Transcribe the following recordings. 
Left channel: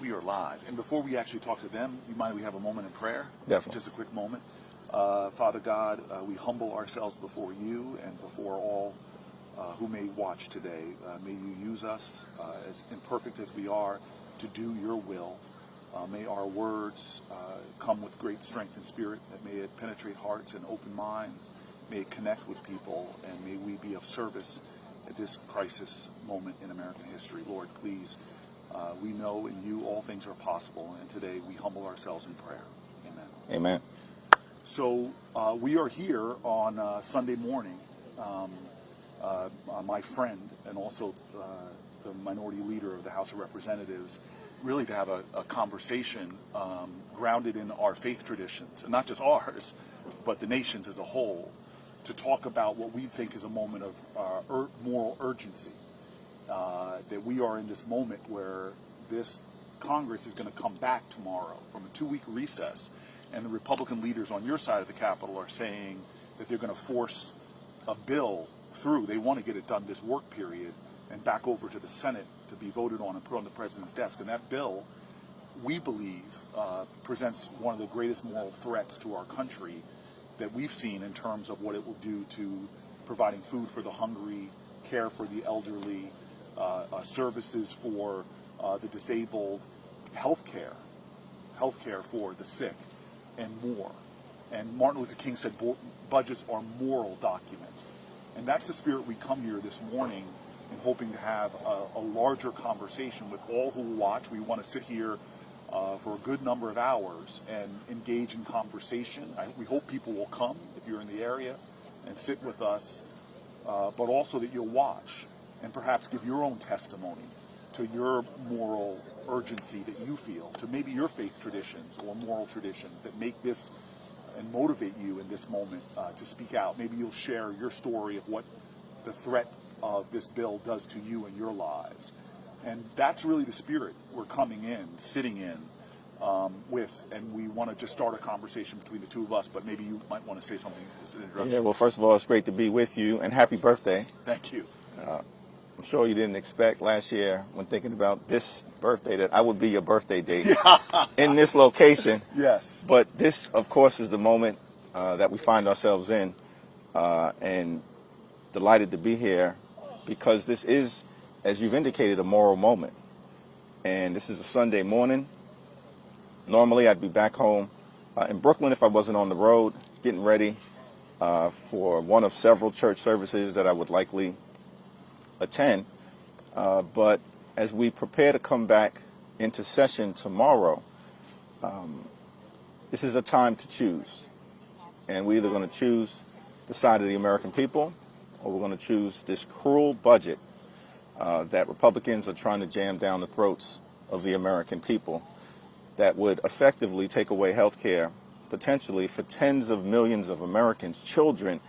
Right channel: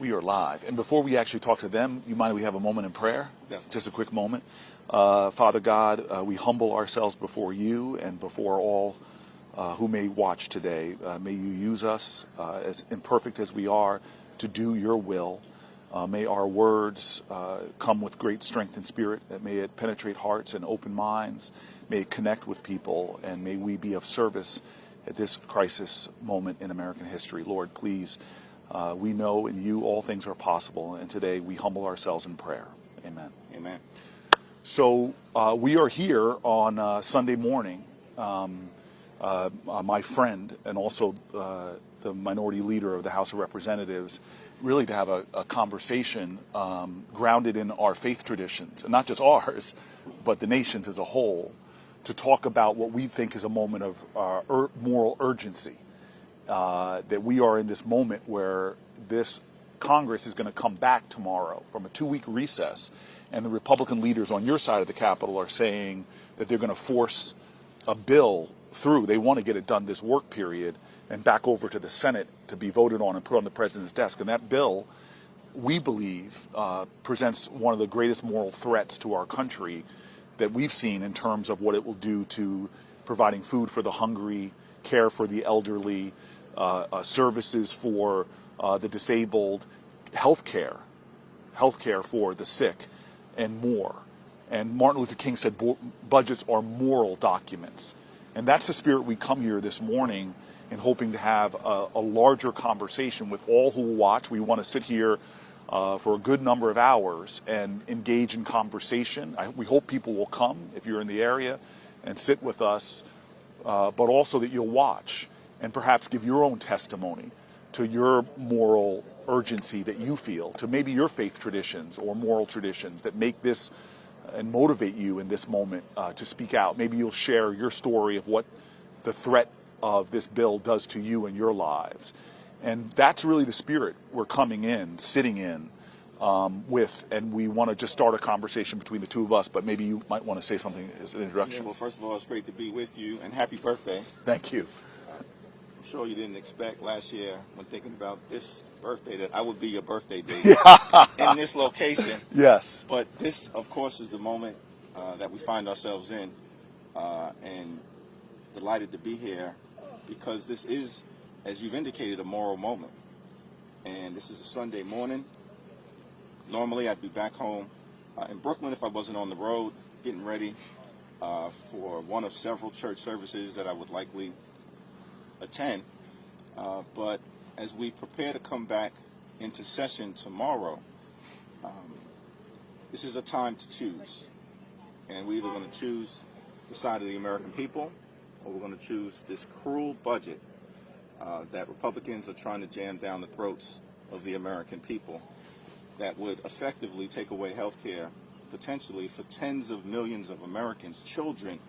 We are live. And before we actually talk to them, you mind if we have a moment in prayer? Definitely. Just a quick moment. Father God, we humble ourselves before you and before all who may watch today. May you use us, as imperfect as we are, to do your will. May our words come with great strength and spirit. May it penetrate hearts and open minds. May it connect with people. And may we be of service at this crisis moment in American history. Lord, please, we know in you all things are possible. And today we humble ourselves in prayer. Amen. Amen. So we are here on Sunday morning. My friend and also the minority leader of the House of Representatives, really to have a conversation grounded in our faith traditions, and not just ours, but the nation's as a whole, to talk about what we think is a moment of moral urgency, that we are in this moment where this Congress is going to come back tomorrow from a 2-week recess, and the Republican leaders on your side of the Capitol are saying that they're going to force a bill through. They want to get it done this work period and back over to the Senate to be voted on and put on the president's desk. And that bill, we believe, presents one of the greatest moral threats to our country that we've seen in terms of what it will do to providing food for the hungry, care for the elderly, services for the disabled, health care for the sick, and more. And Martin Luther King said budgets are moral documents. And that's the spirit we come here this morning in, hoping to have a larger conversation with all who will watch. We want to sit here for a good number of hours and engage in conversation. We hope people will come if you're in the area and sit with us, but also that you'll watch and perhaps give your own testimony to your moral urgency that you feel, to maybe your faith traditions or moral traditions that make this and motivate you in this moment to speak out. Maybe you'll share your story of what the threat of this bill does to you and your lives. And that's really the spirit we're coming in, sitting in with, and we want to just start a conversation between the two of us, but maybe you might want to say something as an introduction. Yeah, well, first of all, it's great to be with you, and happy birthday. Thank you. I'm sure you didn't expect last year, when thinking about this birthday, that I would be your birthday date in this location. Yes. But this, of course, is the moment that we find ourselves in, and delighted to be here because this is, as you've indicated, a moral moment. And this is a Sunday morning. Normally, I'd be back home in Brooklyn if I wasn't on the road, getting ready for one of several church services that I would likely attend. But as we prepare to come back into session tomorrow, this is a time to choose. And we're either going to choose the side of the American people, or we're going to choose this cruel budget that Republicans are trying to jam down the throats of the American people, that would effectively take away health care, potentially for tens of millions of Americans, children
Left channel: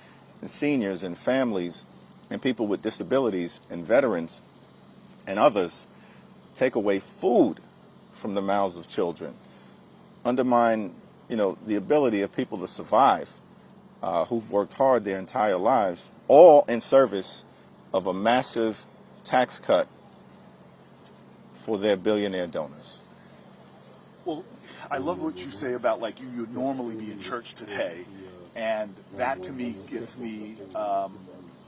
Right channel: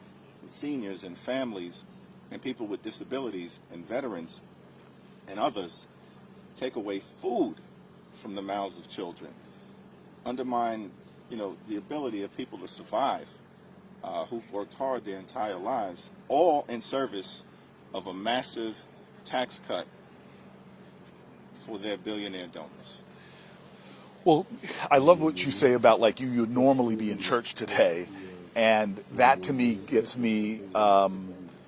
and seniors and families and people with disabilities and veterans and others, take away food from the mouths of children, undermine, the ability of people to survive who've worked hard their entire lives, all in service of a massive tax cut for their billionaire donors. Well, I love what you say about you'd normally be in church today, and that to me gets me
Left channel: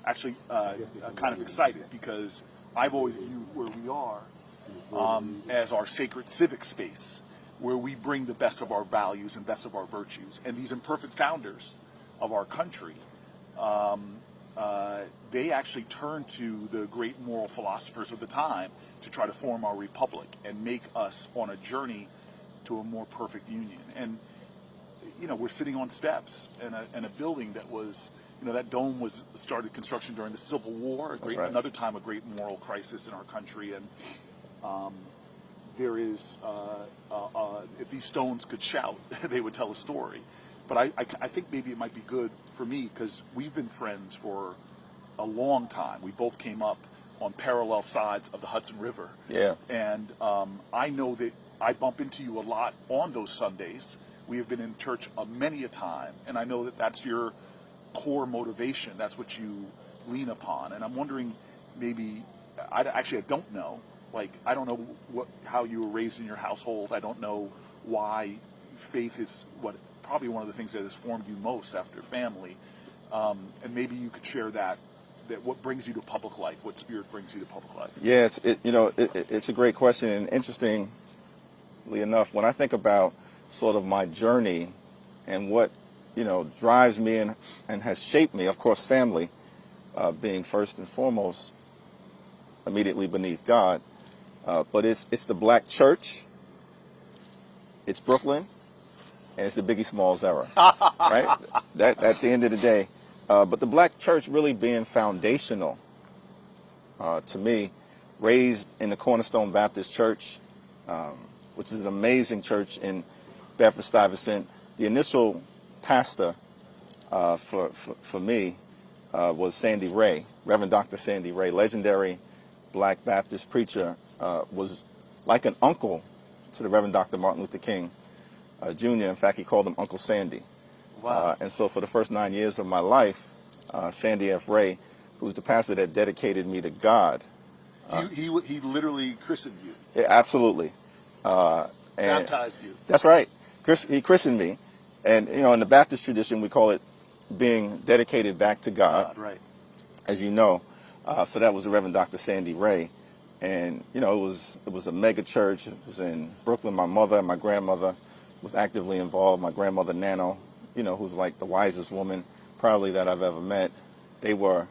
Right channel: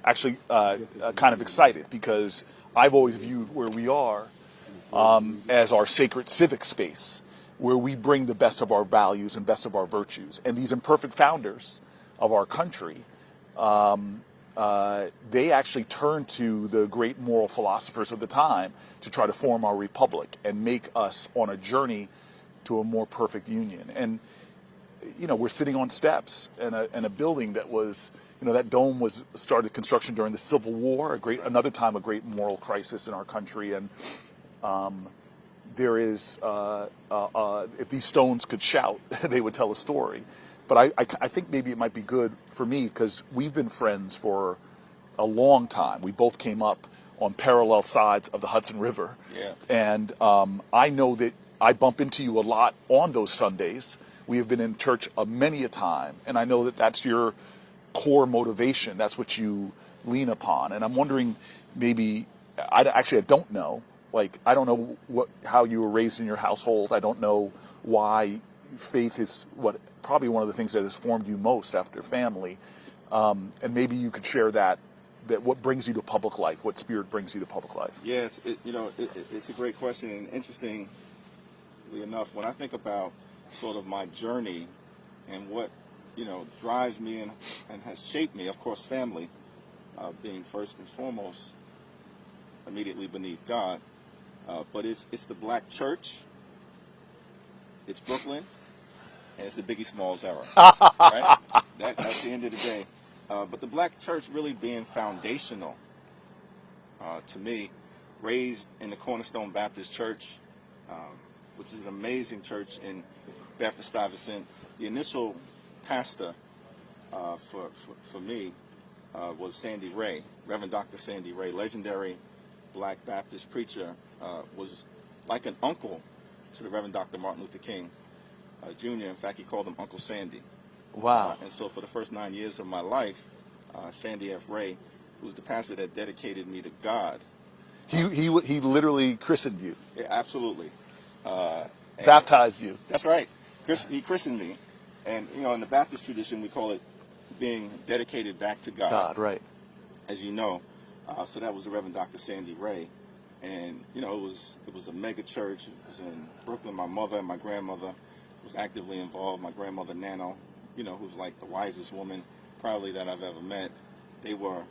actually kind of excited, because I've always viewed where we are as our sacred civic space, where we bring the best of our values and best of our virtues. And these imperfect founders of our country, they actually turned to the great moral philosophers of the time to try to form our republic and make us on a journey to a more perfect union. And we're sitting on steps in a building that was, that dome was started construction during the Civil War, Right. Another time a great moral crisis in our country. And there is, if these stones could shout, they would tell a story. But I think maybe it might be good for me, because we've been friends for a long time. We both came up on parallel sides of the Hudson River. Yeah. And I know that I bump into you a lot on those Sundays. We have been in church many a time, and I know that that's your core motivation. That's what you lean upon. And I'm wondering, maybe, I don't know, Like, I don't know how you were raised in your household. I don't know why faith is probably one of the things that has formed you most after family. And maybe you could share that what brings you to public life, what spirit brings you to public life. Yeah, it's a great question, and interestingly enough, when I think about sort of my journey and what drives me and has shaped me, of course, family being first and foremost, immediately beneath God, but it's the black church, it's Brooklyn, and it's the Biggie Smalls era, right? That at the end of the day, but the black church really being foundational to me, raised in the Cornerstone Baptist Church, which is an amazing church in Bedford-Stuyvesant. The initial pastor for me was Sandy Ray, Reverend Dr. Sandy Ray, legendary black Baptist preacher, was like an uncle to the Reverend Dr. Martin Luther King Jr. In fact, he called him Uncle Sandy. Wow. And so for the first 9 years of my life, Sandy F. Ray, who's the pastor that dedicated me to God. He literally christened you. Yeah, absolutely. Baptized you. That's right. He christened me. And, in the Baptist tradition, we call it being dedicated back to God. Right. As you know. So that was the Reverend Dr. Sandy Ray. And, it was a mega church. It was in Brooklyn. My mother and my grandmother was actively involved. My grandmother, Nano, who's like the wisest woman probably that I've ever met. They were,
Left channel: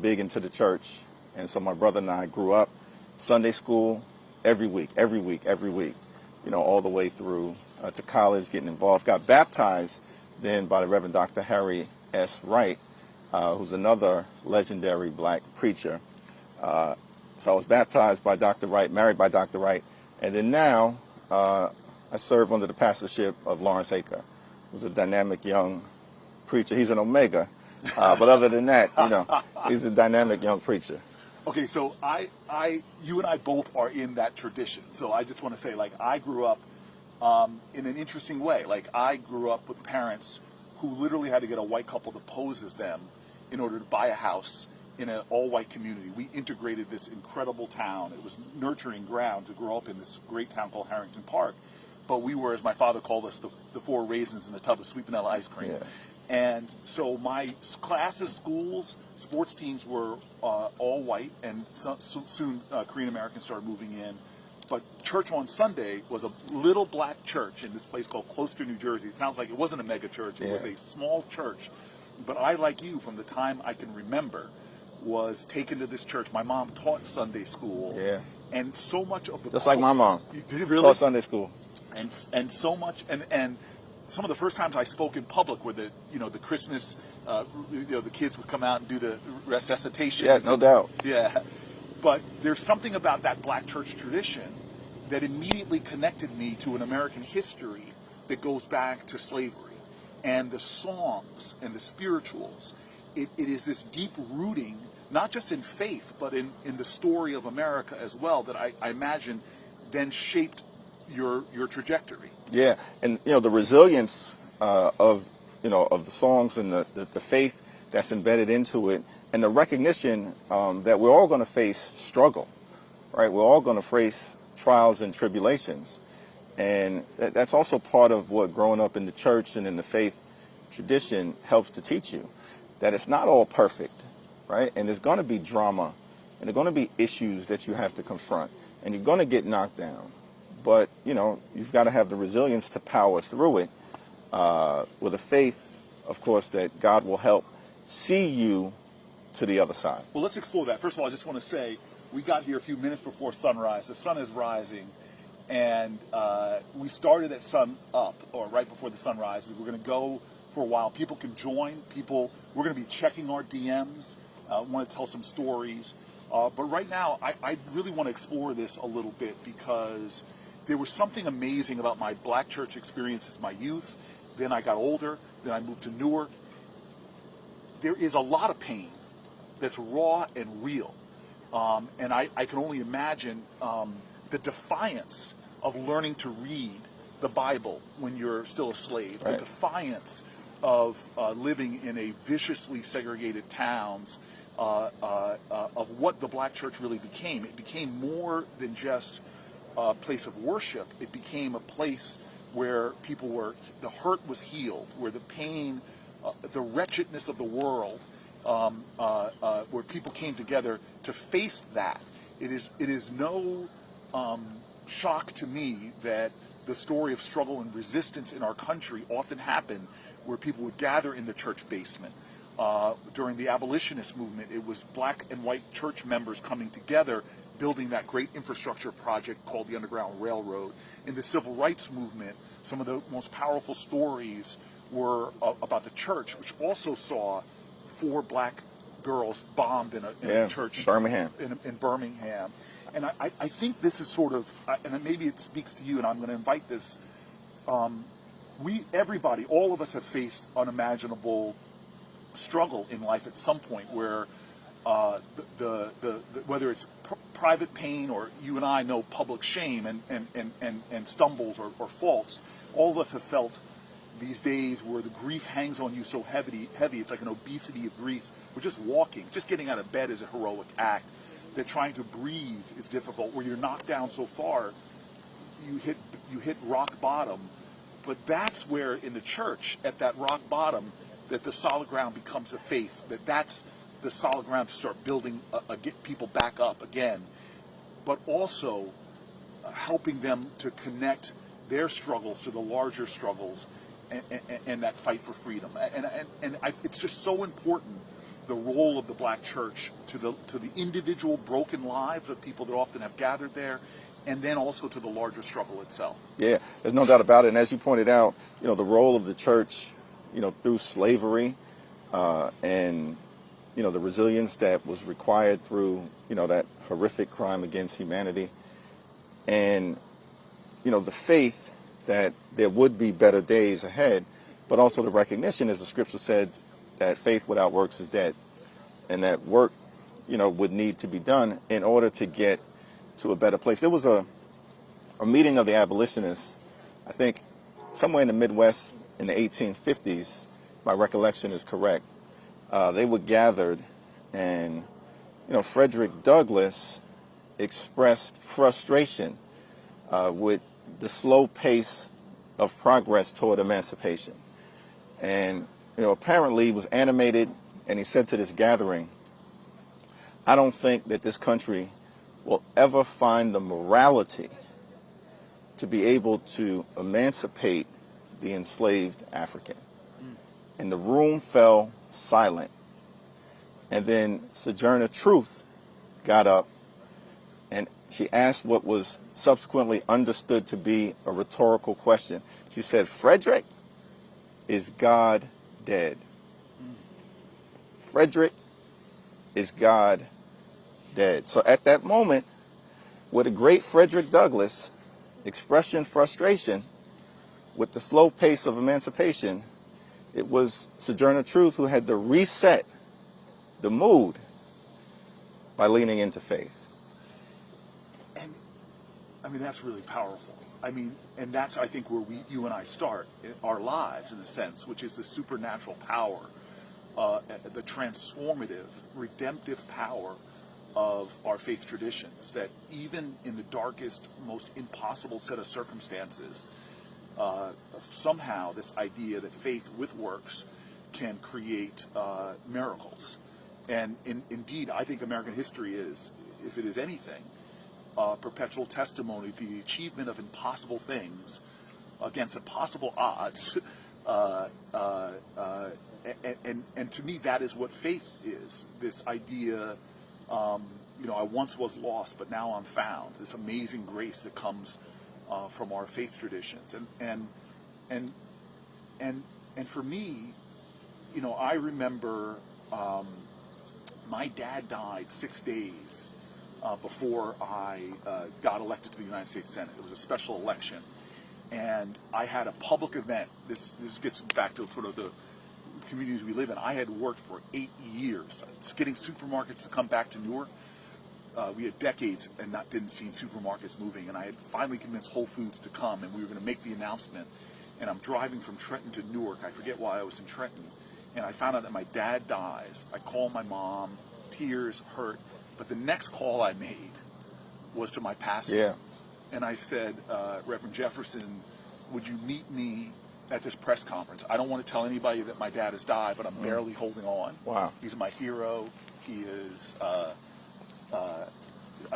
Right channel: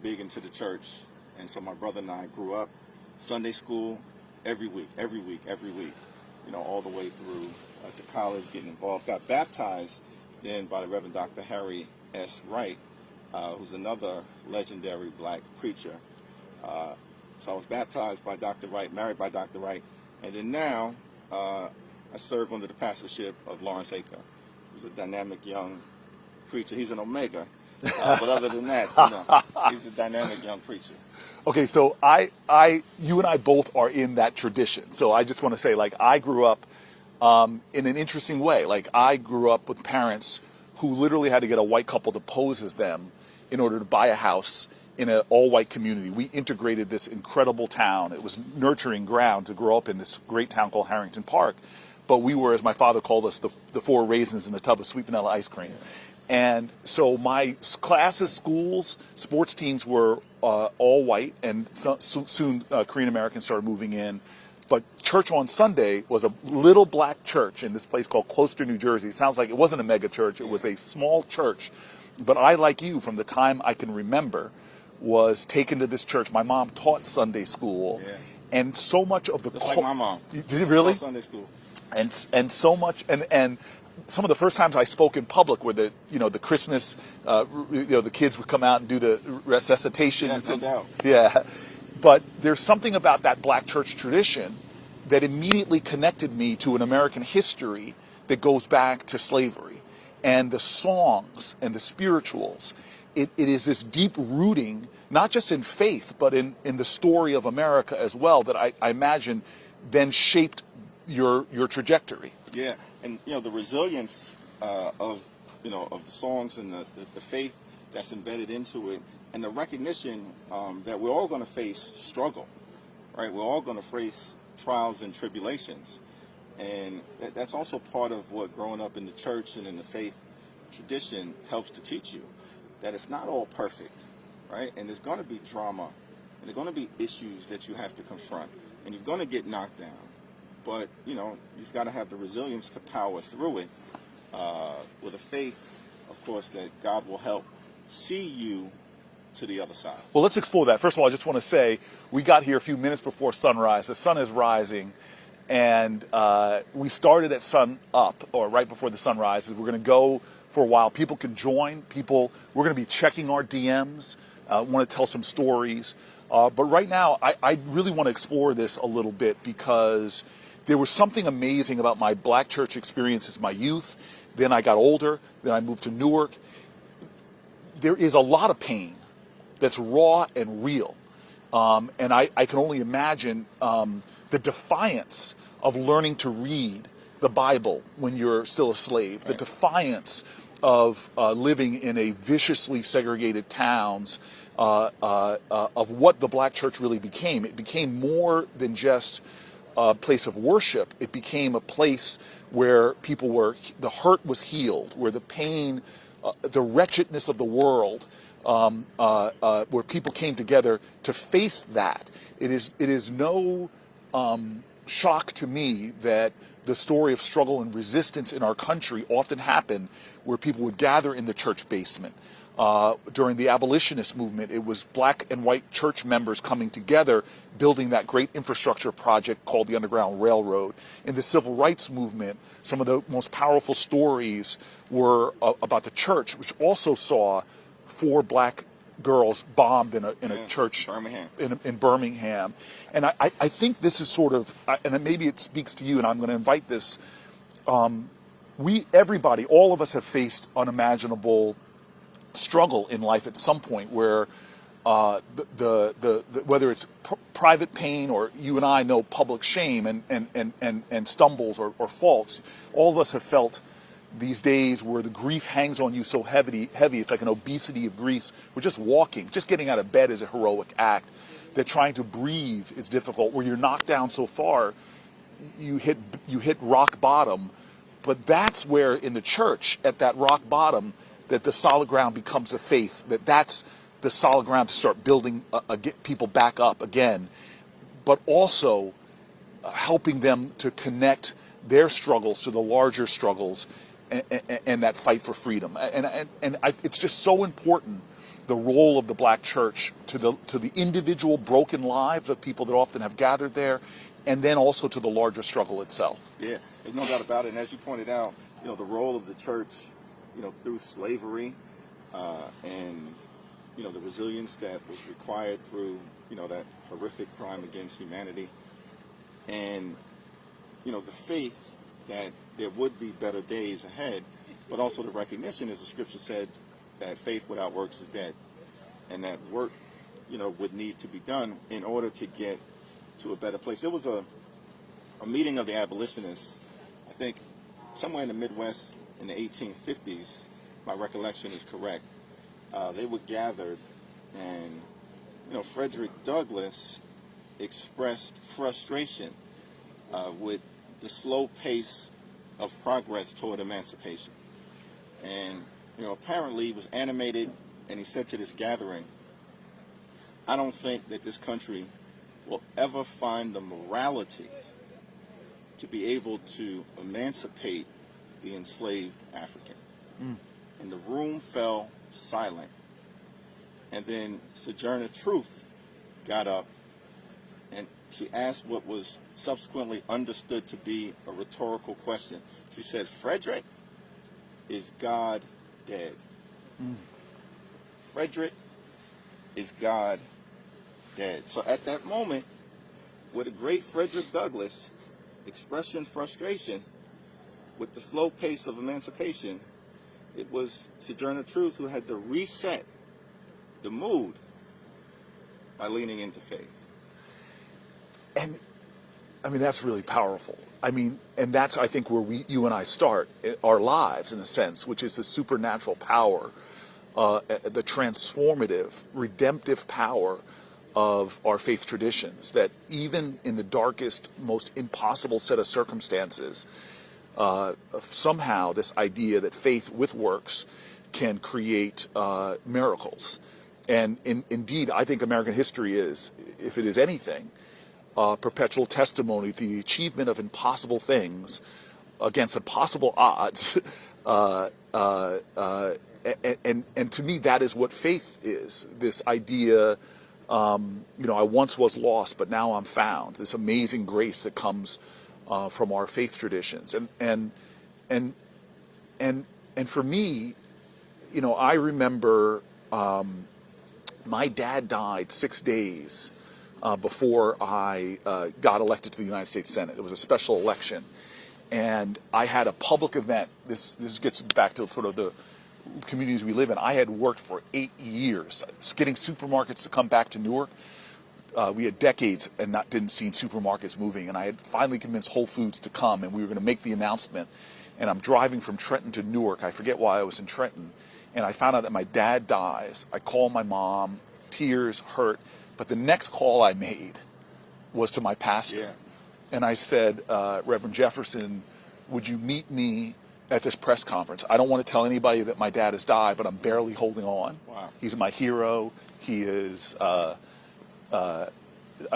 big into the church. And so my brother and I grew up Sunday school every week, all the way through to college, getting involved. Got baptized then by the Reverend Dr. Harry S. Wright, who's another legendary black preacher. So I was baptized by Dr. Wright, married by Dr. Wright, and then now I serve under the pastorship of Lawrence Aker, who's a dynamic young preacher. He's an Omega, but other than that, he's a dynamic young preacher. Okay, so you and I both are in that tradition. So I just want to say, I grew up in an interesting way. I grew up with parents who literally had to get a white couple to pose as them in order to buy a house in an all-white community. We integrated this incredible town. It was nurturing ground to grow up in this great town called Harrington Park. But we were, as my father called us, the four raisins in the tub of sweet vanilla ice cream. Yeah. And so my classes, schools, sports teams were all white, and soon Korean Americans started moving in. But church on Sunday was a little black church in this place called Closter, New Jersey. It sounds like it wasn't a mega church. It was a small church. But I, like you, from the time I can remember, was taken to this church. My mom taught Sunday school. Yeah. And so much of the... Just like my mom. Did you really? Taught Sunday school. And so much... And some of the first times I spoke in public were the Christmas, the kids would come out and do the resuscitation. Yeah, no doubt. Yeah. But there's something about that black church tradition that immediately connected me to an American history that goes back to slavery. And the songs and the spirituals, it is this deep rooting, not just in faith, but in the story of America as well, that I imagine then shaped your trajectory. Yeah, and the resilience of the songs and the faith that's embedded into it, and the recognition that we're all going to face struggle, right? We're all going to face trials and tribulations, and that's also part of what growing up in the church and in the faith tradition helps to teach you, that it's not all perfect, right? And there's going to be drama, and there's going to be issues that you have to confront, and you're going to get knocked down. But, you've got to have the resilience to power through it with a faith, of course, that God will help see you to the other side. Well, let's explore that. First of all, I just want to say we got here a few minutes before sunrise. The sun is rising, and we started at sun up, or right before the sun rises. We're going to go for a while. People can join. We're going to be checking our DMs. Want to tell some stories. But right now, I really want to explore this a little bit because there was something amazing about my black church experiences, my youth. Then I got older. Then I moved to Newark. There is a lot of pain that's raw and real. And I can only imagine the defiance of learning to read the Bible when you're still a slave, right. The defiance of living in a viciously segregated towns of what the black church really became. It became more than just a place of worship. It became a place where the hurt was healed, where the pain, the wretchedness of the world, where people came together to face that. It is no shock to me that the story of struggle and resistance in our country often happened where people would gather in the church basement. During the abolitionist movement, it was black and white church members coming together, building that great infrastructure project called the Underground Railroad. In the civil rights movement, some of the most powerful stories were about the church, which also saw 4 black girls bombed in a church Birmingham. In Birmingham. And I think this is sort of, and maybe it speaks to you, and I'm going to invite this. Everybody, all of us have faced unimaginable struggle in life at some point where whether it's private pain or you and I know public shame and stumbles or faults, all of us have felt these days where the grief hangs on you so heavy, it's like an obesity of grief. We're just walking, just getting out of bed is a heroic act. That trying to breathe is difficult, where you're knocked down so far, you hit rock bottom. But that's where in the church, at that rock bottom, that the solid ground becomes the faith, that's the solid ground to start building, get people back up again, but also helping them to connect their struggles to the larger struggles and that fight for freedom. It's just so important, the role of the black church to the individual broken lives of people that often have gathered there, and then also to the larger struggle itself. Yeah, there's no doubt about it. And as you pointed out, the role of the church, through slavery, and the resilience that was required through that horrific crime against humanity, and the faith that there would be better days ahead, but also the recognition, as the scripture said, that faith without works is dead, and that work would need to be done in order to get to a better place. There was a meeting of the abolitionists, I think somewhere in the Midwest in the 1850s, my recollection is correct. They were gathered, and Frederick Douglass expressed frustration with the slow pace of progress toward emancipation. And apparently he was animated, and he said to this gathering, "I don't think that this country will ever find the morality to be able to emancipate the enslaved African." And the room fell silent. And then Sojourner Truth got up, and she asked what was subsequently understood to be a rhetorical question. She said, "Frederick, is God dead?" Frederick, is God dead? So at that moment, where the great Frederick Douglass expressing frustration with the slow pace of emancipation, it was Sojourner Truth who had to reset the mood by leaning into faith. And I mean, that's really powerful. I mean, and that's, I think, where you and I start our lives, in a sense, which is the supernatural power, the transformative, redemptive power of our faith traditions, that even in the darkest, most impossible set of circumstances, somehow this idea that faith with works can create miracles. And indeed, I think American history is, if it is anything, perpetual testimony to the achievement of impossible things against impossible odds. And to me, that is what faith is. This idea, I once was lost, but now I'm found. This amazing grace that comes from our faith traditions. And for me, I remember my dad died 6 days before I got elected to the United States Senate. It was a special election. And I had a public event. This gets back to sort of the communities we live in. I had worked for 8 years, getting supermarkets to come back to Newark. We had decades and didn't see supermarkets moving. And I had finally convinced Whole Foods to come, and we were going to make the announcement. And I'm driving from Trenton to Newark. I forget why I was in Trenton. And I found out that my dad dies. I call my mom, tears, hurt. But the next call I made was to my pastor. Yeah. And I said, Reverend Jefferson, would you meet me at this press conference? I don't want to tell anybody that my dad has died, but I'm barely holding on. Wow. He's my hero. He is a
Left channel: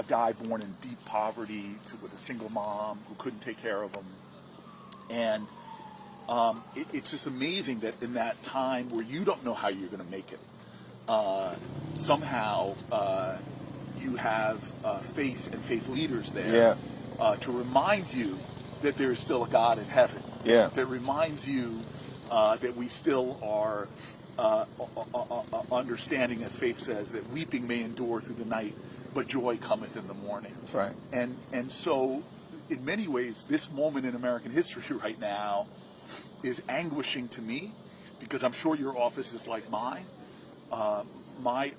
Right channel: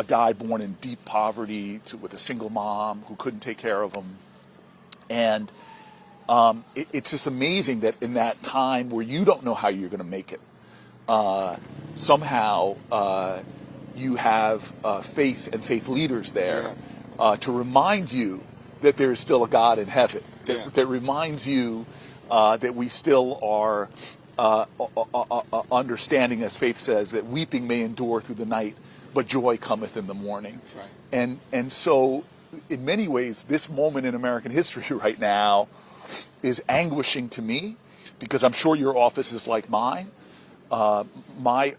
guy born in deep poverty with a single mom who couldn't take care of him. And it's just amazing that in that time where you don't know how you're going to make it, somehow you have faith and faith leaders there to remind you that there is still a God in heaven. Yeah. That reminds you that we still are understanding, as faith says, that weeping may endure through the night, but joy cometh in the morning. That's right. And so, in many ways, this moment in American history right now is anguishing to me, because I'm sure your office is like mine. My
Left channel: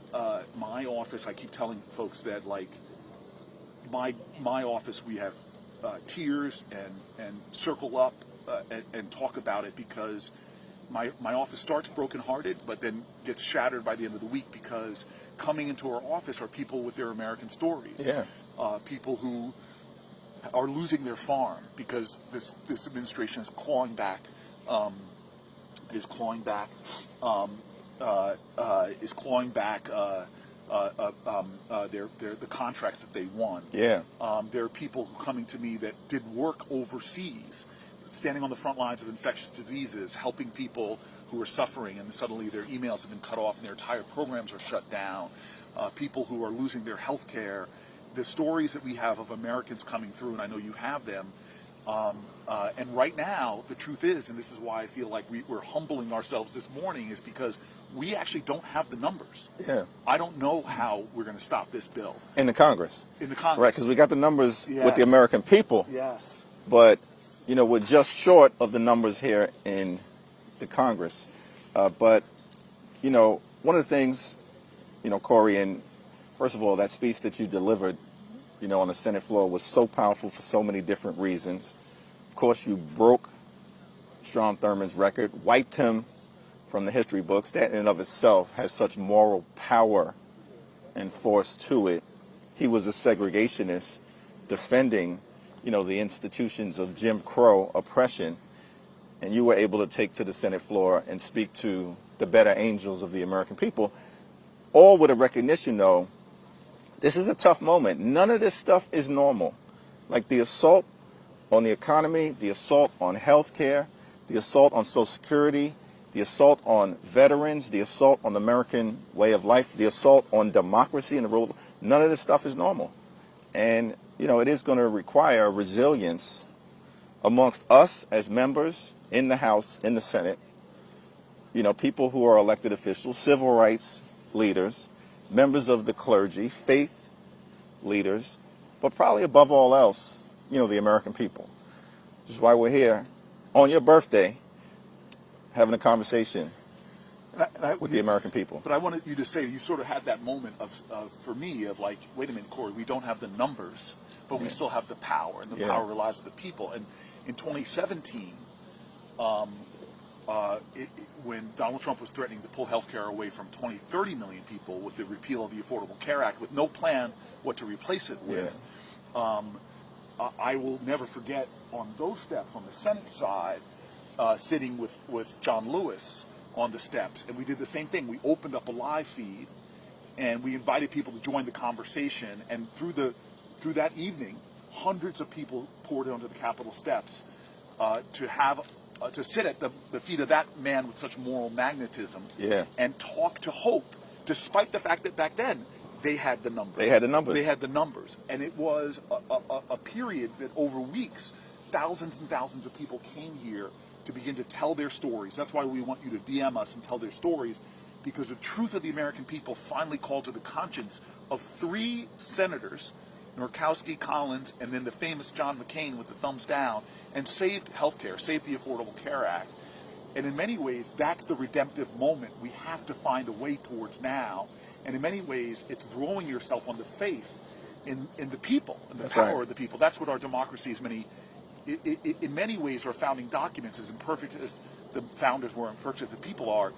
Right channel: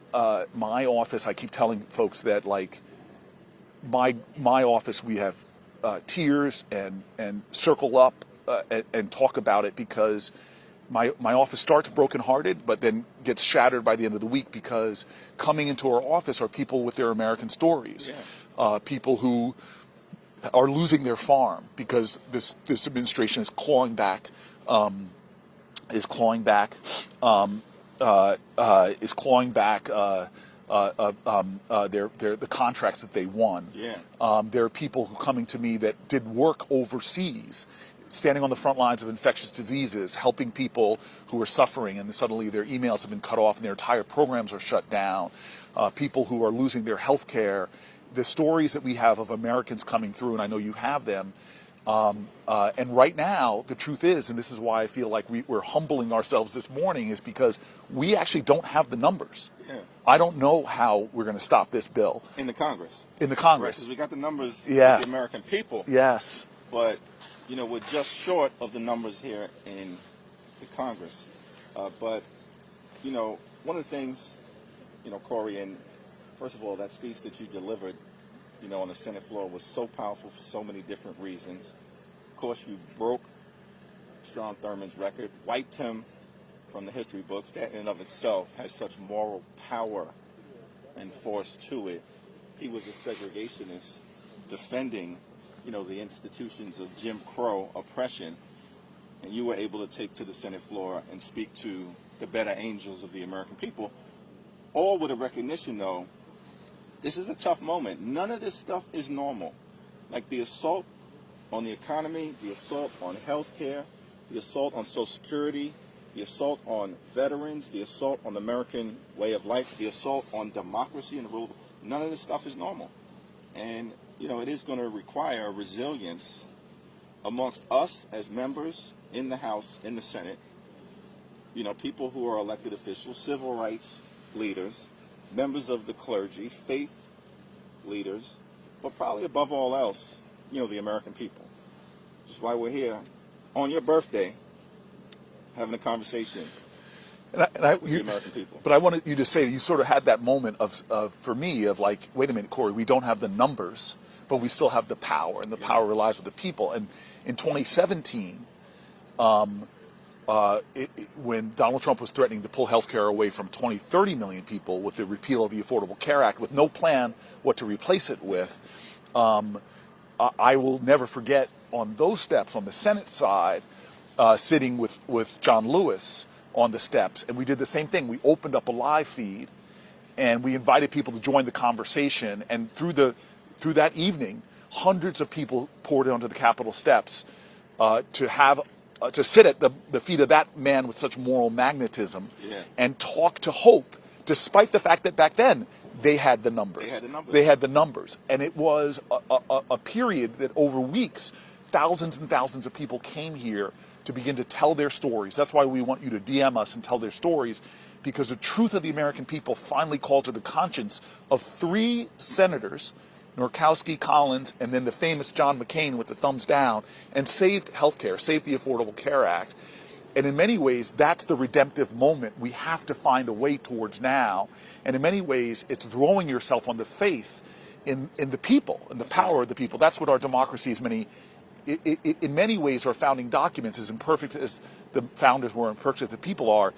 office, I keep telling folks that, like, my office, we have tears and circle up and talk about it, because my office starts brokenhearted, but then gets shattered by the end of the week, because coming into our office are people with their American stories, people who are losing their farm because this administration is clawing back the contracts that they won. Yeah. There are people who coming to me that did work overseas, standing on the front lines of infectious diseases, helping people who are suffering, and suddenly their emails have been cut off and their entire programs are shut down. People who are losing their health care. The stories that we have of Americans coming through, and I know you have them. And right now, the truth is, and this is why I feel like we're humbling ourselves this morning, is because we actually don't have the numbers. Yeah. I don't know how we're going to stop this bill. In the Congress. In the Congress. Right, because we got the numbers Yes. with the American people. Yes. But, you know, we're just short of the numbers here in the Congress. But, you know, one of the things, you know, Cory, and first of all, that speech that you delivered, you know, on the Senate floor was so powerful for so many different reasons. Of course, you broke Strom Thurmond's record, wiped him from the history books. That in and of itself has such moral power and force to it. He was a segregationist defending, you know, the institutions of Jim Crow oppression, and you were able to take to the Senate floor and speak to the better angels of the American people, all with a recognition, though, this is a tough moment. None of this stuff is normal. Like the assault on the economy, the assault on health care, the assault on Social Security, the assault on veterans, the assault on the American way of life, the assault on democracy and the rule of, none of this stuff is normal. And, you know, it is going to require resilience amongst us as members in the House, in the Senate, you know, people who are elected officials, civil rights leaders, members of the clergy, faith leaders, but probably above all else, you know, the American people. Which is why we're here on your birthday having a conversation with the American people. But I wanted you to say, you sort of had that moment of for me, of like, wait a minute, Cory, we don't have the numbers, but we still have the power, and the power relies with the people. And in 2017, when Donald Trump was threatening to pull health care away from 30 million people with the repeal of the Affordable Care Act, with no plan what to replace it with, I will never forget on those steps on the Senate side, sitting with John Lewis on the steps, and we did the same thing. We opened up a live feed, and we invited people to join the conversation. And through that evening, hundreds of people poured onto the Capitol steps to sit at the feet of that man with such moral magnetism and talk to hope, despite the fact that back then they had the numbers. They had the numbers. And it was a period that over weeks, thousands and thousands of people came here to begin to tell their stories. That's why we want you to DM us and tell their stories, because the truth of the American people finally called to the conscience of 3 senators, Murkowski, Collins, and then the famous John McCain with the thumbs down, and saved healthcare, saved the Affordable Care Act. And in many ways, that's the redemptive moment we have to find a way towards now. And in many ways, it's throwing yourself on the faith in the people, in the power of the people. That's what our democracy is in many ways, our founding documents, as imperfect as the founders were, imperfect as the people are,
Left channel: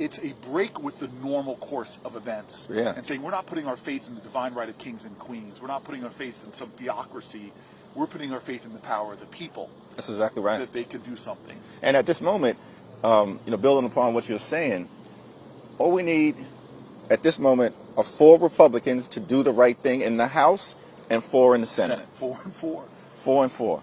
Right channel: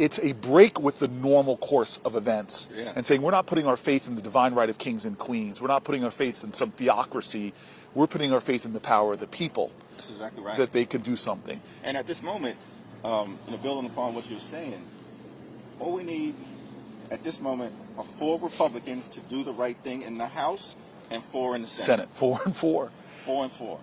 it's a break with the normal course of events, Yeah. and saying we're not putting our faith in the divine right of kings and queens. We're not putting our faith in some theocracy. We're putting our faith in the power of the people. That's exactly right. That they can do something. And at this moment, building upon what you're saying, all we need at this moment are 4 Republicans to do the right thing in the House and 4 in the Senate. 4 and 4. 4 and 4.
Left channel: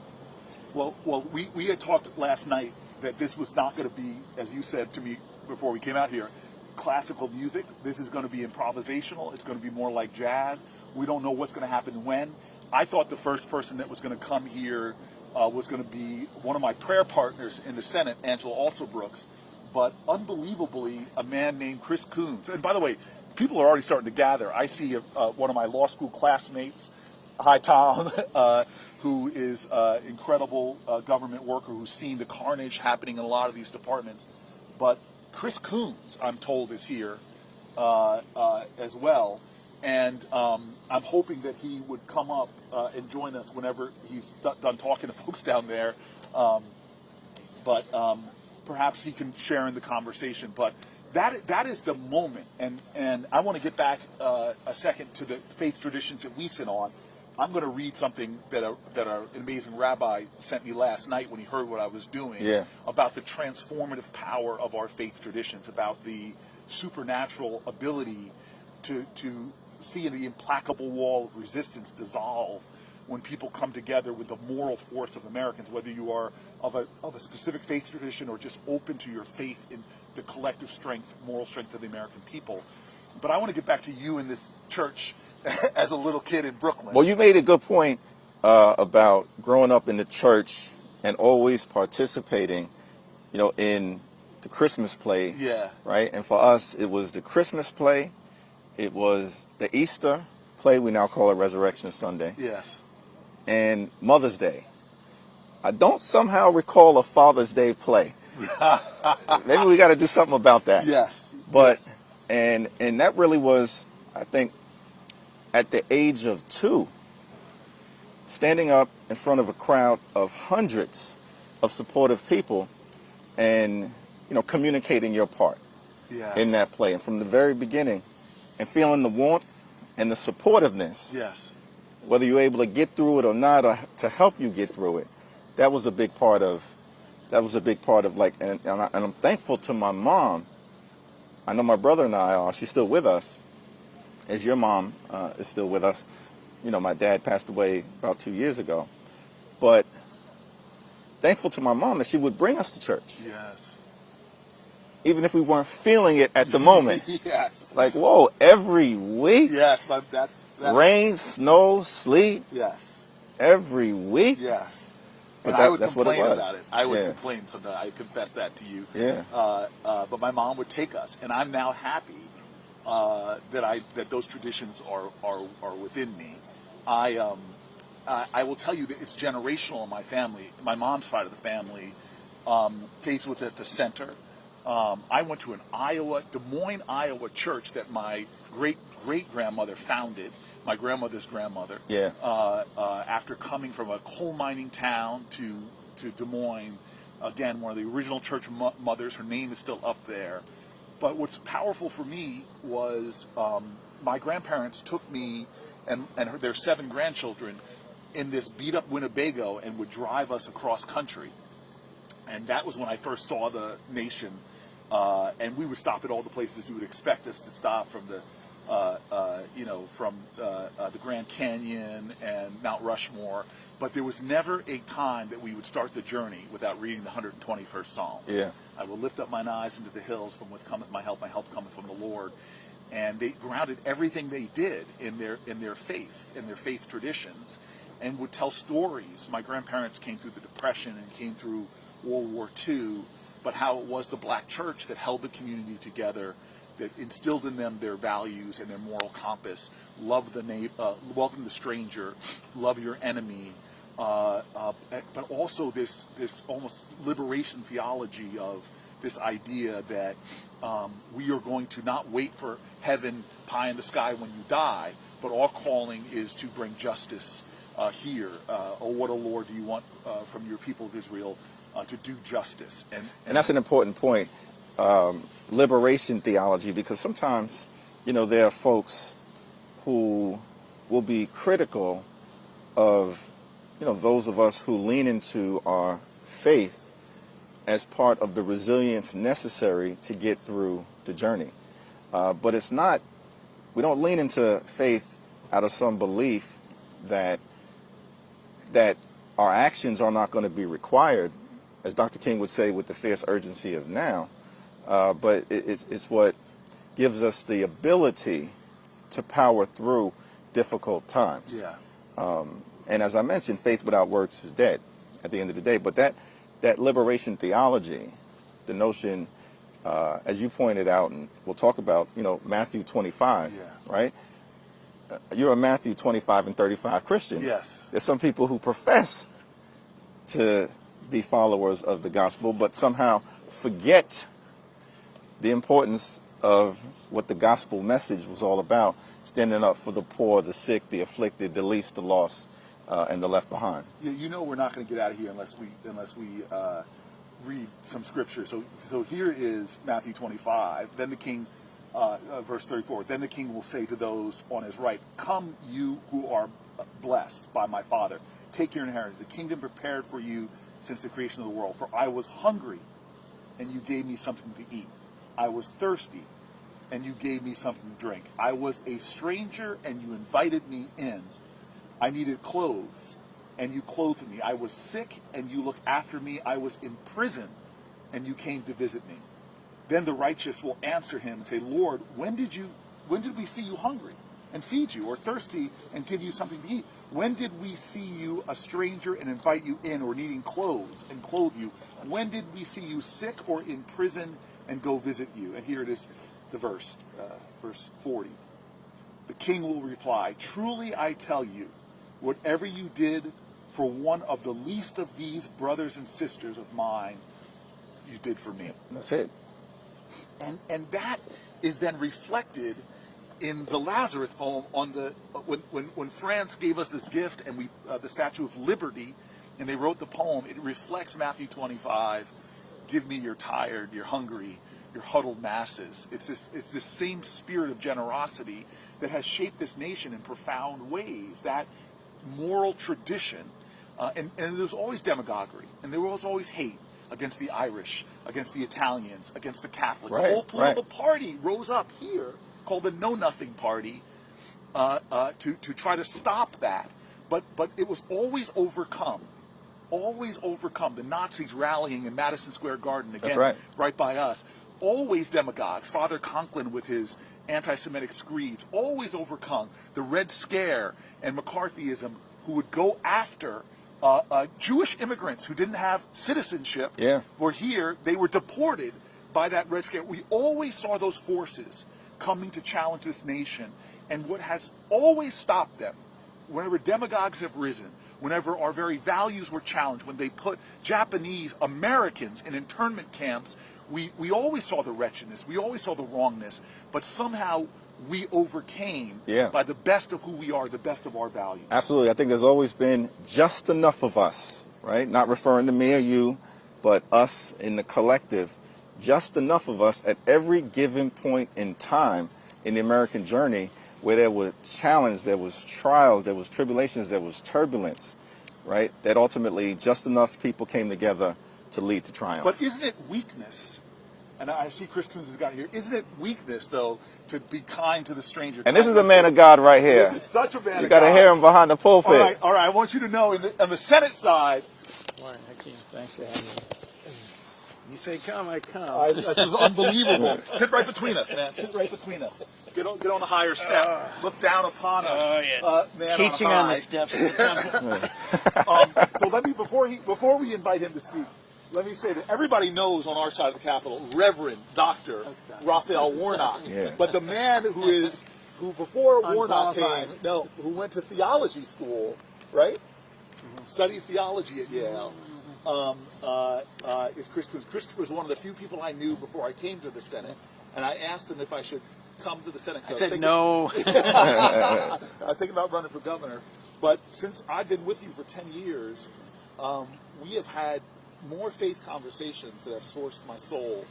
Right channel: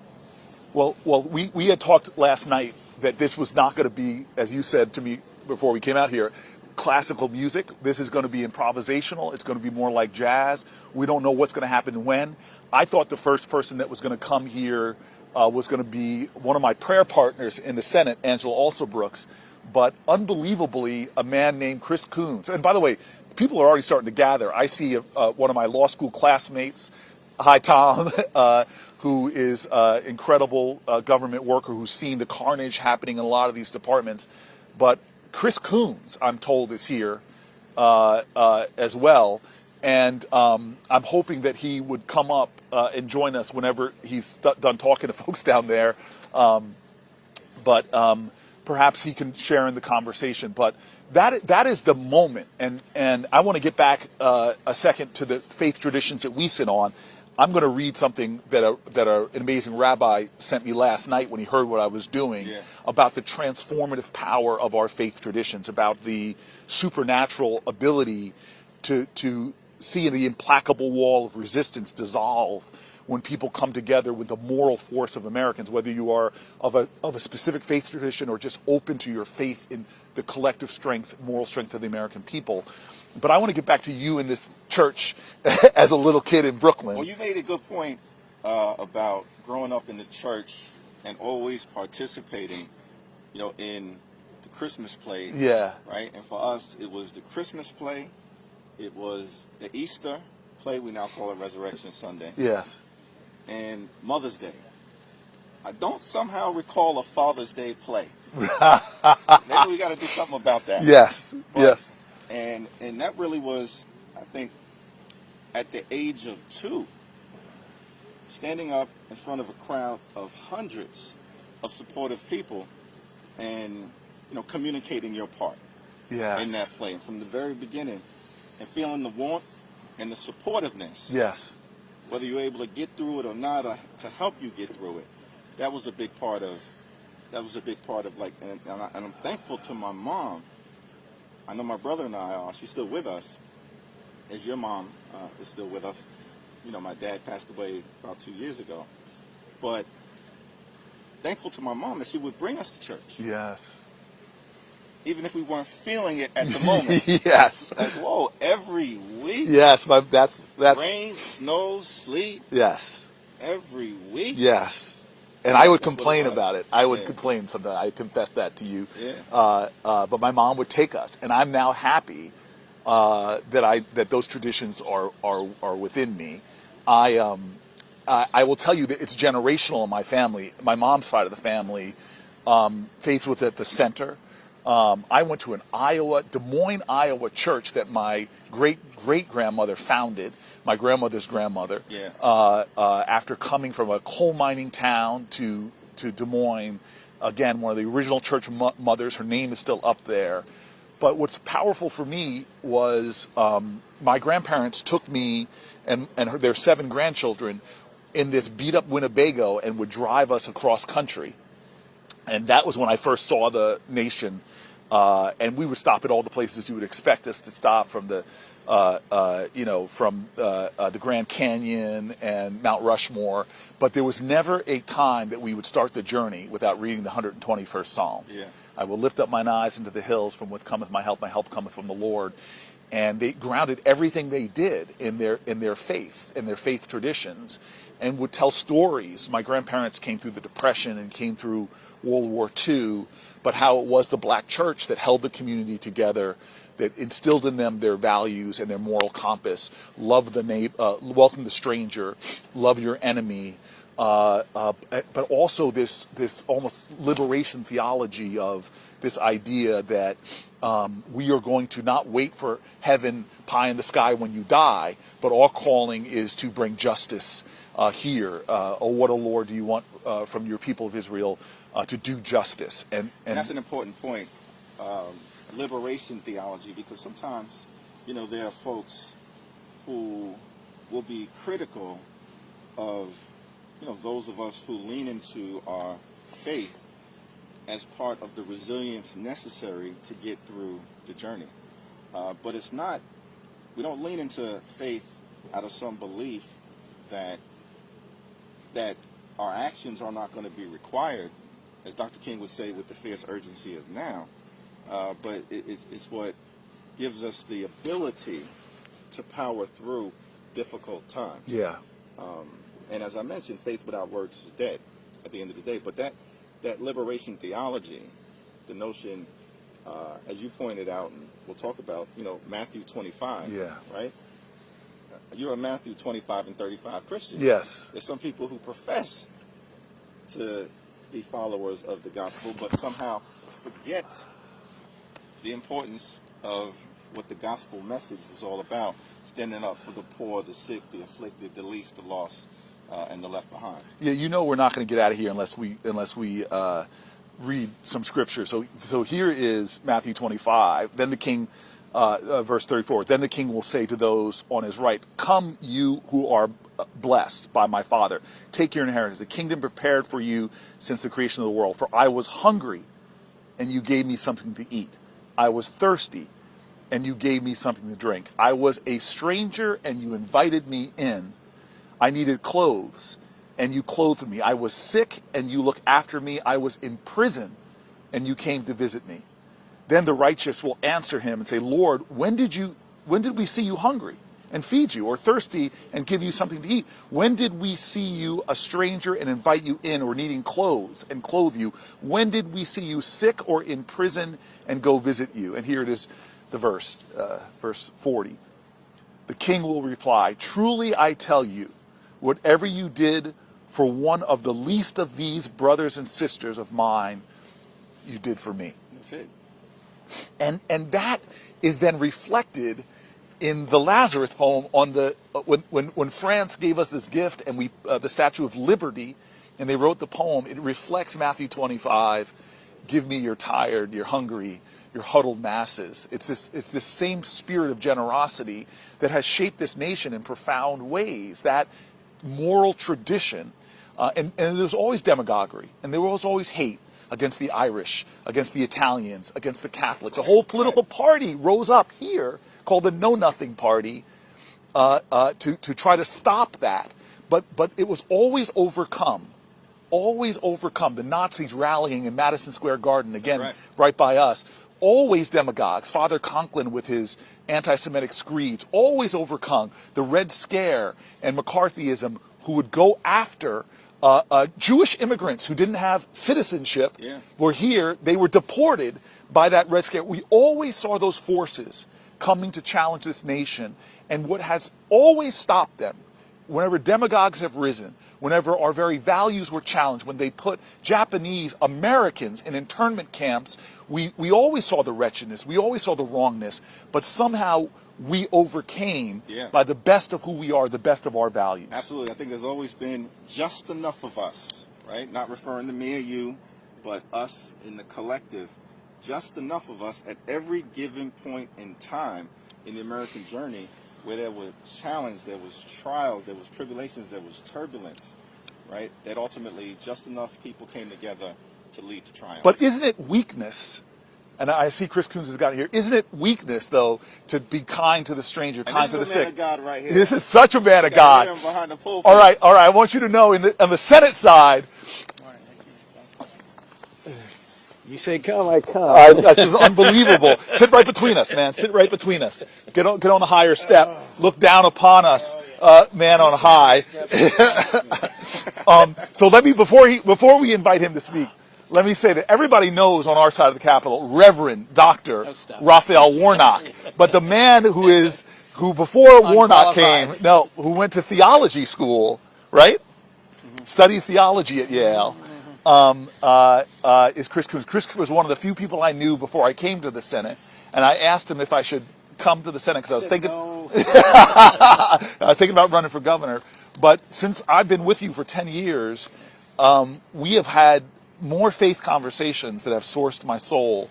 Well, we had talked last night that this was not going to be, as you said to me before we came out here, classical music. This is going to be improvisational. It's going to be more like jazz. We don't know what's going to happen when. I thought the first person that was going to come here was going to be one of my prayer partners in the Senate, Angela Alsobrooks, but unbelievably, a man named Chris Coons. And by the way, people are already starting to gather. I see one of my law school classmates, hi Tom, who is an incredible government worker who's seen the carnage happening in a lot of these departments. But Chris Coons, I'm told, is here as well. And I'm hoping that he would come up and join us whenever he's done talking to folks down there. But perhaps he can share in the conversation. But that is the moment. And I want to get back a second to the faith traditions that we sit on. I'm going to read something that an amazing rabbi sent me last night when he heard what I was doing about the transformative power of our faith traditions, about the supernatural ability to see the implacable wall of resistance dissolve when people come together with the moral force of Americans, whether you are of a specific faith tradition or just open to your faith in the collective strength, moral strength of the American people. But I want to get back to you in this church as a little kid in Brooklyn. Well, you made a good point about growing up in the church and always participating, in the Christmas play. Yeah. Right? And for us, it was the Christmas play. It was the Easter play. We now call it Resurrection Sunday. Yes. And Mother's Day. I don't somehow recall a Father's Day play. Maybe we got to do something about that. Yes. But yes. And that really was, I think, at the age of 2, standing up in front of a crowd of hundreds of supportive people and, communicating your part in that play. And from the very beginning, and feeling the warmth and the supportiveness. Yes. Whether you're able to get through it or not, or to help you get through it. That was a big part of, and I'm thankful to my mom. I know my brother and I are, she's still with us, as your mom is still with us. My dad passed away about 2 years ago. But thankful to my mom that she would bring us to church. Yes. Even if we weren't feeling it at the moment. Yes. Like, whoa, every week? Yes, that's rain, snow, sleet? Yes. Every week? Yes. And I would complain about it. I would Yeah. complain sometimes. I confess that to you. Yeah. But my mom would take us, and I'm now happy that those traditions are within me. I will tell you that it's generational in my family. My mom's side of the family, faith was at the center. I went to an Des Moines, Iowa church that my great-great-grandmother founded, my grandmother's grandmother. Yeah. After coming from a coal mining town to Des Moines, again, one of the original church mothers. Her name is still up there. But what's powerful for me was my grandparents took me and their 7 grandchildren in this beat-up Winnebago and would drive us across country. And that was when I first saw the nation. And we would stop at all the places you would expect us to stop, from the Grand Canyon and Mount Rushmore. But there was never a time that we would start the journey without reading the 121st Psalm. Yeah. I will lift up mine eyes into the hills, from what cometh my help cometh from the Lord. And they grounded everything they did in their faith traditions, and would tell stories. My grandparents came through the Depression and came through World War II, but how it was the black church that held the community together, that instilled in them their values and their moral compass. Love the neighbor, welcome the stranger, love your enemy, but also this almost liberation theology of this idea that we are going to not wait for heaven pie in the sky when you die, but our calling is to bring justice here. Oh, what, O Lord, do you want from your people of Israel to do justice? And that's an important point. liberation theology, because sometimes, there are folks who will be critical of, those of us who lean into our faith as part of the resilience necessary to get through the journey. But it's not, we don't lean into faith out of some belief that our actions are not going to be required, as Dr. King would say, with the fierce urgency of now. But it's what gives us the ability to power through difficult times. Yeah. And as I mentioned, faith without works is dead at the end of the day. But that liberation theology, the notion, as you pointed out, and we'll talk about, Matthew 25, Yeah. right? You're a Matthew 25 and 35 Christian. Yes. There's some people who profess to be followers of the gospel, but somehow forget the importance of what the gospel message was all about, standing up for the poor, the sick, the afflicted, the least, the lost, and the left behind. Yeah, we're not going to get out of here unless we read some scripture. So here is Matthew 25. Then the king, verse 34. Then the king will say to those on his right, "Come, you who are blessed by my Father, take your inheritance, the kingdom prepared for you since the creation of the world. For I was hungry, and you gave me something to eat. I was thirsty, and you gave me something to drink. I was a stranger, and you invited me in. I needed clothes, and you clothed me. I was sick, and you looked after me. I was in prison, and you came to visit me." Then the righteous will answer him and say, "Lord, when did we see you hungry and feed you, or thirsty and give you something to eat? When did we see you a stranger and invite you in, or needing clothes and clothe you? When did we see you sick or in prison and go visit you?" And here it is, the verse 40. The king will reply, "Truly I tell you, whatever you did for one of the least of these brothers and sisters of mine, you did for me." That's it. And that is then reflected in the Lazarus poem on the when France gave us this gift, and we the Statue of Liberty, and they wrote the poem. It reflects Matthew 25. Give me your tired, your hungry, your huddled masses. It's this same spirit of generosity that has shaped this nation in profound ways. That moral tradition, and there's always demagoguery, and there was always hate against the Irish, against the Italians, against the Catholics. Right, A whole political party rose up here called the Know Nothing Party to try to stop that. But it was always overcome. Always overcome. The Nazis rallying in Madison Square Garden, again, right by us. Always demagogues. Father Conklin with his anti-Semitic screeds. Always overcome. The Red Scare and McCarthyism, who would go after Jewish immigrants who didn't have citizenship, were here. They were deported by that Red Scare. We always saw those forces coming to challenge this nation. And what has always stopped them, whenever demagogues have risen, whenever our very values were challenged, when they put Japanese Americans in internment camps, we always saw the wretchedness, we always saw the wrongness, but somehow we overcame by the best of who we are, the best of our values. Absolutely. I think there's always been just enough of us, right? Not referring to me or you, but us in the collective. Just enough of us at every given point in time in the American journey where there was challenge, there was trials, there was tribulations, there was turbulence, right? That ultimately just enough people came together to lead to triumph. But isn't it weakness? And I see Chris Coons has got it here. Isn't it weakness, though, to be kind to the stranger? And this is a man of God right here. This is such a man of God. You gotta hear him behind the pulpit. All right. I want you to know, on the Senate side. Morning, Hakeem. Thanks for having me. You say come, I come. This is unbelievable. Sit right between us, man. Sit right between us. Get on the higher step. Look down upon us, man on high. So let me, before we invite him to speak, let me say that everybody knows on our side of the Capitol, Reverend Dr. Raphael Warnock. But the man who before Warnock came, who went to theology school, right? Studied theology at Yale, is Chris Coons. Chris was one of the few people I knew before I came to the Senate, and I asked him if I should come to the Senate because I was thinking about running for governor. But since I've been with you for 10 years, we have had more faith conversations that have sourced my soul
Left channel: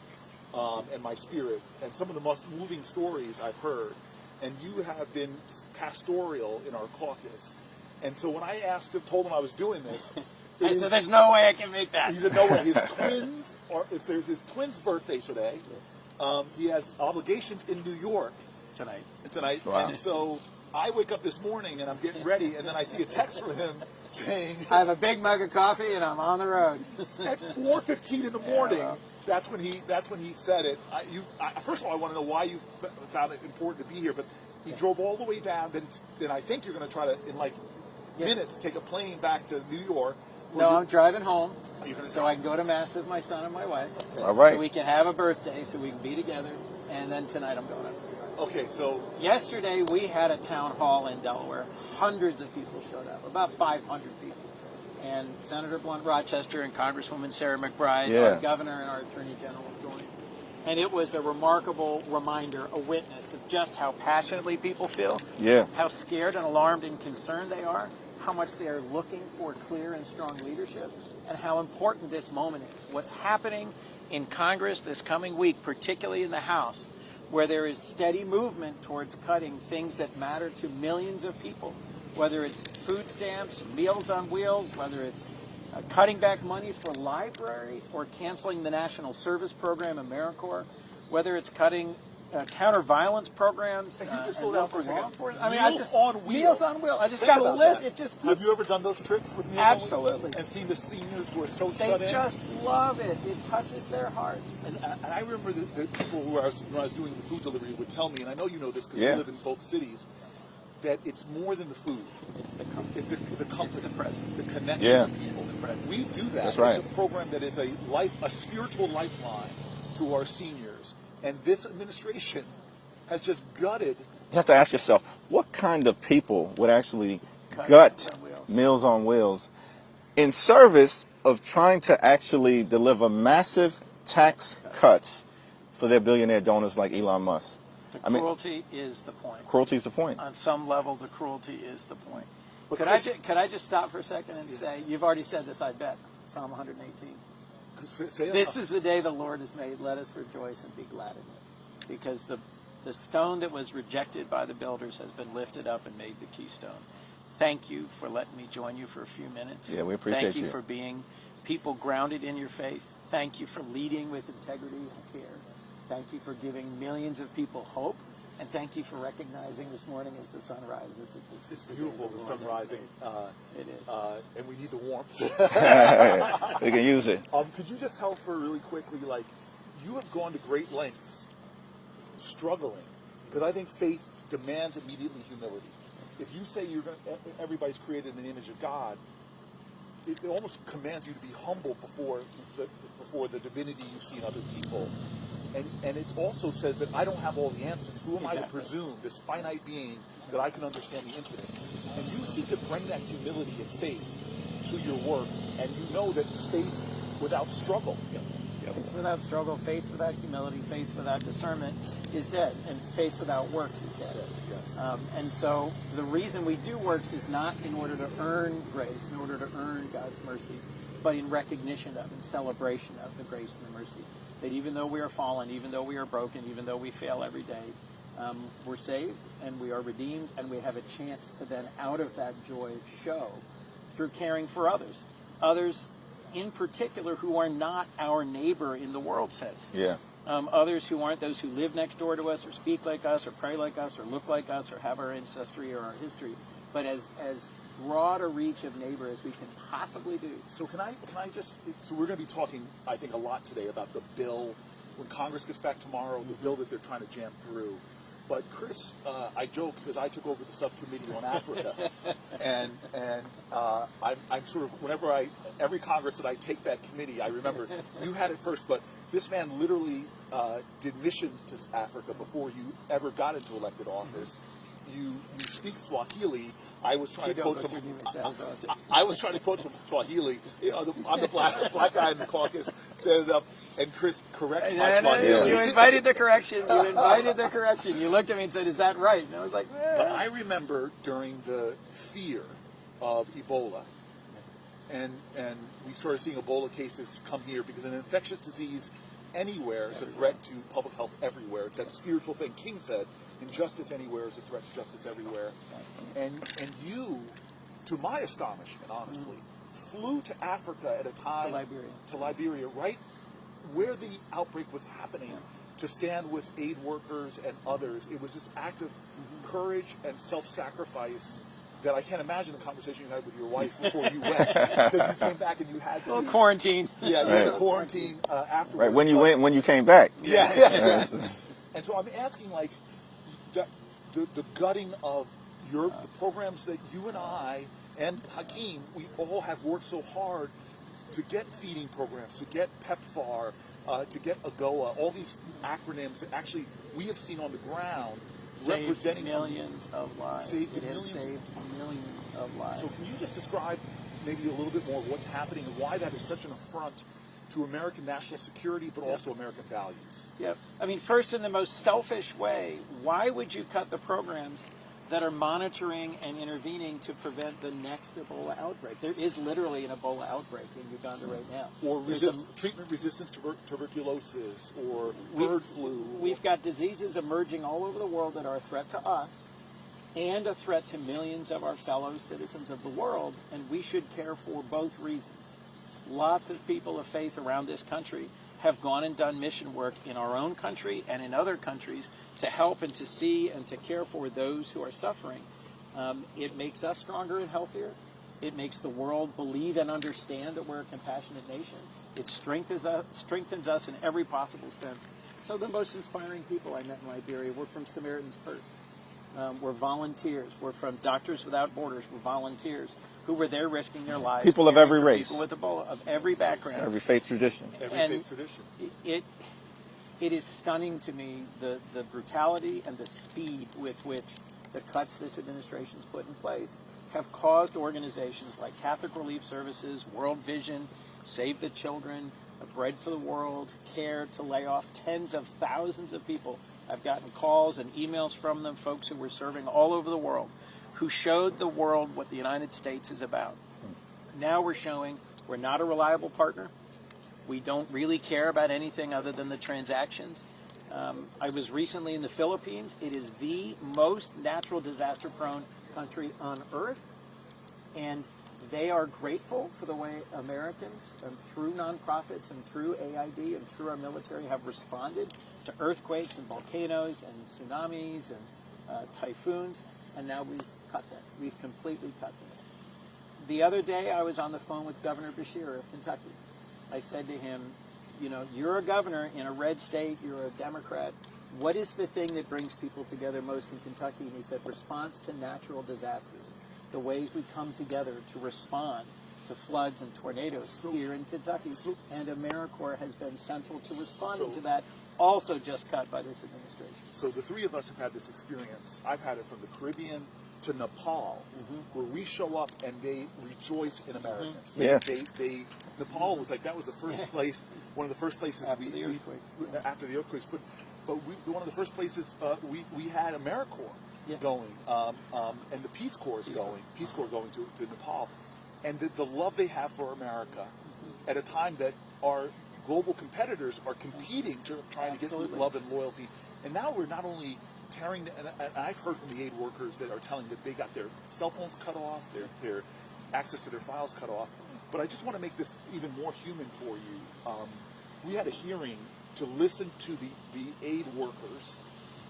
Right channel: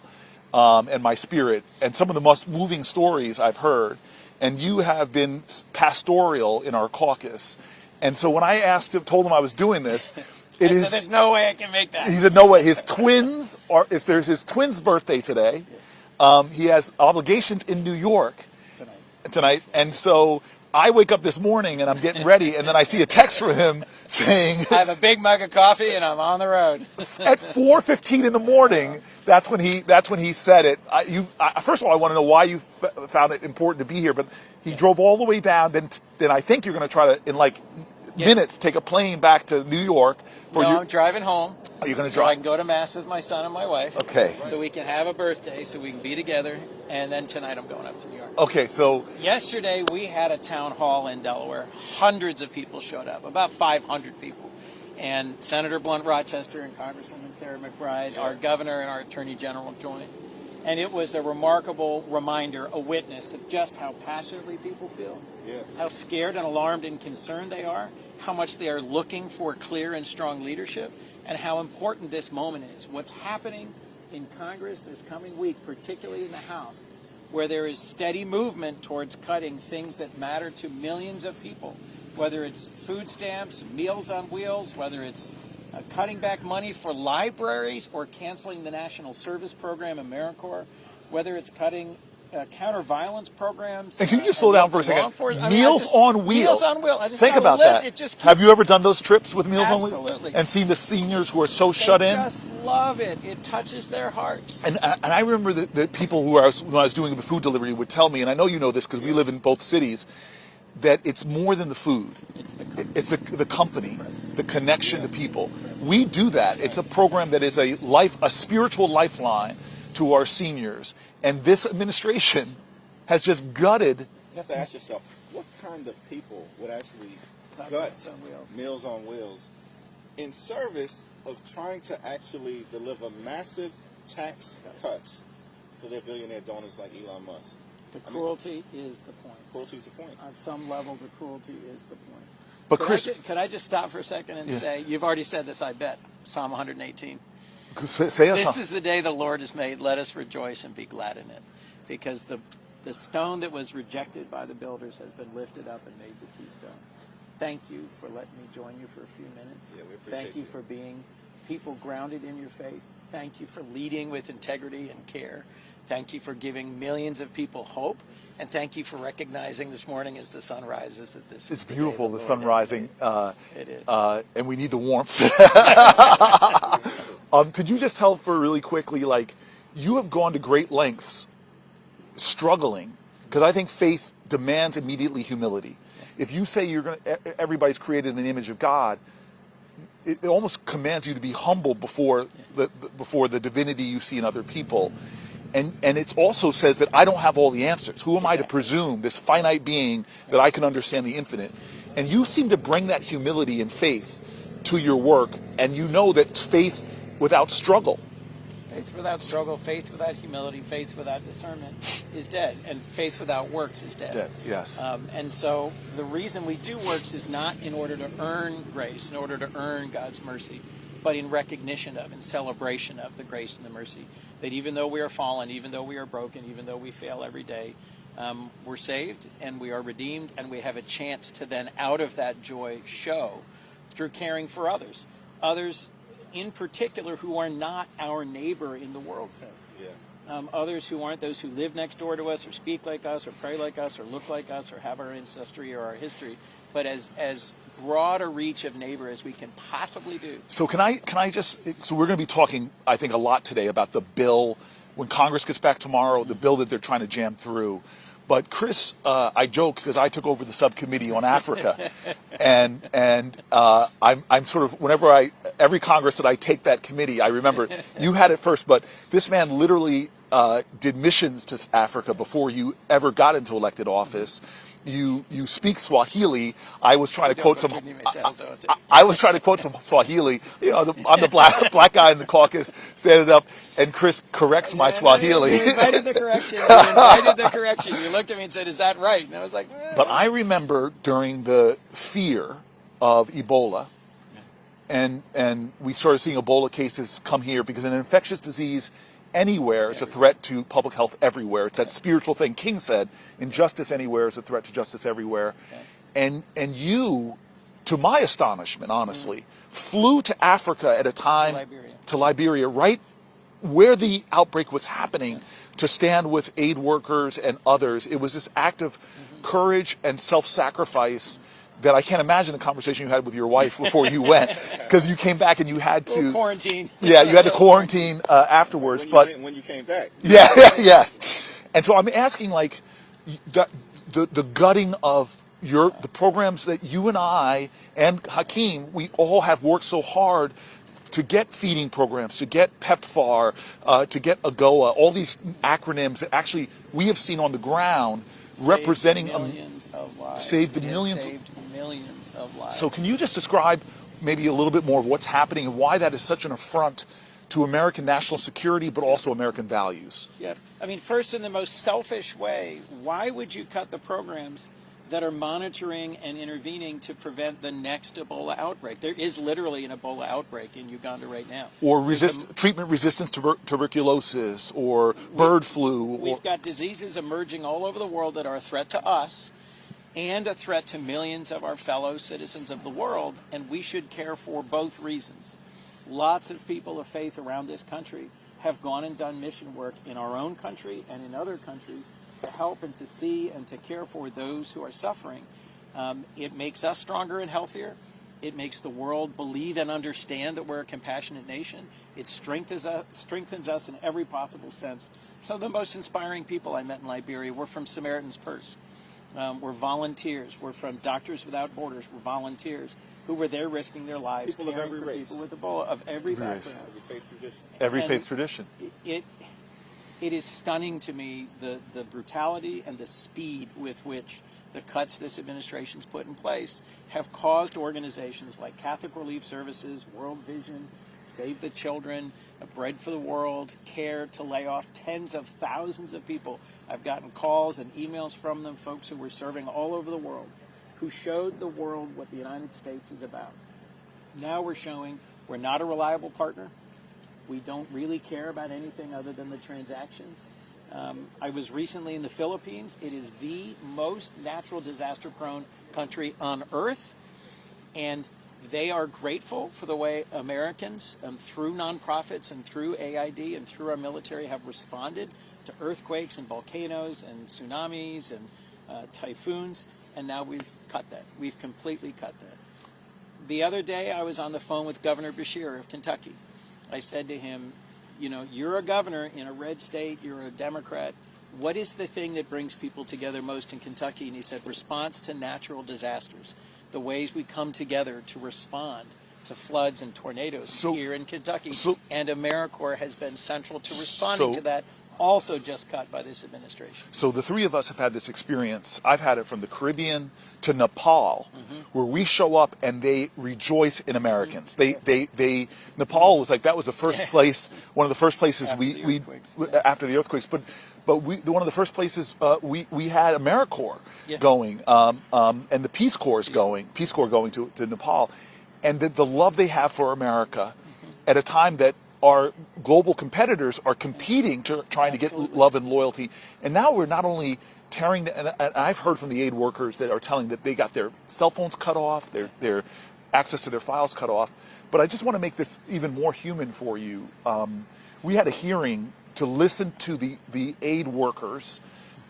and my spirit, and some of the most moving stories I've heard. And you have been pastoral in our caucus. And so when I told him I was doing this, I said, there's no way I can make that. He said, no way. His twins there's his twins' birthday today. He has obligations in New York tonight. Right. And so I wake up this morning and I'm getting ready, and then I see a text from him saying, I have a big mug of coffee and I'm on the road. at 4:15 in the morning. That's when he said it. First of all, I want to know why you found it important to be here. But he drove all the way down. Then I think you're going to try to, in minutes, take a plane back to New York. I'm driving home. Are you going to so drive? I can go to mass with my son and my wife. Okay. All right. So we can have a birthday, so we can be together. And then tonight I'm going up to New York. Okay, so Yesterday we had a town hall in Delaware. Hundreds of people showed up, about 500 people. And Senator Blunt Rochester and Congresswoman Sarah McBride, our governor and our attorney general joined. And it was a remarkable reminder, a witness of just how passionately people feel, how scared and alarmed and concerned they are, how much they are looking for clear and strong leadership, and how important this moment is. What's happening in Congress this coming week, particularly in the House, where there is steady movement towards cutting things that matter to millions of people, whether it's food stamps, Meals on Wheels, whether it's cutting back money for libraries or canceling the National Service Program, AmeriCorps, whether it's cutting counter-violence programs. And can you just slow down for a second? Meals on Wheels. Meals on Wheels. I just think got about a list. that. It just Have you ever done those trips with Meals on Wheels? Absolutely. And seen the seniors who are so shut in? They just love it. It touches their hearts. And I remember the people when I was doing the food delivery would tell me, and I know you know this because we live in both cities, that it's more than the food. It's the company, the connection of people. We do that. Right. It's a program that is a spiritual lifeline to our seniors. And this administration has just gutted. You have to ask yourself, what kind of people would actually gut Meals on Wheels in service of trying to actually deliver massive tax cuts for their billionaire donors like Elon Musk? The cruelty is the point. Cruelty is the point. On some level, the cruelty is the point. But could I just stop for a second and say, you've already said this, I bet, Psalm 118. Say us This is the day the Lord has made. Let us rejoice and be glad in it. Because the stone that was rejected by the builders has been lifted up and made the keystone. Thank you for letting me join you for a few minutes. Yeah, we appreciate Thank you for being people grounded in your faith. Thank you for leading with integrity and care. Thank you for giving millions of people hope. And thank you for recognizing this morning as the sun rises that this is beautiful, the the sun rising. It is. And we need the warmth. We can use it. Could you just tell for really quickly, you have gone to great lengths struggling, because I think faith demands immediately humility. If you say everybody's created in the image of God, it almost commands you to be humble before the divinity you see in other people. And it also says that I don't have all the answers. Who am I to presume, this finite being, that I can understand the infinite? And you seem to bring that humility and faith to your work, and you know that faith without struggle. Faith without struggle, faith without humility, faith without discernment is dead, and faith without works is dead. Yes. And so the reason we do works is not in order to earn grace, in order to earn God's mercy, but in recognition of, in celebration of the grace and the mercy. That even though we are fallen, even though we are broken, even though we fail every day, we're saved and we are redeemed, and we have a chance to then, out of that joy, show through caring for others. Others in particular who are not our neighbor in the world sense. Yeah. Others who aren't those who live next door to us or speak like us or pray like us or look like us or have our ancestry or our history, but as broad a reach of neighbor as we can possibly do. So can I just, so we're going to be talking, I think, a lot today about the bill, when Congress gets back tomorrow, the bill that they're trying to jam through. But Chris, I joke because I took over the subcommittee on Africa, and I'm sort of, every Congress that I take that committee, I remember you had it first, but this man literally did missions to Africa before you ever got into elected office. You speak Swahili. I was trying to quote some. I was trying to quote some Swahili. I'm the black guy in the caucus, standing up, and Chris corrects my Swahili. You invited the correction. You looked at me and said, "Is that right?" And I was like, But I remember during the fear of Ebola, and we started seeing Ebola cases come here because an infectious disease anywhere is a threat to public health everywhere. It's that spiritual thing King said, injustice anywhere is a threat to justice everywhere. And you, to my astonishment, honestly, flew to Africa at a time, to Liberia, right where the outbreak was happening, to stand with aid workers and others. It was this act of courage and self-sacrifice that I can't imagine the conversation you had with your wife before you went, because you came back and you had to quarantine. Yeah, you had to quarantine afterwards. Right, when you went, when you came back. Yeah, yes. And so I'm asking, like, the gutting of the programs that you and I and Hakeem, we all have worked so hard to get feeding programs, to get PEPFAR, to get AGOA, all these acronyms that actually we have seen on the ground representing millions of lives. Saved millions of lives. So can you just describe maybe a little bit more of what's happening and why that is such an affront to American national security, but also American values? Yeah, I mean, first, in the most selfish way, why would you cut the programs that are monitoring and intervening to prevent the next Ebola outbreak? There is literally an Ebola outbreak in Uganda right now. Or treatment-resistant tuberculosis, or bird flu. We've got diseases emerging all over the world that are a threat to us and a threat to millions of our fellow citizens of the world, and we should care for both reasons. Lots of people of faith around this country have gone and done mission work in our own country and in other countries to help and to see and to care for those who are suffering. It makes us stronger and healthier. It makes the world believe and understand that we're a compassionate nation. It strengthens us in every possible sense. So the most inspiring people I met in Liberia were from Samaritan's Purse. We're volunteers. We're from Doctors Without Borders. We're volunteers who were there risking their lives. People of every race. People with Ebola, of every background. Every faith tradition. Every faith tradition. It is stunning to me, the brutality and the speed with which the cuts this administration's put in place have caused organizations like Catholic Relief Services, World Vision, Save the Children, Bread for the World, CARE to lay off tens of thousands of people. I've gotten calls and emails from them, folks who were serving all over the world, who showed the world what the United States is about. Now we're showing we're not a reliable partner. We don't really care about anything other than the transactions. I was recently in the Philippines. It is the most natural disaster-prone country on earth, and they are grateful for the way Americans, through nonprofits and through AID and through our military, have responded to earthquakes and volcanoes and tsunamis and typhoons, and now we've cut that. We've completely cut that. The other day, I was on the phone with Governor Beshear of Kentucky. I said to him, you know, you're a governor in a red state, you're a Democrat. What is the thing that brings people together most in Kentucky? And he said, response to natural disasters. The ways we come together to respond to floods and tornadoes here in Kentucky. And AmeriCorps has been central to responding to that, also just cut by this administration. So the three of us have had this experience. I've had it from the Caribbean to Nepal, where we show up and they rejoice in Americans. Nepal was like, that was the first place, one of the first places after the earthquakes, but one of the first places we had AmeriCorps going, and the Peace Corps going to Nepal, and the love they have for America at a time that our global competitors are competing trying to get love and loyalty. And now we're not only tearing, and I've heard from the aid workers that are telling that they got their cell phones cut off, their access to their files cut off. But I just want to make this even more human for you. We had a hearing to listen to the aid workers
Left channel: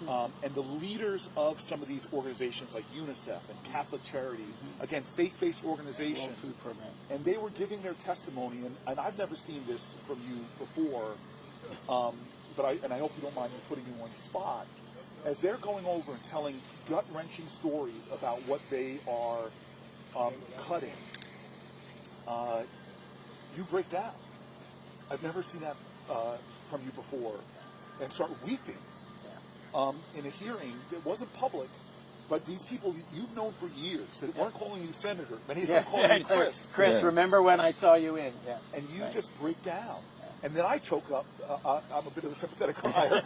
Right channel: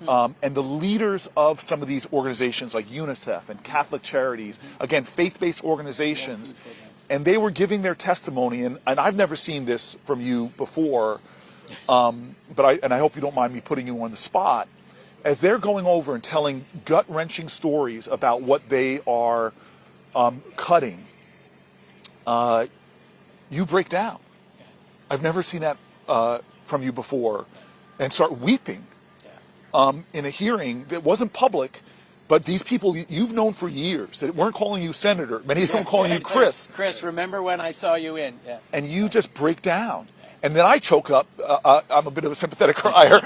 and the leaders of some of these organizations like UNICEF and Catholic Charities, again, faith-based organizations. And they were giving their testimony, and I've never seen this from you before, but I hope you don't mind me putting you on the spot. As they're going over and telling gut-wrenching stories about what they are cutting, you break down. I've never seen that from you before, and start weeping in a hearing that wasn't public. But these people you've known for years that weren't calling you senator, many of them calling you Chris. Chris, remember when I saw you in? Yeah. And you just break down. And then I choke up. I'm a bit of a sympathetic crier.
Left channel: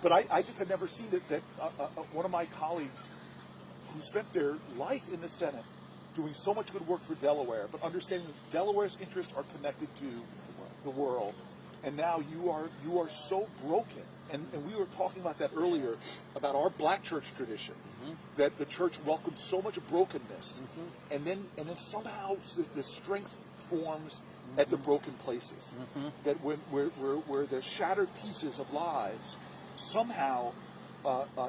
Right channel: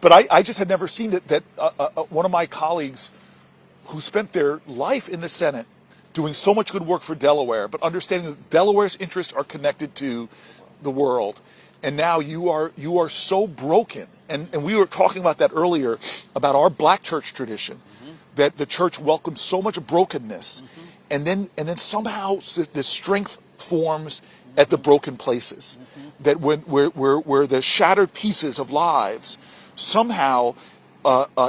But I just had never seen it, that one of my colleagues who spent their life in the Senate doing so much good work for Delaware, but understanding that Delaware's interests are connected to the world, and now you are so broken. And we were talking about that earlier, about our black church tradition, that the church welcomes so much brokenness, and then somehow this strength forms at the broken places, that where the shattered pieces of lives somehow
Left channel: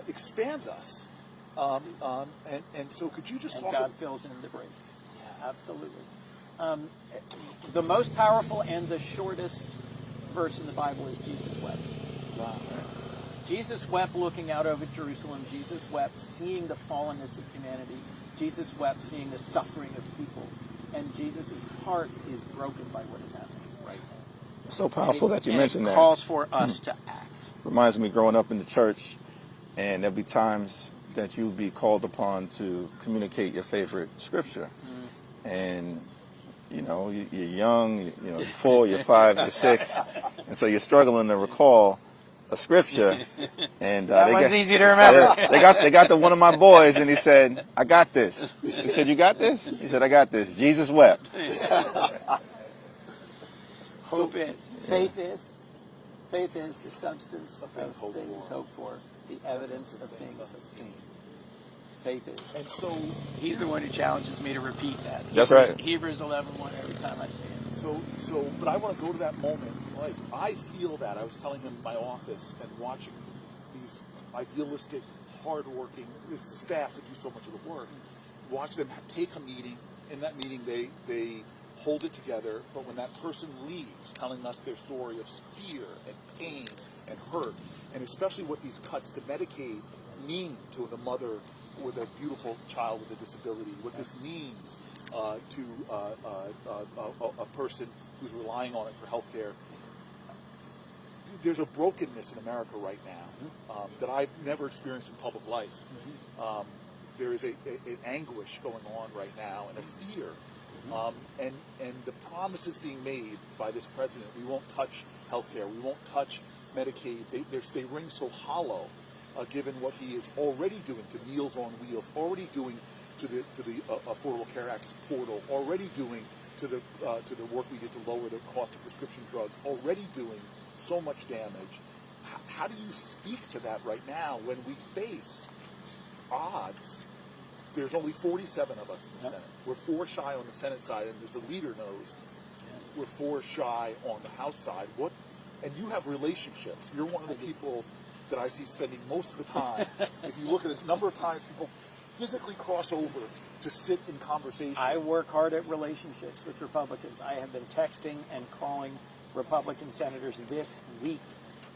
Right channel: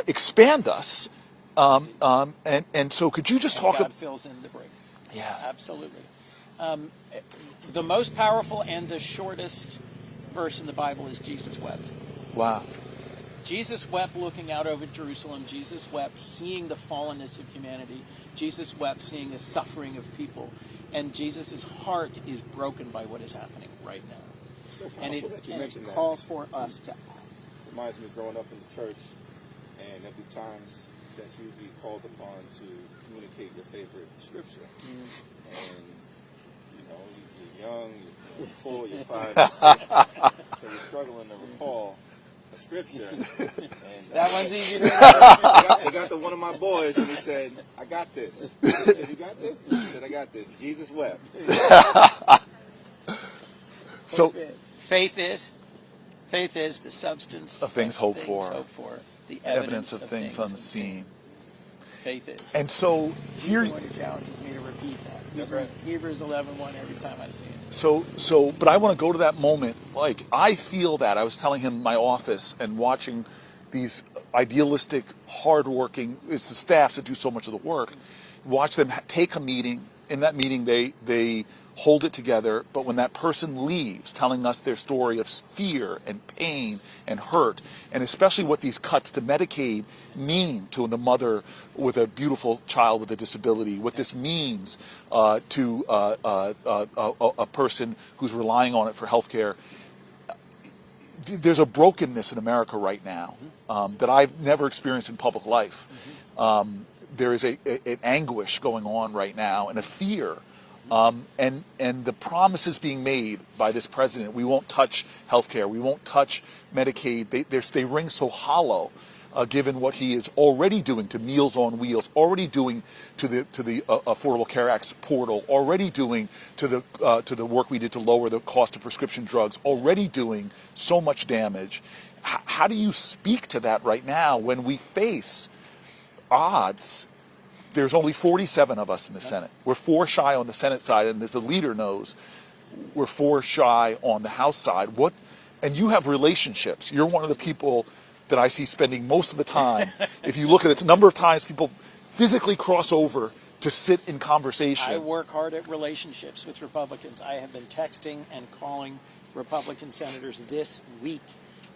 expand us. And so could you just talk God fills in the breaks. Yeah. Absolutely. The most powerful and the shortest verse in the Bible is Jesus wept. Wow. Jesus wept looking out over Jerusalem. Jesus wept seeing the fallenness of humanity. Jesus wept seeing the suffering of people. And Jesus' heart is broken by what is happening right now. It's so powerful that you mentioned that. It calls for us to act. Reminds me growing up in the church, and there'll be times that you'll be called upon to communicate your favorite scripture. And you know, you're young, you're 4, you're 5, you're 6, and so you're struggling to recall a scripture. And that was easy to remember. They got one of my boys, and he said, "I got this." He said, "You got this?" He said, "I got this." Jesus wept. Hope is. Faith is the substance of things hoped for, the evidence of things unseen. Faith is. And so He's the one who challenges me to repeat that. That's right. Hebrews 11:1 every time I see it. So, but I want to go to that moment. Like, I feel that. I was telling him in my office and watching these idealistic, hardworking, it's the staffs that do so much of the work. Watch them take a meeting. In that meeting, they hold it together. But when that person leaves, telling us their story of fear and pain and hurt, and especially what these cuts to Medicaid mean to the mother with a beautiful child with a disability, what this means to a person who's relying on it for health care. There's a brokenness in America right now that I've never experienced in public life. There is an anguish going on right now and a fear. And the promises being made by this president, we won't touch healthcare, we won't touch Medicaid, they ring so hollow, given what he is already doing to Meals on Wheels, already doing to the Affordable Care Act portal, already doing to the work we did to lower the cost of prescription drugs, already doing so much damage. How do you speak to that right now when we face odds? There's only 47 of us in the Senate. We're 4 shy on the Senate side, and as the leader knows, we're 4 shy on the House side. And you have relationships. You're one of the people that I see spending most of the time. If you look at the number of times people physically cross over to sit in conversation. I work hard at relationships with Republicans. I have been texting and calling Republican senators this week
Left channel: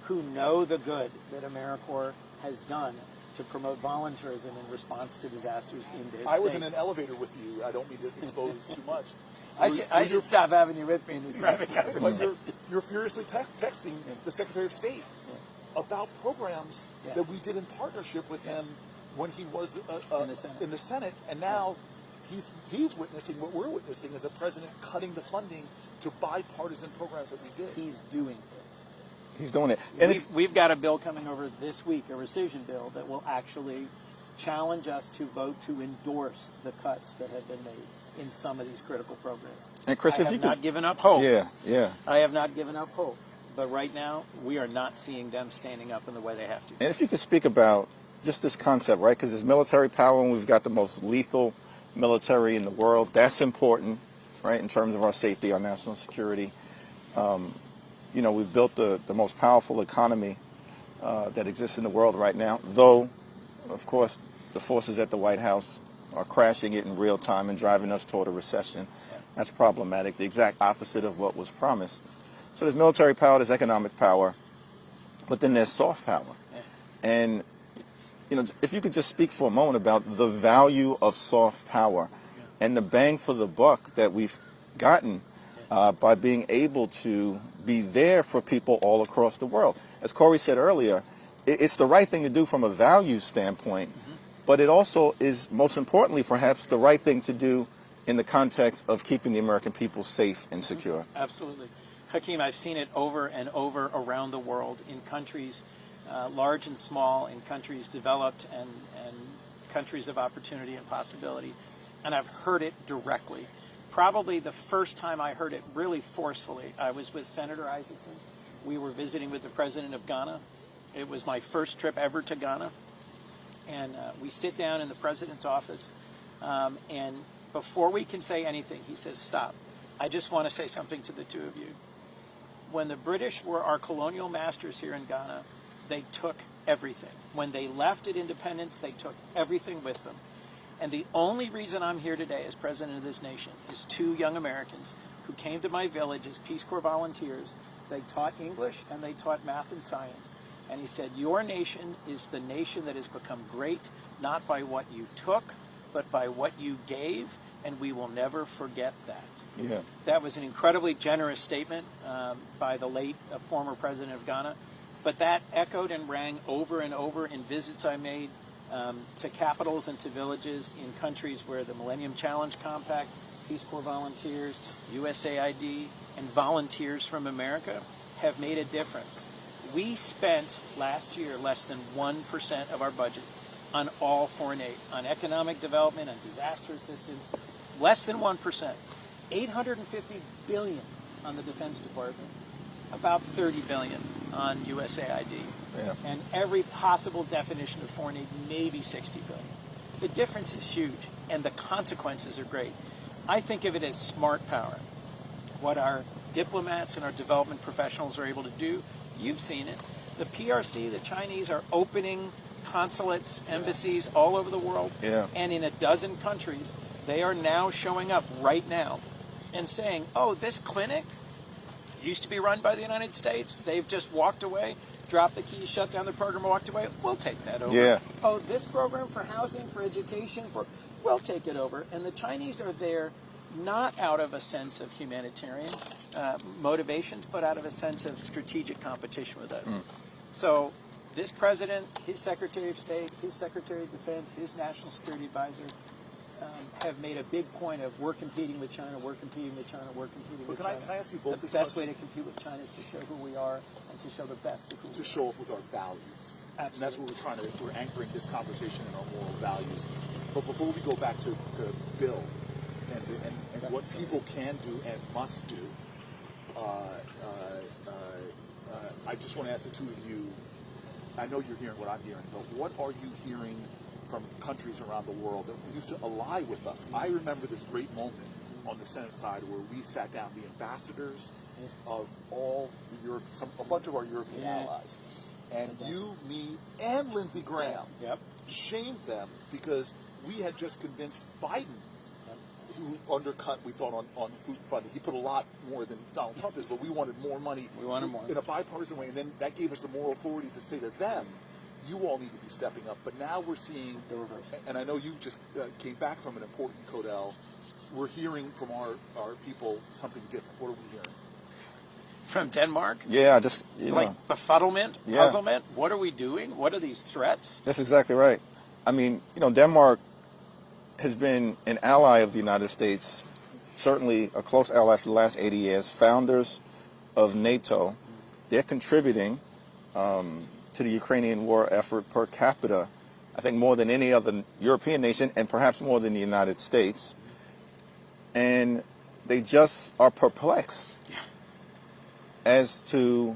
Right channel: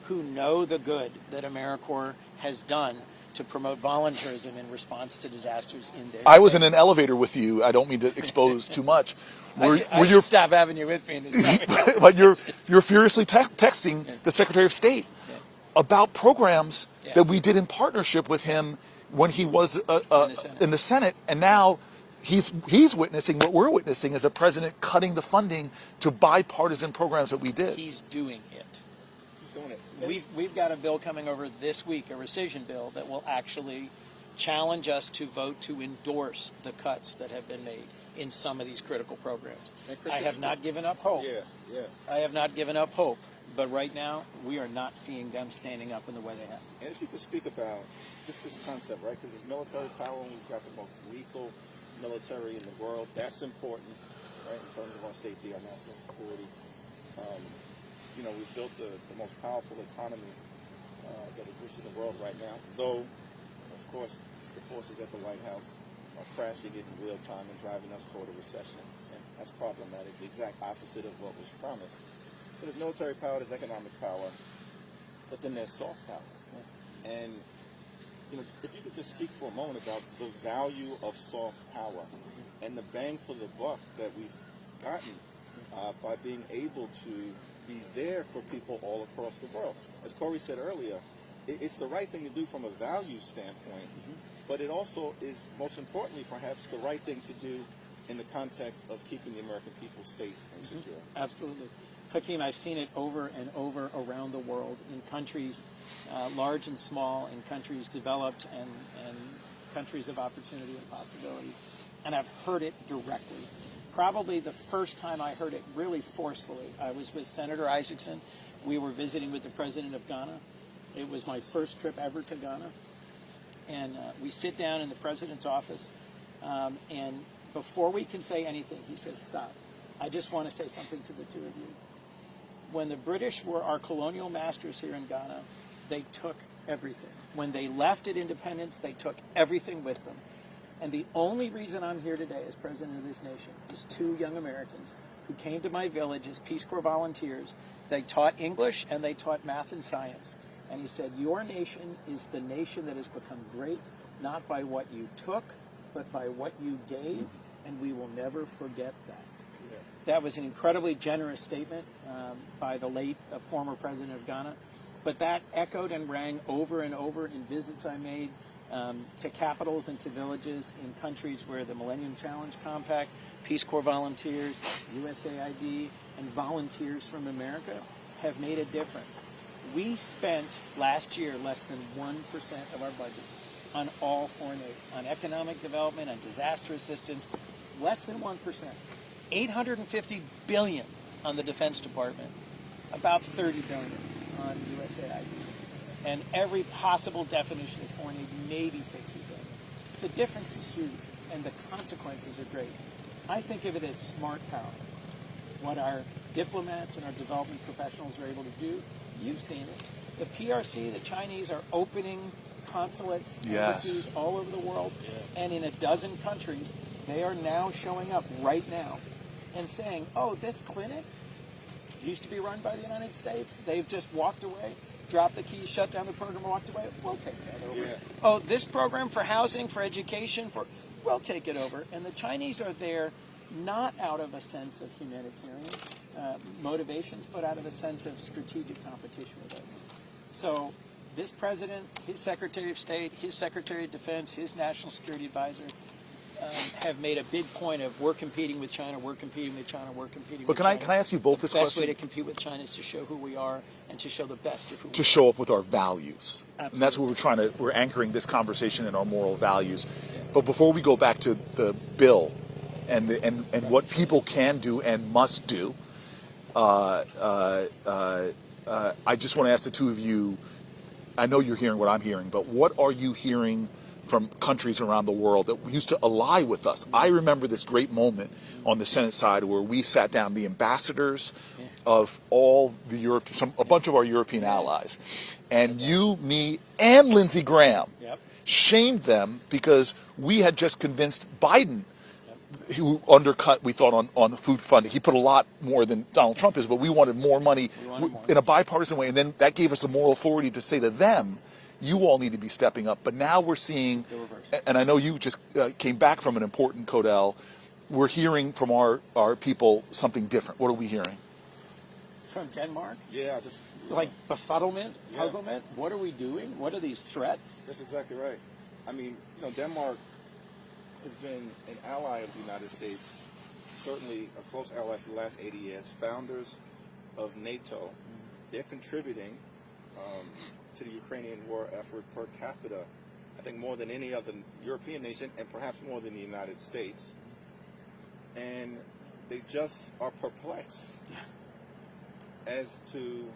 who know the good that AmeriCorps has done to promote volunteerism in response to disasters in their I was in an elevator with you. I don't mean to expose too much. I should stop having you with me in this topic. But you're furiously texting the Secretary of State about programs that we did in partnership with him when he was in the Senate, and now he's witnessing what we're witnessing as a president cutting the funding to bipartisan programs that we did. He's doing it. He's doing it. And we've got a bill coming over this week, a rescission bill, that will actually challenge us to vote to endorse the cuts that have been made in some of these critical programs. And Chris, I have not given up hope. Yeah. I have not given up hope. But right now, we are not seeing them standing up in the way they have to. And if you could speak about just this concept, right? Because there's military power, and we've got the most lethal military in the world. That's important, right, in terms of our safety, our national security. You know, we've built the most powerful economy that exists in the world right now, though, of course, the forces at the White House are crashing it in real time and driving us toward a recession. That's problematic, the exact opposite of what was promised. So there's military power, there's economic power, but then there's soft power. And, you know, if you could just speak for a moment about the value of soft power and the bang for the buck that we've gotten by being able to be there for people all across the world. As Cory said earlier, it's the right thing to do from a values standpoint, but it also is, most importantly, perhaps, the right thing to do in the context of keeping the American people safe and secure. Absolutely. Hakeem, I've seen it over and over around the world in countries large and small, in countries developed and countries of opportunity and possibility. And I've heard it directly probably the first time I heard it really forcefully, I was with Senator Isaacson. We were visiting with the president of Ghana. It was my first trip ever to Ghana. And we sit down in the president's office, and before we can say anything, he says, "Stop. I just want to say something to the two of you. When the British were our colonial masters here in Ghana, they took everything. When they left at independence, they took everything with them. And the only reason I'm here today as president of this nation is two young Americans who came to my village as Peace Corps volunteers. They taught English and they taught math and science. And he said, your nation is the nation that has become great, not by what you took, but by what you gave, and we will never forget that." Yeah. That was an incredibly generous statement by the late former president of Ghana. But that echoed and rang over and over in visits I made to capitals and to villages in countries where the Millennium Challenge Compact, Peace Corps volunteers, USAID, and volunteers from America have made a difference. We spent last year less than 1% of our budget on all foreign aid, on economic development and disaster assistance, less than 1%. $850 billion on the Defense Department, about $30 billion on USAID, and every possible definition of foreign aid, maybe $60 billion. The difference is huge, and the consequences are great. I think of it as smart power. What our diplomats and our development professionals are able to do, you've seen it. The PRC, the Chinese are opening consulates, embassies all over the world, and in a dozen countries, they are now showing up right now and saying, oh, this clinic used to be run by the United States. They've just walked away, dropped the key, shut down the program, walked away. We'll take that over. Yeah. Oh, this program for housing, for education, we'll take it over. And the Chinese are there not out of a sense of humanitarian motivations, but out of a sense of strategic competition with us. So this president, his Secretary of State, his Secretary of Defense, his National Security Advisor, have made a big point of we're competing with China, we're competing with China, we're competing with China. But can I ask you both this question? The best way question? to compete with China is to show who we are and to show the best of who we are. To show up with our values. Absolutely. And that's what we're anchoring this conversation in our moral values. But before we go back to the bill and what people can do and must do, I just want to ask the two of you, I know you're hearing what I'm hearing, but what are you hearing from countries around the world that used to ally with us? I remember this great moment on the Senate side where we sat down, the ambassadors of all the a bunch of our European allies, and you, me, and Lindsey Graham shamed them because we had just convinced Biden, who undercut, we thought, on food funding. He put a lot more than Donald Trump is, but we wanted more money in a bipartisan way, and then that gave us the moral authority to say to them, you all need to be stepping up. But now we're seeing, and I know you just came back from an important Codel, we're hearing from our people something different. What are we hearing? From Denmark? Yeah, just, like befuddlement, puzzlement? What are we doing? What are these threats? That's exactly right. I mean, Denmark has been an ally of the United States, certainly a close ally for the last 80 years, founders of NATO. They're contributing to the Ukrainian war effort per capita, I think more than any other European nation, and perhaps more than the United States. And they just are perplexed as to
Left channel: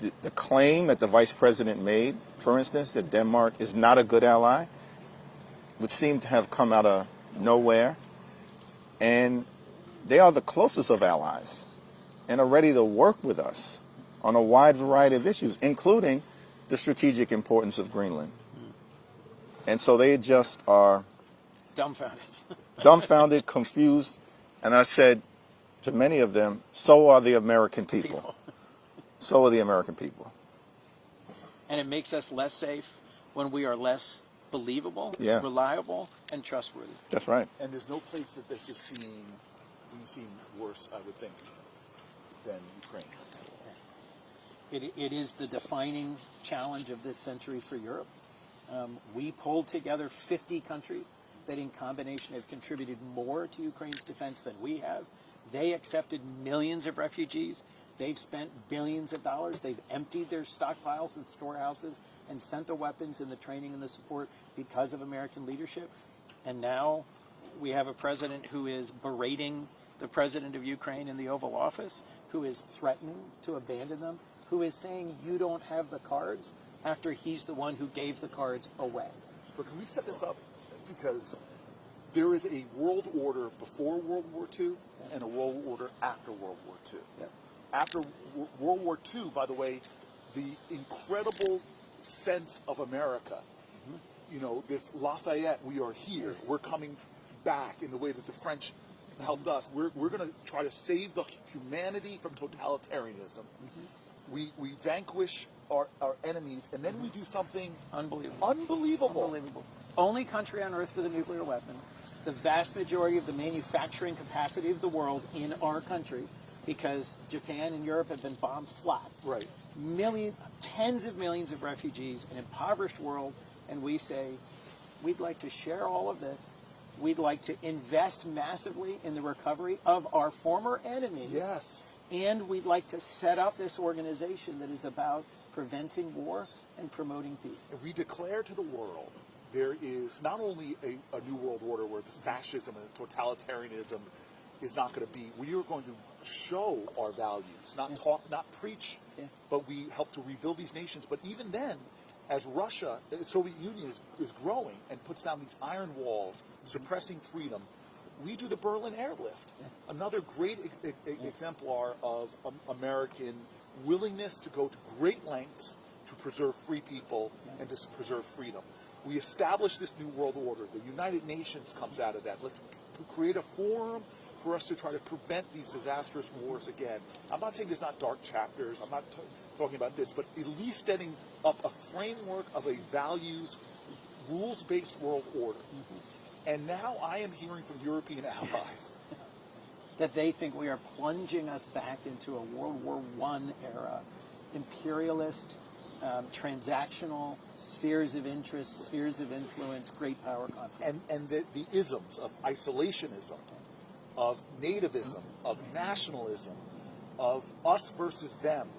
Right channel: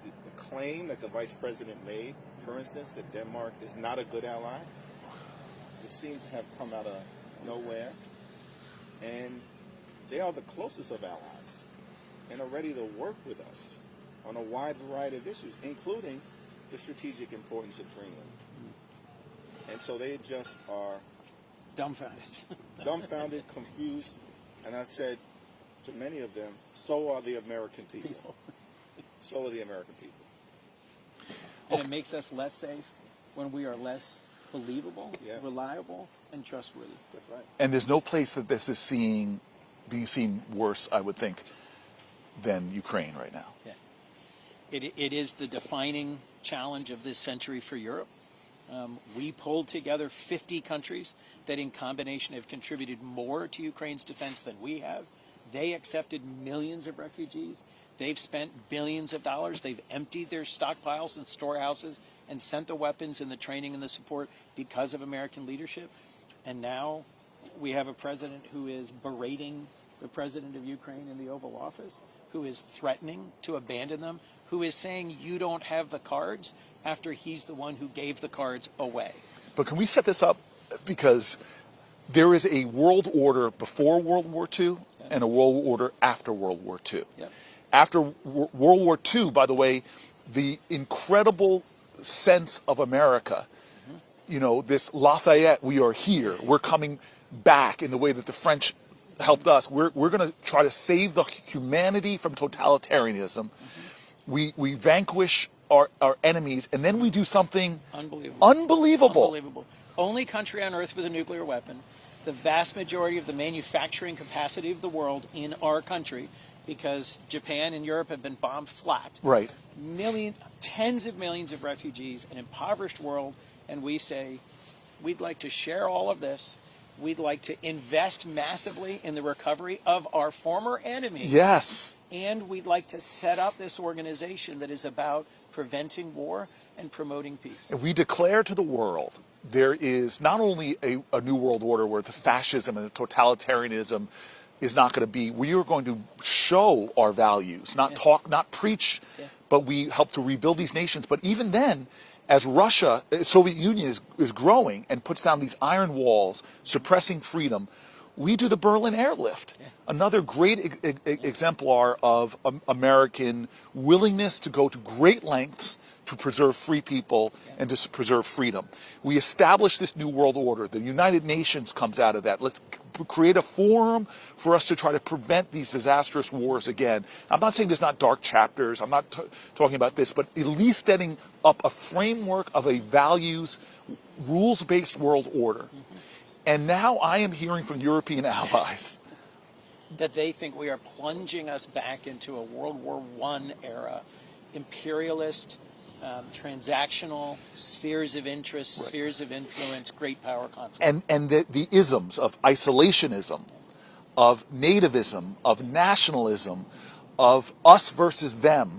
the claim that the vice president made, for instance, that Denmark is not a good ally, which seemed to have come out of nowhere. And they are the closest of allies and are ready to work with us on a wide variety of issues, including the strategic importance of Greenland. And so they just are dumbfounded, confused, and I said to many of them, so are the American people. So are the American people. And it makes us less safe when we are less believable, reliable, and trustworthy. That's right. And there's no place that this is being seen worse, I would think, than Ukraine right now. It is the defining challenge of this century for Europe. We pulled together 50 countries that in combination have contributed more to Ukraine's defense than we have. They accepted millions of refugees. They've spent billions of dollars. They've emptied their stockpiles and storehouses and sent the weapons and the training and the support because of American leadership. And now we have a president who is berating the president of Ukraine in the Oval Office, who is threatening to abandon them, who is saying you don't have the cards after he's the one who gave the cards away. But can we set this up? Because there is a world order before World War II and a world order after World War II. Yep. After World War II, by the way, the incredible sense of America, you know, this Lafayette, we are here, we're coming back in the way that the French helped us. We're going to try to save the humanity from totalitarianism. We vanquish our enemies, and then we do something unbelievable. Only country on earth with a nuclear weapon. The vast majority of the manufacturing capacity of the world in our country, because Japan and Europe have been bombed flat. Right. Tens of millions of refugees, an impoverished world, and we say, we'd like to share all of this. We'd like to invest massively in the recovery of our former enemies. Yes. And we'd like to set up this organization that is about preventing war and promoting peace. And we declare to the world there is not only a new world order where the fascism and the totalitarianism is not going to be, we are going to show our values, not talk, not preach, but we help to rebuild these nations. But even then, as Russia, Soviet Union is growing and puts down these iron walls, suppressing freedom, we do the Berlin airlift. Another great exemplar of American willingness to go to great lengths to preserve free people and to preserve freedom. We establish this new world order. The United Nations comes out of that. Let's create a forum for us to try to prevent these disastrous wars again. I'm not saying there's not dark chapters. I'm not talking about this, but at least setting up a framework of a values, rules-based world order. And now I am hearing from European allies that they think we are plunging us back into a World War I era, imperialist, transactional, spheres of interest, spheres of influence, great power conflict. And the isms of isolationism, of nativism, of nationalism, of us versus them,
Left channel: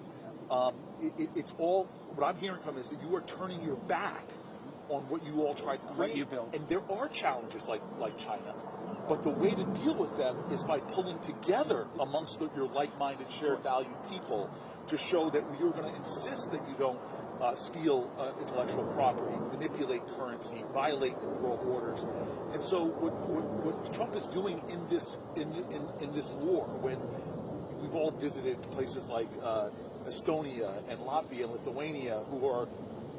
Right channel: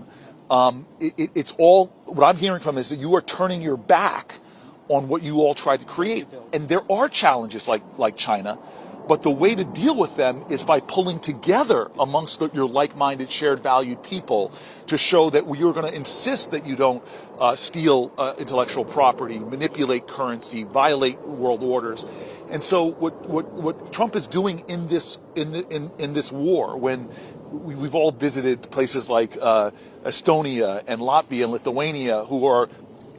it's all, what I'm hearing from is that you are turning your back on what you all tried to create. And there are challenges like China, but the way to deal with them is by pulling together amongst your like-minded, shared valued people to show that we are going to insist that you don't steal intellectual property, manipulate currency, violate world orders. And so what Trump is doing in this war, when we've all visited places like Estonia and Latvia and Lithuania, who are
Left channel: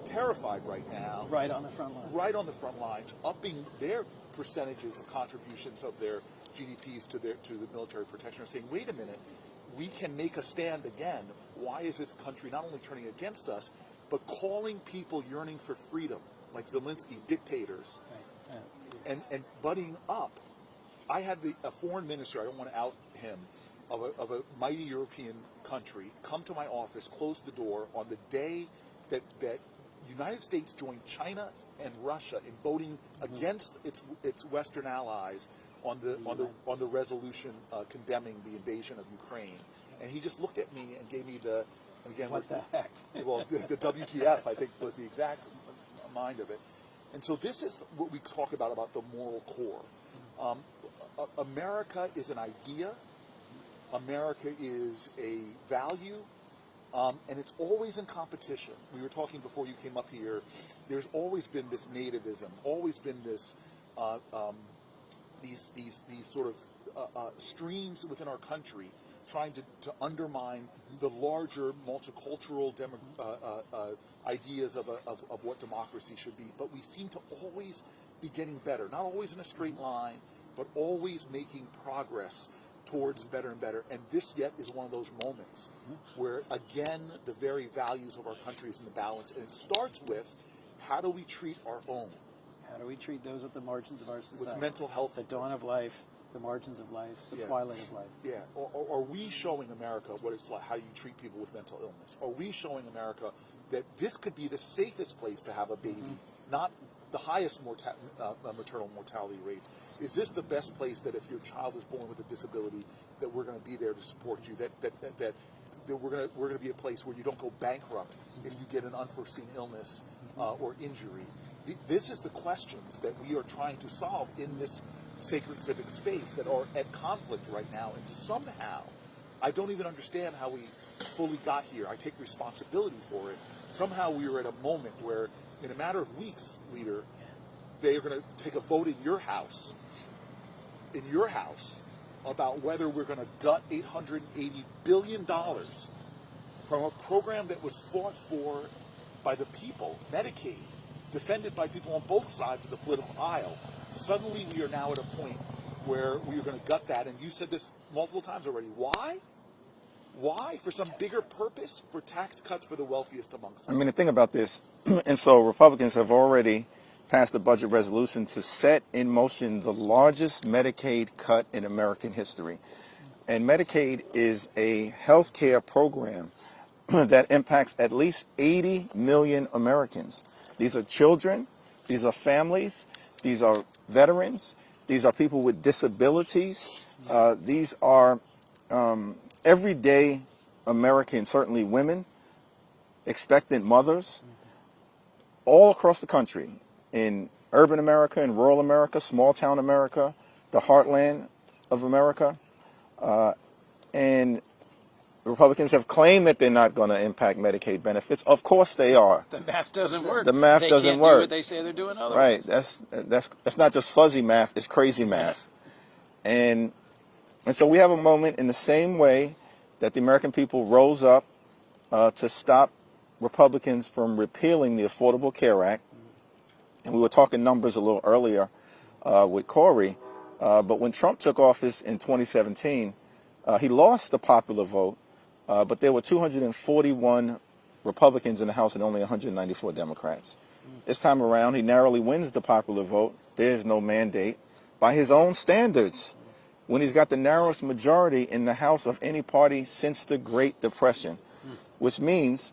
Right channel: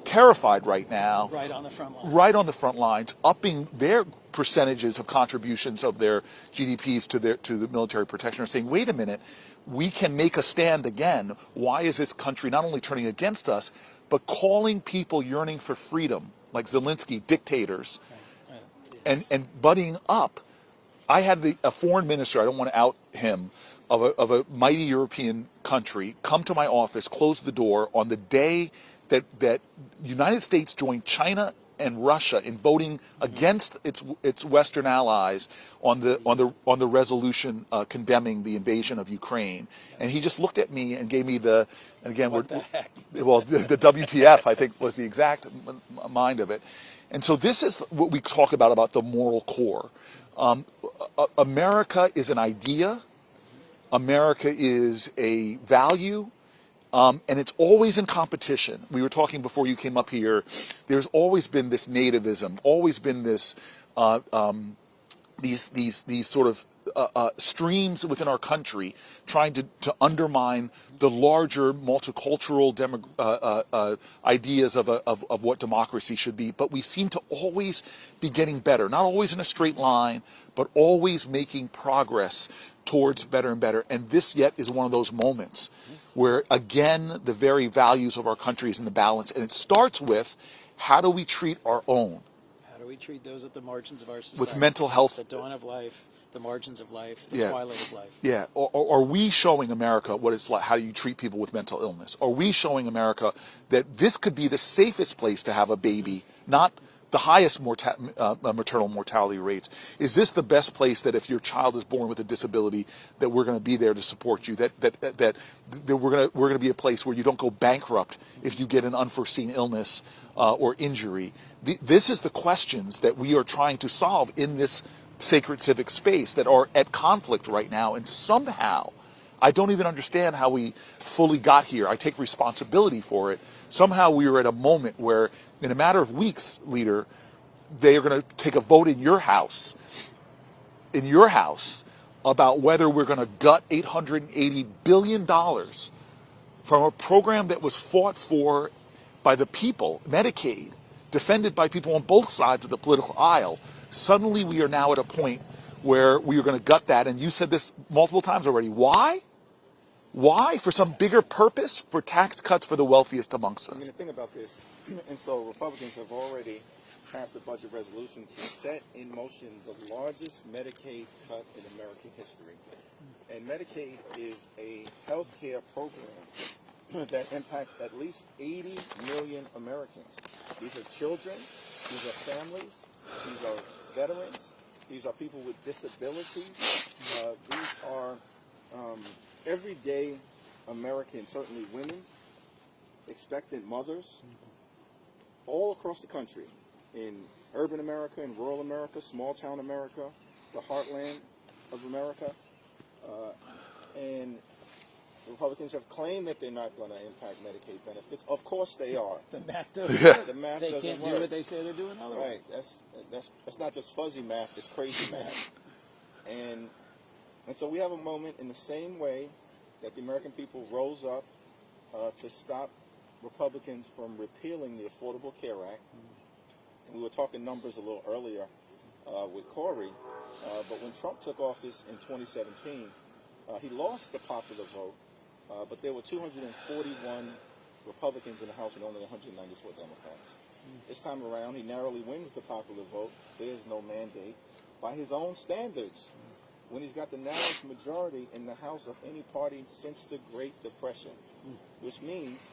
terrified right now. Right on the front line. Right on the front lines, upping their percentages of contributions of their GDPs to the military protection, are saying, wait a minute, we can make a stand again. Why is this country not only turning against us, but calling people yearning for freedom, like Zelensky, dictators, and buddying up? I had a foreign minister, I don't want to out him, of a mighty European country come to my office, close the door on the day that United States joined China and Russia in voting against its Western allies on the resolution condemning the invasion of Ukraine. And he just looked at me and gave me the WTF, I think, was the exact mind of it. And so this is what we talk about the moral core. America is an idea. America is a value. And it's always in competition. We were talking before you came up here. There's always been this nativism, always been this these sort of streams within our country trying to undermine the larger multicultural ideas of what democracy should be. But we seem to always be getting better, not always in a straight line, but always making progress towards better and better. And this yet is one of those moments where, again, the very values of our country is in the balance. And it starts with, how do we treat our own? How do we treat those at the margins of our society? With mental health. The dawn of life, the margins of life, the twilight of life. Yeah. Are we showing America what it's like? How do you treat people with mental illness? Are we showing America that this could be the safest place to have a baby, not the highest maternal mortality rates? Is this the best place that if your child is born with a disability, that we're going to be there to support you? That we're going to be a place where you don't go bankrupt if you get an unforeseen illness or injury? This is the questions that we are trying to solve in this sacred civic space that are at conflict right now. And somehow, I don't even understand how we fully got here. I take responsibility for it. Somehow we are at a moment where, in a matter of weeks, leader, they are going to take a vote in your house, about whether we're going to gut $880 billion from a program that was fought for by the people, Medicaid, defended by people on both sides of the political aisle. Suddenly we are now at a point where we are going to gut that. And you said this multiple times already. Why? Why? For some bigger purpose? For tax cuts for the wealthiest amongst us? I mean, the thing about this, and so Republicans have already passed a budget resolution to set in motion the largest Medicaid cut in American history. And Medicaid is a health care program that impacts at least 80 million Americans. These are children, these are families, these are veterans, these are people with disabilities, these are everyday Americans, certainly women, expectant mothers, all across the country, in urban America, in rural America, small town America, the heartland of America. And Republicans have claimed that they're not going to impact Medicaid benefits. Of course they are. The math doesn't work. The math doesn't can't work. Do what they say they're doing otherwise. Right. That's not just fuzzy math. It's crazy math. And so we have a moment in the same way that the American people rose up to stop Republicans from repealing the Affordable Care Act. And we were talking numbers a little earlier with Cory. But when Trump took office in 2017, he lost the popular vote. But there were 241 Republicans in the House and only 194 Democrats. This time around, he narrowly wins the popular vote. There's no mandate. By his own standards, when he's got the narrowest majority in the House of any party since the Great Depression, which means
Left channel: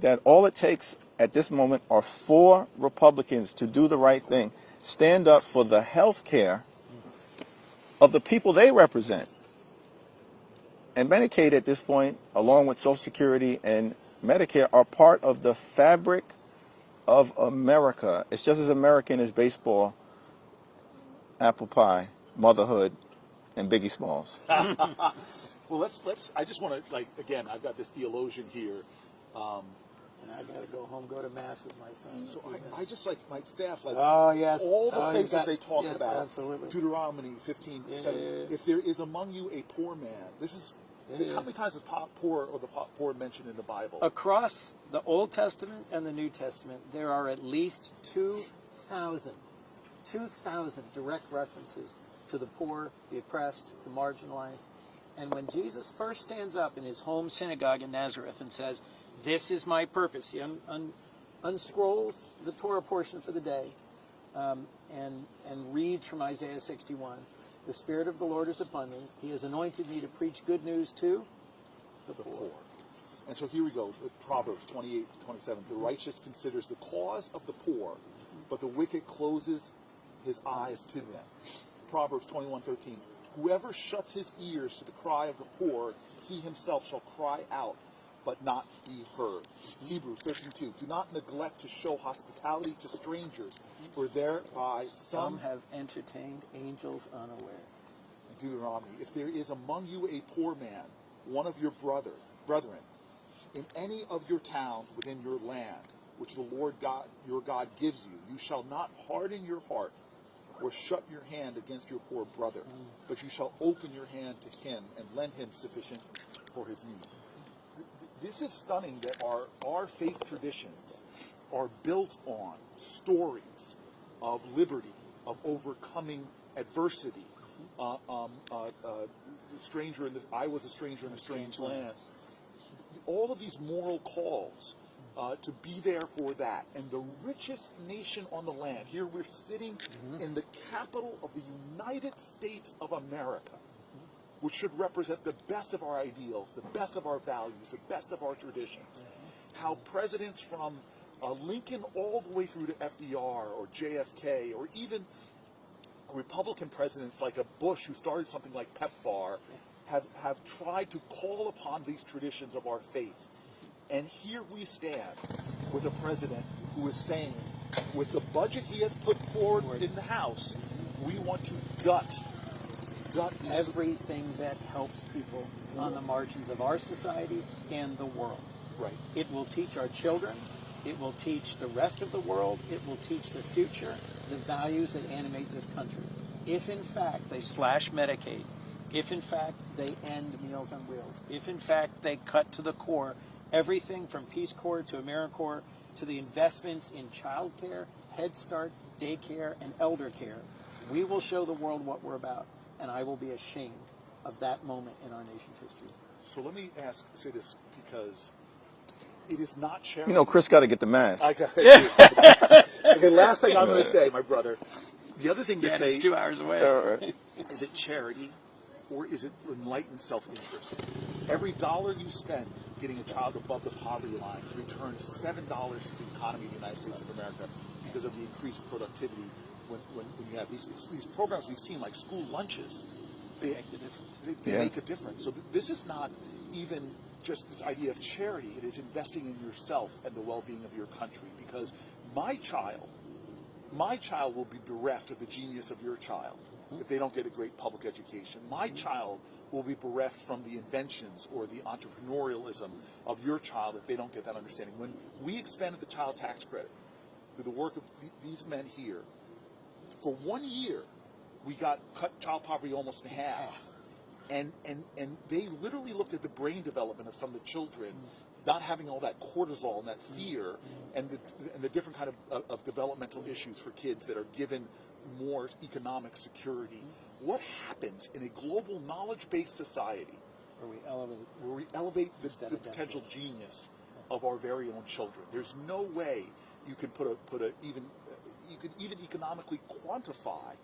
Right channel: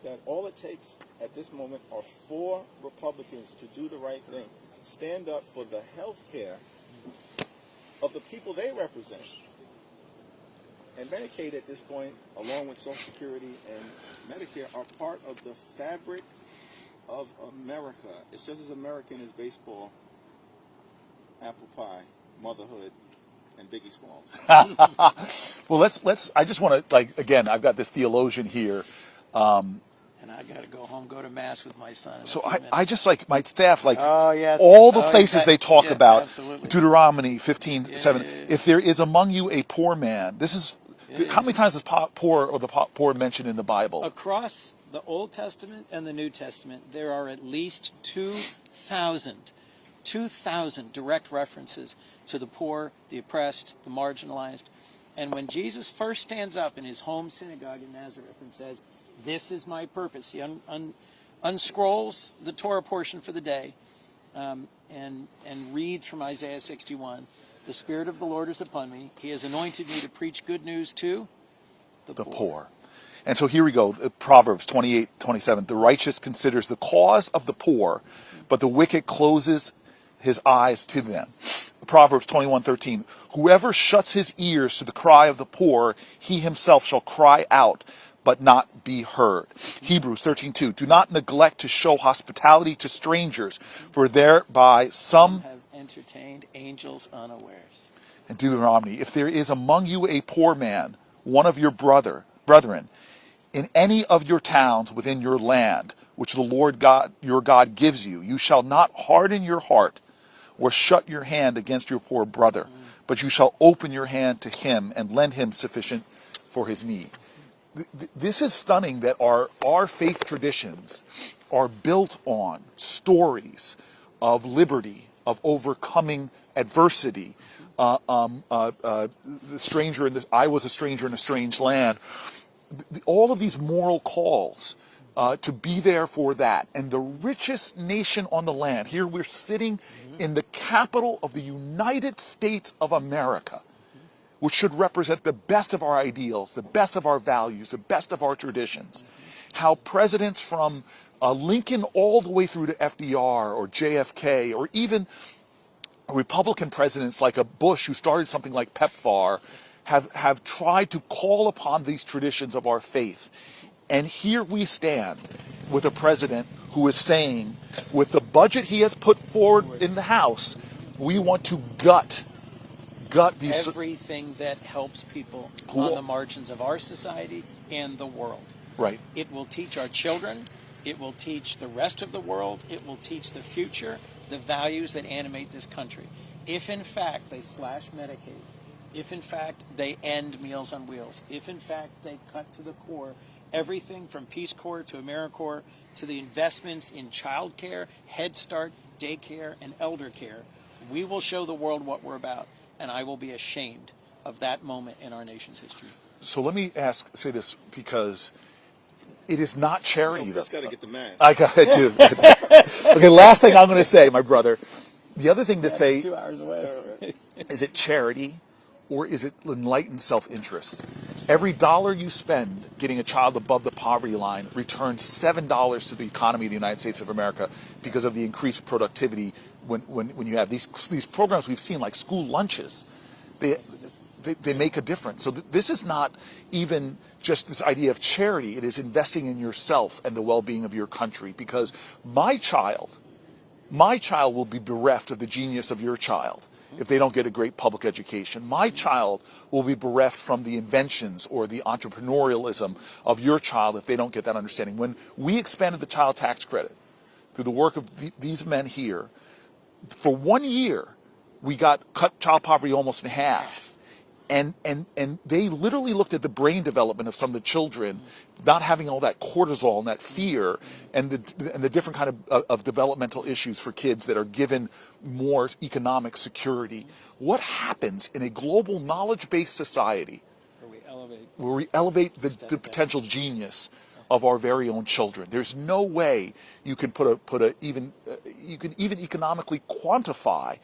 that all it takes at this moment are 4 Republicans to do the right thing, stand up for the health care of the people they represent. And Medicaid at this point, along with Social Security and Medicare, are part of the fabric of America. It's just as American as baseball, apple pie, motherhood, and Biggie Smalls. Well, let's. I just want to, again, I've got this theologian here. And I got to go home, go to mass with my son. So I just my staff, Oh, yes. all the places they talk yeah, about, absolutely. Deuteronomy 15:7. yeah. If there is among you a poor man, this is, how many times is poor or the poor mentioned in the Bible? Across the Old Testament and the New Testament, there are at least 2,000 direct references to the poor, the oppressed, the marginalized. And when Jesus first stands up in his home synagogue in Nazareth and says, "This is my purpose," he unscrolls the Torah portion for the day and reads from Isaiah 61. "The Spirit of the Lord is upon me. He has anointed me to preach good news to the poor." And so here we go, Proverbs 28:27. The righteous considers the cause of the poor, but the wicked closes his eyes to them. Proverbs 21:13. Whoever shuts his ears to the cry of the poor, he himself shall cry out, but not be heard. Hebrews 13:2. Do not neglect to show hospitality to strangers, for thereby some have entertained angels unawares. And Deuteronomy, if there is among you a poor man, one of your brethren, in any of your towns within your land, which the Lord God, your God gives you, you shall not harden your heart or shut your hand against your poor brother, but you shall open your hand to him and lend him sufficient for his need. This is stunning that our faith traditions are built on stories of liberty, of overcoming adversity. The stranger I was a stranger in a strange land. All of these moral calls to be there for that. And the richest nation on the land, here we're sitting in the capital of the United States of America, which should represent the best of our ideals, the best of our values, the best of our traditions. How presidents from Lincoln all the way through to FDR or JFK, or even Republican presidents like a Bush who started something like PEPFAR, have tried to call upon these traditions of our faith. And here we stand with a president who is saying, with the budget he has put forward in the House, We want to gut these. Everything that helps people on the margins of our society and the world. Right. It will teach our children. It will teach the rest of the world. It will teach the future the values that animate this country. If in fact they slash Medicaid, if in fact they end Meals on Wheels, if in fact they cut to the core everything from Peace Corps to AmeriCorps to the investments in child care, Head Start, daycare, and elder care, we will show the world what we're about, and I will be ashamed of that moment in our nation's history. So let me say this, because it is not charity. You know, Chris got to get the mask. I got it too. Okay, last thing I'm going to say, my brother. The other thing that It's 2 hours away. is it charity or is it enlightened self-interest? Every dollar you spend getting a child above the poverty line returns $7 to the economy of the United States of America because of the increased productivity when you have these programs we've seen, like school lunches. They make a difference. So this is not even just this idea of charity. It is investing in yourself and the well-being of your country, because my child will be bereft of the genius of your child if they don't get a great public education. My child will be bereft from the inventions or the entrepreneurialism of your child if they don't get that understanding. When we expanded the child tax credit through the work of these men here, for 1 year, we cut child poverty almost in half. And they literally looked at the brain development of some of the children, not having all that cortisol and that fear, and the different kind of developmental issues for kids that are given more economic security. What happens in a global knowledge-based society where we elevate the potential genius of our very own children? There's no way you can you can even economically quantify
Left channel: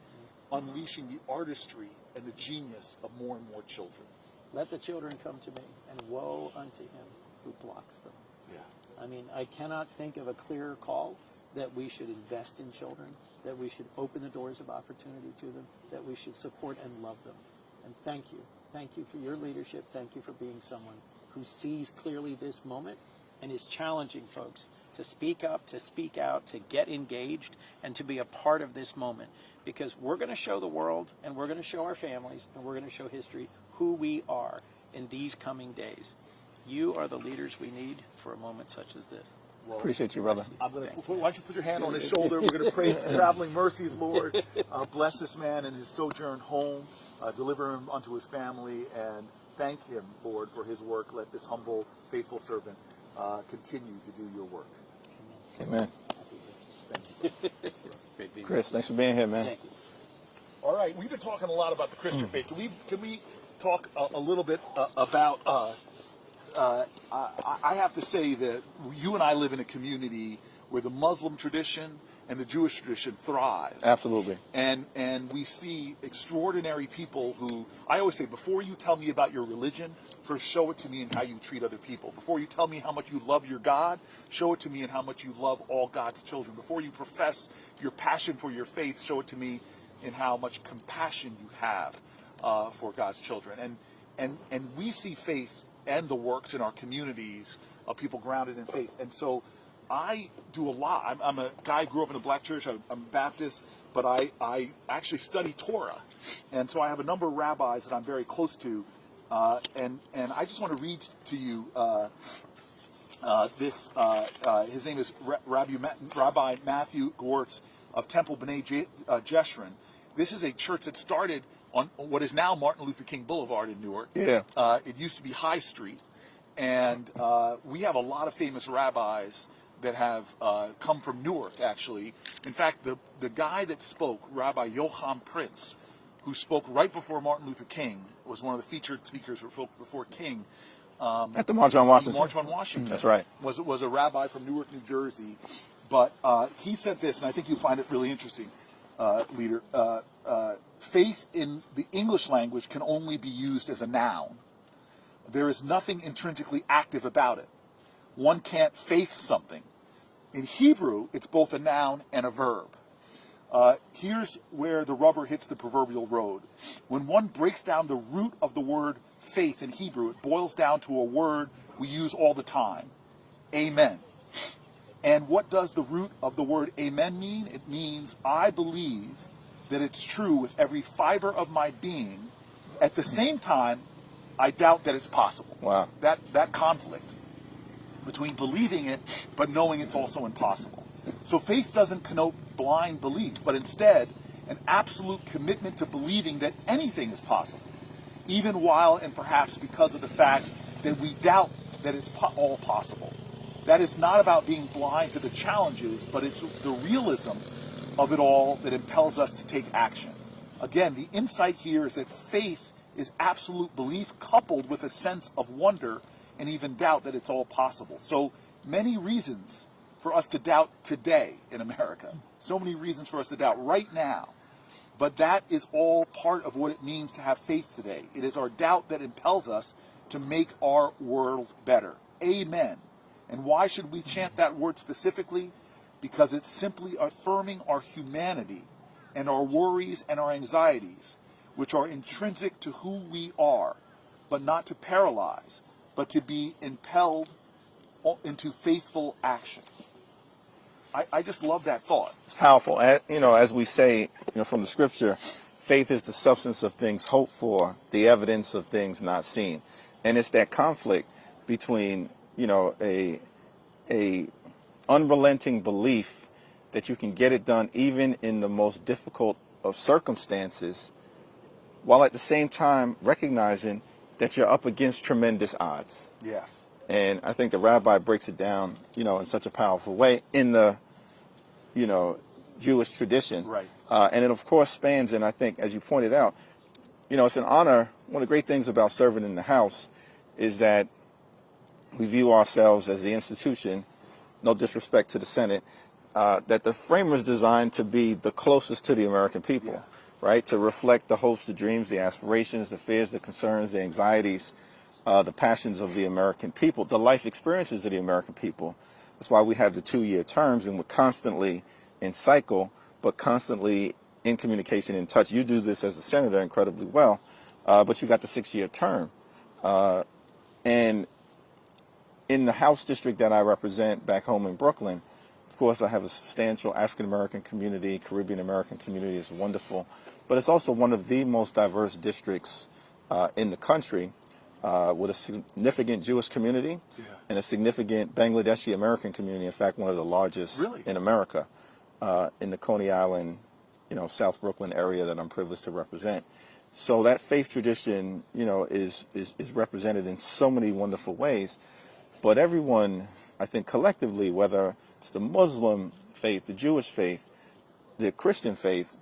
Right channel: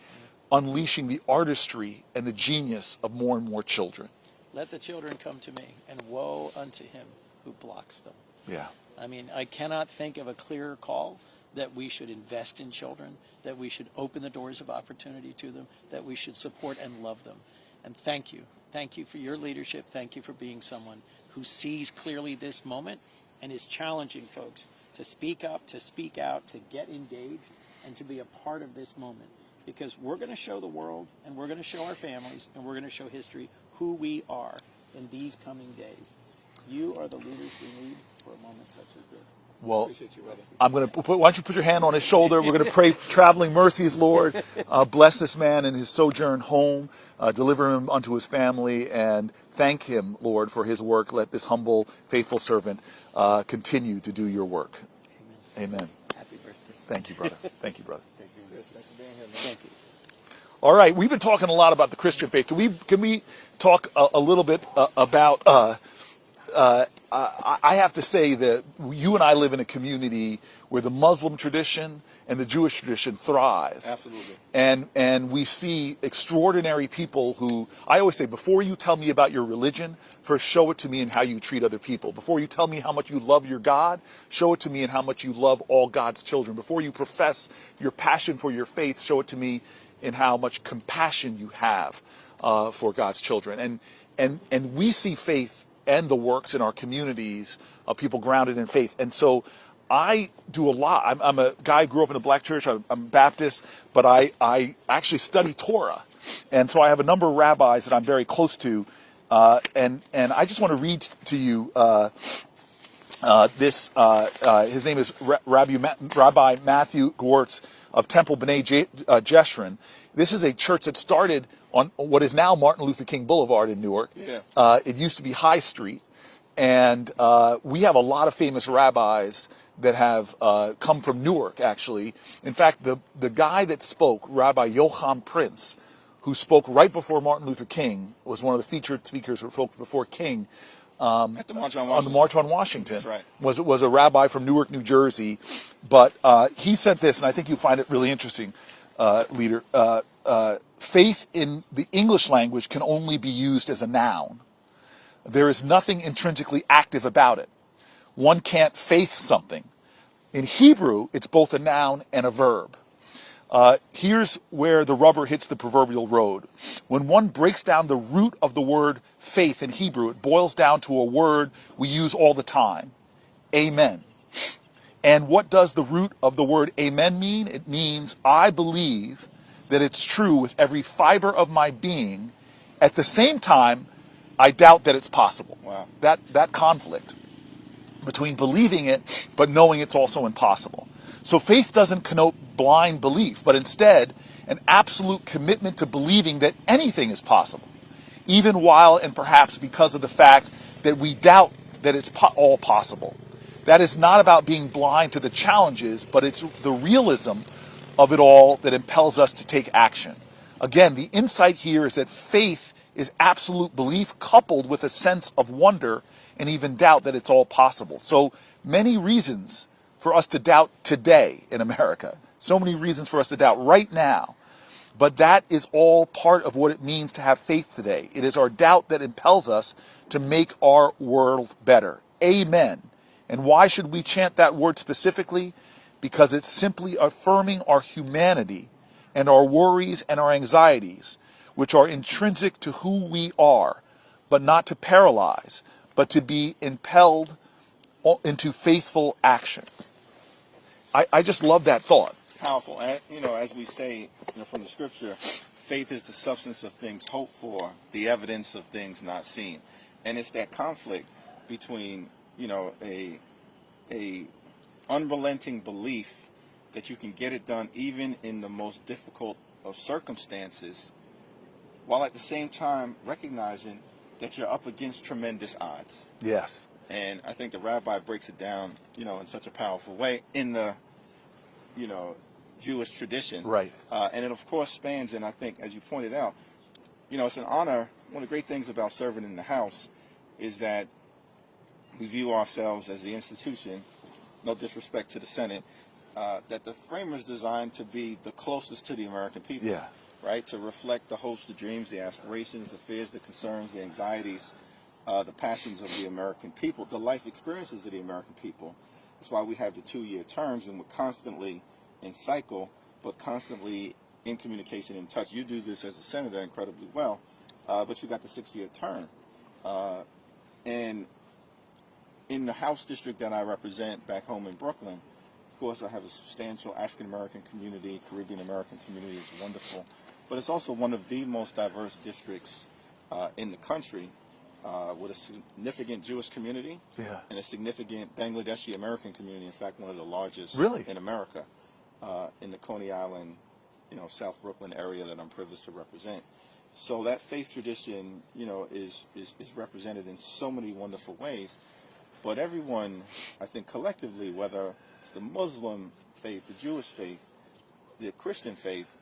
unleashing the artistry and the genius of more and more children. Let the children come to me, and woe unto him who blocks them. Yeah. I mean, I cannot think of a clearer call that we should invest in children, that we should open the doors of opportunity to them, that we should support and love them. And thank you. Thank you for your leadership. Thank you for being someone who sees clearly this moment and is challenging folks to speak up, to speak out, to get engaged, and to be a part of this moment. Because we're going to show the world, and we're going to show our families, and we're going to show history who we are in these coming days. You are the leaders we need for a moment such as this. Well, appreciate you, brother. I'm going to why don't you put your hand on his shoulder? We're going to pray for traveling mercies, Lord. Bless this man in his sojourn home. Deliver him unto his family, and thank him, Lord, for his work. Let this humble, faithful servant continue to do your work. Amen. Happy birthday. Thank you, brother. Thank you, brother. Chris, thanks for being here, man. Thank you. All right, we've been talking a lot about the Christian faith. Can we talk a little bit about? I have to say that you and I live in a community where the Muslim tradition and the Jewish tradition thrive. Absolutely. And we see extraordinary people who, I always say, before you tell me about your religion, first show it to me in how you treat other people. Before you tell me how much you love your God, show it to me in how much you love all God's children. Before you profess your passion for your faith, show it to me in how much compassion you have for God's children. And we see faith and the works in our communities of people grounded in faith. And so I do a lot. I'm a guy who grew up in a black church. I'm Baptist, but I actually study Torah. And so I have a number of rabbis that I'm very close to. And I just want to read to you this. His name is Rabbi Matthew Gwartz of Temple B'nai Jeshurun. This is a church that started on what is now Martin Luther King Boulevard in Newark. Yeah. It used to be High Street. And we have a lot of famous rabbis that have come from Newark, actually. In fact, the guy that spoke, Rabbi Yocham Prince, who spoke right before Martin Luther King, was one of the featured speakers who spoke before King. At the March on Washington. The March on Washington. That's right. Was a rabbi from Newark, New Jersey. But he said this, and I think you'll find it really interesting, leader. Faith in the English language can only be used as a noun. There is nothing intrinsically active about it. One can't faith something. In Hebrew, it's both a noun and a verb. Here's where the rubber hits the proverbial road. When one breaks down the root of the word faith in Hebrew, it boils down to a word we use all the time, amen. And what does the root of the word amen mean? It means I believe that it's true with every fiber of my being. At the same time, I doubt that it's possible. Wow. That conflict between believing it but knowing it's also impossible. So faith doesn't connote blind belief, but instead an absolute commitment to believing that anything is possible, even while and perhaps because of the fact that we doubt that it's all possible. That is not about being blind to the challenges, but it's the realism of it all that impels us to take action. Again, the insight here is that faith is absolute belief coupled with a sense of wonder and even doubt that it's all possible. So many reasons for us to doubt today in America. So many reasons for us to doubt right now. But that is all part of what it means to have faith today. It is our doubt that impels us to make our world better. Amen. And why should we chant that word specifically? Because it's simply affirming our humanity and our worries and our anxieties, which are intrinsic to who we are, but not to paralyze, but to be impelled into faithful action. I just love that thought. It's powerful. As we say, from the scripture, faith is the substance of things hoped for, the evidence of things not seen. And it's that conflict between, a unrelenting belief that you can get it done even in the most difficult of circumstances, while at the same time recognizing that you're up against tremendous odds. Yes. And I think the rabbi breaks it down, in such a powerful way in the, Jewish tradition. Right. And it, of course, spans, and I think, as you pointed out, it's an honor. One of the great things about serving in the House is that we view ourselves as the institution, no disrespect to the Senate, that the framers designed to be the closest to the American people. Yeah. Right? To reflect the hopes, the dreams, the aspirations, the fears, the concerns, the anxieties, the passions of the American people, the life experiences of the American people. That's why we have the 2-year terms, and we're constantly in cycle, but constantly in communication, in touch. You do this as a senator incredibly well, but you got the 6-year term. And in the House district that I represent back home in Brooklyn, of course, I have a substantial African-American community. Caribbean-American community is wonderful. But it's also one of the most diverse districts in the country, with a significant Jewish community and a significant Bangladeshi American community. In fact, one of the largest in America, in the Coney Island, South Brooklyn area that I'm privileged to represent. So that faith tradition, is represented in so many wonderful ways. But everyone, I think collectively, whether it's the Muslim faith, the Jewish faith, the Christian faith,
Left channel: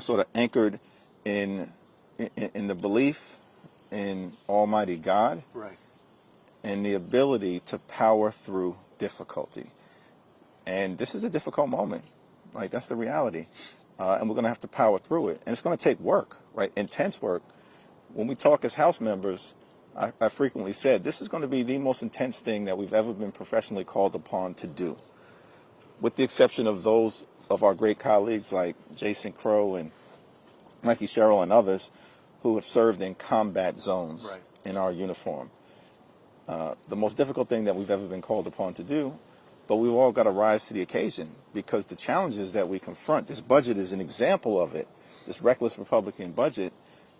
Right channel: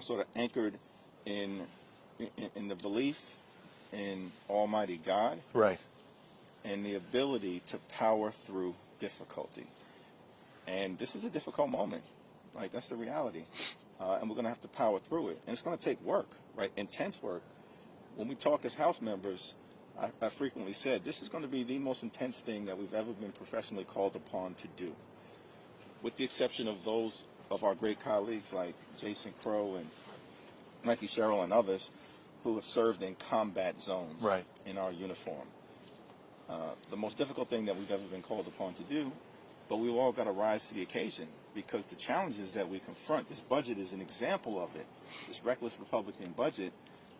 sort of anchored in the belief in Almighty God, Right. and the ability to power through difficulty. And this is a difficult moment. Like, that's the reality. And we're going to have to power through it. And it's going to take work, right? Intense work. When we talk as House members, I frequently said, this is going to be the most intense thing that we've ever been professionally called upon to do. With the exception of those of our great colleagues like Jason Crow and Mikey Sherrill and others who have served in combat zones in our uniform. The most difficult thing that we've ever been called upon to do, but we've all got to rise to the occasion, because the challenges that we confront, this budget is an example of it, this reckless Republican budget,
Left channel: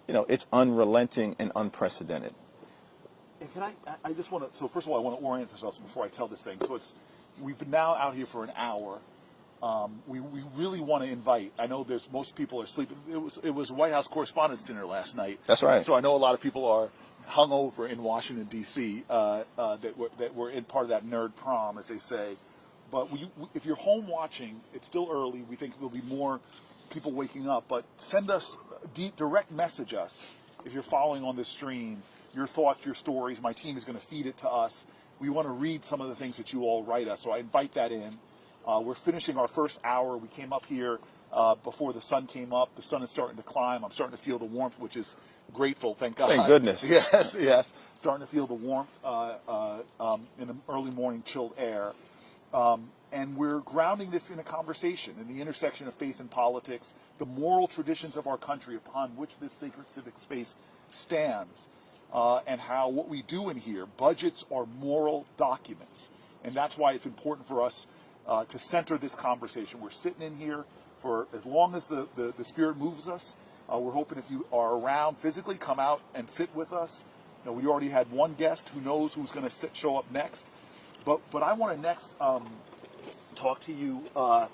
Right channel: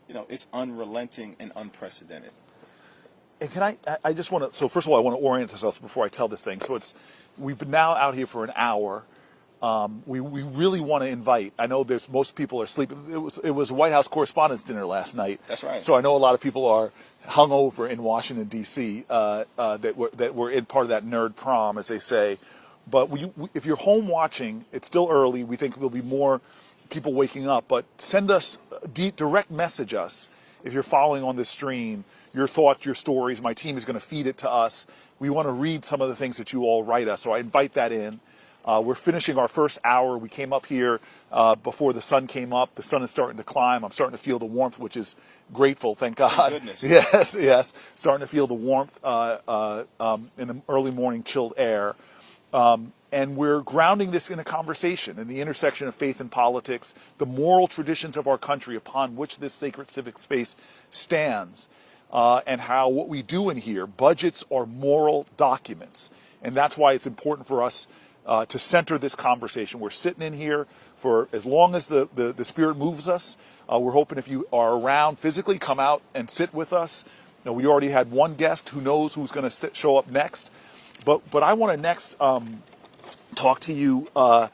it's unrelenting and unprecedented. And can I just want to, so first of all, I want to orient ourselves before I tell this thing. So we've been now out here for an hour. We really want to invite, I know most people are sleeping. It was a White House Correspondents' Dinner last night. That's right. So I know a lot of people are hungover in Washington, D.C., that were in part of that nerd prom, as they say. But if you're home watching, it's still early. We think there'll be more people waking up. But send us, direct message us if you're following on this stream, your thoughts, your stories. My team is going to feed it to us. We want to read some of the things that you all write us. So I invite that in. We're finishing our first hour. We came up here before the sun came up. The sun is starting to climb. I'm starting to feel the warmth, which is grateful, thank God. Thank goodness. Yes. Starting to feel the warmth in the early morning chilled air. And we're grounding this in a conversation in the intersection of faith and politics, the moral traditions of our country upon which this sacred civic space stands, and how what we do in here, budgets are moral documents. And that's why it's important for us to center this conversation. We're sitting in here for as long as the Spirit moves us. We're hoping if you are around physically, come out and sit with us. You know, we already had one guest. Who knows who's going to show up next? But I want to next talk to you about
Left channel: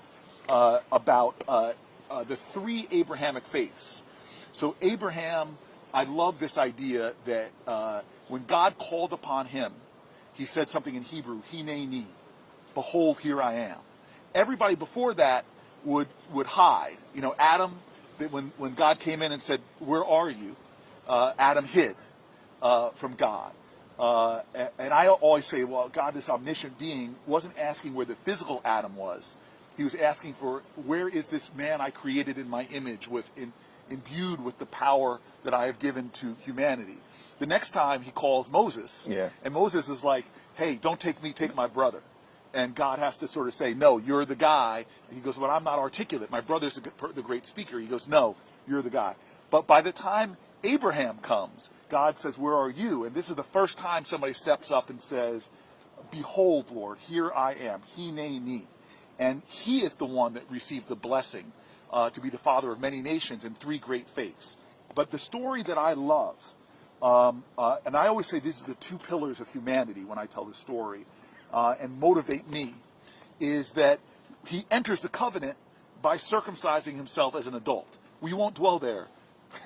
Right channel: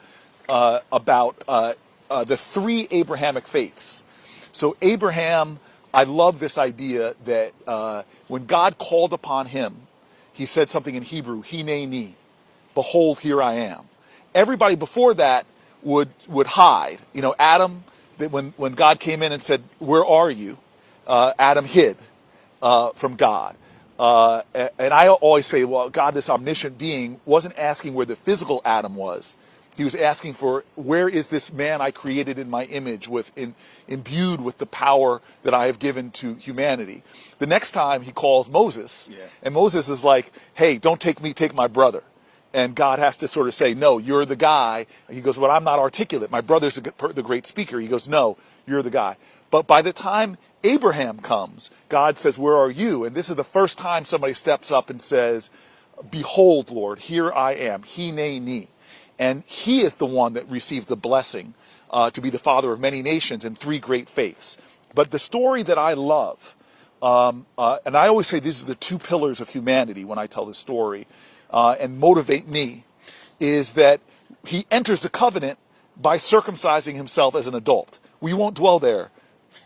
the three Abrahamic faiths. So Abraham, I love this idea that when God called upon him, he said something in Hebrew, hineni, behold, here I am. Everybody before that would hide. You know, Adam, when God came in and said, where are you? Adam hid from God. And I always say, well, God, this omniscient being, wasn't asking where the physical Adam was. He was asking for, where is this man I created in my image, imbued with the power that I have given to humanity? The next time he calls Moses, and Moses is like, hey, don't take me, take my brother. And God has to sort of say, no, you're the guy. He goes, well, I'm not articulate. My brother's the great speaker. He goes, no, you're the guy. But by the time Abraham comes, God says, where are you? And this is the first time somebody steps up and says, behold, Lord, here I am, hineni. And he is the one that received the blessing to be the father of many nations and three great faiths. But the story that I love, and I always say these are the two pillars of humanity when I tell this story, and motivate me, is that he enters the covenant by circumcising himself as an adult. We won't dwell there.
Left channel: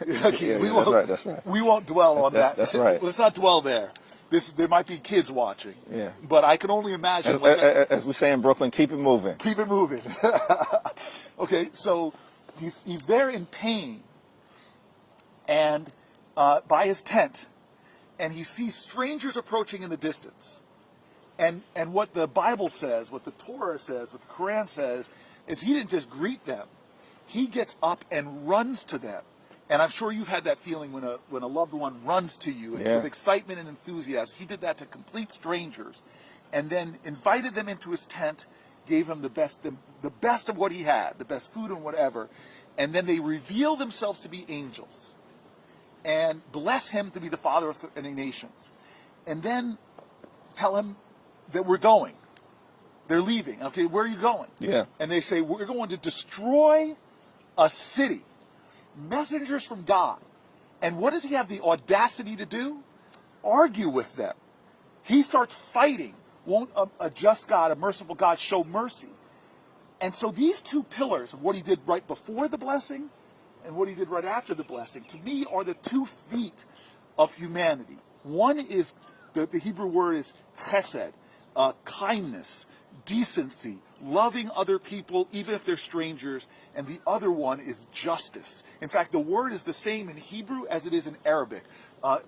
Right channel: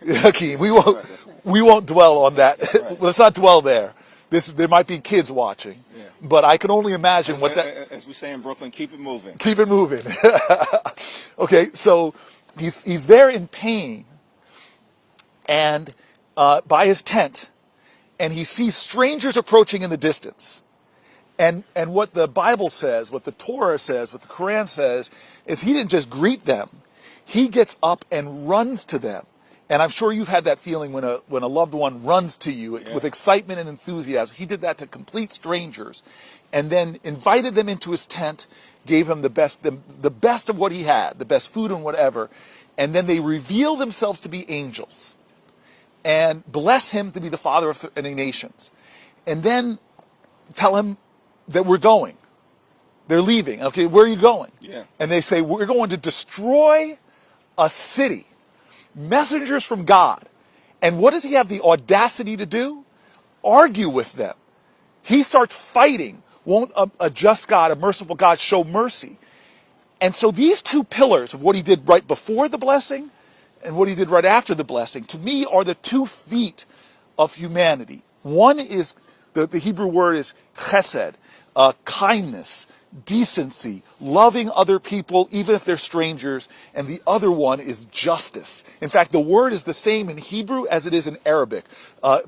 Hakeem, we won't dwell on that. That's right. Let's not dwell there. There might be kids watching. Yeah. But I can only imagine as we say in Brooklyn, keep it moving. Keep it moving. Okay, so he's there in pain, and by his tent, and he sees strangers approaching in the distance. And what the Bible says, what the Torah says, what the Quran says, is he didn't just greet them. He gets up and runs to them. And I'm sure you've had that feeling when a loved one runs to you with excitement and enthusiasm. He did that to complete strangers, and then invited them into his tent, gave him the best of what he had, the best food and whatever, and then they reveal themselves to be angels, and bless him to be the father of many nations, and then tell him that we're going. They're leaving. Okay, where are you going? Yeah. And they say, we're going to destroy a city. Messengers from God. And what does he have the audacity to do? Argue with them. He starts fighting. Won't a just God, a merciful God, show mercy? And so these two pillars of what he did right before the blessing and what he did right after the blessing, to me, are the 2 feet of humanity. One is, the Hebrew word is chesed, kindness, decency, loving other people, even if they're strangers, and the other one is justice. In fact, the word is the same in Hebrew as it is in Arabic,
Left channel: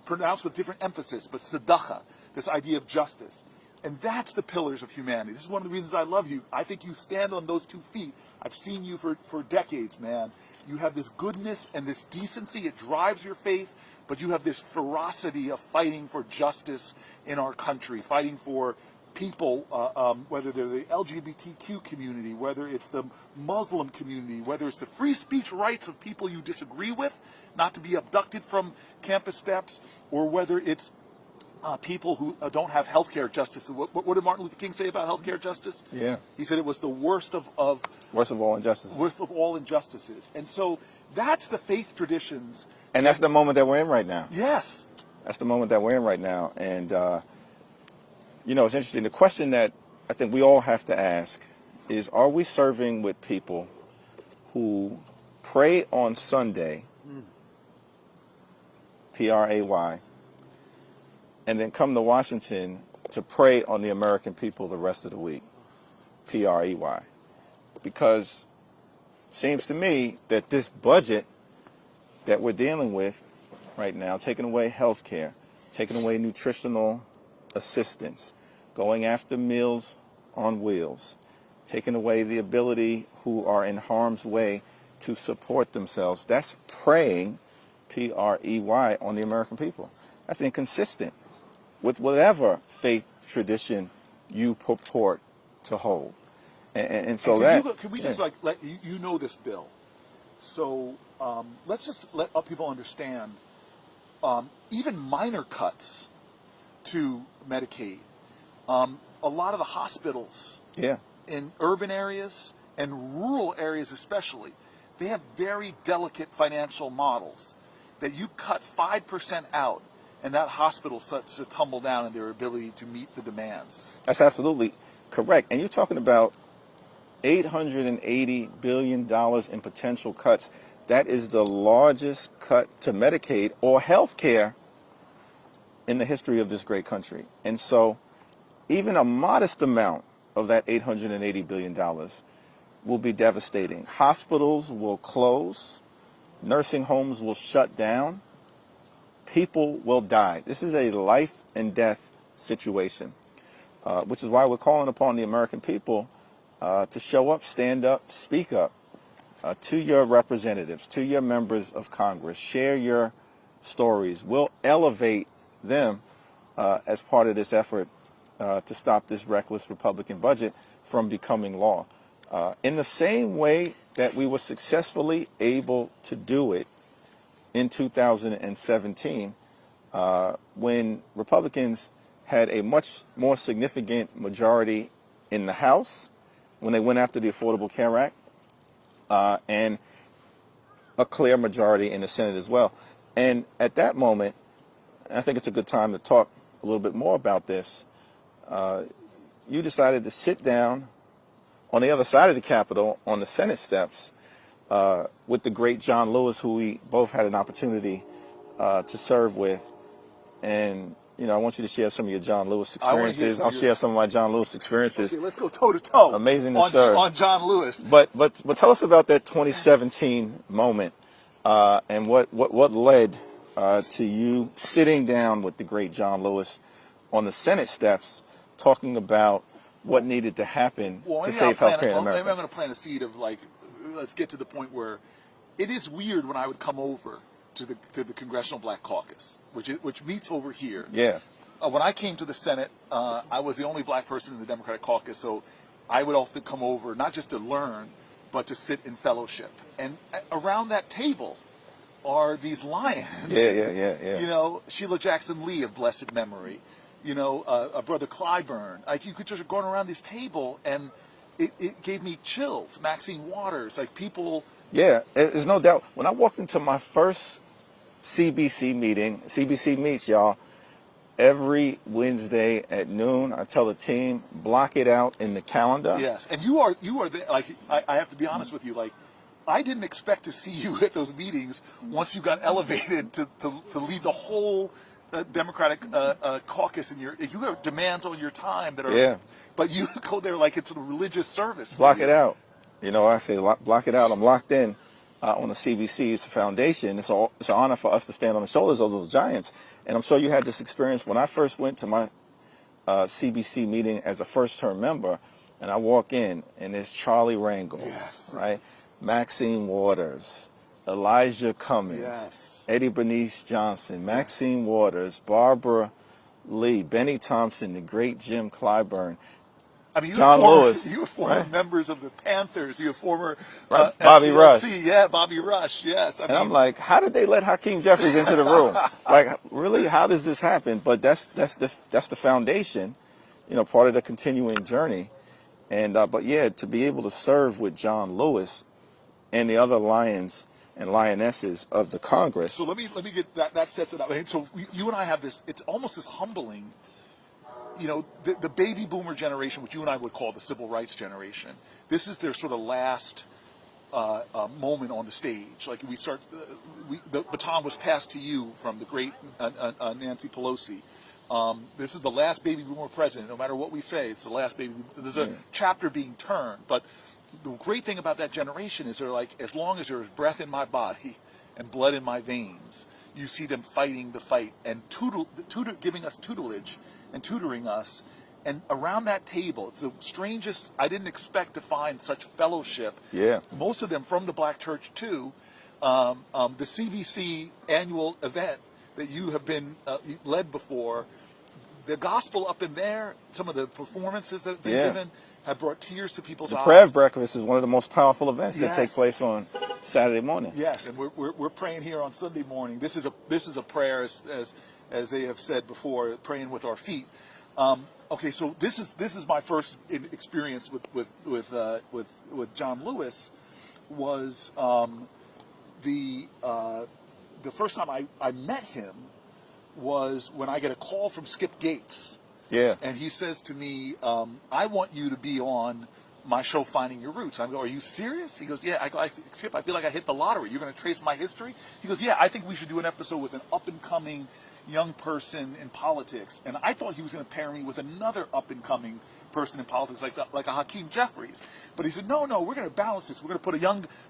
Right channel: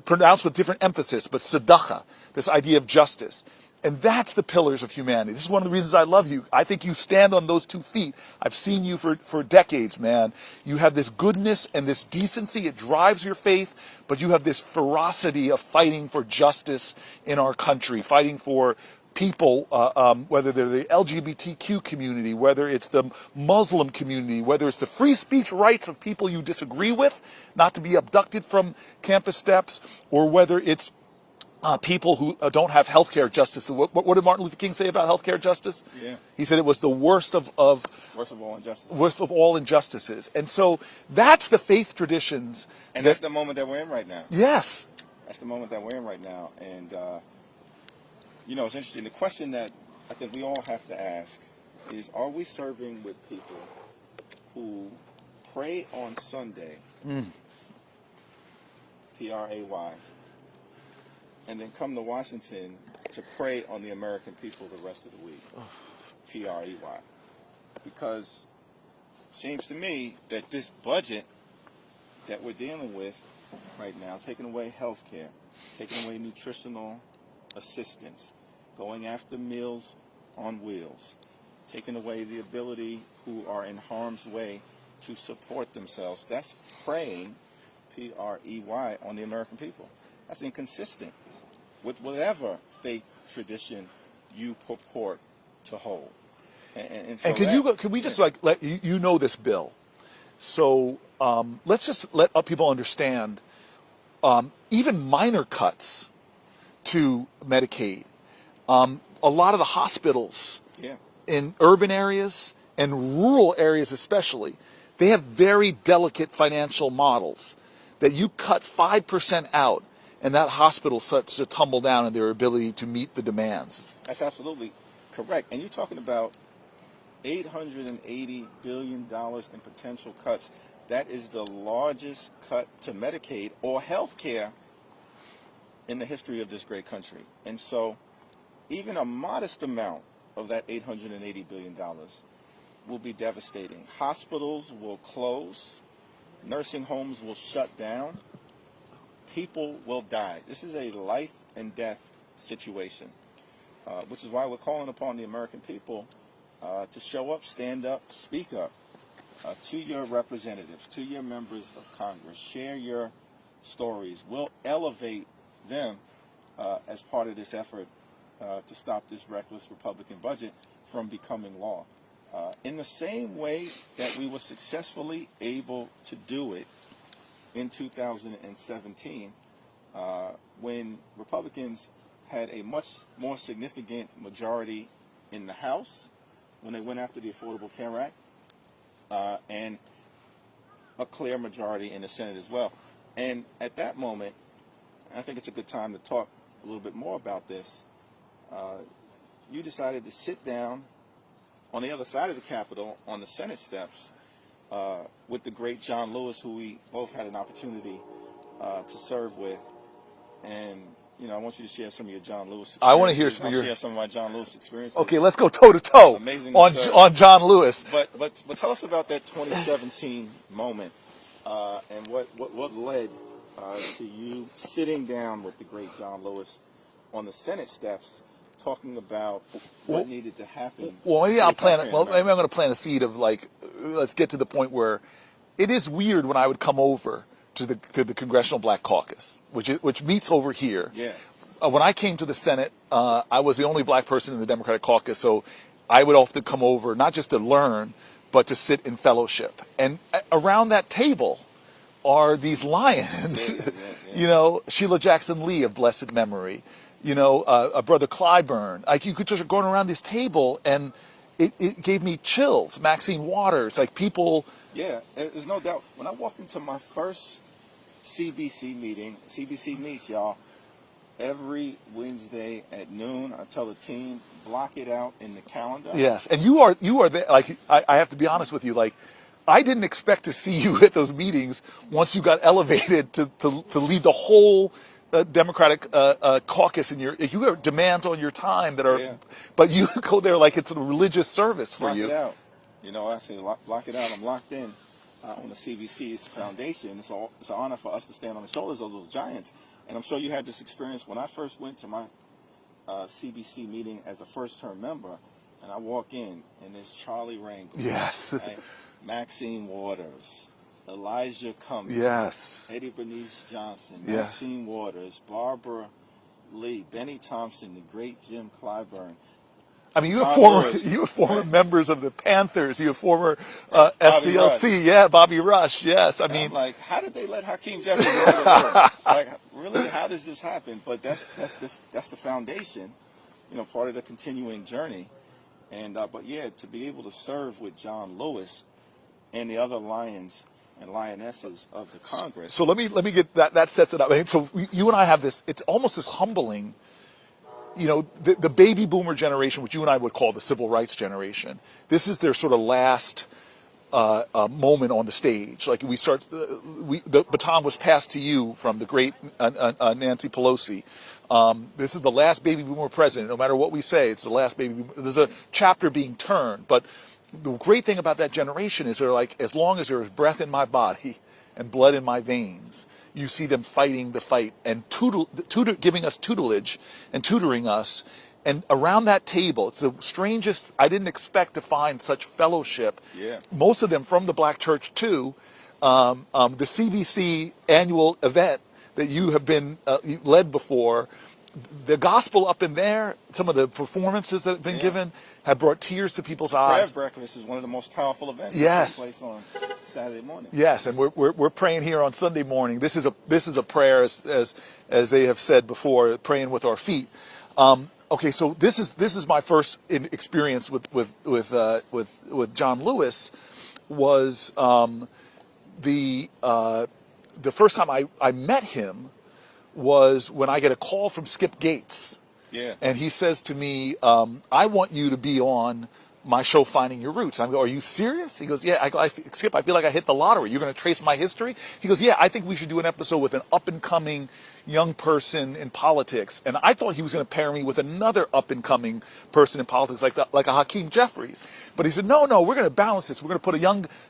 pronounced with different emphasis, but tzedakah, this idea of justice. And that's the pillars of humanity. This is one of the reasons I love you. I think you stand on those 2 feet. I've seen you for decades, man. You have this goodness and this decency. It drives your faith, but you have this ferocity of fighting for justice in our country, fighting for people, whether they're the LGBTQ community, whether it's the Muslim community, whether it's the free speech rights of people you disagree with, not to be abducted from campus steps, or whether it's people who don't have healthcare justice. What did Martin Luther King say about healthcare justice? Yeah. He said it was the worst of worst of all injustices. Worst of all injustices. And so that's the faith traditions. And that's the moment that we're in right now. Yes. That's the moment that we're in right now. And you know, it's interesting. The question that I think we all have to ask is, are we serving with people who pray on Sunday, P-R-A-Y, and then come to Washington to pray on the American people the rest of the week, P-R-E-Y? Because it seems to me that this budget that we're dealing with right now, taking away health care, taking away nutritional assistance, going after Meals on Wheels, taking away the ability who are in harm's way to support themselves. That's preying, P-R-E-Y, on the American people. That's inconsistent with whatever faith tradition you purport to hold. And so can we just like let you know this bill? So let's just let people understand. Even minor cuts to Medicaid. A lot of the hospitals in urban areas and rural areas especially, they have very delicate financial models that you cut 5% out and that hospital starts to tumble down in their ability to meet the demands. That's absolutely correct. And you're talking about $880 billion in potential cuts. That is the largest cut to Medicaid or health care in the history of this great country. And so even a modest amount of that $880 billion will be devastating. Hospitals will close. Nursing homes will shut down. People will die. This is a life and death situation, which is why we're calling upon the American people to show up, stand up, speak up to your representatives, to your members of Congress. Share your stories. We'll elevate them as part of this effort to stop this reckless Republican budget from becoming law. In the same way that we were successfully able to do it in 2017, when Republicans had a much more significant majority in the House, when they went after the Affordable Care Act, and a clear majority in the Senate as well. And at that moment, I think it's a good time to talk a little bit more about this, you decided to sit down on the other side of the Capitol on the Senate steps with the great John Lewis, who we both had an opportunity to serve with. And, you know, I want you to share some of your John Lewis experiences. I want to hear some. I'll share some of my John Lewis experiences. Okay, let's go toe to toe. Amazing to on, serve. on John Lewis. But tell us about that 2017 moment and what led to you sitting down with the great John Lewis on the Senate steps, talking about what needed to happen to save healthcare in America. Maybe I'm going to plant a seed of, like, let's get to the point where it is weird when I would come over to the Congressional Black Caucus, which meets over here. Yeah. When I came to the Senate, I was the only black person in the Democratic caucus, so I would often come over not just to learn, but to sit in fellowship. And around that table are these lions. Yeah. You know, Sheila Jackson Lee of blessed memory. You know, Brother Clyburn. Like, you could just going around this table, and it gave me chills. Maxine Waters, like people. Yeah, there's no doubt. When I walked into my first CBC meeting, CBC meets, y'all, every Wednesday at noon. I tell the team, block it out in the calendar. Yes, and you are there. Like, I have to be honest with you. Like, I didn't expect to see you at those meetings once you got elevated to lead the whole Democratic caucus. And you have demands on your time that are. Yeah. But you go there like it's a religious service. Block it out. You know, I say block it out. I'm locked in on the CBC's foundation. It's an honor for us to stand on the shoulders of those giants. And I'm sure you had this experience when I first went to my CBC meeting as a first-term member, and I walk in, and there's Charlie Rangel, yes, right? Maxine Waters, Elijah Cummings, yes, Eddie Bernice Johnson, Maxine Waters, Barbara Lee, Benny Thompson, the great Jim Clyburn. I mean, you were former members of the Panthers. You were former Bobby SCLC. Rush. Yeah, Bobby Rush. Yes, I mean, I'm like, how did they let Hakeem Jefferies into the room? Like, really, how does this happen? But that's the foundation, you know, part of the continuing journey. And but yeah, to be able to serve with John Lewis and the other lions and lionesses of the Congress. So let me get that. That sets it up. I mean, so you and I have this. It's almost this humbling. You know, the baby boomer generation, which you and I would call the civil rights generation, this is their sort of last moment on the stage. Like, the baton was passed to you from the great Nancy Pelosi. This is the last baby boomer president. No matter what we say, it's the last baby boomer. There's a chapter being turned. But the great thing about that generation is they're like, as long as there is breath in my body and blood in my veins, you see them fighting the fight and giving us tutelage and tutoring us. And around that table, it's the strangest. I didn't expect to find such fellowship. Yeah. Most of them from the Black church too. The CBC annual event that you have been led before, the gospel up in there, some of the performances that have been given have brought tears to people's eyes. The prayer breakfast is one of the most powerful events that takes place on Saturday morning. Yes, and we're praying here on Sunday morning. This is a prayer, as they have said before, praying with our feet. Okay, so this is my first experience with John Lewis. Was the first time I met him was when I get a call from Skip Gates. Yeah. And he says to me, I want you to be on my show, Finding Your Roots. I go, are you serious? He goes, yeah. I go, Skip, I feel like I hit the lottery. You're going to trace my history? He goes, yeah, I think we should do an episode with an up-and-coming young person in politics. And I thought he was going to pair me with another up-and-coming person in politics, like a Hakeem Jefferies. But he said, no, we're going to balance this. We're going to put a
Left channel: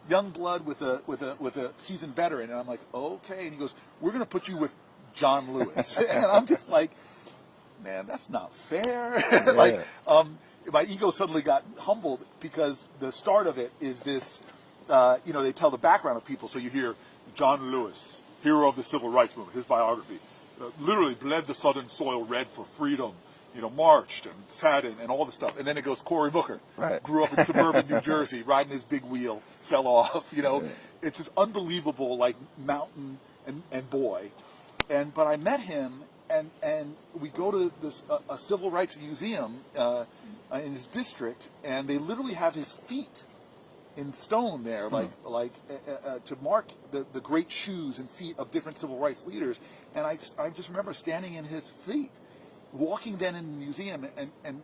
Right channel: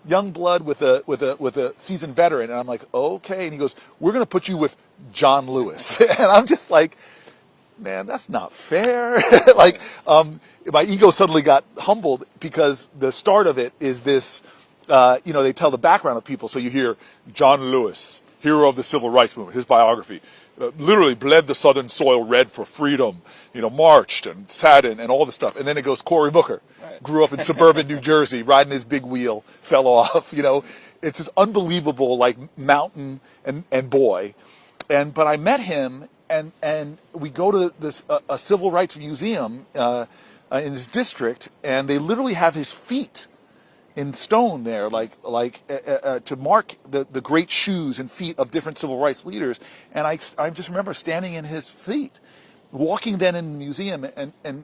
young blood with a seasoned veteran. And I'm like, okay. And he goes, we're going to put you with John Lewis. And I'm just like, man, that's not fair. Like, my ego suddenly got humbled because the start of it is this, they tell the background of people. So you hear John Lewis, hero of the Civil Rights Movement, his biography, literally bled the Southern soil red for freedom, marched and sat in and all this stuff. And then it goes Cory Booker, right. Grew up in suburban New Jersey, riding his big wheel, fell off, It's this unbelievable, like, mountain and boy. But I met him, and we go to this a civil rights museum in his district, and they literally have his feet in stone there, to mark the great shoes and feet of different civil rights leaders. And I just remember standing in his feet, walking then in the museum, and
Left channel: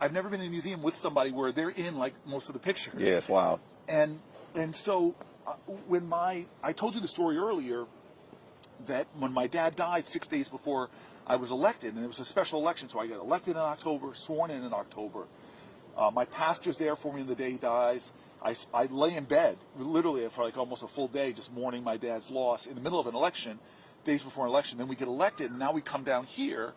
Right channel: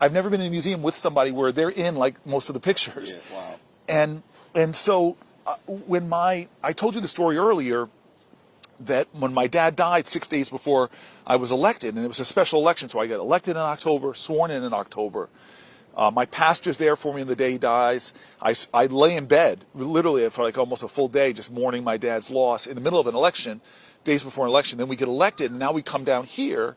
I've never been in a museum with somebody where they're in like most of the pictures. Yes, wow. And so when I told you the story earlier, that when my dad died 6 days before I was elected, and it was a special election, so I got elected in October, sworn in October. My pastor's there for me on the day he dies. I lay in bed, literally for like almost a full day, just mourning my dad's loss in the middle of an election, days before an election. Then we get elected, and now we come down here,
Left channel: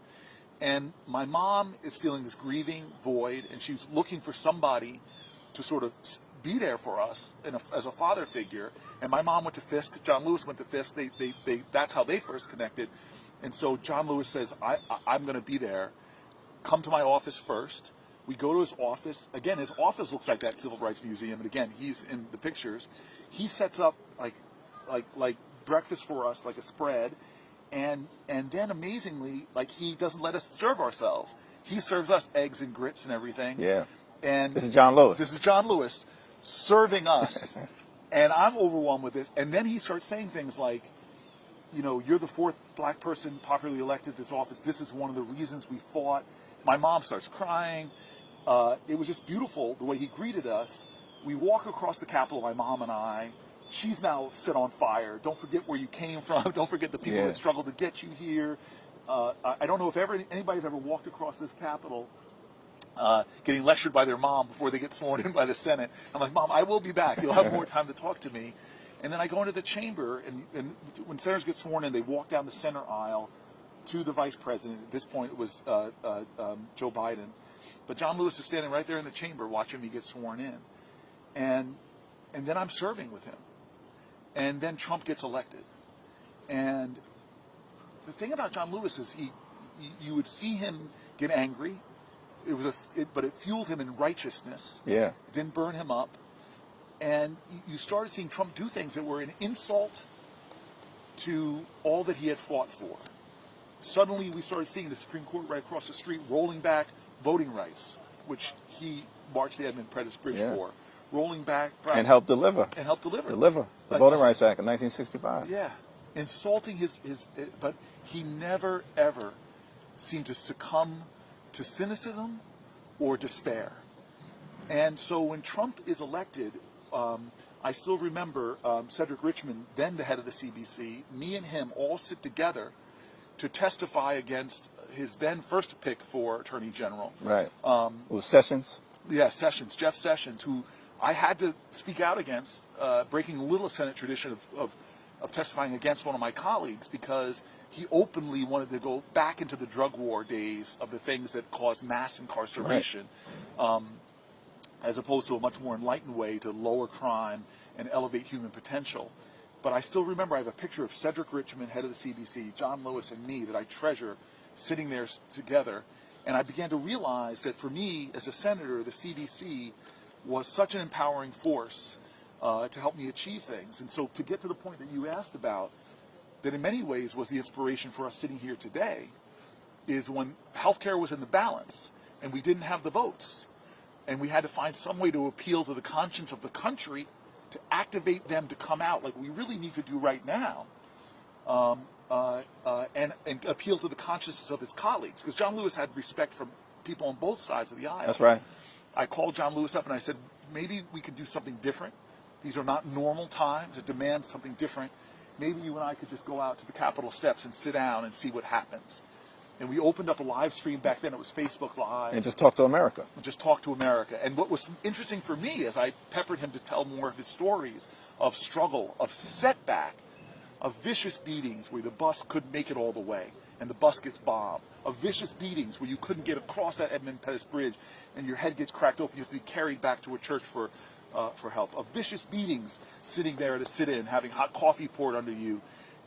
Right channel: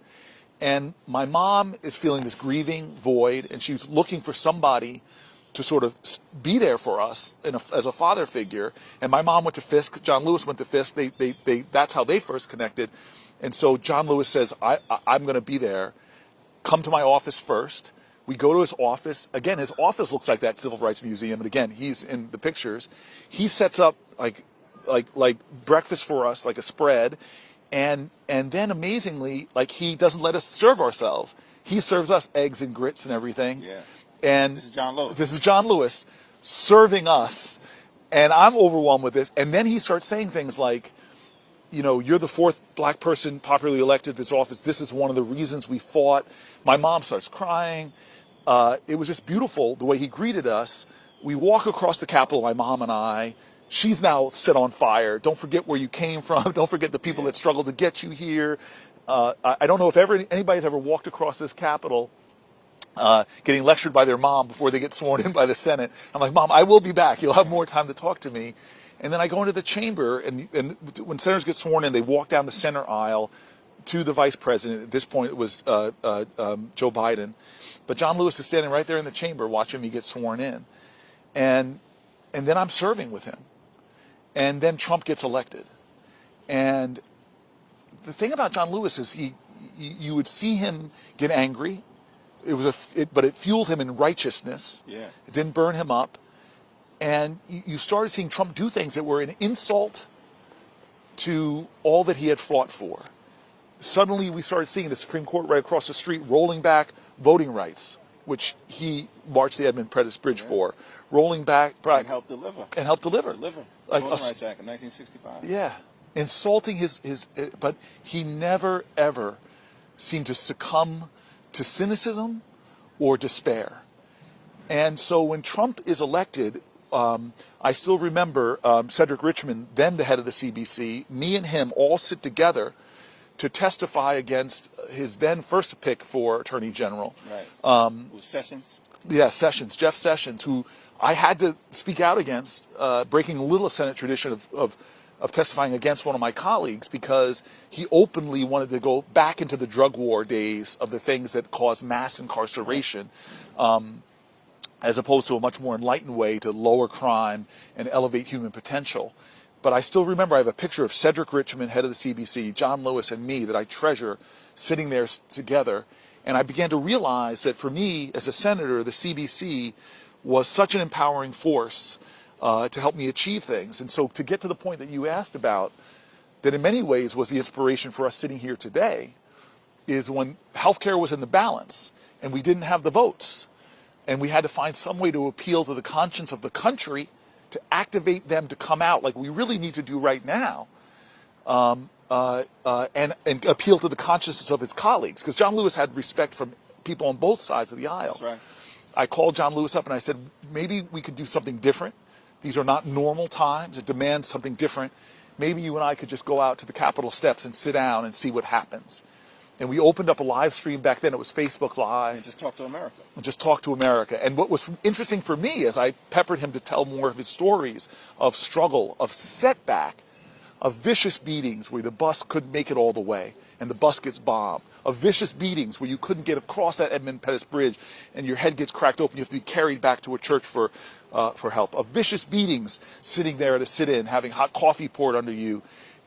and my mom is feeling this grieving void, and she's looking for somebody to sort of be there for us as a father figure. And my mom went to Fisk. John Lewis went to Fisk. They that's how they first connected. And so John Lewis says, I'm going to be there. Come to my office first. We go to his office. Again, his office looks like that Civil Rights Museum. And again, he's in the pictures. He sets up like breakfast for us, like a spread. And then amazingly, like, he doesn't let us serve ourselves. He serves us eggs and grits and everything. Yeah. And this is John Lewis. This is John Lewis serving us. And I'm overwhelmed with this. And then he starts saying things like, you're the fourth black person popularly elected to this office. This is one of the reasons we fought. My mom starts crying. It was just beautiful the way he greeted us. We walk across the Capitol, my mom and I. She's now set on fire. Don't forget where you came from. Don't forget the people that struggled to get you here. I don't know if anybody's ever walked across this Capitol getting lectured by their mom before they get sworn in by the Senate. I'm like, Mom, I will be back. You'll have more time to talk to me. And then I go into the chamber, and when senators get sworn in, they walk down the center aisle to the vice president. At this point, it was Joe Biden. But John Lewis is standing right there in the chamber watching me get sworn in. And then I'm serving with him. And then Trump gets elected. And the thing about John Lewis is you would see him get angry. But it fueled him in righteousness. Yeah. It didn't burn him up. And you started seeing Trump do things that were an insult to all that he had fought for. Suddenly, we started seeing the Supreme Court right across the street rolling back voting rights, which he marched the Edmund Pettus Bridge for. Rolling back. And helped deliver. And helped deliver. The Voting Rights Act in 1965. Yeah. Insulting but he never, ever seemed to succumb to cynicism or despair. And so when Trump is elected, I still remember Cedric Richmond, then the head of the CBC, me and him all sit together to testify against his then first pick for Attorney General. Right. It was Sessions? Yeah, Sessions, Jeff Sessions, who I had to speak out against, breaking a little Senate tradition of testifying against one of my colleagues, because he openly wanted to go back into the drug war days of the things that caused mass incarceration, as opposed to a much more enlightened way to lower crime and elevate human potential. But I still remember, I have a picture of Cedric Richmond, head of the CBC, John Lewis, and me that I treasure sitting there together. And I began to realize that for me, as a senator, the CBC was such an empowering force to help me achieve things. And so to get to the point that you asked about, that in many ways was the inspiration for us sitting here today, is when healthcare was in the balance and we didn't have the votes, and we had to find some way to appeal to the conscience of the country to activate them to come out, like we really need to do right now, and appeal to the consciences of his colleagues. Because John Lewis had respect from people on both sides of the aisle. That's right. I called John Lewis up and I said, maybe we could do something different. These are not normal times. It demands something different. Maybe you and I could just go out to the Capitol steps and sit down and see what happens. And we opened up a live stream back then. It was Facebook Live. And just talk to America. And just talk to America. And what was interesting for me is I peppered him to tell more of his stories of struggle, of setback, of vicious beatings where the bus couldn't make it all the way and the bus gets bombed, of vicious beatings where you couldn't get across that Edmund Pettus Bridge and your head gets cracked open. You have to be carried back to a church for help, of vicious beatings sitting there at a sit-in, having hot coffee poured under you.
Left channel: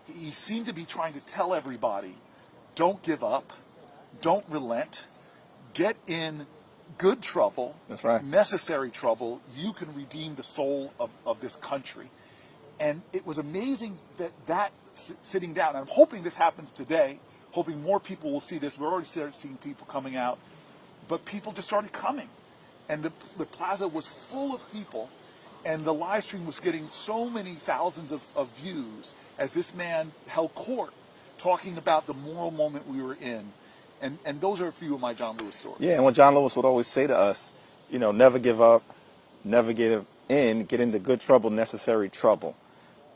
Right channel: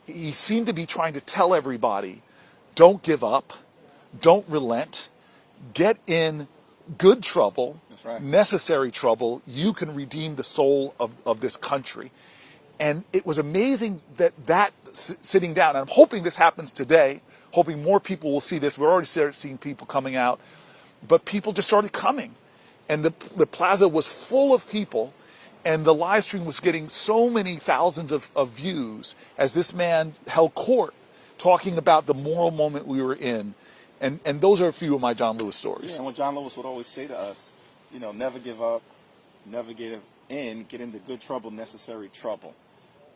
He seemed to be trying to tell everybody, don't give up, don't relent, get in good trouble, that's right, necessary trouble. You can redeem the soul of this country. And it was amazing that sitting down, and I'm hoping this happens today, hoping more people will see this. We're already seeing people coming out, but people just started coming. And the plaza was full of people, and the live stream was getting so many thousands of views as this man held court talking about the moral moment we were in. And those are a few of my John Lewis stories. Yeah, and what John Lewis would always say to us, never give up, never give in, get into good trouble, necessary trouble,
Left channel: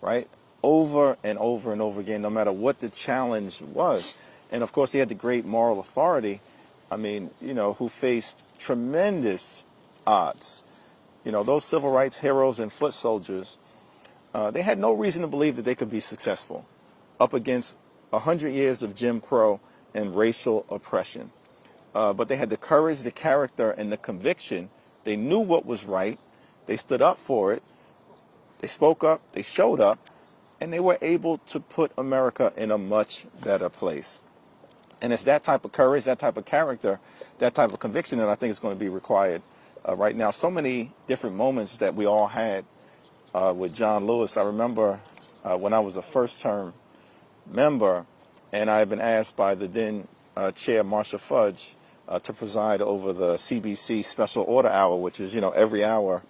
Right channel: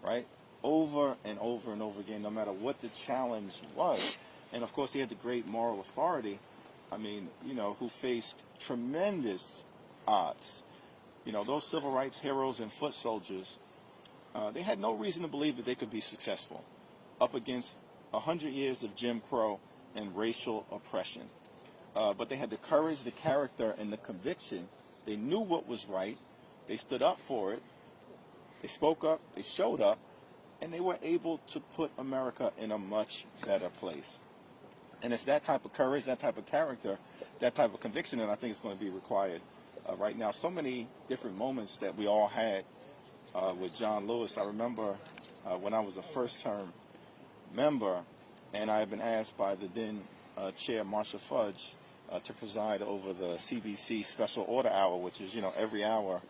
right? Over and over and over again, no matter what the challenge was. And of course, he had the great moral authority, who faced tremendous odds. Those civil rights heroes and foot soldiers, they had no reason to believe that they could be successful up against 100 years of Jim Crow and racial oppression. But they had the courage, the character, and the conviction. They knew what was right. They stood up for it. They spoke up. They showed up. And they were able to put America in a much better place. And it's that type of courage, that type of character, that type of conviction that I think is going to be required right now. So many different moments that we all had with John Lewis. I remember when I was a first-term member, and I had been asked by the then chair, Marcia Fudge, to preside over the CBC Special Order Hour, which is, every hour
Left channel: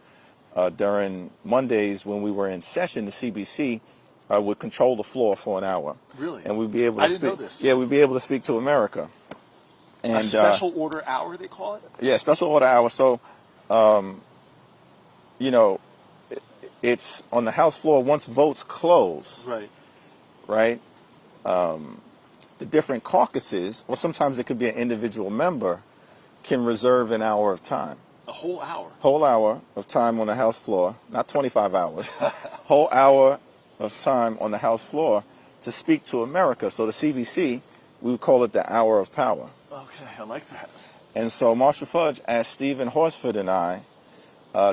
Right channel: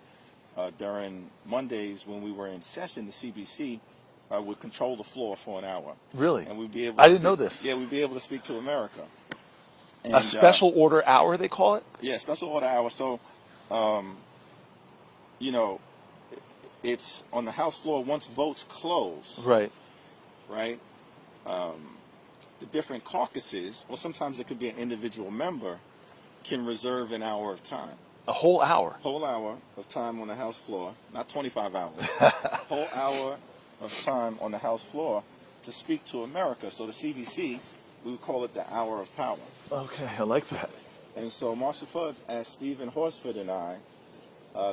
during Mondays when we were in session, the CBC would control the floor for an hour. Really? And we'd be able to I didn't know this. Yeah, we'd be able to speak to America. And, a special order hour, they call it? Yeah, special order hour. So, it's on the House floor once votes close. Right. Right? The different caucuses, or sometimes it could be an individual member, can reserve an hour of time. A whole hour? Whole hour of time on the House floor, not 25 hours. Whole hour of time on the House floor to speak to America. So the CBC, we would call it the hour of power. Okay, I like that. And so Marcia Fudge asked Stephen Horsford and I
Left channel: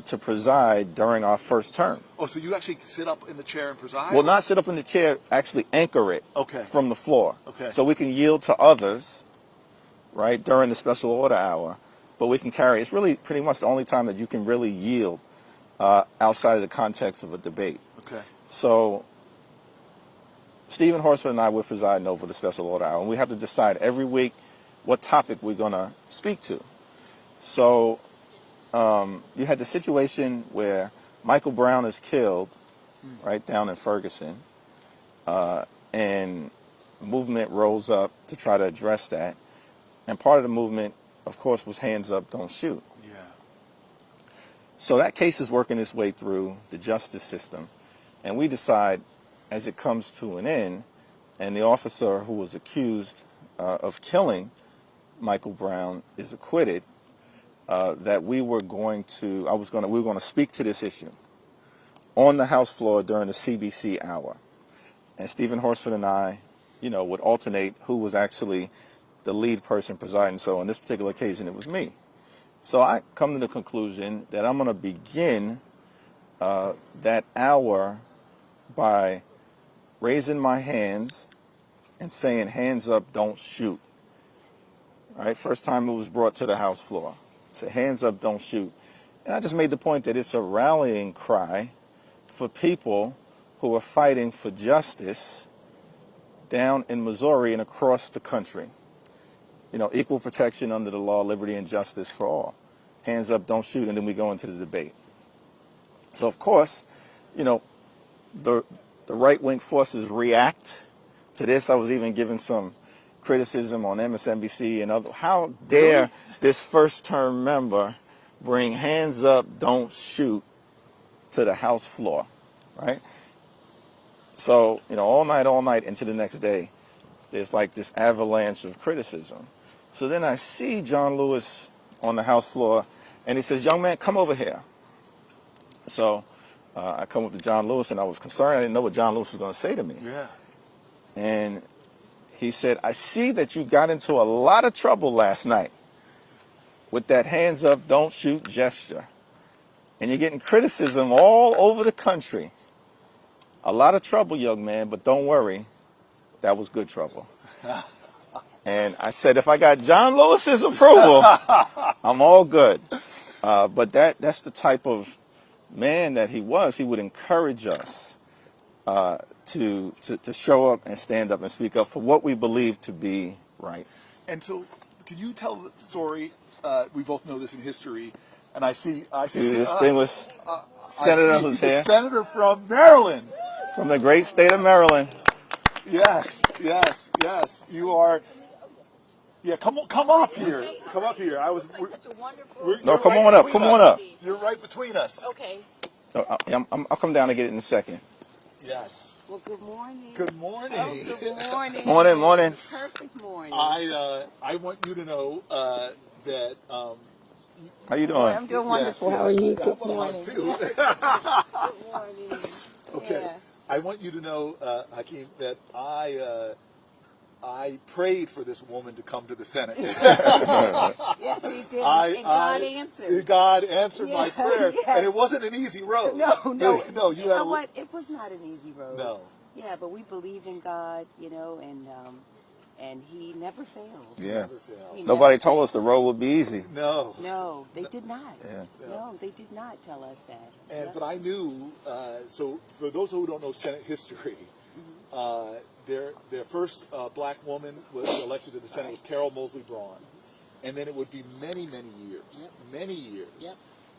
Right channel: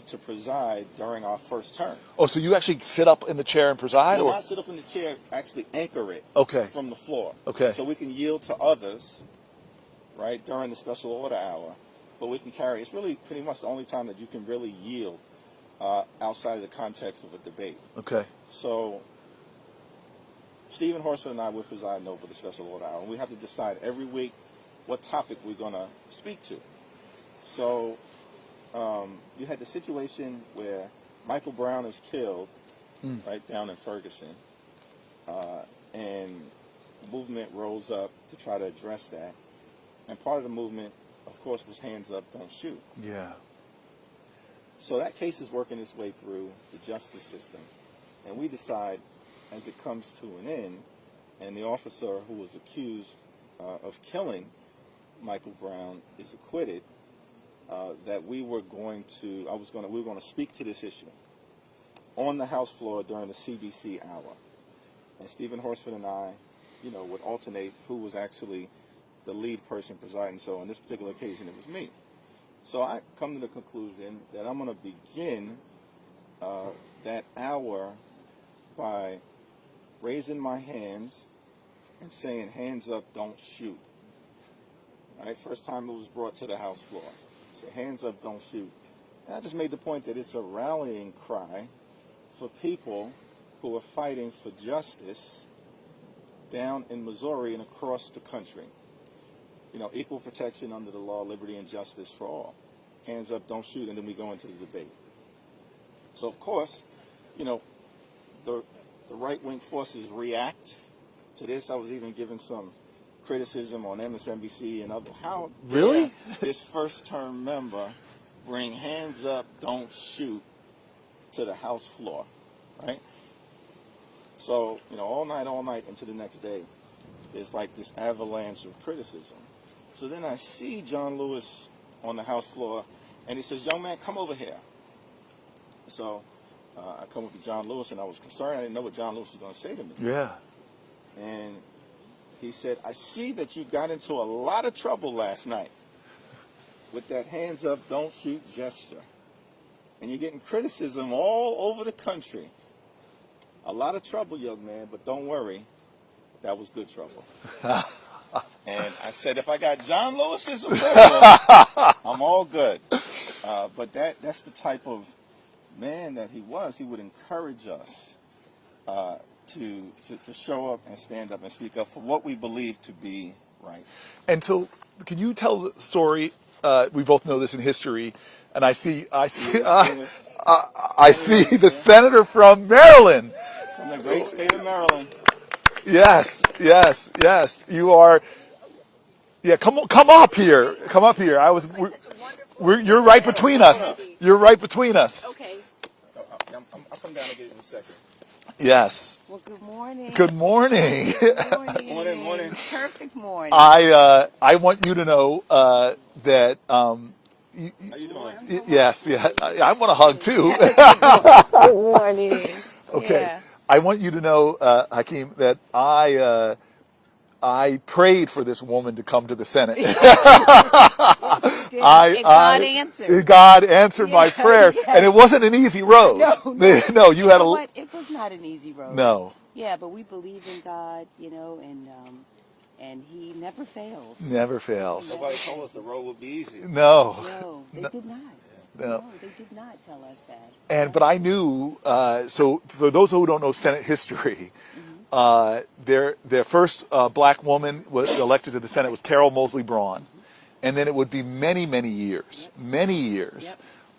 to preside during our first term. Oh, so you actually sit up in the chair and preside? Well, not sit up in the chair, actually anchor it from the floor. Okay. So we can yield to others, right, during the special order hour, but we can carry, it's really pretty much the only time that you can really yield outside of the context of a debate. Okay. So Stephen Horsford and I were presiding over the special order hour, and we have to decide every week what topic we're going to speak to. So you had the situation where Michael Brown is killed, right down in Ferguson, and movement rose up to try to address that. And part of the movement, of course, was hands up, don't shoot. Yeah. So that case is working its way through the justice system. And we decide, as it comes to an end, and the officer who was accused of killing Michael Brown is acquitted, that we were going to speak to this issue on the House floor during the CBC hour. And Stephen Horsford and I, would alternate who was actually the lead person presiding. So on this particular occasion, it was me. So I come to the conclusion that I'm going to begin that hour by raising my hands and saying, hands up, don't shoot. All right, first time it was brought to the House floor. Say, hands up, don't shoot. And I just made the point that it's a rallying cry for people who are fighting for justice down in Missouri and across the country. equal protection under the law, liberty and justice for all. Hands up, don't shoot, and then we go into the debate. So, of course, the right-wing forces react to this. I was even given some criticism on MSNBC and other. How dare this first-term member bring hands up, don't shoot to the House floor, right? So, all night into the next day, there's like this avalanche of criticism. So then I see John Lewis on the House floor, and he says, "Young man, come over here." So I come up to John Lewis, and I was concerned. I didn't know what John Lewis was going to say to me. Yeah. And he said, "I see that you got into a lot of trouble last night with that hands up, don't shoot gesture. And you're getting criticism all over the country. A lot of trouble, young man, but don't worry, that was good trouble." And I said, if I got John Lewis's approval, I'm all good. But that's the type of man that he was. He would encourage us to show up and stand up and speak up for what we believe to be right. And so, can you tell the story? We both know this in history, and I see the senator from Maryland, from the great state of Maryland. Yes. You are. Yeah, come up here. Come up here. You're right between us. You're right between us. Okay. I'll come down and get it in a second. Yes. Well, good morning. Good morning. Good morning. Morning. Perfect morning. I want you to know that. How you doing? I'm doing Yes. wonderful. Yeah. I want a hug too. Good morning. Okay. Yeah. I want you to know, Hakeem, that I prayed for this woman to come to the Senate. Yes, you did. And God answered. God answered my prayer, and it wasn't an easy road. No, you had what? It was not an easy road. No. Yeah, but we believe in God, and He never fails. He never fails. Nobody told us the road would be easy. No. No, they did not. Yeah. No, they did not tell us that. But I knew. So for those who don't know Senate history, their first black woman was elected to the Senate was Carol Moseley Braun, and then it would be many years,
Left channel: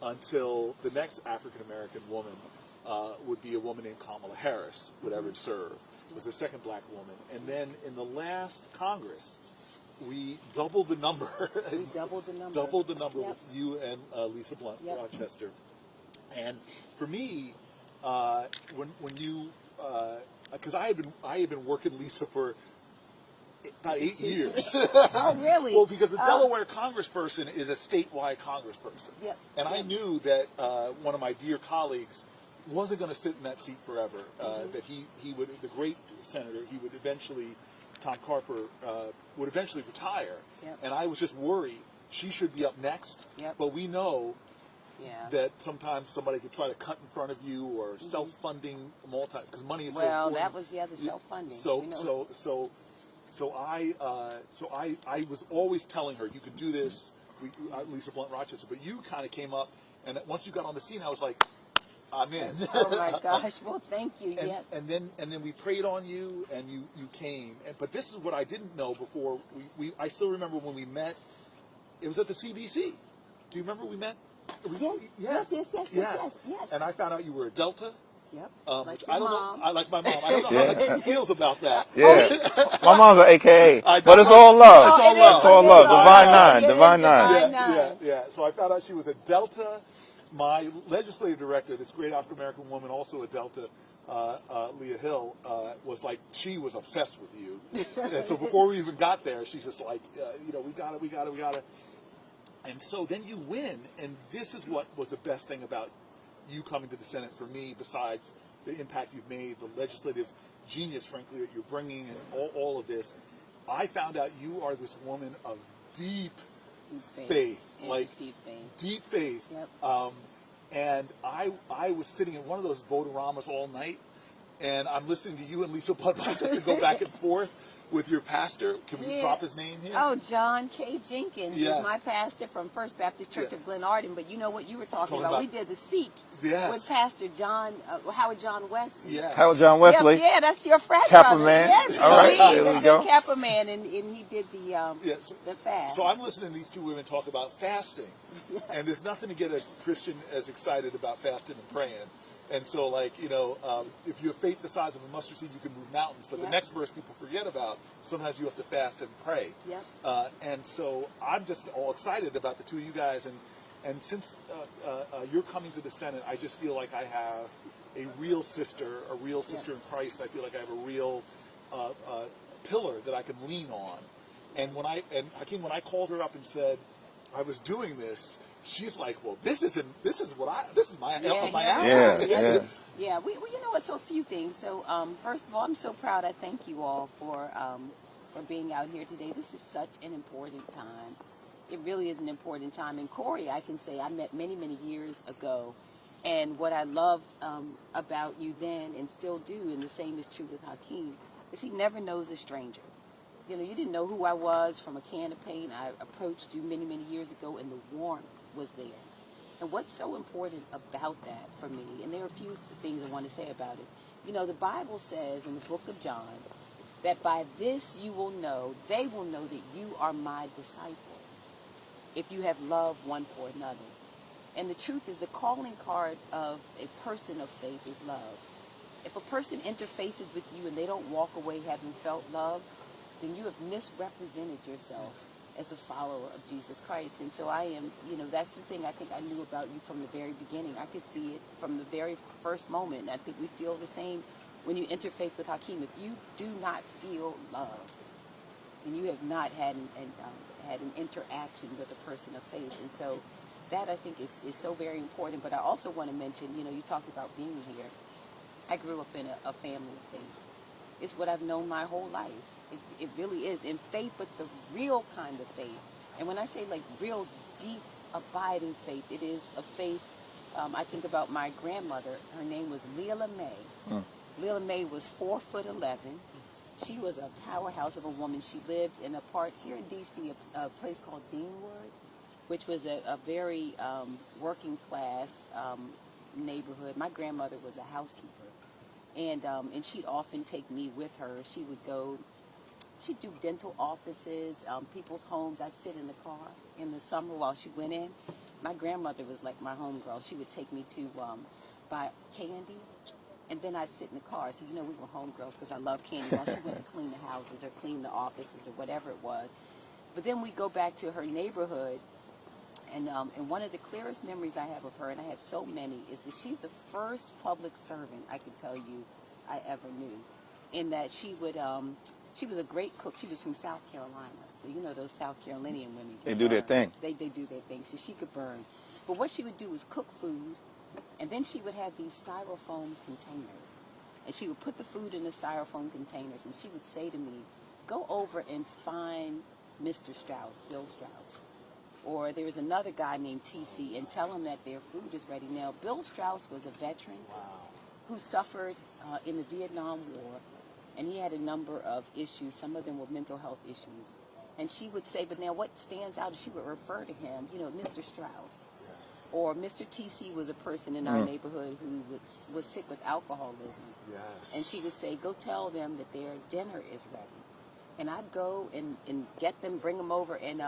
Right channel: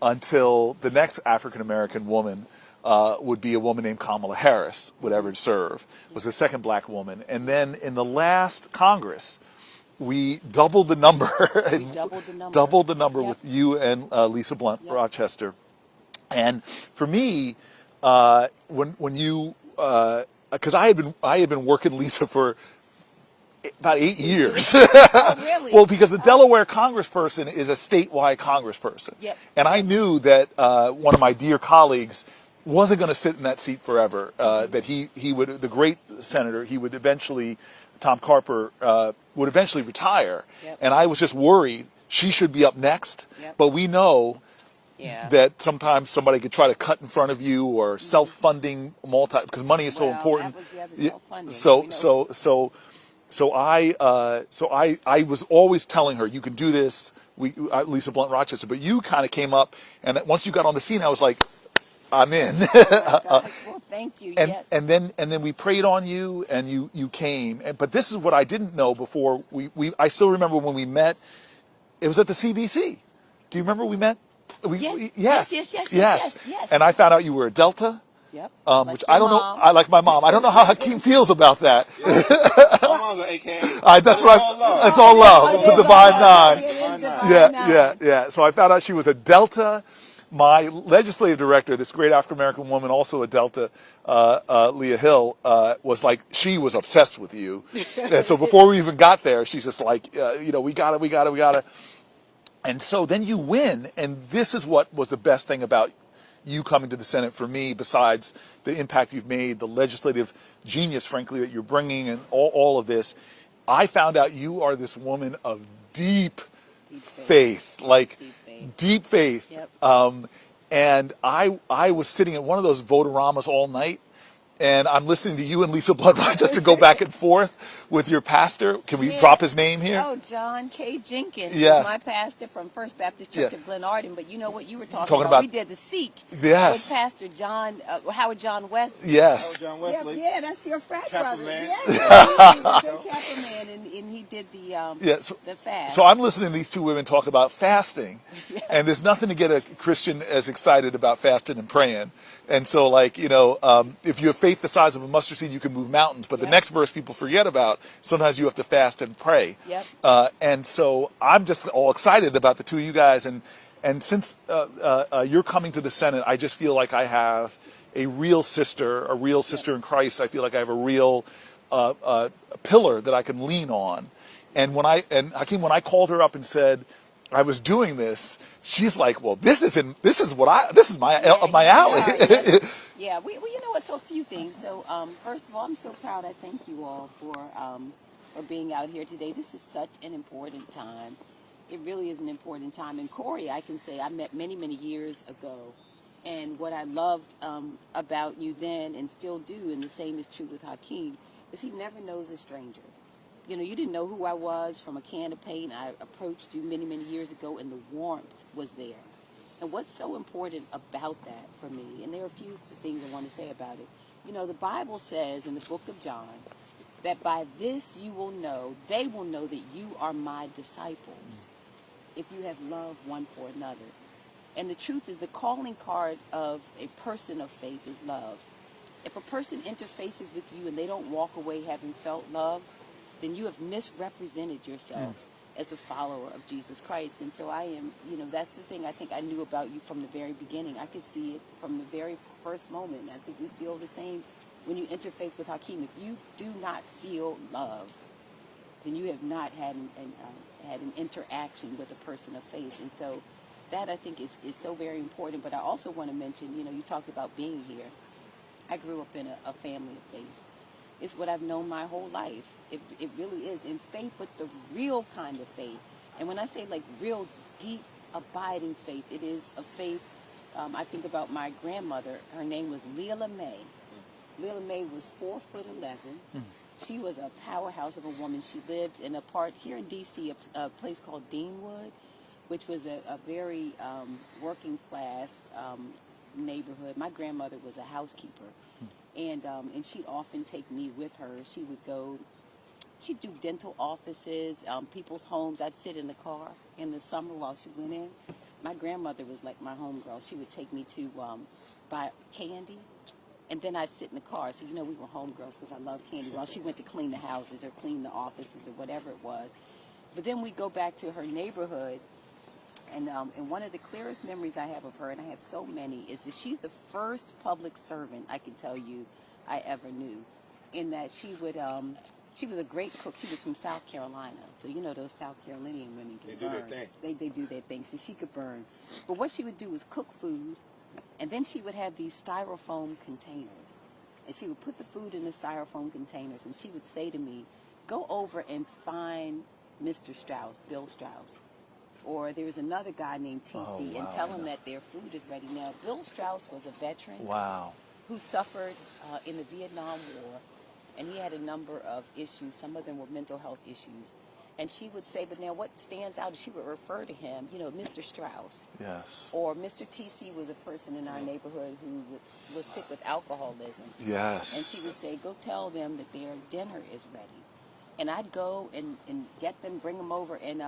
until the next African American woman would be a woman named Kamala Harris would ever serve. Was the second black woman, and then in the last Congress, we doubled the number. Doubled the number with you and Lisa Blunt Rochester, and for me, when you because I had been working Lisa for about 8 years. Oh, really? Well, because the Delaware congressperson is a statewide congressperson. Yep. And I knew that one of my dear colleagues wasn't going to sit in that seat forever, that he would, the great senator, he would eventually, Tom Carper, would eventually retire. Yep. And I was just worried she should be up next. Yep. But we know Yeah. that sometimes somebody could try to cut in front of you, or self-funding because money is so important. That was the other self-funding. So I was always telling her, you can do this, Lisa Blunt Rochester, but you kind of came up, and once you got on the scene, I was like, I'm in. Oh my gosh. Well, thank you. And then we prayed on you, and you came. But this is what I didn't know before. I still remember when we met. It was at the CBC. Do you remember we met? Yes. And I found out you were a Delta. Yep. Which I don't know. I like my mom. I don't know how Hakeem feels about that. Yeah. My mom's an AKA. But it's all love. It's all love. It's all love. Divine Nine. Yeah. So I found out she was a Delta. My legislative director, this great African American woman, also a Delta, Leah Hill, was like, she was obsessed with you. And so before we even got there, she's just like, we got it. And so then you win, and this is what was the best thing about you coming to the Senate for me, besides the impact you've made, the legislative genius, frankly, that you're bringing, and all of this. I found out you are this woman of deep faith. Deep faith. Yep. And I was sitting at one of those Votaramas all night, and I'm listening to you and Lisa Blood Rochester go back and forth with your pastor. Can we drop his name here? Oh, John K. Jenkins Yes. is my pastor from First Baptist Church Yeah. of Glenarden. But you know what you were talking Talking about? about- We did the Seek Yes. with Pastor John, Howard John Wesley. Yes. Howard John Wesley. Yeah, that's your frat Kappa brother. man. Yes, All right, he there we was a go. good Kappa man, and he did the fast. So I'm listening to these two women talk about fasting, and there's nothing to get a Christian as excited about fasting and praying. And so, like, if you have faith the size of a mustard seed, you can move mountains. But the next verse people forget about, sometimes you have to fast and pray. Yep. And so I'm just all excited about the two of you guys. And since you're coming to the Senate, I just feel like I have a real sister in Christ. I feel like I have a real pillar that I can lean on. And Hakeem, when I called her up and said I was doing this, she's like, "Well, this is my alley." Yeah. Well, you know what? So a few things. So first of all, I'm so proud. I thank you all for being out here today. This is such an important time. It really is an important time. And Cory, I can say I met many, many years ago. And what I loved about you then and still do, and the same is true with Hakeem, is he never knows a stranger. You didn't know who I was from a can of paint. I approached you many, many years ago, and the warmth was there. And what's so important about that for me, and there are a few things I want to say about it. The Bible says in the book of John that by this they will know that you are my disciples, if you have love one for another. And the truth is, the calling card of a person of faith is love. If a person interfaces with you and they don't walk away having felt love, then you have misrepresented yourself as a follower of Jesus Christ. And so I am, that's the thing I think I knew about you from the very beginning. I could see it from the very first moment. I think we feel the same when you interface with Hakeem. If you do not feel love, then you have not had an interaction with a person of faith. And so that I think is so very important. But I also want to mention, you talked about being here. I grew up in a family of faith. It's what I've known my whole life. It really is. In faith, but the real kind of faith. And when I say like real deep, abiding faith, it is a faith. I think about my grandmother. Her name was Leela May. Leela May was 4'11". She was a powerhouse of a woman. She lived in a part here in D.C., a place called Deanwood, which was a very working class neighborhood. My grandmother was a housekeeper. And she'd often take me with her. She'd do dental offices, people's homes. I'd sit in the car in the summer while she went in. My grandmother was like my homegirl. She would take me to buy candy, and then I'd sit in the car. So, we were homegirls because I loved candy while she went to clean the houses or clean the offices or whatever it was. But then we go back to her neighborhood, and one of the clearest memories I have of her, and I have so many, is that she's the first public servant I can tell you I ever knew. In that she was a great cook. She was from South Carolina, so those South Carolinian women. They do their thing. They do their thing. So she could burn. But what she would do was cook food, and then she would have these styrofoam containers, and she would put the food in the styrofoam containers, and she would say to me, "Go over and find Mr. Strauss, Bill Strauss." Or there was another guy named TC, and tell him that their food is ready. Now, Bill Strauss was a veteran who suffered in the Vietnam War, and he had a number of issues. Some of them were mental health issues. And she would say, but now what stands out is she would refer to him, Mr. Strauss. Yes. Or Mr. TC was a person in our neighborhood who was sick with alcoholism. Yes. And she would say, go tell them that their dinner is ready. And I'd go and get them, bring them over, and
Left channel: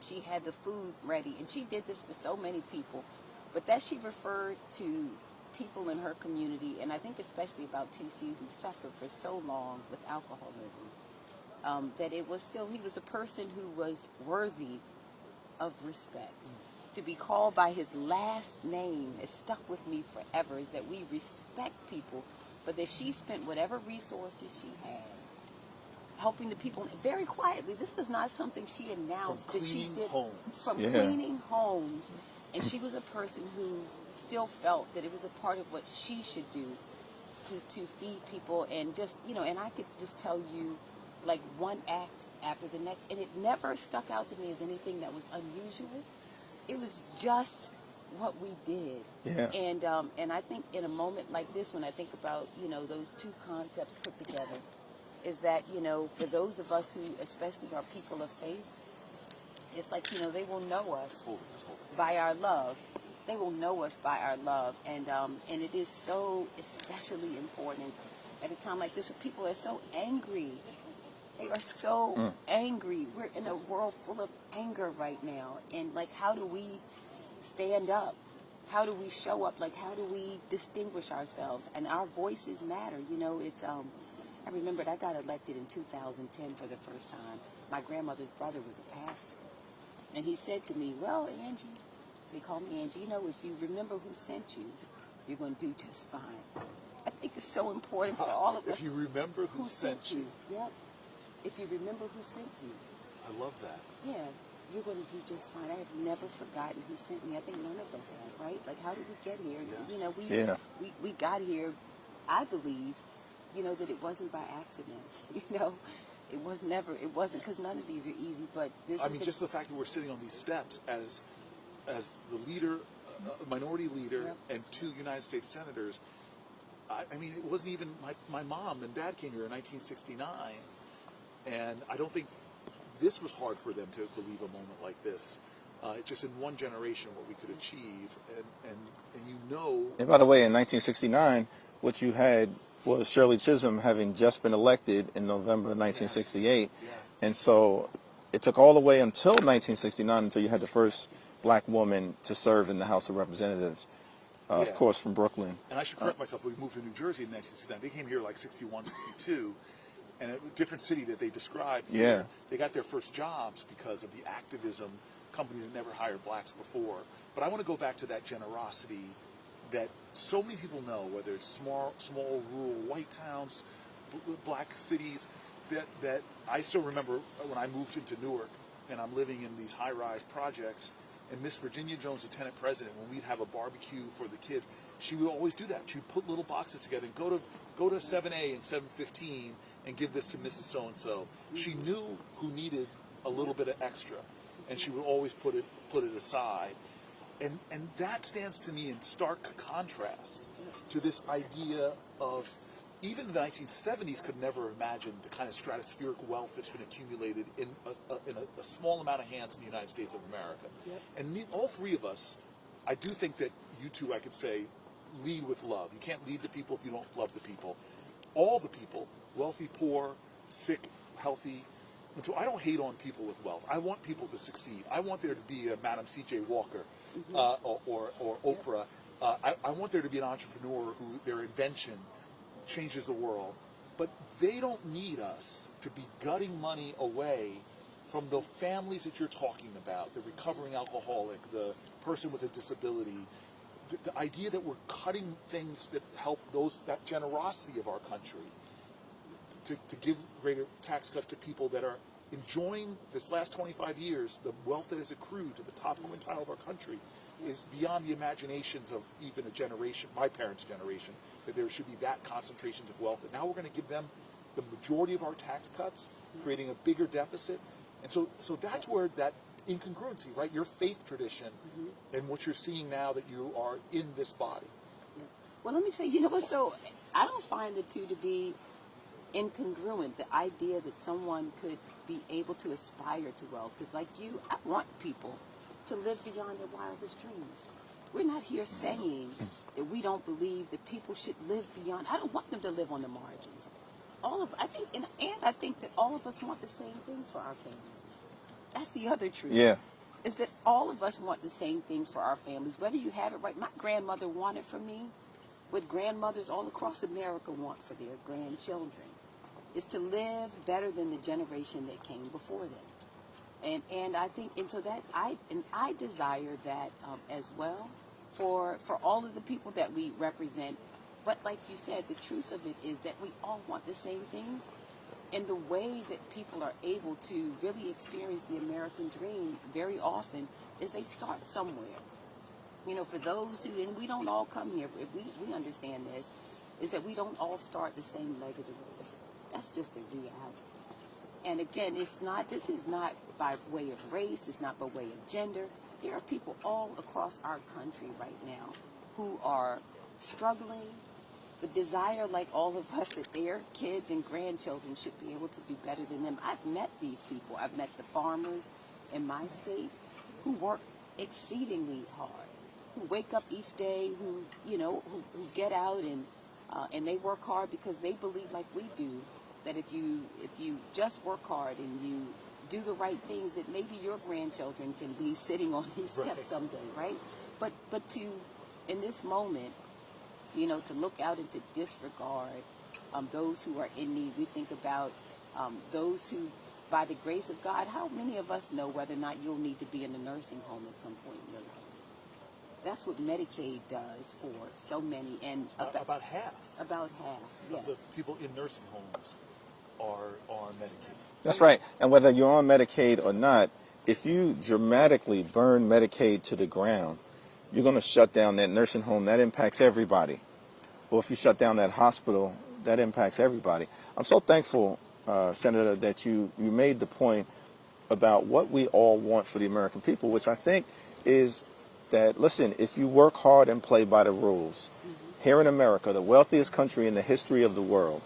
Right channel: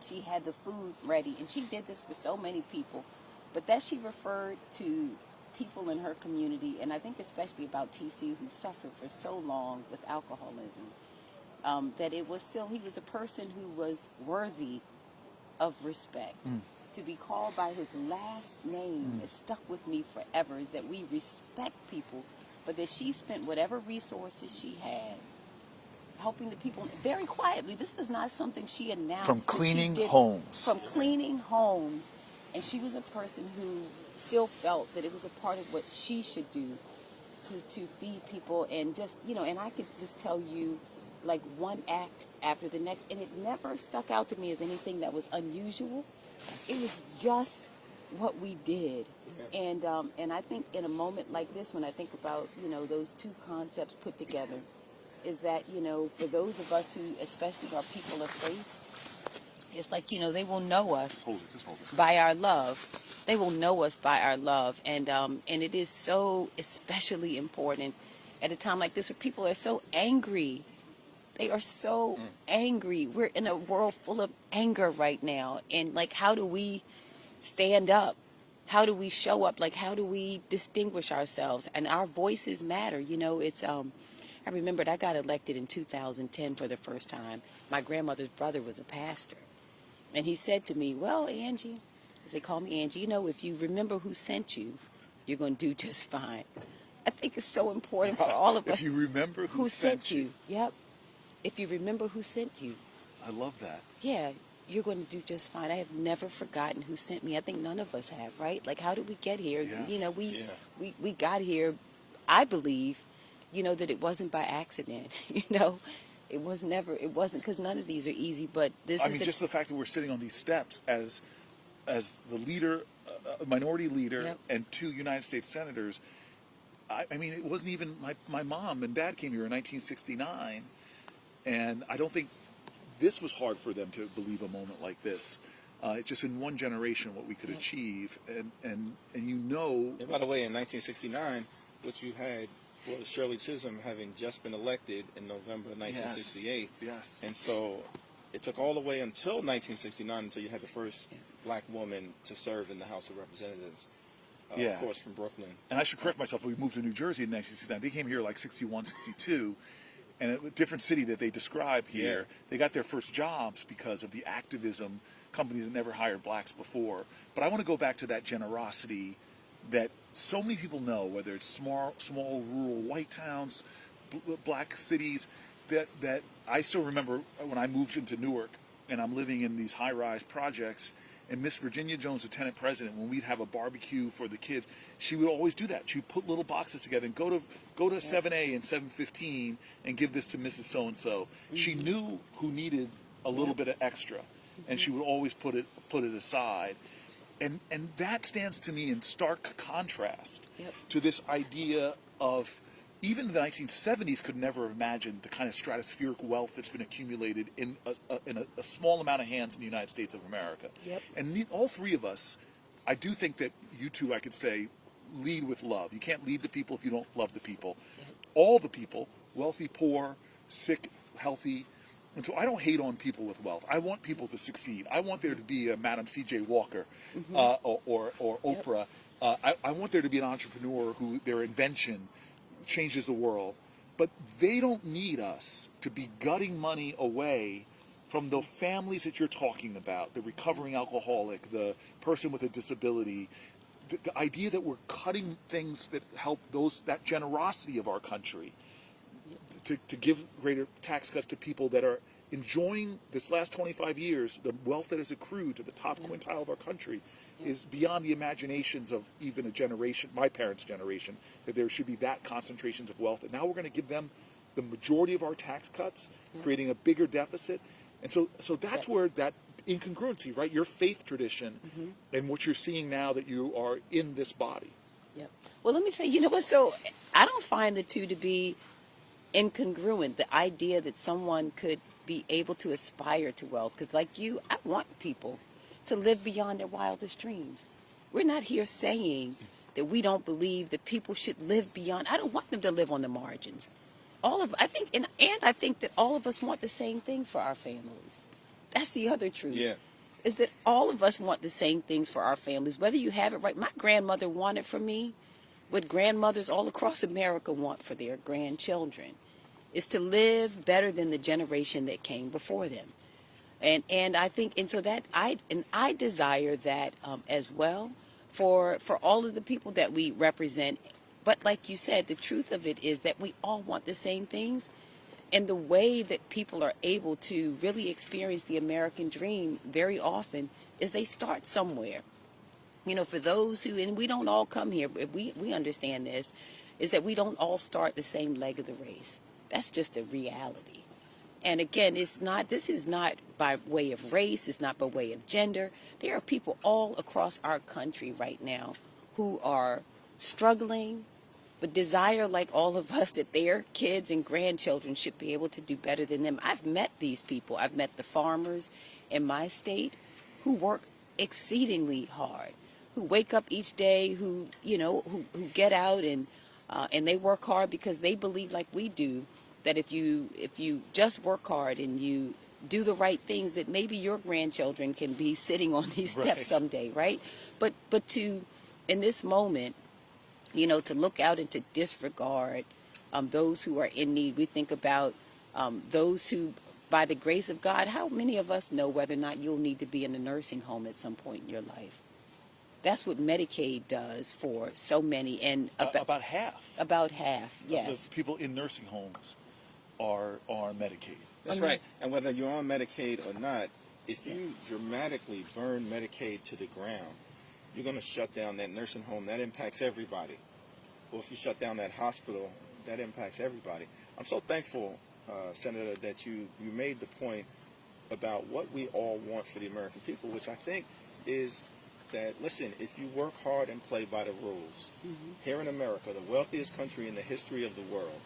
she had the food ready. And she did this for so many people. But that she referred to people in her community, and I think especially about TC, who suffered for so long with alcoholism, that it was still, he was a person who was worthy of respect. To be called by his last name has stuck with me forever, is that we respect people, but that she spent whatever resources she had helping the people very quietly. This was not something she announced. From cleaning homes. From cleaning homes. And she was a person who still felt that it was a part of what she should do to feed people, and just, and I could just tell you like one act after the next, and it never stuck out to me as anything that was unusual. It was just what we did. Yeah. And I think in a moment like this, when I think about, those two concepts put together, is that, for those of us who especially are people of faith, it's like, they will know us by our love. They will know us by our love. And it is so especially important at a time like this where people are so angry. They are so angry. We're in a world full of anger right now. And like, how do we stand up? How do we show up? Like, how do we distinguish ourselves? And our voices matter. It's, I remembered I got elected in 2010 for the first time. My grandmother's brother was a pastor. And he said to me, well, Angie, as they call me Angie, if you remember who sent you, you're going to do just fine. I think it's so important for all of us. If you remember who sent you. Yep. If you remember who sent you. I love that. Yeah, you're going to do just fine. I have never forgotten who sent me. I think none of us have, right? Like, how did we get here? Yes. We got here, I believe, that it wasn't by accident, It wasn't because none of these are easy, but this is just the fact that we're sitting on these steps as the leader, minority leader, Yep. and 2 United States senators. I mean, it wasn't even my mom and dad came here in 1969, and I don't think this was hard for them to believe a moment like this. Just in one generation, what we could achieve, and And by the way, in 1969, what you had was Shirley Chisholm having just been elected in November 1968. Yes. And so it took all the way until 1969 until you had the first black woman to serve in the House of Representatives, of course, from Brooklyn. And I should correct myself. We moved to New Jersey in 1969. They came here like 61, 62. And a different city that they described here. Yeah. They got their first jobs because of the activism, companies that never hired blacks before. But I want to go back to that generosity that so many people know, whether it's small rural white towns, black cities, that I still remember when I moved into Newark and I'm living in these high-rise projects, and Miss Virginia Jones, the tenant president, when we'd have a barbecue for the kids, she would always do that. She'd put little boxes together and go to 7A and 715 and give this to Mrs. So-and-so. She knew who needed a little bit of extra, and she would always put it aside. And that stands to me in stark contrast to this idea of, even the 1970s could never have imagined the kind of stratospheric wealth that's been accumulated in a small amount of hands in the United States of America. Yep. And all 3 of us, I do think that you two, I could say, lead with love. You can't lead the people if you don't love the people. All the people, wealthy, poor, sick, healthy. And so I don't hate on people with wealth. I want people to succeed. I want there to be a Madam C.J. Walker or Oprah. I want there to be an entrepreneur who their invention changes the world. But they don't need us to be gutting money away from the families that you're talking about, the recovering alcoholic, the person with a disability. The idea that we're cutting things that help that generosity of our country, to give greater tax cuts to people that are enjoying this last 25 years, the wealth that has accrued to the top quintile of our country, is beyond the imaginations of even a generation, my parents' generation, that there should be that concentrations of wealth. And now we're going to give them the majority of our tax cuts, creating a bigger deficit. And so that's where that incongruency, right? Your faith tradition and what you're seeing now that you are in this body. Yeah. Well, let me say, you know what? So I don't find the two to be incongruent. The idea that someone could be able to aspire to wealth, because like you, I want people to live beyond their wildest dreams. We're not here saying that we don't believe that people should live beyond. I don't want them to live on the margins. I think that all of us want the same things for our families. That's the other truth. Yeah. Is that all of us want the same things for our families, whether you have it right. My grandmother wanted for me what grandmothers all across America want for their grandchildren, is to live better than the generation that came before them. And I think, and so that I desire that as well for all of the people that we represent. But like you said, the truth of it is that we all want the same things. And the way that people are able to really experience the American dream very often is they start somewhere. You know, for those who, and we don't all come here, but we understand this, is that we don't all start the same leg of the race. That's just a reality. And again, this is not by way of race, it's not by way of gender. There are people all across our country right now who are struggling, but desire, like all of us, that their kids and grandchildren should be able to do better than them. I've met these people. I've met the farmers in my state who work exceedingly hard, who wake up each day, who get out and they work hard because they believe, like we do, that if you just work hard and you do the right things, that maybe your grandchildren can be sitting on these steps someday, right? But to, in this moment, to look out and to disregard those who are in need. We think about those who, by the grace of God, how many of us know whether or not you'll need to be in a nursing home at some point in your life? That's what Medicaid does for so many. And about half. About half, yes. Of the people in nursing homes are Medicaid. That's right. And whether you're on Medicaid or not, if you dramatically burn Medicaid to the ground, you're going to shut down that nursing home. That impacts everybody. Or if you shut down that hospital, that impacts everybody. I'm so thankful, Senator, that you made the point about what we all want for the American people, which I think is that, listen, if you work hard and play by the rules, here in America, the wealthiest country in the history of the world,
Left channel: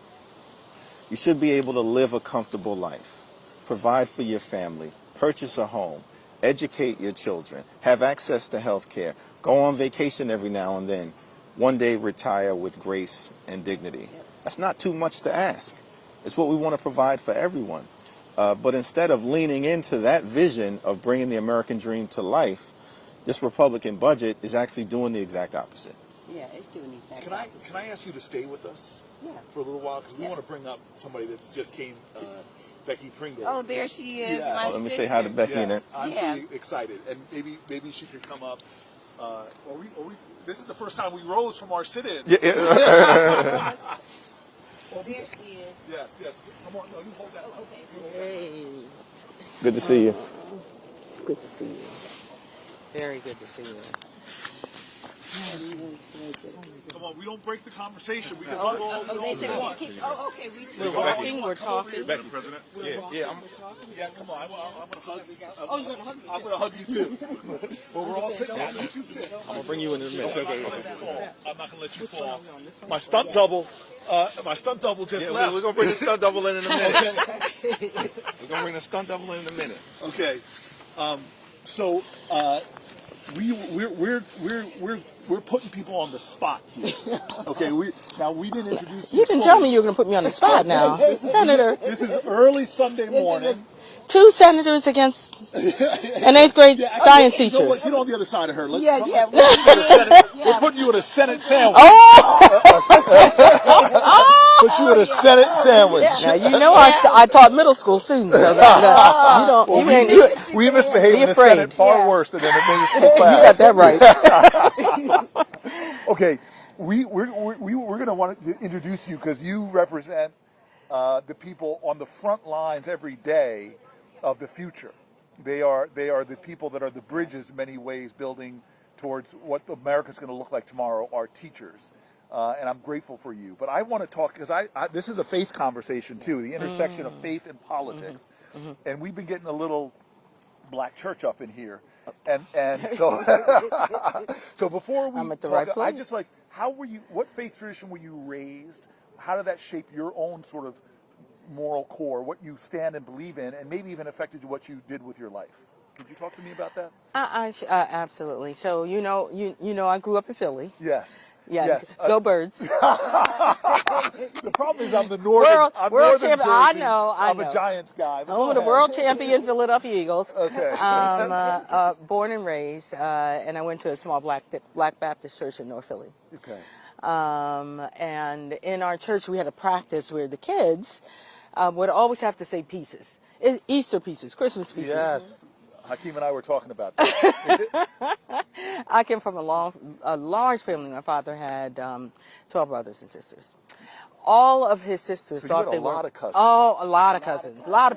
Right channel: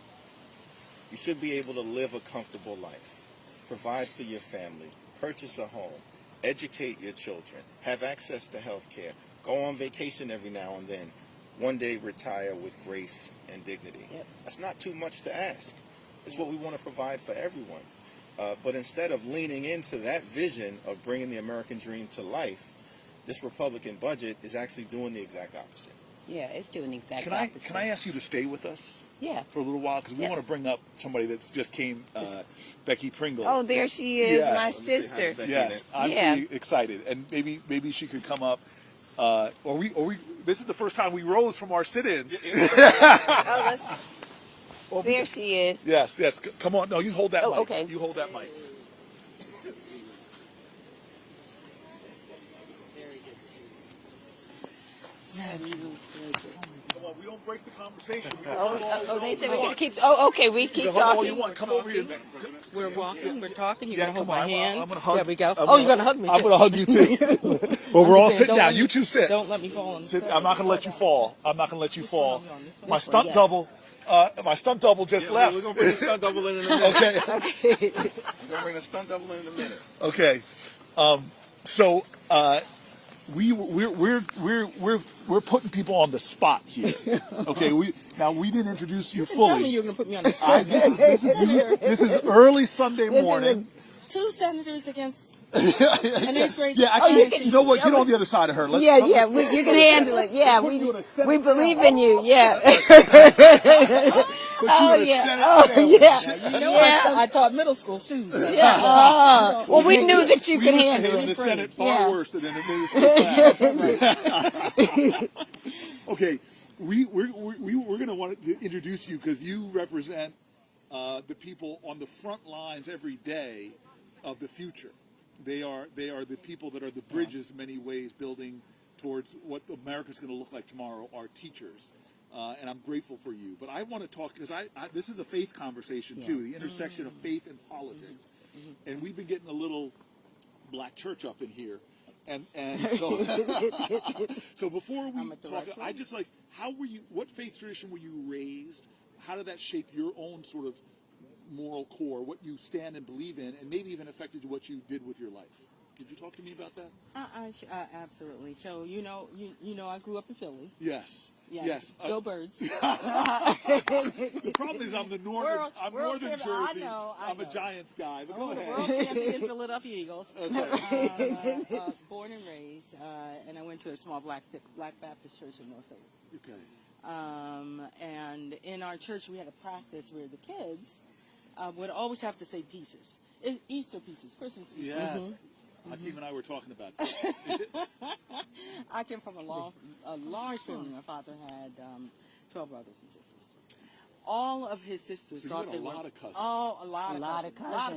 you should be able to live a comfortable life, provide for your family, purchase a home, educate your children, have access to health care, go on vacation every now and then, one day retire with grace and dignity. That's not too much to ask. It's what we want to provide for everyone. But instead of leaning into that vision of bringing the American dream to life, this Republican budget is actually doing the exact opposite. Yeah, it's doing the exact opposite. Can I ask you to stay with us? Yeah. For a little while, because we want to bring up somebody that's just came, Becky Pringle. Oh, there she is, Yes. my Let me sister. say hi to Becky. Yes, I'm Yeah. really excited, and maybe she could come up. Or we. This is the first time we rose from our sit-in. There she is. Yes. Come on. No, you hold that mic. Okay. You hold that mic. Good to see you. Good to see you. Very good to see you. Come on. We don't break the conversation. We They said we're gonna keep. Oh, okay. We keep talking. We're talking. Becky, President. We're walking, we're talking. You're going to hold my hand. I'm gonna hug. There we go. Oh, you're going to hug me, too. I'm going to hug you too. Well, we're all sitting down. You two sit. Don't let me fall. I'm not going to let you fall. I'm not going to let you fall. My stunt double. Just left. We're going to bring the stunt double in a minute. Okay. We're going to bring the stunt double in a minute. Okay. So we're putting people on the spot here. Okay. We didn't introduce you. You didn't fully. tell me you were going to put me on the spot now. Senator, This is early Sunday morning. 2 senators against an 8th grade science You teacher. know what? Get on the other side of her. Let's, Yeah, we're putting you in a Senate sandwich. Oh, Put you in a Senate sandwich. now, you know I taught middle school students, so that, you don't, Well, you we can't knew do it. that we misbehaved in the afraid. Senate far worse than in the middle school You class. got that right. Okay, we're going to want to introduce you because you represent the people on the front lines every day of the future. They are the people that are the bridges in many ways building towards what America's going to look like tomorrow, our teachers. And I'm grateful for you. But I want to talk, because this is a faith conversation too, the intersection of faith and politics. And we've been getting a little black church up in here. And so so before we I'm at the talk, right place. I just like, what faith tradition were you raised? How did that shape your own sort of moral core, what you stand and believe in, and maybe even affected what you did with your life? Could you talk to me about that? Absolutely. So you know I grew up in Philly. Yes. Yeah. Yes. Go Birds. The problem is I'm the northern. World northern champion. Jersey. I know. I'm a Giants guy. I'm the world champion Philadelphia Eagles. Okay. Born and raised, and I went to a small Black Baptist church in North Philly. Okay. And in our church, we had a practice where the kids would always have to say pieces. Easter pieces, Christmas pieces. Yes. Hakeem and I were talking about that. I came from a large family. My father had 12 brothers and sisters. All of his sisters So thought you had they a were lot of cousins. Oh, a lot of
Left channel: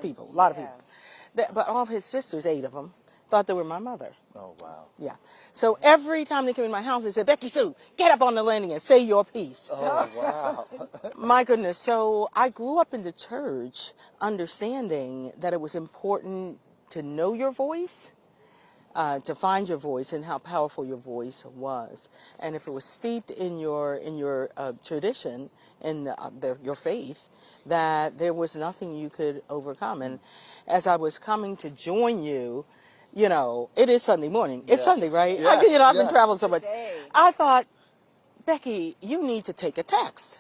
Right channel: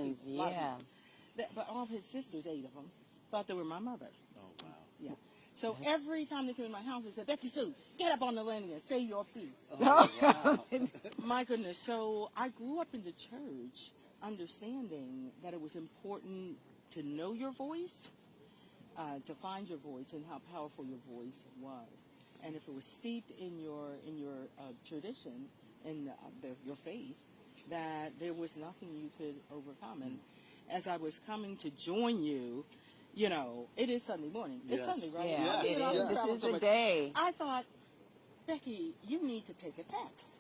people, a lot of yeah. people. But all of his sisters, 8 of them, thought they were my mother. Oh, wow. Yeah. So every time they came in my house, they said, Becky Sue, get up on the landing and say your piece. Oh, wow. My goodness. So I grew up in the church understanding that it was important to know your voice, to find your voice and how powerful your voice was. And if it was steeped in your tradition, in your faith, that there was nothing you could overcome. And as I was coming to join you, you know, it is Sunday morning. It's Yes. Sunday, right? Yes. You know, I've been Yes. traveling so It's a much. day. I thought, Becky, you need to take a text.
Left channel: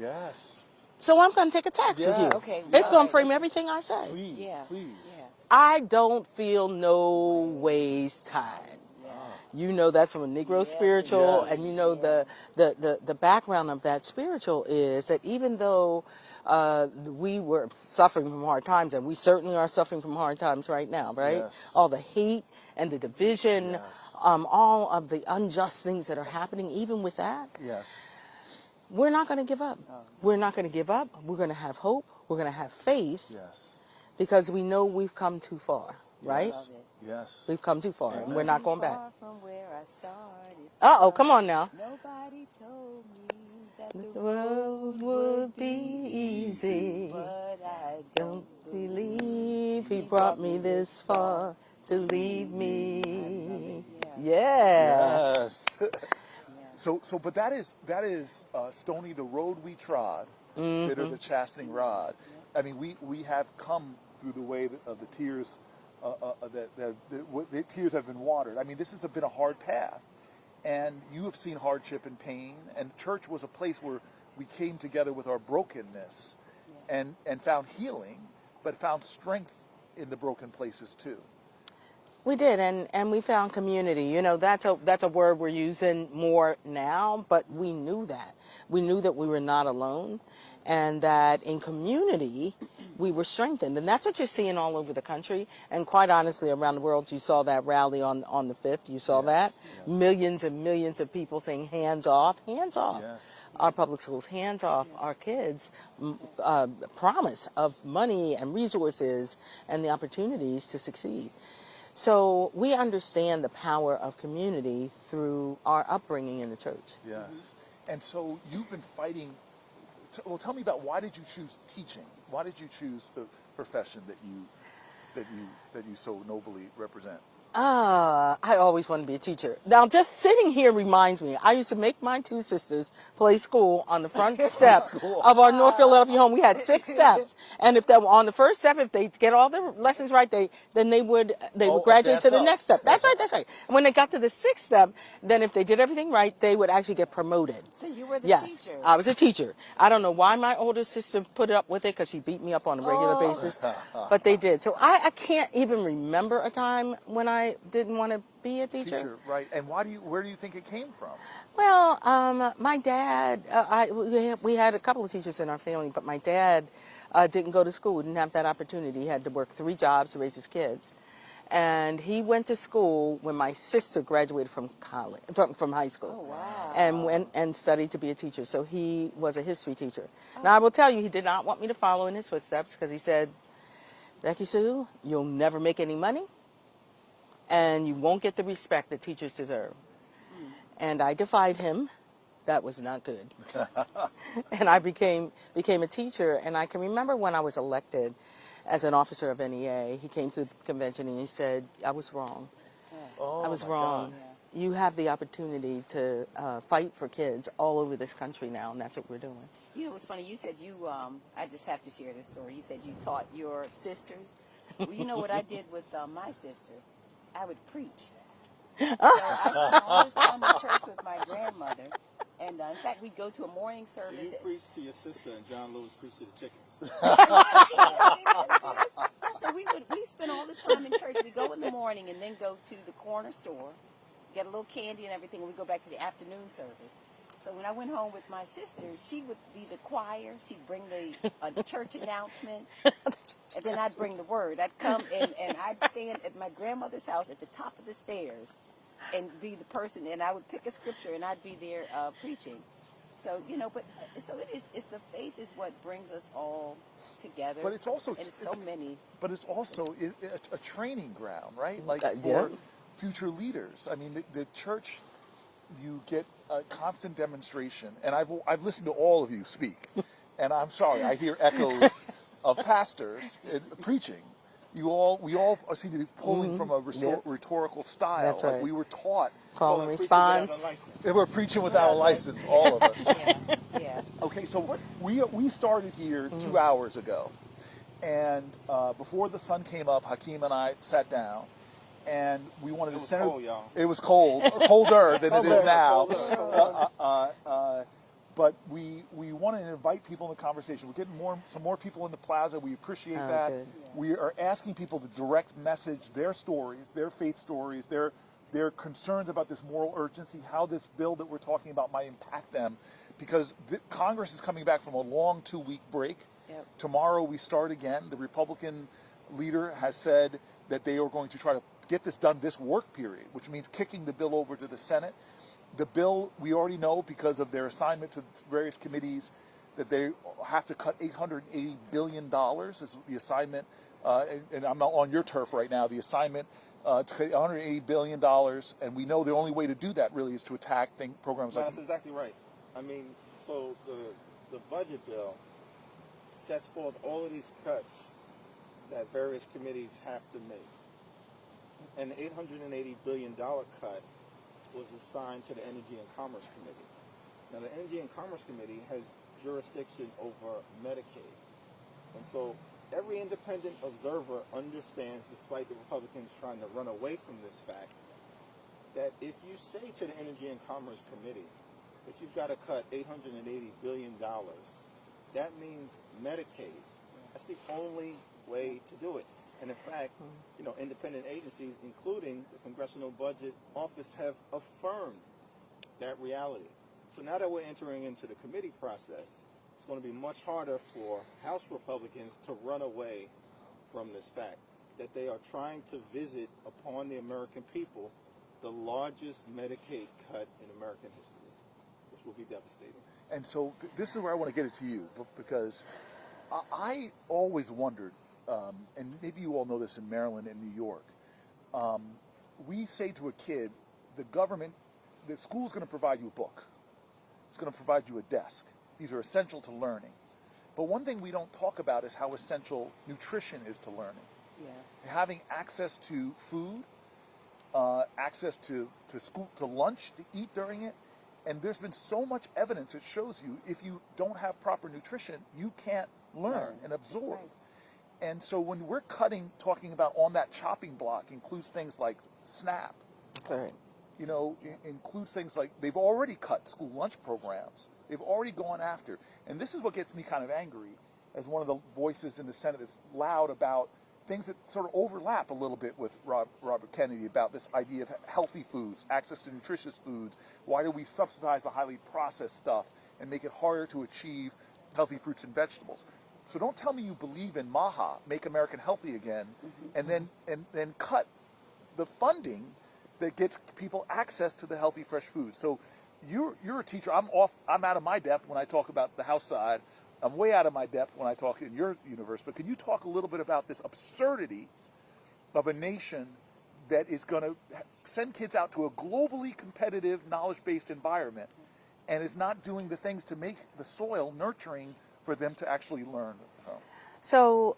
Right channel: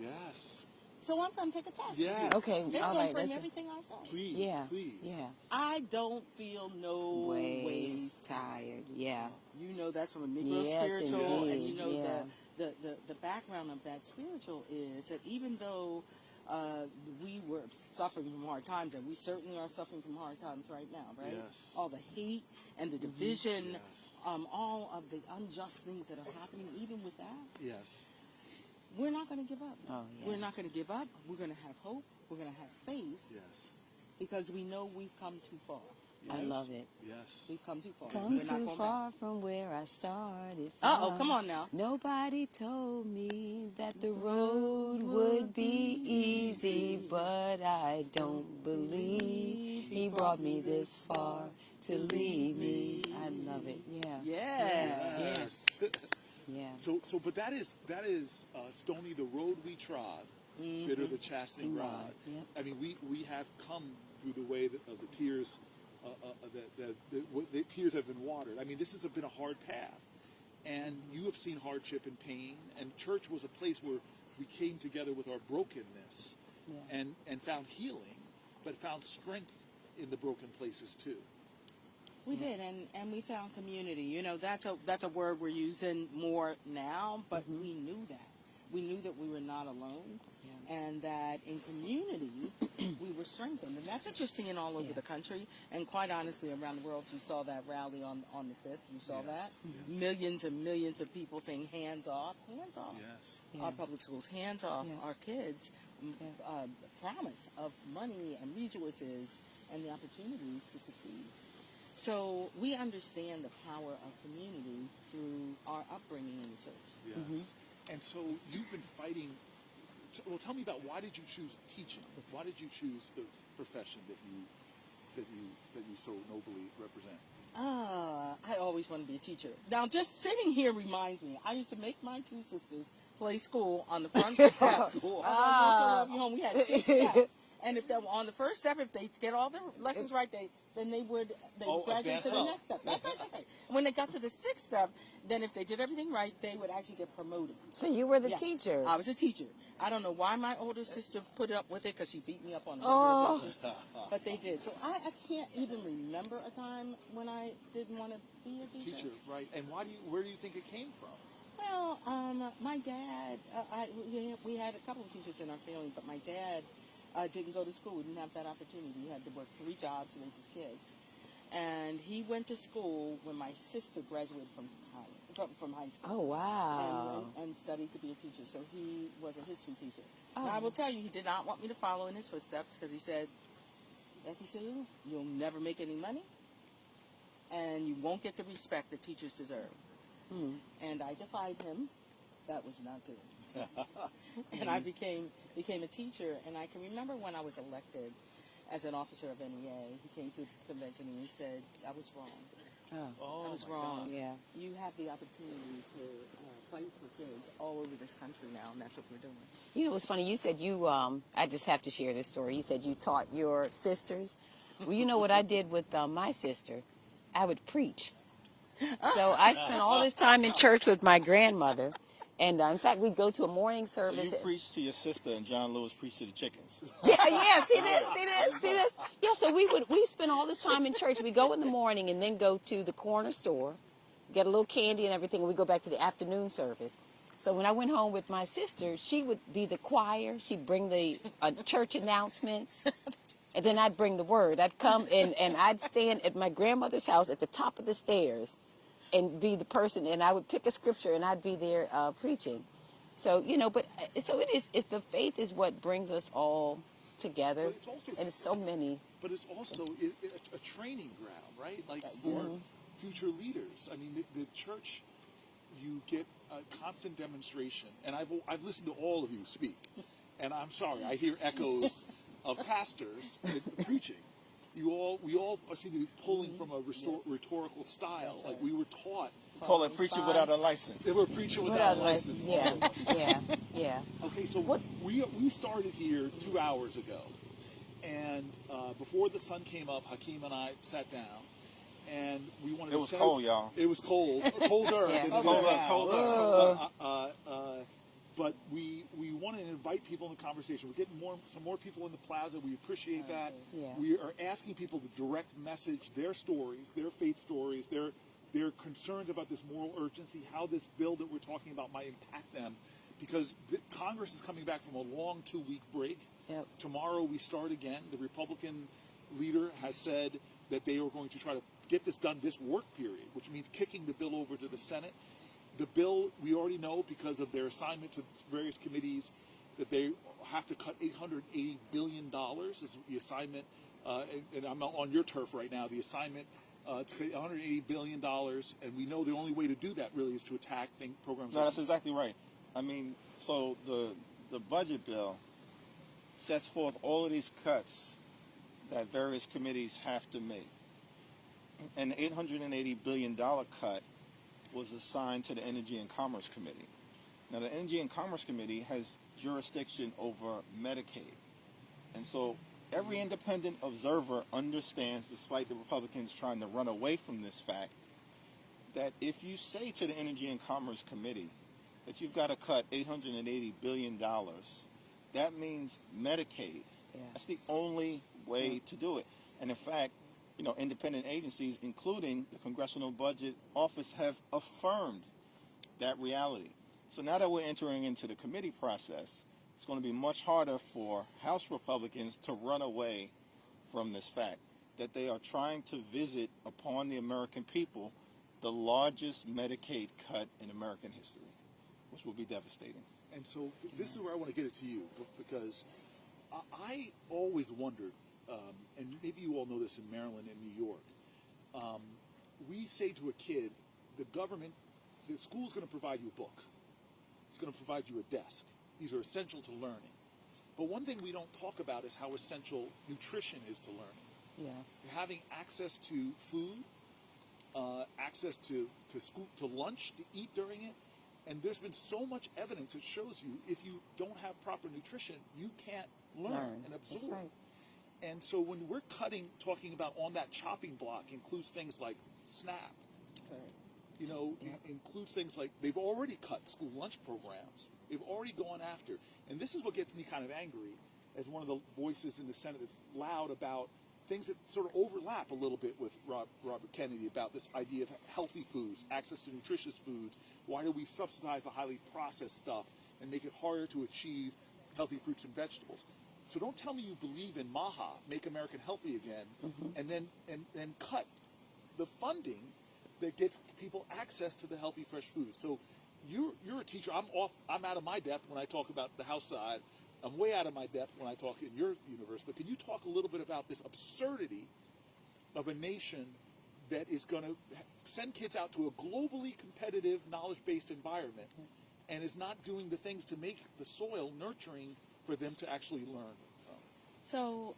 Yes. So I'm going to take a text with you. Yes. Okay, It's going right. to frame everything I say. Please, Yeah. please. Yeah. I don't feel no ways tired. Yeah. You know that's from a Negro Yes, spiritual, it and is. you know Yeah. the background of that spiritual is that even though we were suffering from hard times, and we certainly are suffering from hard times right now, right? Yes. All the hate and the division, Yes. all of the unjust things that are happening, even with that, Yes. we're not going to give up. Oh, yeah. We're not going to give up. We're going to have hope. We're going to have faith Yes. because we know we've come too far, right? Love it. Yes. We've come too far, and we're Too not going back. far from where I started Uh-oh, from. come on now. Nobody told me that the road would be easy, but I don't believe He brought me this far to leave me. I love it. Yeah. Yes. Yeah. So, but that is Stony, the road we trod, bitter the chastening rod. I mean, we have come through the way of the tears, the tears have been watered. I mean, this has been a hard path, and you have seen hardship and pain. And church was a place where we came together with our brokenness, and found healing, but found strength in the broken places too. We did, and we found community. You know, that's a word we're using more now, but we knew that. We knew that we were not alone, and that in community we were strengthened. And that's what you're seeing all over the country, and quite honestly around the world. You saw that rally on the 5th. You saw that. Millions and millions of people saying hands off, hands off. Yes. Our public schools, hands off our kids, promise of money and resources and the opportunities to succeed. So we understand the power of community through our upbringing in the church. Yes. And so you've been fighting. Well, tell me about, why did you choose teaching? Why did you choose the profession that you so nobly represent? I always wanted to be a teacher. Now, just sitting here reminds me, I used to make my two sisters play school on the front steps of our North Philadelphia home. We had 6 steps, and if they were on the first step, if they get all their lessons right, they would graduate to the next step. That's right. And when they got to the 6th step, then if they did everything right, they would actually get promoted. So you were the Yes, teacher. I was a teacher. I don't know why my older sister put up with it, because she beat me up on a regular basis, but they did. So I can't even remember a time when I didn't want to be a teacher. Right? And where do you think it came from? Well, my dad, we had a couple of teachers in our family, but my dad didn't go to school, didn't have that opportunity. He had to work 3 jobs to raise his kids. And he went to school when my sister graduated from high school. Oh, wow. And went and studied to be a teacher. So he was a history teacher. Now, I will tell you, he did not want me to follow in his footsteps, because he said, Becky Sue, you'll never make any money, and you won't get the respect that teachers deserve. And I defied him. That was not good. And I became a teacher. And I can remember when I was elected as an officer of NEA, he came to the convention and he said, I was wrong. I was wrong. Yeah. You have the opportunity to fight for kids all over this country now, and that's what we're doing. You know, it's funny. You said I just have to share this story. You said you taught your sisters. Well, you know what I did with my sister? I would preach. So I spent all this time in church with my grandmother. And in fact, we'd go to a morning service. So you preached to your sister, and John Lewis preached to the chickens. Yeah, see this? Yeah, so we spent all this time in church. We go in the morning and then go to the corner store, get a little candy and everything, and we go back to the afternoon service. So when I went home with my sister, she would be the choir. She'd bring the church announcements, and then I'd bring the word. I'd come and I'd stand at my grandmother's house at the top of the stairs and be the person, and I would pick a scripture, and I'd be there preaching. So, you know, but so it is. The faith is what brings us all together. But it's also, and it's so many. But it's also a training ground, right? Like Yeah. future leaders. I mean, the church, you get a constant demonstration, and I've listened to all of you speak, and I'm sorry, I hear echoes of pastors preaching. We all seem to be pulling from a rhetorical style. That's right. Like we were taught. Call and preaching without a response. license. We're preaching without a license, all of us. Yeah. Okay, so we started here 2 hours ago, and before the sun came up, Hakeem and I sat down, and we wanted to. It was cold, y'all. It was cold, colder than it is now. Colder. But we wanted to invite people in the conversation. We're getting some more people in the plaza. We appreciate that. good. Yeah. We are asking people to direct message their stories, their faith stories, their concerns about this moral urgency, how this bill that we're talking about might impact them. Because Congress is coming back from a long 2-week break. Yep. Tomorrow we start again. The Republican leader has said that they are going to try to get this done this work period, which means kicking the bill over to the Senate. The bill, we already know because of their assignment to various committees that they have to cut $880 billion. This is the assignment, and I'm not on your turf right now, the assignment to cut $180 billion, and we know the only way to do that really is to attack programs No, like that's exactly right. I mean, so the budget bill sets forth all of these cuts that various committees have to make. And the $880 billion cut was assigned to the Energy and Commerce Committee. Now, the Energy and Commerce Committee has jurisdiction over Medicaid. And so every independent observer understands, despite the Republicans trying to run away from this fact, that if you say to the Energy and Commerce Committee that you've got to cut $880 billion, that means Medicaid. That's the only way to do it. And in fact, independent agencies, including the Congressional Budget Office, have affirmed that reality. So now that we're entering into the committee process, it's going to be much harder for House Republicans to run away from this fact that they are trying to visit upon the American people the largest Medicaid cut in American history, which will be devastating. And so this is where I want to get it to you, because I always wondered, and maybe you all know this in Maryland and New York, we say to a kid, the school's going to provide you a book. It's going to provide you a desk. These are essential to learning. But one thing we don't talk about is how essential nutrition is to learning. Yeah. Having access to food, access to school, to lunch, to eat during it. And there's been so much evidence that shows you if you don't have proper nutrition, you can't learn and absorb. That's right. And so when we're talking about on that chopping block includes things like SNAP. That's right. Includes things like they've already cut school lunch programs. They've already gone after. And this is what gets me kind of angry as one of the voices in the Senate that's loud about things that sort of overlap a little bit with Robert Kennedy about this idea of healthy foods, access to nutritious foods. Why do we subsidize the highly processed stuff and make it harder to achieve healthy fruits and vegetables? So don't tell me you believe in MAHA, Make America Healthy Again, and then cut the funding that gets people access to the healthy, fresh food. So you're a teacher. I'm out of my depth when I talk about the House side. I'm way out of my depth when I talk in your universe. But can you talk a little bit about this absurdity of a nation that is going to send kids out to a globally competitive, knowledge-based environment and is not doing the things to make the soil nurturing for them to actually learn from? So,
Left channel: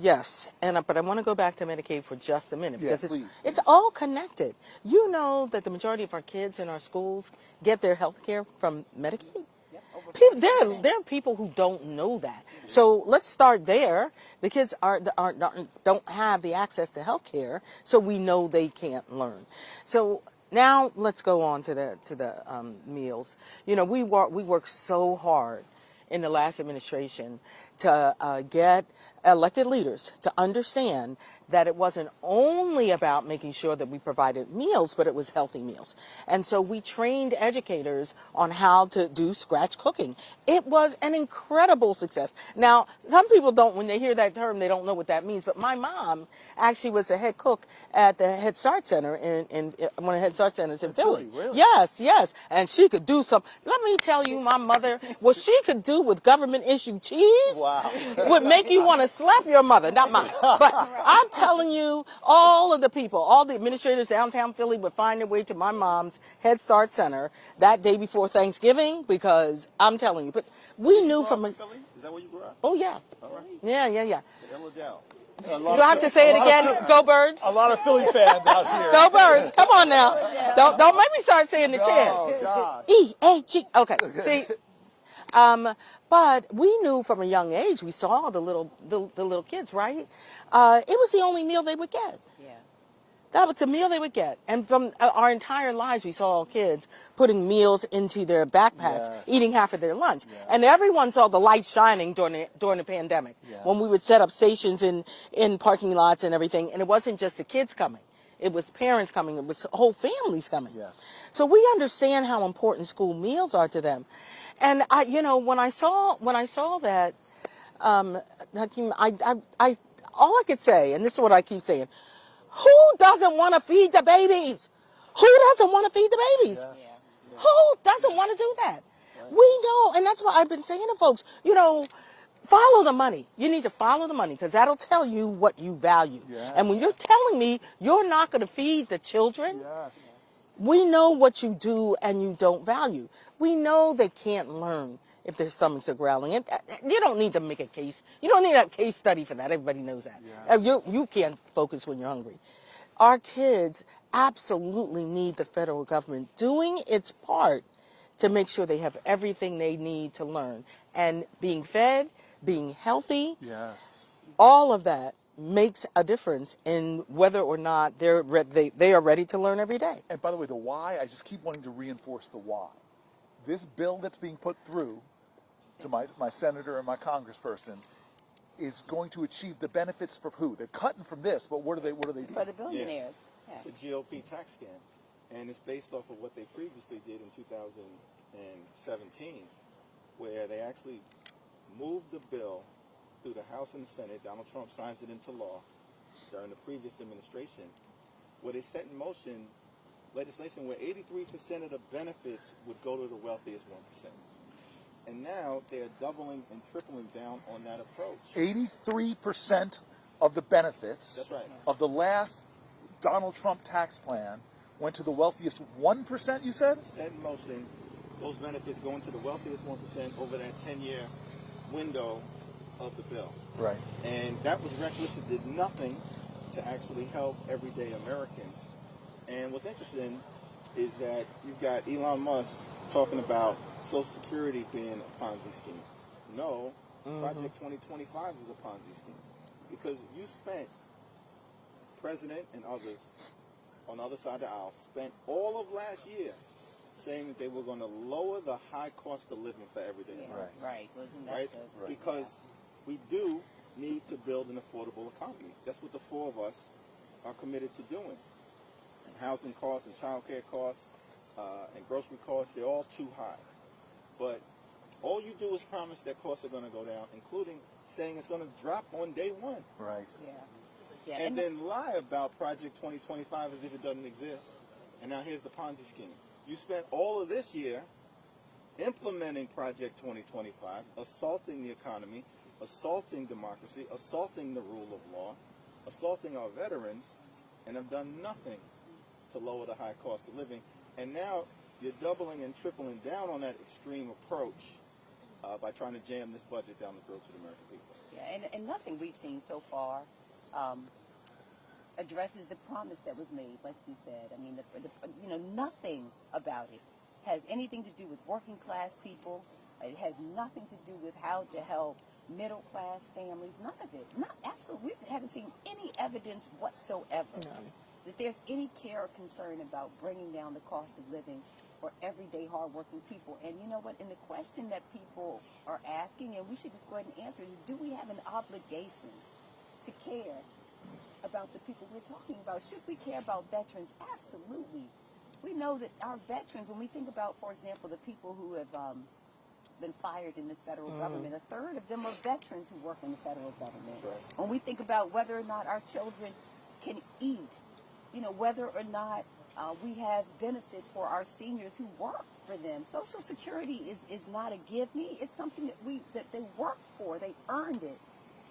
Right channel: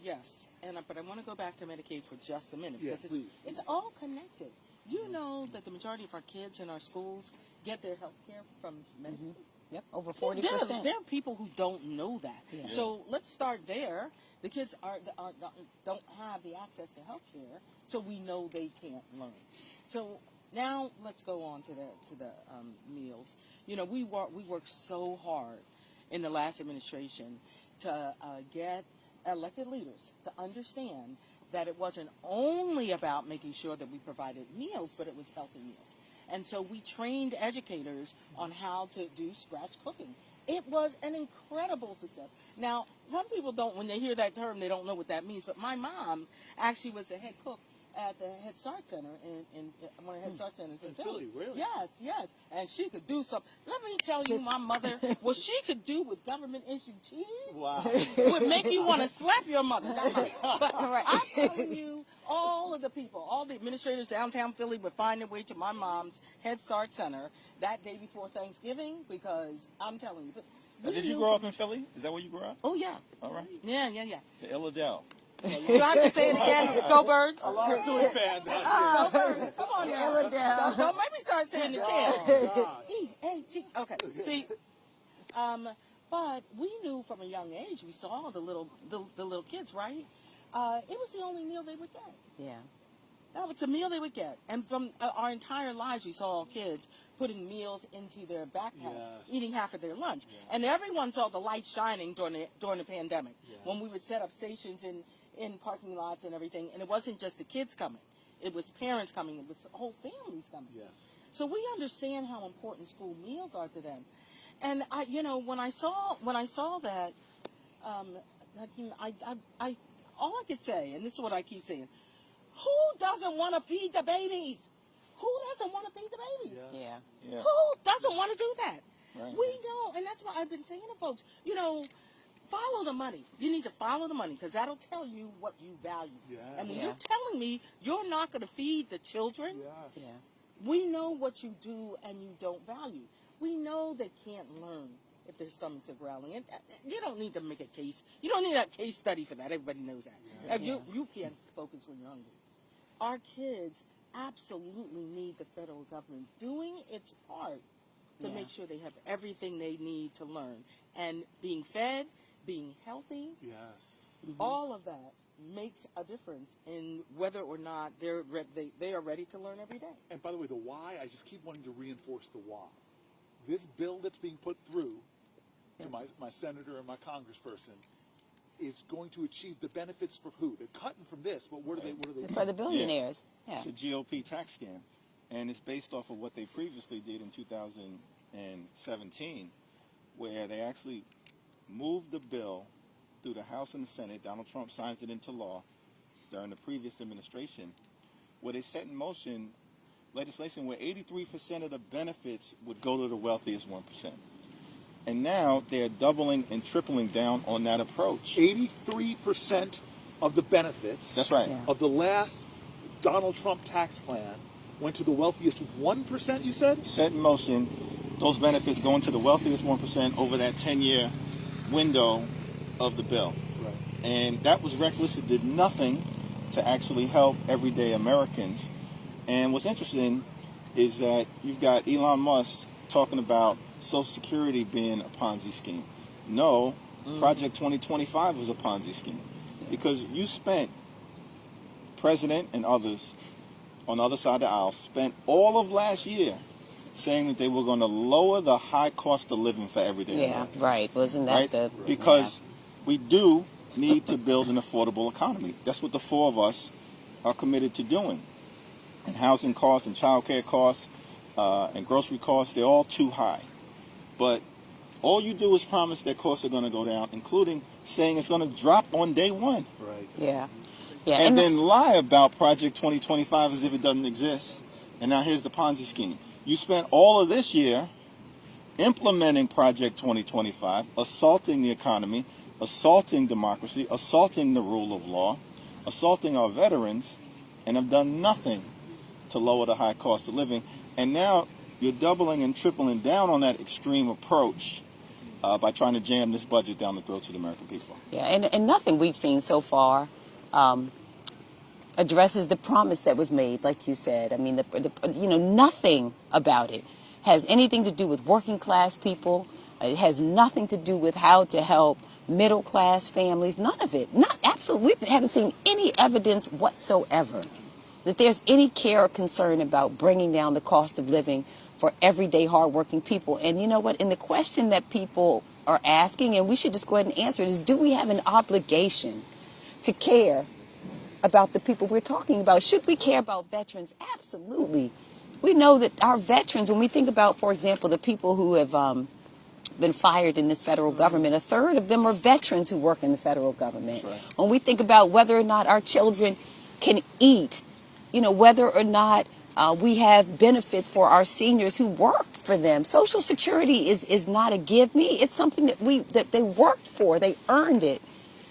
yes, but I want to go back to Medicaid for just a minute because please. it's all connected. You know that the majority of our kids in our schools get their health care from Medicaid? Yep, over People, 40%. there are people who don't know that. So let's start there. The kids don't have the access to health care, so we know they can't learn. So now let's go on to the meals. We worked so hard in the last administration to get elected leaders to understand that it wasn't only about making sure that we provided meals, but it was healthy meals. And so we trained educators on how to do scratch cooking. It was an incredible success. Now, some people don't, when they hear that term, they don't know what that means, but my mom actually was the head cook at the Head Start Center in one of the Head Start Centers in Philly. Really? Yes. And she could do some. Let me tell you, my mother, what she could do with government-issued cheese would make you want to slap your mother, not mine. But I'm telling you, all of the people, all the administrators downtown Philly would find their way to my mom's Head Start Center that day before Thanksgiving, because I'm telling you, but we Did you knew grow from up in Philly? Is that where you grew up? Oh yeah, All right. yeah. The Illadale. You have to say it again. Go Birds. A lot of Philly fans out here. Go Birds. Come on now. Don't make me start saying the chant. gosh. E-A-G. Okay. See. But we knew from a young age. We saw the little kids, right? It was the only meal they would get. Yeah. That was the meal they would get. And from our entire lives, we saw kids putting meals into their backpacks, Yes. eating half of their lunch. And everyone saw the light shining during the pandemic, Yes. when we would set up stations in parking lots and everything. And it wasn't just the kids coming. It was parents coming. It was whole families coming. Yes. So we understand how important school meals are to them. And when I saw that, Hakeem, all I could say, and this is what I keep saying, who doesn't want to feed the babies? Who doesn't want to feed the babies? Yes. Yeah. Who doesn't want to do that? Right. We know, and that's what I've been saying to folks, follow the money. You need to follow the money, because that'll tell you what you value. Yes. And when you're telling me you're not going to feed the children, Yes. we know what you do and you don't value. We know they can't learn if their stomachs are growling. And you don't need to make a case. You don't need a case study for that. Everybody knows that. Yeah. You can't focus when you're hungry. Our kids absolutely need the federal government doing its part to make sure they have everything they need to learn. And being fed, being healthy, Yes. all of that makes a difference in whether or not they are ready to learn every day. And by the way, the why, I just keep wanting to reinforce the why. This bill that's being put through to my senator and my congressperson is going to achieve the benefits for who? They're cutting from this, but what are they doing? For the billionaires. Yeah. It's a GOP tax scam, and it's based off of what they previously did in 2017, where they actually moved the bill through the House and the Senate. Donald Trump signs it into law during the previous administration, where they set in motion legislation where 83% of the benefits would go to the wealthiest 1%. And now they're doubling and tripling down on that approach. 83% of the benefits That's right. of the last Donald Trump tax plan went to the wealthiest 1%, you said? Set in motion, those benefits going to the wealthiest 1% over that 10-year window of the bill. Right. And that was reckless. It did nothing to actually help everyday Americans. And what's interesting is that you've got Elon Musk talking about Social Security being a Ponzi scheme. No, Project 2025 was a Ponzi scheme, because you spent, President and others on the other side of the aisle spent all of last year saying that they were going to lower the high cost of living for everyday Americans. Right. Wasn't that Right? the... Because we do need to build an affordable economy. That's what the four of us are committed to doing. And housing costs and child care costs and grocery costs, they're all too high. But all you do is promise that costs are going to go down, including saying it's going to drop on day one. Right. Yeah. Yeah. And then lie about Project 2025 as if it doesn't exist. And now here's the Ponzi scheme. You spent all of this year implementing Project 2025, assaulting the economy, assaulting democracy, assaulting the rule of law, assaulting our veterans, and have done nothing to lower the high cost of living. And now you're doubling and tripling down on that extreme approach by trying to jam this budget down the throats of the American people. Yeah, and nothing we've seen so far addresses the promise that was made, like you said. I mean, nothing about it has anything to do with working class people. It has nothing to do with how to help middle class families. None of it. Absolutely. We haven't seen any evidence whatsoever that there's any care or concern about bringing down the cost of living for everyday hardworking people. And you know what? And the question that people are asking, and we should just go ahead and answer it, is do we have an obligation to care about the people we're talking about? Should we care about veterans? Absolutely. We know that our veterans, when we think about, for example, the people who have been fired in this federal government, a third of them are veterans who work in the federal government. That's right. When we think about whether or not our children can eat, whether or not we have benefits for our seniors who worked for them. Social Security is not a give me. It's something that they worked for. They earned it.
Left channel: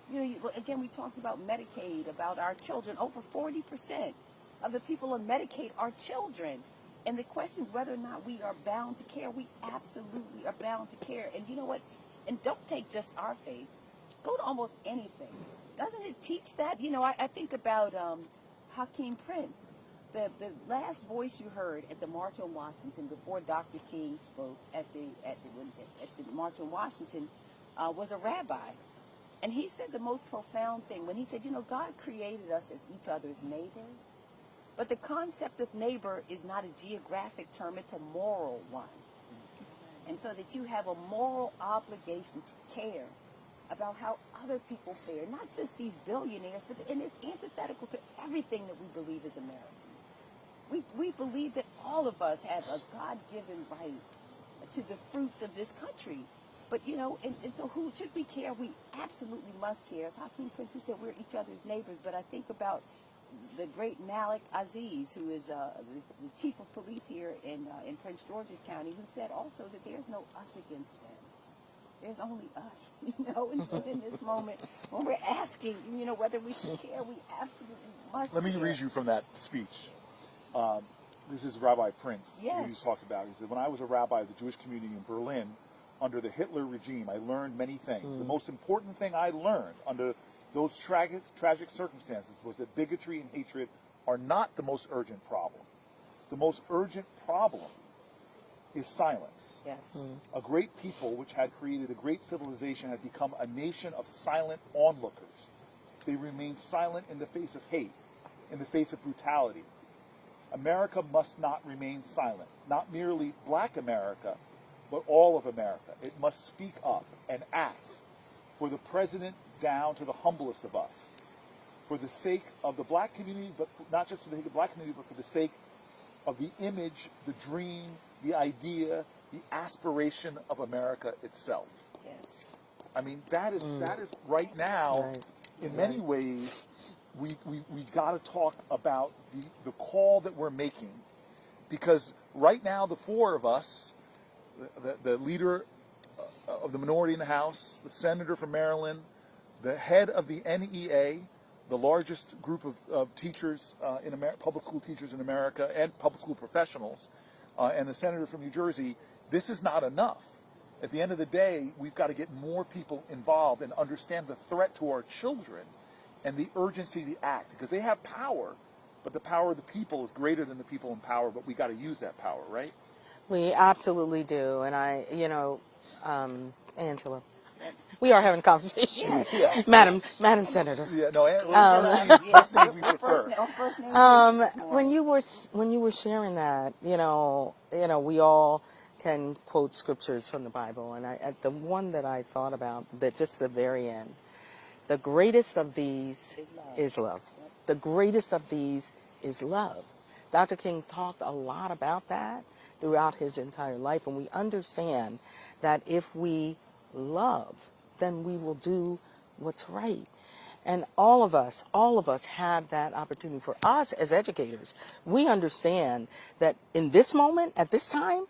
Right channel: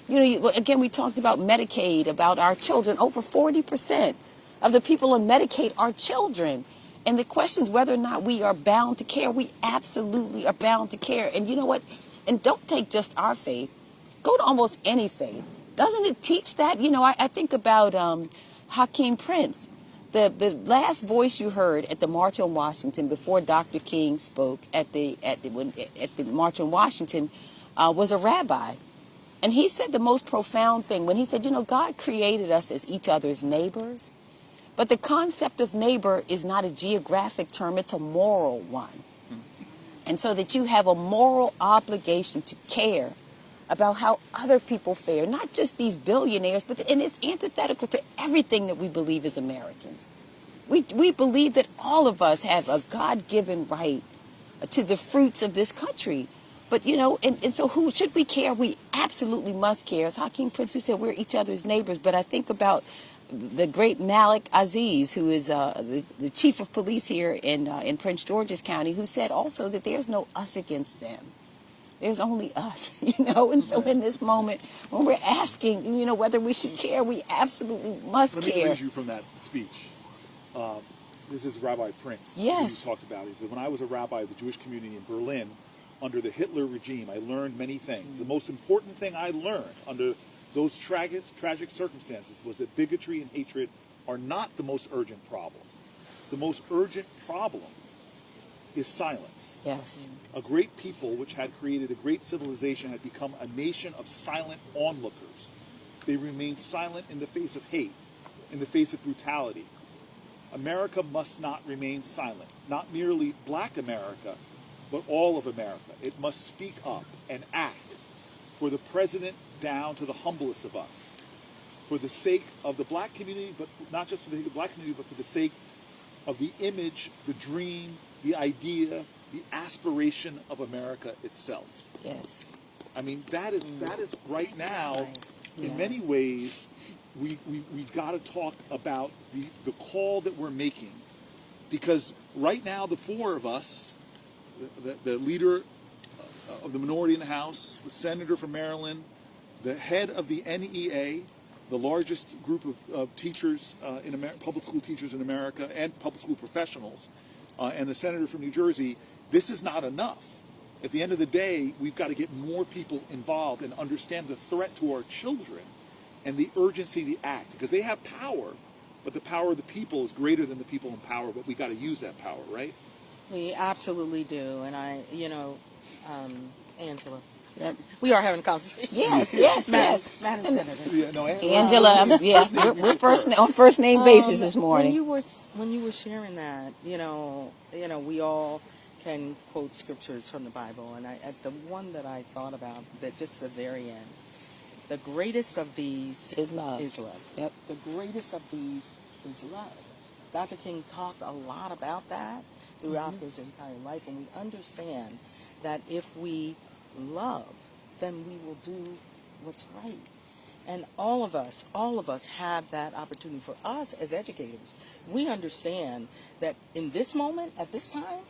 Again, we talked about Medicaid, about our children. Over 40% of the people on Medicaid are children. And the question is whether or not we are bound to care. We absolutely are bound to care. And you know what? And don't take just our faith. Go to almost any faith. Doesn't it teach that? I think about Hakeem Prince. The last voice you heard at the March on Washington before Dr. King spoke at the March on Washington was a rabbi. And he said the most profound thing when he said, God created us as each other's neighbors. But the concept of neighbor is not a geographic term, it's a moral one. And so that you have a moral obligation to care about how other people fare, not just these billionaires, and it's antithetical to everything that we believe as Americans. We believe that all of us have a God-given right to the fruits of this country. But, and so who should we care? We absolutely must care. As Hakeem Prince, who said we're each other's neighbors. But I think about the great Malik Aziz, who is the chief of police here in Prince George's County, who said also that there's no us against them. There's only us, And so in this moment, when we're asking, whether we should care, we absolutely must care. Let me read you from that speech. This is Rabbi Prince. Yes. Who talked about it. He said, when I was a rabbi of the Jewish community in Berlin, under the Hitler regime, I learned many things. The most important thing I learned under those tragic circumstances was that bigotry and hatred are not the most urgent problem. The most urgent problem is silence. Yes. A great people which had created a great civilization had become a nation of silent onlookers. They remained silent in the face of hate, in the face of brutality. America must not remain silent. Not merely black America, but all of America. It must speak up and act for the president down to the humblest of us. For the sake of the black community, but not just for the black community, but for the sake of the image, the dream, the idea, the aspiration of America itself. Yes. I mean, that is right now, Right. in many ways, we got to talk about the call that we're making. Because right now, the four of us, the leader of the minority in the House, the senator from Maryland, the head of the NEA, the largest group of teachers, public school teachers in America, and public school professionals, and the senator from New Jersey, this is not enough. At the end of the day, we've got to get more people involved and understand the threat to our children and the urgency of the act. Because they have power, but the power of the people is greater than the people in power, but we got to use that power, right? We absolutely do. And Angela, we are having a conversation. Yes, Madam Senator. Yeah, no, Angela, yes, we're on first name basis this morning. When you were sharing that, we all can quote scriptures from the Bible, and the one that I thought about, that just the very end, the greatest of these is love. Yep. The greatest of these is love. Dr. King talked a lot about that throughout his entire life, and we understand that if we love, then we will do what's right. And all of us have that opportunity. For us as educators, we understand that in this moment, at this time,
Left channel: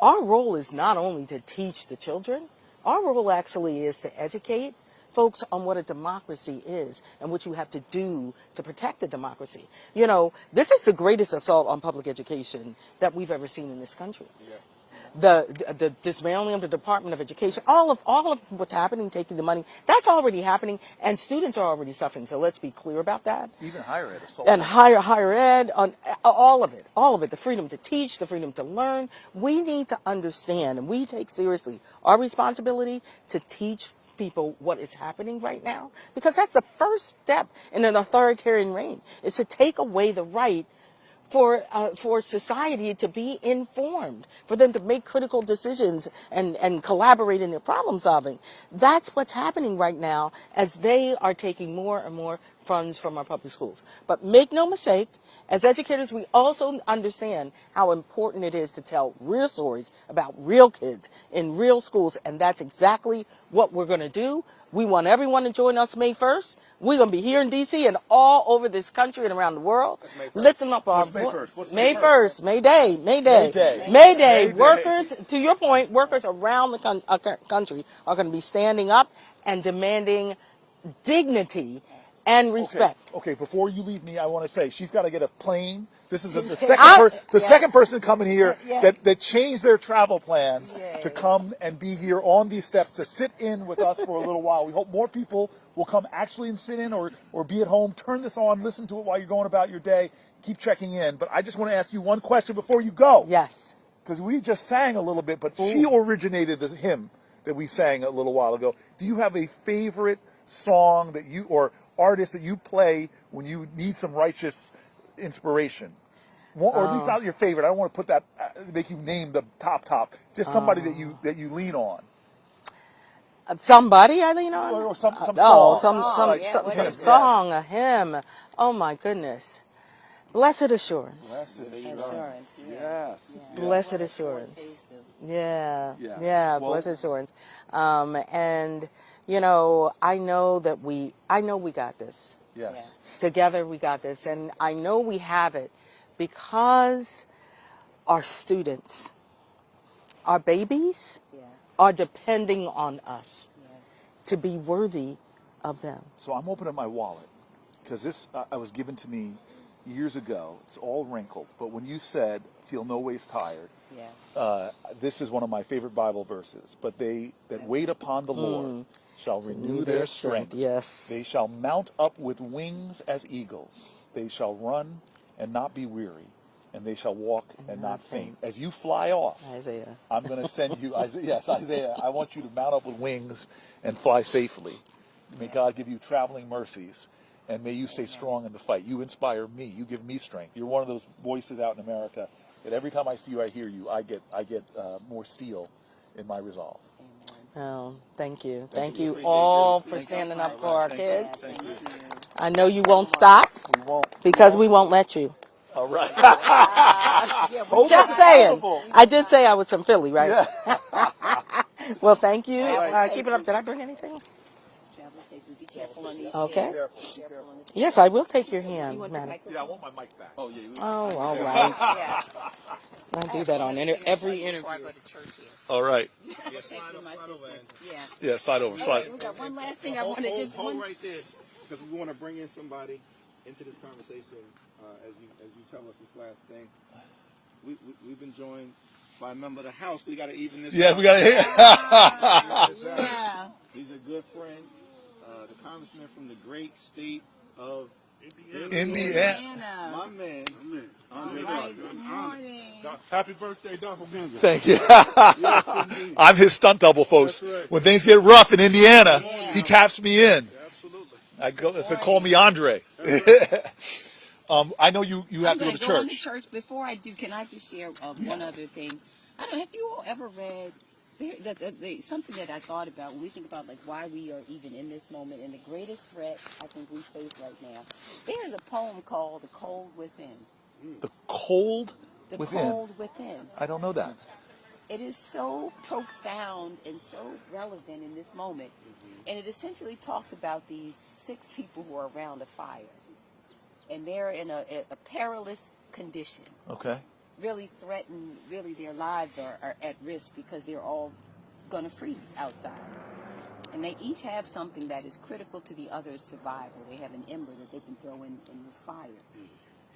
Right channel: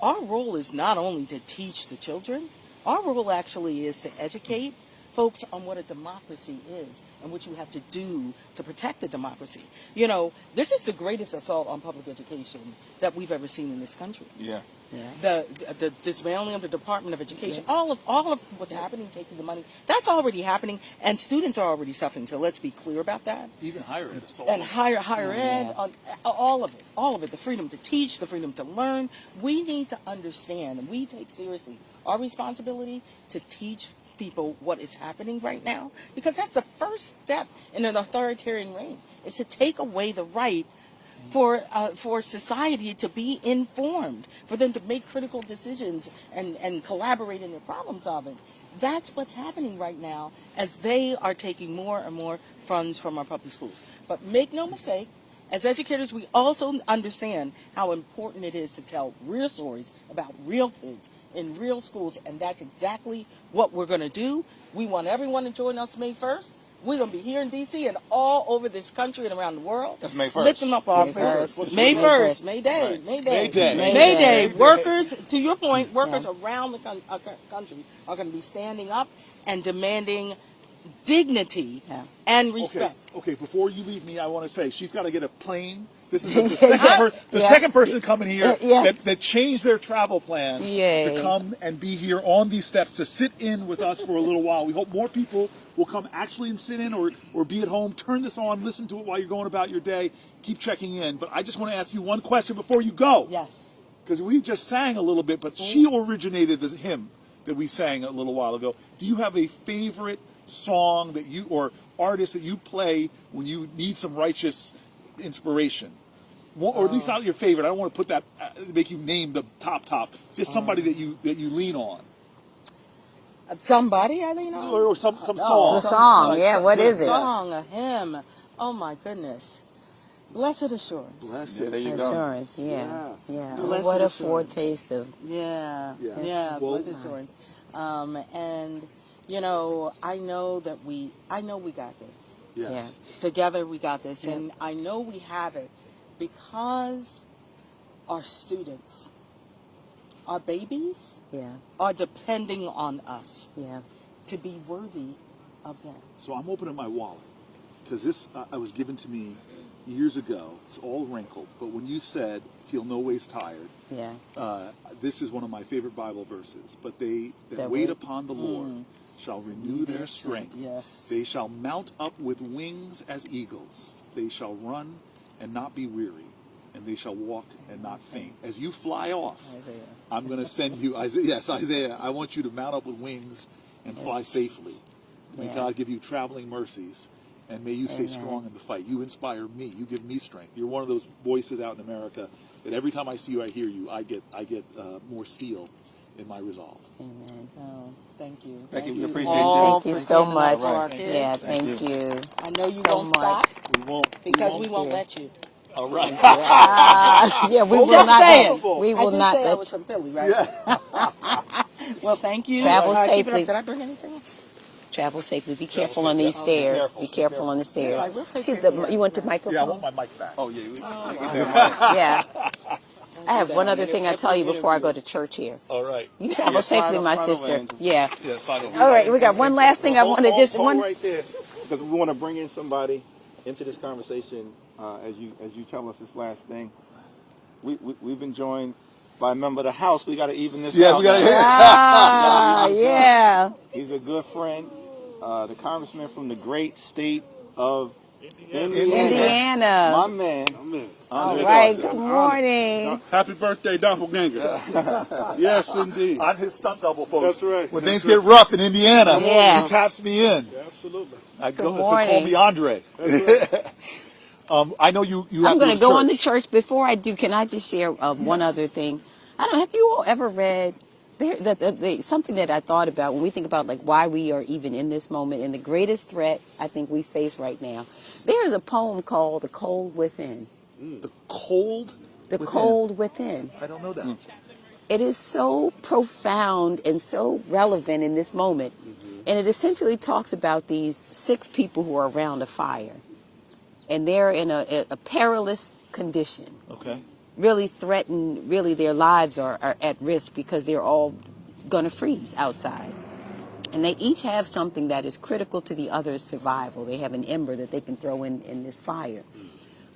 our role is not only to teach the children, our role actually is to educate folks on what a democracy is and what you have to do to protect a democracy. This is the greatest assault on public education that we've ever seen in this country. Yeah. The dismantling of the Department of Education, all of what's happening, taking the money, that's already happening, and students are already suffering. So let's be clear about that. Even higher ed. And higher ed, on all of it, the freedom to teach, the freedom to learn. We need to understand, and we take seriously our responsibility to teach people what is happening right now, because that's the first step in an authoritarian reign, is to take away the right for society to be informed, for them to make critical decisions and collaborate in their problem solving. That's what's happening right now as they are taking more and more funds from our public schools. But make no mistake, as educators, we also understand how important it is to tell real stories about real kids in real schools, and that's exactly what we're going to do. We want everyone to join us May 1st. We're going to be here in D.C. and all over this country and around the world. That's May 1st. Lifting up our voice. May 1st, May Day. May Day. May Day. Workers, to your point, workers around the country are going to be standing up and demanding and respect. Okay, before you leave me, I want to say she's got to get a plane. This is the second person coming here that changed their travel plans to come and be here on these steps to sit in with us for a little while. We hope more people will come actually and sit in or be at home. Turn this on, listen to it while you're going about your day. Keep checking in. But I just want to ask you one question before you go. Yes. Because we just sang a little bit, but she originated the hymn that we sang a little while ago. Do you have a favorite song that you or artist that you play when you need some righteous inspiration? Or at least not your favorite. I don't want to put that make you name the top. Just somebody that you lean on. Somebody I lean on, or some song. What is it? Song, a hymn. Oh my goodness. Blessed assurance. There you go. Assurance, yeah. Blessed What a assurance. foretaste of. Blessed assurance. And you know, I know we got this. Yes. Together we got this, and I know we have it because our students, our babies, are depending on us to be worthy of them. So I'm opening my wallet because this was given to me years ago. It's all wrinkled, but when you said, "Feel no ways tired," this is one of my favorite Bible verses. But they that wait upon the Lord shall renew their strength. Yes. They shall mount up with wings as eagles. They shall run and not be weary, and they shall walk and not faint. As you fly off, Isaiah. I'm going to send you, Isaiah. Yes, Isaiah. I want you to mount up with wings and fly safely. May God give you traveling mercies, and may you stay strong in the fight. You inspire me. You give me strength. You're one of those voices out in America that every time I see you, I hear you, I get more steel in my resolve. Amen. Oh, thank you. Thank you. you Appreciate all Thank you for so standing up much. for our kids. Yeah, thank you. I know you so won't much. stop We won't. because we won't let you. All right. Yeah, we will Just not. saying. We I will did not say I let was from Philly, right? Well, thank you. Travel Keep it up. safely. Did I bring anything? Travel safely. Be careful on these stairs. Be careful on the stairs. Yes, I will take your hand. You want the Right. microphone? Yeah, I want my mic back. Oh, yeah. Oh, wow. Yeah. Don't I do have that one on other thing I every tell you before I interview. go to church here. All right. You travel safely, my sister. Yeah. Yeah, slide over. All right, we got one last thing I want to just hold one. right there, because we want to bring in somebody into this conversation as you tell us this last thing. We've been joined by a member of the House. We got to even this out. We got to Yeah. He's a good friend, the congressman from the great state of Indiana. My man. All right. Good morning. Happy birthday, Doppelganger. Thank you. Yes, indeed. I'm his stunt double, folks. That's right. When things get rough in Indiana, Yeah. he taps me in. Absolutely. Call me Andre. I know you have I'm going to go on to church. church. Before I do, can I just share one other thing? I don't know. Have you all ever read something that I thought about when we think about like why we are even in this moment and the greatest threat I think we face right now? There is a poem called "The Cold Within." The cold. The within. Cold Within. I don't know that. It is so profound and so relevant in this moment. And it essentially talks about these 6 people who are around a fire. And they're in a perilous condition. Okay. Really threatened, really their lives are at risk because they're all going to freeze outside. And they each have something that is critical to the other's survival. They have an ember that they can throw in this fire.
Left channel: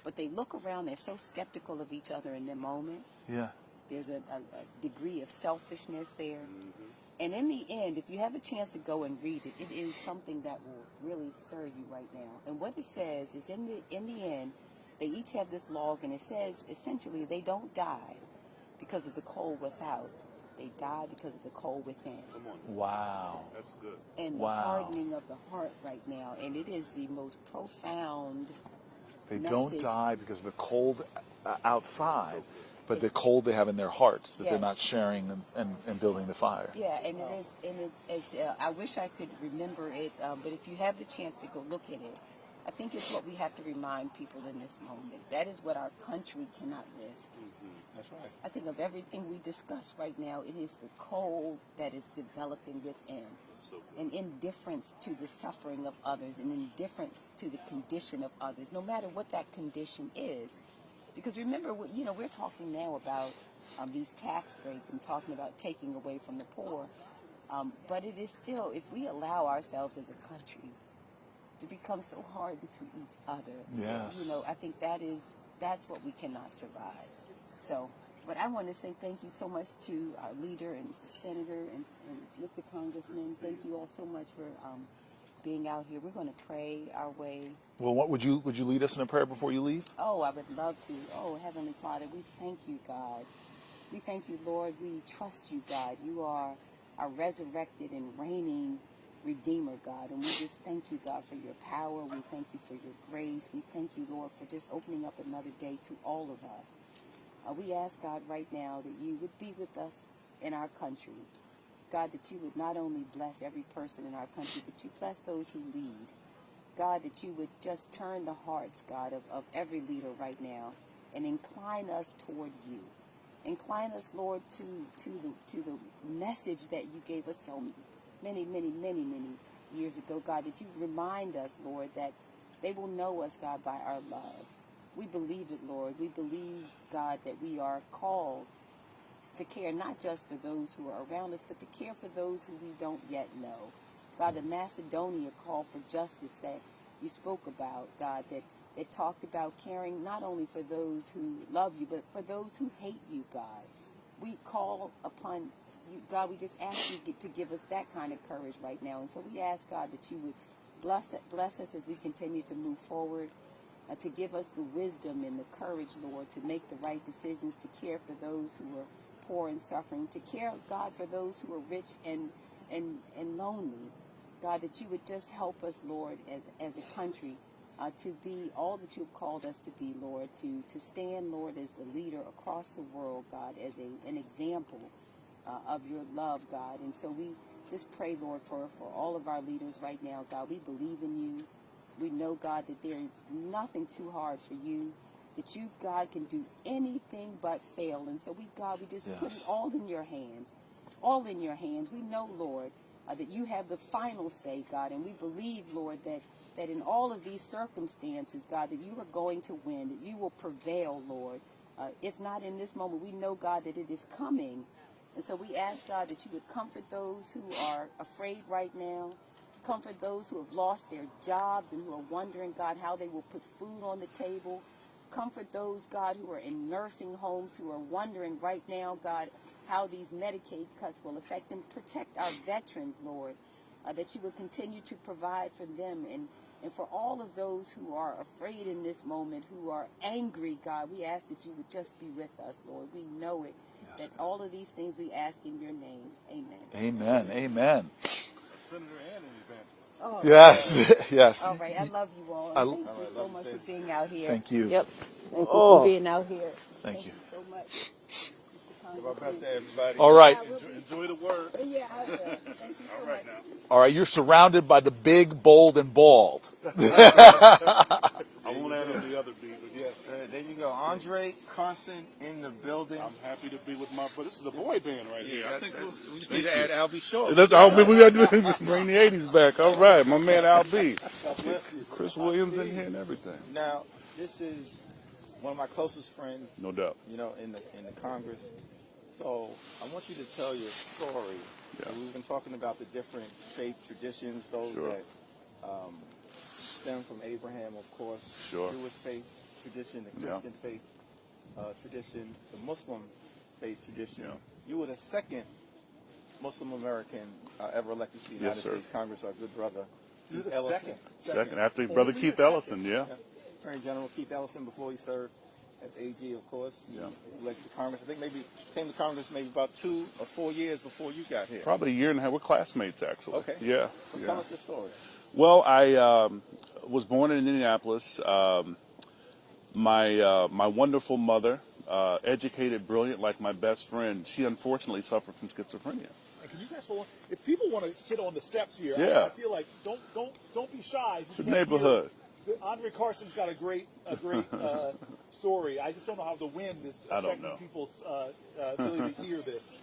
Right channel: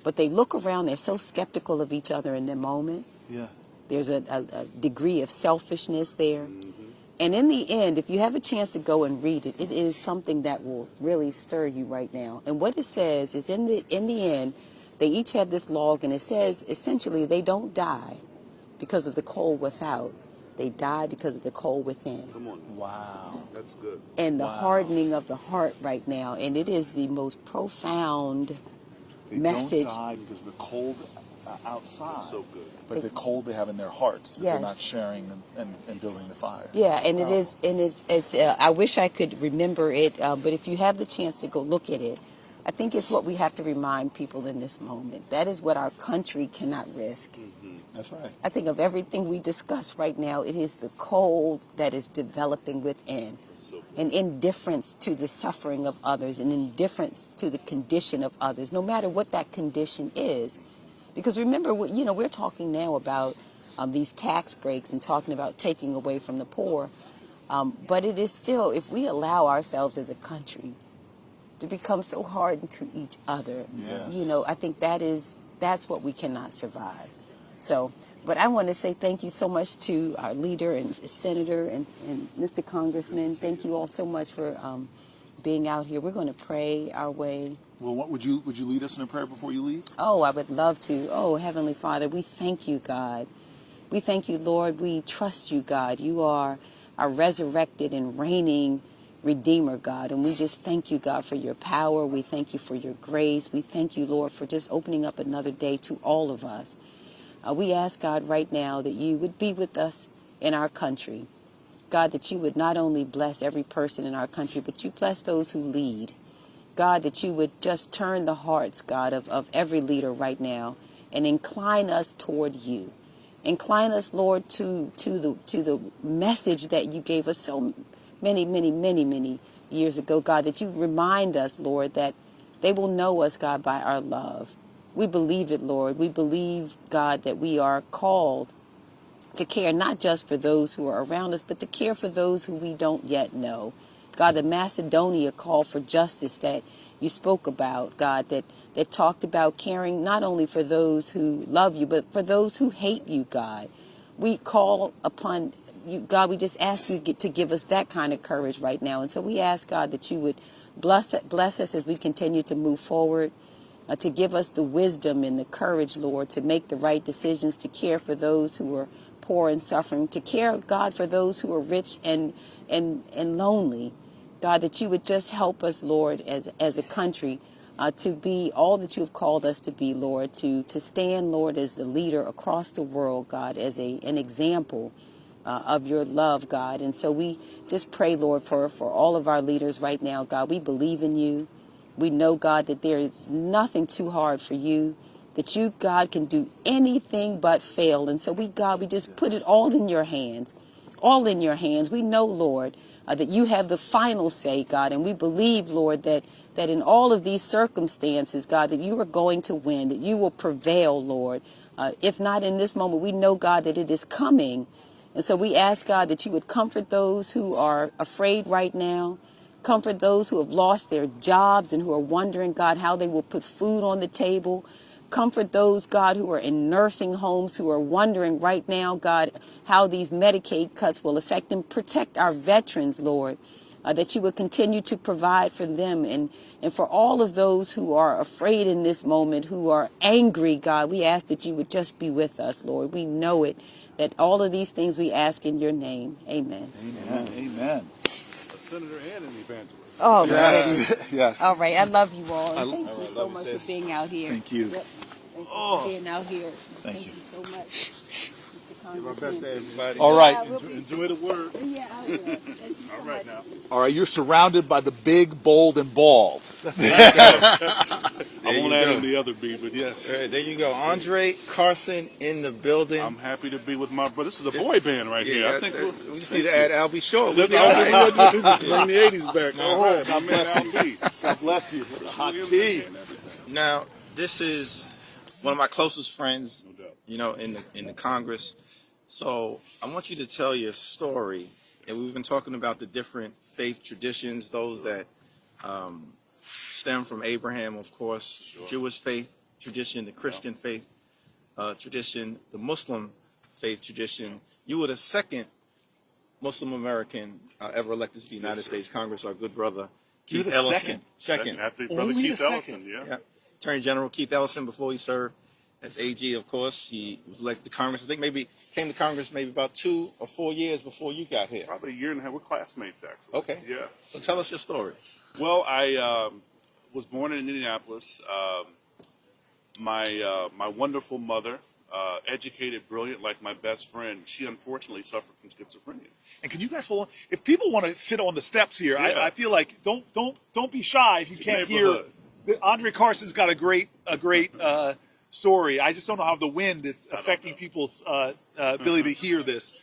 But they look around, they're so skeptical of each other in the moment. Yeah. There's a degree of selfishness there. And in the end, if you have a chance to go and read it, it is something that will really stir you right now. And what it says is in the end, they each have this log, and it says essentially they don't die because of the cold without. They die because of the cold within. Wow. That's good. And the hardening of the heart right now. And it is the most profound message. Don't die because of the cold outside. So good. But the cold they have in their hearts that they're Yes. not sharing and building the fire. Yeah, and it is, and it's. I wish I could remember it, but if you have the chance to go look at it, I think it's what we have to remind people in this moment. That is what our country cannot risk. That's right. I think of everything we discuss right now, it is the cold that is developing within, an indifference to the suffering of others, an indifference to the condition of others, no matter what that condition is. Because remember, we're talking now about these tax breaks and talking about taking away from the poor. But it is still, if we allow ourselves as a country to become so hardened to each other, Yes. you know, I think that's what we cannot survive. So, but I want to say thank you so much to our leader and senator and Mr. Congressman. Thank you all so much for being out here. We're going to pray our way. Well, what would you lead us in a prayer before you leave? Oh, I would love to. Oh, Heavenly Father, we thank you, God. We thank you, Lord. We trust you, God. You are our resurrected and reigning Redeemer, God. And we just thank you, God, for your power. We thank you for your grace. We thank you, Lord, for just opening up another day to all of us. We ask, God, right now that you would be with us in our country. God, that you would not only bless every person in our country, but you bless those who lead. God, that you would just turn the hearts, God, of every leader right now and incline us toward you. Incline us, Lord, to the message that you gave us so many years ago, God, that you remind us, Lord, that they will know us, God, by our love. We believe it, Lord. We believe, God, that we are called to care not just for those who are around us, but to care for those who we don't yet know. God, the Macedonia call for justice that you spoke about, God, that talked about caring not only for those who love you, but for those who hate you, God. We call upon you, God, we just ask you to give us that kind of courage right now. And so we ask, God, that you would bless us as we continue to move forward, to give us the wisdom and the courage, Lord, to make the right decisions, to care for those who are poor and suffering, to care, God, for those who are rich and lonely. God, that you would just help us, Lord, as a country, to be all that you have called us to be, Lord, to stand, Lord, as the leader across the world, God, as an example of your love, God. And so we just pray, Lord, for all of our leaders right now, God. We believe in you. We know, God, that there is nothing too hard for you, that you, God, can do anything but fail. And so we just put it all in your hands, all in your hands. We know, Lord, that you have the final say, God, and we believe, Lord, that in all of these circumstances, God, that you are going to win, that you will prevail, Lord. If not in this moment, we know, God, that it is coming. And so we ask, God, that you would comfort those who are afraid right now. Comfort those who have lost their jobs and who are wondering, God, how they will put food on the table. Comfort those, God, who are in nursing homes, who are wondering right now, God, how these Medicaid cuts will affect them. Protect our veterans, Lord, that you would continue to provide for them. And for all of those who are afraid in this moment, who are angry, God, we ask that you would just be with us, Lord. We know it, that all of these things we ask in your name. Amen. Amen. Amen. Senator and an evangelist. Oh, Yes. Yes. all right. I love you all. And thank All you right, so love you, much sis. for being out here. Thank you. Yep. Thank you Oh. for being out here. Thank you. so much, Mr. Give our Congressman. best to everybody. All right. Enjoy the word. Yeah, I will. Thank you so much. Now. All right. You're surrounded by the big, bold, and bald. I won't add in the other B, but yes. All right, there you go. Andre Carson in the building. I'm happy to be with my brother. This is a boy band right here. I think we just need to add Albie Shaw. we got to bring the 80s back. All right, my man Al B. God bless you. Chris Williams in here and everything. Now, this is one of my closest friends, No doubt. you know, in the Congress. So I want you to tell your story. Yeah. And we've been talking about the different faith traditions, those that stem from Abraham, of course, Sure. Jewish faith tradition, the Christian faith tradition, the Muslim faith tradition. Yeah. You were the second Muslim American ever elected to the United sir. States Congress, our good brother, You're Keith the Ellison. Second after brother Only Keith the second. Ellison, yeah. Yeah. Attorney General Keith Ellison, before he served as AG, of course. He was elected to Congress. I think maybe came to Congress maybe about 2 or 4 years before you got here. Probably a year and a half. We're classmates, actually. Okay. Yeah. So tell us your story. Well, I was born in Indianapolis. My wonderful mother, educated, brilliant, like my best friend, she unfortunately suffered from schizophrenia. And can you guys hold on? If people want to sit on the steps here, Yeah. I feel like don't be shy if you It's a can't hear. neighborhood. Andre Carson's got a great story. I just don't know how the wind is I don't affecting know. people's ability to hear this.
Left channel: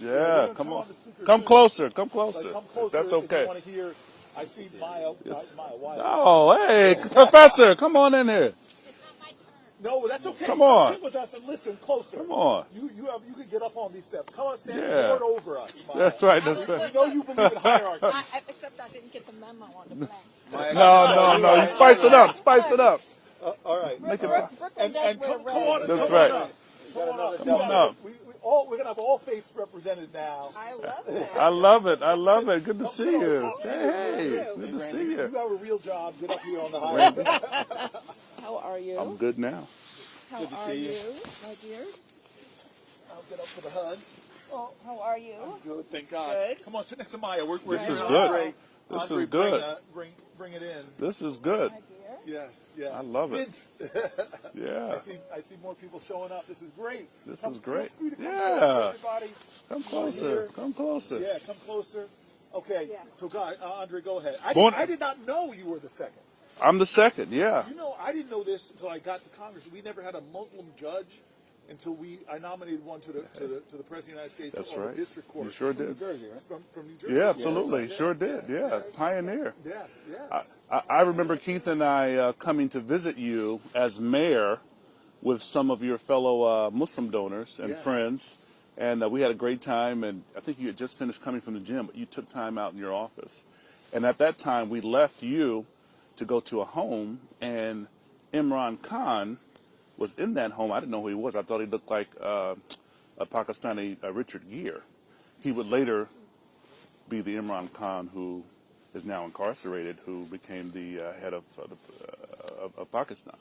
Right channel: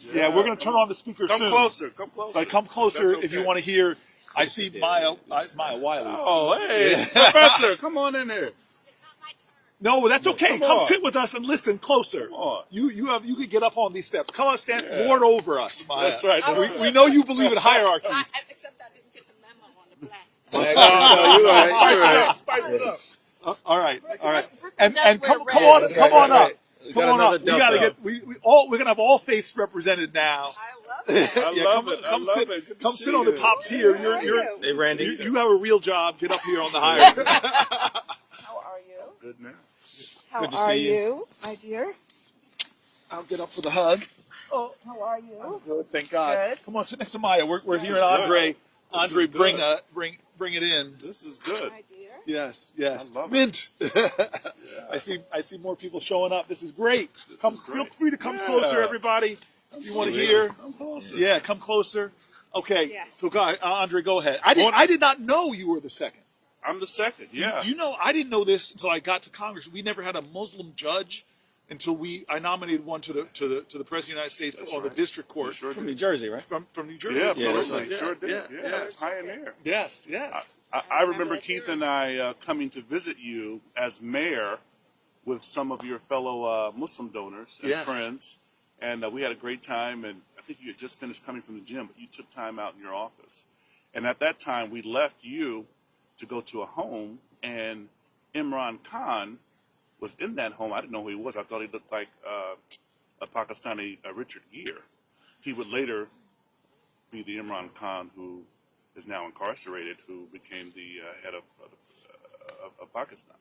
Yeah, we're going to turn on the speakers Come soon. closer. Come closer. But come closer That's if you okay. want to hear. I see Maya Wireless. Oh, hey, Professor, come on in here. No, that's okay. Come Come on. sit with us and listen closer. Come on. You could get up on these steps. Come on, stand, Yeah. lord over us, Maya. That's right. That's right. We know you believe in hierarchy. Except I didn't get the memo on the black. No, Spice it up. Spice it up. All right. And That's come where on, red is. come on up. We Come got on another up. We gotta Delta. get. We're gonna have all faiths represented now. I love that. I love it. I Come love sit- it. Good to come see sit you. on the top tier. You're, Hey, Randy. you have a real job. Get up here on the hierarchy. How are you? I'm good now. How Good to are see you. you, my dear? I'll get up for the hug. Oh, how are you? Good, thank God. Good. Come on, sit next to Maya. We're This here is at good. Andre. This Andre, is good. bring it in. This is good. My dear. Yes. I love it. Mint. Yeah. I see more people showing up. This is great. This Feel is great. free to come Yeah. closer, everybody. Come If you want to closer. hear. Come closer. Yeah, come closer. Okay. Yeah. So, God, Andre, go ahead. Born- I did not know you were the second. I'm the second. Yeah. You know, I didn't know this until I got to Congress. We never had a Muslim judge until I nominated one to the President of the United States That's or right. the district court You sure did. New Jersey, right? from New Jersey. Yeah, absolutely. Yes. Sure did. Yeah. Yes. Pioneer. Yes. Yes. I remember Keith and I coming to visit you as mayor with some of your fellow Muslim donors and Yes. friends, and we had a great time. And I think you had just finished coming from the gym, but you took time out in your office. And at that time, we left you to go to a home, and Imran Khan was in that home. I didn't know who he was. I thought he looked like a Pakistani Richard Gere. He would later be the Imran Khan who is now incarcerated, who became the head of Pakistan.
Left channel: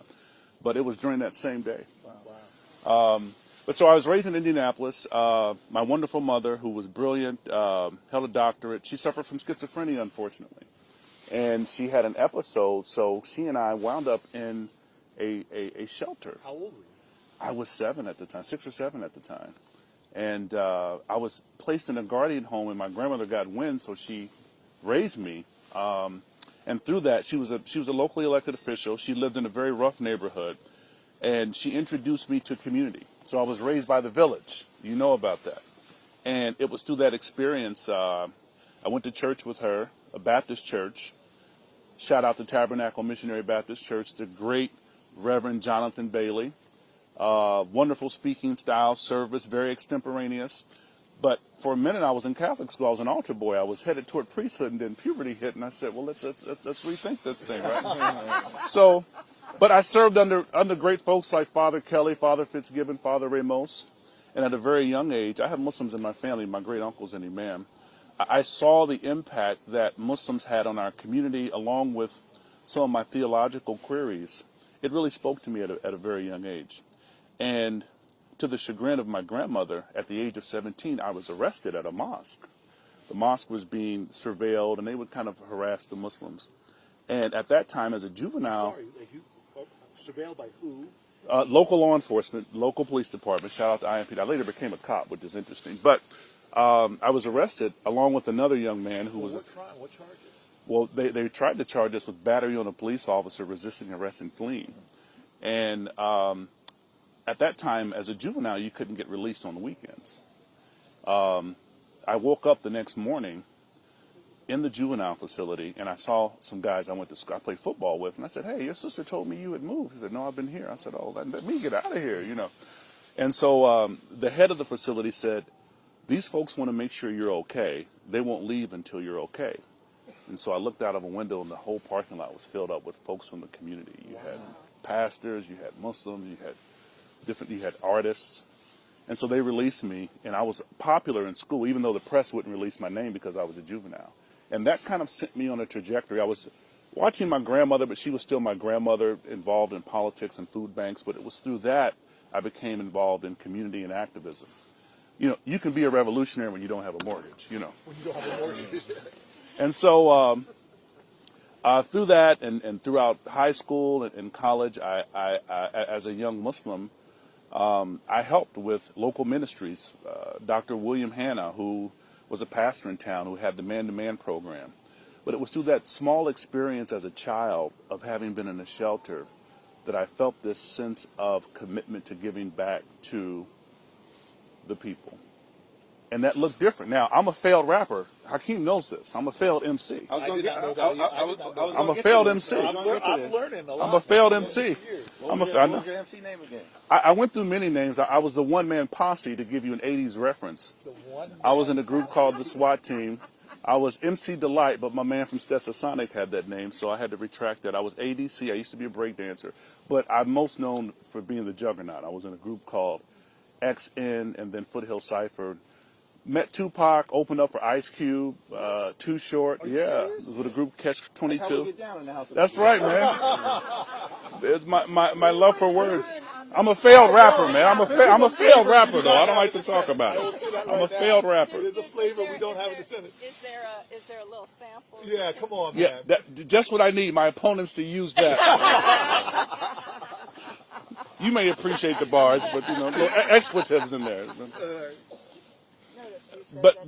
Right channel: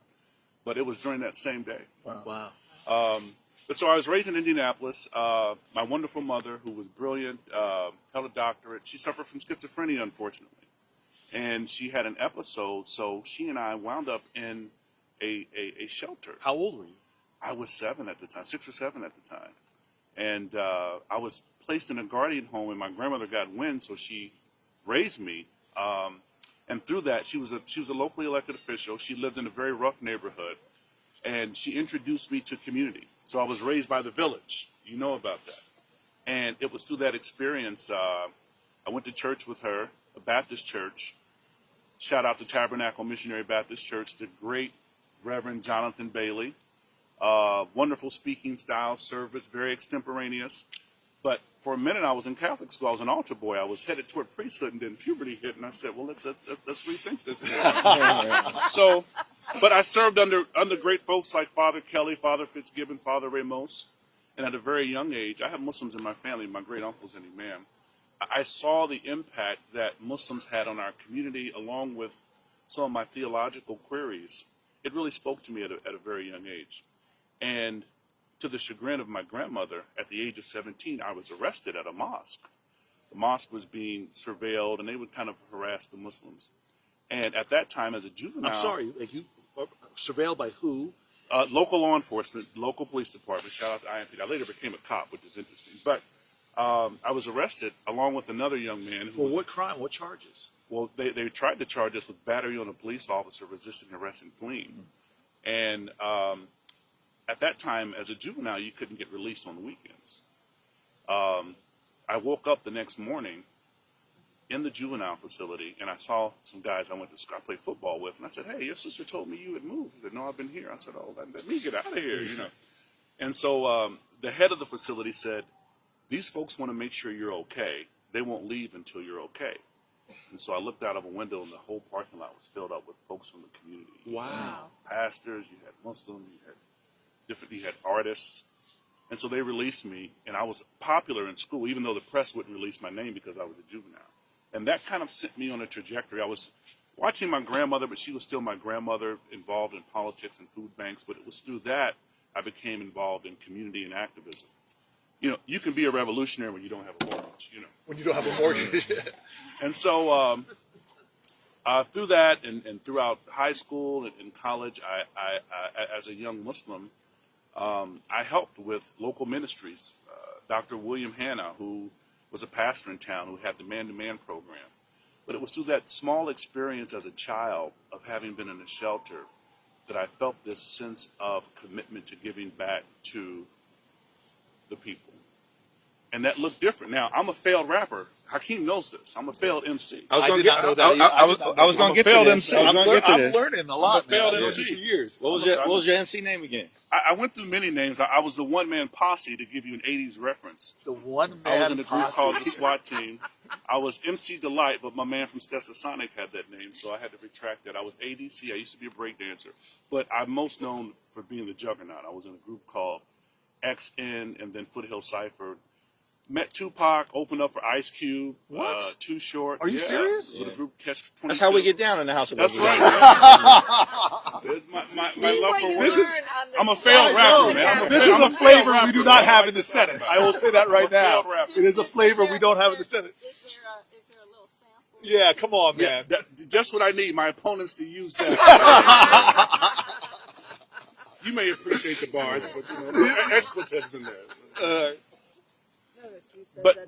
But it was during that same day. Wow. But so I was raised in Indianapolis. My wonderful mother, who was brilliant, held a doctorate. She suffered from schizophrenia, unfortunately. And she had an episode, so she and I wound up in a shelter. How old were you? I was 7 at the time, 6 or 7 at the time. And I was placed in a guardian home, and my grandmother got wind, so she raised me. And through that, she was a locally elected official. She lived in a very rough neighborhood, and she introduced me to community. So I was raised by the village. You know about that. And it was through that experience, I went to church with her, a Baptist church. Shout out to Tabernacle Missionary Baptist Church, the great Reverend Jonathan Bailey. Wonderful speaking style, service, very extemporaneous. But for a minute, I was in Catholic school. I was an altar boy. I was headed toward priesthood, and then puberty hit, and I said, "Well, let's rethink this thing." But I served under great folks like Father Kelly, Father Fitzgibbon, Father Ramos, and at a very young age, I have Muslims in my family. My great uncle's an imam. I saw the impact that Muslims had on our community, along with some of my theological queries. It really spoke to me at a very young age. And to the chagrin of my grandmother, at the age of 17, I was arrested at a mosque. The mosque was being surveilled, and they would kind of harass the Muslims. And at that time, as a juvenile... I'm sorry, like you surveilled by who? Local law enforcement, local police department. Shout out to IMP. I later became a cop, which is interesting. But I was arrested along with another young man who was... what crime? What charges? Well, they tried to charge us with battery on a police officer, resisting arrest, and fleeing. And at that time, as a juvenile, you couldn't get released on the weekends. I woke up the next morning in the juvenile facility, and I saw some guys I went to school, I played football with, and I said, "Hey, your sister told me you had moved." He said, "No, I've been here." I said, "Oh, let me get out of here, you know." And so the head of the facility said, "These folks want to make sure you're okay. They won't leave until you're okay." And so I looked out of a window, and the whole parking lot was filled up with folks from the community. You had pastors, you had Muslims, you had artists. And so they released me, and I was popular in school, even though the press wouldn't release my name because I was a juvenile. And that kind of sent me on a trajectory. I was watching my grandmother, but she was still my grandmother, involved in politics and food banks. But it was through that I became involved in community and activism. You know, you can be a revolutionary when you don't have a mortgage, you know. When you don't have a mortgage. And so through that and throughout high school and college, I as a young Muslim, I helped with local ministries. Dr. William Hanna, who was a pastor in town, who had the man-to-man program. But it was through that small experience as a child of having been in a shelter that I felt this sense of commitment to giving back to the people. and that looked different. Now, I'm a failed rapper. Hakeem knows this. I'm a failed MC. I was I going did not know that. I was I'm going a to get failed to this. MC. I was going to get to I'm this. learning a I'm lot. a failed man. MC. For years. What was your MC name again? I went through many names. I was the one-man posse, to give you an 80s reference. The one I was in a group posse. called the SWAT Team. I was MC Delight, but my man from Stetsasonic had that name, so I had to retract that. I was ADC. I used to be a break dancer. But I'm most known for being the Juggernaut. I was in a group called XN and then Foothill Cypher. Met Tupac, opened up for Ice Cube, Too Short. Are you serious? With a group Catch 22. That's how we get down in the house. That's right, man. It's my love for words. I'm a failed rapper, man. I'm a failed rapper. We do not have in the Senate. Senate. I will say that right now. Failed rapper. It is a flavor we don't have in the Senate. Is there a little sample? Yeah, come on, man. Yeah, just what I need. My opponents to use that. You may appreciate the bars, but there are expletives in there. But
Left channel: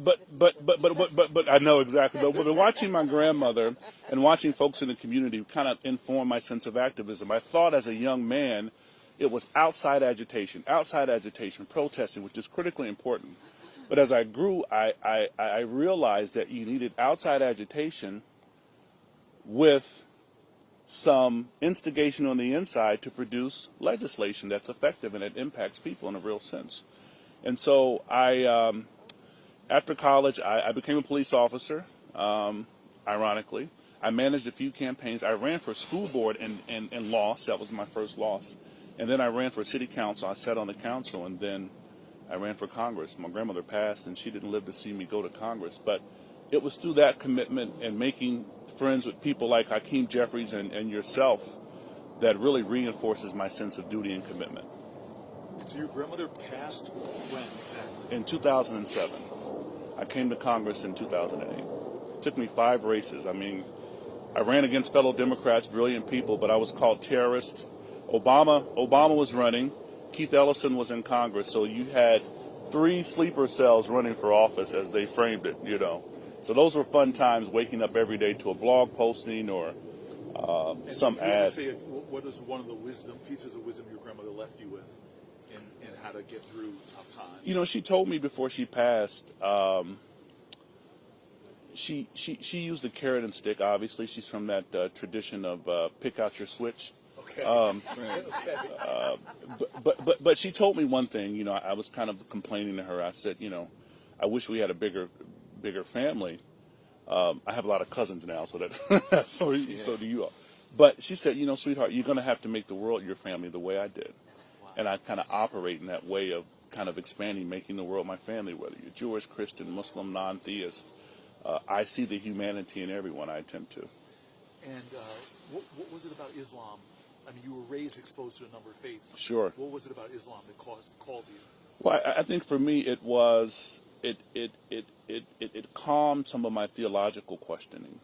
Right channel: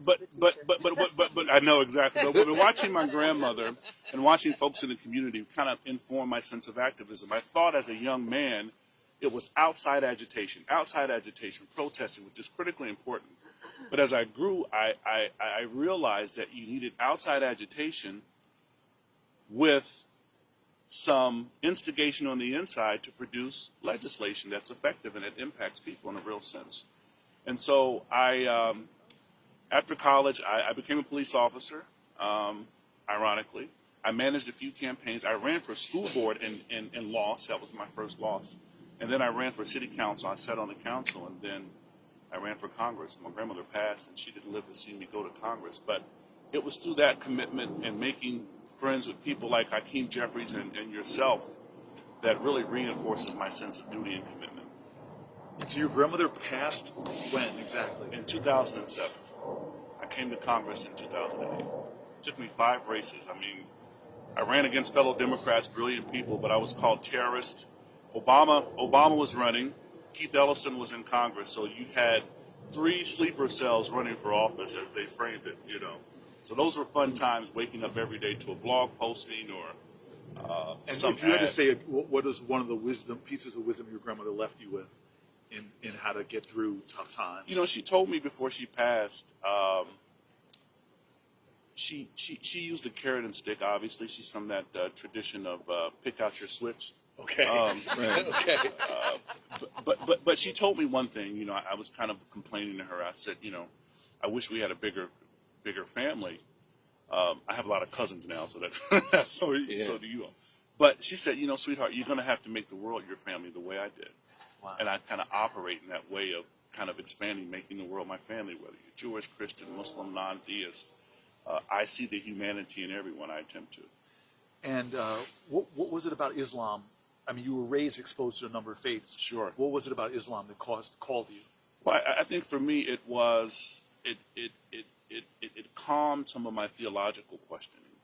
I know exactly. But when watching my grandmother and watching folks in the community kind of inform my sense of activism, I thought as a young man it was outside agitation, protesting, which is critically important. But as I grew, I realized that you needed outside agitation with some instigation on the inside to produce legislation that's effective and it impacts people in a real sense. And so after college, I became a police officer, ironically. I managed a few campaigns. I ran for school board and lost. That was my first loss. And then I ran for city council. I sat on the council, and then I ran for Congress. My grandmother passed, and she didn't live to see me go to Congress. But it was through that commitment and making friends with people like Hakeem Jefferies and yourself that really reinforces my sense of duty and commitment. So your grandmother passed when exactly? In 2007. I came to Congress in 2008. It took me 5 races. I mean, I ran against fellow Democrats, brilliant people, but I was called terrorist. Obama was running. Keith Ellison was in Congress. So you had 3 sleeper cells running for office, as they framed it, So those were fun times, waking up every day to a blog posting or some if you had ad. to say, what is one of the pieces of wisdom your grandmother left you with in how to get through tough times? She told me before she passed, she used the carrot and stick, obviously. She's from that tradition of pick out your switch. Okay. Okay. But she told me one thing, I was kind of complaining to her. I said, I wish we had a bigger family. I have a lot of cousins now, so that so do you all. But she said, sweetheart, you're going to have to make the world your family the way I did. Wow. And I kind of operate in that way of kind of expanding, making the world my family, whether you're Jewish, Christian, Muslim, non-theist. I see the humanity in everyone I attempt to. And what was it about Islam? I mean, you were raised exposed to a number of faiths. Sure. What was it about Islam that called you? Well, I think for me it was it calmed some of my theological questioning.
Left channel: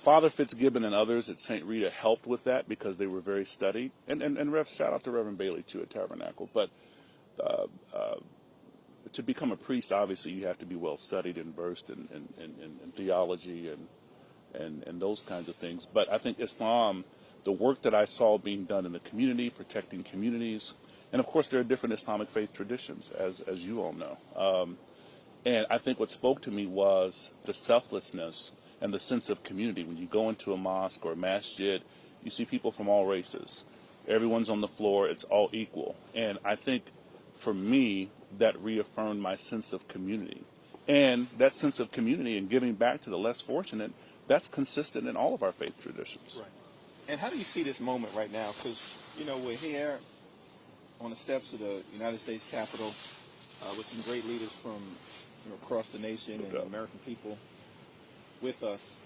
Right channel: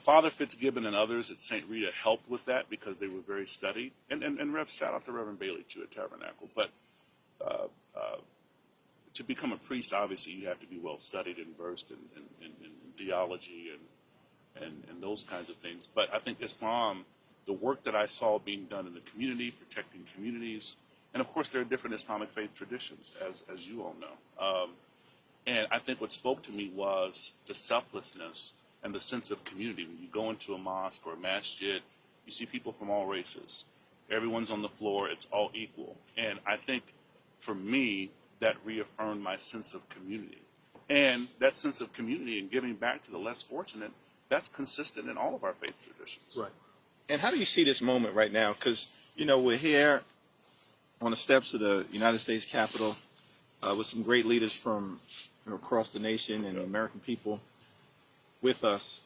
Father Fitzgibbon and others at St. Rita helped with that because they were very studied. And shout out to Reverend Bailey too at Tabernacle. But to become a priest, obviously you have to be well studied and versed in theology and those kinds of things. But I think Islam, the work that I saw being done in the community, protecting communities, and of course there are different Islamic faith traditions, as you all know. And I think what spoke to me was the selflessness and the sense of community. When you go into a mosque or a masjid, you see people from all races. Everyone's on the floor. It's all equal. And I think for me, that reaffirmed my sense of community. And that sense of community and giving back to the less fortunate, that's consistent in all of our faith traditions. Right. And how do you see this moment right now? Because, we're here on the steps of the United States Capitol with some great leaders from across the nation and the American people with us.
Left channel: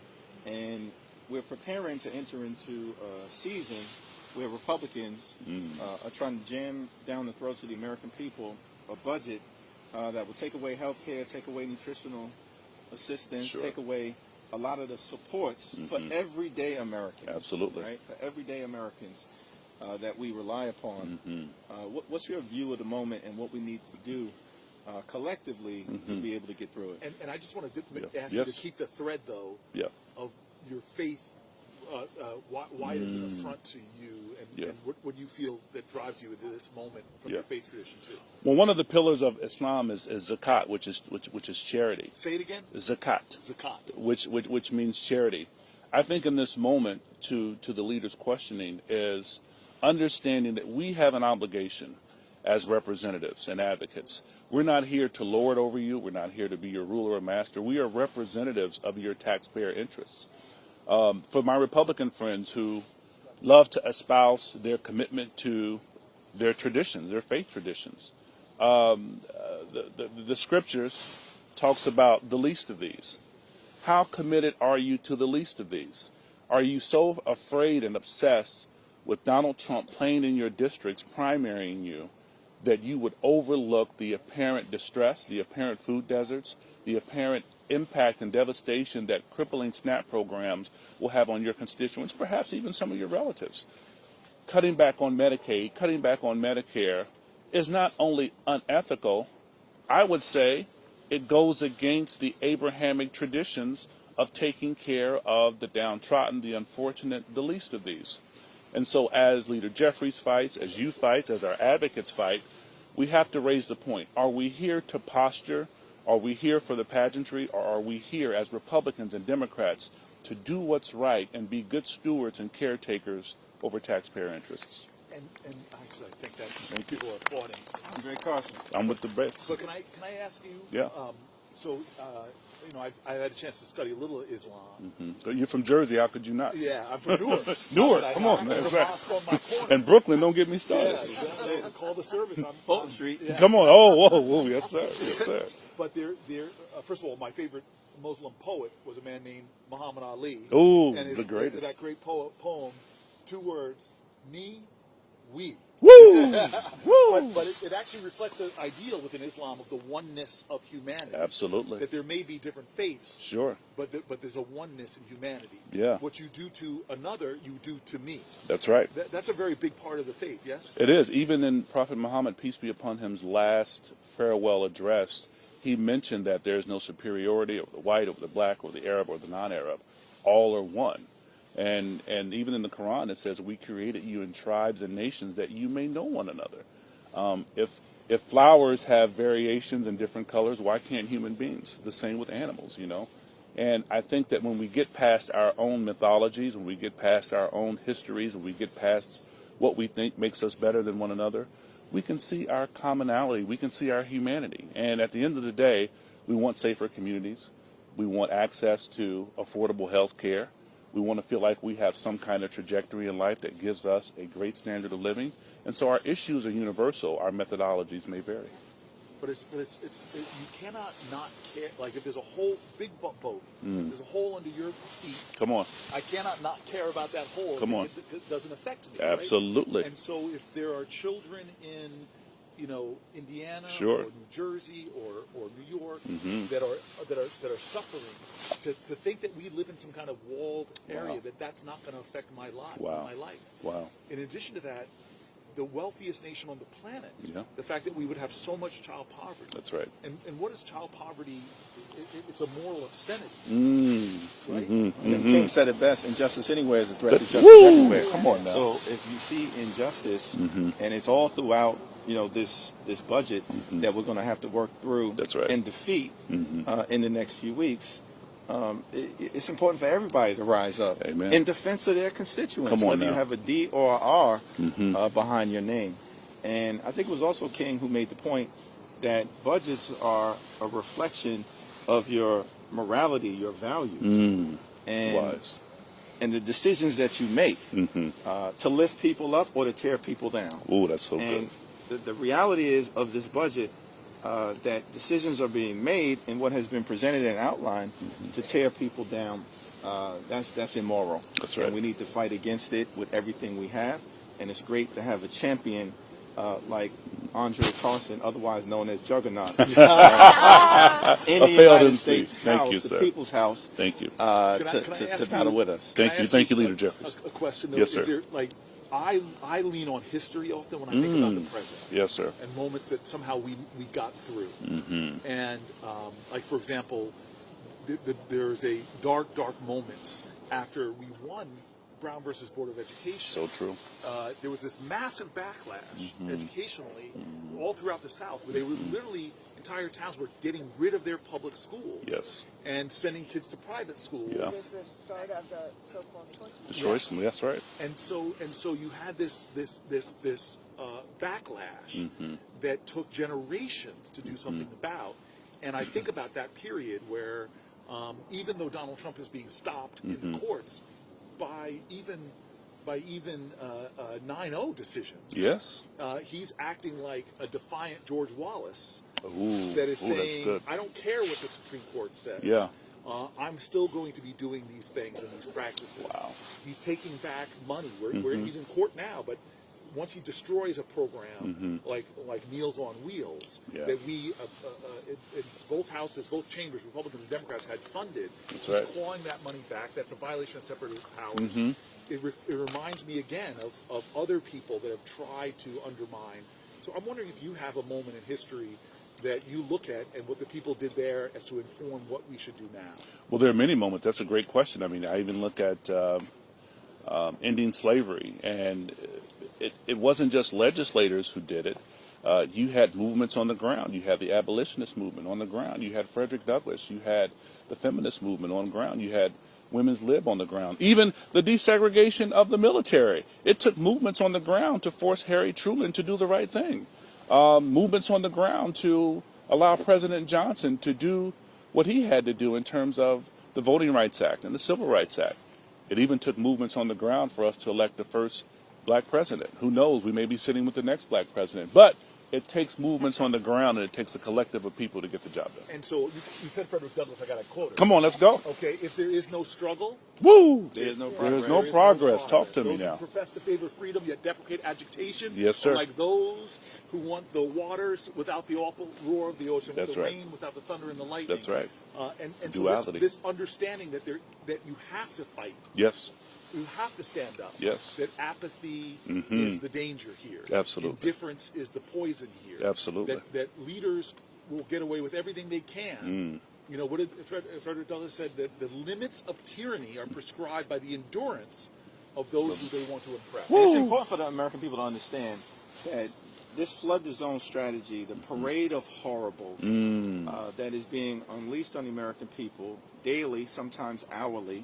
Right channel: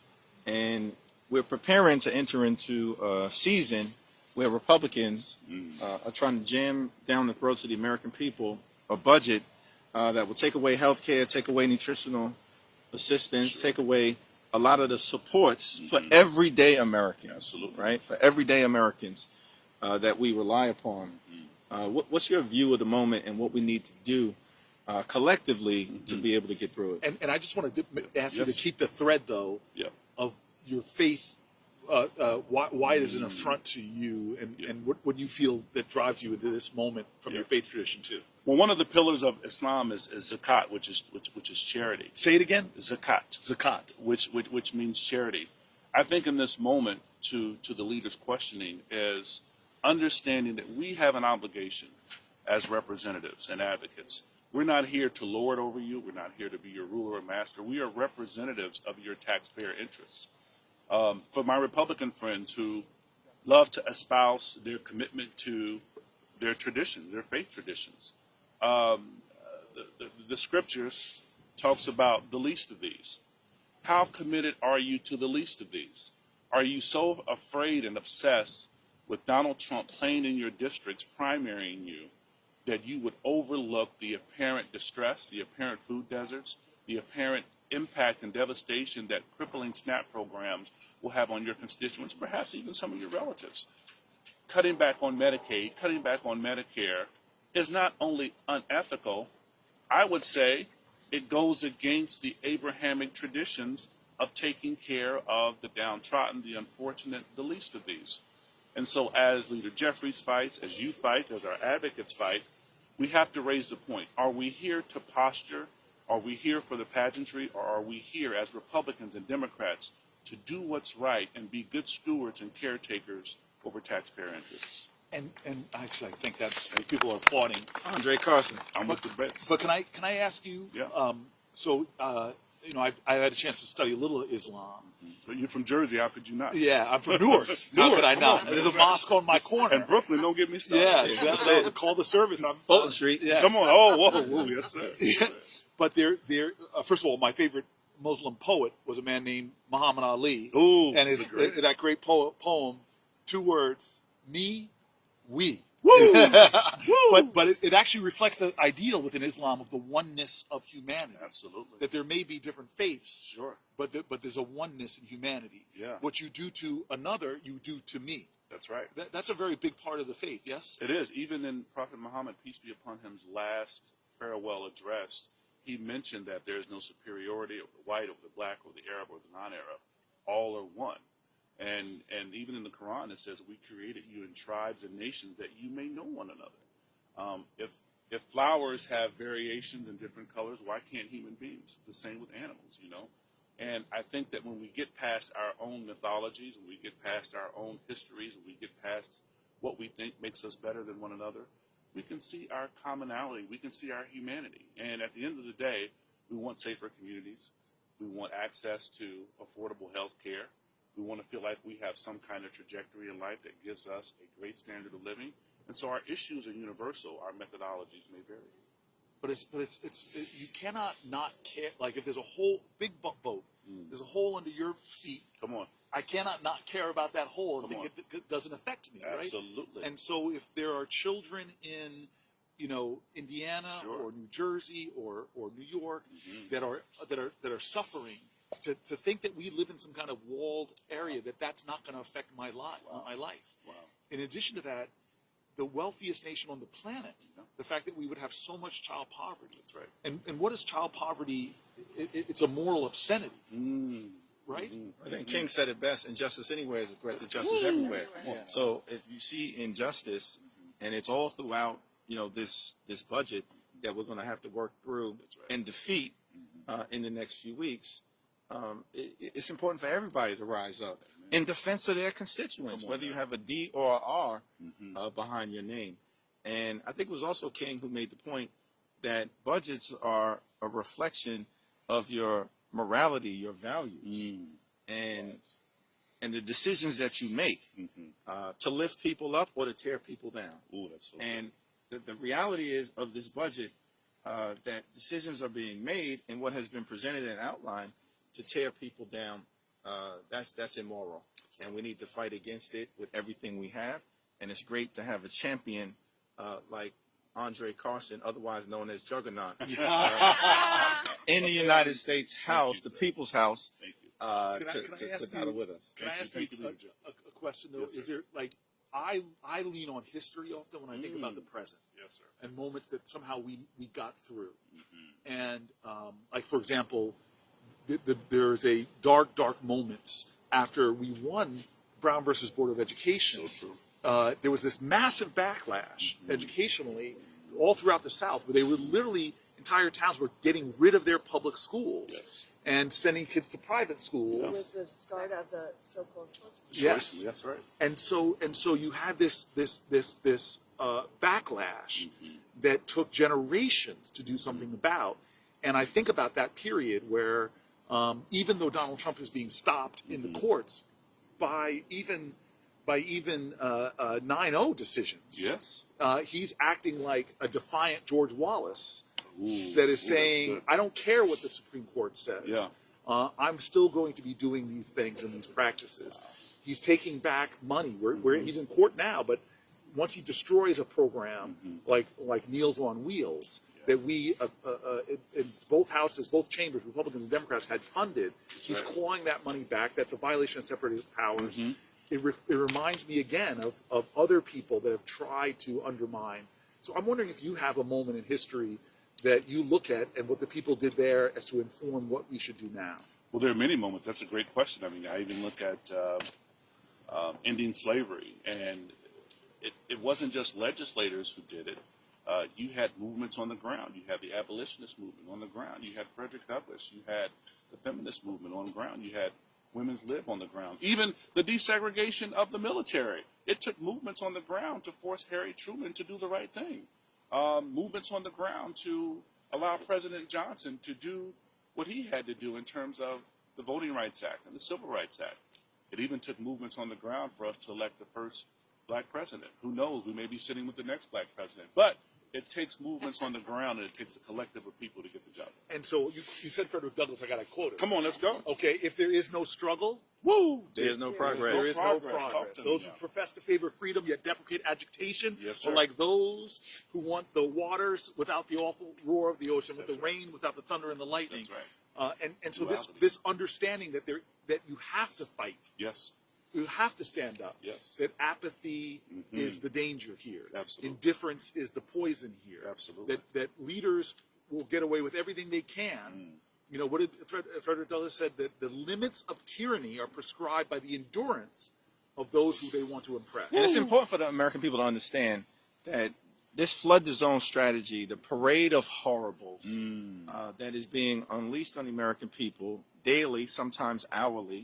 And we're preparing to enter into a season where Republicans are trying to jam down the throats of the American people a budget that will take away health care, take away nutritional assistance, take away a lot of the supports for everyday Americans. Absolutely. Right? For everyday Americans that we rely upon. What's your view of the moment and what we need to do collectively to be able to get through it? And I just want to ask you to keep the thread, though, of your faith why it is an affront to you, and what do you feel that drives you into this moment from your faith tradition too? Well, one of the pillars of Islam is zakat, which is charity. Say it again. Zakat. Zakat. Which means charity. I think in this moment, to the leaders' questioning, is understanding that we have an obligation as representatives and advocates. We're not here to lord over you. We're not here to be your ruler or master. We are representatives of your taxpayer interests. For my Republican friends who love to espouse their commitment to their traditions, their faith traditions, the scriptures talks about the least of these. How committed are you to the least of these? Are you so afraid and obsessed with Donald Trump playing in your districts, primarying you, that you would overlook the apparent distress, the apparent food deserts, the apparent impact and devastation that crippling SNAP programs will have on your constituents, perhaps even some of your relatives? Cutting back on Medicaid, cutting back on Medicare is not only unethical, I would say it goes against the Abrahamic traditions of taking care of the downtrodden, the unfortunate, the least of these. And so as Leader Jefferies fights, as you fight, as our advocates fight, we have to raise the point. Are we here to posture? Are we here for the pageantry? Or are we here as Republicans and Democrats to do what's right and be good stewards and caretakers over taxpayer interests? And actually, I think that people are applauding Andre Carson. I'm with the best. But can I ask you? Yeah. I've had a chance to study a little Islam. Mm-hmm. You're from Jersey. How could you not? Yeah, I'm from Newark. Newark, How could I come not? on, man. There's a mosque on my corner. And Brooklyn, don't get me started. Yeah, exactly. Call the service. I'm Fulton Street. Yes. Come on. Oh, whoa, yes, sir. Yes, sir. But first of all, my favorite Muslim poet was a man named Muhammad Ali. Ooh, and that great poem, 2 words, me, we. Woo! But it actually reflects the ideal within Islam of the oneness of humanity. Absolutely. That there may be different faiths. Sure. But there's a oneness in humanity. Yeah. What you do to another, you do to me. That's right. That's a very big part of the faith, yes? It is. Even in Prophet Muhammad, peace be upon him's last farewell address, he mentioned that there is no superiority over the white, over the black, or the Arab, or the non-Arab. All are one. And even in the Quran, it says, we created you in tribes and nations that you may know one another. If flowers have variations in different colors, why can't human beings? The same with animals, you know. And I think that when we get past our own mythologies, when we get past our own histories, when we get past what we think makes us better than one another, we can see our commonality, we can see our humanity. And at the end of the day, we want safer communities. We want access to affordable health care. We want to feel like we have some kind of trajectory in life that gives us a great standard of living. And so our issues are universal. Our methodologies may vary. But you cannot not care. Like if there's a whole big boat, there's a hole under your seat. Come on. I cannot not care about that hole. Come on. It doesn't affect me. Absolutely. Right? And so if there are children in, Indiana Sure. or New Jersey or New York that are suffering, to think that we live in some kind of walled area, that's not going to affect my life. Wow. My life. Wow. In addition to that, the wealthiest nation on the planet, Yeah. the fact that we would have so much child poverty. That's right. And what is child poverty? It's a moral obscenity, right? And King said it best: injustice anywhere is a threat to justice Woo! everywhere. Come on now. So if you see injustice, and it's all throughout, this budget that we're going to have to work through That's right. and defeat in the next few weeks. It's important for everybody to rise up Amen. in defense of their constituents, Come on whether you now. have a D or a R behind your name. And I think it was also King who made the point that budgets are a reflection of your morality, your values, Wise. and the decisions that you make to lift people up or to tear people down. Ooh, that's so And good. the reality is of this budget that decisions are being made in what has been presented and outlined to tear people down. That's immoral. That's right. And we need to fight against it with everything we have. And it's great to have a champion like Andre Carson, otherwise known as Juggernaut, in the United States Thank House, you, the sir. People's House, Thank you. Can I to ask battle you- with us. Thank Can I you. ask Thank you, Leader Jeffries. A question though. Yes, sir. Is there, I lean on history often when I think about the present. Yes, sir. And moments that somehow we got through. And for example, there's a dark moments after we won Brown versus Board of Education. So true. There was this massive backlash educationally all throughout the South, where they were literally, entire towns were getting rid of their public schools. Yes. And sending kids to private schools. Yeah. It was the start of the so-called choice. The choice, that's right. And so you had this backlash that took generations to do something about. And I think about that period where even though Donald Trump is being stopped in the courts by even 9-0 decisions, Yes. he's acting like a defiant George Wallace. Ooh, That is ooh, that's saying, good. I don't care what the Supreme Court says. Yeah. I'm still going to be doing these things and these practices. Wow. He's taking back money. He's in court now, but once he destroys a program like Meals on Wheels, Yeah. that we, in both houses, both chambers, Republicans and Democrats, had funded, That's he's right. clawing that money back. That's a violation of separate powers. It reminds me again of other people that have tried to undermine. So I'm wondering if you have a moment in history that you look at and what the people did there as to inform what we should do now. Well, there are many moments. That's a great question. I mean, I even look at ending slavery, and it wasn't just legislators who did it. You had movements on the ground. You had the abolitionist movement on the ground. You had Frederick Douglass. You had the feminist movement on the ground. You had women's lib on the ground. Even the desegregation of the military. It took movements on the ground to force Harry Truman to do the right thing. Movements on the ground to allow President Johnson to do what he had to do in terms of the Voting Rights Act and the Civil Rights Act. It even took movements on the ground for us to elect the first black president. Who knows? We may be sitting with the next black president. But it takes movements on the ground, and it takes a collective of people to get the job done. And so you said Frederick Douglass, I got to quote it. Come on, let's go. Okay, if there is no struggle, Woo! There's no There's progress. no progress. Talk to me those now. who profess to favor freedom yet deprecate agitation Yes, sir. are like those who want the waters without the awful roar of the ocean, That's the right. rain without the thunder and the lightning. That's right. And so Duality. this understanding that you have to fight, Yes. you have to stand up. Yes. That apathy is the danger here. Absolutely. Indifference is the poison here. Absolutely. That leaders will get away with everything they can. You know, what did Frederick Douglass said, that the limits of tyranny are prescribed by the endurance of those who they want to impress. And it's important for the American people to understand that this flood the zone strategy, the parade of horribles that is being unleashed on the American people daily, sometimes hourly,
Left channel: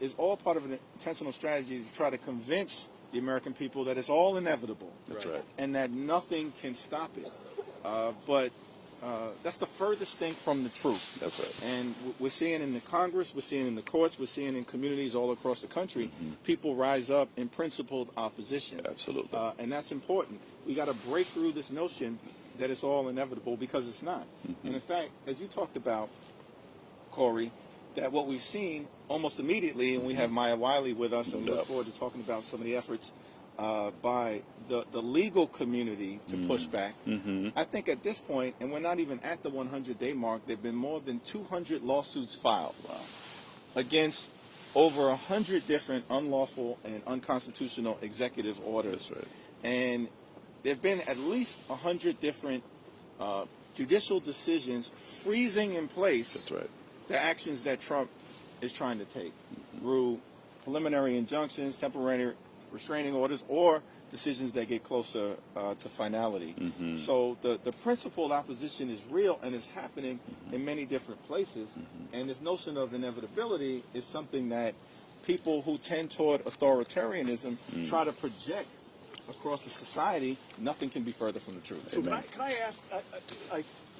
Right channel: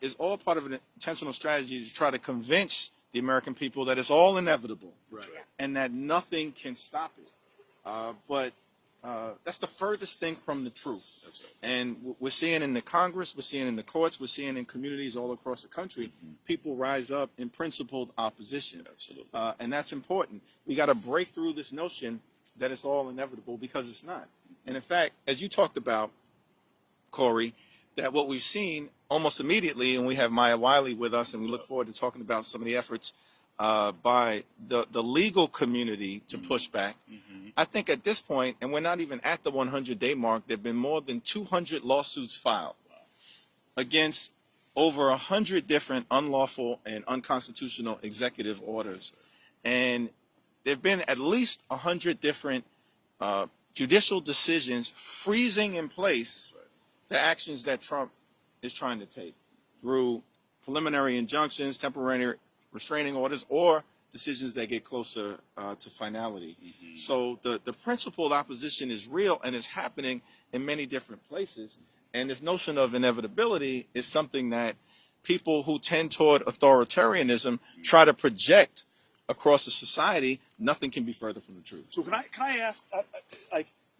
is all part of an intentional strategy to try to convince the American people that it's all inevitable. That's right. And that nothing can stop it. But that's the furthest thing from the truth. That's right. And we're seeing in the Congress, we're seeing in the courts, we're seeing in communities all across the country, people rise up in principled opposition. Absolutely. And that's important. We got to break through this notion that it's all inevitable, because it's not. And in fact, as you talked about, Cory, that what we've seen almost immediately, and we have Maya Wiley with us, and we look forward to talking about some of the efforts by the legal community to push back. I think at this point, and we're not even at the 100-day mark, there have been more than 200 lawsuits filed against over 100 different unlawful and unconstitutional executive orders. That's right. And there have been at least 100 different judicial decisions freezing in place That's right. the actions that Trump is trying to take through preliminary injunctions, temporary restraining orders, or decisions that get closer to finality. So the principled opposition is real, and it's happening in many different places. And this notion of inevitability is something that people who tend toward authoritarianism try to project across the society. Nothing can be further from the truth. So can I ask,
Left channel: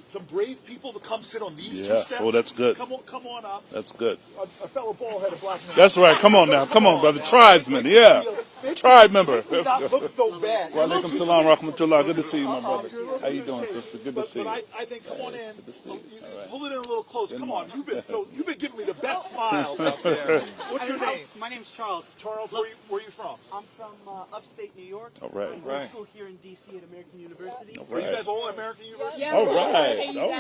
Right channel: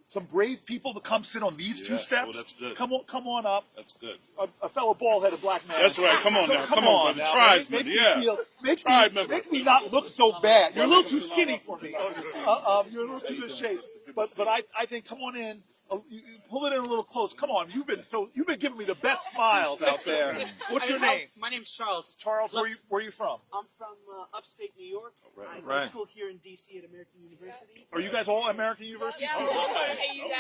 some brave people to come sit on these two Yeah. steps? Oh, that's good. Come on up. That's good. A fellow bald-headed black man. That's right. Come on now. Come on, brother. now. Tribesman. Make Yeah. me feel- make Tribe me- member. Make me Let's not go. look so bad. You're a little too Salam, skinny. rahmatullah. Good to see you, my brother. You're a little How you too doing, ashamed. sister? Good to But see you. I think, come on in. see you. Pull it in a little close. Come on. You've been giving me the best smiles out there. What's your name? My name's Charles. Charles, where are you from? I'm from upstate New York. All right. I went Right. to school here in D.C. at American University. Are you guys all American University? All right. All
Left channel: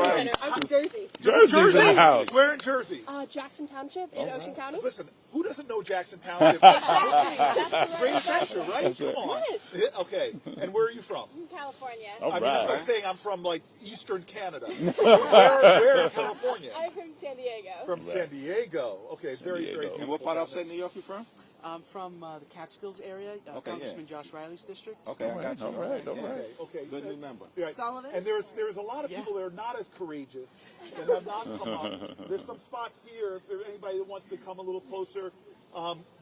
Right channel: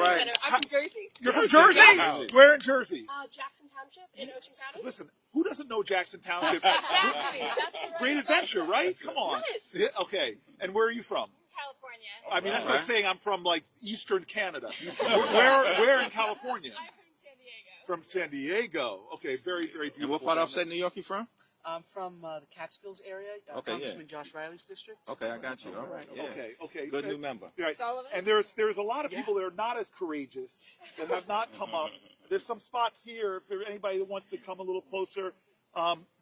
right. I'm from Jersey. You're from Jersey's in Jersey? the house. Where in Jersey? Jackson Township in Ocean County. Listen, who doesn't know Jackson Township? Great adventure, right? Come on. Yes. Yeah, okay. And where are you from? California. I mean, that's right. like saying I'm from like Eastern Canada. Where in California? I'm from San Diego. From San Diego. Okay, very, very And beautiful. what part of upstate New York you from? I'm from the Catskills area, Okay, Congressman Josh Riley's district. Okay, I got you. All right. Yeah. Okay. Good new member. Right. Sullivan? And there's a lot of people that are not as courageous that have not come up. There's some spots here if there's anybody that wants to come a little closer.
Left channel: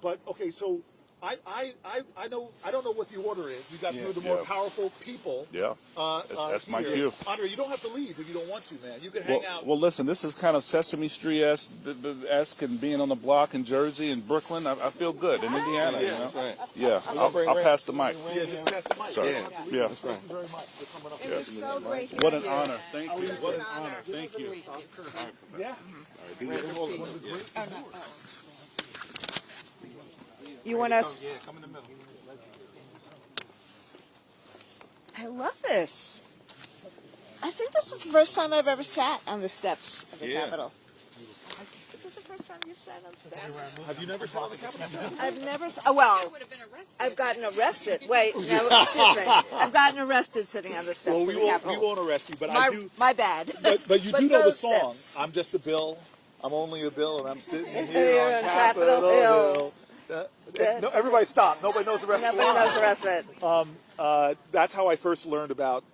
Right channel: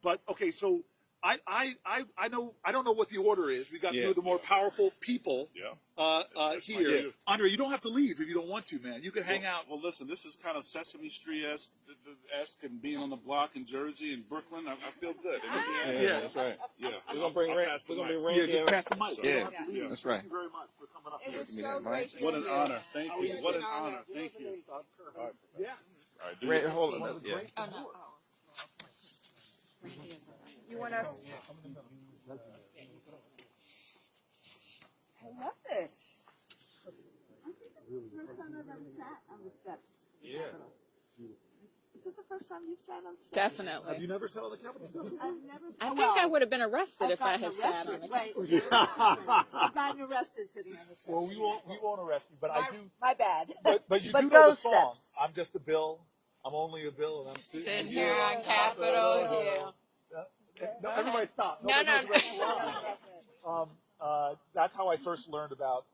But okay, so I know I don't know what the order is. We got two of the more powerful people. Yeah. That's here. my cue. Andre, you don't have to leave if you don't want to, man. You can hang out. Well, listen, this is kind of Sesame Street-esque and being on the block in Jersey and Brooklyn. I feel good in Indiana. Yeah, you know? That's right. Yeah, We're gonna I'll bring pass the mic. Yeah, just pass the mic. Sorry. Yeah. That's right. Thank you very much for coming up. It was so great. What an honor. Thank you. What an honor. Thank you. Yeah. Randy, hold on. Yeah. You want us? Yeah, come in the middle. I love this. I think this is the first time I've ever sat on the steps of the Capitol. Is it the first time you've sat on the steps? Definitely. Have you never saw the Capitol? I've never sat. I think Well, I would have been arrested. I've if I gotten had arrested. sat. Wait, no, excuse me. I've gotten arrested sitting on the steps Well, of we the won't Capitol. arrest you, but My, I do. my bad. But you But do know the those song. steps. I'm just a bill. I'm only a bill, and I'm sitting Here here on Capitol Hill. No, everybody stop. Nobody knows the rest of the Nobody knows song. the rest of it. That's how I first learned about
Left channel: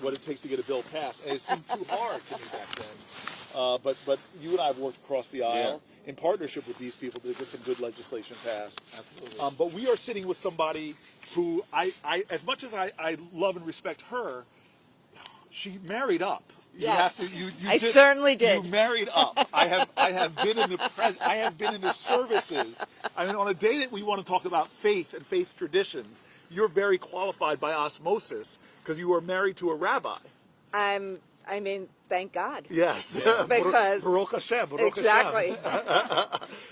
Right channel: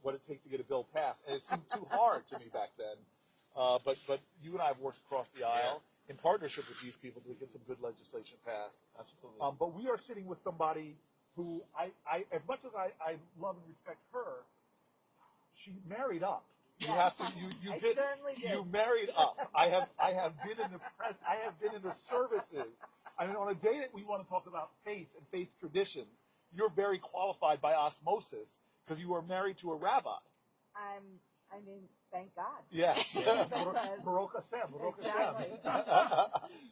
what it takes to get a bill passed. And it seemed too hard to me back then. But you and I have worked across the aisle in partnership with these people to get some good legislation passed. But we are sitting with somebody who I as much as I love and respect her, she married up. You Yes. have to, you I certainly did. You married up. I have been in the I have been in the services. I mean, on a day that we want to talk about faith and faith traditions, you're very qualified by osmosis because you were married to a rabbi. I mean, thank God. Yes, Because Baruch Hashem. Baruch exactly.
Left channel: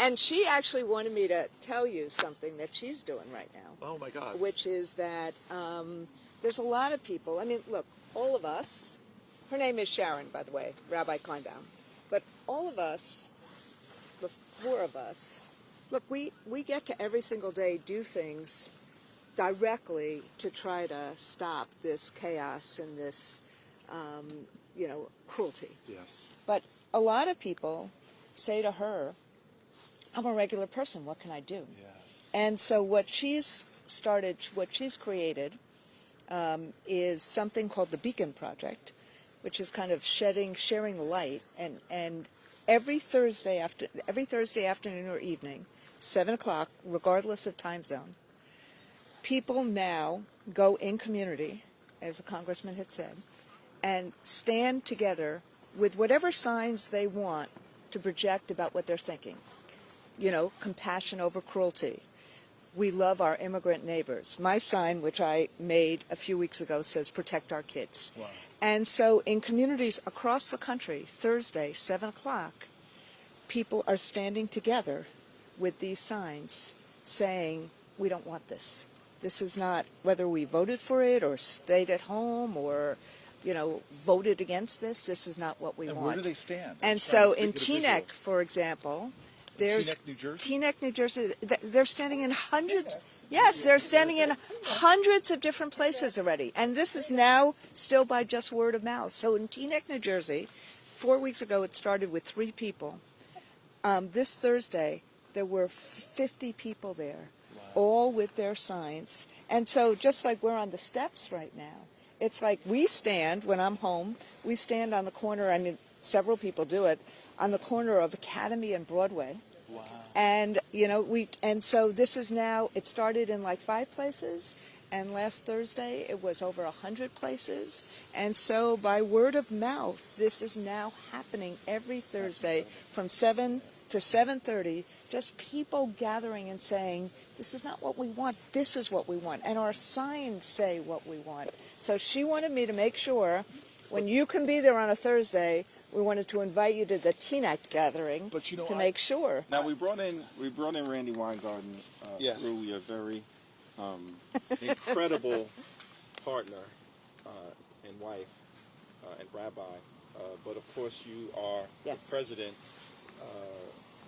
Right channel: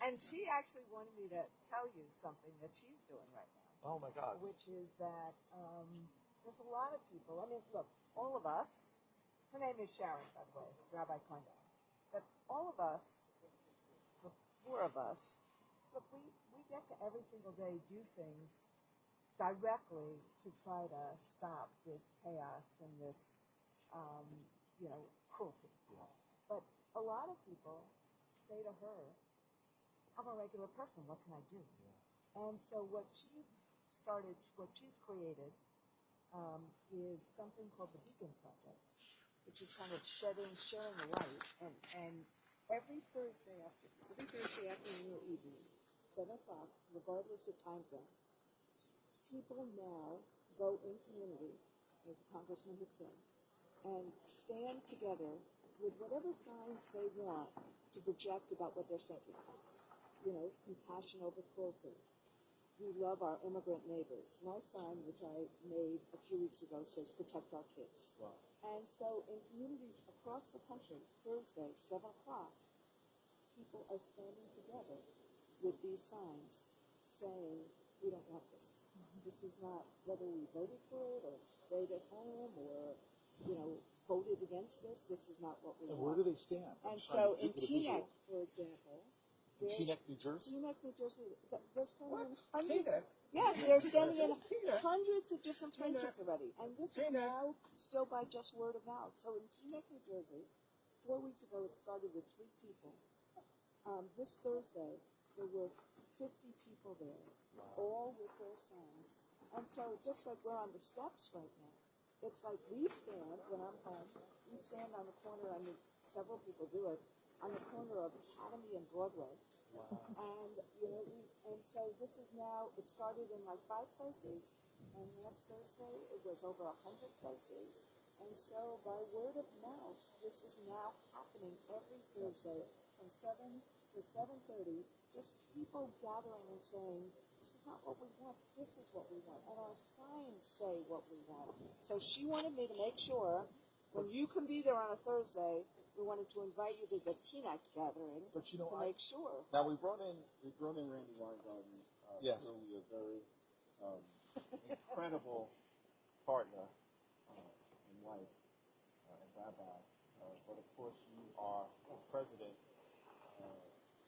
And she actually wanted me to tell you something that she's doing right now. Oh my God. Which is that there's a lot of people. I mean, look, all of us. Her name is Sharon, by the way, Rabbi Kleinbaum. But all of us, the four of us, look, we get to every single day do things directly to try to stop this chaos and this, cruelty. Yes. But a lot of people say to her, I'm a regular person, what can I do? Yes. And so what she's created is something called the Beacon Project, which is kind of sharing the light. And every Thursday afternoon or evening, 7 o'clock, regardless of time zone, people now go in community, as the congressman had said, and stand together with whatever signs they want to project about what they're thinking. You know, compassion over cruelty. We love our immigrant neighbors. My sign, which I made a few weeks ago, says protect our kids. Wow. And so in communities across the country, Thursday, 7 o'clock, people are standing together with these signs saying, we don't want this. This is not, whether we voted for it or stayed at home or, voted against this, this is not what we want. And where do they stand? And so in Teaneck, for example, there's Teaneck, New Jersey? Teaneck, New Jersey. They're standing in hundreds. Yes, they're standing in hundreds of different places already. And this is now still by just word of mouth. So in Teaneck, New Jersey, 4 weeks ago, it started with 3 people. This Thursday, there were 50 people there, all with their signs. And so just like we're on the steps right now, it's like we stand, when I'm home, we stand on the corner, I mean, several people do it, on the corner of Academy and Broadway. Wow. And, and so this is now, it started in like 5 places, and last Thursday it was over 100 places. And so by word of mouth, this is now happening every Thursday from 7 to 7:30, just people gathering and saying, this is not what we want, this is what we want. And our signs say what we want. So she wanted me to make sure, when you can be there on a Thursday, we wanted to invite you to the Teaneck gathering to make sure. Now we brought in Randy Weingarten Yes. through your very incredible partner and wife and rabbi, but of course you are Yes. the president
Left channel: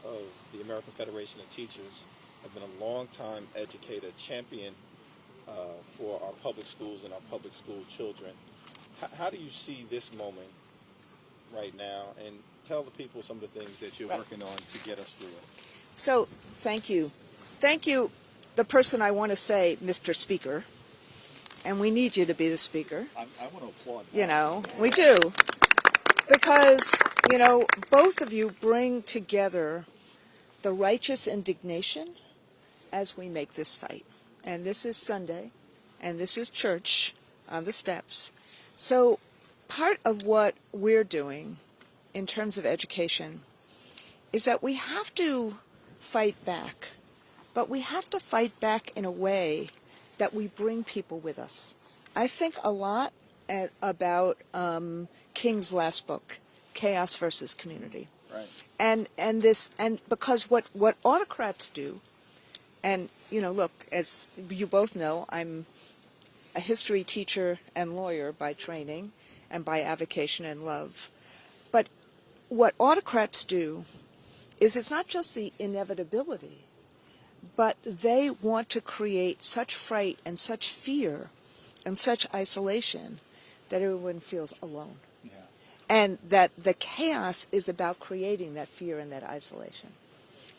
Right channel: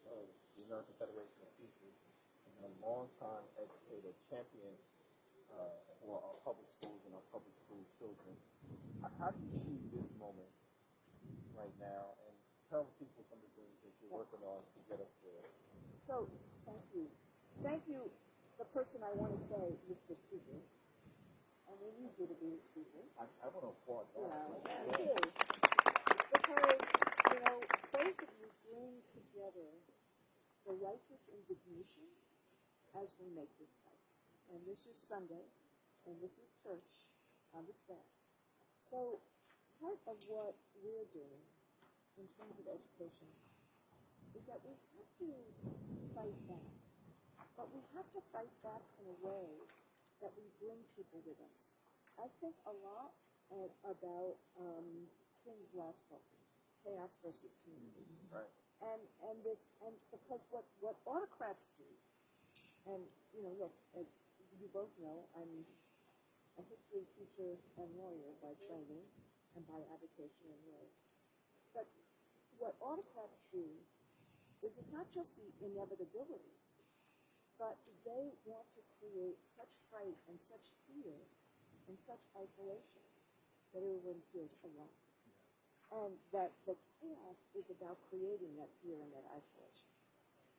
of the American Federation of Teachers, have been a long-time educator, champion for our public schools and our public school children. How do you see this moment right now? And tell the people some of the things that you're working on to get us through it. So, thank you. Thank you, the person I want to say, Mr. Speaker, and we need you to be the speaker. I want to applaud. You know, we do. Because, you know, both of you bring together the righteous indignation as we make this fight. And this is Sunday, and this is church on the steps. So part of what we're doing in terms of education is that we have to fight back, but we have to fight back in a way that we bring people with us. I think a lot about King's last book, Chaos versus Community. Right. And because what autocrats do, and you know, look, as you both know, I'm a history teacher and lawyer by training and by avocation and love. But what autocrats do is it's not just the inevitability, but they want to create such fright and such fear and such isolation that everyone feels alone. Yeah. And that the chaos is about creating that fear and that isolation.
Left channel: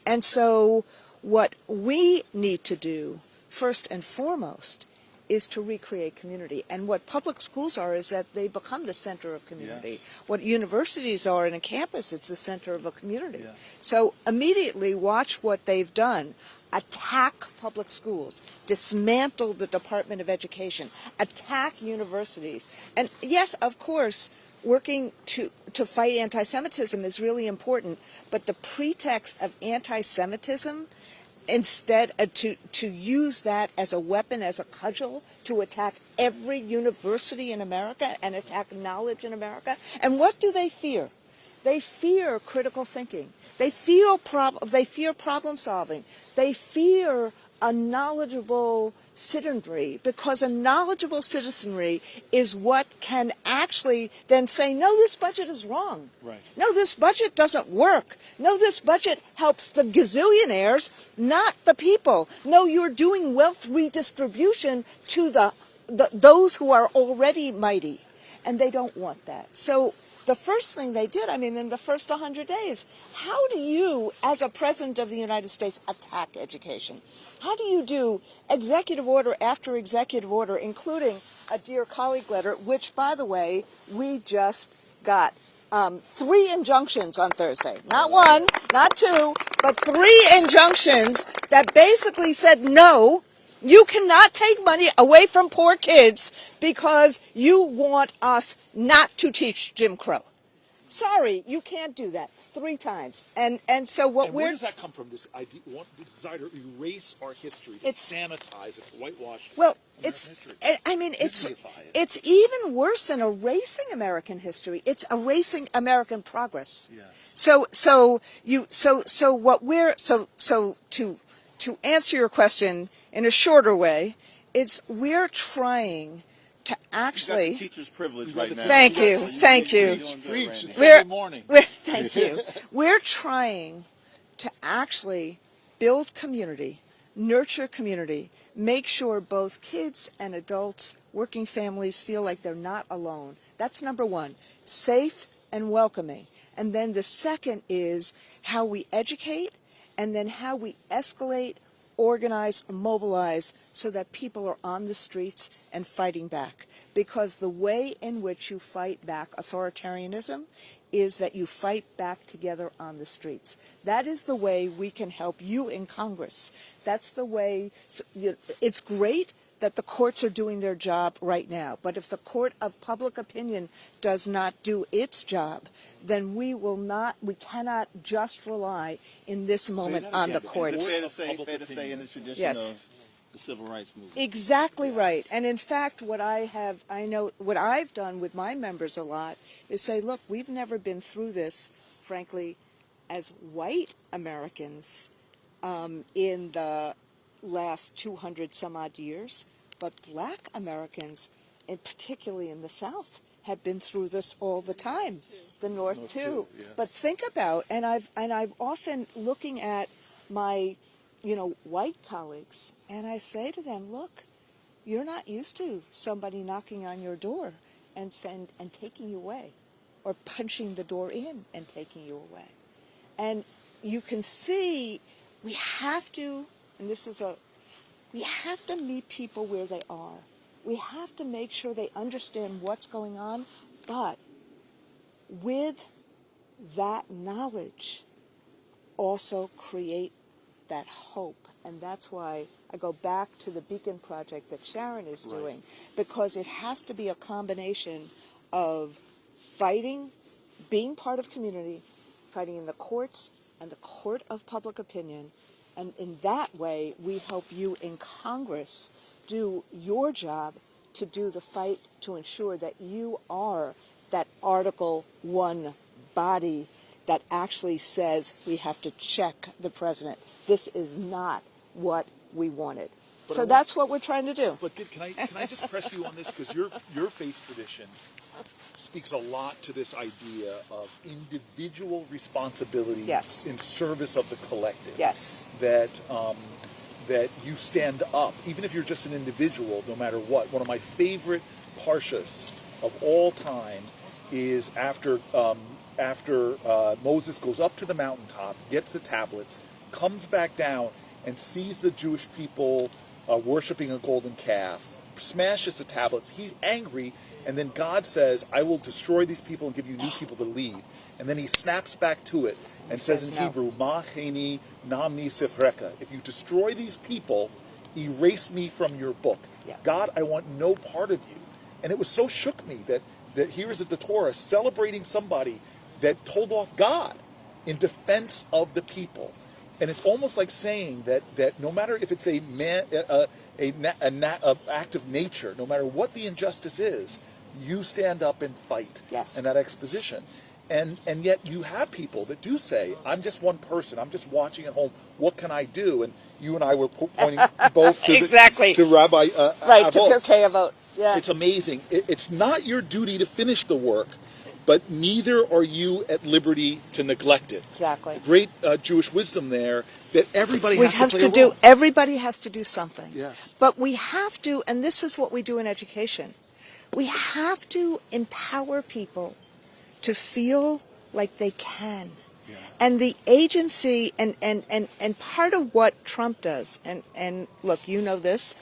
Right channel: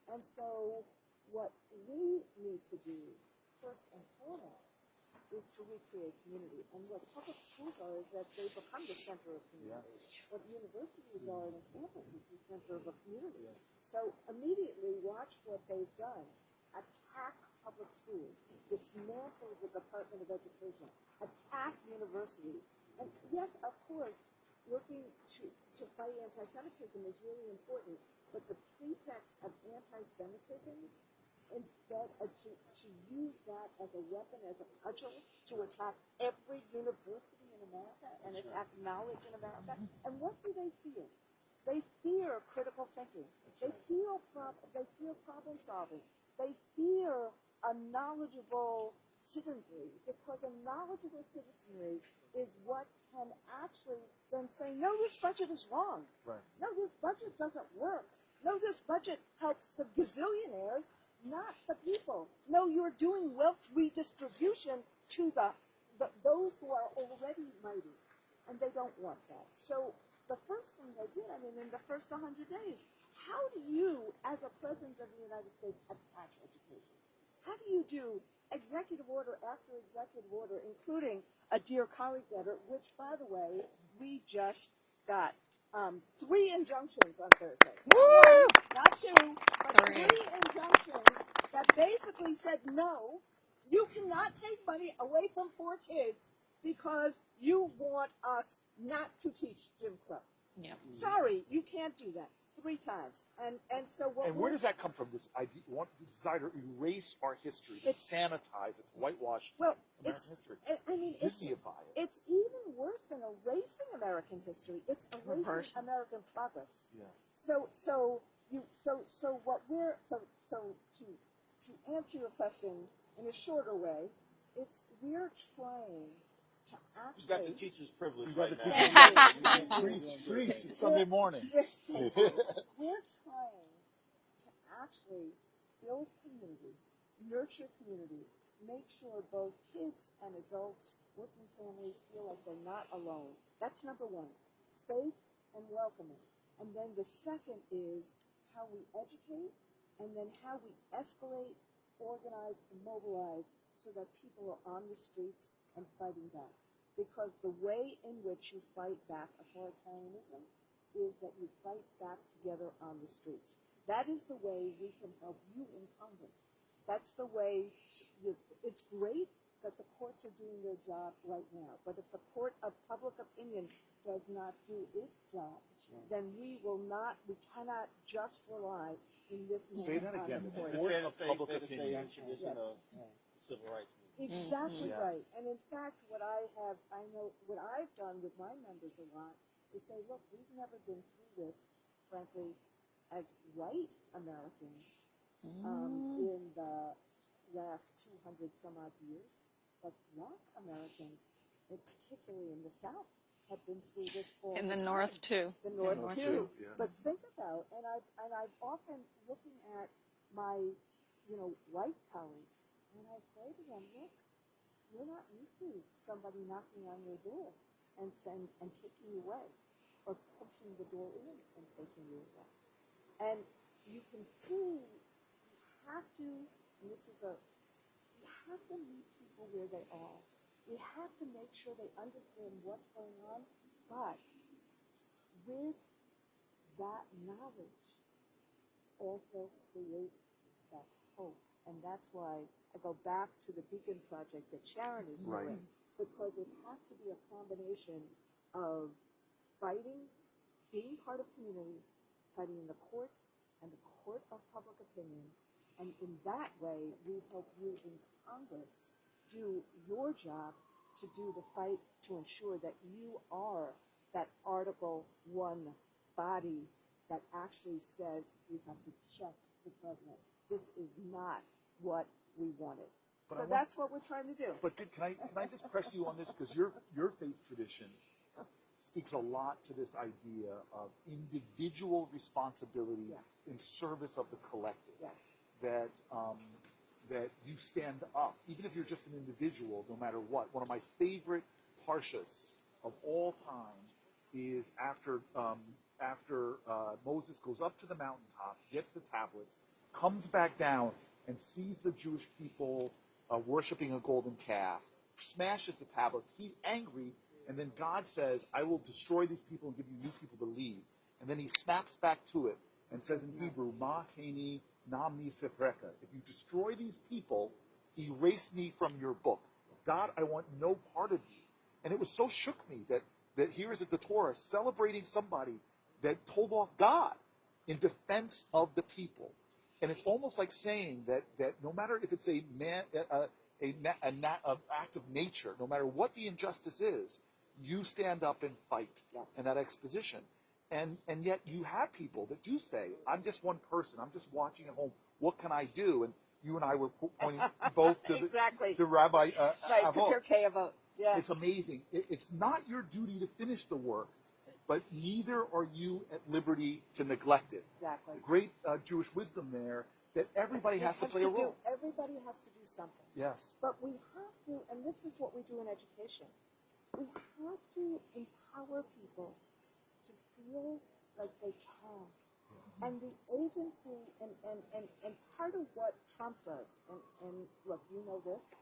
And so what we need to do, first and foremost, is to recreate community. And what public schools are is that they become the center of community. Yes. What universities are in a campus, it's the center of a community. Yes. So immediately watch what they've done. Attack public schools, dismantle the Department of Education, attack universities. And yes, of course, working to fight anti-Semitism is really important, but the pretext of anti-Semitism, instead to use that as a weapon, as a cudgel, to attack every university in America and attack knowledge in America. And what do they fear? They fear critical thinking. They fear problem solving. They fear a knowledgeable citizenry, because a knowledgeable citizenry is what can actually then say, no, this budget is wrong. Right. No, this budget doesn't work. No, this budget helps the gazillionaires, not the people. No, you're doing wealth redistribution to those who are already mighty. And they don't want that. So the first thing they did, I mean, in the first 100 days, how do you, as a president of the United States, attack education? How do you do executive order after executive order, including a dear colleague letter, which, by the way, we just got 3 injunctions on Thursday. Not 1, not 2, but 3 injunctions that basically said, no, you cannot take money away from poor kids because you want us not to teach Jim Crow. Yeah. Sorry, you can't do that 3 times. And so what And where does that come from? This idea, this desire to erase our history, to sanitize it, whitewash it. Well, American history. Historyify it. It's even worse than erasing American history. It's erasing American progress. Yes. To answer your question in a shorter way, we're trying to actually. You got the teacher's privilege right now. Thank you, thank you. Thank you. We're trying to actually build community, nurture community, make sure both kids and adults, working families feel like they're not alone. That's number 1, safe and welcoming. And then the second is how we educate, and then how we escalate, organize, mobilize, so that people are on the streets and fighting back. Because the way in which you fight back authoritarianism is that you fight back together on the streets. That is the way we can help you in Congress. That's the way. It's great that the courts are doing their job right now, but if the court of public opinion does not do its job, then we cannot just rely in this moment on the courts. Fair to say in the tradition Yes. of the civil rights movement. Exactly right. And in fact, what I've done with my members a lot is say, look, we've never been through this, frankly, as white Americans in the last 200 some odd years, but black Americans and particularly in the South, have been through this all In the the time. North, too. The North too. yes. But think about, and I've often looking at my, white colleagues, and I say to them, look, you're not used to somebody knocking on your door and taking you away, or punching the door in and taking you away. And you can see we have to, and we have to meet people where they are. We have to make sure they understand what's going on, but with that knowledge, also create that hope. And that's why I go back to the Beacon Project that Sharon is doing, because it has to be a combination of fighting, being part of community, fighting in the courts and the court of public opinion. And in that way, we help you in Congress do your job to do the fight to ensure that you are that Article 1 body that actually says we have to check the president. This is not what we wanted. So that's what we're trying to do. But can I just press you on this, because your faith tradition speaks a lot to this idea of individual responsibility Yes. in service of the collective. Yes. That you stand up, even if you're just an individual, no matter what. One of my favorite parshas of all time is after Moses goes up to the mountaintop, gets the tablets, comes back down, and sees the Jewish people worshiping a golden calf, smashes the tablets. He's angry, and then God says, I will destroy these people and give you new people to lead. And then he snaps back to it and says in Hebrew, Ma cheni na mi sifreka. If you destroy these people, erase me from your book. Yeah. God, I want no part of you. And it was so shook me that here is the Torah celebrating somebody that told off God in defense of the people. And it's almost like saying that no matter if it's an act of nature, no matter what the injustice is, you stand up and fight. Yes. And that exposition. And yet you have people that do say, I'm just one person. I'm just watching at home. What can I do? And you and I were pointing both to, Exactly. to Rabbi Right, to Avot. Pirkei Avot. Yeah. It's amazing. It's not your duty to finish the work, but neither are you at liberty to neglect it. Exactly. Great Jewish wisdom there that everybody We has have to to play a do, role. everybody has to do something. Yes. But we have to, and this is what we do in education, we have to empower people to feel like they can. Yeah. And the agency, and part of what Trump does, and look, you know this,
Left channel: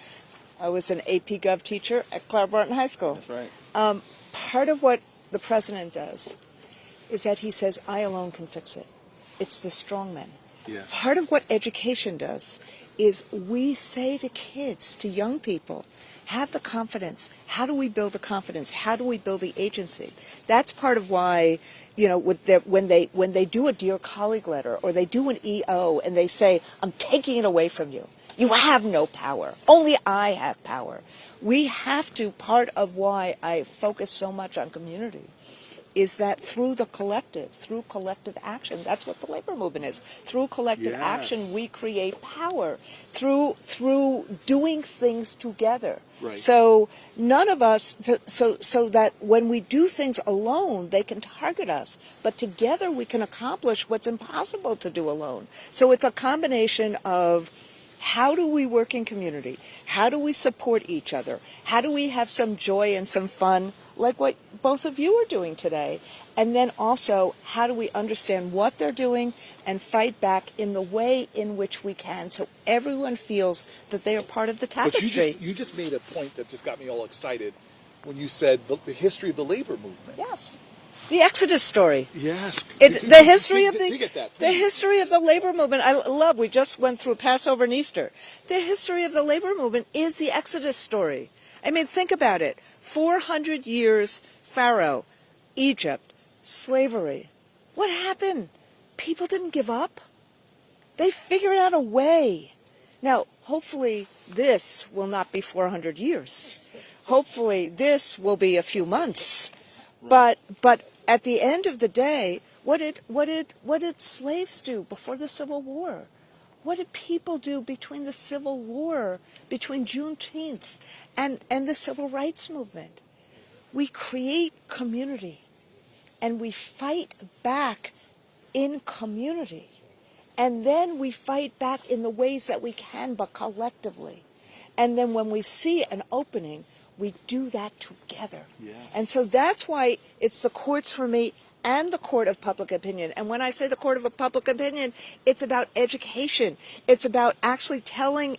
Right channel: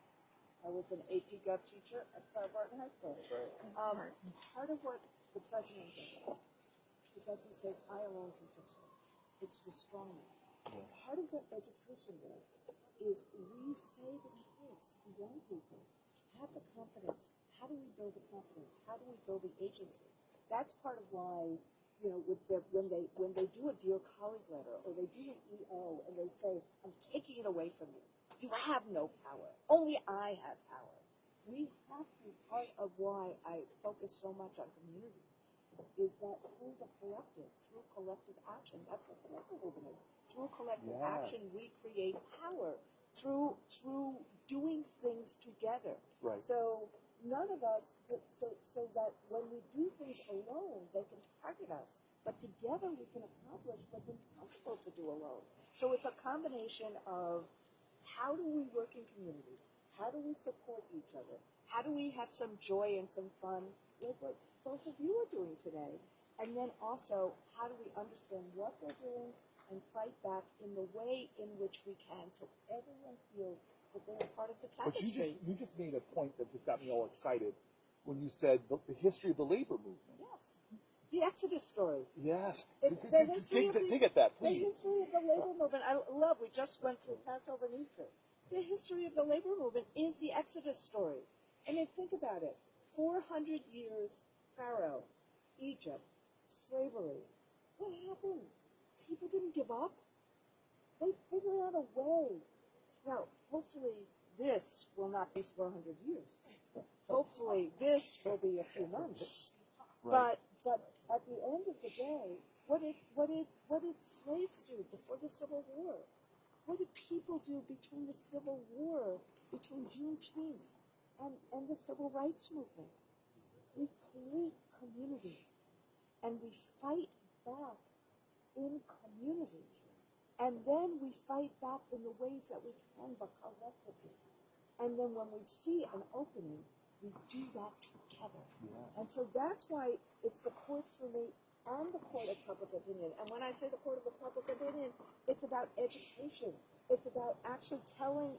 I was an AP Gov teacher at Clara Barton High School. That's right. Part of what the president does is that he says, I alone can fix it. It's the strong men. Yes. Part of what education does is we say to kids, to young people, have the confidence. How do we build the confidence? How do we build the agency? That's part of why, when they do a Dear Colleague letter or they do an EO and they say, I'm taking it away from you. You have no power. Only I have power. We have to, part of why I focus so much on community is that through collective action, that's what the labor movement is. Through collective Yes. action, we create power. Through doing things together. Right. So none of us, so that when we do things alone, they can target us. But together we can accomplish what's impossible to do alone. So it's a combination of how do we work in community? How do we support each other? How do we have some joy and some fun, like what both of you are doing today? And then also, how do we understand what they're doing and fight back in the way in which we can, so everyone feels that they are part of the tapestry? But you just made a point that just got me all excited when you said the history of the labor movement. Yes. The Exodus story. Yes. The history of dig at that, the please. history of the labor movement. I love. We just went through Passover and Easter. The history of the labor movement is the Exodus story. I mean, think about it. 400 years, Pharaoh, Egypt, slavery. What happened? People didn't give up. They figured out a way. Now, hopefully, this will not be 400 years. Hopefully, this will be a few months. But at the end of the day, what did slaves do before the Civil War? What did people do between the Civil War, between Juneteenth and the Civil Rights Movement? We create community and we fight back in community. And then we fight back in the ways that we can, but collectively. And then when we see an opening, we do that together. Yes. And so that's why it's the courts for me and the court of public opinion. And when I say the court of public opinion, it's about education. It's about actually telling,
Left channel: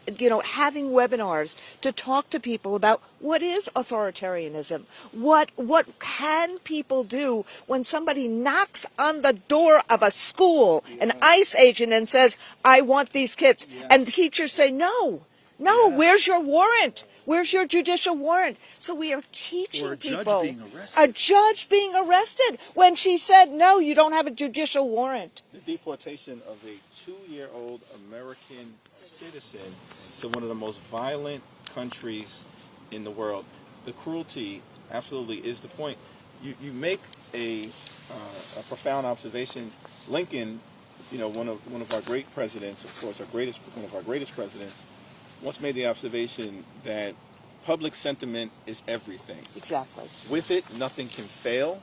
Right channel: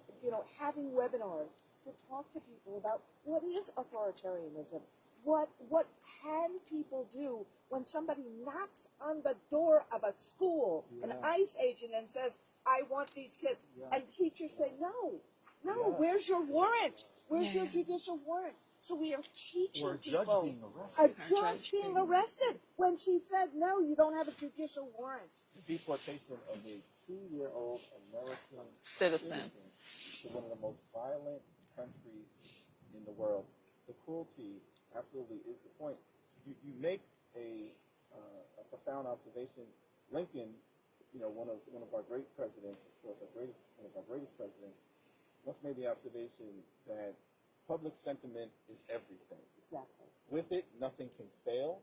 having webinars to talk to people about what is authoritarianism. What can people do when somebody knocks on the door of a school, an ICE agent, and says, I want these kids. And teachers say, no, where's your warrant? Where's your judicial warrant? So we are teaching people. A judge being arrested when she said, no, you don't have a judicial warrant. The deportation of a 2-year-old American Citizen to one of the most violent countries in the world. The cruelty absolutely is the point. You make a profound observation. Lincoln, one of our great presidents, of course, one of our greatest presidents, once made the observation that public sentiment is everything. Exactly. With it, nothing can fail.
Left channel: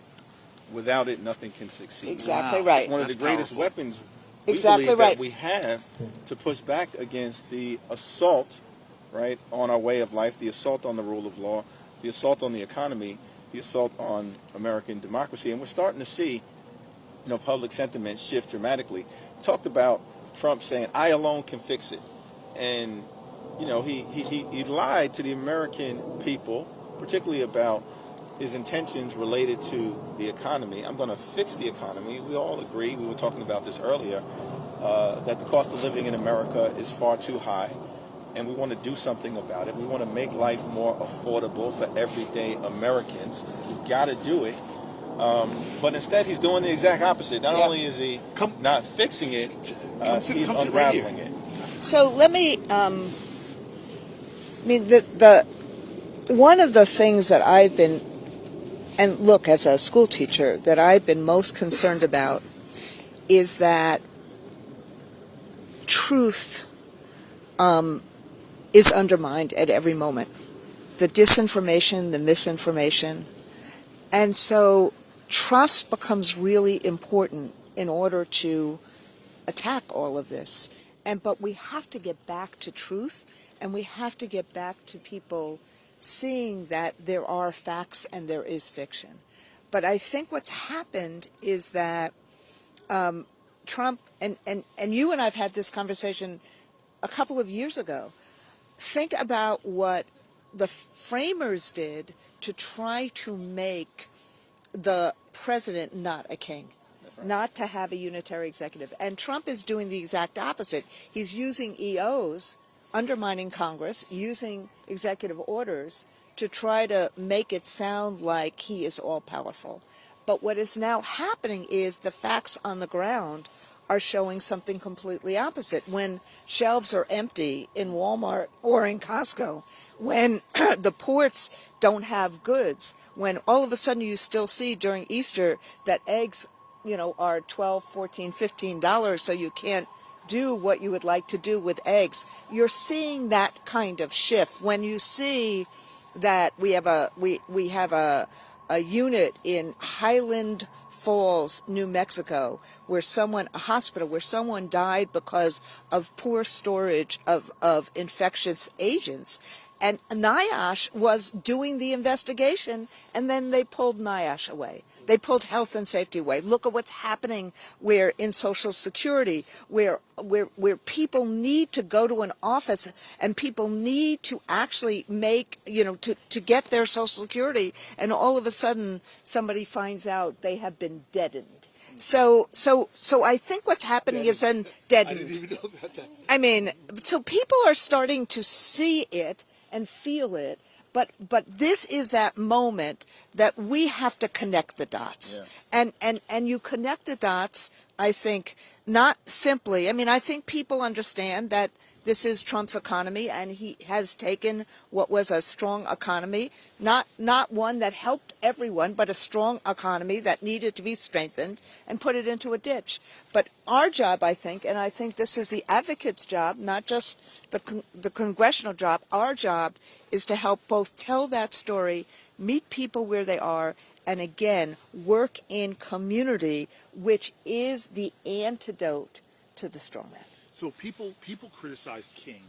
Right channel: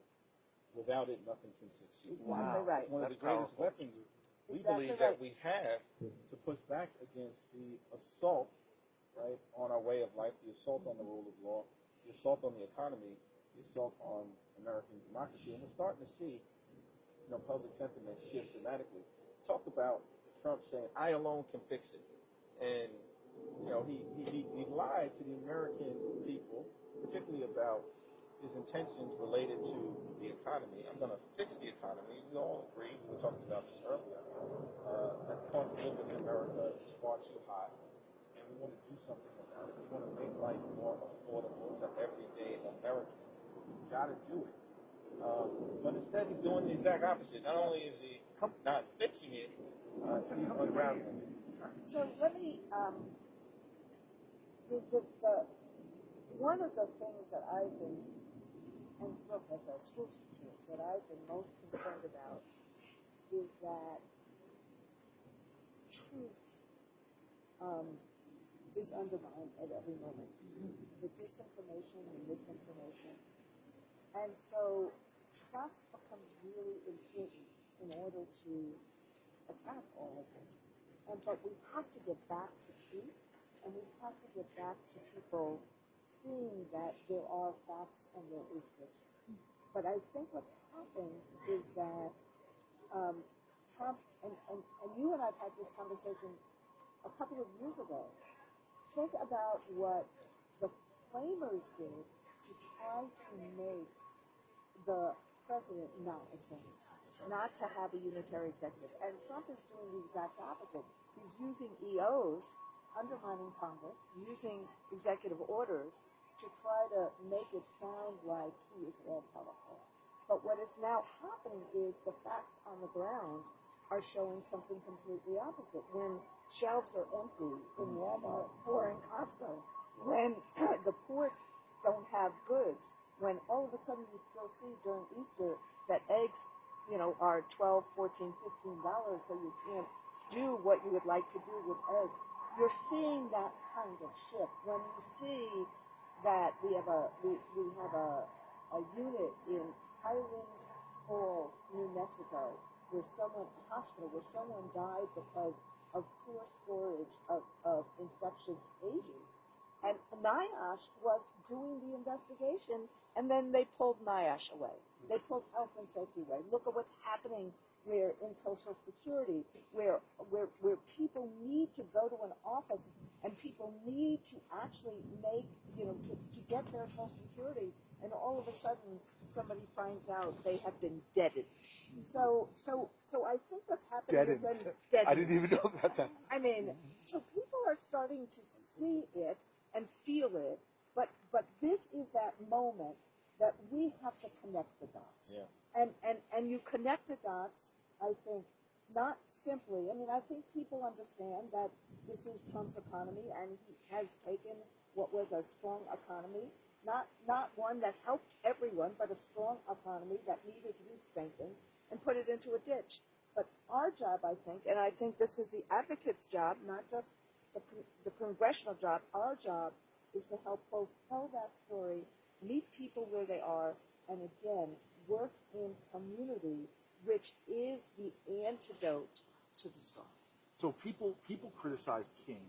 Without it, nothing can succeed. Exactly Wow. right. It's one of the greatest weapons we Exactly believe right. that we have to push back against the assault, right, on our way of life, the assault on the rule of law, the assault on the economy, the assault on American democracy. And we're starting to see, public sentiment shift dramatically. Talked about Trump saying, I alone can fix it. And he lied to the American people, particularly about his intentions related to the economy. I'm going to fix the economy. We all agree, we were talking about this earlier, that the cost of living in America is far too high, and we want to do something about it. We want to make life more affordable for everyday Americans. We've got to do it. But instead, he's doing the exact opposite. Not only is he not fixing it, he's unraveling it. So let me, the one of the things that I've been, and look, as a school teacher, that I've been most concerned about is that truth is undermined at every moment. The disinformation, the misinformation. And so trust becomes really important in order to attack all of this. But we have to get back to truth, and we have to get back to people seeing that there are facts and there is fiction. But I think what's happened is that Trump, and you and I have had this conversation a couple of years ago. Think about what the framers did to try to make the president not a king. Not to have a unitary executive. And Trump is doing the exact opposite. He's using EOs, undermining Congress, using executive orders to try to make it sound like he is all-powerful. But what is now happening is the facts on the ground are showing something completely opposite. When shelves are empty in Walmart or in Costco, when the ports don't have goods, when all of a sudden you still see during Easter that eggs are $12, $14, $15, so you can't do what you would like to do with eggs. You're seeing that kind of shift when you see that we have a unit in Highland Falls, New Mexico, a hospital where someone died because of poor storage of infectious agents. And NIOSH was doing the investigation, and then they pulled NIOSH away. They pulled health and safety away. Look at what's happening where in Social Security, where people need to go to an office and people need to actually make, to get their Social Security, and all of a sudden somebody finds out they have been deadened. So I think what's happening is then deadened. I didn't even know that. I mean, so people are starting to see it and feel it. But this is that moment that we have to connect the dots. Yeah. And you connect the dots, I think, not simply, I mean, I think people understand that this is Trump's economy, and he has taken what was a strong economy, not one that helped everyone, but a strong economy that needed to be strengthened, and put it into a ditch. But our job, I think, and I think this is the advocate's job, not just the congressional job, our job is to help both tell that story, meet people where they are, and again, work in community, which is the antidote to the straw man. So people criticized King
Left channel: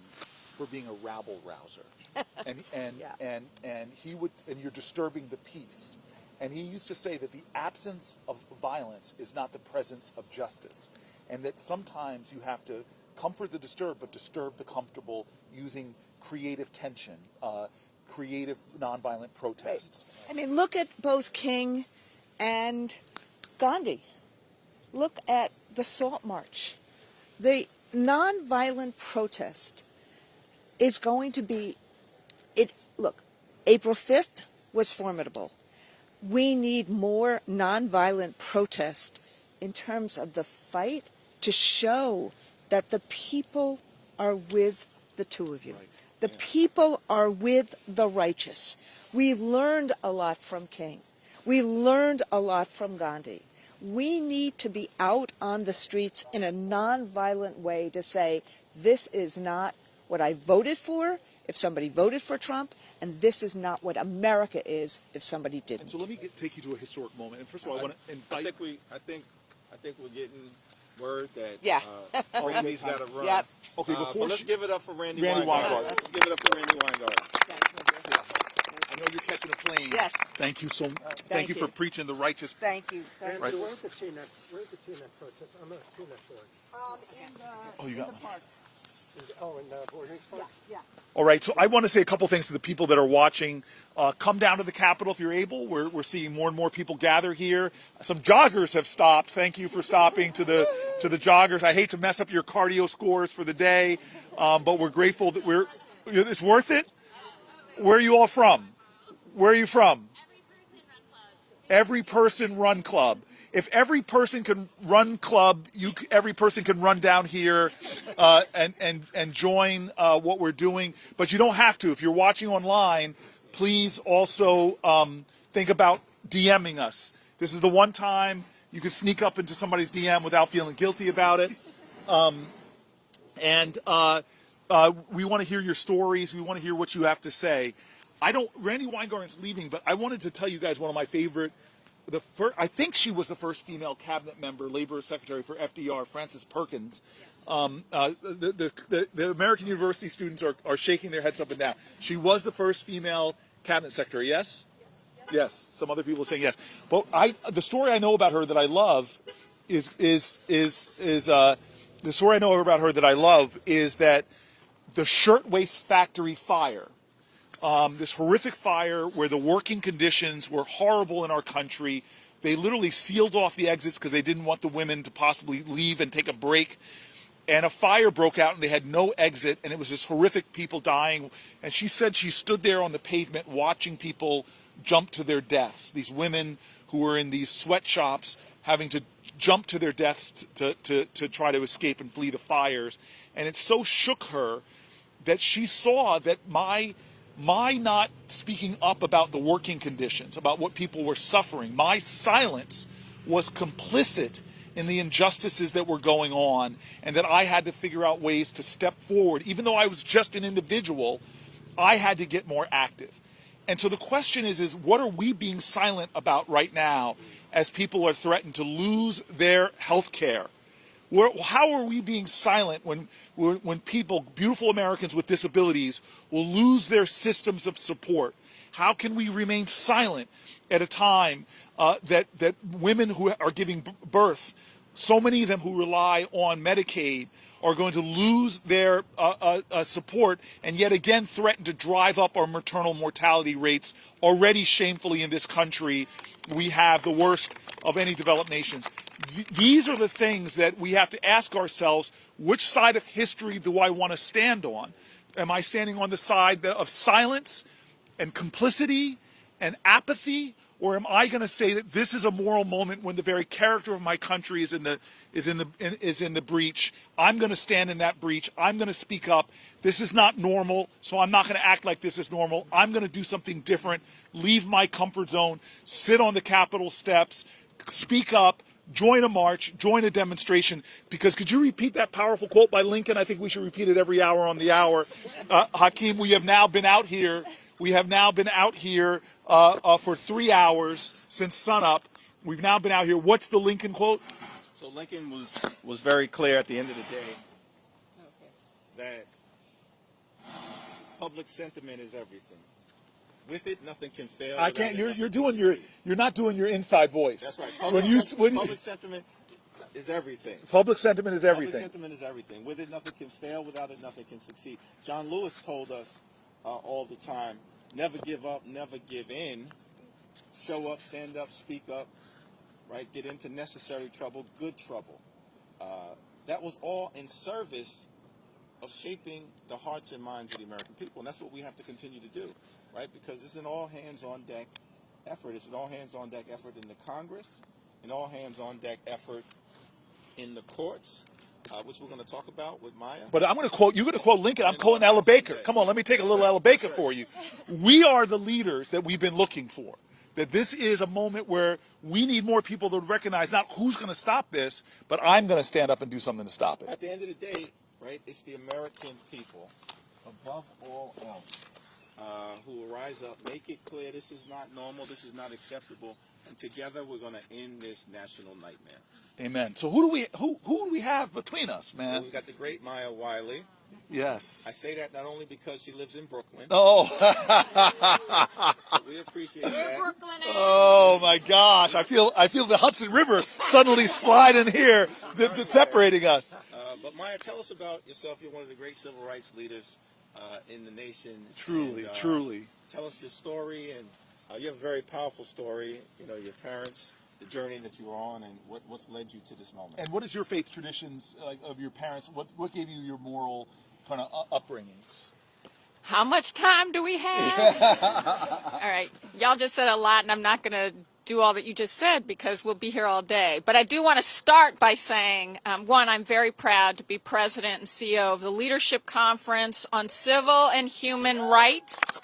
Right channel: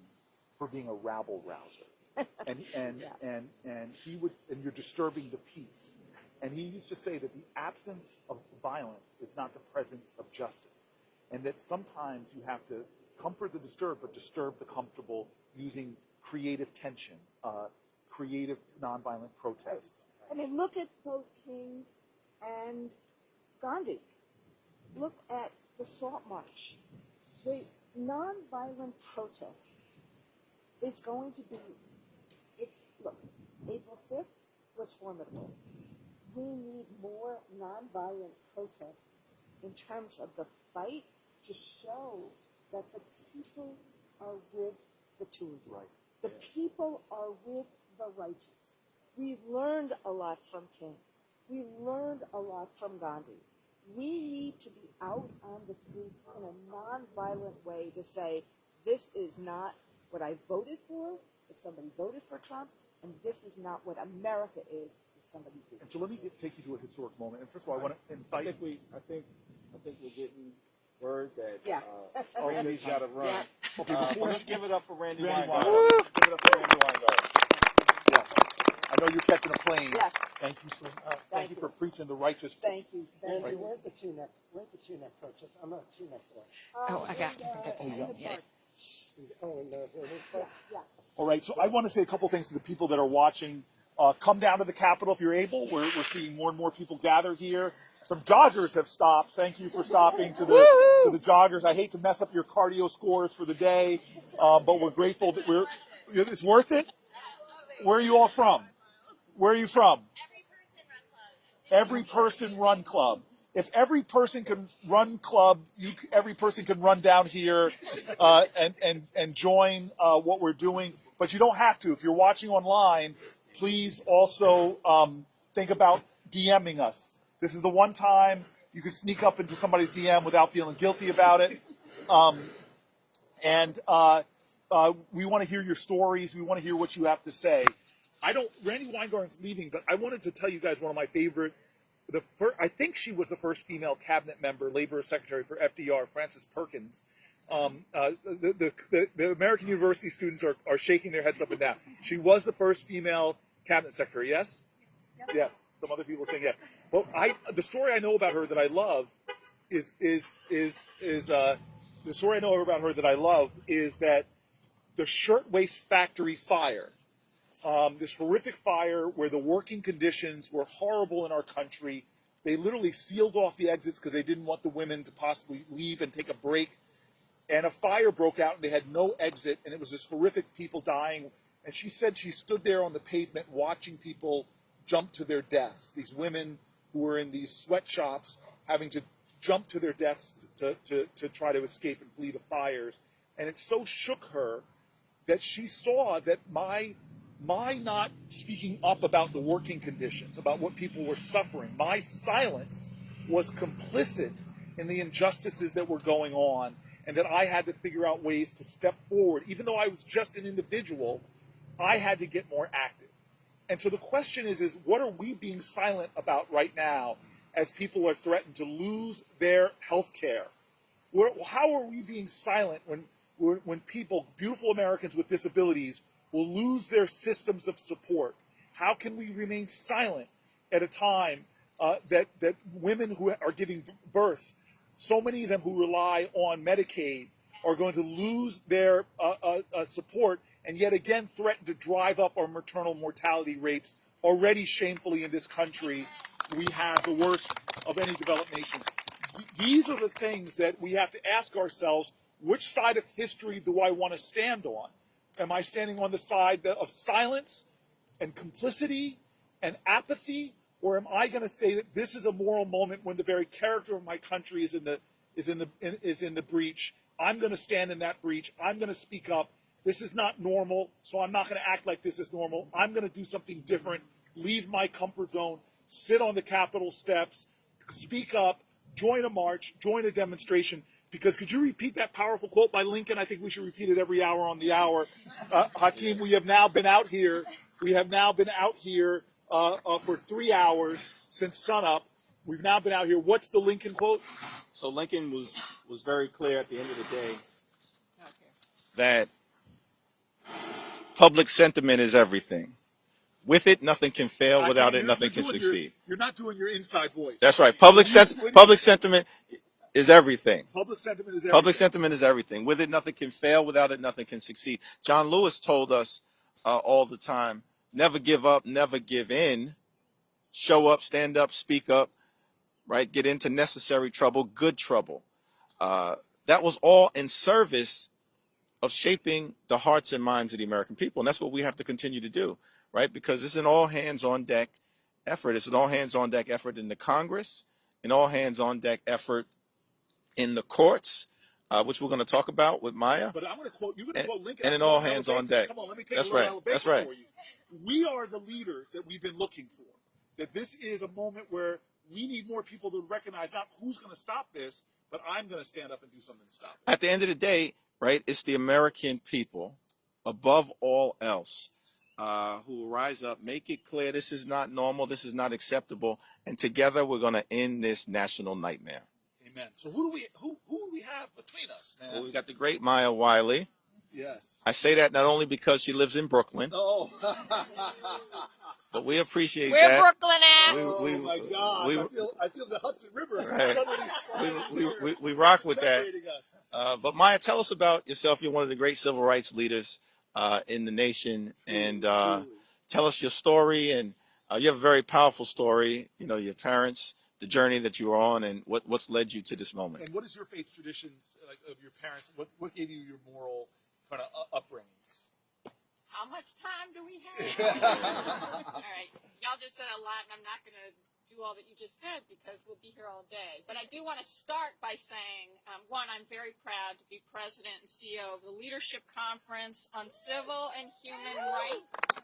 for being a rabble rouser, and he would, and you're disturbing the peace. And he used to say that the absence of violence is not the presence of justice, and that sometimes you have to comfort the disturbed, but disturb the comfortable using creative tension, creative nonviolent protests. I mean, look at both King and Gandhi. Look at the Salt March. The nonviolent protest is going to be, look, April 5th was formidable. We need more nonviolent protest in terms of the fight to show that the people are with the two of you. Right. The people are with the righteous. We learned a lot from King. We learned a lot from Gandhi. We need to be out on the streets in a nonviolent way to say, this is not what I voted for if somebody voted for Trump, and this is not what America is if somebody didn't. And so let me take you to a historic moment. And first of all, I want to invite. I think we're getting word that Yeah. Randy's got to run. Yep. Okay, before Let's give it up for Randy Randy Weingarten. Let's give it up for Randy Weingarten. I know you're catching a plane. Yes. Thank you so much. Thank you you. for preaching the righteous. Thank you. Thank Right. you. Where's the T-neck purchase? I'm not T-neck one. Oh, I got it. Oh, you got it. Oh, in the boarding park? Yeah. All right, so I want to say a couple things to the people that are watching. Come down to the Capitol if you're able. We're seeing more and more people gather here. Some joggers have stopped. Thank you for stopping to the joggers. I hate to mess up your cardio scores for the day, but we're grateful that it's worth it. Where are you all from? Where are you from? Every person run club. If every person can run club, every person can run down here and join what we're doing. But you don't have to. If you're watching online, please also think about DMing us. This is the one time you can sneak up into somebody's DM without feeling guilty about it. We want to hear your stories. We want to hear what you have to say. Randy Weingarten's leaving, but I wanted to tell you guys one of my favorite. I think she was the first female cabinet member, labor secretary for FDR, Frances Perkins. The American University students are shaking their heads up and down. She was the first female cabinet secretary. Yes. Yes. Some other people are saying yes. But the story I know about her that I love is that the Shirtwaist Factory fire. This horrific fire where the working conditions were horrible in our country. They literally sealed off the exits because they didn't want the women to possibly leave and take a break. And a fire broke out and they had no exit, and it was this horrific, people dying. And she said she stood there on the pavement watching people jump to their deaths. These women who were in these sweatshops having to jump to their deaths to try to escape and flee the fires. And it so shook her that she saw that my not speaking up about the working conditions, about what people were suffering, my silence was complicit in the injustices that were going on, and that I had to figure out ways to step forward. Even though I was just an individual, I had to get more active. And so the question is what are we being silent about right now as people are threatened to lose their health care? How are we being silent when people, beautiful Americans with disabilities, will lose their systems of support? How can we remain silent at a time that women who are giving birth, so many of them who rely on Medicaid, are going to lose their support and yet again threaten to drive up our maternal mortality rates? Already shamefully in this country, we have the worst of any developed nations. These are the things that we have to ask ourselves, which side of history do I want to stand on? Am I standing on the side of silence and complicity and apathy, or am I going to say that this is a moral moment when the very character of my country is in the breach? I'm going to stand in that breach. I'm going to speak up. This is not normal, so I'm not going to act like this is normal. I'm going to do something different, leave my comfort zone, sit on the Capitol steps, speak up, join a march, join a demonstration. Because could you repeat that powerful quote by Lincoln? I think we should repeat it every hour on the hour. Hakeem, we have now been out here. For 3 hours since sunup. We've now been out here. What's the Lincoln quote? So Lincoln was very clear at the end of the day that public sentiment is everything. With it, nothing can fail. Without it, nothing can succeed. You're not doing your inside voice. That's right. Public sentiment is everything. Public sentiment is everything. Public sentiment is everything. With it, nothing can fail. Without it, nothing can succeed. John Lewis told us all the time, never give up, never give in. Show up, stand up, speak up, right? Get into necessary trouble, good trouble. That was all in service of shaping the hearts and minds of the American people. And that's what we have to continue to do, right? Because it's an all hands on deck effort. It's an all hands on deck effort in the Congress, an all hands on deck effort in the courts, which we're going to talk about with Maya. But I'm going to quote, you're going to quote Lincoln, I'm quoting Ella Baker. Come on, let me take a little Ella Baker for you. We are the leaders that we've been looking for. That this is a moment where we need more people to recognize not who's going to stop this, but I'm going to stand up and do something to stop it. At the end of the day, right, it's the American people, above all else, who will rise up, make it clear this is not normal, this is not acceptable, and together we're going to end this national nightmare. Amen. So who do we have between us, man? Well, we've got the great Maya Wiley. Yes. I say that not only because she lives in Brooklyn. Oh. But we appreciate We're that. Brooklyn. Oh my gosh! I feel the Hudson River suddenly sliding here, we rock with separating us. But Maya, tell us about yourself. You're one of the great civil rights leaders in the nation, Truly. Tell us your story. And you have a very powerful story. You know, your parents, the journey that you were on, and what's led you to this moment. And what is your faith traditions of your parents? What gave you your moral kind of upbringings? How much time do we have? All right. Y'all just said a lot, and I'm not going to do all that you just said because we'll be here all day. But I do want to start by saying, one, I'm very proud to be president and CEO of the Leadership Conference on Civil and Human Rights,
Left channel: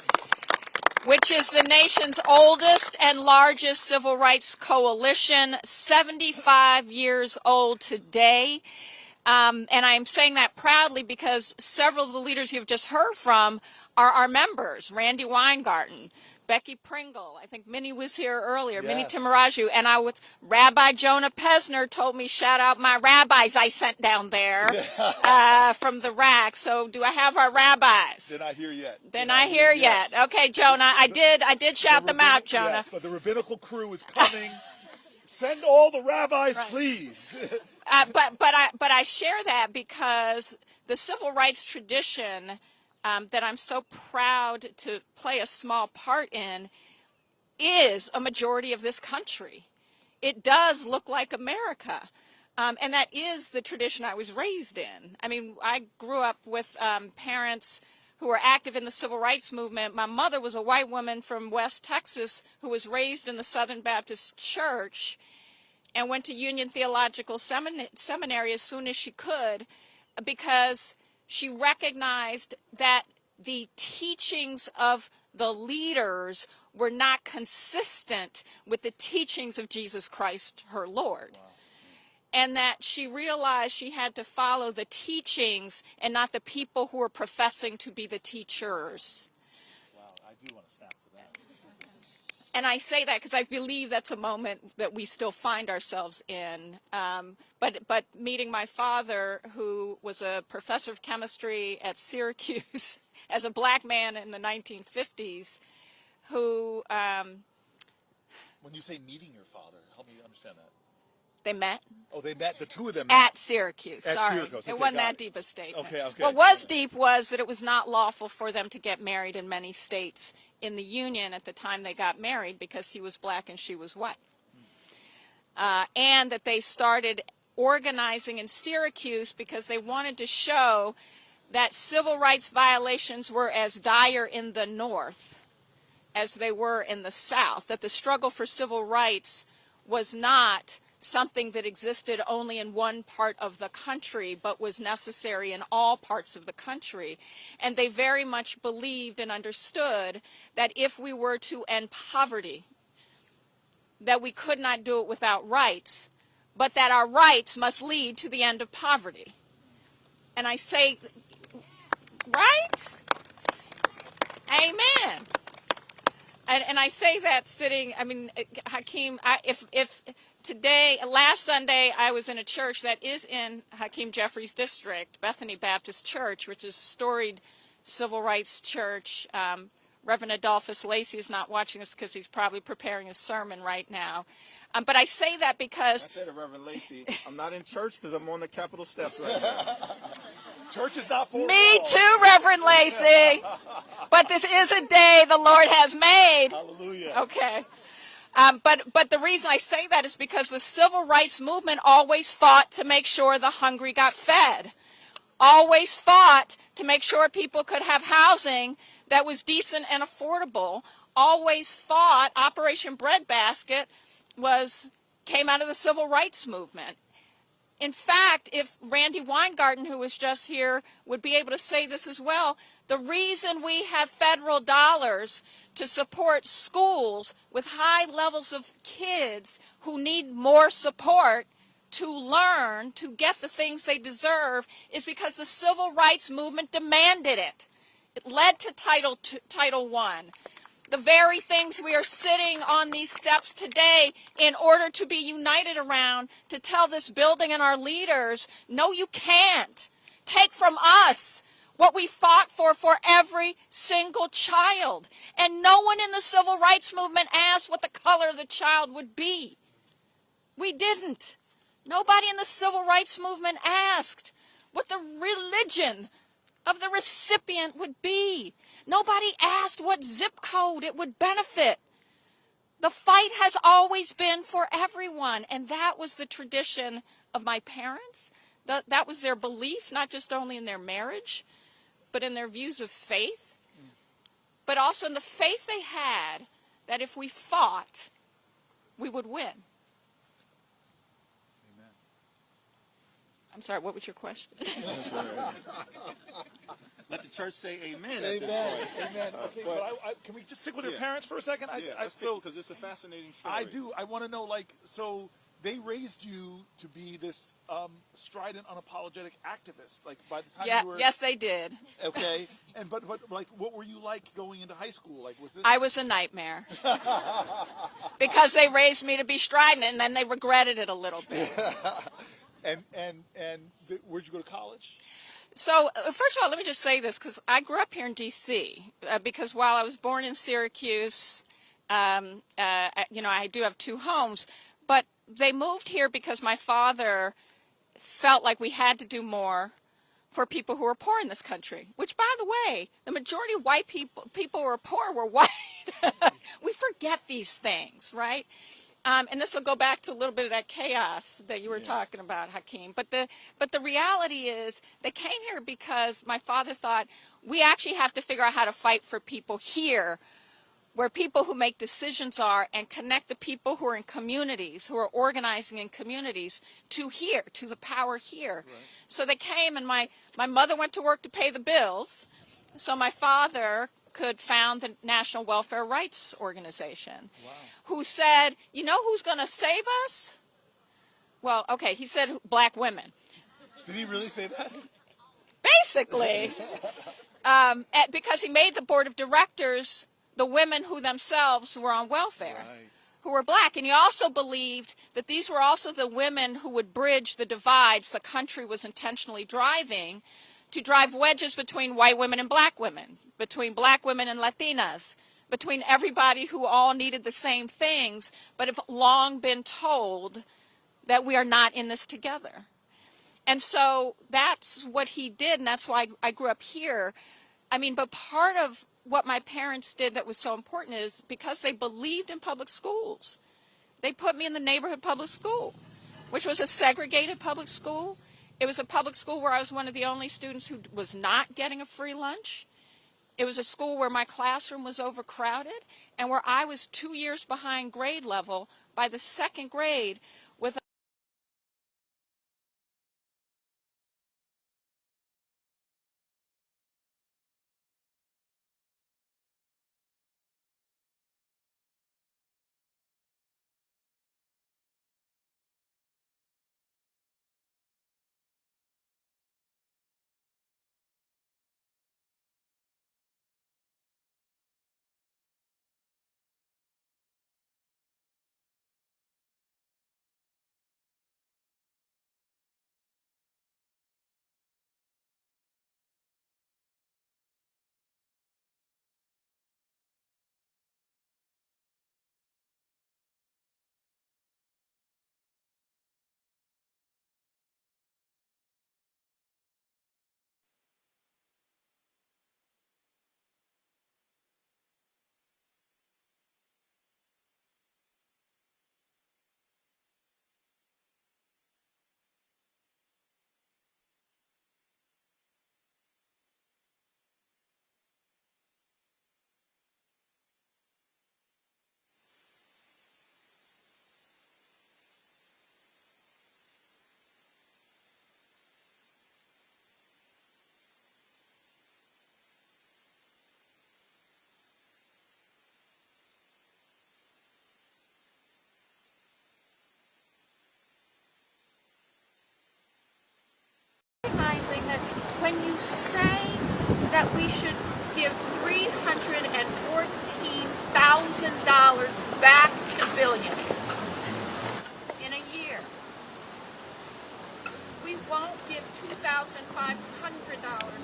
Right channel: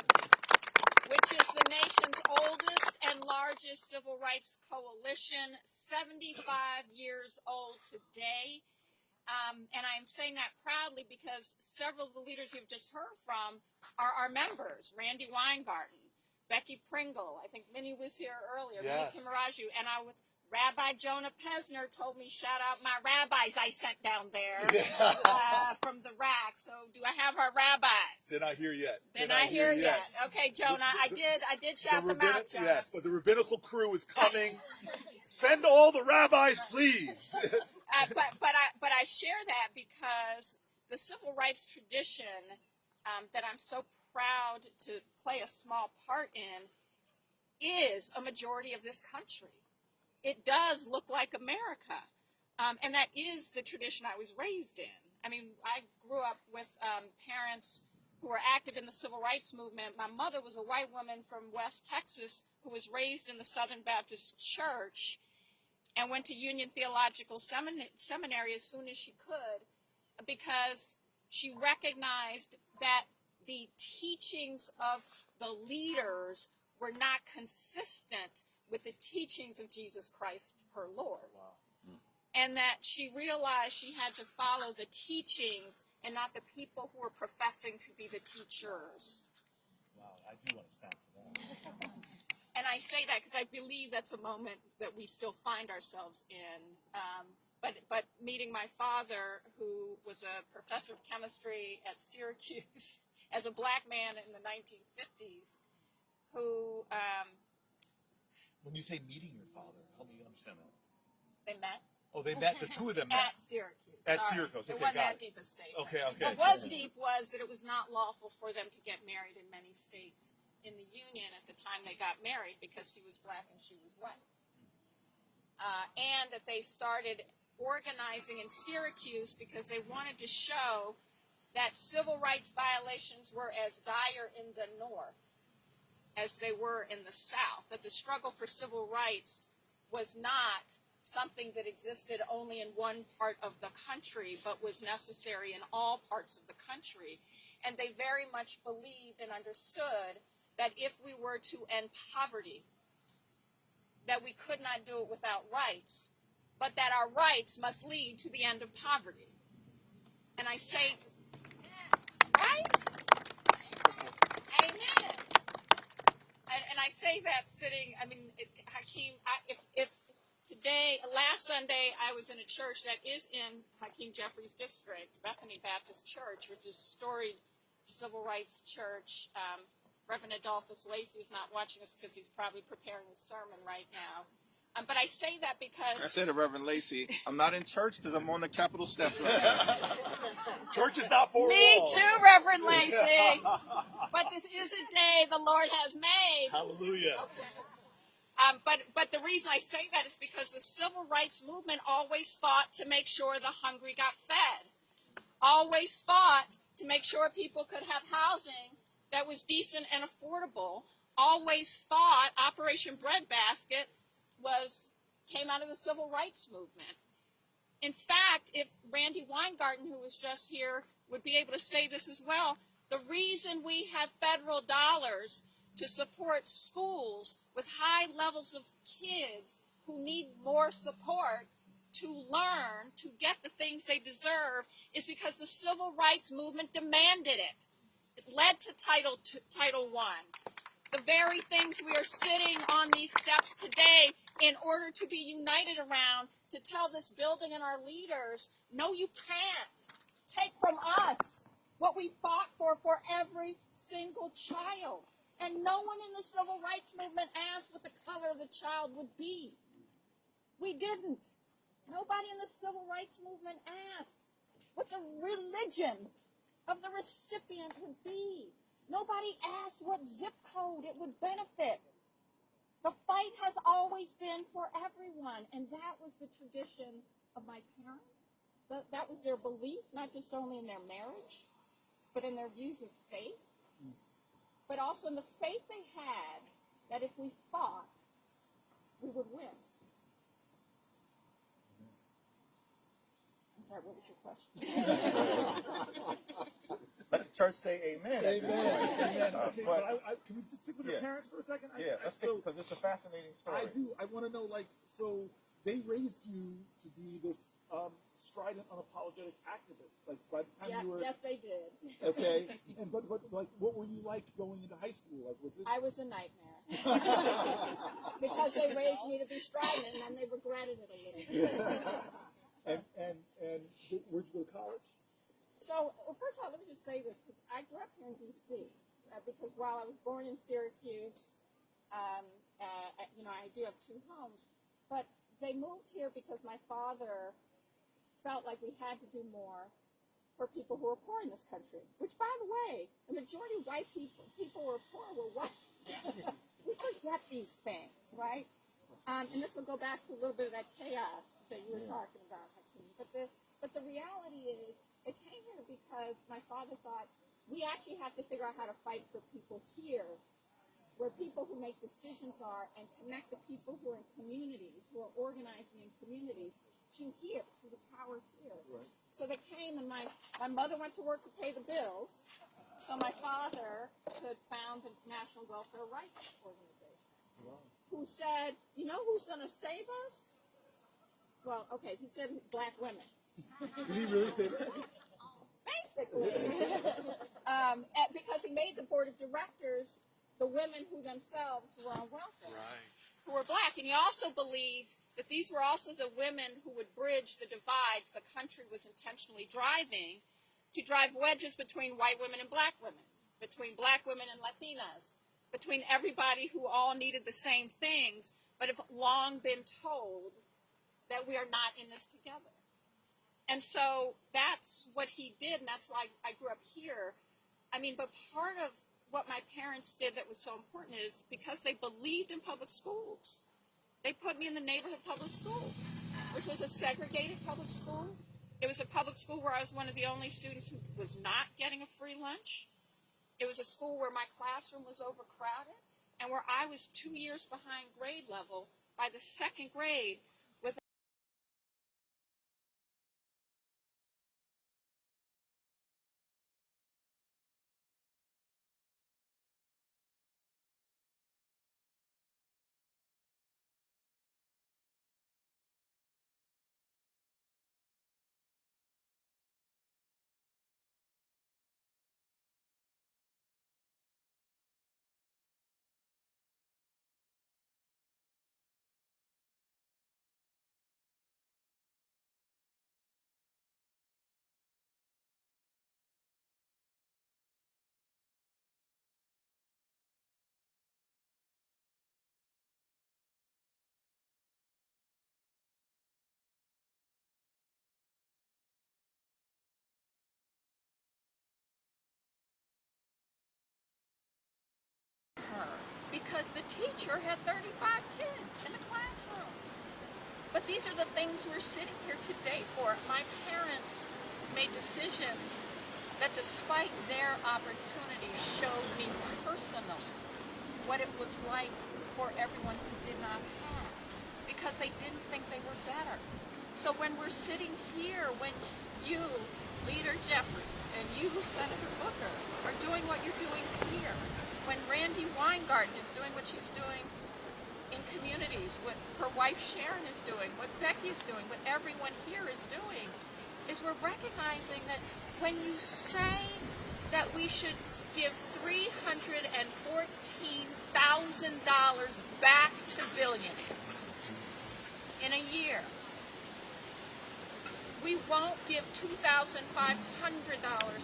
which is the nation's oldest and largest civil rights coalition, 75 years old today. And I'm saying that proudly because several of the leaders you've just heard from are our members. Randy Weingarten, Becky Pringle, I think Minnie was here earlier, yes. Minnie Timaraju, and Rabbi Jonah Pesner told me, shout out my rabbis I sent down there from the rack. So do I have our rabbis? Did I hear yet? Then I hear yet. Okay, Jonah, I did shout them out, Jonah. Yes, but the rabbinical crew is coming. Send all the rabbis, right. Please. But I share that because the civil rights tradition that I'm so proud to play a small part in is a majority of this country. It does look like America. And that is the tradition I was raised in. I mean, I grew up with parents who were active in the civil rights movement. My mother was a white woman from West Texas who was raised in the Southern Baptist Church and went to Union Theological Seminary as soon as she could because she recognized that the teachings of the leaders were not consistent with the teachings of Jesus Christ, her Lord. Wow. And that she realized she had to follow the teachings and not the people who were professing to be the teachers. Wow, I do want to stand for that. And I say that because I believe that's a moment that we still find ourselves in. But meeting my father, who was a professor of chemistry at Syracuse as a black man in the 1950s, who... when you say meeting your father, help me understand that. They met. Oh, they met, the two of them met. At Syracuse, At sorry. Syracuse. Okay, it wasn't that deep a statement. Okay. What was deep was that it was not lawful for them to get married in many states in the Union at the time they got married because he was black and she was white. And that they started organizing in Syracuse because they wanted to show that civil rights violations were as dire in the North as they were in the South, that the struggle for civil rights was not something that existed only in one part of the country, but was necessary in all parts of the country. And they very much believed and understood that if we were to end poverty, that we could not do it without rights, but that our rights must lead to the end of poverty. And I say, right? Amen. And I say that sitting, I mean, Hakeem, if today, last Sunday, I was in a church that is in Hakeem Jefferies District, Bethany Baptist Church, which is a storied civil rights church. Reverend Adolphus Lacey is not watching us because he's probably preparing a sermon right now. But I say that because... I said to Reverend Lacey, I'm not in church because I'm on the Capitol steps right now. Church is not for Me too, Reverend Lacey. But this is a day the Lord has made. Hallelujah. Okay. But the reason I say that is because the civil rights movement always fought to make sure the hungry got fed. Always fought to make sure people could have housing that was decent and affordable. Always fought. Operation Breadbasket came out of the civil rights movement. In fact, if Randy Weingarten, who was just here, would be able to say this as well, the reason we have federal dollars to support schools with high levels of kids who need more support to learn, to get the things they deserve, is because the civil rights movement demanded it. It led to Title I. The very things we are sitting on these steps today in order to be united around, to tell this building and our leaders, no, you can't. Take from us what we fought for every single child. And no one in the civil rights movement asked what the color of the child would be. We didn't. Nobody in the civil rights movement asked what the religion of the recipient would be. Nobody asked what zip code it would benefit. The fight has always been for everyone, and that was the tradition of my parents. That was their belief, not just only in their marriage, but in their views of faith, but also in the faith they had that if we fought, we would win. Amen. I'm sorry, what was your question? Let the church say amen at this point. Okay, but can we just stick with your parents for a second? Because it's a fascinating story. I do. I want to know, so they raised you to be this strident, unapologetic activist. Like by the time you were, yes, they did. Okay, and but like, what were you like going into high school? Like, was this? I was a nightmare because they raised me to be strident, and then they regretted it a little bit. and where'd you go to college? So, first of all, let me just say this, because I grew up here in D.C., because while I was born in Syracuse, I do have two homes, but they moved here because my father felt like we had to do more for people who are poor in this country, which, by the way, the majority of white people who are poor were white. We forget these things, right? And this will go back to a little bit of that chaos that you were talking about, Hakeem. But the reality is they came here because my father thought we actually have to figure out how to fight for people here, where people who make decisions are, and connect the people who are in communities, who are organizing in communities, to here, to the power here. Right. So they came, and my mother went to work to pay the bills, so my father could found the National Welfare Rights Organization. Wow. Who said, you know who's going to save us? Well, okay, he said black women. Did he really say that? Basically. Because he made the board of directors the women who themselves were on welfare, right, who were black. And he also believed that these were also the women who would bridge the divides the country was intentionally driving, to drive wedges between white women and black women, between black women and Latinas, between everybody who all needed the same things, but have long been told that we are not in this together. And so that's what he did, and that's why I grew up here. I mean, but part of what my parents did that was so important is because they believed in public schools. They put me in the neighborhood public school, which was a segregated public school. It was a public school where I was one of the only students who was not getting a free lunch. It was a school where my classroom was overcrowded and where I was 2 years behind grade level by the second grade with her because the teacher had 35 kids in the classroom. But these are the things we're sitting here today for. My parents made decisions that despite their opportunities showed me personally what it was like for everyone who did not have, because they didn't think they were better. So when we're sitting here, when you, Leader Jeffries, and you, Senator Booker, are doing what you're doing here, when Randy Weingarten is doing what she's doing in communities, what her wife Sharon is doing, what Becky is doing, what everyone here is doing, is we're recognizing that when you say that we should give $314,000 back to Billings in a year, we won't give $2,500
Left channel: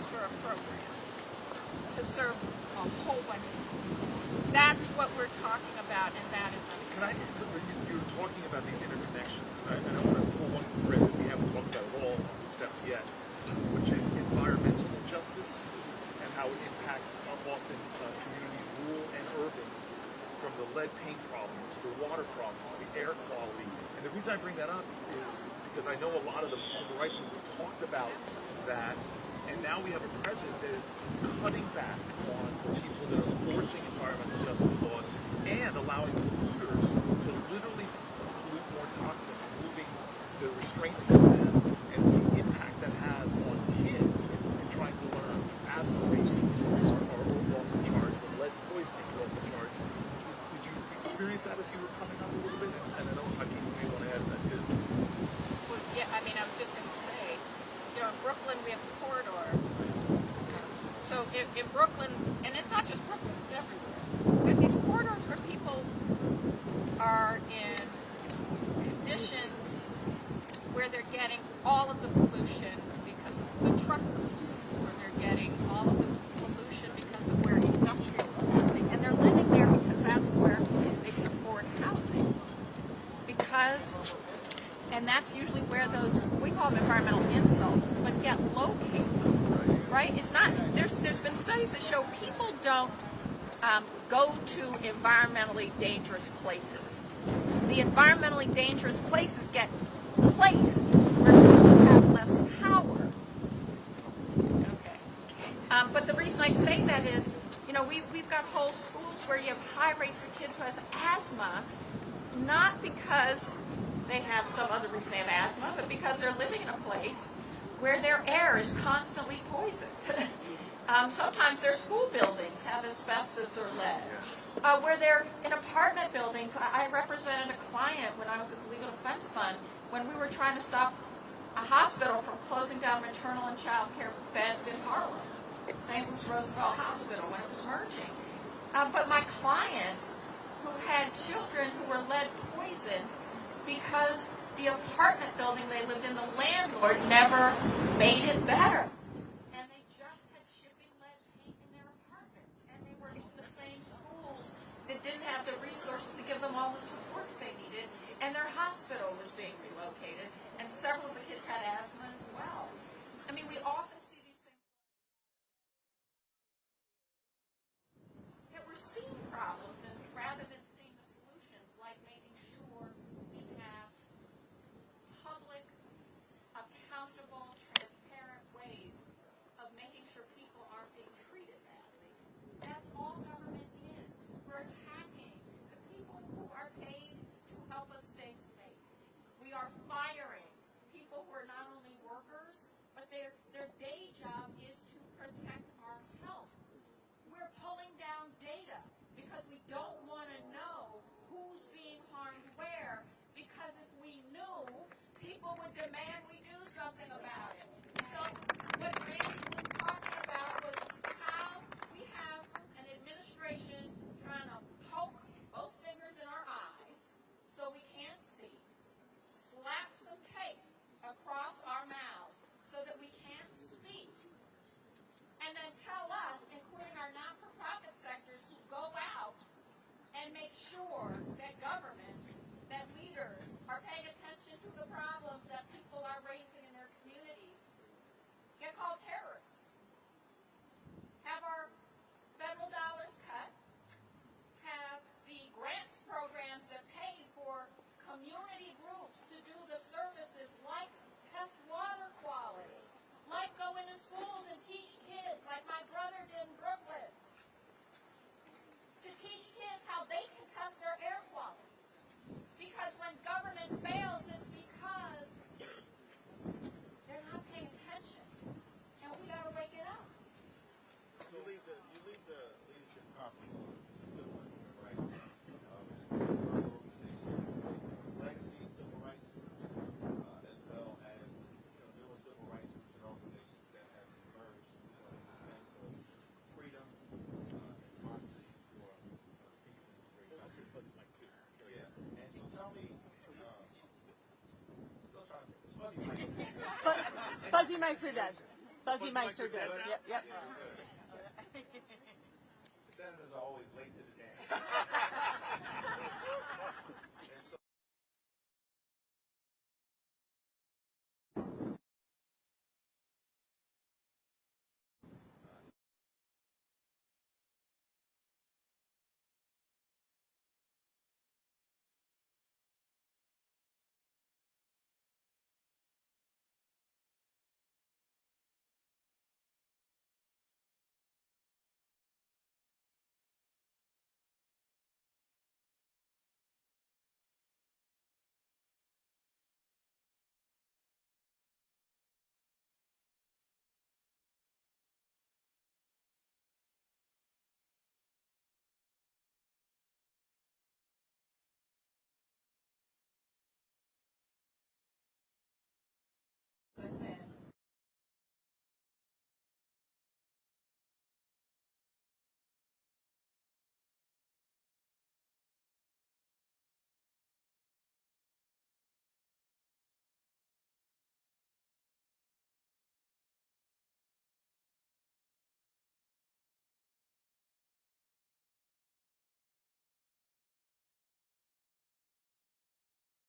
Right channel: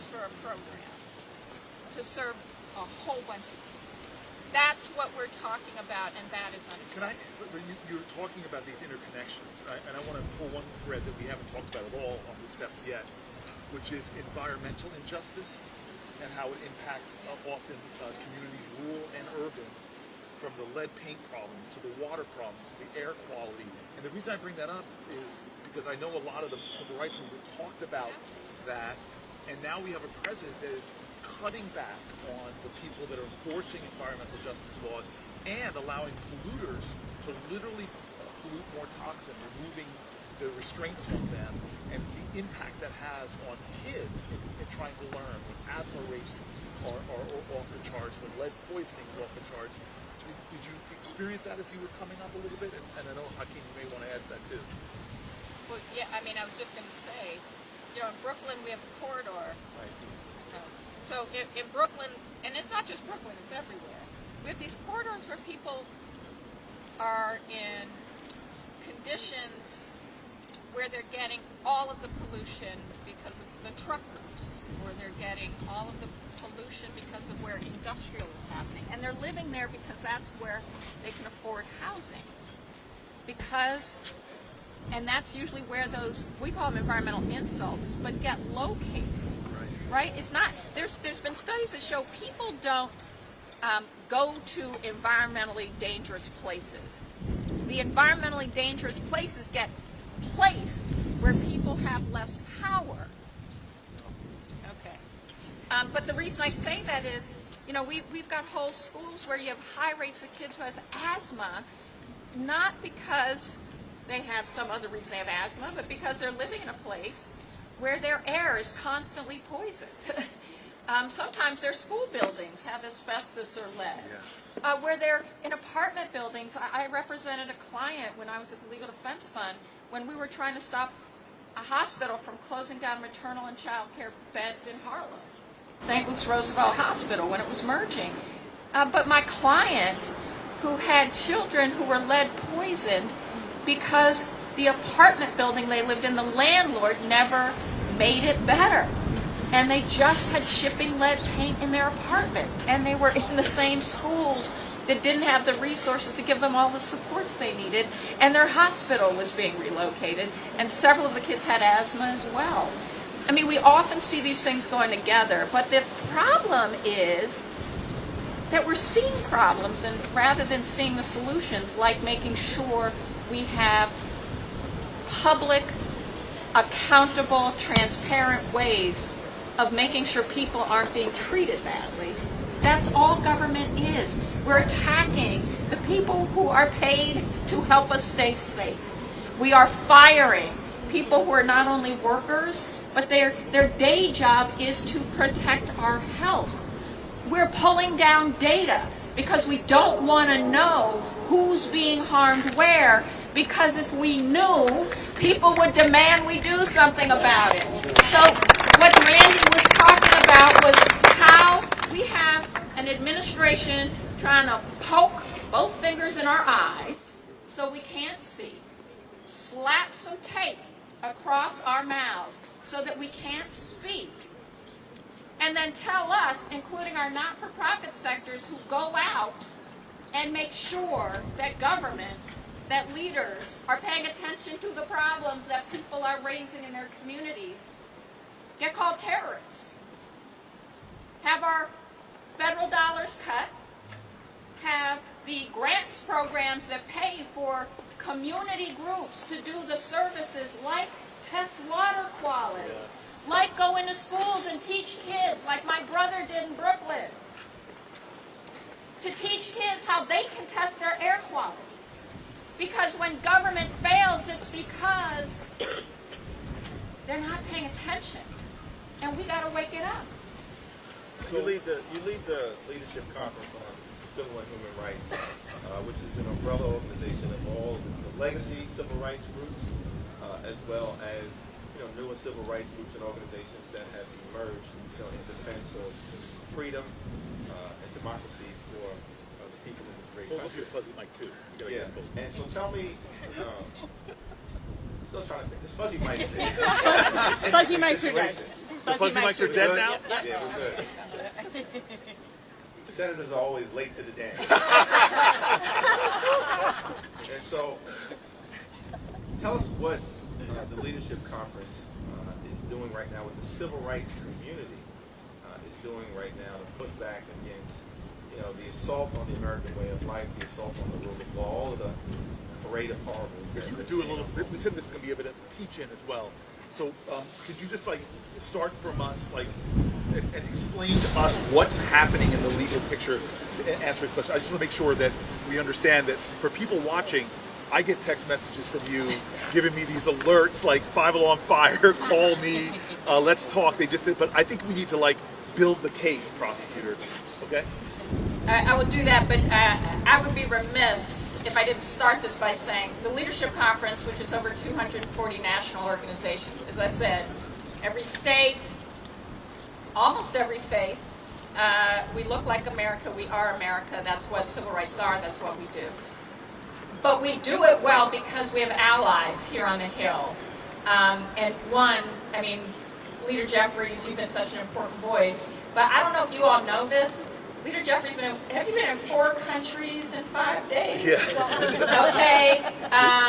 for a program to serve a whole bunch of people. That's what we're talking about, and that is unacceptable. You're talking about these interconnections, and I want to pull one thread that we haven't talked about at all on the steps yet, which is environmental injustice and how it impacts often communities, rural and urban, from the lead paint problems to the water problems to the air quality. And the reason I bring that up is because I know a lot of the civil rights movement talked about that. And now we have a president that is cutting back on the people that are enforcing environmental justice laws and allowing polluters to literally pollute more toxin, removing the restraints from them and the impact that has on kids in trying to learn. Asthma rates are off the charts, but lead poisoning is off the charts. Did you experience that as you were coming up a little bit? And I know Hakeem, you may want to add to that too. Well, yeah, I mean, I was just going to say, you know, in Brooklyn we have a corridor. So in Brooklyn, and it's not just Brooklyn, it's everywhere. We have these corridors where people are in conditions where they're getting all of the pollution because of the truck routes, where they're getting all of the pollution because of where industrial is happening. And they're living there because that's where they can afford housing. And that's usually where those, we call them environmental insults, but get located, right? It's not, there's been studies that show people don't go to environmentally dangerous places. The environmentally dangerous places get placed where people have less power. Okay. But the reason I say that is, you know, we've got whole schools where you have high rates of kids who have asthma, not because they have some other reason they have asthma, but because they're living in a place where their air is constantly poisoned. Sometimes their school buildings have asbestos or lead. Where they're in apartment buildings. I represented a client when I was at the Legal Defense Fund when we were trying to stop a hospital from closing down maternal and child care beds in Harlem. St. Luke's Roosevelt Hospital when it was merging. But my client, who had children who were lead poisoned, because the apartment building they lived in, the landlord never made it better. And they just had shipping lead paint in their apartment. And they were in the same schools that didn't have the resources to give them all the supports they needed. And their hospital was being relocated. And several of the kids had asthma as well. I mean, we often see these things going together. But the problem is that we're seeing problems, and rather than seeing the solutions, like making sure we have public, accountable, transparent ways of making sure people aren't being treated badly. That's all government is. We're attacking the people who are paid to help us stay safe. We are firing people who are not only workers, but their day job is to protect our health. We're pulling down data because we don't want to know who's being harmed where, because if we knew, people would demand we do something about it. So what Randy was talking about was how we have an administration trying to poke both fingers in our eyes so we can't see, slap some tape across our mouths so that we can't speak, and then tell us, including our not-for-profit sectors who go out and make sure that government, that leaders are paying attention to the problems that people are raising in their communities, get called terrorists. Have our federal dollars cut, have the grants programs that pay for community groups to do the services like test water quality, like go into schools and teach kids, like my brother did in Brooklyn, to teach kids how they can test their air quality. Because when government fails, it's because they're not paying attention, and we got to wake it up. So you lead the Leadership Conference on Civil and Human Rights, which is an umbrella organization of all the legacy civil rights groups, as well as newer civil rights groups and organizations that have emerged, in defense of freedom and democracy for the people in this great country. Fuzzy mic too. Yeah. And so tell me, still trying to think. This fuzzy mic thing. Fuzzy mics are dead. Fuzzy mics are dead now? Yeah, we're good. Senators are always late to the dance. And so, tell us what the Leadership Conference is doing right now, what the civil rights community is doing right now to push back against, the assault on the American way of life, the assault on the rule of law, all of the parade of horribles. If you could do a little bit, we said this is going to be a bit of teach-in as well. So could you just start from us, and explain to us what's happening in the legal picture to answer your question? I just want to make sure that we understand that for people watching, I get text messages from you giving me these alerts like 5 Alarm Fire, call me, let's talk. But I think we need to build the case, prosecutor. Okay? I will do that, but I would be remiss if I didn't start this by saying the Leadership Conference, which is over 240 national organizations, as I said, every state, almost every faith. We look like America. We are America. That's what civil rights are. That's what we do. But we do it well because we have allies here on the Hill. And Leader Jefferies, you've been such an important voice. But I don't know if you all know this. Leader Jefferies, have you been in 4 countries in 5 days? Yes. Okay.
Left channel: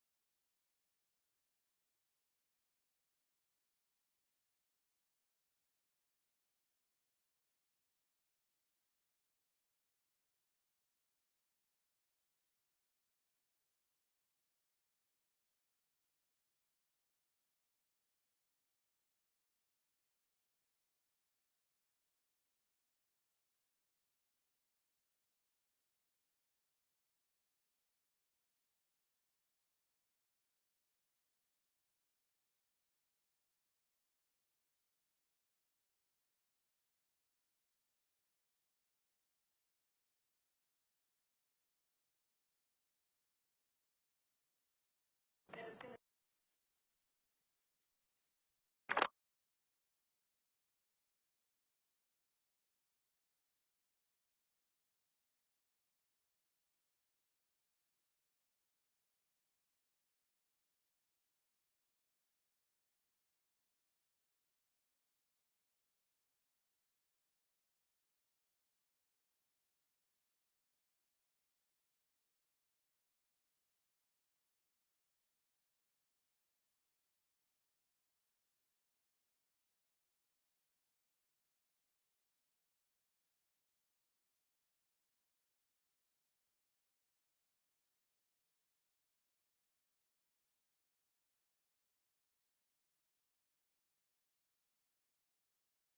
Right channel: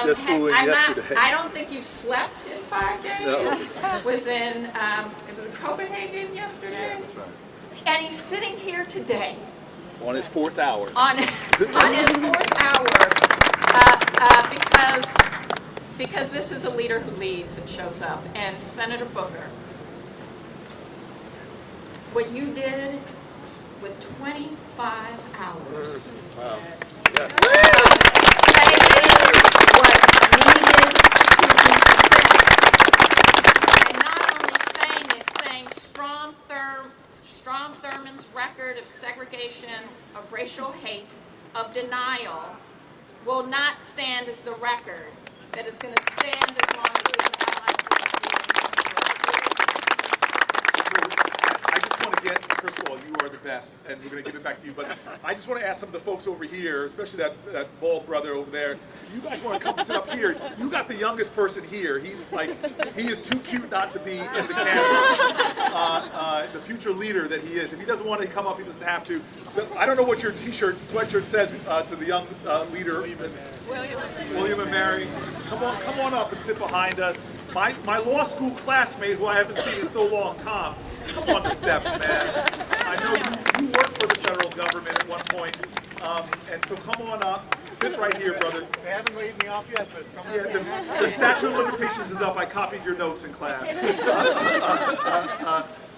Just flew in yesterday. I don't think you slept in 5 days. No. It was in Copenhagen yesterday. Yeah, that's right. And he's sitting here today. On his 4th hour. On his 4th hour, because this is a leader who leads and shows up. And Senator Booker, what you did with 25 hours. Wow. Saying what needed to be said. And not only saying it, saying Strom Thurmond's record of segregation, of racial hate, of denial will not stand as the record that is going to stand as long as we have I just want to get, first of all, you are the best, and we're going to give it back to you, but I just want to ask some of the folks over here, especially that bald brother over there, you guys want to come sit up here. You got the youngest person here. He is too cute not to be in the camera. The future leader that he is. If he doesn't want to come up, he doesn't have to. But I don't know what your sweatshirt says to the young leader. William and Mary. Come on up and sit behind us. My law school classmate, who I haven't seen in so long, Tom, come on the steps, man. I know you worked for the federal government at one point, and so come on up. Sit right here, brother. They haven't laid me off yet, but it's coming. Yeah, the statute of limitations is up. I copied your notes in class.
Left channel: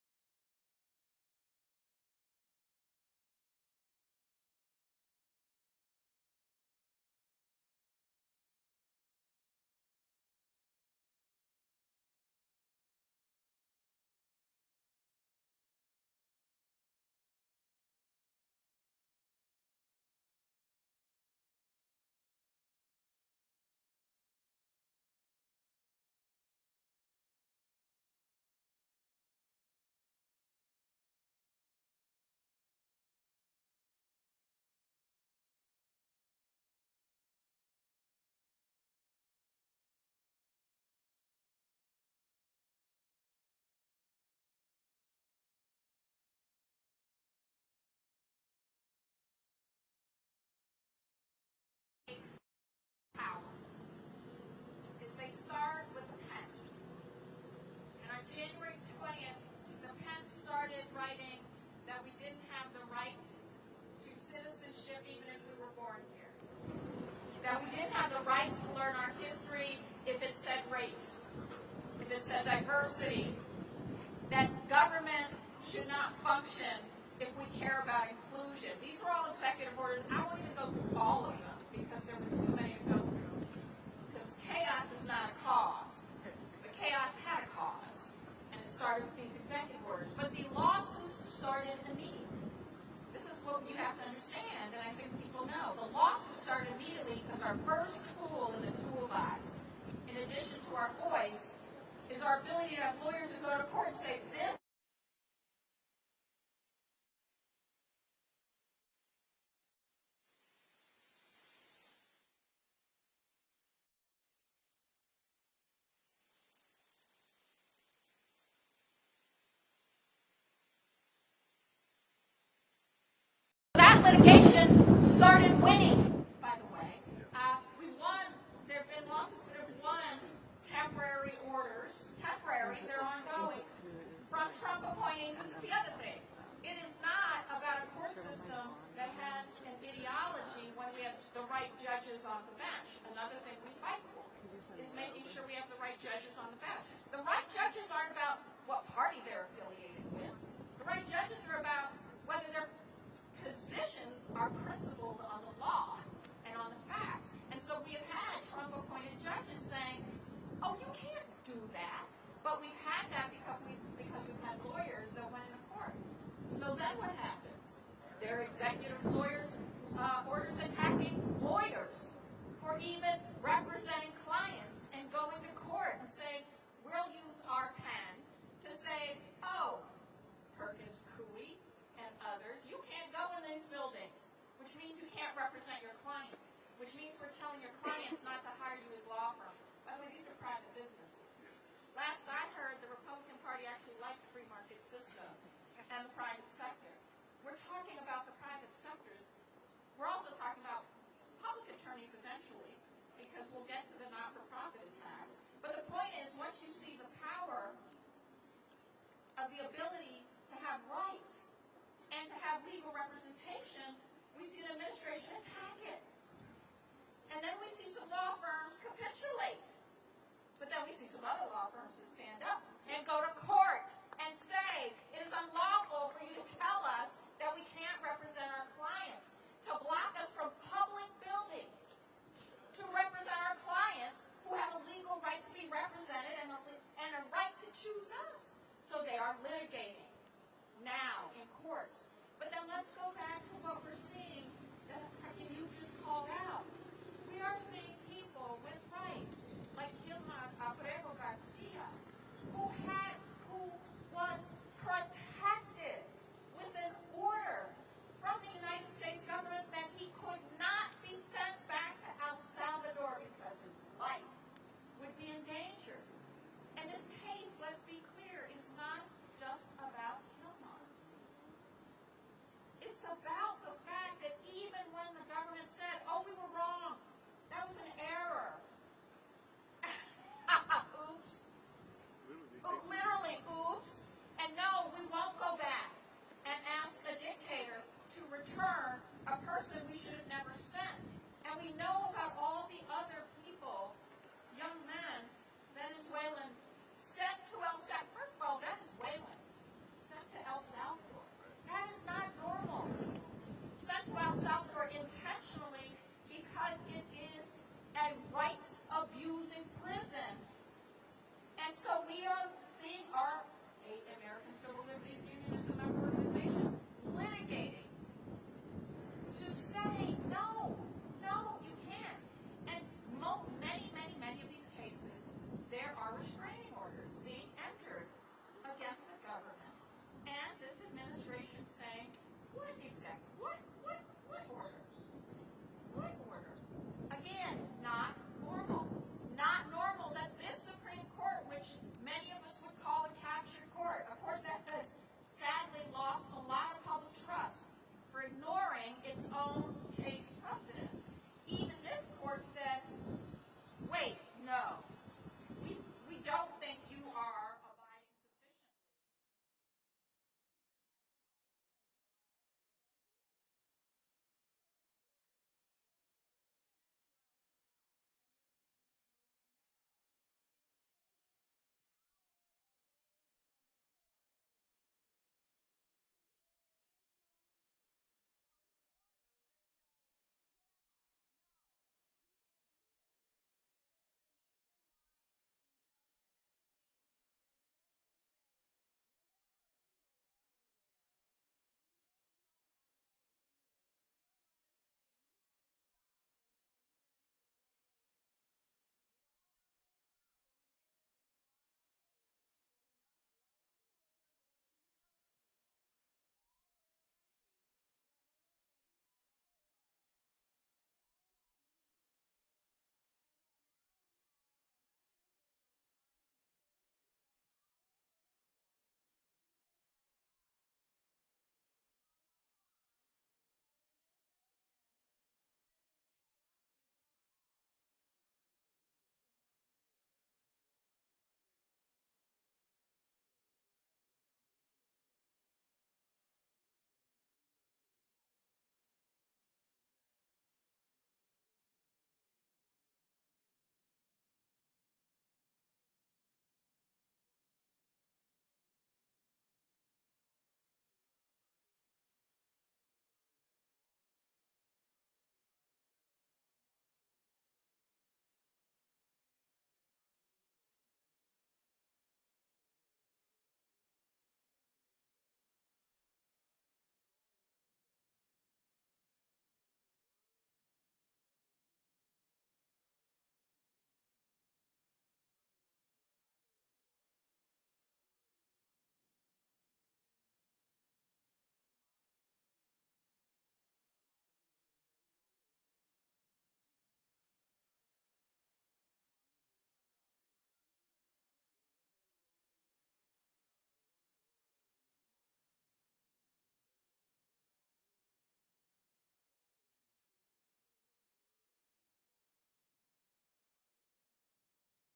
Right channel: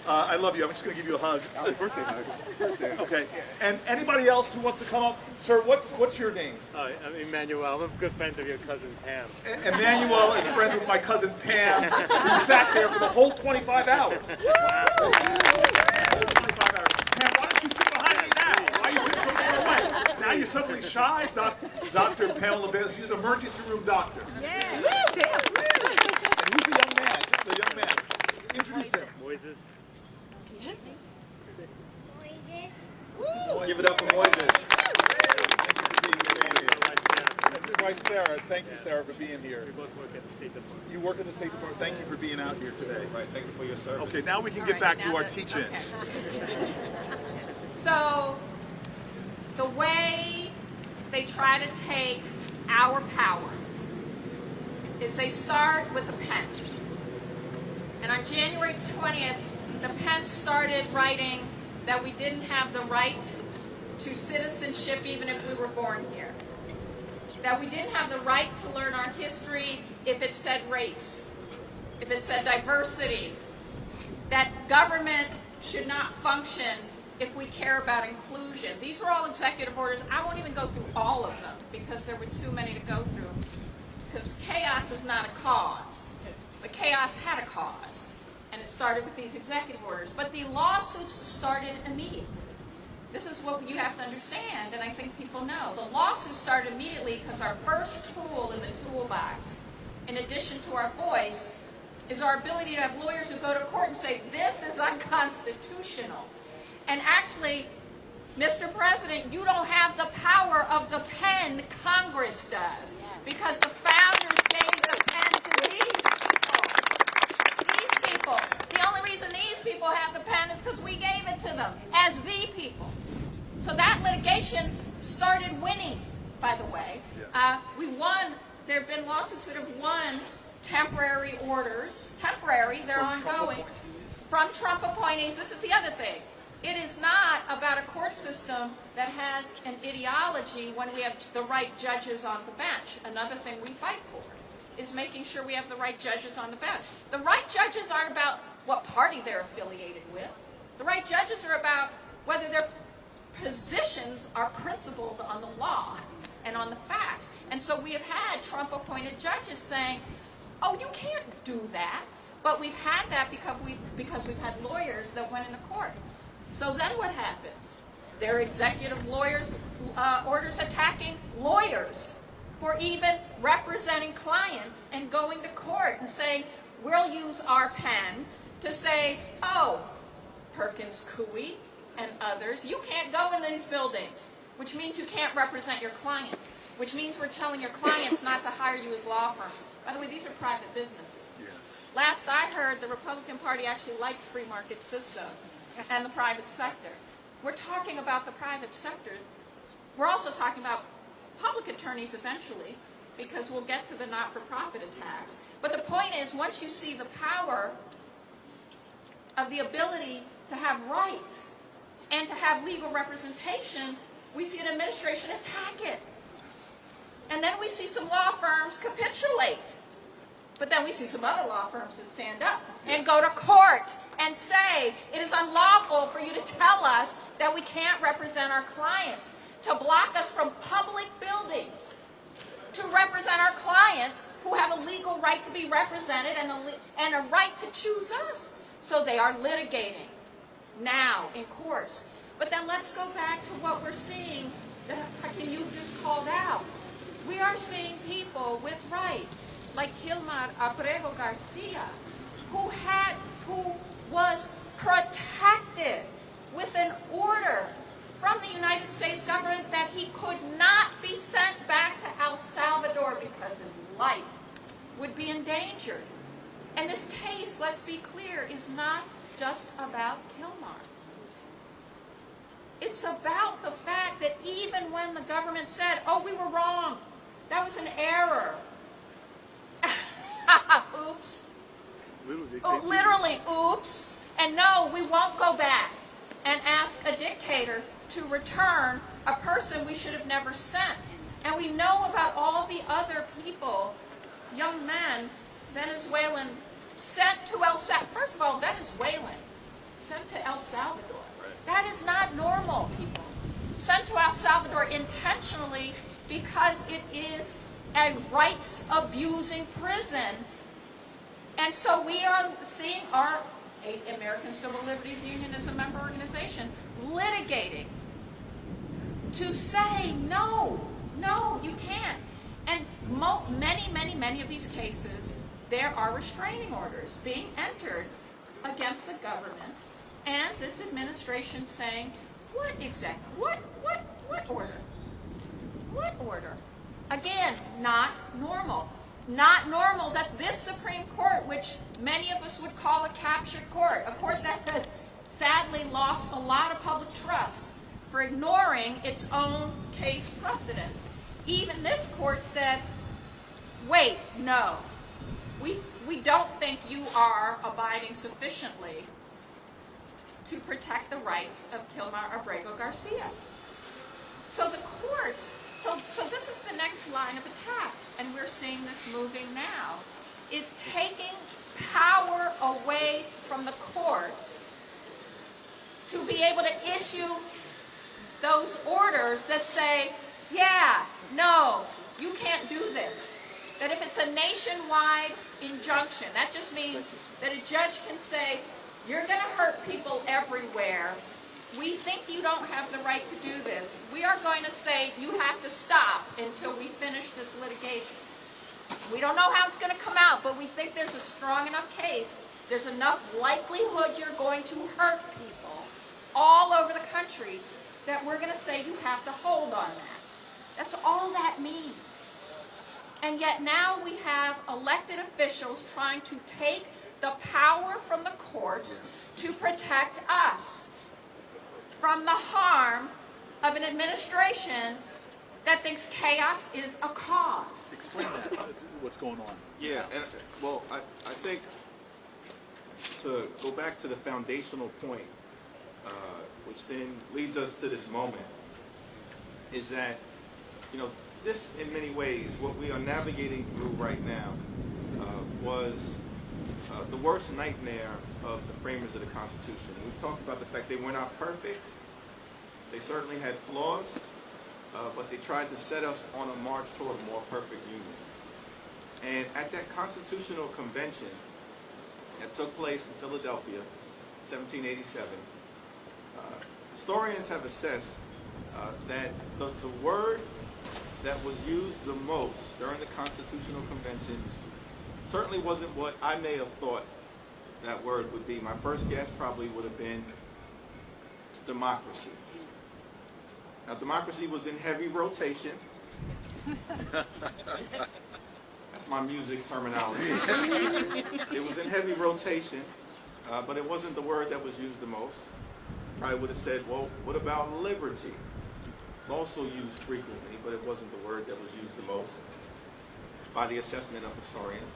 I love you. I'm just going to give you a hug. Birthday hug. Birthday. Okay. And anybody else who wants to come up? Sir, what's your name? I'm Emmanuel. I'm good friends of your cousin Pam. Emmanuel is friends with my cousin Pam, who sat there for the whole 25 hours. Wow. Whole 25 hours. Pam, why don't you sit behind me now? Why are you sitting so far away? Now you're suddenly shy? Dr. Pamela Bailey, he's an emergency room doctor. Yeah. And who's the young man? The young man. Introduce him. Moises. Give it up for Moises. Wife Sarah, thank you, Sarah, for being here. We both work at the State Department. You work in the State Department. Thank you for being out here today. Right, thank you for your service. Okay, now we can get back to our teaching. So, the way they try to take our power is they start with a pen. And on January 20th, the pen started writing that we didn't have the right to citizenship even if we were born here. That we didn't have the right to learn our history if it said race, if it said diversity, that government should not function if we care about inclusion. These were all executive orders. I won't even go through all of them because there were too many to go through. Because chaos is not a cause, but chaos had a cause. And it started with these executive orders. But the lawsuits started immediately. This is what you have to understand, and I think people know. The lawsuit started immediately because our first tool in the toolbox, in addition to our voice, is our ability to have lawyers who go to court and say, this is unconstitutional. And actually, Mr. President, you don't have the power of the pen, Congress does. Because the founders gave the pen to these people. These people. The only reason these people have the pen is because we gave it to them as the people. So that litigation started winning, by the way. We won. There have been lawsuits that have won temporary orders. Temporary, they're ongoing. From Trump appointees. This is the other thing. It is not about a court system that has an ideology when we have the right judges on the bench. Another thing we fight for is making sure we have the right judges on the bench. The right judges aren't about what party they're affiliated with. The right judges are about whether their positions are principled on the law and on the facts. And so we have had Trump-appointed judges saying, oh, you can't do that. But we've had that because we've had lawyers that went into court. So then what happens? There are executive orders attacking lawyers for even representing clients and going to court and saying, we'll use our pen to say, oh, Perkins Coie and others, you can't go in these buildings, which means you can't represent your clients, which means we're telling your clients not to hire you as law firms. By the way, these are private businesses. Yes. Last I heard, the Republican Party actually liked free market system and the private sector. We're talking about the private sector. We're also talking about public attorneys eventually, because we'll get to the not-for-profit attacks. But the point is, once you see the power of the ability to have rights and to have legal representation, we see an administration attack it. And then we see some law firms capitulate. But then we see some other law firms that stand up and go to court and say, it is unlawful for you to tell us that we can't represent our clients, to block us from public buildings, to represent our clients who have a legal right to be represented and a right to choose us. So they are litigating now in courts. But then let's go back to what we're seeing that Hakeem, you just called out. We are seeing people with rights, like Gilmar Abrego Garcia, who was protected with an order from the United States government that he could not be sent back to El Salvador because his life would be endangered. And this case, let's be clear, is not just about Gilmar. It's about the fact that even when the government said, oh, we were wrong, that was an error. Oops. Literally, oops. And no, we won't go back and ask a dictator to return a person we should have never sent. And we know about all the other people, young men, Venezuelan, sent to El Salvador. First of all, Venezuelan, sent to El Salvador. That is not normal, people. Sent to El Salvador intentionally because it is a rights-abusing prison. And so we are seeing our American Civil Liberties Union as a member organization litigating to say, no, you can't. And many of these cases, there are restraining orders being entered against the government, and this administration saying, what order? What order? Again, not normal. Not normal that this Supreme Court, which many of us would call a captured court, a court that has sadly lost a lot of public trust for ignoring its own case precedents. Even this court said, wait, no, we don't think you are abiding sufficiently to protect the rights of Kilmar Abrego Garcia. So the courts, so this is the next line of attack, and we're seeing this moving now, is taking power away from the courts to be able to issue those orders that say, yeah, no, you can't do this. That if it's a nationwide injunction, that just means that a judge can say, you're going to hurt people everywhere. We think you don't have the right to do this. We are going to say you have to stop until we finish this litigation. We don't know how it's going to come out, but we think there's a strong enough case. There's enough likelihood you're going to hurt people all over the country that we're going to say you have to hold on that. That's all that means. And yet now we have elected officials trying to take the power from the courts to protect us from the harm of an administration that thinks chaos is a cause. Explain that, what's going on. Yeah, and well, I think to go back to the foundational point, which then leads us to this moment, is that, this in many ways, what we are navigating through right now was the worst nightmare of the framers of the Constitution. We've talked about the fact they were not perfect. They certainly had flaws, but they tried to set us on a march toward a more perfect union. And at that Constitutional Convention that took place in Philadelphia, 1787, historians have assessed that the word that was used the most during the Constitutional Convention certainly wasn't what I may have thought that word would be. My first guess probably would have been democracy. Now, democracy was in heavy rotation. That's my music terminology. It was in heavy rotation, but it wasn't the word that was used the most. Probably would have said, well, what about liberty? It's also used frequently, but it wasn't the word that was used the most by the assessment of historians.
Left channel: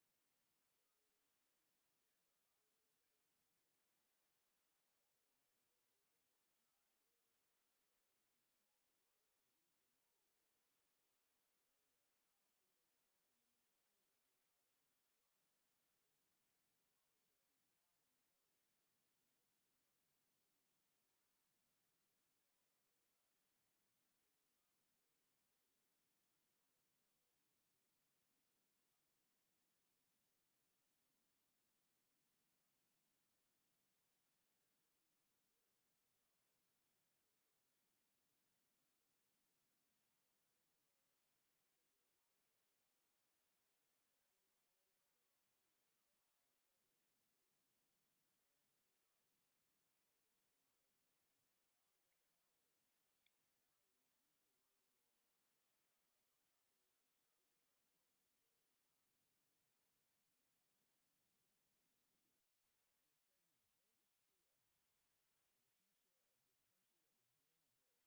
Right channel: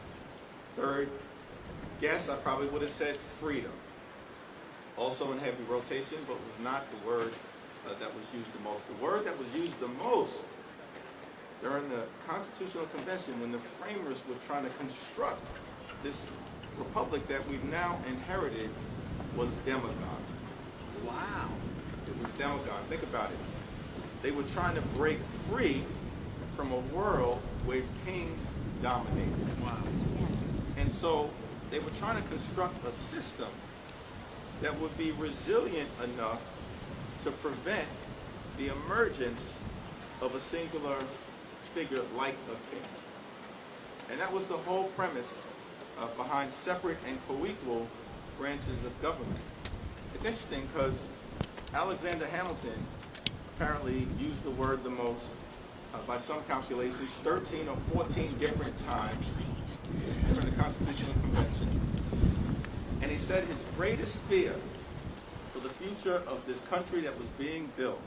Third guess, I probably would have said freedom. Also in heavy rotation, but was not the word that was used the most. The word that was used the most during the Constitutional Convention, when the framers were trying to construct this republic that we've now inherited, was demagogue. Wow. It was demagogue. Think about it. They were trying to break free from a world where kings dominated. Wow. And so they were trying to construct a system that would be resilient enough to prevent the emergence of a singular figure like a king. And that was the whole premise behind separate and co-equal branches of government. It's interesting because Alexander Hamilton apparently used the word the most, by some calculations, 13 or 14 different times during the Constitutional Convention. And he said his greatest fear for the future of this country that was being built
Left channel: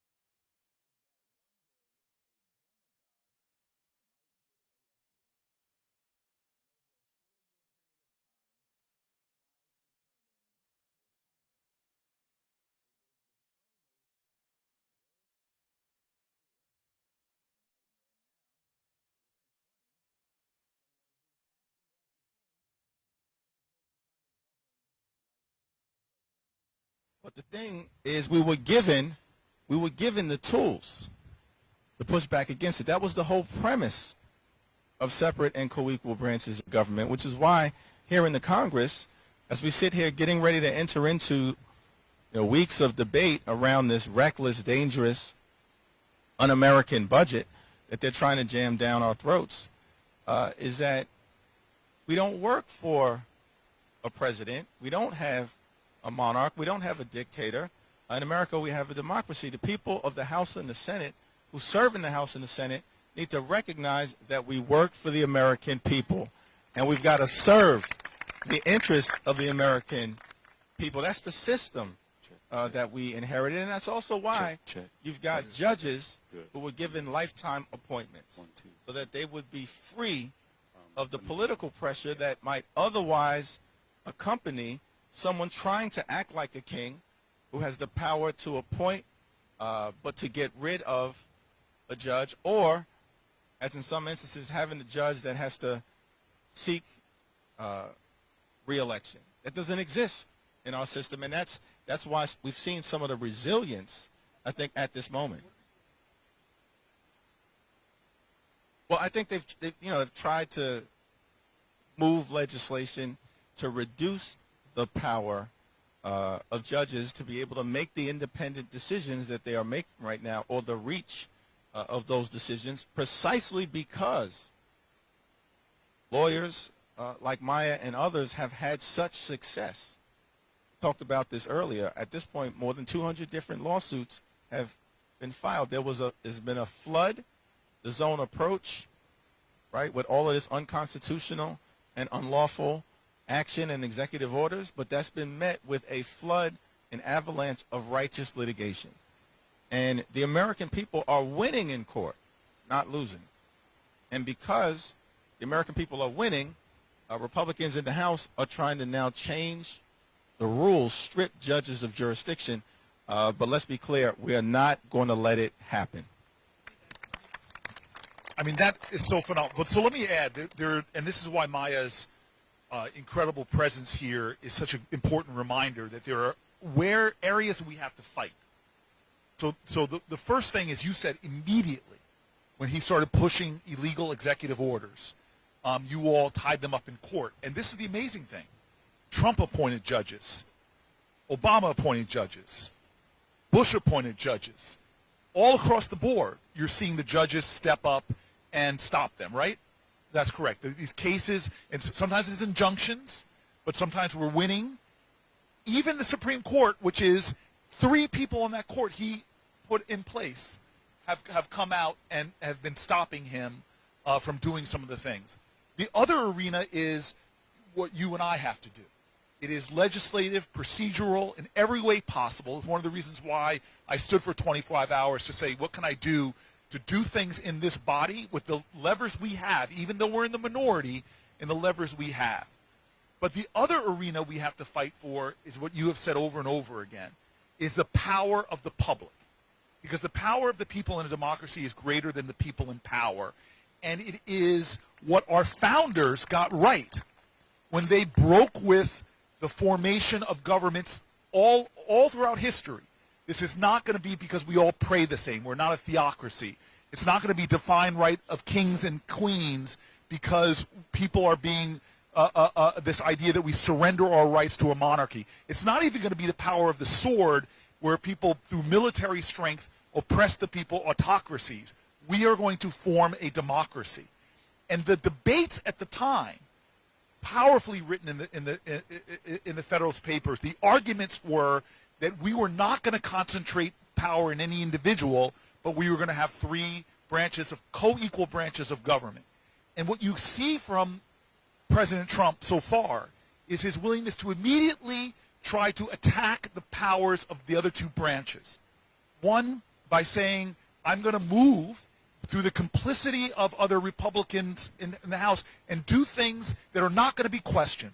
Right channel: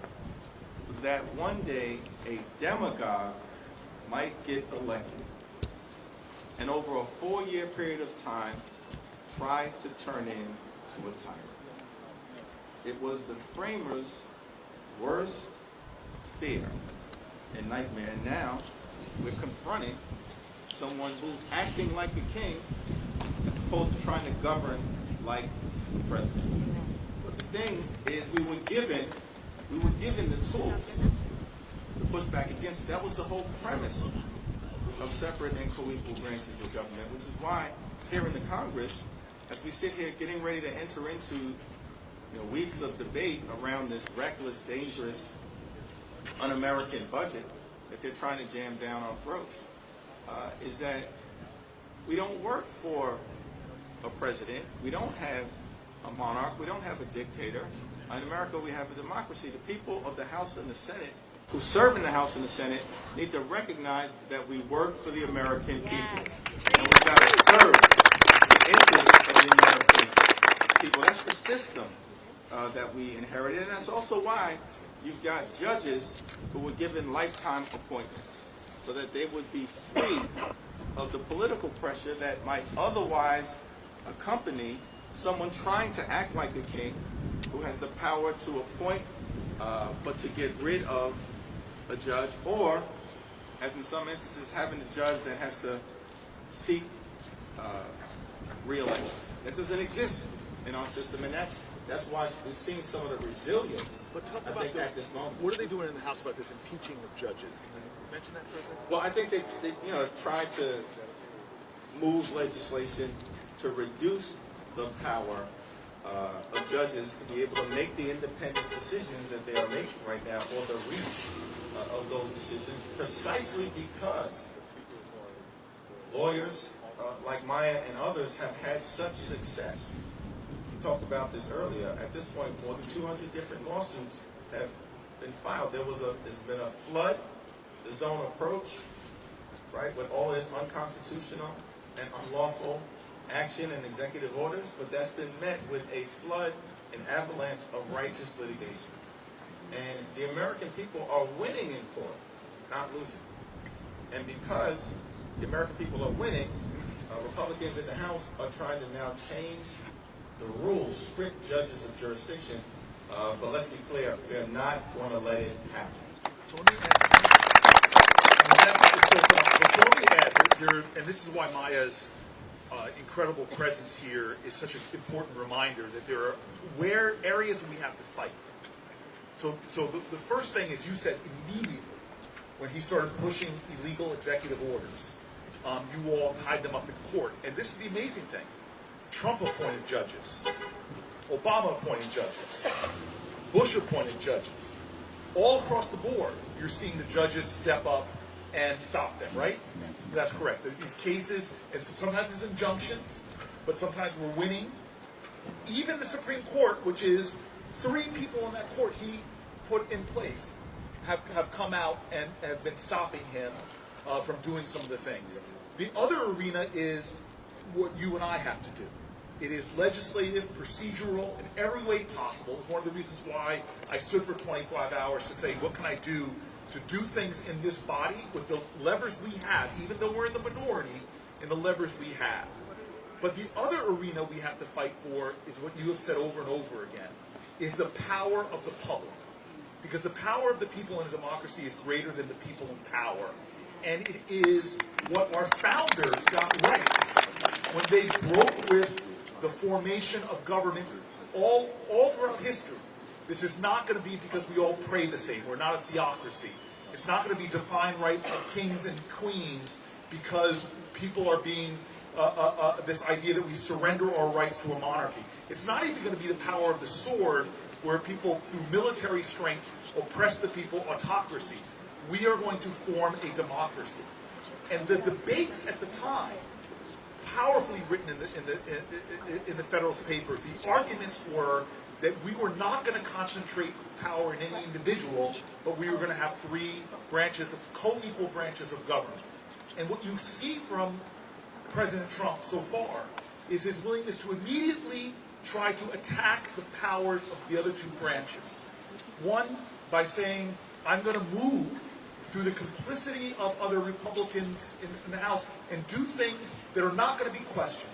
was that one day a demagogue might get elected and over a 4-year period of time try to turn into a tyrant. It was the framers' worst fear and nightmare. And now we're confronting someone who's acting like a king as opposed to trying to govern like the president. thing is we were given the tools to push back against it. That was the whole premise of separate and co-equal branches of government, which is why here in the Congress, as we sit here getting ready to enter into weeks of debate around this reckless, dangerous, un-American budget that they're trying to jam down our throats, is that we don't work for a president. We don't have a monarch. We don't have a dictator. In America, we have a democracy. The people of the House and the Senate who serve in the House and the Senate need to recognize that we work for the American people. And we've got to serve the interests of the American people. That's the system that we inherited. And that's also why you've got judges who were given lifetime appointments so that they would be free of the political pressure that might otherwise accompany someone trying to act like a king who has the power to appoint but to get rid of a judge, or, as in some instances, having a judge that has to seek re-election. That doesn't exist in our system, and that's why we've seen some of the resilience, I think, at this moment. What are they doing in the House about this impeaching of judges? Can you mention that for a second? Well, I think they've tried to move legislation to reduce the power of judges to be able to make the independent decisions that they are making right now, or the reach of those decisions, precisely because lawyers like Maya and others have had such success. We talked about this earlier. At this point, more than 200 different lawsuits have been filed. There's been a flood, the zone approach, right, with all of this unconstitutional and unlawful action and executive orders, but that's been met with a flood, an avalanche of righteous litigation. And the American people are winning in court, not losing. And because the American people are winning, Republicans in the House are trying to now change the rules, strip judges of jurisdiction. But let's be clear, we are not going to let it happen. So let me add, I mean, that is so phenomenal. So let me add, and this is why Maya's incredible presence here is such an important reminder that there are areas we have to fight. So the first thing is, you said immediately when he started pushing illegal executive orders, you all tied them up in court. And this is the amazing thing. Trump appointed judges. Obama appointed judges. Bush appointed judges. All across the board, you're seeing the judges step up and stop them, right? That's correct. These cases, and sometimes it's injunctions, but sometimes we're winning. Even the Supreme Court, which is 3 people on that court he put in place, have come out and have been stopping him from doing some of the things. The other arena is what you and I have to do. It is legislative, procedural, in every way possible. It's one of the reasons why I stood for 25 hours to say, what can I do to do things in this body with the levers we have, even though we're in the minority, in the levers we have. But the other arena we have to fight for is what you have said over and over again, is the power of the public. Because the power of the people in a democracy is greater than the people in power. And it is what our founders got right when they broke with the formation of governments all throughout history. This is not going to be because we all pray the same. We're not a theocracy. It's not going to be divine right of kings and queens because people are being this idea that we surrender our rights to a monarchy. It's not even going to be the power of the sword where people, through military strength, oppress the people, autocracies. We are going to form a democracy. And the debates at the time, powerfully written in the Federalist Papers, the arguments were that we were not going to concentrate power in any individual, but we were going to have 3 branches of co-equal branches of government. And what you see from President Trump so far is his willingness to immediately try to attack the powers of the other 2 branches. One, by saying, I'm going to move through the complicity of other Republicans in the House and do things that are not going to be questioned.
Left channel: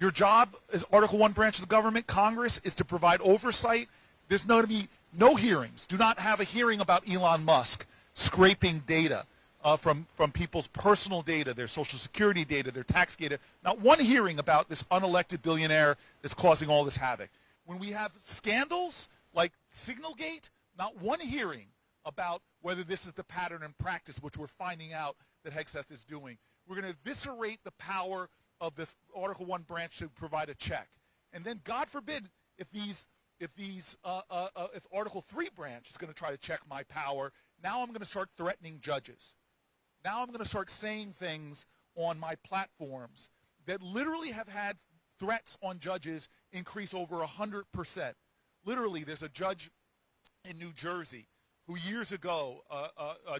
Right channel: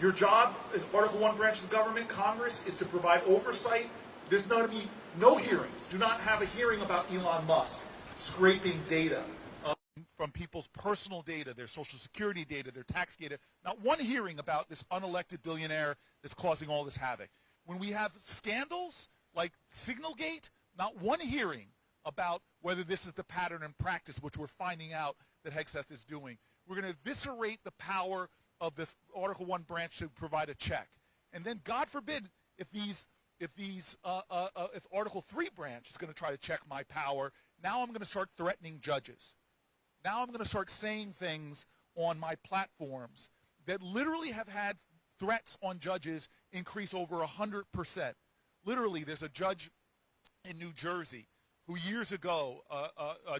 Your job as Article I branch of the government, Congress, is to provide oversight. There's going to be no hearings. Do not have a hearing about Elon Musk scraping data from people's personal data, their Social Security data, their tax data. Not one hearing about this unelected billionaire that's causing all this havoc. When we have scandals like Signalgate, not one hearing about whether this is the pattern and practice, which we're finding out that Hegseth is doing. We're going to eviscerate the power of the Article 1 branch to provide a check. And then, God forbid, if Article 3 branch is going to try to check my power, now I'm going to start threatening judges. Now I'm going to start saying things on my platforms that literally have had threats on judges increase over 100%. Literally, there's a judge in New Jersey who years ago,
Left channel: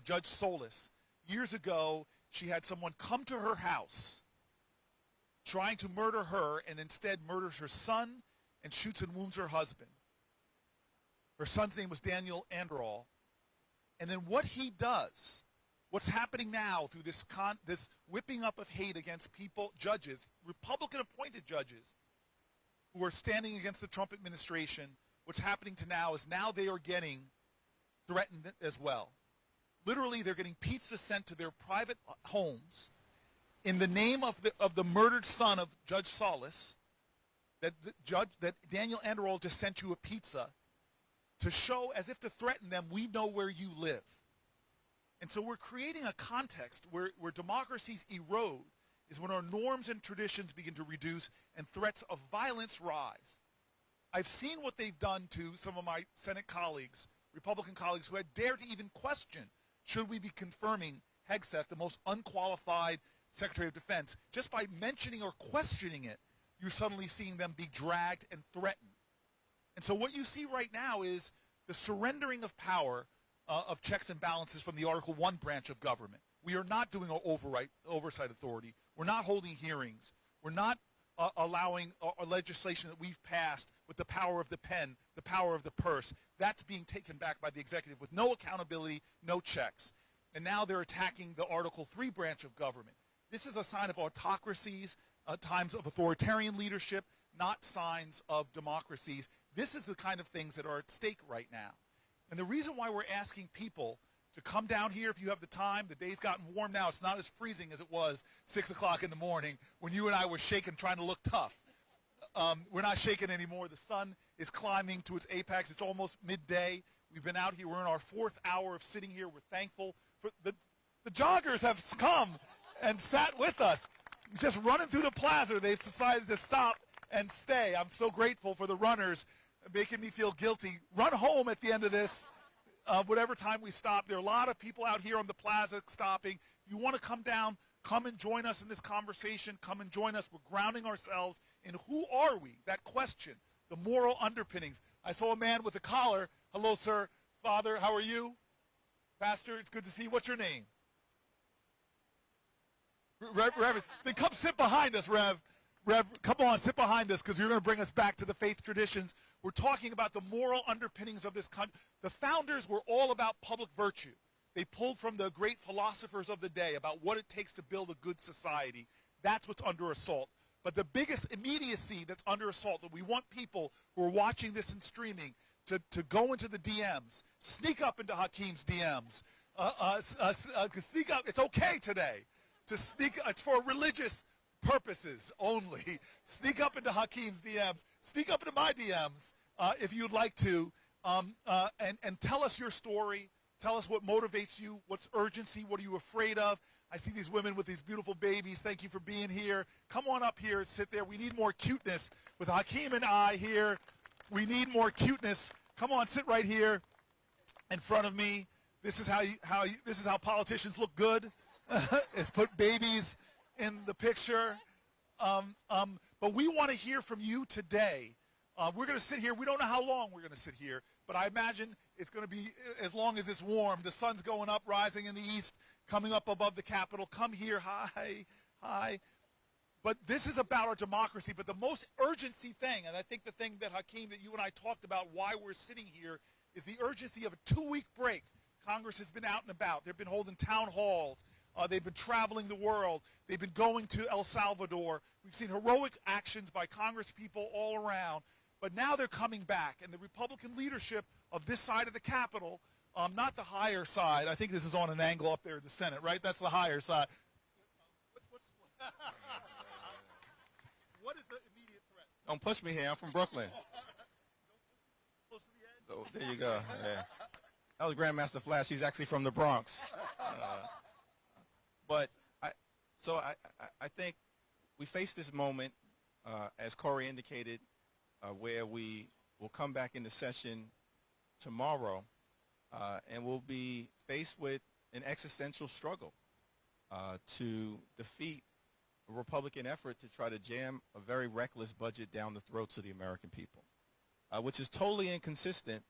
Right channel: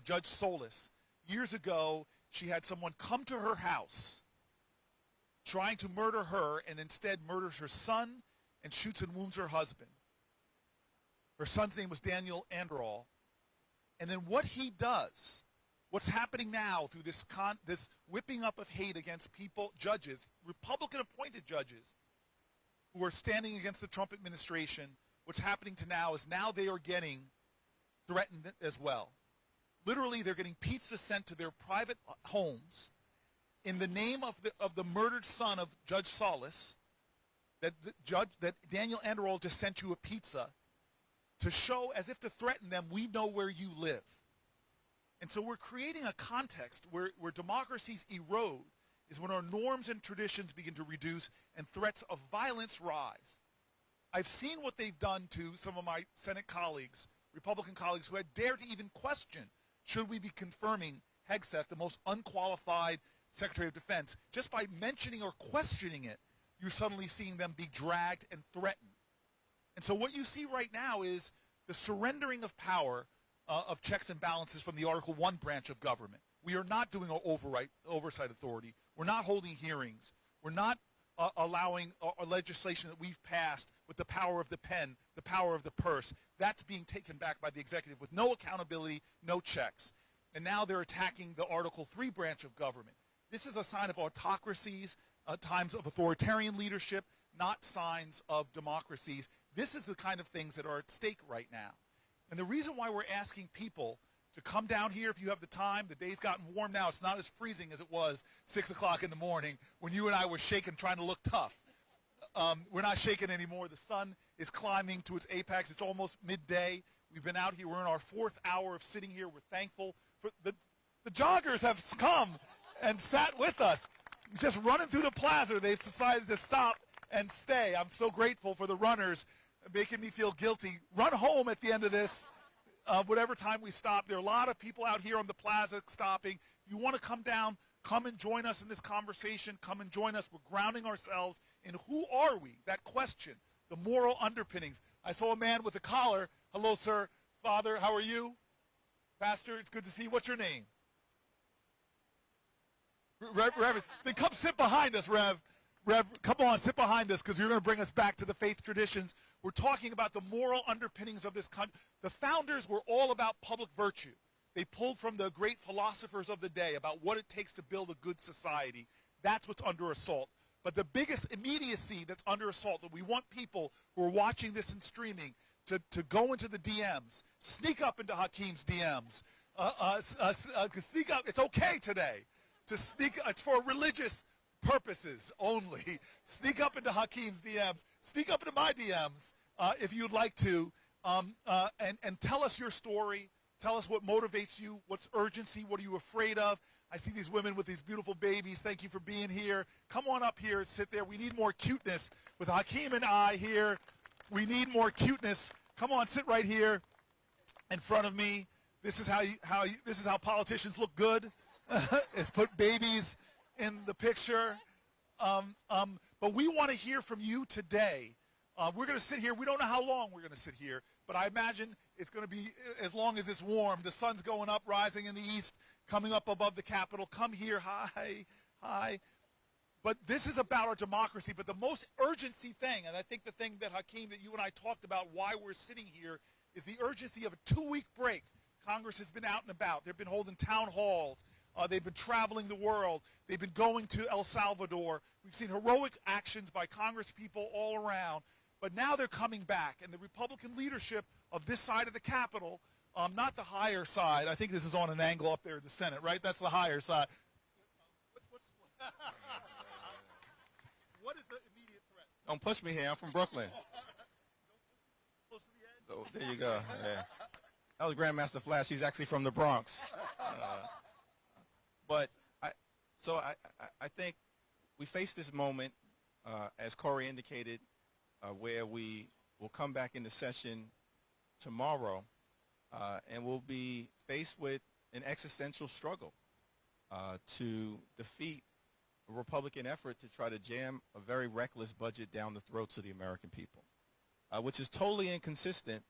Judge Solis, years ago, she had someone come to her house trying to murder her and instead murders her son and shoots and wounds her husband. Her son's name was Daniel Anderall. And then what he does, what's happening now through this whipping up of hate against people, judges, Republican-appointed judges, who are standing against the Trump administration, what's happening to now is now they are getting threatened as well. Literally, they're getting pizza sent to their private homes in the name of the murdered son of Judge Solis, that Daniel Anderall just sent you a pizza to show, as if to threaten them, we know where you live. And so we're creating a context where democracies erode, is when our norms and traditions begin to reduce and threats of violence rise. I've seen what they've done to some of my Senate colleagues, Republican colleagues, who had dared to even question, should we be confirming Hegseth, the most unqualified Secretary of Defense? Just by mentioning or questioning it, you're suddenly seeing them be dragged and threatened. And so what you see right now is the surrendering of power of checks and balances from the Article 1 branch of government. We are not doing an oversight authority. We're not holding hearings. We're not allowing a legislation that we've passed with the power of the pen, the power of the purse. That's being taken back by the executive with no accountability, no checks. And now they're attacking the Article 3 branch of government. This is a sign of autocracies, times of authoritarian leadership, not signs of democracies. This is the kind of things that are at stake right now. And the reason why we're asking people to come down here if you have the time, the day's gotten warm now, it's not as freezing as it was 6 o'clock in the morning when you and I were shaking trying to look tough. We're not shaking anymore. The sun is climbing to its apex. It's almost midday. We've been out here. We're in our 4th hour of sitting here. We're thankful for the joggers have come and sat with us. Just running through the plaza, they've decided to stop and stay. I'm so grateful for the runners making me feel guilty. Run home at the end of this, whatever time we stop. There are a lot of people out here on the plaza stopping. If you want to come down, come and join us in this conversation. Come and join us. We're grounding ourselves in who are we? That question, the moral underpinnings. I saw a man with a collar. Hello, sir. Father, how are you? Pastor, it's good to see you. What's your name? Reverend. Then come sit behind us, Rev. Come on, sit behind us, because you're going to bring us back to the faith traditions. We're talking about the moral underpinnings of this country. The founders were all about public virtue. They pulled from the great philosophers of the day about what it takes to build a good society. That's what's under assault. But the biggest immediacy that's under assault, that we want people who are watching this and streaming to go into the DMs, sneak up into Hakeem's DMs, sneak up. It's okay today to sneak. It's for religious purposes only. Sneak up into Hakeem's DMs. Sneak up into my DMs if you'd like to, and tell us your story. Tell us what motivates you. What's urgency? What are you afraid of? I see these women with these beautiful babies. Thank you for being here. Come on up here and sit there. We need more cuteness with Hakeem and I here. We need more cuteness. Come on, sit right here in front of me. This is how politicians look good. Is put babies in the picture. But we want to hear from you today. We're going to sit here. We don't know how long we're going to sit here, but I imagine it's going to be as long as it's warm. The sun's going up, rising in the east, coming up above the Capitol. Come here. Hi. Hi. But this is about our democracy. But the most urgency thing, and I think the thing that, Hakeem, that you and I talked about why we're sitting here, is the urgency of a 2-week break. Congress has been out and about. They've been holding town halls. They've been traveling the world. They've been going to El Salvador. We've seen heroic actions by Congress people all around. But now they're coming back. And the Republican leadership of this side of the Capitol, not the higher side. I think this is on an angle up there in the Senate, right? That's the higher side. What is the immediate threat? Don't push me here. I'm from Brooklyn. Oh, there you go. Yeah. That was Grandmaster Flash. He's actually from the Bronx. But I think we face this moment, as Cory indicated, where we will come back into session tomorrow, and we'll be faced with an existential struggle to defeat a Republican effort to try to jam a very reckless budget down the throats of the American people, which is totally inconsistent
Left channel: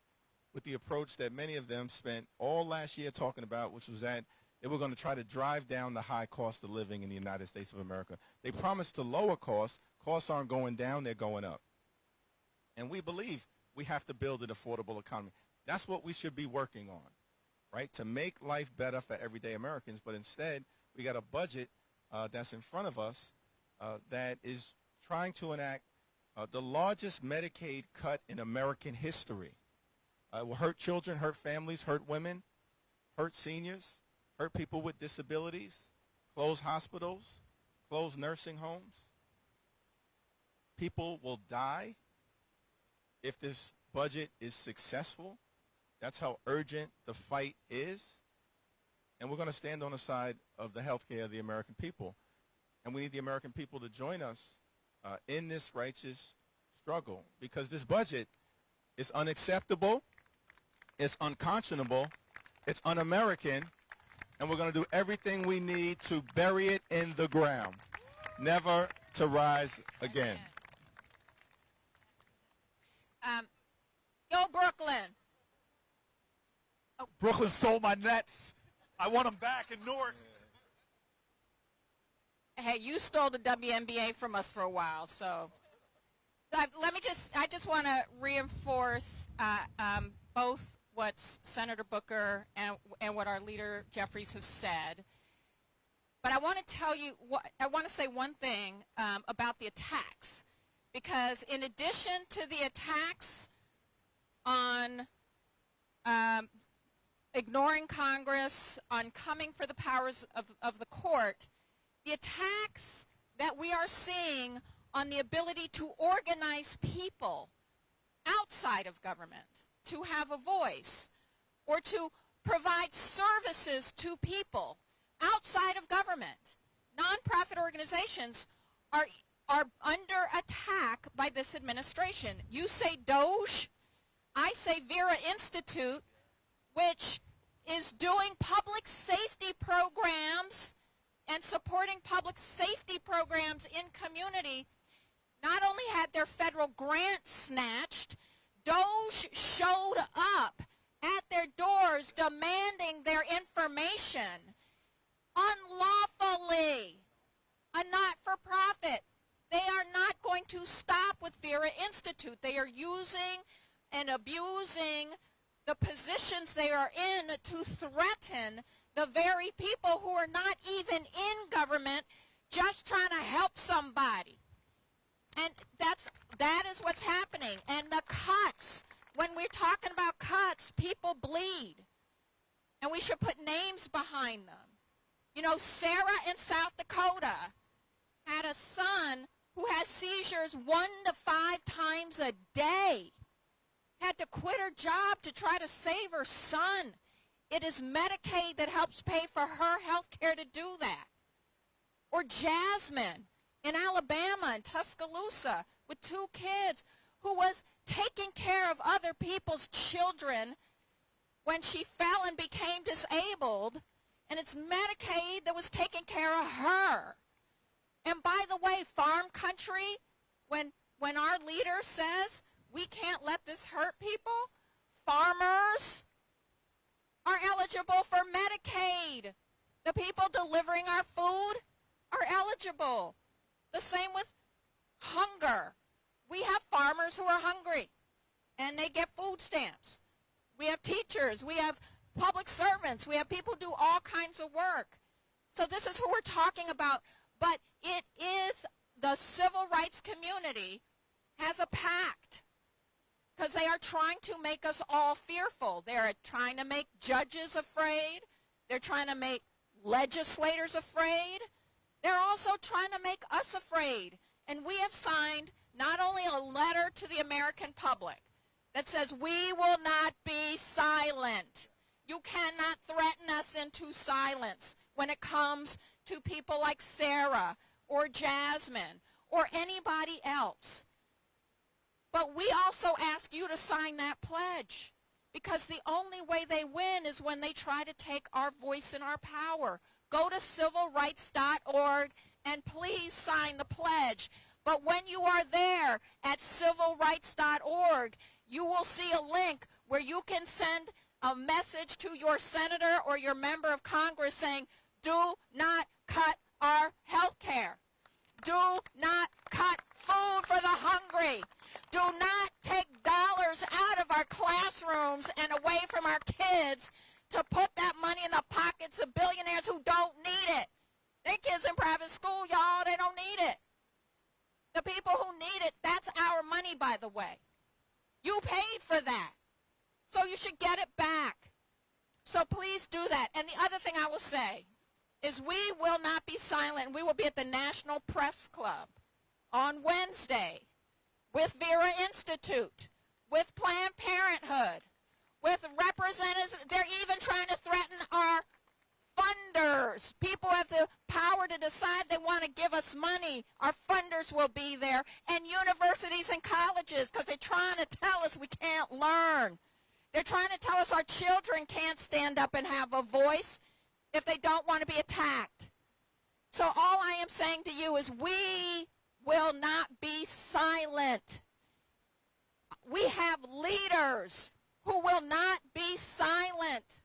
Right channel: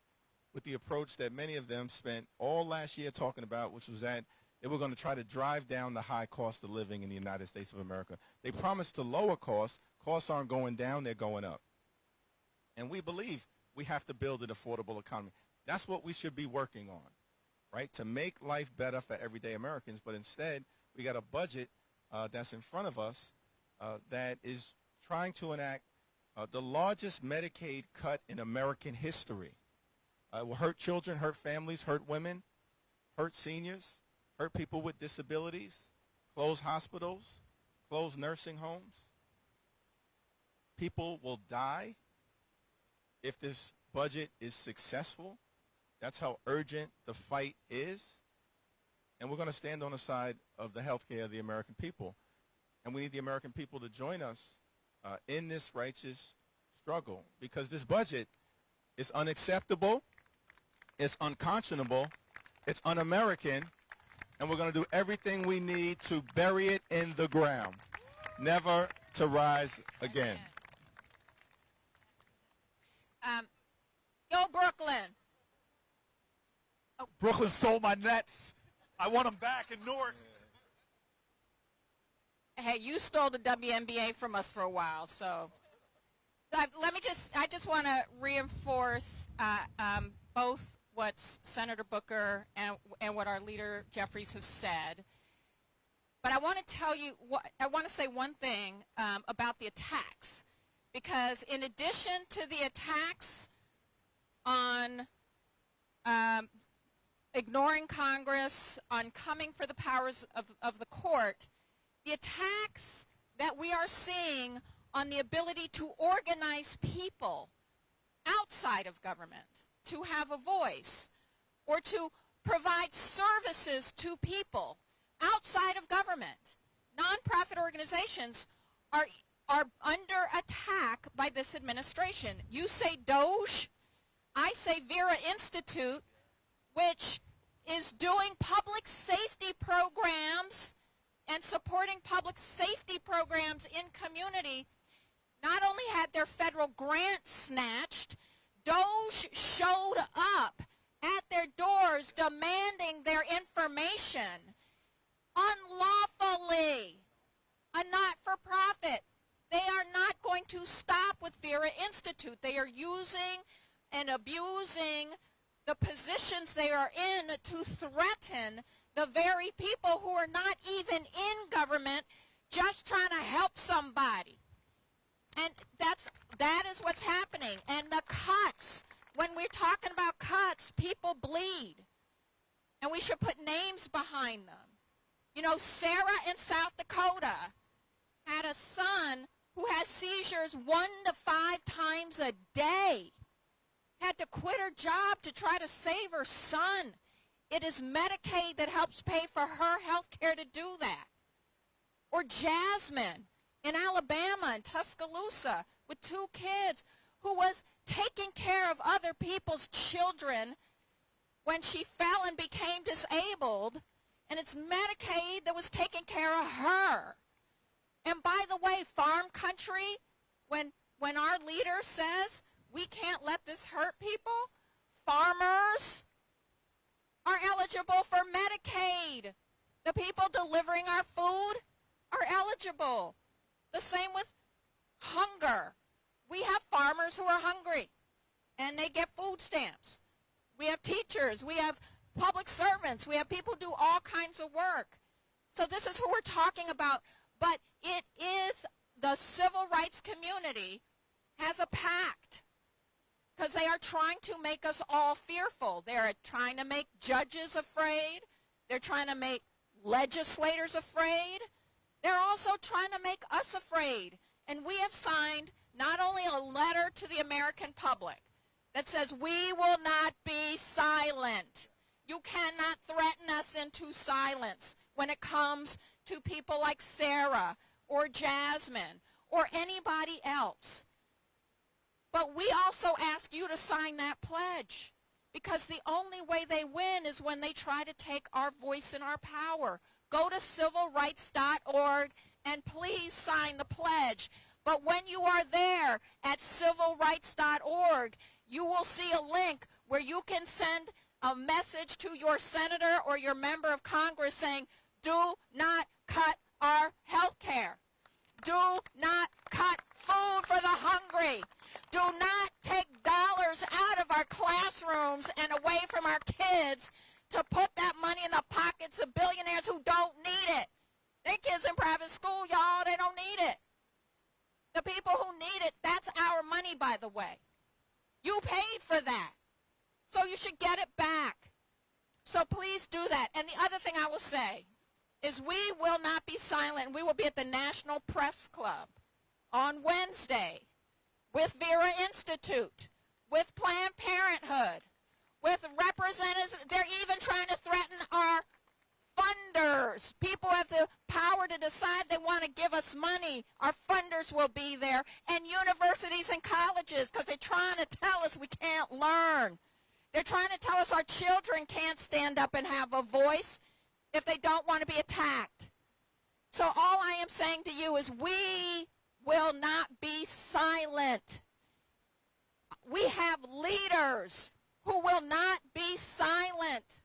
with the approach that many of them spent all last year talking about, which was that they were going to try to drive down the high cost of living in the United States of America. They promised to lower costs. Costs aren't going down, they're going up. And we believe we have to build an affordable economy. That's what we should be working on, right, to make life better for everyday Americans. But instead, we got a budget that's in front of us that is trying to enact the largest Medicaid cut in American history. It will hurt children, hurt families, hurt women, hurt seniors, hurt people with disabilities, close hospitals, close nursing homes. People will die if this budget is successful. That's how urgent the fight is. And we're going to stand on the side of the health care of the American people. And we need the American people to join us in this righteous struggle, because this budget is unacceptable, it's unconscionable, it's un-American, and we're going to do everything we need to bury it in the ground, never to rise again. Yo, Brooklyn. Brooklyn stole my Nets. I want them back in Newark. Hey, you stole the WNBA from us for a while, so I just want to reinforce both what Senator Booker and what our leader Jeffries have said. But I want to tell you, I want to say one thing about the attacks, because in addition to the attacks on ignoring Congress, on coming for the powers of the court, the attacks that we are seeing on the ability to organize people outside of government, to have a voice, or to provide services to people outside of government. Nonprofit organizations are under attack by this administration. You say Doge, I say Vera Institute, which is doing public safety programs and supporting public safety programs in community, not only had their federal grants snatched, Doge showed up at their doors demanding their information unlawfully. A not-for-profit. They are not going to stop with Vera Institute. They are using and abusing the positions they are in to threaten the very people who are not even in government, just trying to help somebody. And that is what's happening. And the cuts, when we're talking about cuts, people bleed. And we should put names behind them. You know, Sarah in South Dakota had a son who has seizures 1 to 5 times a day. Had to quit her job to try to save her son. It is Medicaid that helps pay for her health care to do that. Or Jasmine in Alabama, in Tuscaloosa, with 2 kids, who was taking care of other people's children when she fell and became disabled, and it's Medicaid that was taking care of her. And by the way, farm country, when our leader says we can't let this hurt people, farmers are eligible for Medicaid. The people delivering our food are eligible. The same with hunger. We have farmers who are hungry, and they get food stamps. We have teachers. We have public servants. We have people who do all kinds of work. So this is who we're talking about. But it is the civil rights community has a pact, because they are trying to make us all fearful. They're trying to make judges afraid. They're trying to make legislators afraid. They're also trying to make us afraid. And we have signed not only a letter to the American public, that says we will not be silent. You cannot threaten us into silence when it comes to people like Sarah or Jasmine or anybody else. But we also ask you to sign that pledge, because the only way they win is when they try to take our voice and our power. Go to civilrights.org and please sign the pledge. But when you are there at civilrights.org, you will see a link where you can send a message to your senator or your member of Congress saying, do not cut our health care. Do not cut food for the hungry. Do not take dollars out of our classrooms and away from our kids to put that money in the pockets of billionaires who don't need it. Their kids in private school, y'all, they don't need it. The people who need it, that's our money, by the way. You paid for that. So you should get it back. So please do that. And the other thing I will say is we will not be silent. We will be at the National Press Club on Wednesday with Vera Institute, with Planned Parenthood, with representatives. They're even trying to threaten our funders. People have the power to decide they want to give us money. Our funders will be there, and universities and colleges, because they're trying to tell us we can't learn. They're trying to tell us our children can't stand up and have a voice if they don't want to be attacked. So all I am saying to you is we will not be silent. We have leaders who will not be silent.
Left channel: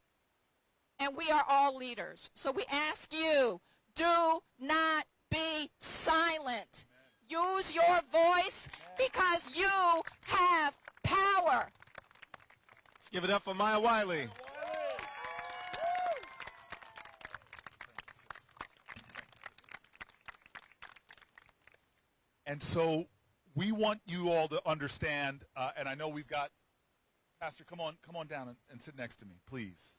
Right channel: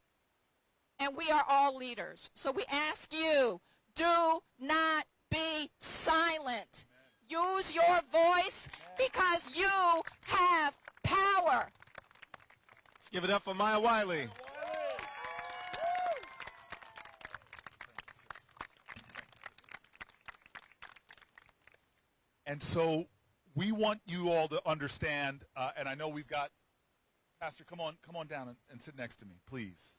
And we are all leaders. So we ask you, do not be silent. Use your voice because you have power. Let's give it up for Maya Wiley. And so we want you all to understand, and I know we've got, Pastor, come on down and sit next to me, please.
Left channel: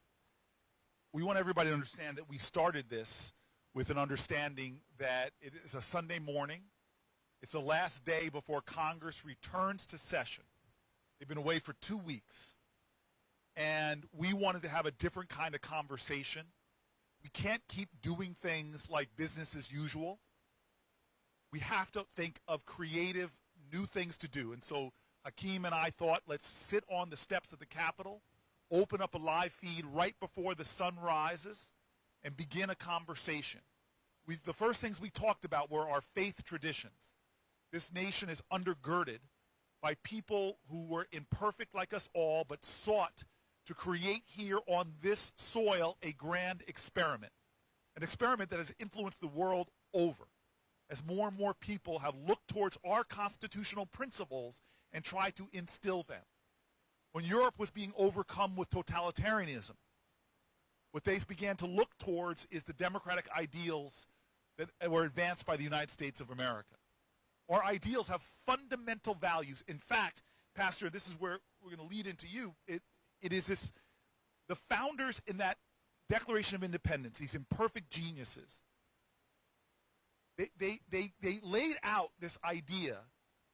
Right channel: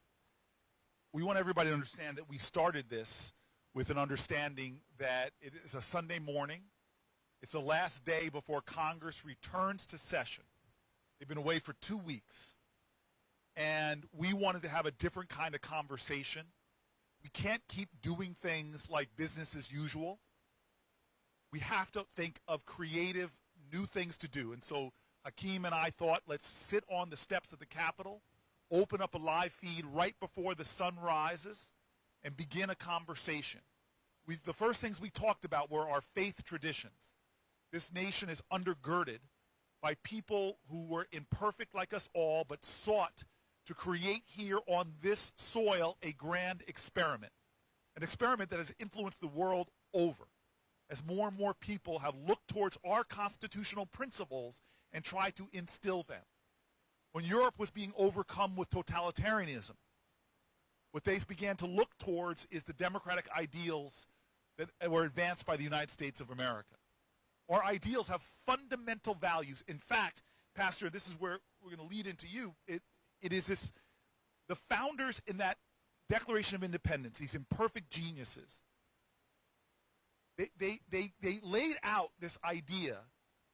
We want everybody to understand that we started this with an understanding that it is a Sunday morning. It's the last day before Congress returns to session. They've been away for 2 weeks. And we wanted to have a different kind of conversation. We can't keep doing things like business as usual. We have to think of creative, new things to do. And so Hakeem and I thought, let's sit on the steps of the Capitol, open up a live feed right before the sun rises, and begin a conversation. The first things we talked about were our faith traditions. This nation is undergirded by people who were imperfect like us all, but sought to create here on this soil a grand experiment, an experiment that has influenced the world over, as more and more people have looked towards our constitutional principles and tried to instill them. When Europe was being overcome with totalitarianism, what they began to look towards is the democratic ideals that were advanced by the United States of America. Our ideals have fundamental values. In fact, Pastor, this is where we're going to lead into you. It is this, the founders in that Declaration of Independence, these imperfect geniuses, they laid out this idea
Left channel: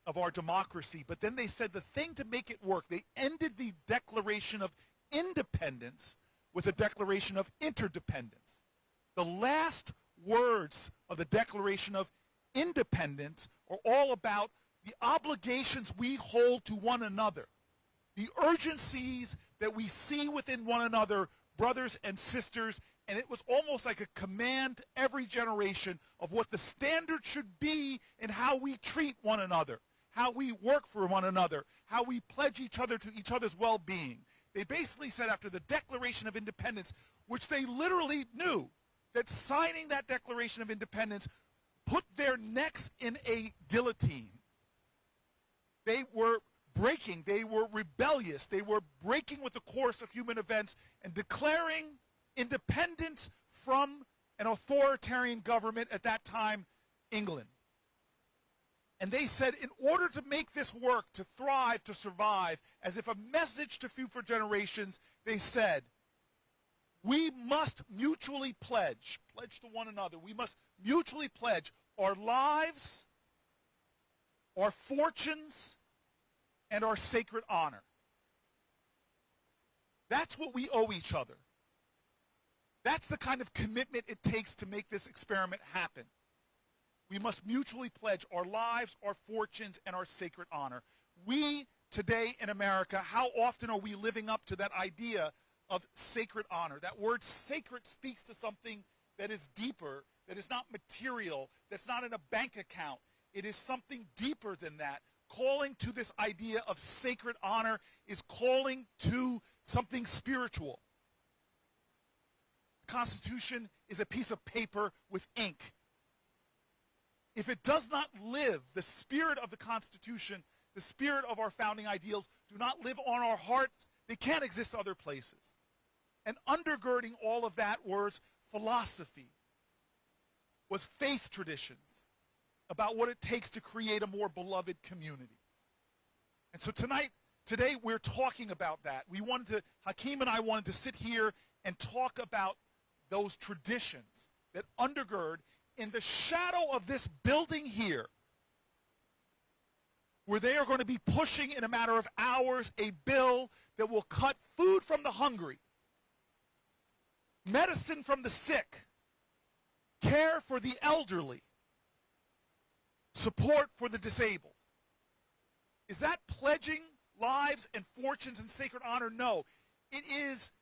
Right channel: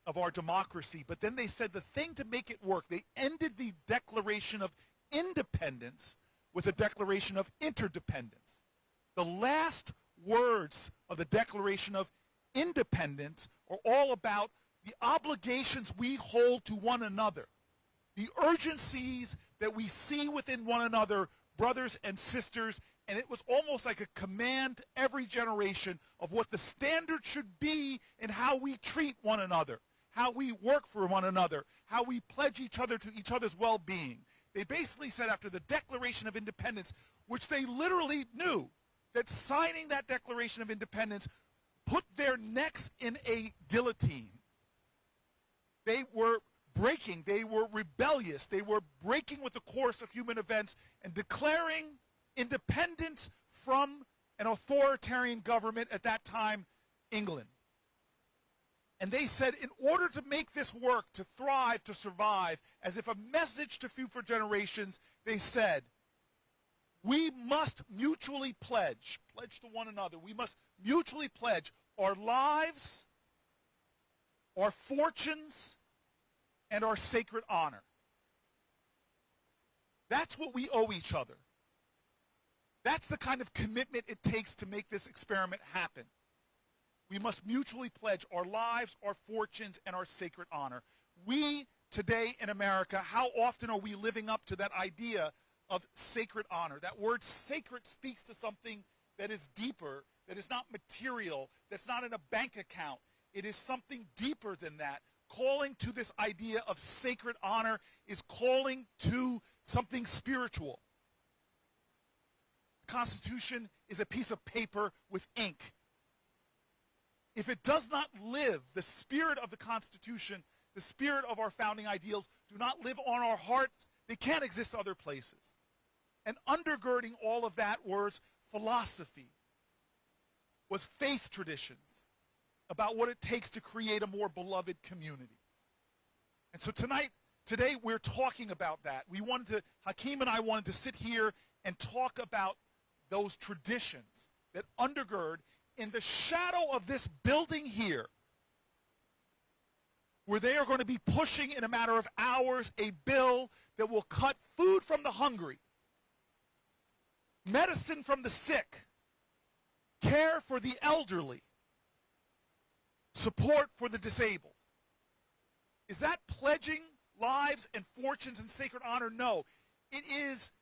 of our democracy, but then they said the thing to make it work, they ended the Declaration of Independence with a Declaration of Interdependence. The last words of the Declaration of Independence are all about the obligations we hold to one another, the urgencies that we see within one another, brothers and sisters, and it was almost like a command to every generation of what the standard should be in how we treat one another, how we work for one another, how we pledge each other to each other's well-being. They basically said after the Declaration of Independence, which they literally knew that signing that Declaration of Independence put their necks in a guillotine. They were breaking, they were rebellious, they were breaking with the course of human events and declaring independence from an authoritarian government, at that time, England. And they said, in order to make this work, to thrive, to survive, as if a message to future generations, they said, we must mutually pledge to one another, we must mutually pledge our lives, our fortunes, and our sacred honor. That's what we owe each other. That's the kind of commitment it takes to make this experiment happen. We must mutually pledge our lives, our fortunes, and our sacred honor. We, today in America, how often are we living up to that idea of sacred honor? That word sacred speaks to something that is deeper, that is not material, that's not in a bank account. It is something deeper than that. Calling to this idea of sacred honor is calling to something spiritual. The Constitution is a piece of paper with ink. If it does not live, the spirit of the Constitution, the spirit of our founding ideals, do not live on our hearts, they can't exist other places. And undergirding all of that was philosophy, was faith traditions about what it takes to create a more beloved community. And so today we're talking about that. Hakeem and I wanted to sit here and talk about those traditions that undergird in the shadow of this building here, where they are going to be pushing in a matter of hours a bill that will cut food from the hungry, medicine from the sick, care for the elderly, support for the disabled. Is that pledging lives and fortunes and sacred honor? No. It is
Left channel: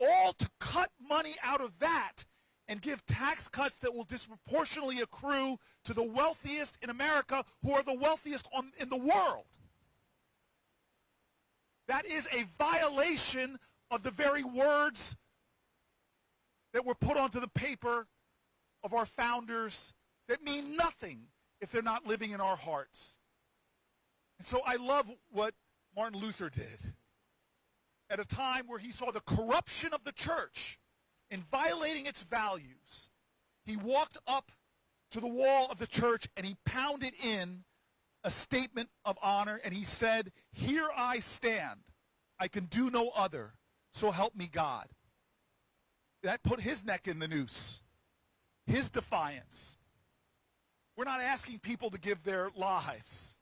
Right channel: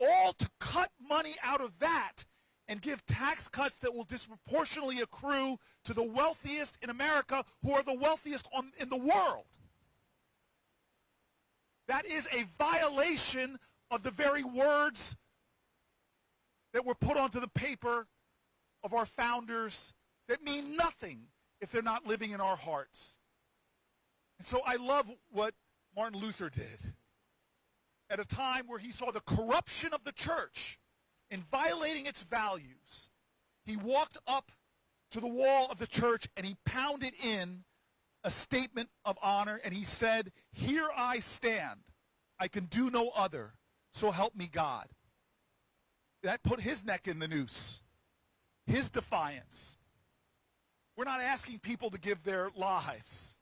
all to cut money out of that and give tax cuts that will disproportionately accrue to the wealthiest in America, who are the wealthiest in the world. That is a violation of the very words that were put onto the paper of our founders that mean nothing if they're not living in our hearts. And so I love what Martin Luther did at a time where he saw the corruption of the church in violating its values. He walked up to the wall of the church and he pounded in a statement of honor, and he said, "Here I stand. I can do no other. So help me God." That put his neck in the noose, his defiance. We're not asking people to give their lives.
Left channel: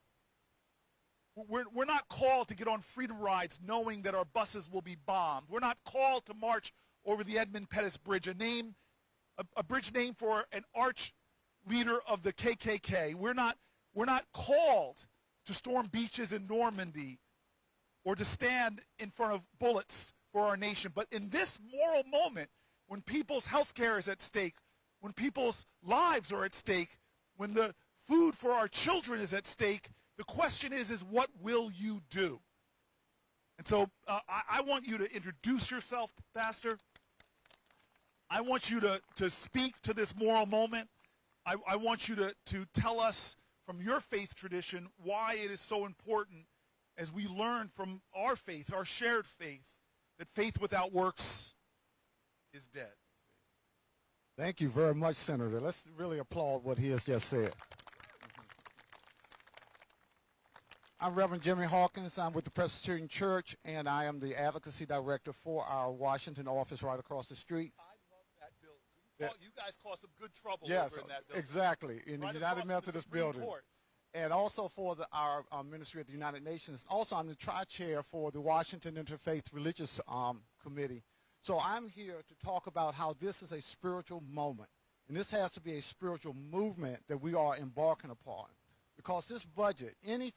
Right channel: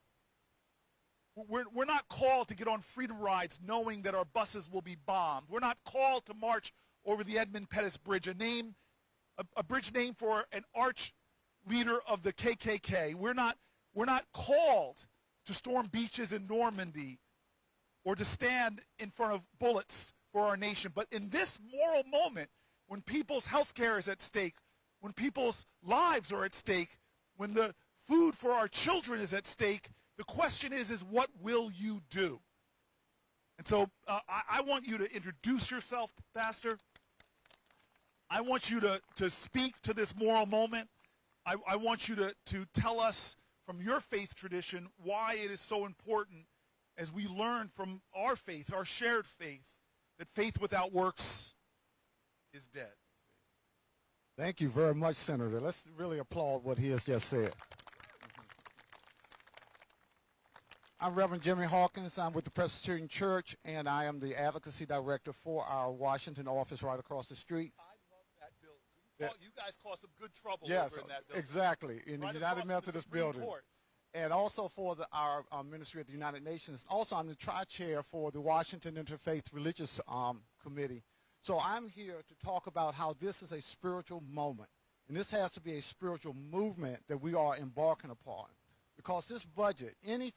We're not called to get on freedom rides knowing that our buses will be bombed. We're not called to march over the Edmund Pettus Bridge, a bridge named for an arch leader of the KKK. We're not called to storm beaches in Normandy or to stand in front of bullets for our nation. But in this moral moment, when people's health care is at stake, when people's lives are at stake, when the food for our children is at stake, the question is what will you do? And so I want you to introduce yourself, Pastor. I want you to speak to this moral moment. I want you to tell us from your faith tradition why it is so important, as we learn from our faith, our shared faith, that faith without works is dead. Thank you very much, Senator. Let's really applaud what he has just said. I'm Reverend Jimmy Hawkins. I'm with the Presbyterian Church, and I am the advocacy director for our Washington office right across the street. I love that building. You guys caused some good trouble yes, over in that building. Exactly, in right the United Methodist building. Court. And also for our ministry at the United Nations. Also, I'm the tri-chair for the Washington Interfaith Religious Committee. So I'm here to talk about how this is a spiritual moment. And this has to be a spiritual movement that we are embarking upon. Because this budget, any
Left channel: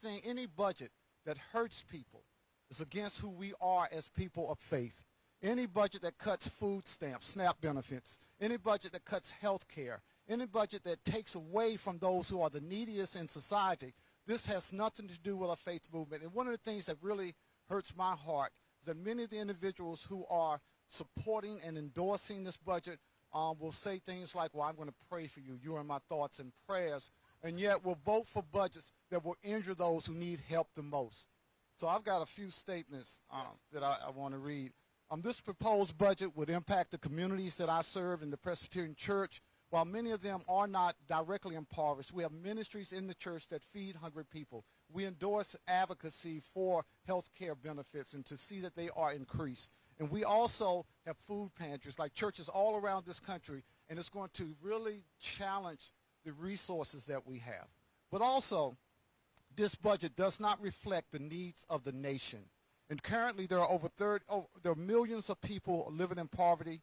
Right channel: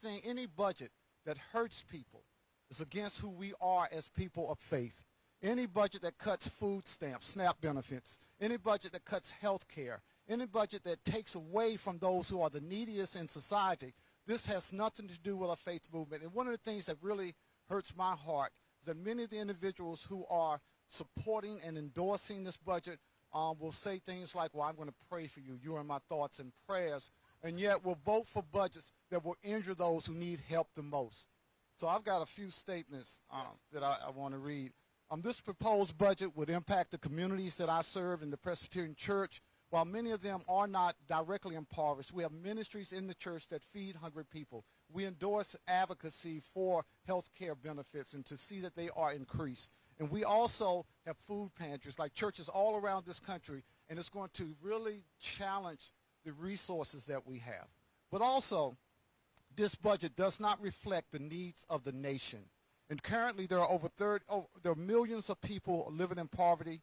budget that hurts people is against who we are as people of faith. Any budget that cuts food stamps, SNAP benefits, any budget that cuts health care, any budget that takes away from those who are the neediest in society, this has nothing to do with a faith movement. And one of the things that really hurts my heart is that many of the individuals who are supporting and endorsing this budget will say things like, well, I'm going to pray for you. You're in my thoughts and prayers. And yet we'll vote for budgets that will injure those who need help the most. So I've got a few statements that I want to read. This proposed budget would impact the communities that I serve in the Presbyterian Church. While many of them are not directly impoverished, we have ministries in the church that feed hungry people. We endorse advocacy for health care benefits and to see that they are increased. And we also have food pantries like churches all around this country, and it's going to really challenge the resources that we have. But also, this budget does not reflect the needs of the nation. And currently there are there are millions of people living in poverty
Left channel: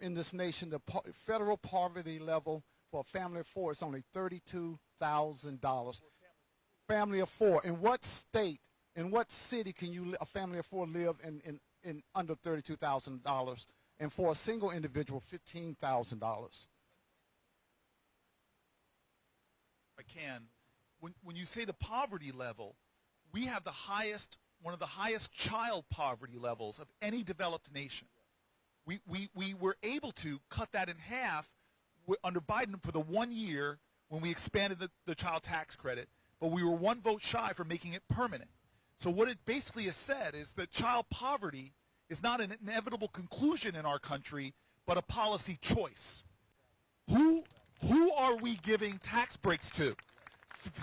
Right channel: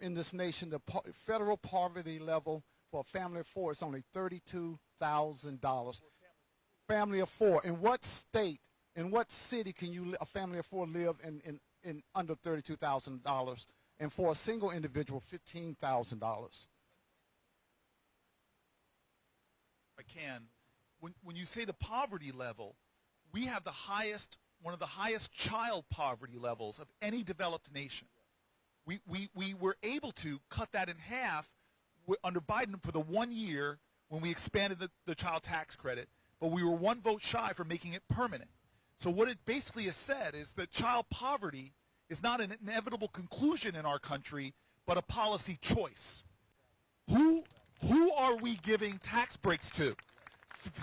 in this nation. The federal poverty level for a family of four is only $32,000. Family of four. In what state, in what city can a family of four live in under $32,000? And for a single individual, $15,000. I can. When you say the poverty level, we have one of the highest child poverty levels of any developed nation. We were able to cut that in half under Biden for the 1 year when we expanded the child tax credit, but we were one vote shy for making it permanent. So what it basically has said is that child poverty is not an inevitable conclusion in our country, but a policy choice. Who are we giving tax breaks to?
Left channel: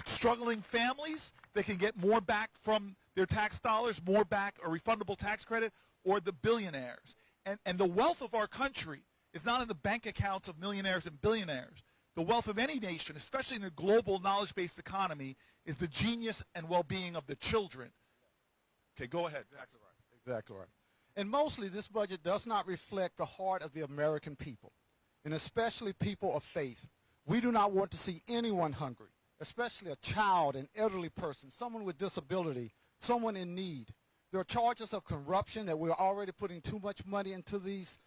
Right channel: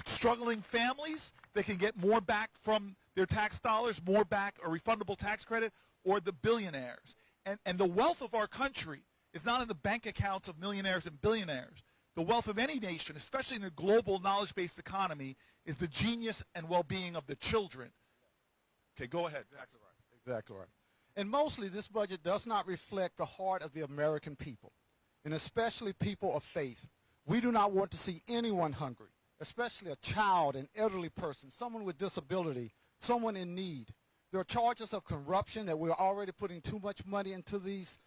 Struggling families that can get more back from their tax dollars, more back, a refundable tax credit, or the billionaires? And the wealth of our country is not in the bank accounts of millionaires and billionaires. The wealth of any nation, especially in a global knowledge-based economy, is the genius and well-being of the children. Okay, go ahead. Exactly right. Exactly right. And mostly this budget does not reflect the heart of the American people, and especially people of faith. We do not want to see anyone hungry, especially a child, an elderly person, someone with disability, someone in need. There are charges of corruption that we're already putting too much money into these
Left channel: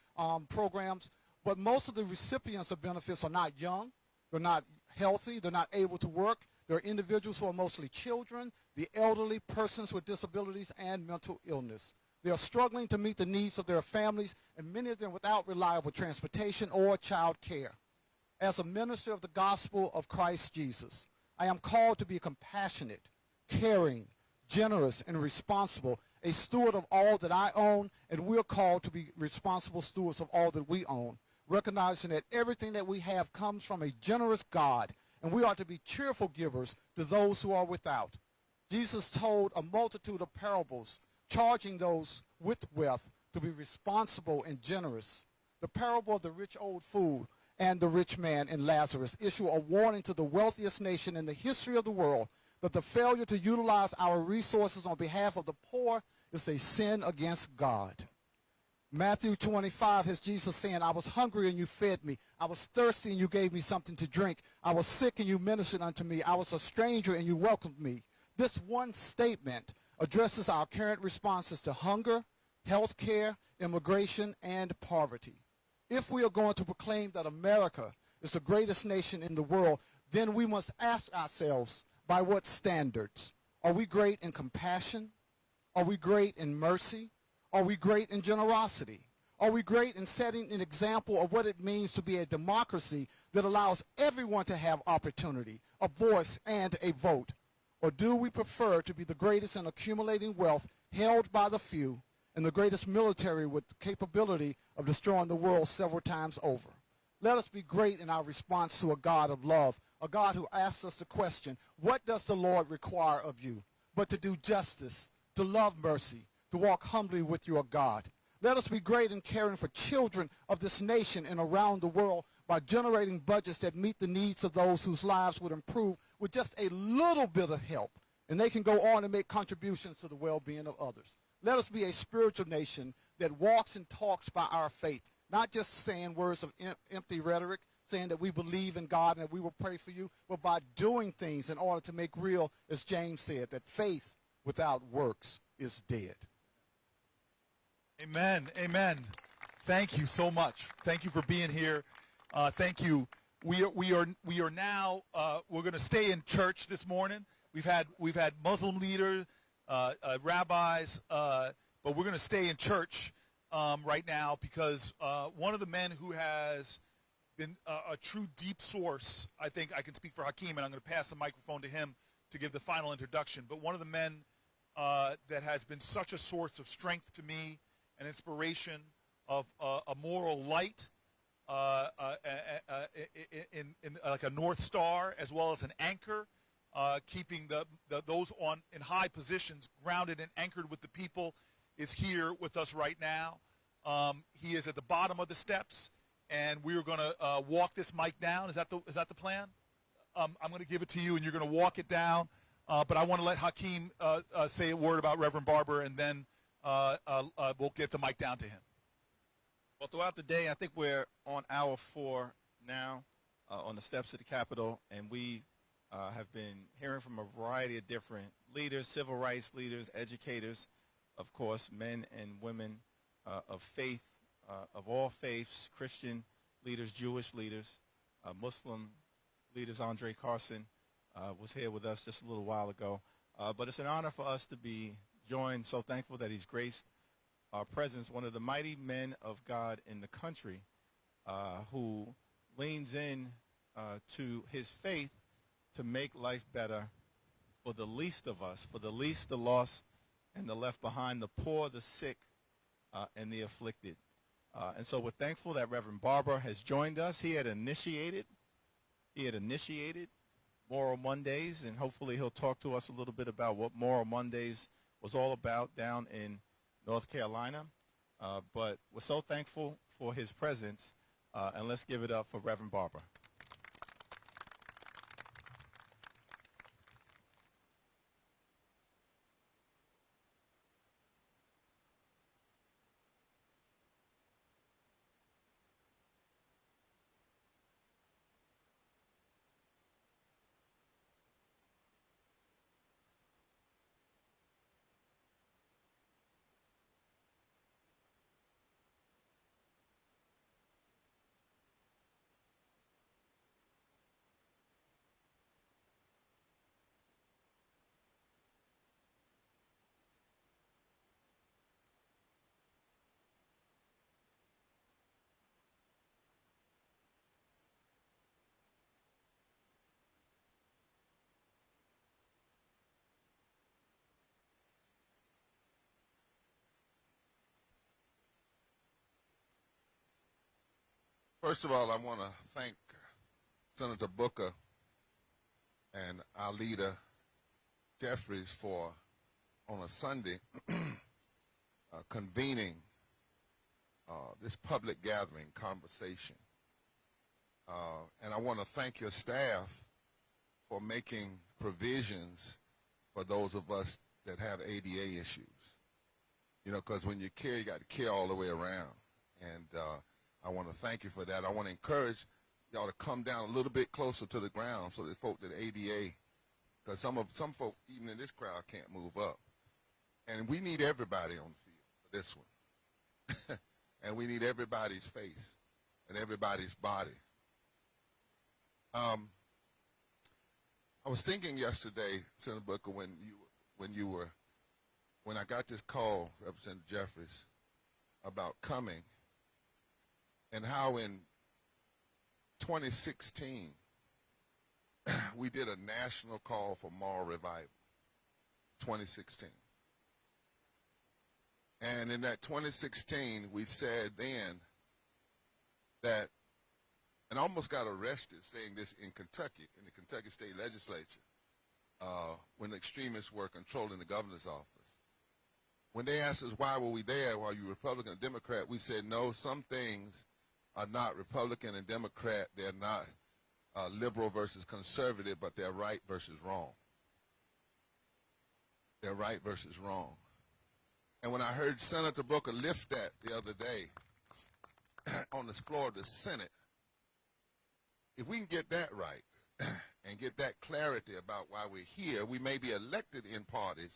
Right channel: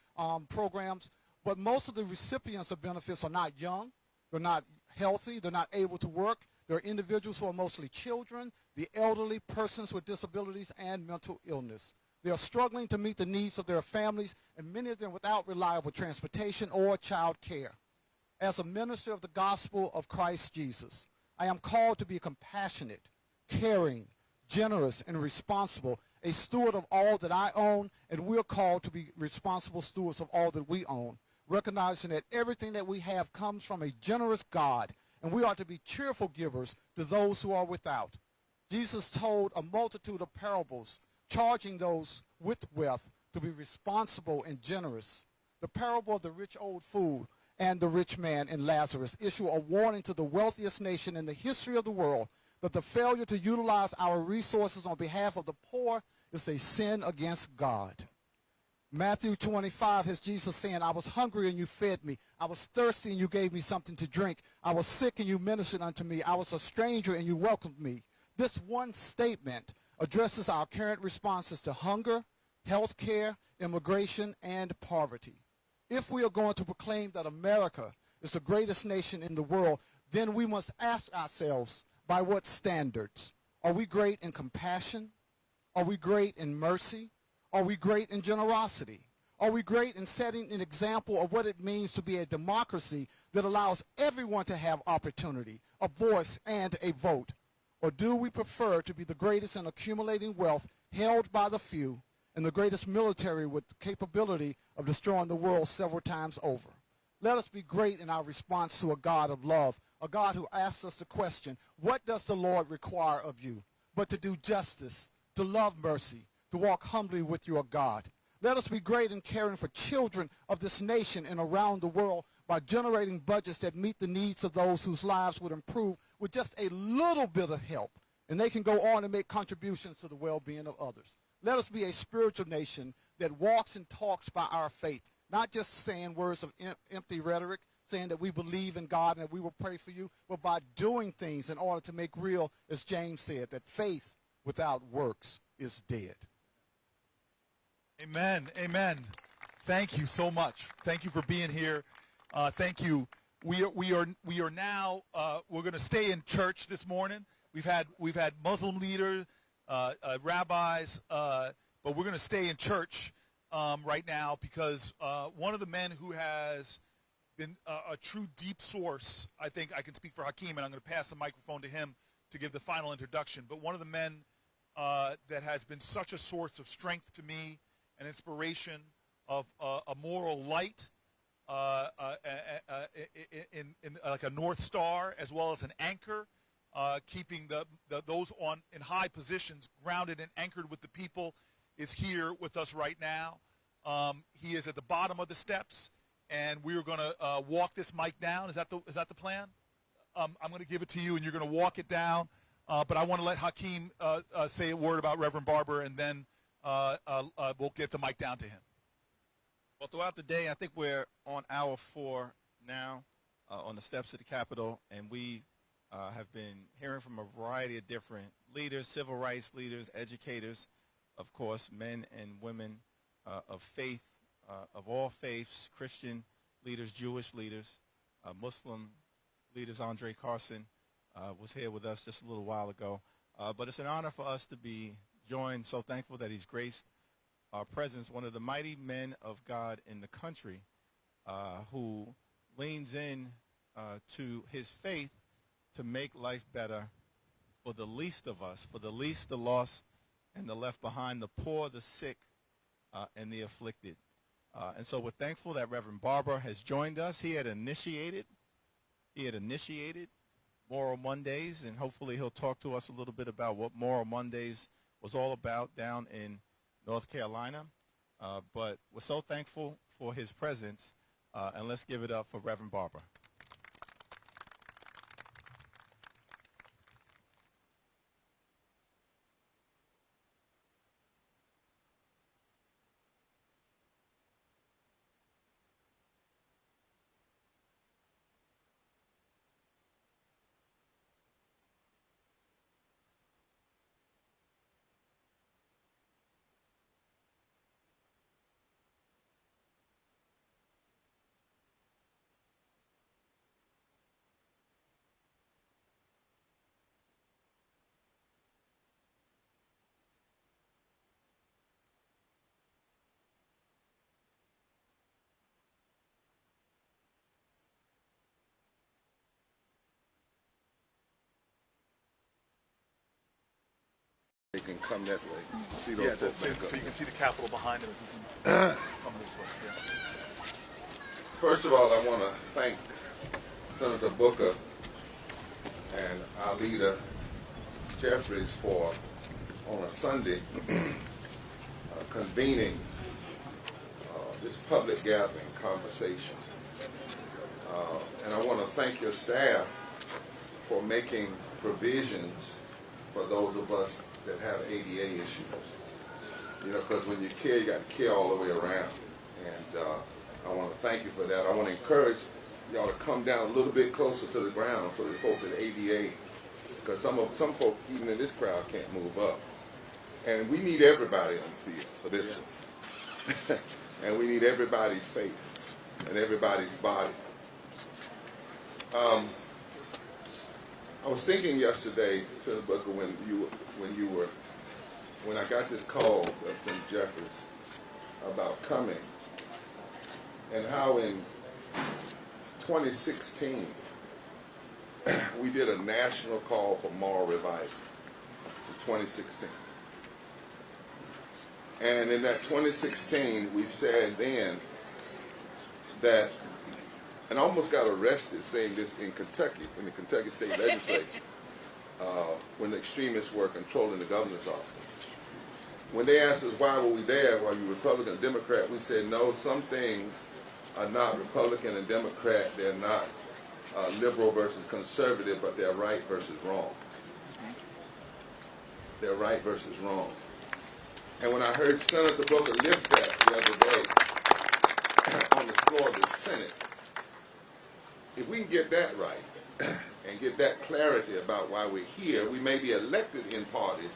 programs, but most of the recipients of benefits are not young, they're not healthy, they're not able to work. There are individuals who are mostly children, the elderly, persons with disabilities, and mental illness. They are struggling to meet the needs of their families, and many of them without reliable transportation or child care. As a minister of the gospel of Christ Jesus, I am called to be compassionate, caring, generous, and responsible, a steward of all that I own, and we're called to be responsible stewards of all that we own, recognizing that everything that we have comes from a generous God, and we are to be cheerful givers to those who are without. Jesus told a multitude of parables, charging those with wealth to be responsible and generous. The parable of the rich old fool and the rich man and Lazarus issue a warning to the wealthiest nation in the history of the world that the failure to utilize our resources on behalf of the poor is a sin against God. Matthew 25 has Jesus saying, I was hungry and you fed me. I was thirsty and you gave me something to drink. I was sick and you ministered unto me. I was a stranger and you welcomed me. This one statement addresses our current responses to hunger, health care, immigration, and poverty. If we are going to proclaim that America is the greatest nation in the world, then we must ask ourselves, by what standards? Are we great in compassion? Are we great in mercy? Are we great in generosity? Are we great in setting an example of what it means to be a democracy that allows everyone to have opportunity, a voice, and a vote? Or do we prefer to be the greatest in accumulating wealth held by the few and the greatest military with the capability of destroying the world several times over? Let us be great in our response to a God of love, a God who asks us the question, what does the Lord require of you? But to do justice, to love mercy, to walk humbly with your God. Let us be great in caring for children of this nation and around the world by generating budgets that meet the needs of those whose lives would improve with just a little bit of help, and they can go on and make contributions to the well-being of others. Let us be a spiritual nation that walks and talks by our faith, not just saying words of empty rhetoric, saying that we believe in God and that we will pray for you, but by doing things in order to make real, as James said, that faith without works is dead. Amen. Amen. Thank you so much. Thank you for being here. Thank you. We are now. We're going to stay in church this morning. We've had Muslim leaders, rabbis, but we're going to stay in church right now because one of the men who has been a true deep source, I think I can speak for Hakeem, and I'm going to pass the microphone to him to give the final introduction. But one of the men that has been such a source of strength to me, an inspiration of a moral light, in like a North Star, as well as an anchor, keeping those in high positions grounded and anchored with the people, is here with us right now. He is at the bottom of the steps, and we are going to walk this mic down. Is that the plan? I'm going to give it to you, and you're going to walk it down. But I want to let Hakeem say a word about Reverend Barber, and then we'll get the mic down to him. Well, throughout the day, I think we're on hour 4 now on the steps of the Capitol, and we have been hearing from a variety of different leaders, civil rights leaders, educators, of course, men and women of faith, of all faiths, Christian leaders, Jewish leaders, Muslim leaders. Andre Carson was here with us just a little while ago. But it's an honor for us to be joined. So thankful that he's graced our presence, one of the mighty men of God in the country who leans in to his faith to make life better for the least of us, for the least, the lost, and the left behind, the poor, the sick, and the afflicted. And so we're thankful that Reverend Barber has joined us. He had initiated Moral Mondays, and hopefully he'll talk to us a little bit about what Moral Mondays was all about down in North Carolina. But we're so thankful for his presence, and let's give it up for Reverend Barber. They can come that way. See those Yeah, folks so back up. you can see the Capitol behind him. If you can come this way. Yeah. First of all, I want to thank Senator Booker and our leader, Jeffries, for, on a Sunday, convening this public gathering conversation. And I want to thank your staff for making provisions for those of us that have ADA issues. You know, because when you care, you got to care all the way around. And I want to thank you for that. I want to encourage y'all to come down a little bit closer to the ground so that folks at ADA, because some folk, even in this crowd, can't move up. And we need everybody on the field for this one. And we need everybody's face and everybody's body. I was thinking yesterday, Senator Booker, when I got this call from Jeffries about coming, and how in 2016 we did a national call for moral revival in 2016. And in that 2016, we said then that, and I almost got arrested saying this in Kentucky, in the Kentucky State Legislature, when the extremists were controlling the governor's office. When they asked us why were we there, were you Republican or Democrat, we said no, some things are not Republican and Democrat, they're not liberal versus conservative, but they're right versus wrong. They're right versus wrong. And when I heard Senator Booker lift that the other day on the floor of the Senate, if we can get that right and get that clarity about why we're here, we may be elected in parties,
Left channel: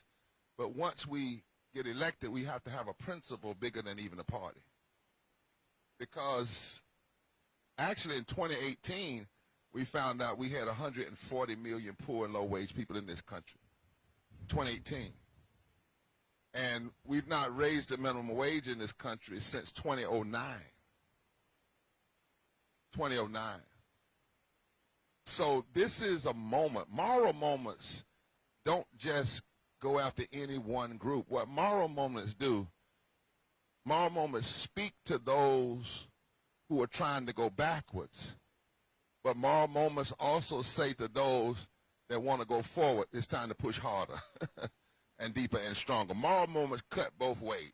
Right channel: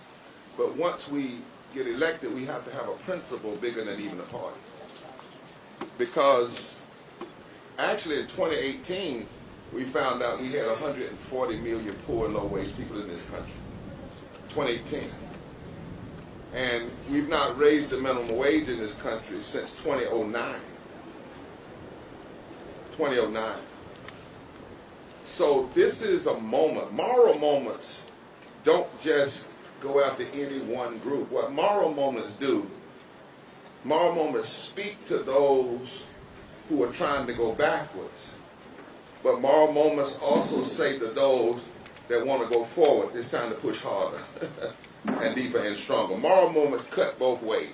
but once we get elected, we have to have a principle bigger than even a party. Because actually in 2018, we found out we had 140 million poor and low-wage people in this country. 2018. And we've not raised the minimum wage in this country since 2009. 2009. So this is a moment. Moral moments don't just go after any one group. What moral moments do, moral moments speak to those who are trying to go backwards. But moral moments also say to those that want to go forward, it's time to push harder and deeper and stronger. Moral moments cut both ways.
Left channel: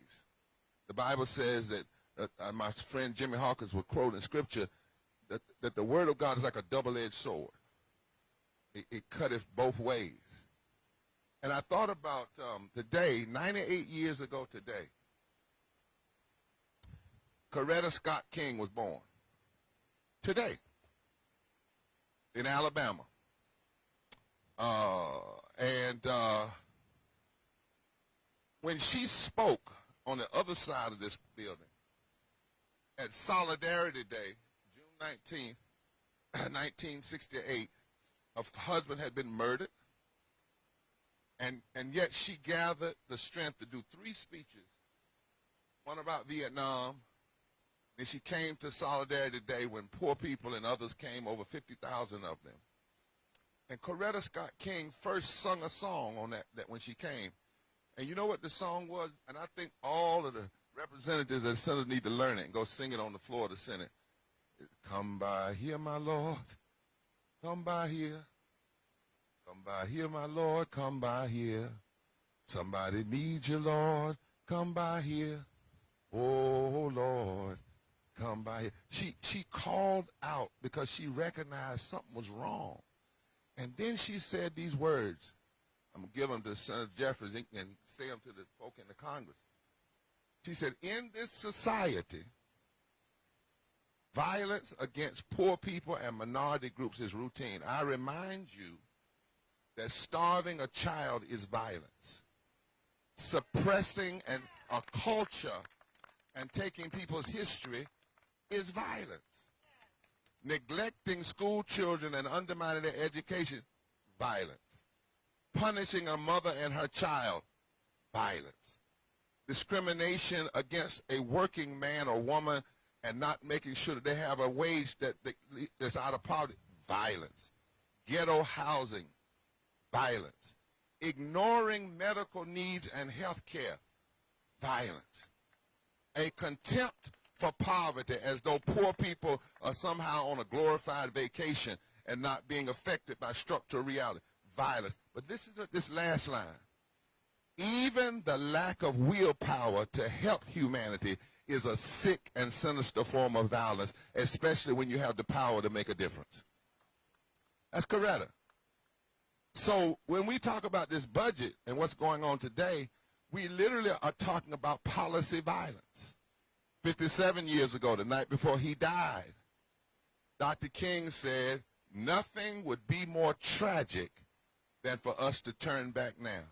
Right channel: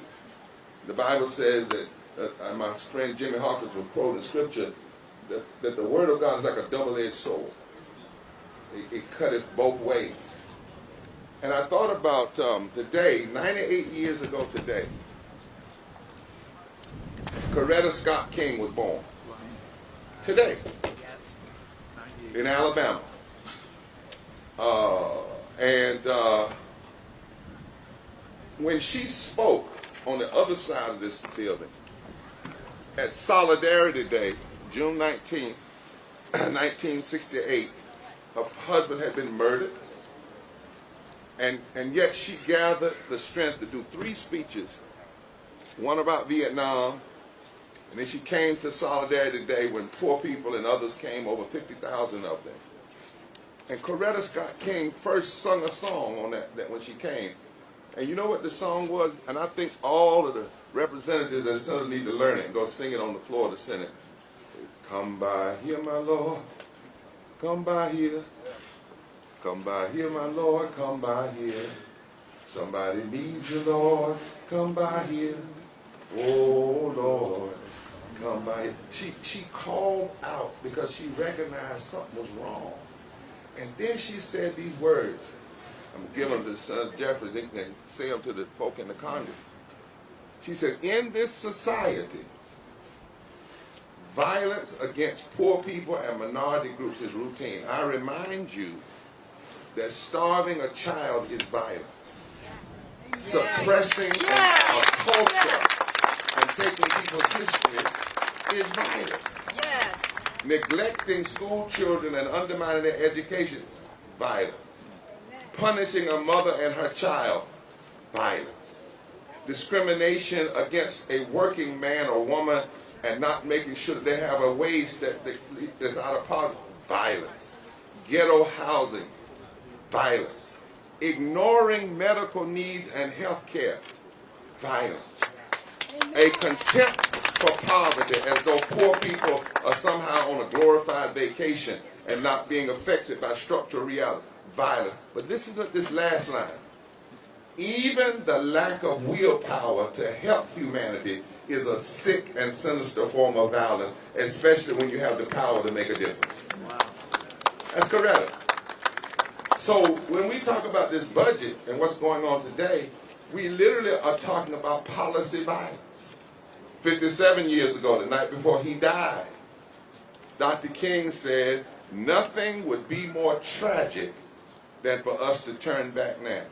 The Bible says that, my friend Jimmy Hawkins will quote in scripture, that the word of God is like a double-edged sword. It cutteth both ways. And I thought about the day, 98 years ago today, Coretta Scott King was born. Today, in Alabama. When she spoke on the other side of this building, at Solidarity Day, June 19, 1968, her husband had been murdered, and yet she gathered the strength to do 3 speeches, one about Vietnam, and then she came to Solidarity Day when poor people and others came, over 50,000 of them. And Coretta Scott King first sung a song on that when she came. And you know what the song was? And I think all of the representatives and senators need to learn it and go sing it on the floor of the Senate. Come by here, my Lord. Come by here. Come by here, my Lord. Come by here. Somebody needs you, Lord. Come by here. Oh, Lord. Come by here. She called out because she recognized something was wrong. And then she said these words. I'm going to give them to Senator Jefferies and say them to the folk in the Congress. She said, in this society, violence against poor people and minority groups is routine. I remind you that starving a child is violence. Suppressing a culture and taking people's history is violence. Neglecting school children and undermining their education, violence. Punishing a mother and her child, violence. Discrimination against a working man or woman and not making sure that they have a wage that's out of poverty, violence. Ghetto housing, violence. Ignoring medical needs and health care, violence. A contempt for poverty as though poor people are somehow on a glorified vacation and not being affected by structural reality, violence. But this is this last line. Even the lack of willpower to help humanity is a sick and sinister form of violence, especially when you have the power to make a difference. Wow. That's correct. So when we talk about this budget and what's going on today, we literally are talking about policy violence. 57 years ago, the night before he died, Dr. King said, nothing would be more tragic than for us to turn back now.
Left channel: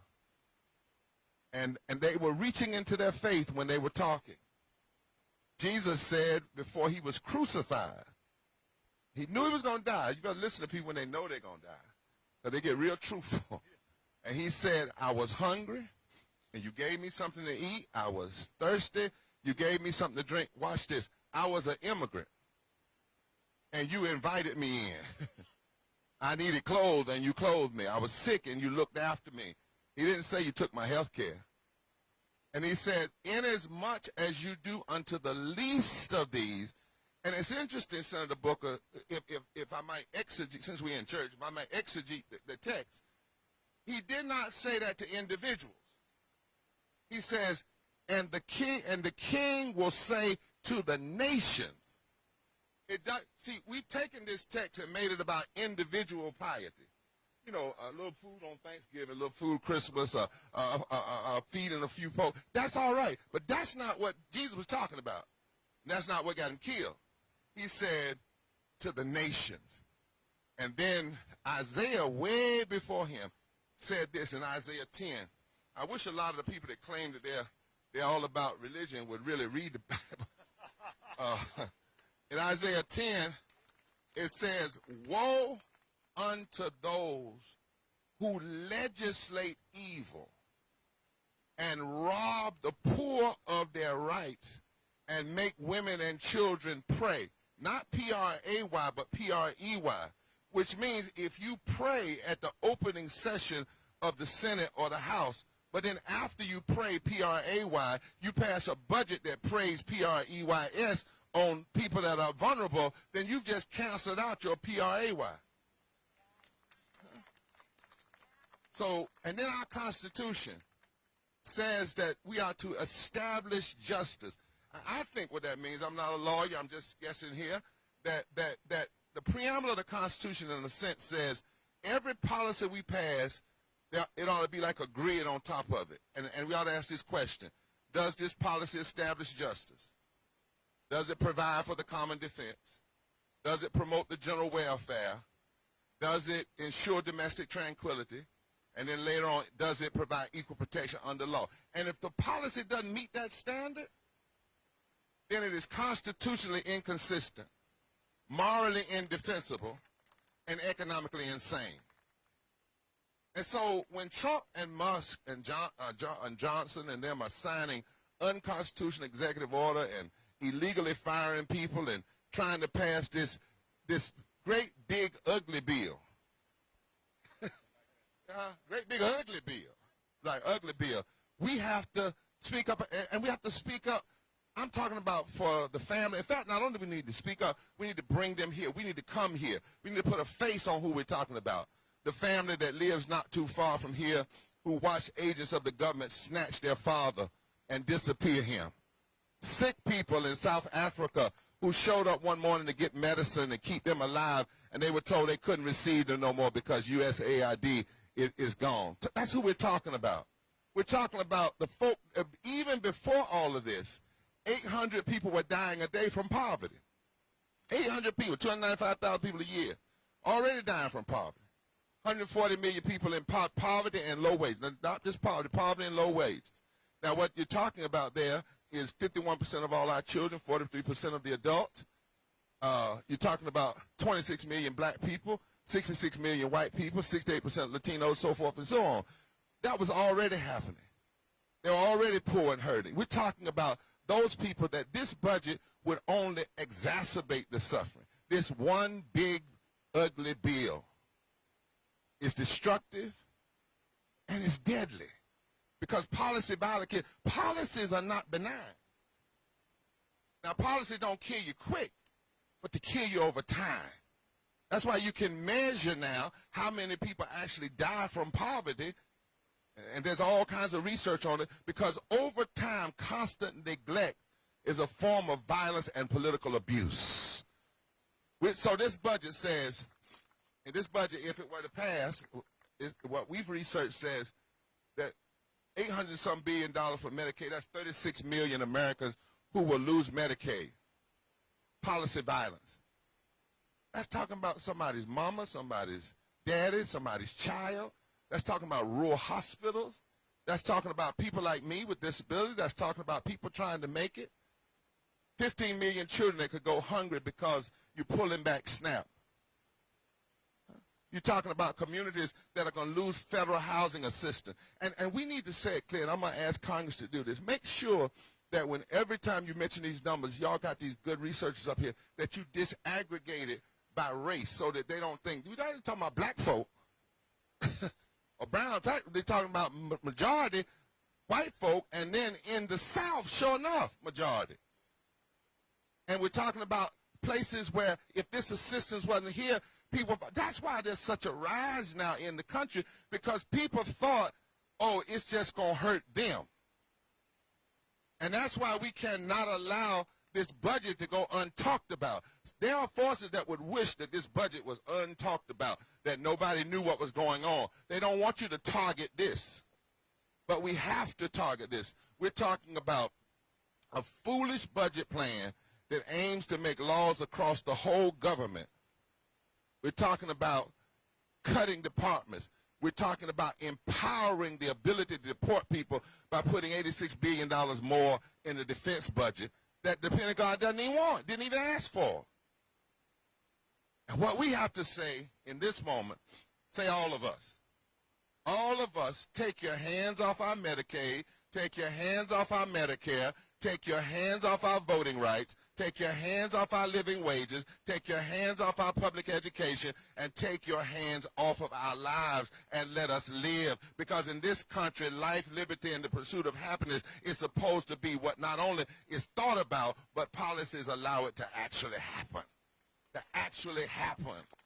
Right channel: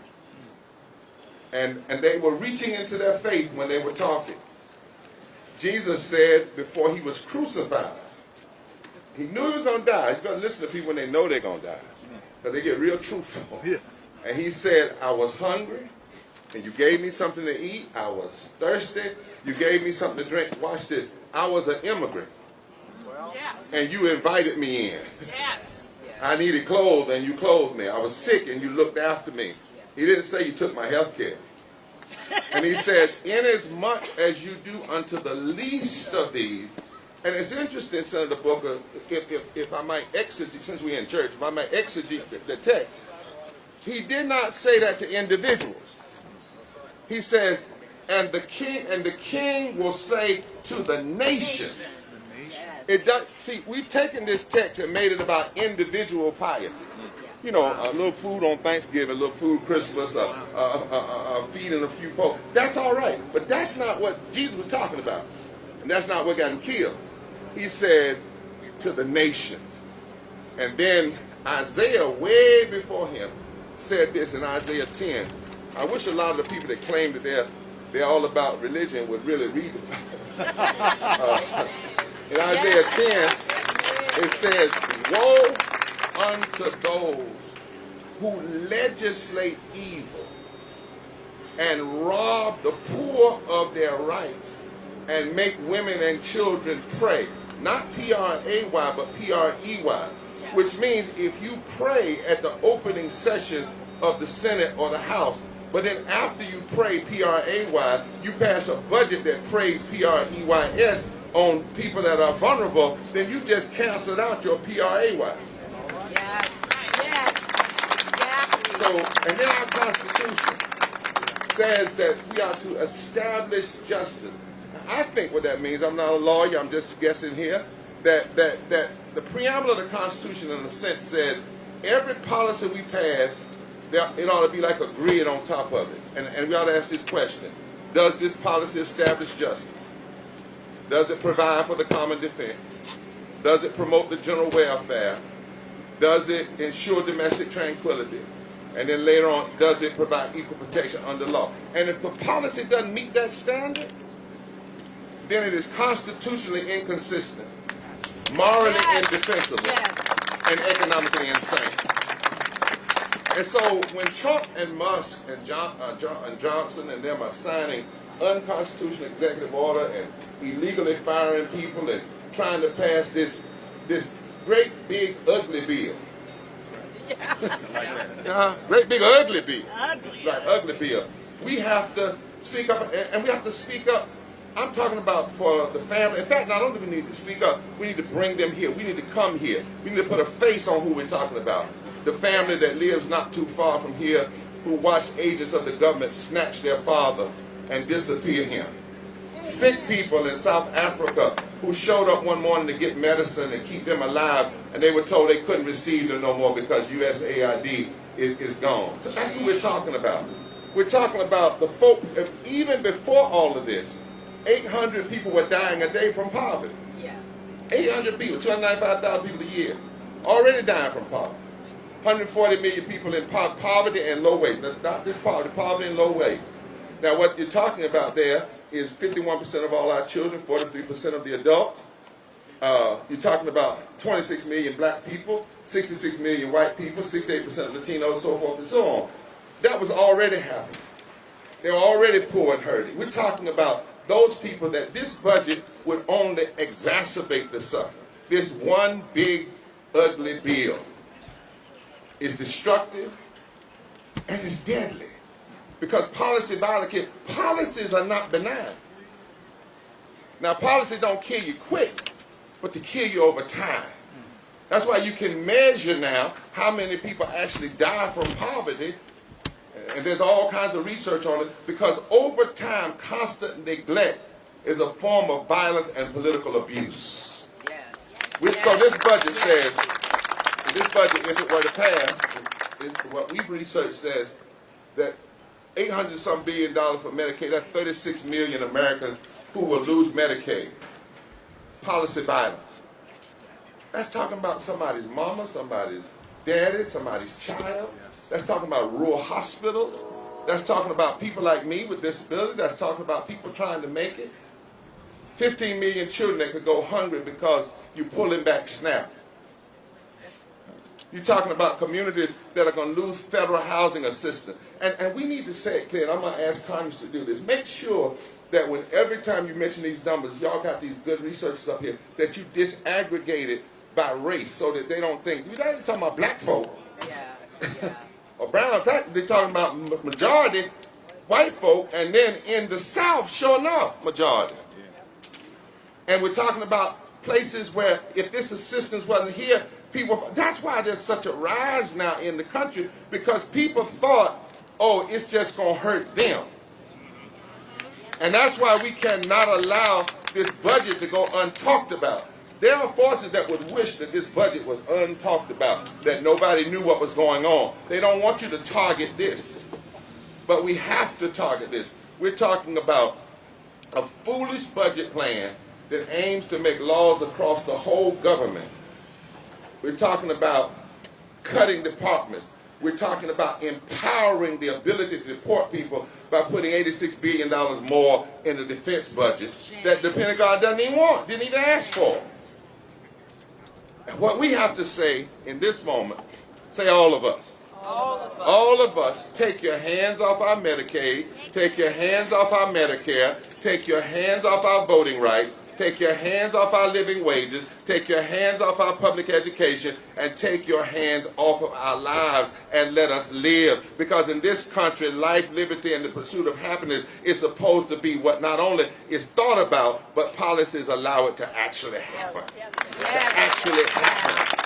And they were reaching into their faith when they were talking. Jesus said before he was crucified, he knew he was going to die. You've got to listen to people when they know they're going to die, because they get real truthful. Yes. And he said, I was hungry, and you gave me something to eat. I was thirsty. You gave me something to drink. Watch this. I was an immigrant. Well, yes. And you invited me in. Yes. I needed clothes, and you clothed me. I was sick, and you looked after me. He didn't say you took my health care. And he said, inasmuch as you do unto the least of these. And it's interesting, Senator Booker, if I might exegete, since we're in church, if I might exegete the text, he did not say that to individuals. He says, and the king will say to the nation. It does. See, we've taken this text and made it about individual piety. You know, a little food on Thanksgiving, a little food Christmas, feeding a few folk. That's all right, but that's not what Jesus was talking about, and that's not what got him killed. He said to the nations, and then Isaiah, way before him, said this in Isaiah 10. I wish a lot of the people that claim that they're all about religion would really read the Bible. In Isaiah 10, it says, woe unto those who legislate evil and rob the poor of their rights and make women and children pray. Not P-R-A-Y, but P-R-E-Y, which means if you pray at the opening session of the Senate or the House, but then after you pray P-R-A-Y, you pass a budget that prays P-R-E-Y-S on people that are vulnerable, then you just canceled out your P-R-A-Y. Yes. Yes. So, and then our Constitution says that we are to establish justice. I think what that means, I'm not a lawyer, I'm just guessing here, that the preamble of the Constitution in a sense says every policy we pass it ought to be like a grid on top of it. And we ought to ask this question. Does this policy establish justice? Does it provide for the common defense? Does it promote the general welfare? Does it ensure domestic tranquility? And then later on, does it provide equal protection under law? And if the policy doesn't meet that standard, then it is constitutionally inconsistent, morally indefensible, and economically insane. And so when Trump and Musk and Johnson and them are signing unconstitutional executive order and illegally firing people and trying to pass this great big ugly bill, great big ugly bill, ugly bill, we have to speak up, and we have to speak up. I'm talking about for the family. In fact, not only do we need to speak up, we need to bring them here. We need to come here. We need to put a face on who we're talking about. The family that lives not too far from here, who watched agents of the government snatch their father and disappear him. Sick people in South Africa who showed up one morning to get medicine and keep them alive, and they were told they couldn't receive them no more because USAID is gone. That's who we're talking about. We're talking about the folk, even before all of this, 800 people were dying a day from poverty. 800 people, 295,000 people a year, already dying from poverty. 140 million people in poverty and low wage. Not just poverty, poverty and low wage. Now what you're talking about there is 51% of all our children, 43% of the adults. You're talking about 26 million black people, 66 million white people, 68% Latinos, so forth and so on. That was already happening. They were already poor and hurting. We're talking about those people that this budget would only exacerbate the suffering. This one big ugly bill is destructive and it's deadly because policies are not benign. Now policy don't kill you quick, but to kill you over time. That's why you can measure now how many people actually die from poverty. And there's all kinds of research on it because over time, constant neglect is a form of violence and political abuse. So this budget says, if it were to pass, what we've researched says that $800-some billion for Medicaid, that's 36 million Americans who will lose Medicaid. Policy violence. That's talking about somebody's mama, somebody's daddy, somebody's child. That's talking about rural hospitals. That's talking about people like me with disability. That's talking about people trying to make it. 15 million children that could go hungry because you're pulling back SNAP. You're talking about communities that are going to lose federal housing assistance. And we need to say it clear, and I'm going to ask Congress to do this. Make sure that when every time you mention these numbers, y'all got these good researchers up here, that you disaggregate it by race so that they don't think, we're not even talking about black folk. Or brown. In fact, they're talking about majority white folk, and then in the South, sure enough, majority. And we're talking about places where if this assistance wasn't here, people, that's why there's such a rise now in the country, because people thought, oh, it's just going to hurt them. And that's why we cannot allow this budget to go untalked about. There are forces that would wish that this budget was untalked about, that nobody knew what was going on. They don't want you to target this. But we have to target this. We're talking about a foolish budget plan that aims to make laws across the whole government. We're talking about cutting departments. We're talking about empowering the ability to deport people by putting $86 billion more in the defense budget that the Pentagon doesn't even want, didn't even ask for. And what we have to say in this moment, say all of us. All of us, take your hands off our Medicaid, take your hands off our Medicare, take your hands off our voting rights, take your hands off our living wages, take your hands off our public education, and take your hands off of our lives and let us live. Because in this country, life, liberty, and the pursuit of happiness is supposed to be what not only is thought about, but policies allow it to actually happen. To actually happen.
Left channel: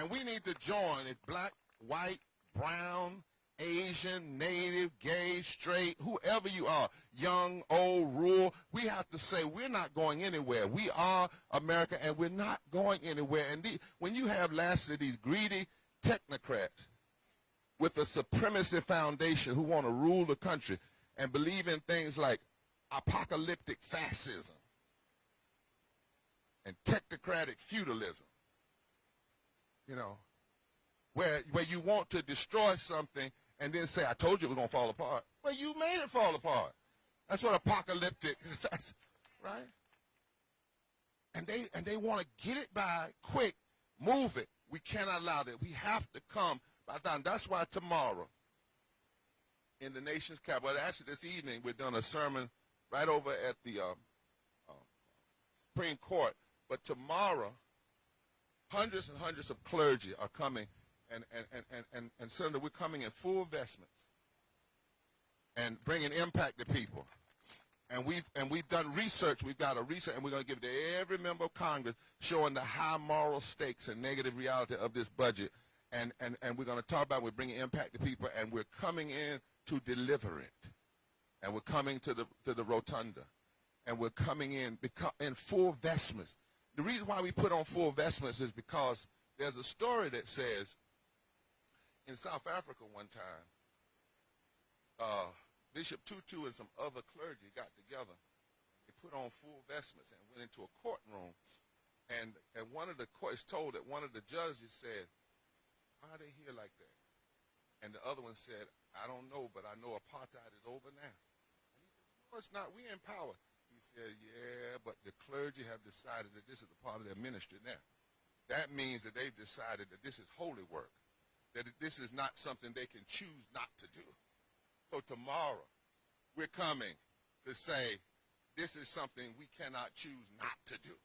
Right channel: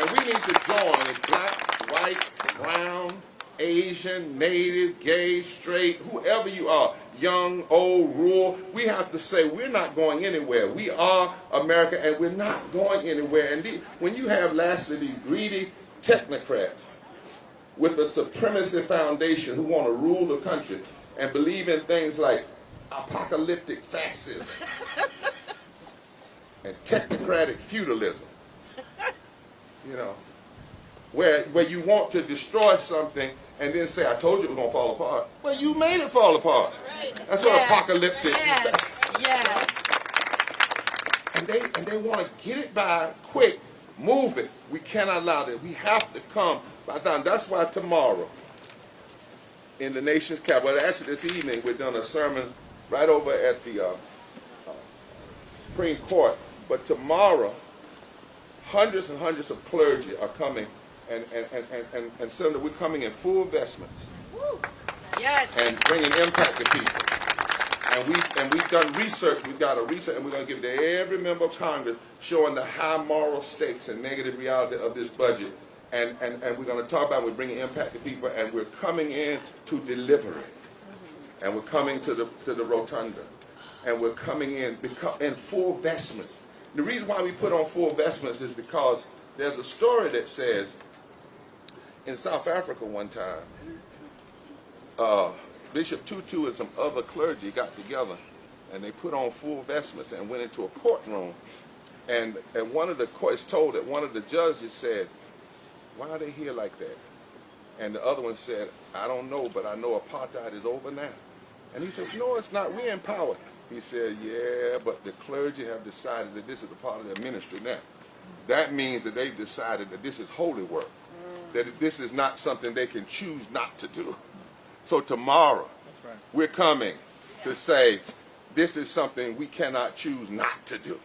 And we need to join as black, white, brown, Asian, native, gay, straight, whoever you are, young, old, rural, we have to say we're not going anywhere. We are America, and we're not going anywhere. And when you have lastly these greedy technocrats with a supremacy foundation who want to rule the country and believe in things like apocalyptic fascism and technocratic feudalism. You know, where you want to destroy something and then say, I told you it was going to fall apart. Well, you made it fall apart. That's what apocalyptic is. And they want to get it by quick, move it. We cannot allow that. We have to come by time. That's why tomorrow, in the nation's capital, actually this evening, we're doing a sermon right over at the Supreme Court. But tomorrow, hundreds and hundreds of clergy are coming, and Senator, we're coming in full vestments. Yes. And bringing impact to people. And we've done research. We've got a research, and we're going to give it to every member of Congress, showing the high moral stakes and negative reality of this budget. And we're going to talk about we're bringing impact to people, and we're coming in to deliver it. And we're coming to the rotunda, and we're coming in full vestments. The reason why we put on full vestments is because there's a story that says in South Africa one time, Bishop Tutu and some other clergy got together and they put on full vestments and went into a courtroom. And one of the courts told that one of the judges said, why are they here like that? And the other one said, I don't know, but I know apartheid is over now. And he said, no, it's not. We're in power. He said, yeah, but the clergy have decided that this is a part of their ministry now. That means that they've decided that this is holy work, that this is not something they can choose not to do. So tomorrow, we're coming to say, this is something we cannot choose not to do.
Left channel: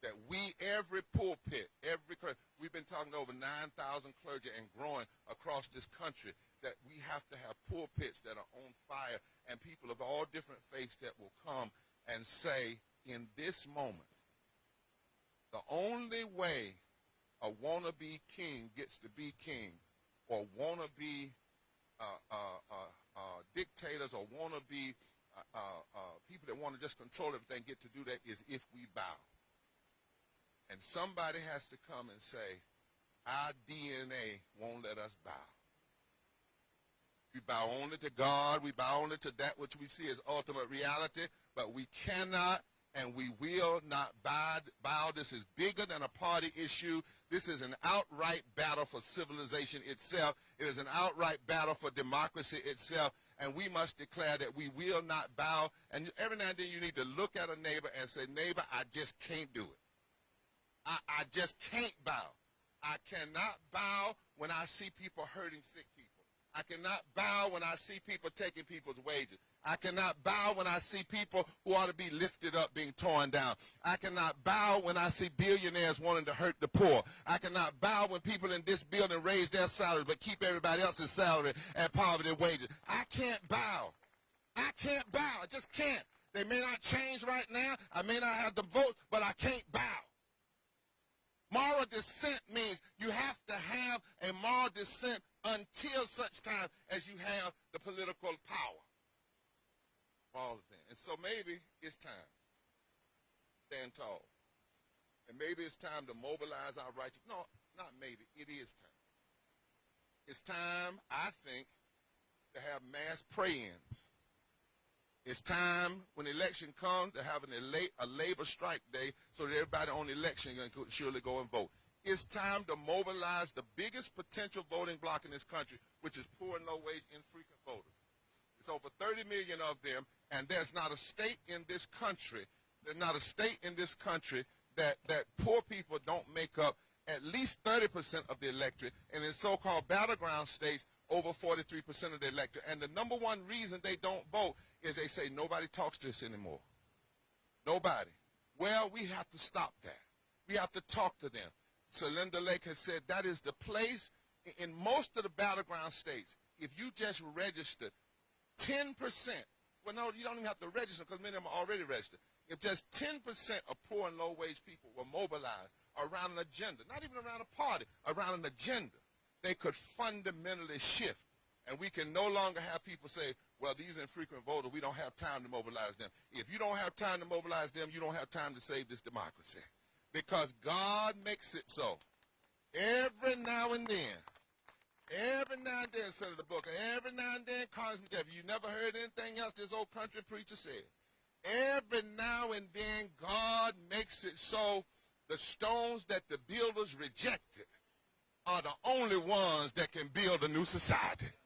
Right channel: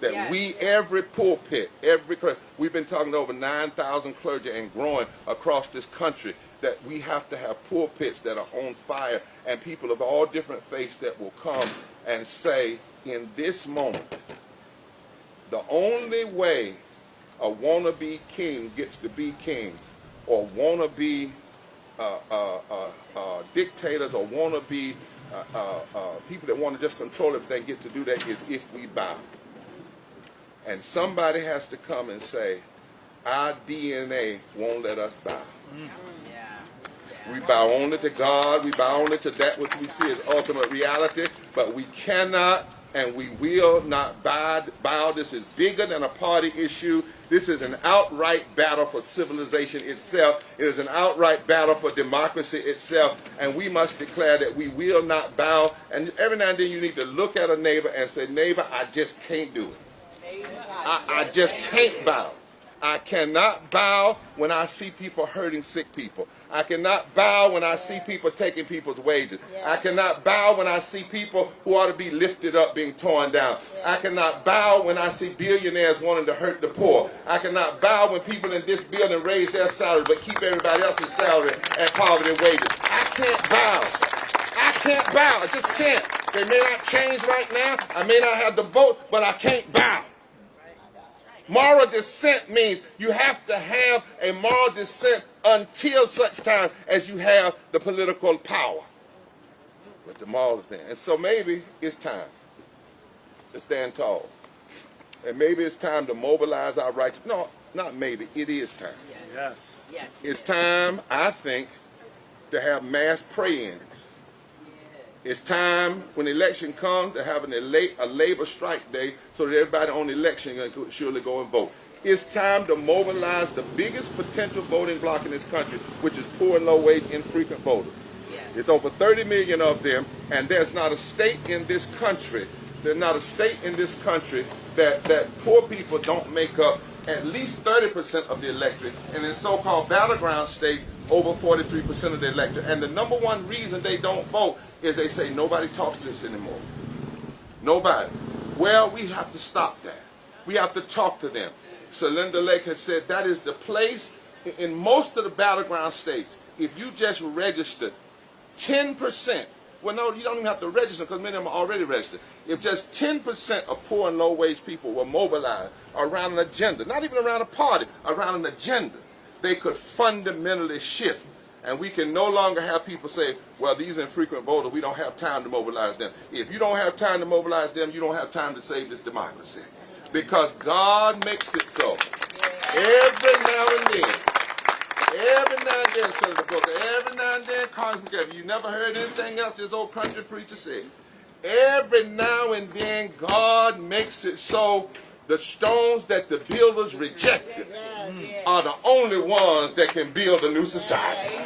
That we, every pulpit, we've been talking to over 9,000 clergy and growing across this country, that we have to have pulpits that are on fire and people of all different faiths that will come and say, in this moment, the only way a wannabe king gets to be king, or wannabe dictators, or wannabe people that want to just control everything get to do that is if we bow. And somebody has to come and say, our DNA won't let us bow. We bow only to God. We bow only to that which we see as ultimate reality. But we cannot and we will not bow. This is bigger than a party issue. This is an outright battle for civilization itself. It is an outright battle for democracy itself. And we must declare that we will not bow. And every now and then you need to look at a neighbor and say, neighbor, I just can't do it. I just can't bow. I cannot bow when I see people hurting sick people. I cannot bow when I see people taking people's wages. I cannot bow when I see people who ought to be lifted up being torn down. I cannot bow when I see billionaires wanting to hurt the poor. I cannot bow when people in this building raise their salary but keep everybody else's salary at poverty wages. I can't bow. I can't bow. I just can't. They may not change right now. I may not have the vote, but I can't bow. Moral dissent means you have to have a moral dissent until such time as you have the political power. But the moral thing. And so maybe it's time to stand tall. And maybe it's time to mobilize our rights. No, not maybe. It is time. Yes. Yes. It's time, I think, to have mass pray-ins. It's time, when election comes, to have a labor strike day so that everybody on election can surely go and vote. It's time to mobilize the biggest potential voting bloc in this country, which is poor and low-wage infrequent voters. It's over 30 million of them, and there's not a state in this country, that poor people don't make up at least 30% of the electorate, and in so-called battleground states, over 43% of the electorate. And the number one reason they don't vote is they say nobody talks to us anymore. Nobody. Well, we have to stop that. We have to talk to them. So Linda Lake has said that is the place in most of the battleground states. If you just registered 10%, well, no, you don't even have to register because many of them are already registered. If just 10% of poor and low-wage people were mobilized around an agenda, not even around a party, around an agenda, they could fundamentally shift. And we can no longer have people say, well, these infrequent voters, we don't have time to mobilize them. If you don't have time to mobilize them, you don't have time to save this democracy. Because God makes it so. Every now and then, then, Senator Booker, every now and then, Congressman Jefferies, you never heard anything else this old country preacher said. Every now and then, God makes it so the stones that the builders rejected are the only ones that can build a new society.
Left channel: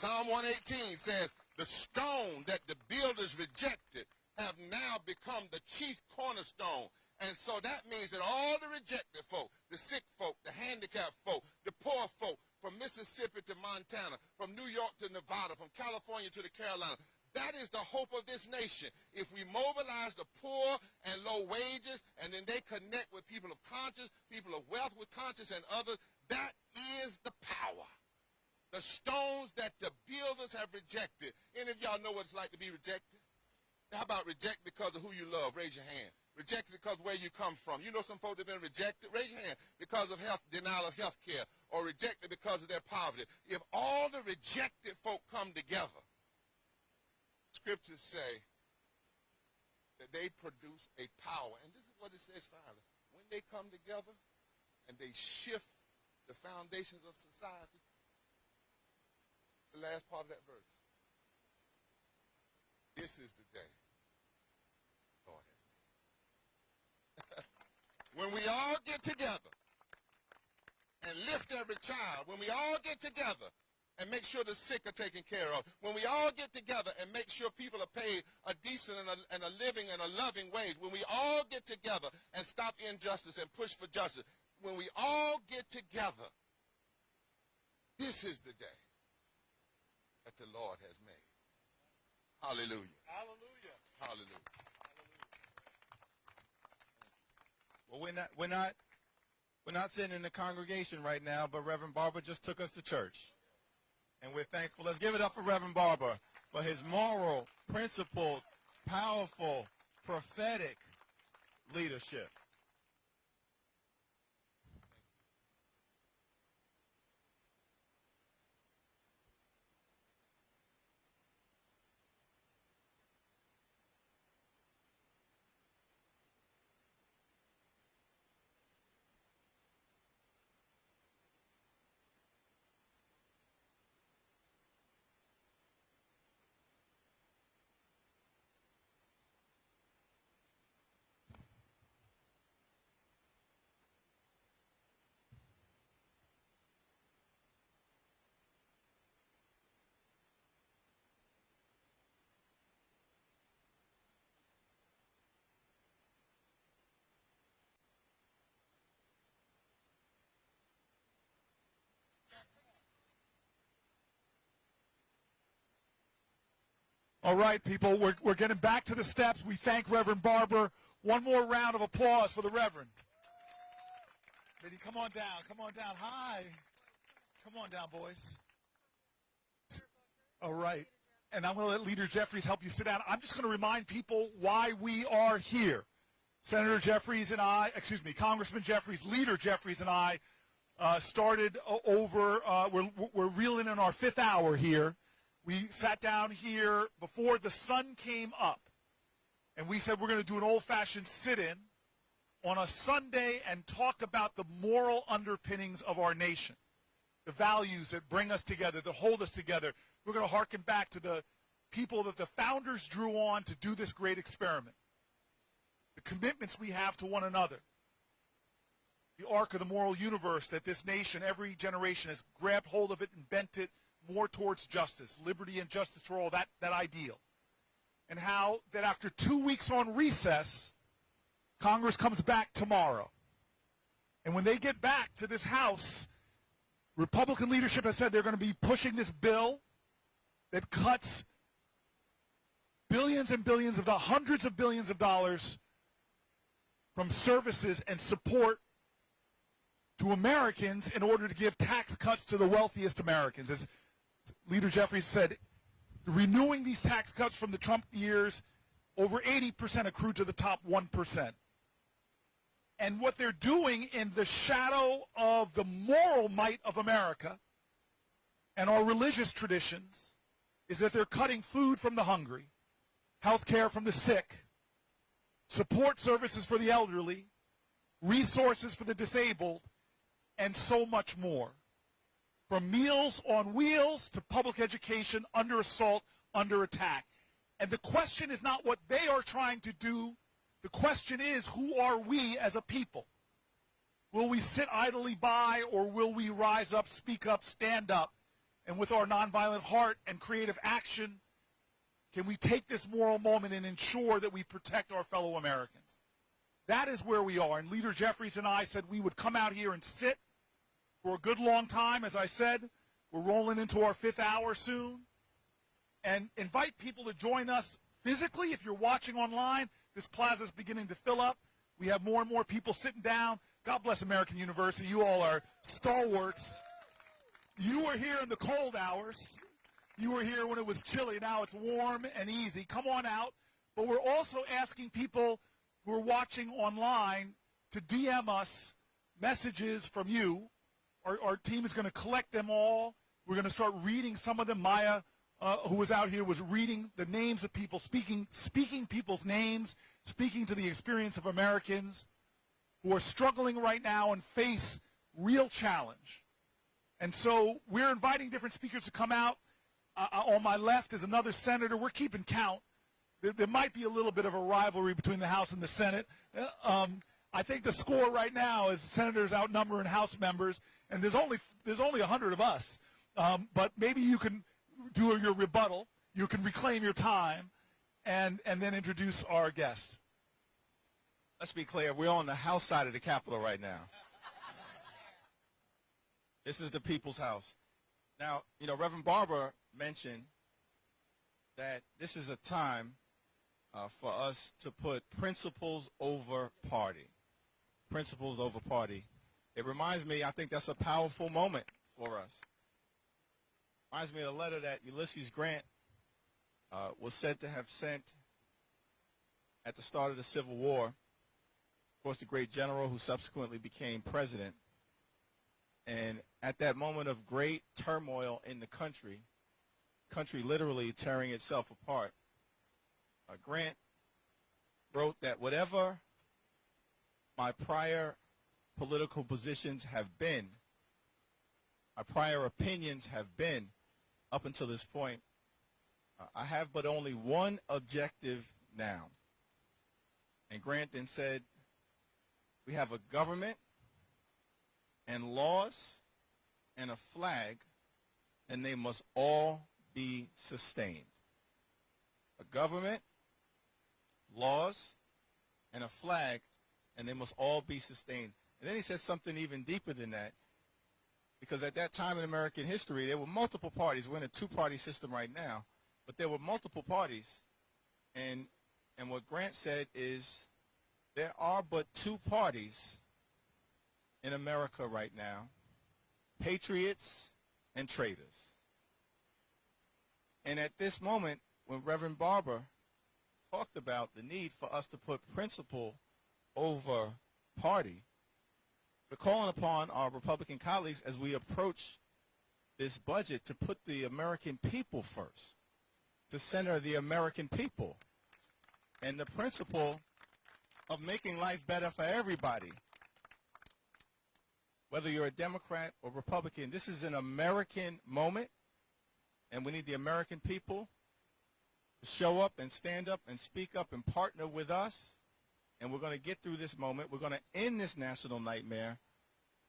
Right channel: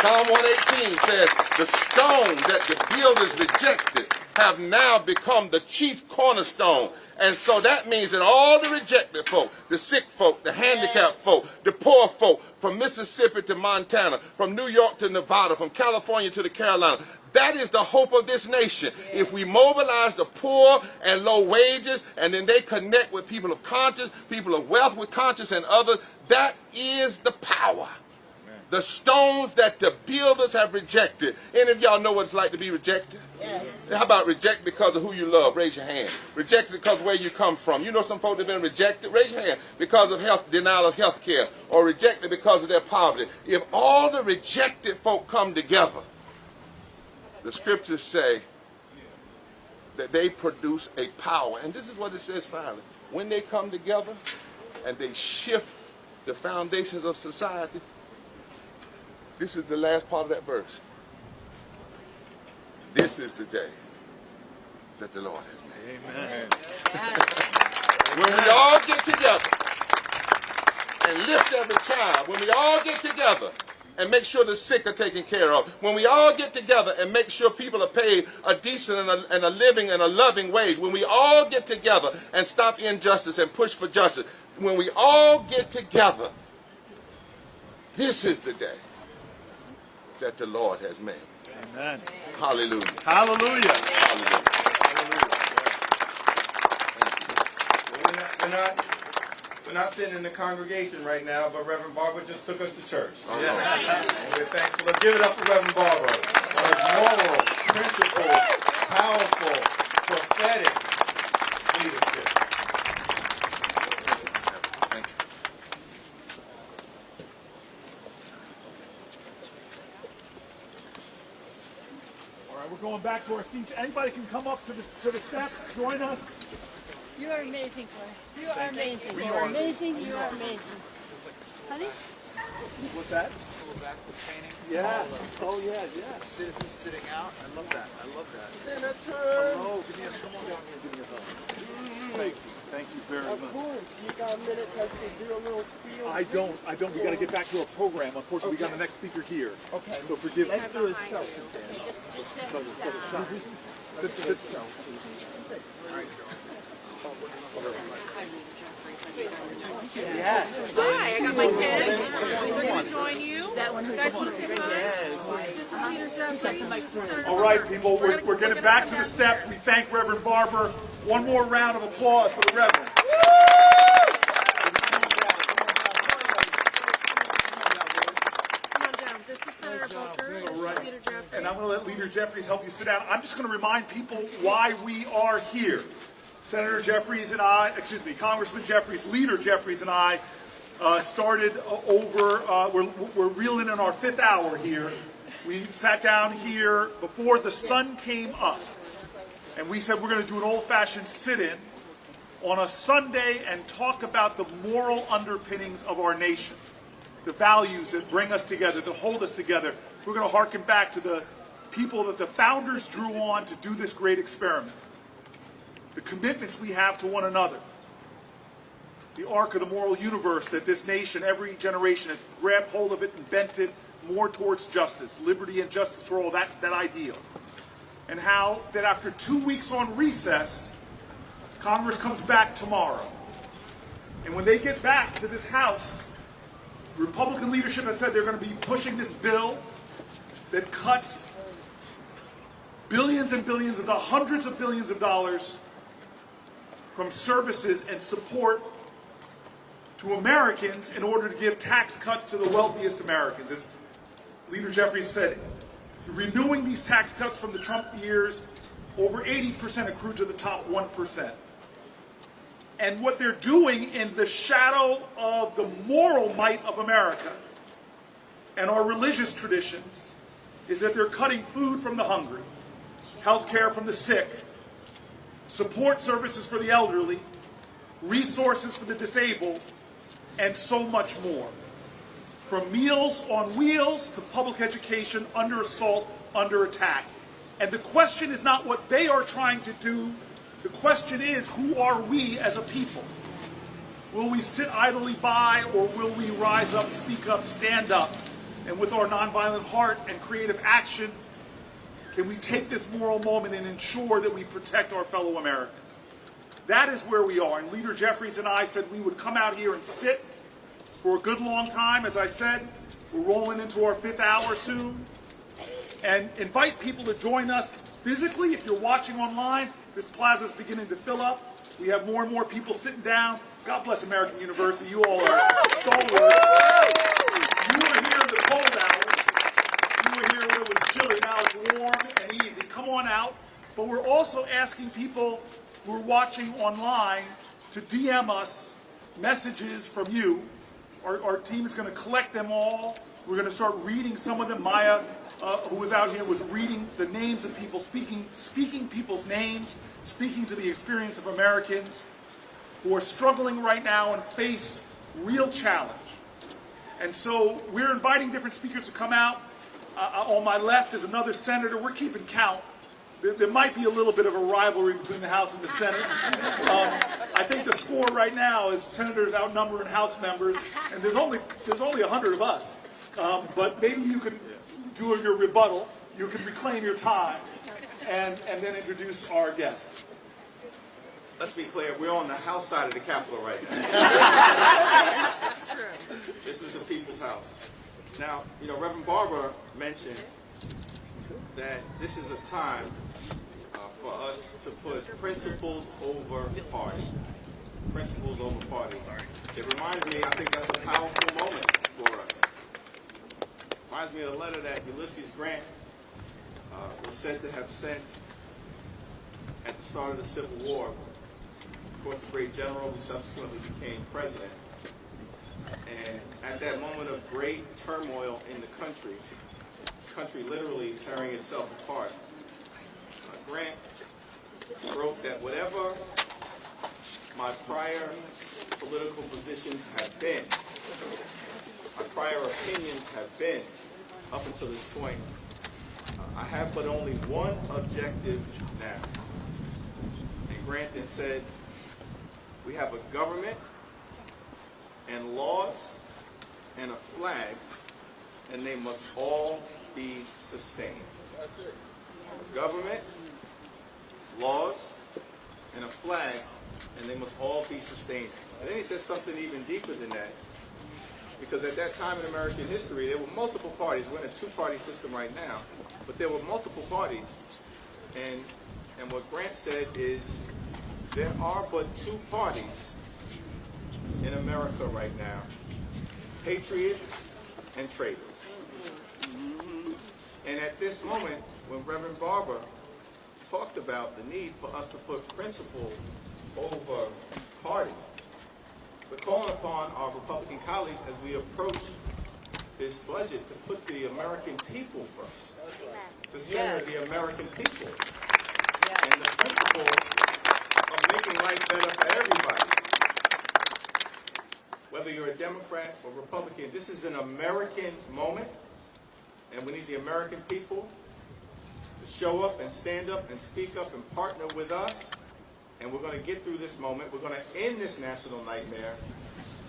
Psalm 118 says, the stones that the builders rejected have now become the chief cornerstone. And so that means that all the rejected folk, the sick folk, the handicapped folk, the poor folk, from Mississippi to Montana, from New York to Nevada, from California to the Carolinas, that is the hope of this nation. If we mobilize the poor and low wages, and then they connect with people of conscience, people of wealth with conscience, and others, that is the power. The stones that the builders have rejected. Any of y'all know what it's like to be rejected? Yes. How about reject because of who you love? Raise your hand. Rejected because of where you come from. You know some folks that have been rejected? Raise your hand. Because of denial of health care, or rejected because of their poverty. If all the rejected folk come together, the scriptures say that they produce a power. And this is what it says finally. When they come together and they shift the foundations of society, this is the last part of that verse. This is the day that the Lord has made. Amen. When we all get together and lift every child, when we all get together and make sure the sick are taken care of, when we all get together and make sure people are paid a decent and a living and a loving wage, when we all get together and stop injustice and push for justice, when we all get together, this is the day that the Lord has made. Amen. Hallelujah. Hallelujah. Hallelujah. We're not sitting in the congregation right now, but Reverend Barber just took us to church. Yeah. And we're thankful. Let's give it up for Reverend Barber. For his moral, principled, powerful, prophetic leadership. We're going back to our seats. Anybody can come up to the steps, join us. You are amazing, Cory. You are amazing. You are amazing. You are amazing. Honey? What's that? Yes. Oh, yeah, yes. Citizens sitting out. I love that. I love that. Senator. Hello. Come on down here. Give me a hug. Thank you. Thank you very much. Of course. You got a minute to do a little spiel? I don't. We got to get back to our program. Unfortunately, we got the next speaker here. Okay. So forgive me. Let's do a selfie. Sit. Yes. Hi, I got my kids. We're going to join you. That one. You guys want to say hi? This is Leader Jefferies. All right, people. We're getting back to the steps. We thank Reverend Barber. One more round of applause for the Reverend. And I'm going to let Leader Jefferies help you sit down. I'm just going to remind people why we are here. Senator Jeffries and I, Congressman Jeffries, Leader Jeffries and I started we're reeling in our 5th hour here. We sat down here before the sun came up. And we said we're going to do an old-fashioned sit-in on a Sunday and talk about the moral underpinnings of our nation, the values that bring us together, that hold us together. We're going to harken back to the people that the founders drew on to do this great experiment, the commitments we have to one another, the arc of the moral universe that this nation, every generation, has grabbed hold of it and bent it more towards justice, liberty and justice for all, that ideal. And how that after 2 weeks on recess, Congress comes back tomorrow. And when they get back to this House, Republican leadership has said they're going to be pushing this bill that cuts billions and billions of dollars, hundreds of billions of dollars from services and support to Americans in order to give tax cuts to the wealthiest Americans. As Leader Jeffries said, renewing these tax cuts from the Trump years, over 80% accrue to the top 1%. And what they're doing in the shadow of the moral might of America and our religious traditions is that they're cutting food from the hungry, health care from the sick, support services for the elderly, resources for the disabled, and so much more. from Meals on Wheels to public education under assault, under attack. And the question is not what they are trying to do. The question is, who are we as a people? Will we sit idly by, or will we rise up, speak up, stand up? And with our nonviolent heart and creative action, can we take this moral moment and ensure that we protect our fellow Americans? That is where we are. And Leader Jeffries and I said we would come out here and sit for a good long time. As I said, we're rolling into our 5th hour soon. And invite people to join us physically. If you're watching online, this plaza is beginning to fill up. We have more and more people sitting down. God bless American University. You all are stalwarts. You were here in the cold hours. You were here when it was chilly. Now it's warm and easy. Come on out. But we're also asking people who are watching online to DM us messages from you. Our team is going to collect them all. We're going to start reading some of them. Maya, who was out here, was reading the names of people, speaking people's names, speaking to the experience of Americans who are struggling right now and face real challenge. And so we're inviting different speakers to come out. On my left is another senator. We're keeping count. There might be a little bit of a rivalry between the House and the Senate. I think the score right now is senators outnumbering House members, and there's only 100 of us. But maybe you can do your rebuttal. You can reclaim your time, and then introduce our guest. Let's be clear, we're on the House side of the Capitol right now. That's true. This is the people's house. Now, Reverend Barber mentioned that this is a time for us to put principles over party. Principles over party. It reminds me, I think that's a powerful moment for us. Reminds me of a letter that Ulysses Grant was said to have sent at the start of the Civil War. Of course, the great general who subsequently became president. And at that moment of great turmoil in the country literally tearing itself apart, Grant wrote that whatever my prior political positions have been, my prior opinions have been up until this point, I have but only one objective now. And Grant then said, we have a government and laws and a flag, and they must all be sustained. Government, laws, and a flag, and they must all be sustained. And then he said something even deeper than that, because at that time in American history, there were multiple parties. We're in a two-party system right now, but there were multiple parties. And what Grant said is, there are but two parties in America right now, patriots and traitors. And at this moment, when Reverend Barber talked about the need for us to put principle over party, we're calling upon our Republican colleagues as we approach this budget to put the American people first, to center the American people, and the principle of making life better for everybody. Whether you're a Democrat or Republican, this is an American moment, and we need the American people to show up and stand up and speak up and partner with us, and we're going to get through this moment. We're going to end this national nightmare,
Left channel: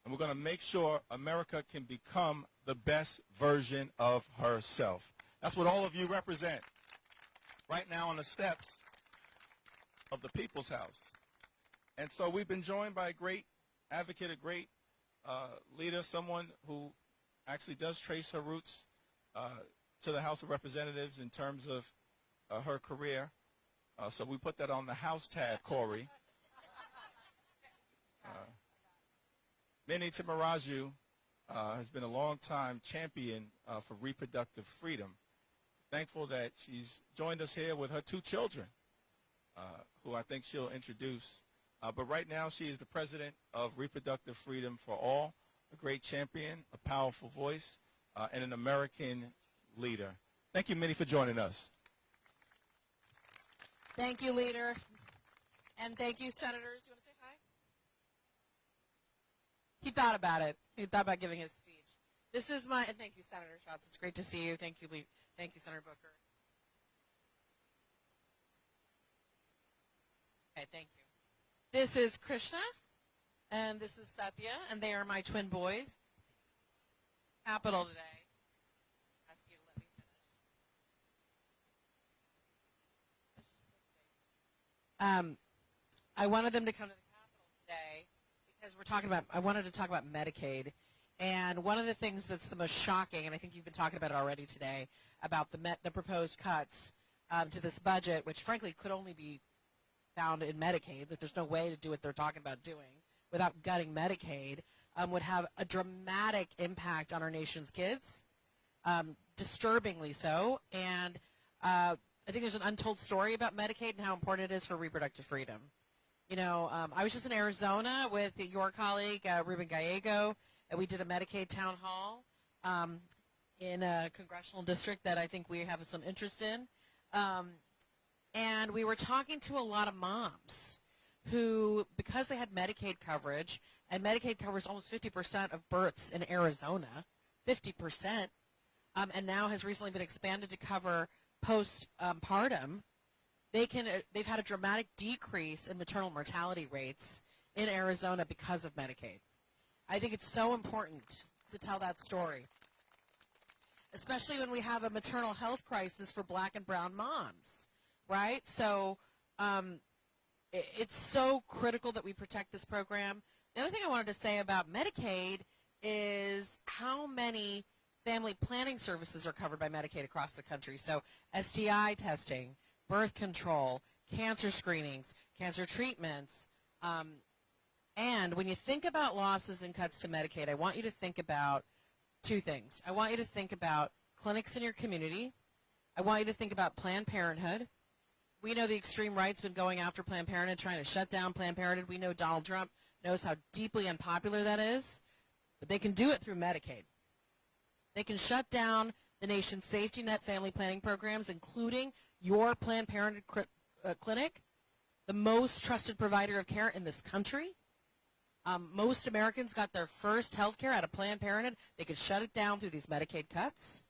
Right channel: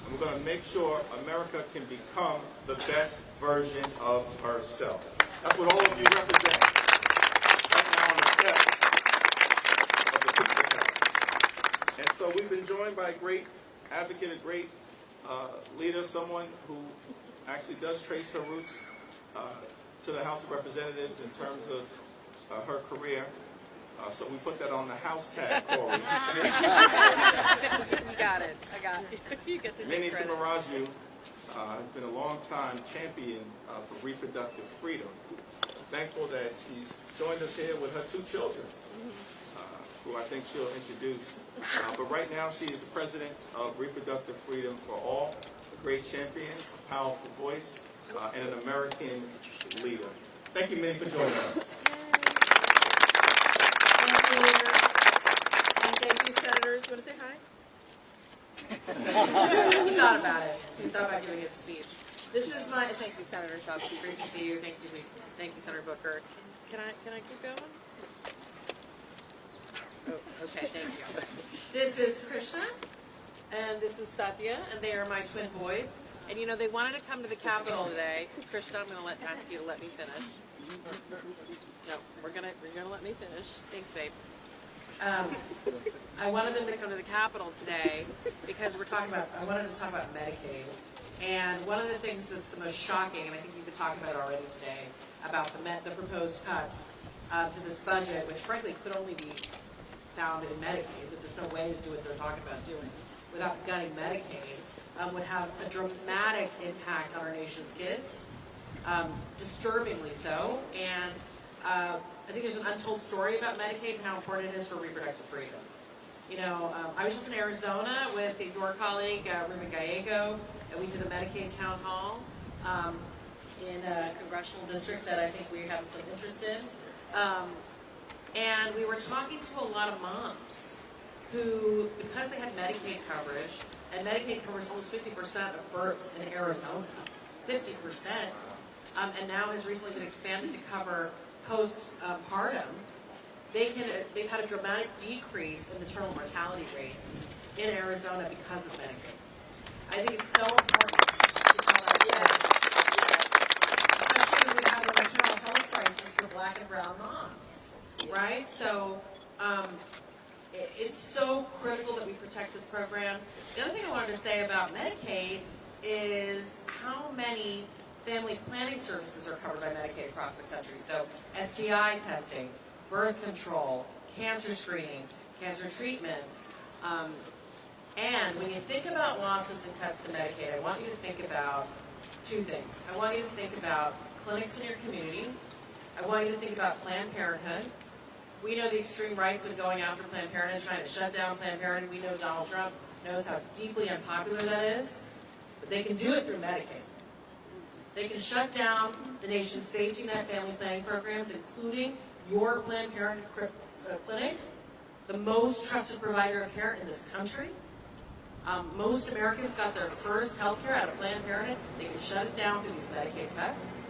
and we're going to make sure America can become the best version of herself. That's what all of you represent right now on the steps of the People's House. And so we've been joined by a great advocate, a great leader, someone who actually does trace her roots to the House of Representatives in terms of her career. So we put that on the house tag, Cory. You got it. I got it. You get to Minnie Timaraju has been a long-time champion for reproductive freedom. Thankful that she's joined us here with her two children, who I think she'll introduce. But right now she is the president of Reproductive Freedom for All, a great champion, a powerful voice, and an American leader. Thank you, Minnie, for joining us. Thank you, Leader. And thank you, Senators. Want to say hi? He thought about it. He thought about giving his speech. This is my, thank you, Senator Shops. It's great to see you. Thank you, Senator Booker. Can I keep going? Oh, okay, thank you. This is Krishna, and this is Satya, and they are my twin boys. And you know, they wanted to come to the Capitol today. Krishna, I'm going to ask you to let me finish. No, we're gonna let me finish. Thanks, babe. I wanted them to come to the Capitol today because I wanted to talk about Medicaid. And one of the things that's the most shocking, and I think you've been talking about it already today, about the proposed cuts to this budget, which frankly could only be found in Medicaid, that there's no way to do what they're talking about doing without gutting Medicaid, would have a dramatic impact on our nation's kids, disturbingly so. And I think there's an untold story about Medicaid and how important it is for reproductive freedom. You know, I was just in Arizona with your colleague, Ruben Gallego, and we did a Medicaid town hall in a congressional district that I think we have some interest in. And we were talking to a lot of moms who, because they had Medicaid coverage, and Medicaid covers almost 50% of births in Arizona, 50%, and now has recently been expanded to cover postpartum, they've had a dramatic decrease in maternal mortality rates in Arizona because of Medicaid. I think it's so important to tell that story, especially as we have a maternal health crisis for Black and brown moms, right? So it's so critical that we protect this program. The other thing I wanted to say about Medicaid is how many family planning services are covered by Medicaid across the country. So STI testing, birth control, cancer screenings, cancer treatments. And when you think about losses and cuts to Medicaid, I want you to think about two things. I want you to think about clinics in your community. I want you to think about Planned Parenthood. We know the extreme right's been going after Planned Parenthood, trying to shut down Planned Parenthood. We know Donald Trump knows how deeply unpopular that is. But they can do it through Medicaid. They can shut down the nation's safety net family planning programs, including your Planned Parenthood clinic, the most trusted provider of care in this country. Most Americans got their first health care out of Planned Parenthood. They can shut it down through these Medicaid cuts.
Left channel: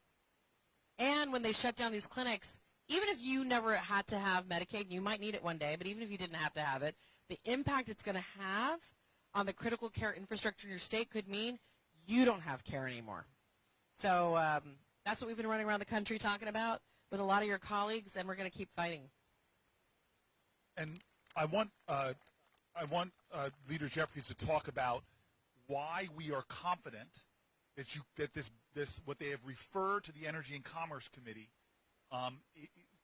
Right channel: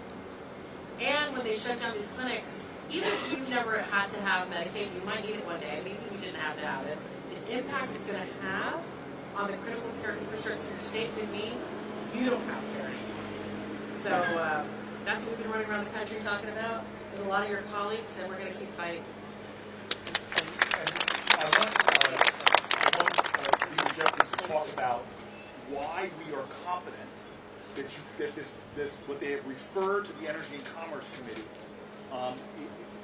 And when they shut down these clinics, even if you never had to have Medicaid, you might need it one day, but even if you didn't have to have it, the impact it's going to have on the critical care infrastructure of your state could mean you don't have care anymore. So that's what we've been running around the country talking about with a lot of your colleagues, and we're going to keep fighting. And I want Leader Jefferies to talk about why we are confident that this what they have referred to the Energy and Commerce Committee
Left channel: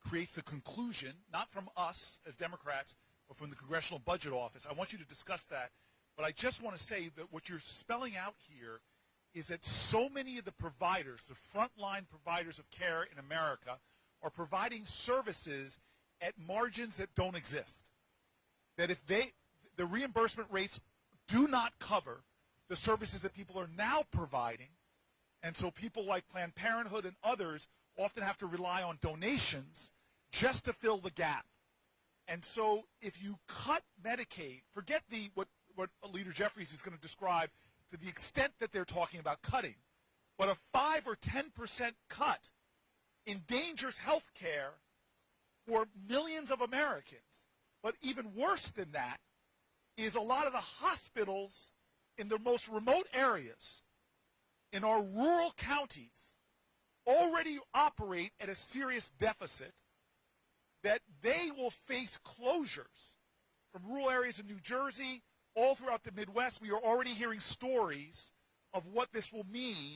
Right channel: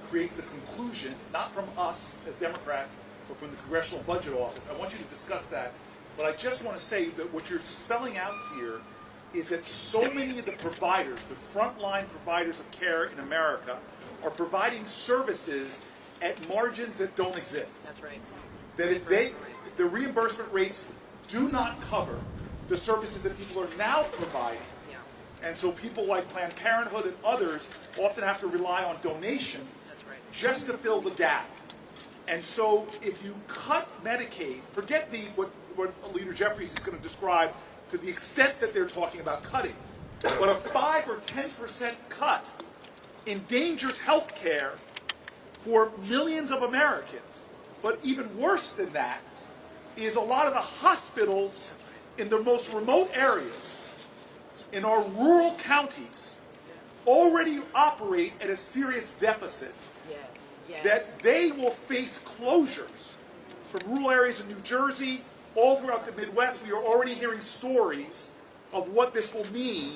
creates the conclusion, not from us as Democrats, but from the Congressional Budget Office. I want you to discuss that. But I just want to say that what you're spelling out here is that so many of the providers, the frontline providers of care in America, are providing services at margins that don't exist. That's right. That if the reimbursement rates do not cover the services that people are now providing, and so people like Planned Parenthood and others often have to rely on donations just to fill the gap. And so if you cut Medicaid, forget what Leader Jefferies is going to describe to the extent that they're talking about cutting, but a 5 or 10% cut endangers health care for millions of Americans. But even worse than that is a lot of the hospitals in the most remote areas, in our rural counties, already operate at a serious deficit. That they will face closures. From rural areas in New Jersey, all throughout the Midwest, we are already hearing stories of what this will mean,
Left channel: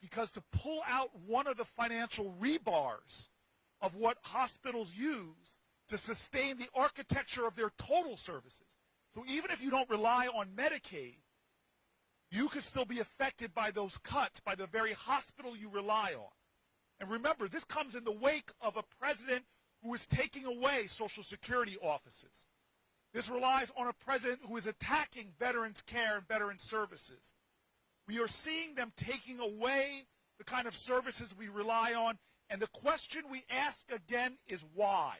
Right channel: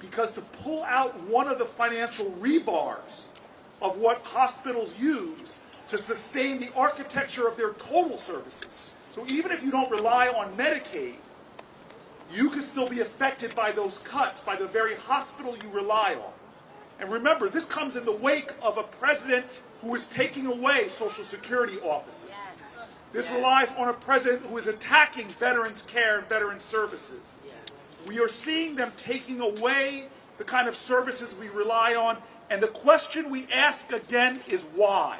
because to pull out one of the financial rebars of what hospitals use to sustain the architecture of their total services. So even if you don't rely on Medicaid, you can still be affected by those cuts, by the very hospital you rely on. And remember, this comes in the wake of a president who is taking away Social Security offices. This relies on a president who is attacking veterans' care and veterans' services. We are seeing them taking away the kind of services we rely on, and the question we ask again is why?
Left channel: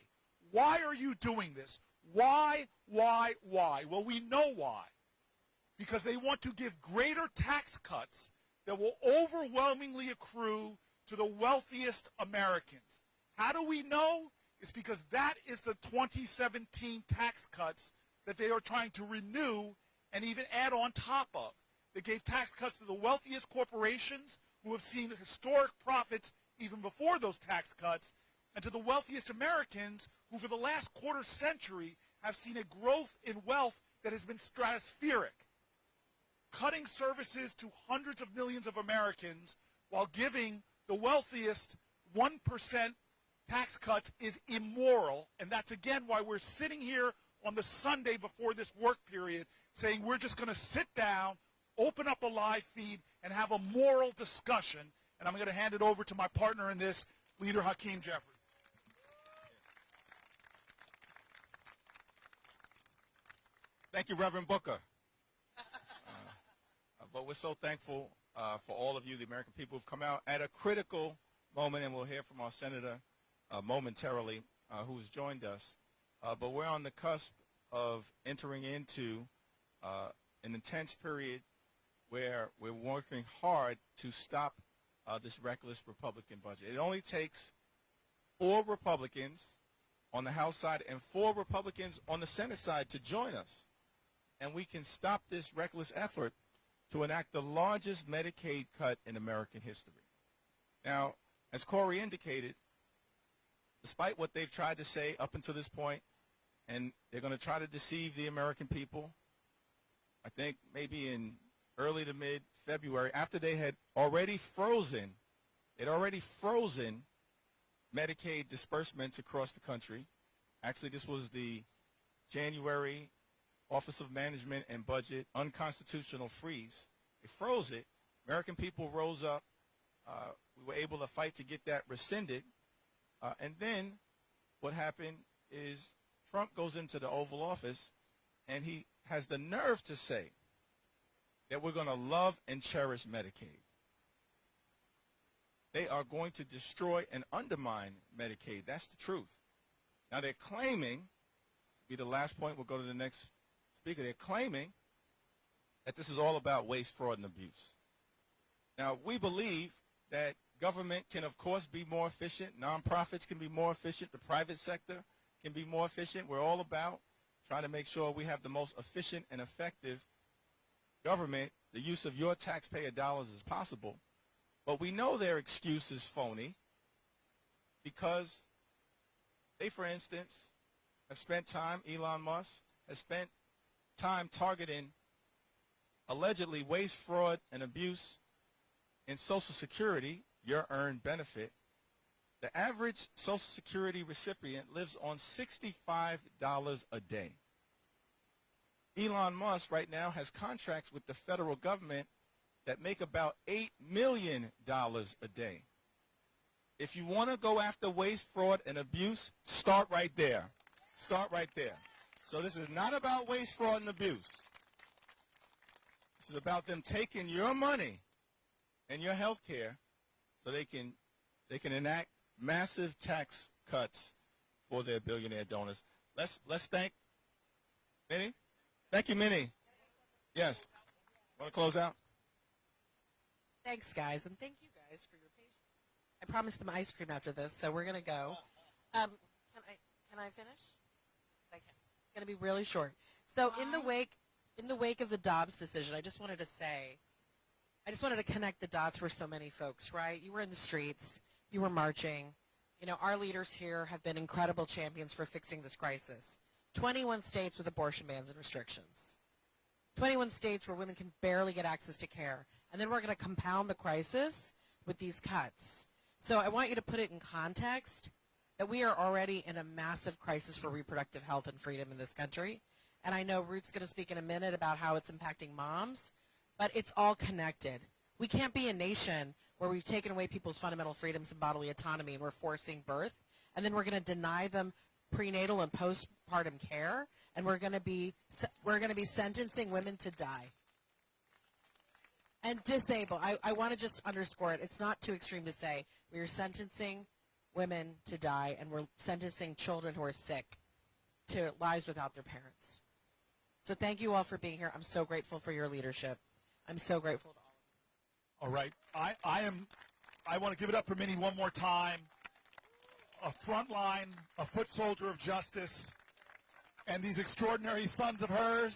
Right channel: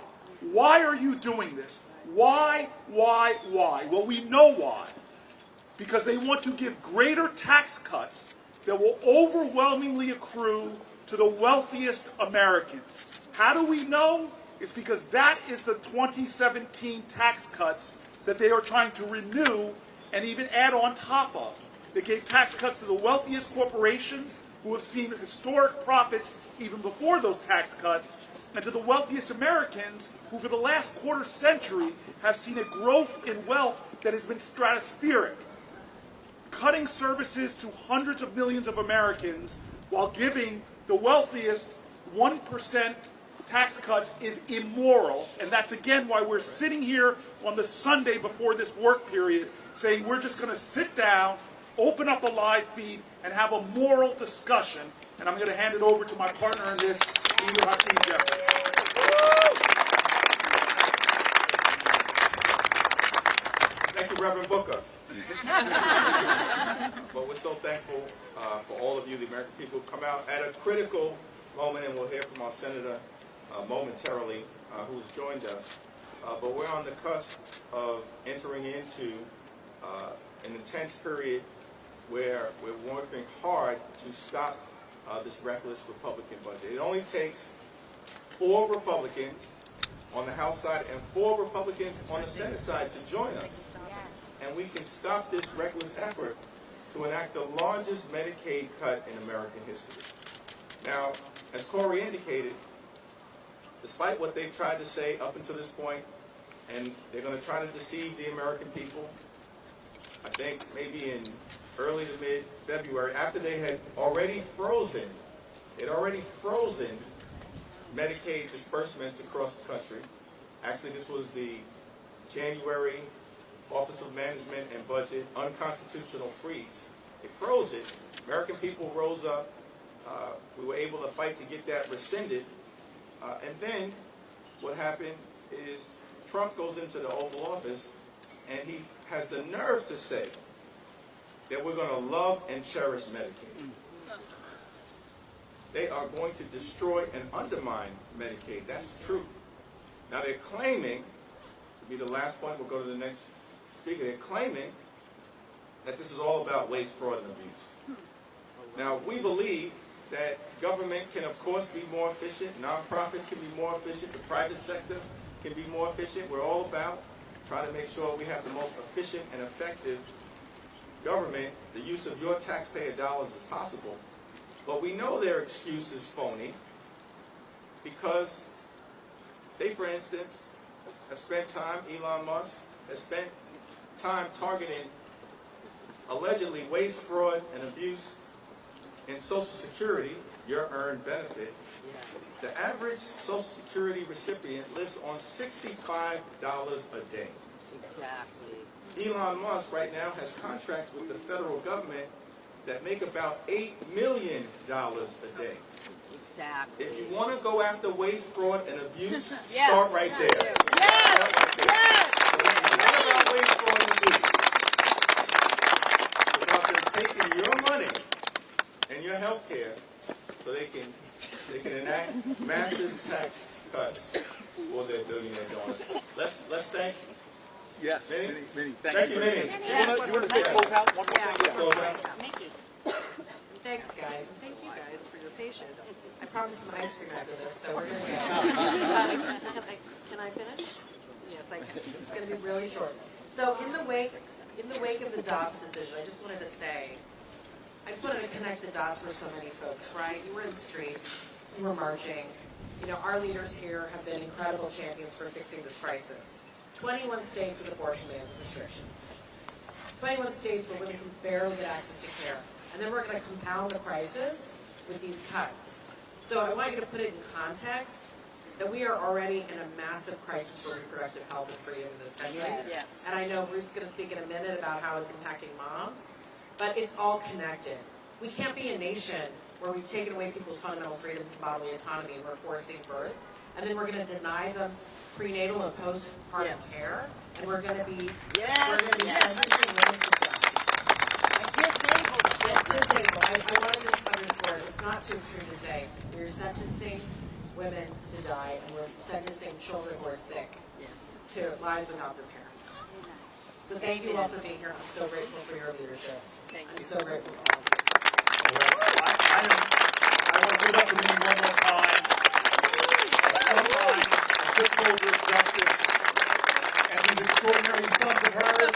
Why are you doing this? Why? Well, we know why. Because they want to give greater tax cuts that will overwhelmingly accrue to the wealthiest Americans. How do we know? It's because that is the 2017 tax cuts that they are trying to renew and even add on top of. They gave tax cuts to the wealthiest corporations who have seen historic profits even before those tax cuts, and to the wealthiest Americans who for the last quarter century have seen a growth in wealth that has been stratospheric. Cutting services to hundreds of millions of Americans while giving the wealthiest 1% tax cuts is immoral, and that's again why we're sitting here on the Sunday before this work period saying we're just going to sit down, open up a live feed, and have a moral discussion. And I'm going to hand it over to my partner in this, Leader Hakeem Jefferies. Thank you, Reverend Booker. But we're so thankful for all of you, the American people, who've come out at a critical moment, and we'll hear from our senator momentarily, who has joined us. But we're on the cusp of entering into an intense period where we're working hard to stop this reckless Republican budget. It only takes 4 Republicans on the House side and 4 Republicans on the Senate side to join us. And we can stop this reckless effort to enact the largest Medicaid cut in American history. Now, as Cory indicated, despite what they've tried to say up until this point, and they're going to try to deceive the American people, I think maybe in early to mid-February, after they had already frozen Medicaid disbursements across the country. Actually, this was the January Office of Management and Budget unconstitutional freeze. They froze it. American people rose up. We were able to fight to get that rescinded. And then what happened is Trump goes into the Oval Office and he has the nerve to say that we're going to love and cherish Medicaid. They are going to destroy and undermine Medicaid. That's the truth. Now they're claiming, to be the last point, we'll go to the next speaker, they're claiming that this is all about waste, fraud, and abuse. Now we believe that government can of course be more efficient, nonprofits can be more efficient, the private sector can be more efficient. We're all about trying to make sure we have the most efficient and effective government, the use of your taxpayer dollars as possible. But we know their excuse is phony because they, for instance, have spent time, Elon Musk has spent time targeting allegedly waste, fraud, and abuse in Social Security, your earned benefit. The average Social Security recipient lives on $65 a day. Exactly. Elon Musk right now has contracts with the federal government that make about $8 million a day. Exactly. If you want to go after waste, fraud, and abuse, Yes. start right there. Yes. Start right there. Yes. So this is not about waste, fraud, and abuse. It's about them taking your money and your health care so they can enact massive tax cuts for their billionaire donors. Let's thank. Yes, Minnie? Thank Thank you, Minnie. You want to close out one more thing? Close out. Thanks, guys, and thank you guys for your patience. I promised them ice cream after this, so we're gonna go. Can I finish? Yes, I can. It's gonna be really short. So in the wake of the Dobbs decision, I just wanted to connect the dots for so many folks, right? You were in the streets, you were marching. You know, our leaders here have been incredible champions for fixing this crisis. 21 states with abortion bans and restrictions. 21 states where women can barely get access to care. And then we're going to compound the crisis with these cuts. So I want you to put it in context that we are already in a massive crisis for reproductive health and freedom in this country. Yes. And I know Ruth's going to speak in a minute about how it's impacting moms, but it's all connected. We can't be a nation where we've taken away people's fundamental freedoms and bodily autonomy and we're forcing birth, and then we're going to deny them prenatal and postpartum care, and we're going to be sentencing women to die. Disabled. I want to just underscore it. It's not too extreme to say we're sentencing women to die, and we're sentencing children who are sick to lives without their parents. So thank you all for being here. I'm so grateful for your leadership. I'm so grateful. it up for me one more time. A frontline, a foot soldier of justice, and these extraordinary sons of hers.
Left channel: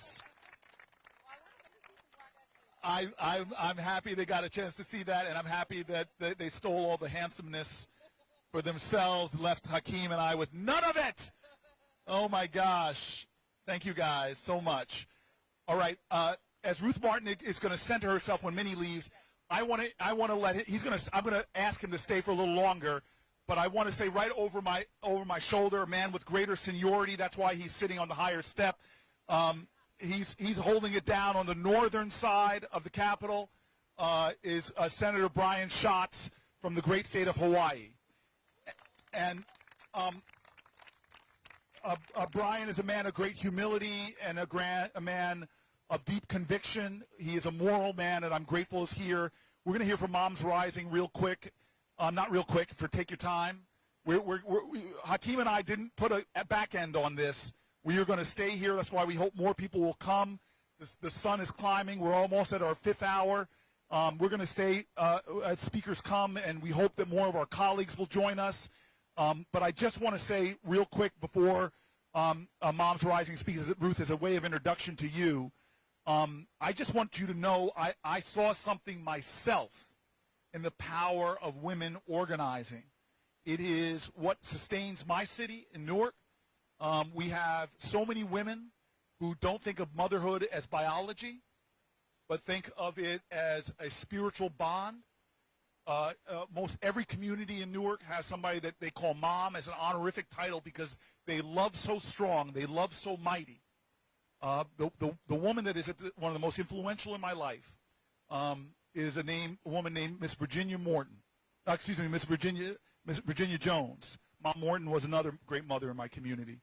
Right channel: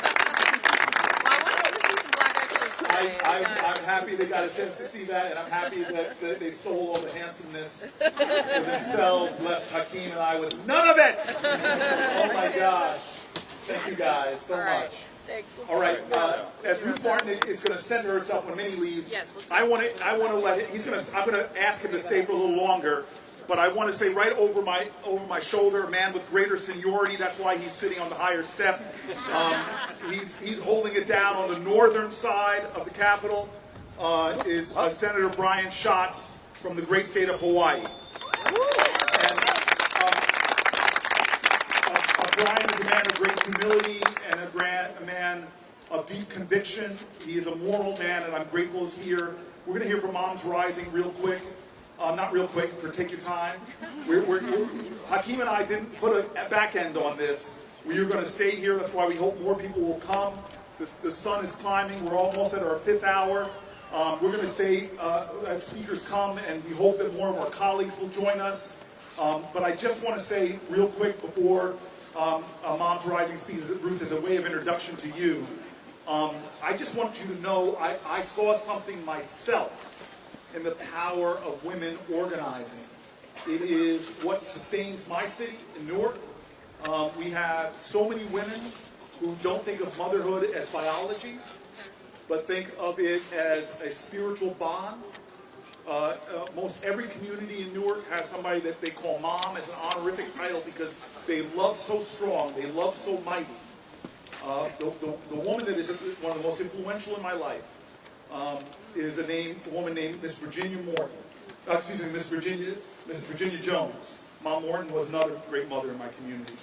I'm happy they got a chance to see that, and I'm happy that they stole all the handsomeness for themselves, left Hakeem and I with none of it. Oh my gosh. Thank you guys so much. All right, as Ruth Martin is going to center herself when Minnie leaves, I want to let I'm going to ask him to stay for a little longer, but I want to say right over my shoulder, a man with greater seniority. That's why he's sitting on the higher step. He's holding it down on the northern side of the Capitol. Is Senator Brian Schatz from the great state of Hawaii. And Brian is a man of great humility and a man of deep conviction. He is a moral man, and I'm grateful he's here. We're going to hear from Moms Rising real quick. Not real quick, take your time. Hakeem and I didn't put a back end on this. We are going to stay here. That's why we hope more people will come. The sun is climbing. We're almost at our 5th hour. We're going to stay as speakers come, and we hope that more of our colleagues will join us. But I just want to say real quick before Moms Rising speaks, Ruth, as a way of introduction to you, I just want you to know I saw something myself in the power of women organizing. It is what sustains my city in Newark. We have so many women who don't think of motherhood as biology, but think of it as a spiritual bond. Most every community in Newark has somebody that they call mom as an honorific title because they love so strong, they love so mighty. The woman that is one of the most influential in my life is a woman named Miss Virginia Morton. Miss Virginia Jones. Mom Morton was another great mother in my community.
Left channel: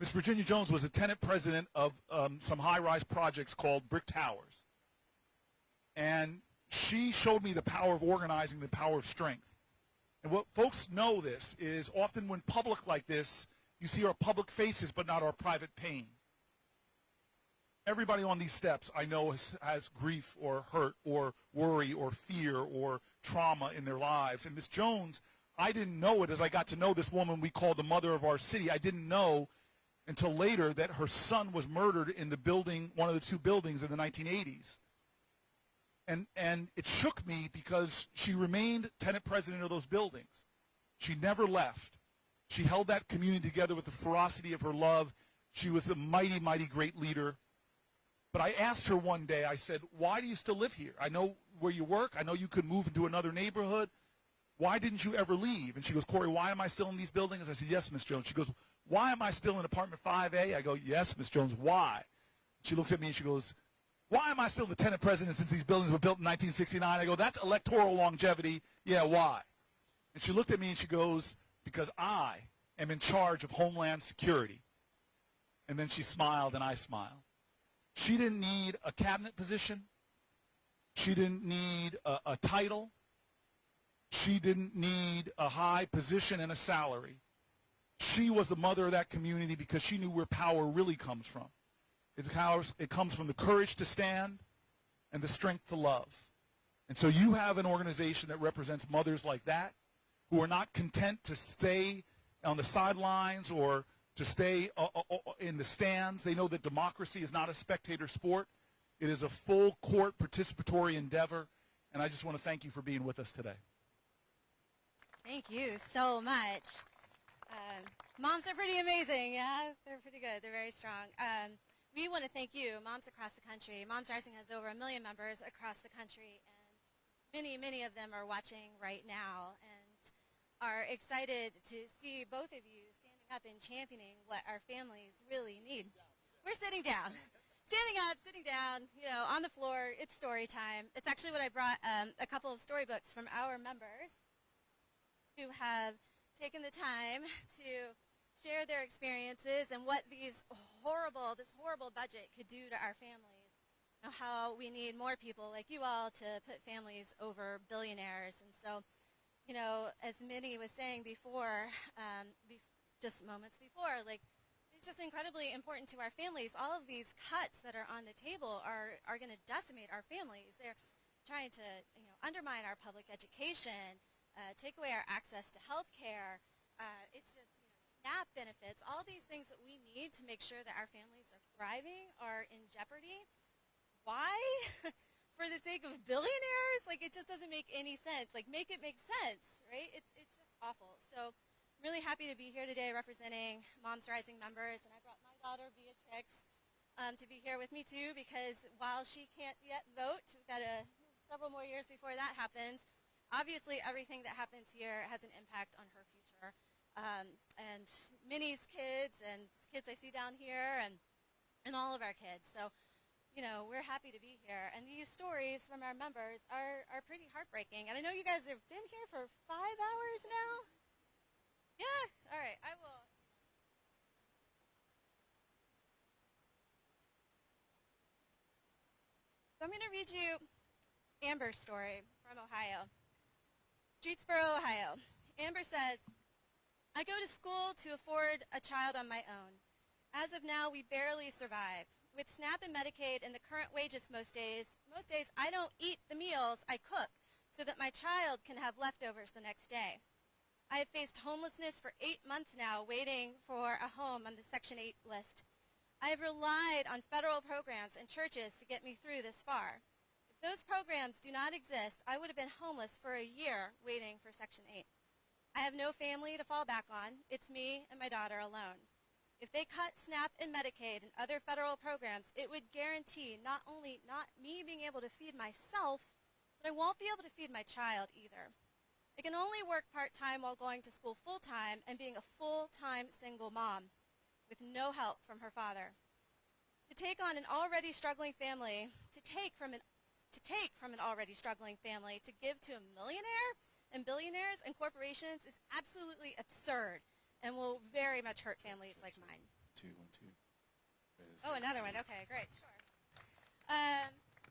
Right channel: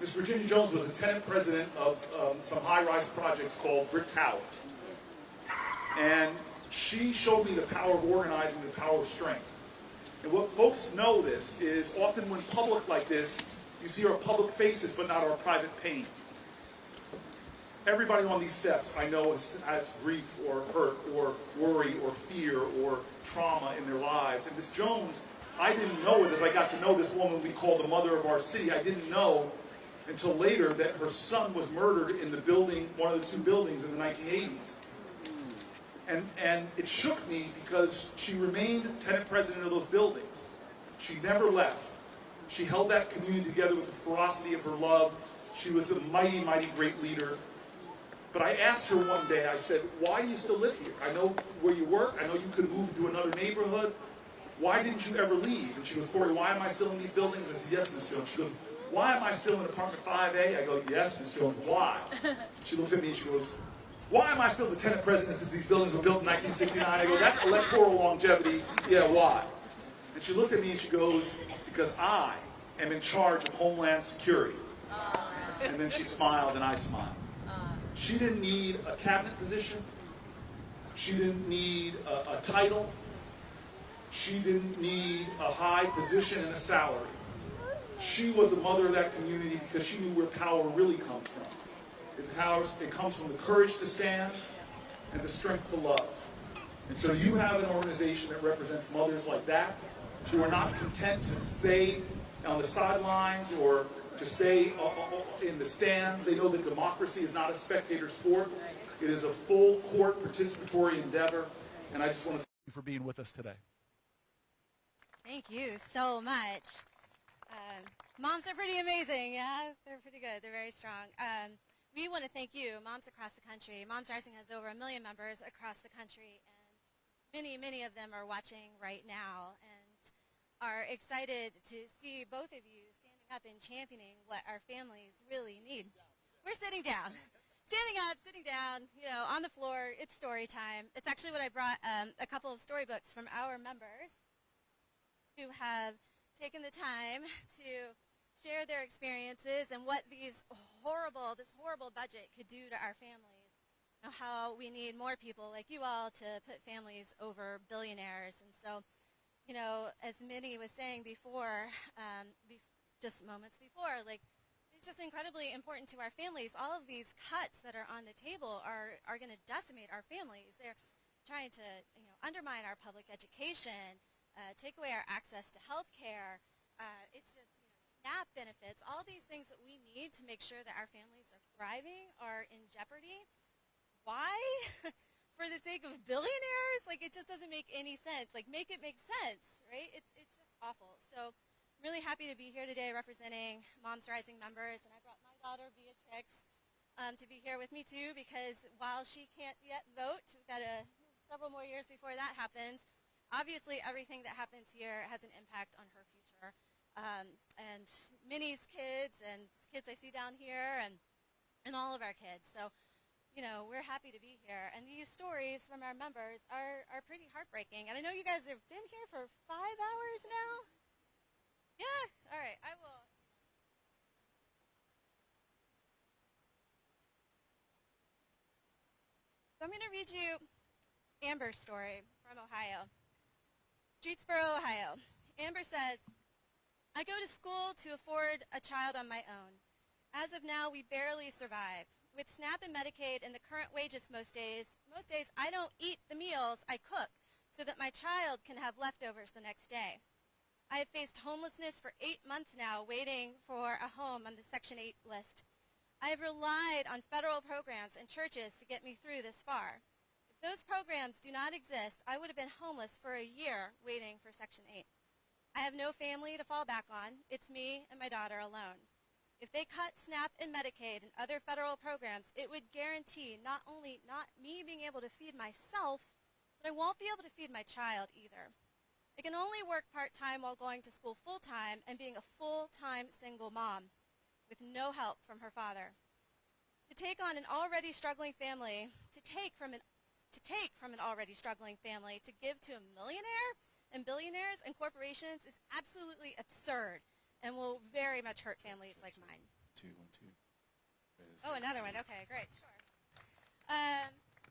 Miss Virginia Jones was a tenant president of some high-rise projects called Brick Towers. And she showed me the power of organizing, the power of strength. And what folks know this is often when public like this, you see our public faces but not our private pain. Everybody on these steps I know has grief or hurt or worry or fear or trauma in their lives. And Miss Jones, I didn't know it as I got to know this woman we call the mother of our city. I didn't know until later that her son was murdered in the building, one of the 2 buildings in the 1980s. And it shook me because she remained tenant president of those buildings. She never left. She held that community together with the ferocity of her love. She was a mighty, mighty great leader. But I asked her one day, I said, why do you still live here? I know where you work. I know you could move to another neighborhood. Why didn't you ever leave? And she goes, Cory, why am I still in these buildings? I said, yes, Miss Jones. She goes, why am I still in apartment 5A? I go, yes, Miss Jones, why? She looks at me and she goes, why am I still the tenant president since these buildings were built in 1969? I go, that's electoral longevity. Yeah, why? And she looked at me and she goes, because I am in charge of Homeland Security. And then she smiled and I smiled. She didn't need a cabinet position. She didn't need a title. She didn't need a high position and a salary. She was the mother of that community because she knew where power really comes from. It comes from the courage to stand and the strength to love. And so you have an organization that represents mothers like that who are not content to stay on the sidelines or to stay in the stands. They know that democracy is not a spectator sport. It is a full court participatory endeavor. And I just want to thank you for being with us today. Thank you so much. Moms are pretty amazing, yeah? They're pretty good. They're very strong. We want to thank you, moms across the country. Moms Rising has over 1 million members across the country, and many, many of them are watching right now and are excited to see both of you standing up and championing what our families really need. We're sitting down. Standing up, sitting down, on the floor. It's story time. It's actually what I brought a couple of storybooks from our members who have taken the time to share their experiences and what this horrible budget could do to our families. How we need more people like you all to put families over billionaires. And so, as Minnie was saying before, just moments before, it's just incredibly important to our families. All of these cuts that are on the table are going to decimate our families. They're trying to undermine our public education, take away our access to health care. It's just, SNAP benefits, all these things that we need to make sure that our families are thriving are in jeopardy. Why? For the sake of billionaires? Like, it just doesn't make any sense. Like, make it make sense, right? It's just awful. So I'm really happy to be here today representing Moms Rising members, and I brought my daughter Beatrix to be here with me too, because while she can't yet vote, we've got several more years before that happens. Obviously, everything that happens here has an impact on her future. And Minnie's kids and kids I see down here and all of our kids. So, we're happy to be here. And these stories from our members are pretty heartbreaking. And I know you guys have been here for 5 hours now. Yeah? All right. I will. So I'm going to read you Amber's story from Ohio. Streetsboro, Ohio. Amber says, I go to school to afford a child on my own. As of now, we barely survive. With SNAP and Medicaid and the current wages most days I don't eat the meals I cook so that my child can have leftovers the next day. I have faced homelessness for 8 months now, waiting for a home on the Section 8 list. I have relied on federal programs and churches to get me through this far. If those programs do not exist, I would have been homeless for a year waiting for Section 8. I have no family to fall back on. It's me and my daughter alone. If they cut SNAP and Medicaid and other federal programs, it would guarantee not only not me being able to feed myself, but I won't be able to feed my child either. I can only work part-time while going to school full-time and being a full-time single mom with no help from her father. To take from an already struggling family to give to a millionaire and billionaires and corporations is absolutely absurd and will very much hurt families like mine. Oh, another one. Okay, great. Sure.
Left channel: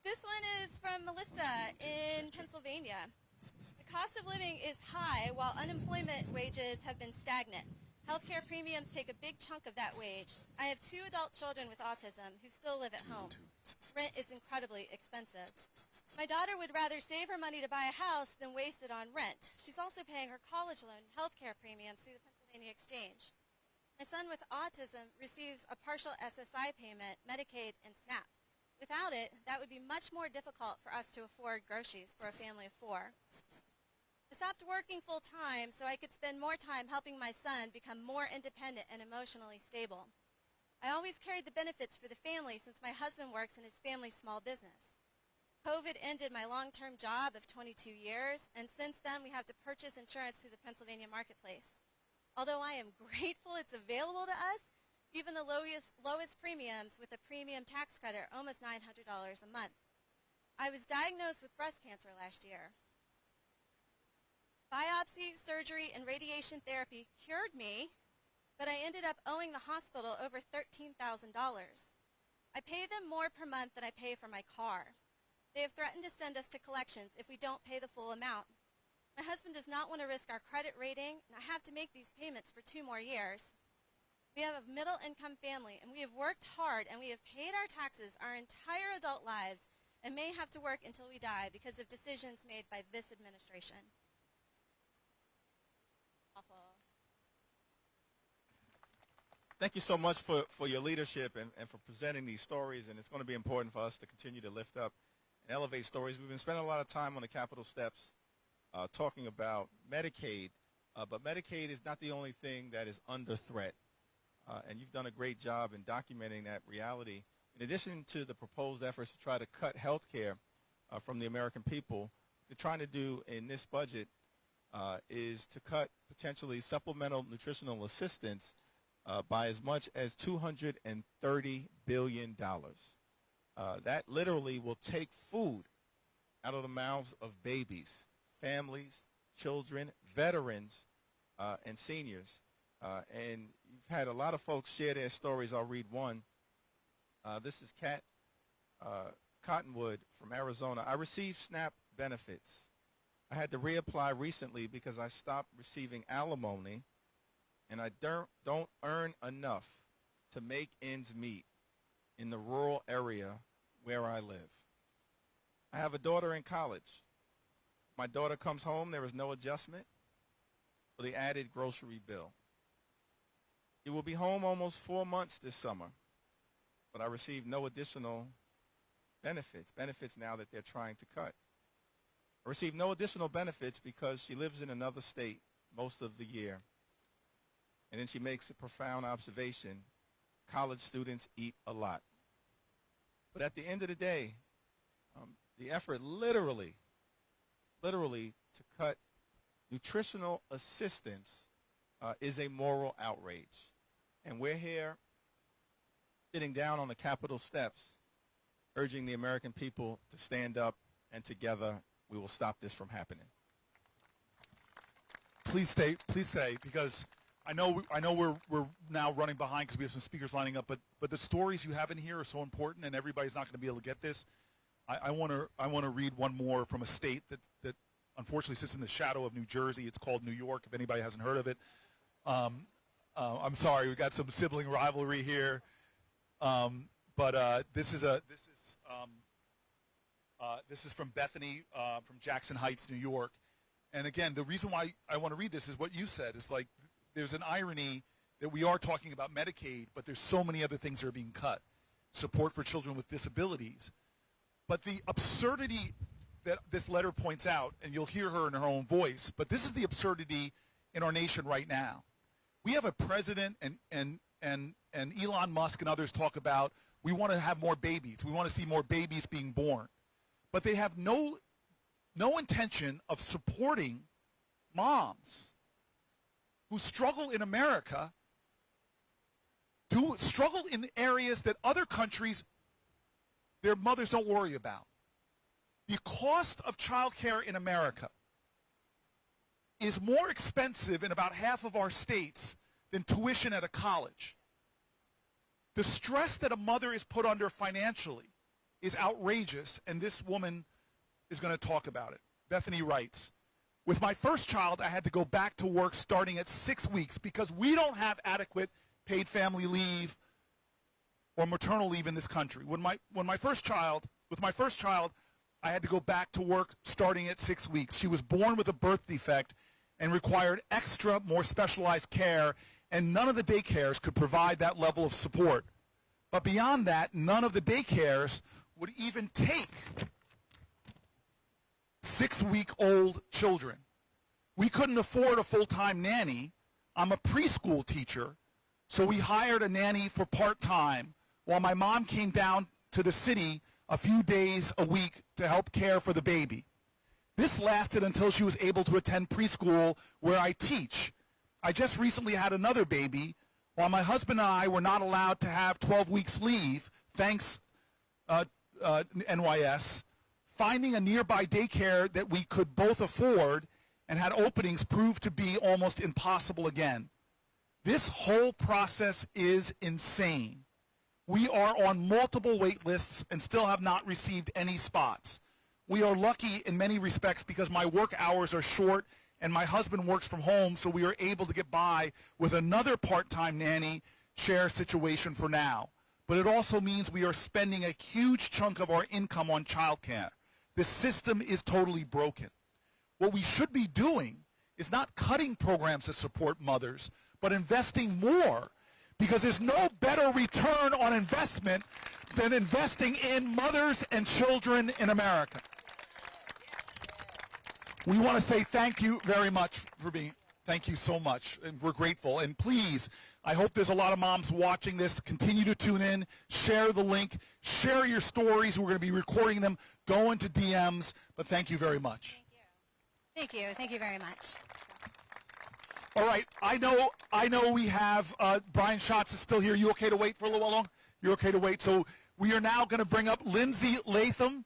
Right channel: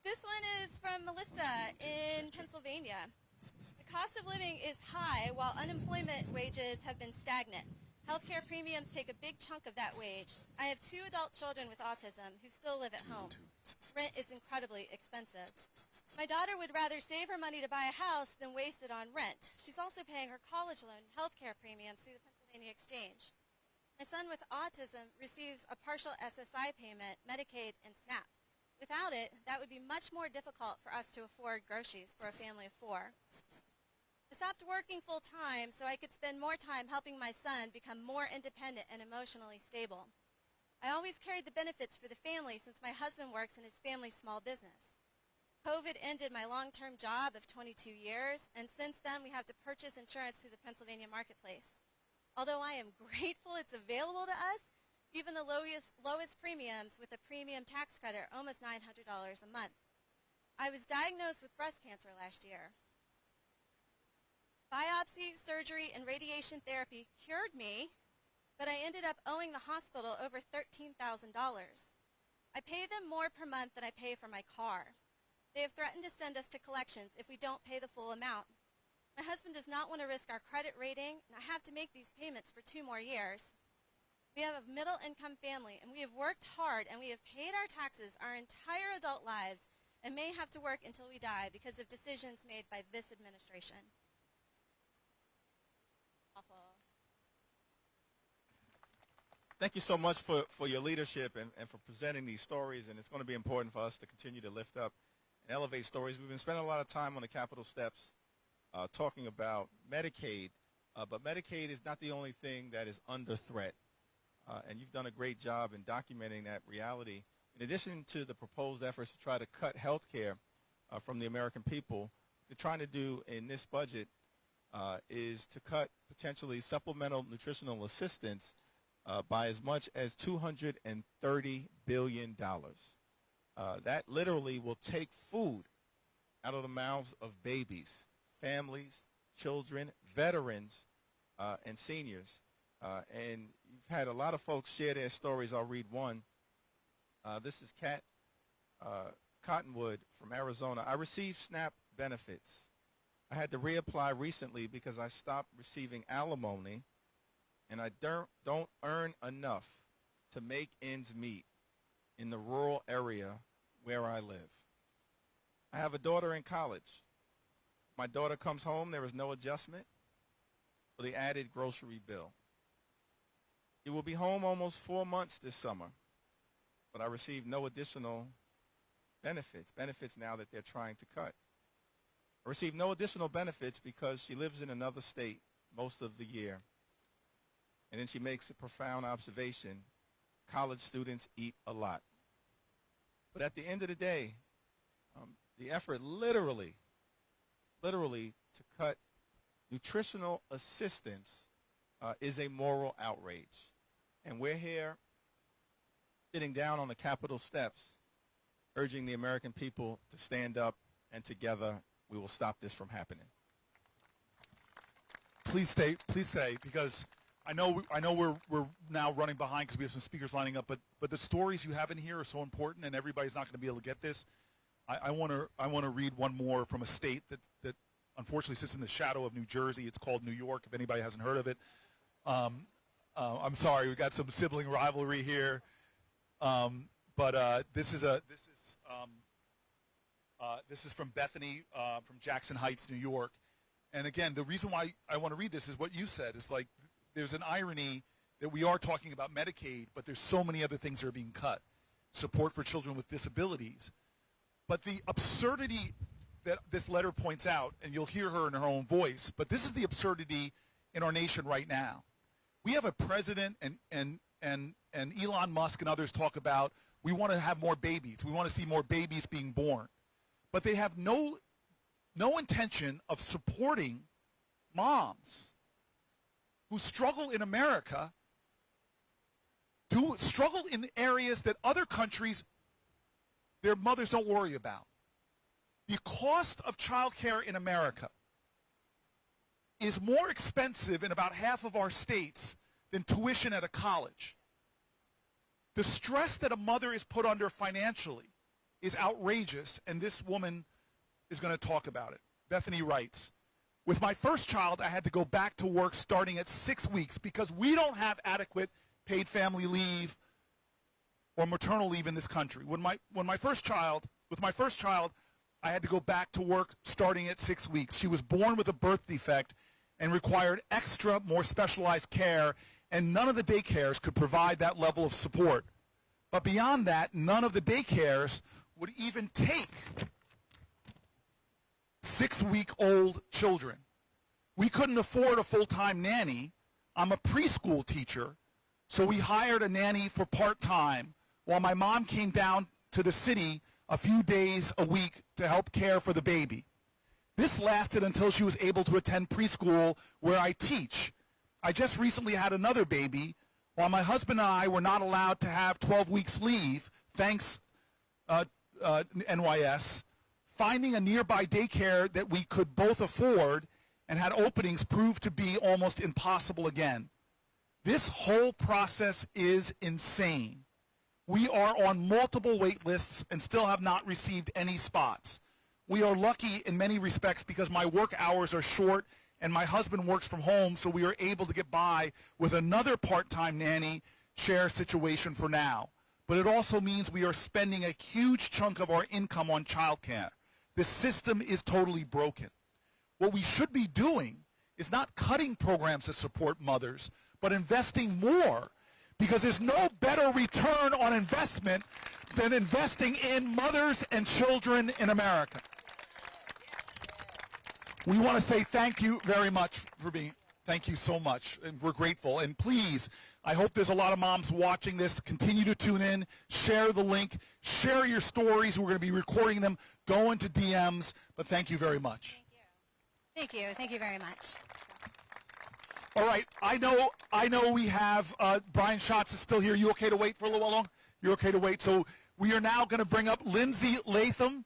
This one is from Melissa in Pennsylvania. The cost of living is high while unemployment wages have been stagnant. Healthcare premiums take a big chunk of that wage. I have 2 adult children with autism who still live at home. Rent is incredibly expensive. My daughter would rather save her money to buy a house than waste it on rent. She's also paying her college loan and healthcare premiums through the Pennsylvania Exchange. My son with autism receives a partial SSI payment, Medicaid, and SNAP. Without it, that would be much more difficult for us to afford groceries for a family of 4. I stopped working full-time so I could spend more time helping my son become more independent and emotionally stable. I always carried the benefits for the family since my husband works in his family's small business. COVID ended my long-term job of 22 years, and since then we have to purchase insurance through the Pennsylvania marketplace. Although I am grateful it's available to us, even the lowest premiums with a premium tax credit are almost $900 a month. I was diagnosed with breast cancer last year. Biopsy, surgery, and radiation therapy cured me, but I ended up owing the hospital over $13,000. I pay them more per month than I pay for my car. They have threatened to send us to collections if we don't pay the full amount. My husband does not want to risk our credit rating, and I have to make these payments for 2 more years. We have a middle-income family, and we have worked hard, and we have paid our taxes our entire adult lives and may have to work until we die because of decisions made by this administration. Thank you so much for your leadership and for presenting these stories, and it's going to be important for us to continue to lift up and elevate stories. We've been spending a lot of time on the Capitol steps talking about Medicaid, but Medicaid is not the only thing that is under threat, and you've done a great job in documenting that reality. In addition to the proposed efforts to try to cut health care from the American people, what they're trying to do in this budget is to cut potentially supplemental nutritional assistance by as much as $230 billion. That literally will take food out of the mouths of babies, families, children, veterans, and seniors. And you've had a lot of folks share their stories. I'll read one. This is Kat Cottonwood from Arizona. I received SNAP benefits. I had to reapply recently because I stopped receiving alimony, and I don't earn enough to make ends meet in the rural area where I live. I have a daughter in college. My daughter comes home, there is no adjustment for the added grocery bill. He will be home almost 4 months this summer, but I received no additional benefits now that they're trying to cut. I received no additional benefits because she lives in another state most of the year. And then she makes a profound observation: college students eat a lot. But at the end of the day, the effort literally to cut nutritional assistance is a moral outrage. And we're here sitting down on the Capitol steps urging the American people to stand up, and together we will stop this from happening. Please stay, because I know we're now running behind because we have some speakers lining up, but the stories you have in here are so important, and everybody's not going to be able to get this. I want to read one more from a state that unfortunately sits in the shadow of New Jersey. It's called New York, if anybody hasn't heard of it. I'm sorry, we got some sibling rivalry here, but this is from Bethany, from Jackson Heights, New York. And again, the reason why I want to read this is what you said. It's like there's an irony that we are talking about Medicaid, but there's so many other things that are being cut. Support for children with disabilities. But the absurdity that this letter points out, and you'll hear her in her own voice, but this is the absurdity in our nation right now. We have a president and Elon Musk and others talk about, we want to have more babies. We want to see more babies being born. But they have no intention of supporting moms who struggle in America, struggle in the areas that other countries, their mothers don't worry about. The cost of childcare in America is more expensive in about half of our states than tuition at a college. The stress that a mother is put under financially is outrageous, and this woman is going to talk about it. Bethany writes, with my first child, I had to go back to work starting at 6 weeks because we don't have adequate paid family leave or maternal leave in this country. With my first child, I had to go back to work starting at 6 weeks. She was born with a birth defect and required extra, more specialized care, and none of the daycares could provide that level of support. But beyond that, none of the daycares would even take 6-week-old children. We couldn't afford a full-time nanny. I'm a preschool teacher, so we hired a nanny for part-time while my mom came down to the city a few days a week to help care for the baby. This lasted until she was able to attend preschool where I teach. I just recently had another baby while my husband and I were not allowed to have 12 weeks leave, thanks NYS. Finding a nearby daycare that we could both afford and had openings proved to be almost impossible again. This whole process is insane. We are on multiple wait lists and still have not received any spots. We are lucky in many respects because my work hours are short and my husband works from home, so we are able to get by with another part-time nanny share situation for now. But it also means we are spending a huge chunk of our income on childcare. The system is totally broken. What we should be doing is not cutting programs to support mothers, but investing more, because there's no better return on investment than investing in mothers and children in America. We want to say thank you very much for being, thank you so much, and we're grateful. And please, I hope there's a lot of moms watching this. Continue to tune in, share the link, share your stories. We're going to be recording them, go into DMs, but thank you very much. Thank you. Thank you very much. All right, I know we have, Brian Schatz is still here. You okay to wait for a little while long? You're okay to wait. So we are now going to bring up Lindsay Latham.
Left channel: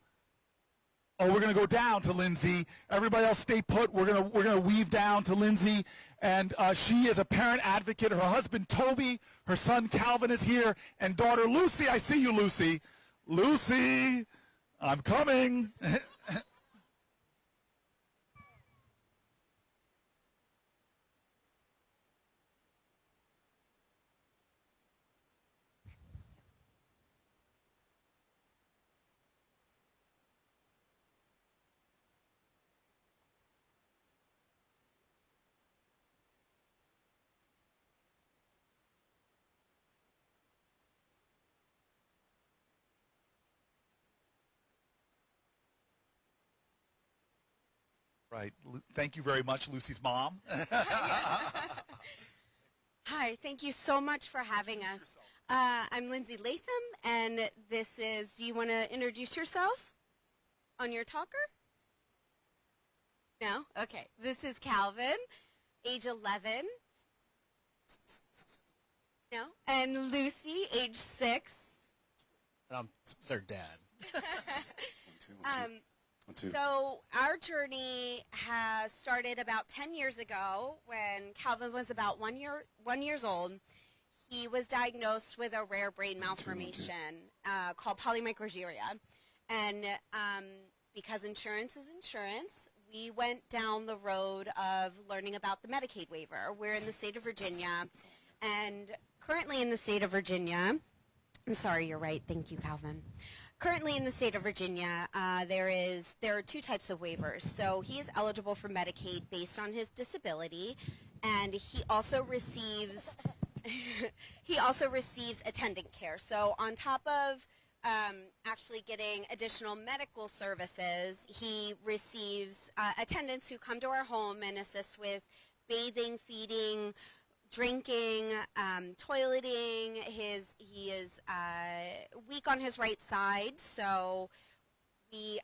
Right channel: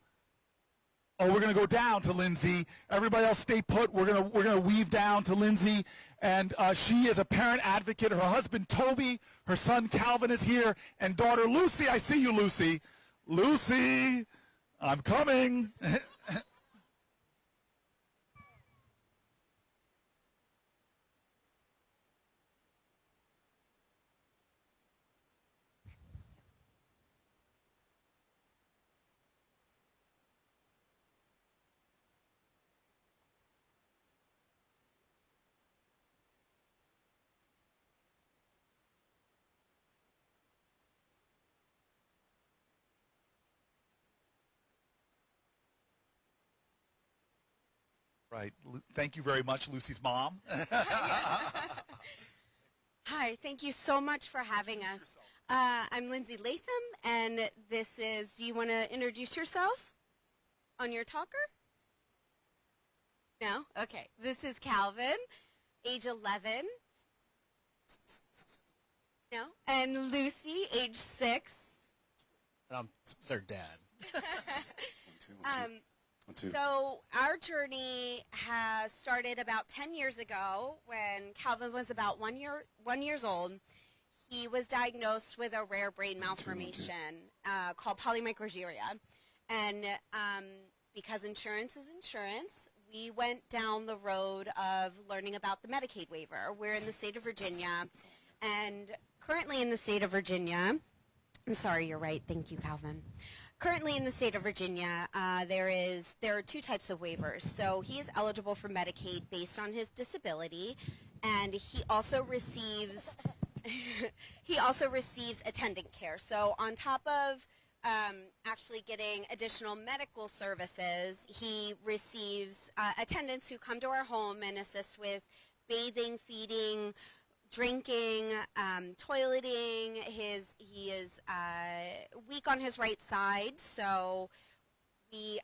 Oh, we're going to go down to Lindsay. Everybody else stay put. We're going to weave down to Lindsay. And she is a parent advocate. Her husband, Toby, her son, Calvin, is here. And daughter, Lucy. I see you, Lucy. Lucy, I'm coming. Right. Thank you very much, Lucy's mom. Hi, thank you so much for having us. I'm Lindsay Latham, and this is, do you want to introduce yourself on your talker? No? Okay. This is Calvin, age 11. No? And Lucy, age 6. Their dad. So our journey has started about 10 years ago when Calvin was about 1 years old. He was diagnosed with a rare brain malformation called polymicrogyria. And because insurance is insurance, we went down the road of learning about the Medicaid waiver. We're in the state of Virginia, and currently in the state of Virginia, I'm sorry, you're right. Thank you, Calvin. Currently in the state of Virginia, there are 2 types of waivers. So he is eligible for Medicaid based on his disability, and he also receives attendant care. So on top of actually getting additional medical services, he receives attendants who come to our home and assist with bathing, feeding, drinking, toileting. He is weak on his right side, so he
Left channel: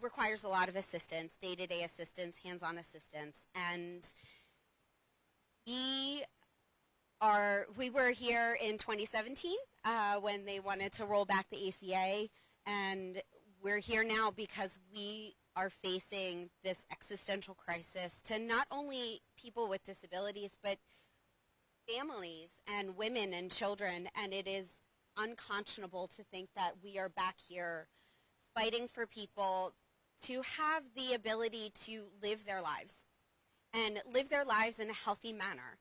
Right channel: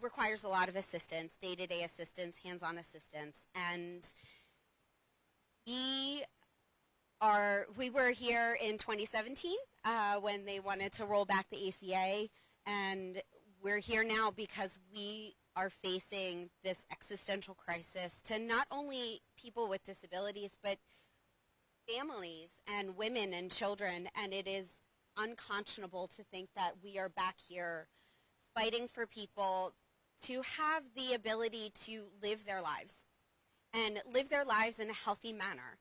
requires a lot of assistance, day-to-day assistance, hands-on assistance, and we were here in 2017 when they wanted to roll back the ACA, and we're here now because we are facing this existential crisis to not only people with disabilities, but families and women and children, and it is unconscionable to think that we are back here fighting for people to have the ability to live their lives and live their lives in a healthy manner.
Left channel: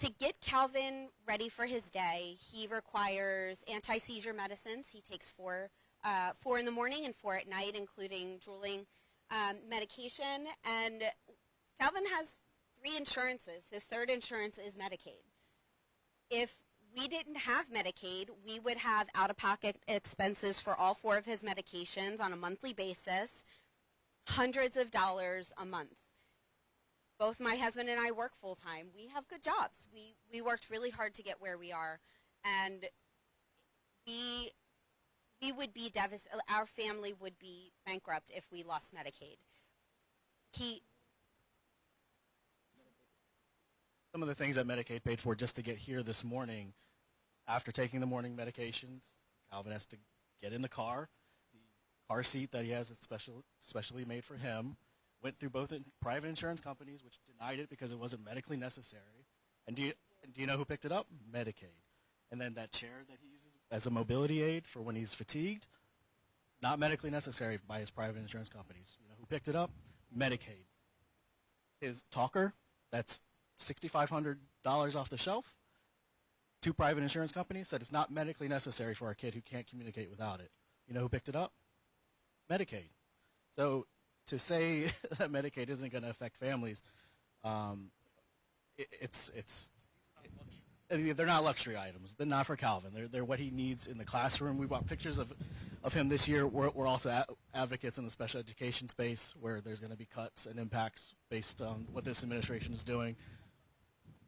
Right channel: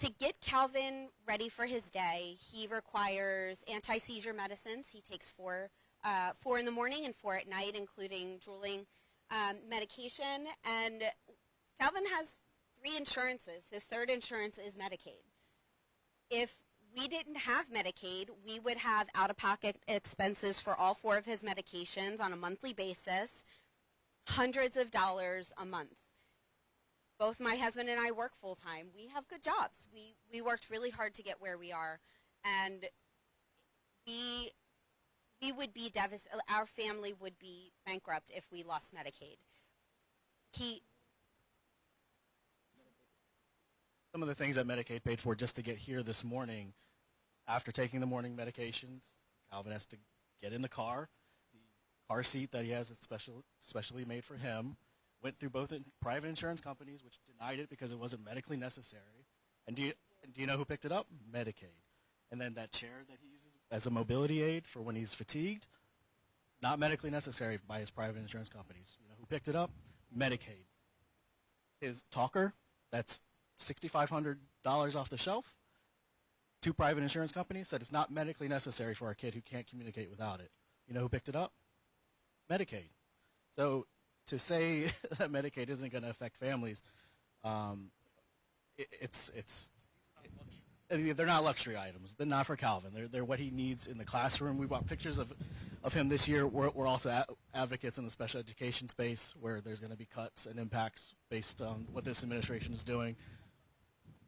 To get Calvin ready for his day, he requires anti-seizure medicines. He takes 4 in the morning and 4 at night, including drooling medication. And Calvin has 3 insurances. His 3rd insurance is Medicaid. If we didn't have Medicaid, we would have out-of-pocket expenses for all 4 of his medications on a monthly basis, hundreds of dollars a month. Both my husband and I work full-time. We have good jobs. We worked really hard to get where we are, and we would be devastated. Our family would be bankrupt if we lost Medicaid. Some of the things that Medicaid paid for just to get here this morning, after taking the morning medications, Calvin has to get in the car. The car seat that he has is specially made for him. Went through both private insurance companies, which denied it because it wasn't medically necessary. And do you know who picked it up? Medicaid. And then that chair that he uses as a mobility aid for when he's fatigued, not medically necessary by his private insurance companies. You know who picked it up? Medicaid. His talker, that's $6,500 off the shelf. 2 private insurance companies said it's not medically necessary for our kid who can't communicate without it. You know who picked it up? Medicaid. So to say that Medicaid isn't going to affect families, they're not luxury items. They're not for Calvin. They're what he needs in the classroom. We brought pictures of him this year. We're also advocates in the special education space where there's going to be cuts and impacts based on what this administration is doing.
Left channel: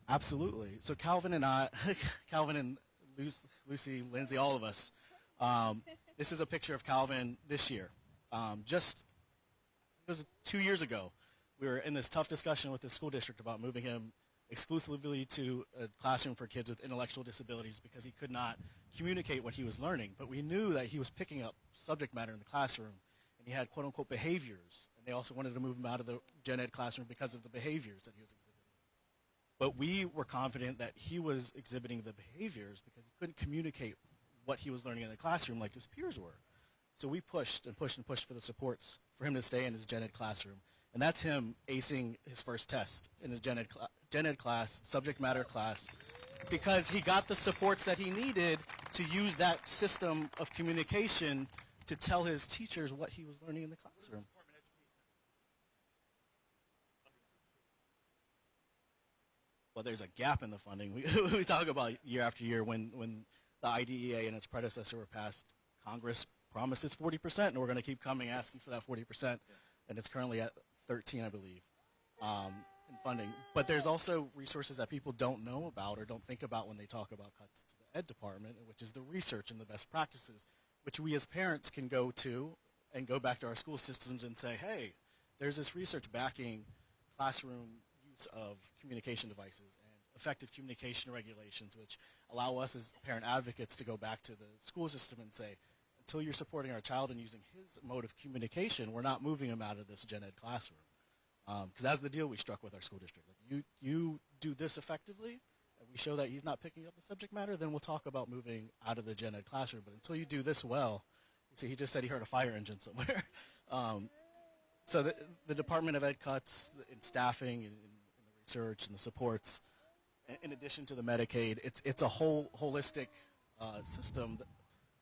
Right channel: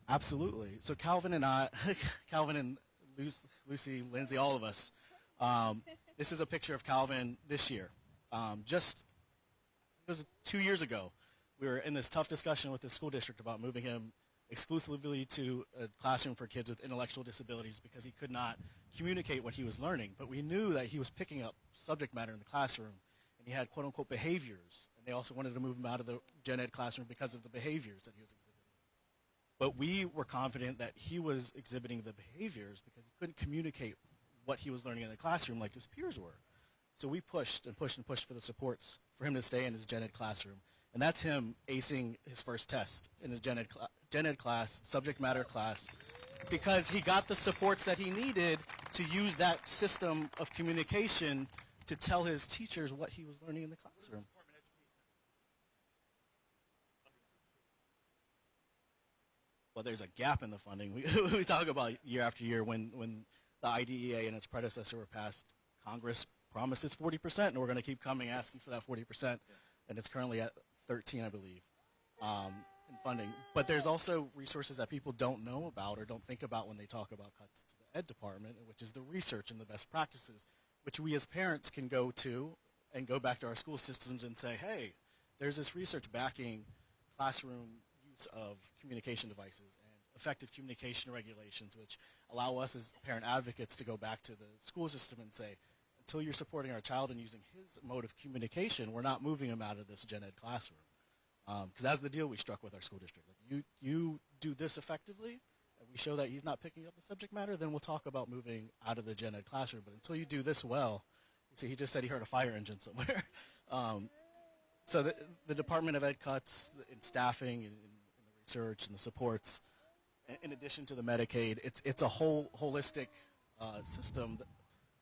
Absolutely. So Calvin and Lucy, Lindsay, all of us, this is a picture of Calvin this year. It was 2 years ago. We were in this tough discussion with the school district about moving him exclusively to a classroom for kids with intellectual disabilities because he could not communicate what he was learning. But we knew that he was picking up subject matter in the classroom, and he had quote-unquote behaviors. And they also wanted to move him out of the gen ed classroom because of the behaviors that he was exhibiting. But we were confident that he was exhibiting the behaviors because he couldn't communicate what he was learning in the classroom like his peers were. So we pushed and pushed and pushed for the supports for him to stay in his gen ed classroom. And that's him acing his first test in his gen ed class, subject matter class, because he got the supports that he needed to use that system of communication to tell his teachers what he was learning in the classroom. Well, there's a gap in the funding. We talk about year after year when the IDEA and its predecessor were passed. Congress promised it's 40%, and we're going to keep coming asking for that 40%, and it's currently at 13, I believe, in funding. But there's also resources that people don't know about or don't think about when they talk about cuts to the ed department, which is the research and the best practices, which we as parents can go to and go back to our school systems and say, hey, there's this research backing classroom use of communication devices and effective communication regulations, which allow us as parent advocates to go back to the school system and say, until you're supporting our child and using his mode of communication, we're not moving him out of this gen ed classroom. Because that's the deal we struck with our school district. Like, you do this effectively, and we show that he's not picking up the subject matter, then we'll talk about moving out of the gen ed classroom. But until you do this well, see, he just said he heard a fire engine somewhere. So the Department of Ed cuts in staffing and in the research and the supports, in addition to the Medicaid, it's a whole holistic system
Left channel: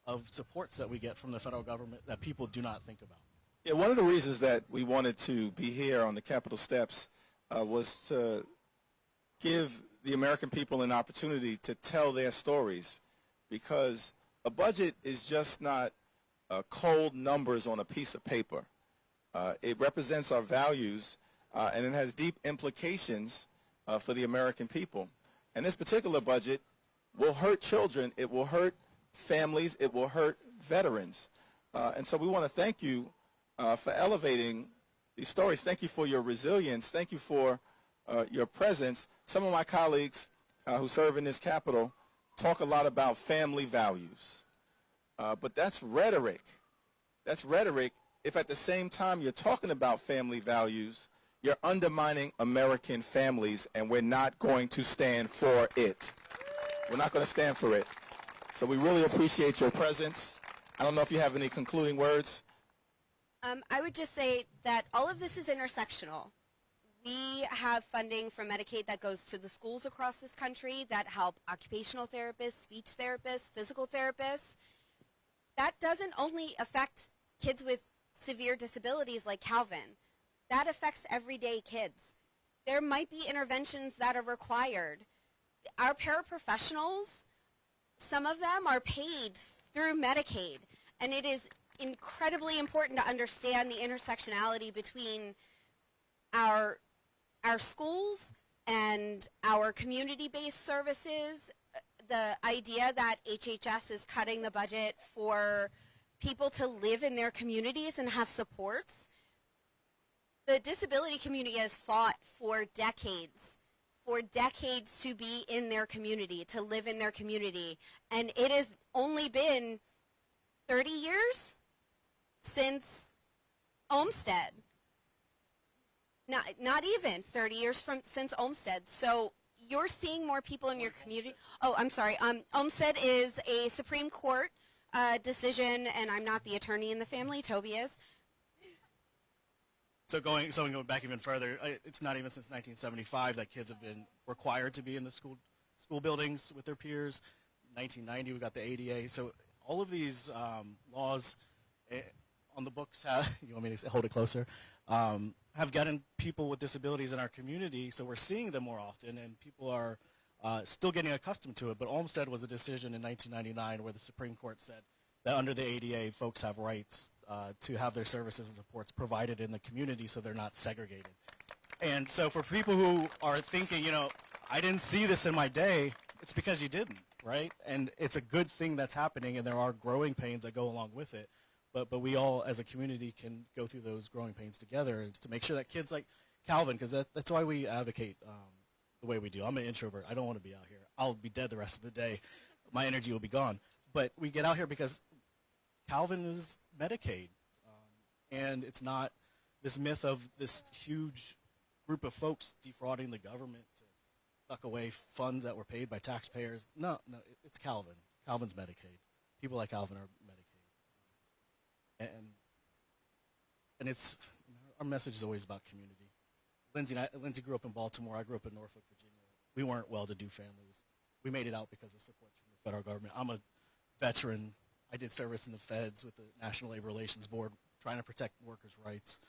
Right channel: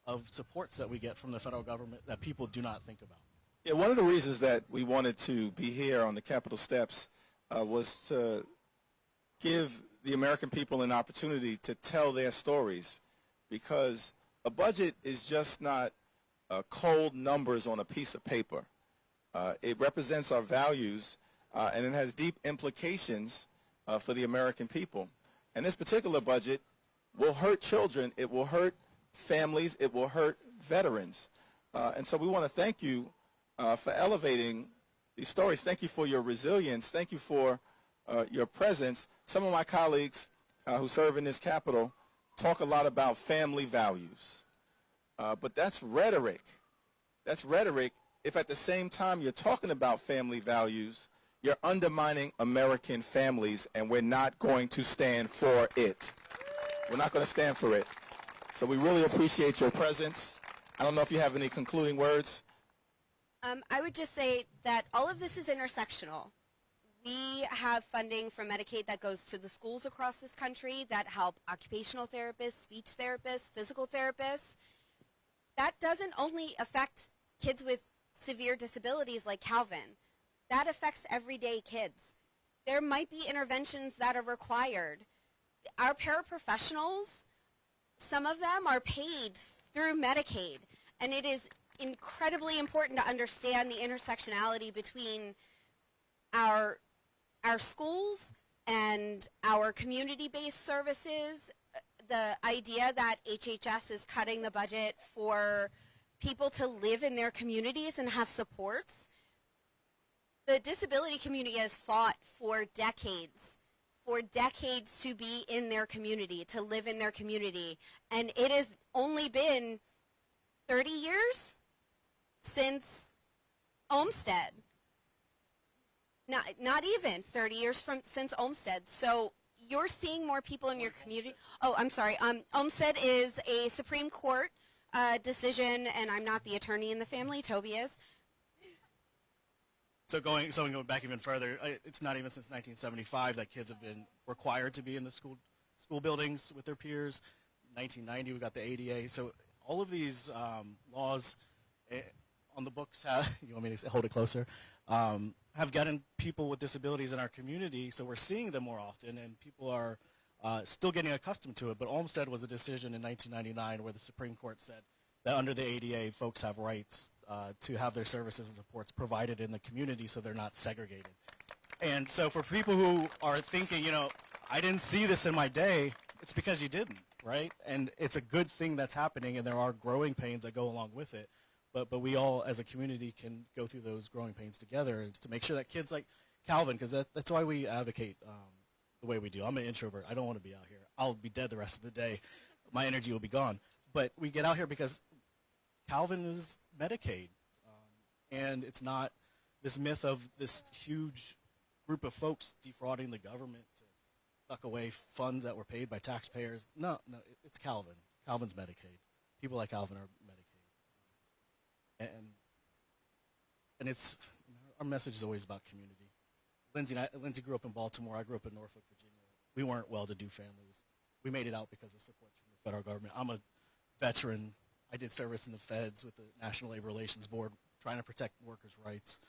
of supports that we get from the federal government that people do not think about. Yeah, one of the reasons that we wanted to be here on the Capitol steps was to give the American people an opportunity to tell their stories, because a budget is just not cold numbers on a piece of paper. It represents our values, and it has deep implications for the American people. And this particular budget will hurt children, it will hurt families, it will hurt veterans. And so we want to thank you for elevating these stories. Thank you for your resilience. Thank you for your presence. Some of my colleagues who serve in this Capitol talk a lot about family values. But that's rhetoric. That's rhetoric if at the same time you're talking about family values, you're undermining American families, and we're not going to stand for it. We're not going to stand for it. So we really appreciate your presence. I don't know if you have any concluding words. I would just say that all of this is intersectional. We have funding from Medicaid that goes to the schools across this country that help occupational therapists, speech therapists, physical therapists. That doesn't only affect kids with severe disabilities like Calvin. That affects everyday kids. There might be interventions that are required. Our paraprofessionals, some of them are paid through Medicaid, and it is incredibly important to understand the intersectionality between our schools and our community-based services. The idea that HHS is cutting the budget for people to live in their communities and have supports. The disability community has fought for decades to be in their community, to live in their community. And it has only been 30 years since Olmsted. Not even 30 years since Olmsted. So you're seeing more people in your community. Oh, I'm sorry. Olmsted is a Supreme Court decision, and I'm not the attorney in the family. Toby is. So going back even further, it's not even since 1975 that kids have been required to be in the school buildings with their peers. 1990 we got the ADA. So all of these laws on the books you want me to hold it closer? Have gotten people with disabilities in our community, so we're seeing them more often, and people are still getting accustomed to it. But Olmsted was a decision in 1999 where the Supreme Court said that under the ADA, folks have rights to have their services and supports provided in the community so they're not segregated. And so for people who are thinking, I didn't see this in my day, it's because you didn't, right? And it's a good thing that's happening, and there are growing pains that go along with it. But we all, as a community, can go through those growing pains together to make sure that kids like Calvin, because that's why we advocate the way we do. I'm an introvert. I don't want to be out here. I'll be dead the rest of the day. My energy will be gone. But we get out here because Calvin is Medicaid. And it's not this myth of this huge group of folks defrauding the government to suck away funds that were paid by taxpayers. No, it's Calvin. Calvin's Medicaid. People like Calvin are Medicaid. And it's our message is always about community. Lindsay grew up in Baltimore. I grew up in Norfolk, Virginia. We weren't well-to-do families. We made it out because of support from the federal government. I'm a veteran. I did service in the feds with the National Labor Relations Board, trying to protect workers' rights.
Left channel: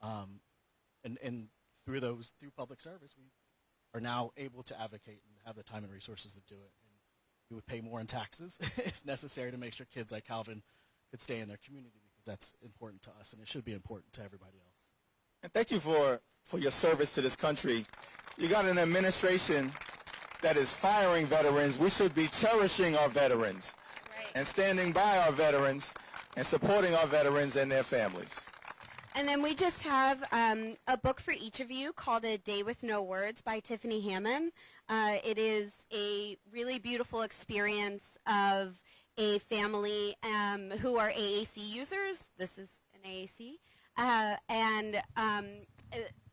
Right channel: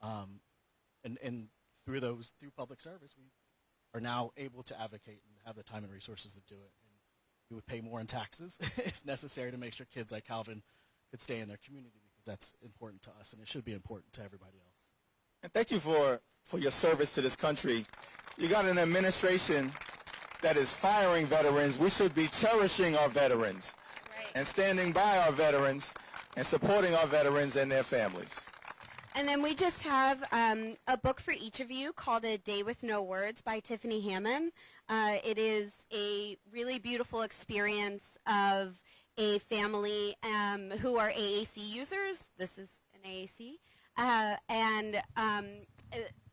And through public service, we are now able to advocate and have the time and resources to do it. And we would pay more in taxes if necessary to make sure kids like Calvin could stay in their community, because that's important to us, and it should be important to everybody else. And thank you for your service to this country. You got an administration that is firing veterans. We should be cherishing our veterans and standing by our veterans and supporting our veterans and their families. And then we just have a book for each of you called A Day with No Words by Tiffany Hammond. It is a really beautiful experience of a family who are AAC users. This is an AAC. And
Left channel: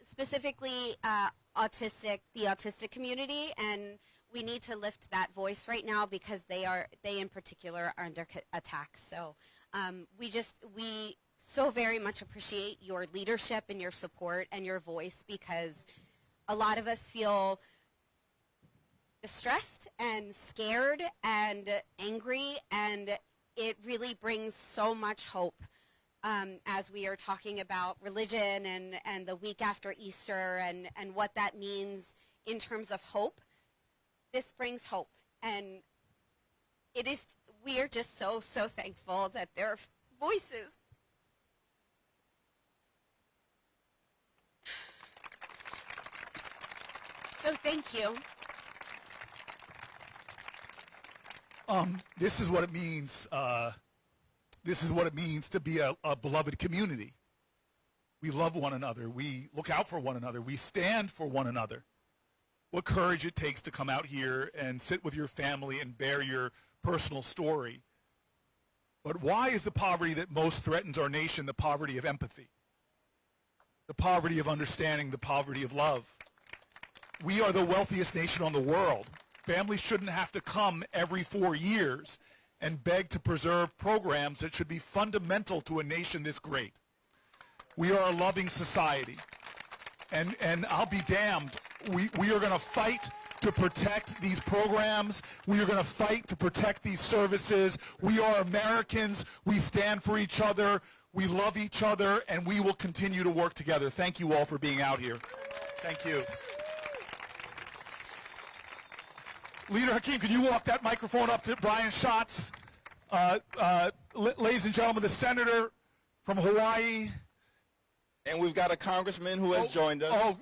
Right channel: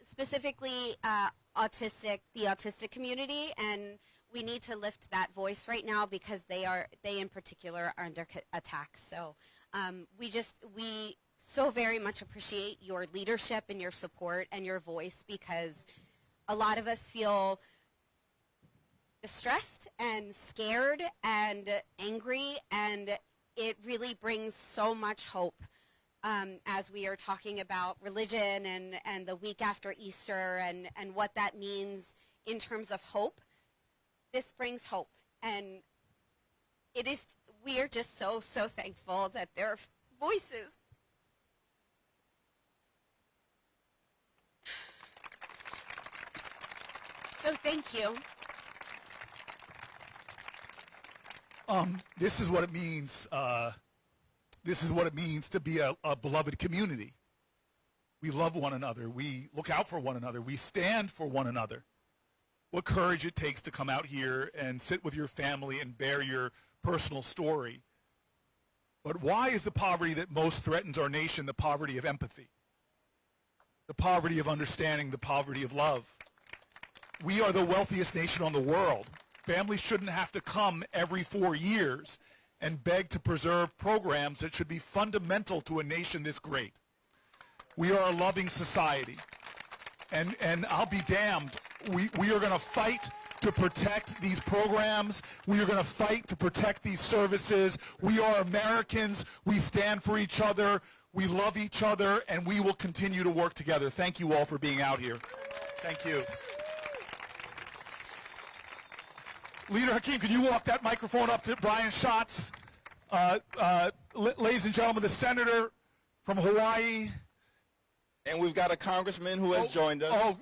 specifically the autistic community. And we need to lift that voice right now because they in particular are under attack. So we so very much appreciate your leadership and your support and your voice, because a lot of us feel distressed and scared and angry, and it really brings so much hope as we are talking about religion and the week after Easter and what that means in terms of hope. This brings hope, and we are just so thankful that there are voices. So thank you. This is what it means. This is what it means to be a beloved community. We love one another. We look out for one another. We stand for one another. What courage it takes to come out here and sit with your family and bear your personal story. But why is the poverty that most threatens our nation the poverty of empathy? The poverty of understanding, the poverty of love. We are the wealthiest nation on the world. Families shouldn't have to come every 4 years and beg to preserve programs that should be fundamental to a nation this great. We are a loving society. And I'll be damned, we are going to fight to protect these programs. We are going to fight to protect these services. We are Americans. We stand for each other. We love each other, and we will continue to work together. Thank you all for being out here. Thank you. Leader Hakeem, can you walk that microphone up to Brian Schatz? Ladies and gentlemen, the senator from Hawaii. And we've got a congressman who has joined us.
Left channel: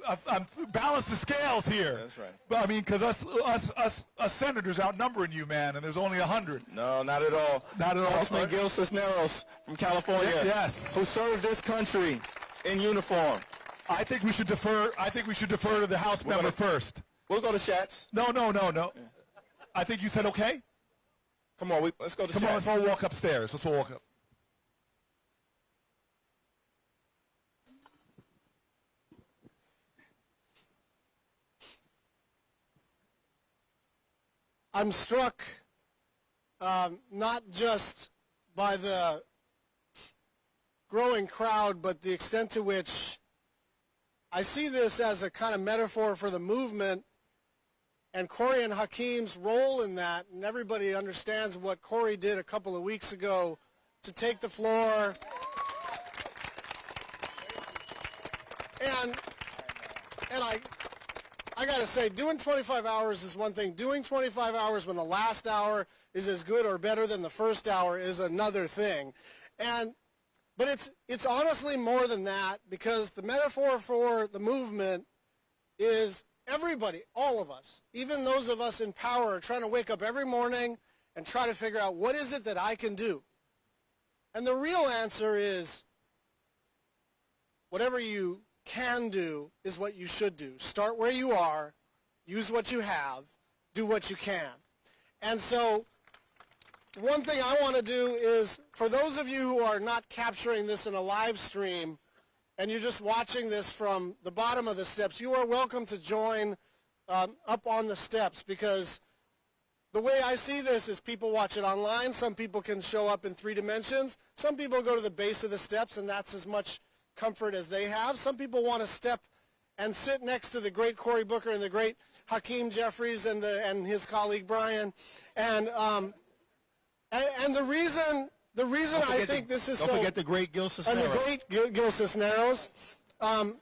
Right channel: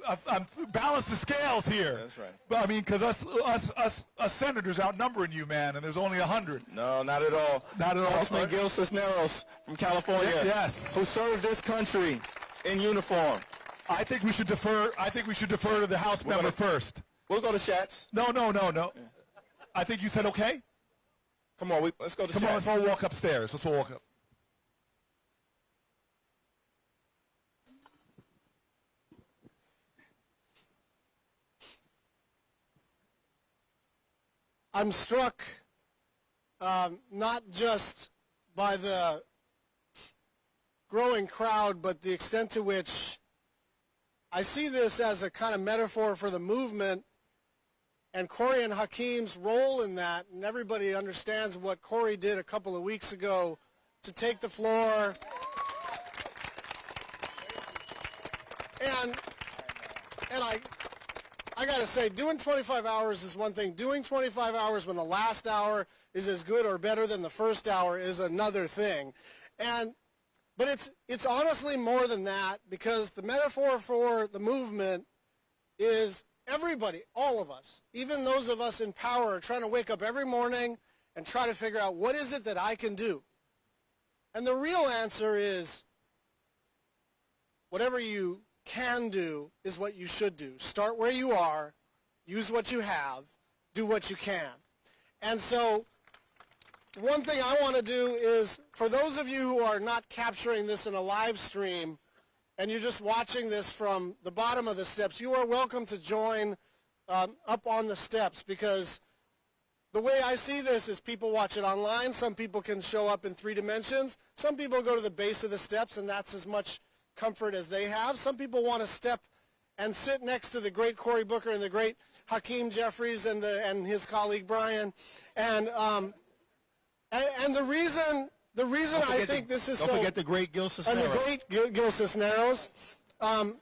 Balance the scales here. That's right. But I mean, because us senators outnumbering you, man, and there's only 100. No, not at all. Not at all. Congressman Gil Cisneros from California. Yes. Who served this country in uniform. I think we should defer to the House member first. We'll go to Schatz. No. Yeah. I think you said okay. Come on, let's go to Schatz. Come on, let's all walk upstairs. Let's all walk up. I'm struck not just by the growing crowd, but the extent to which I see this as a kind of metaphor for the movement and Cory and Hakeem's role in that. And everybody understands what Cory did a couple of weeks ago to take the floor. And I got to say, doing 25 hours is one thing. Doing 25 hours when the last hour is as good or better than the first hour is another thing. But it's honestly more than that, because the metaphor for the movement is everybody, all of us, even those of us in power, are trying to wake up every morning and try to figure out, what is it that I can do? And the real answer is, whatever you can do is what you should do. Start where you are, use what you have, do what you can. And so one thing I want to do is, for those of you who are not capturing this in a live stream and you're just watching this from the bottom of the steps, you are welcome to join up on the steps, because the way I see this is people watch it online. Some people can show up in 3 dimensions. Some people go to the base of the steps, and that's as much comfort as they have. Some people want to step and sit next to the great Cory Booker and the great Hakeem Jefferies and his colleague Brian. And the reason I think this is so... Don't forget the great Gil Cisneros. And the great Gil Cisneros. And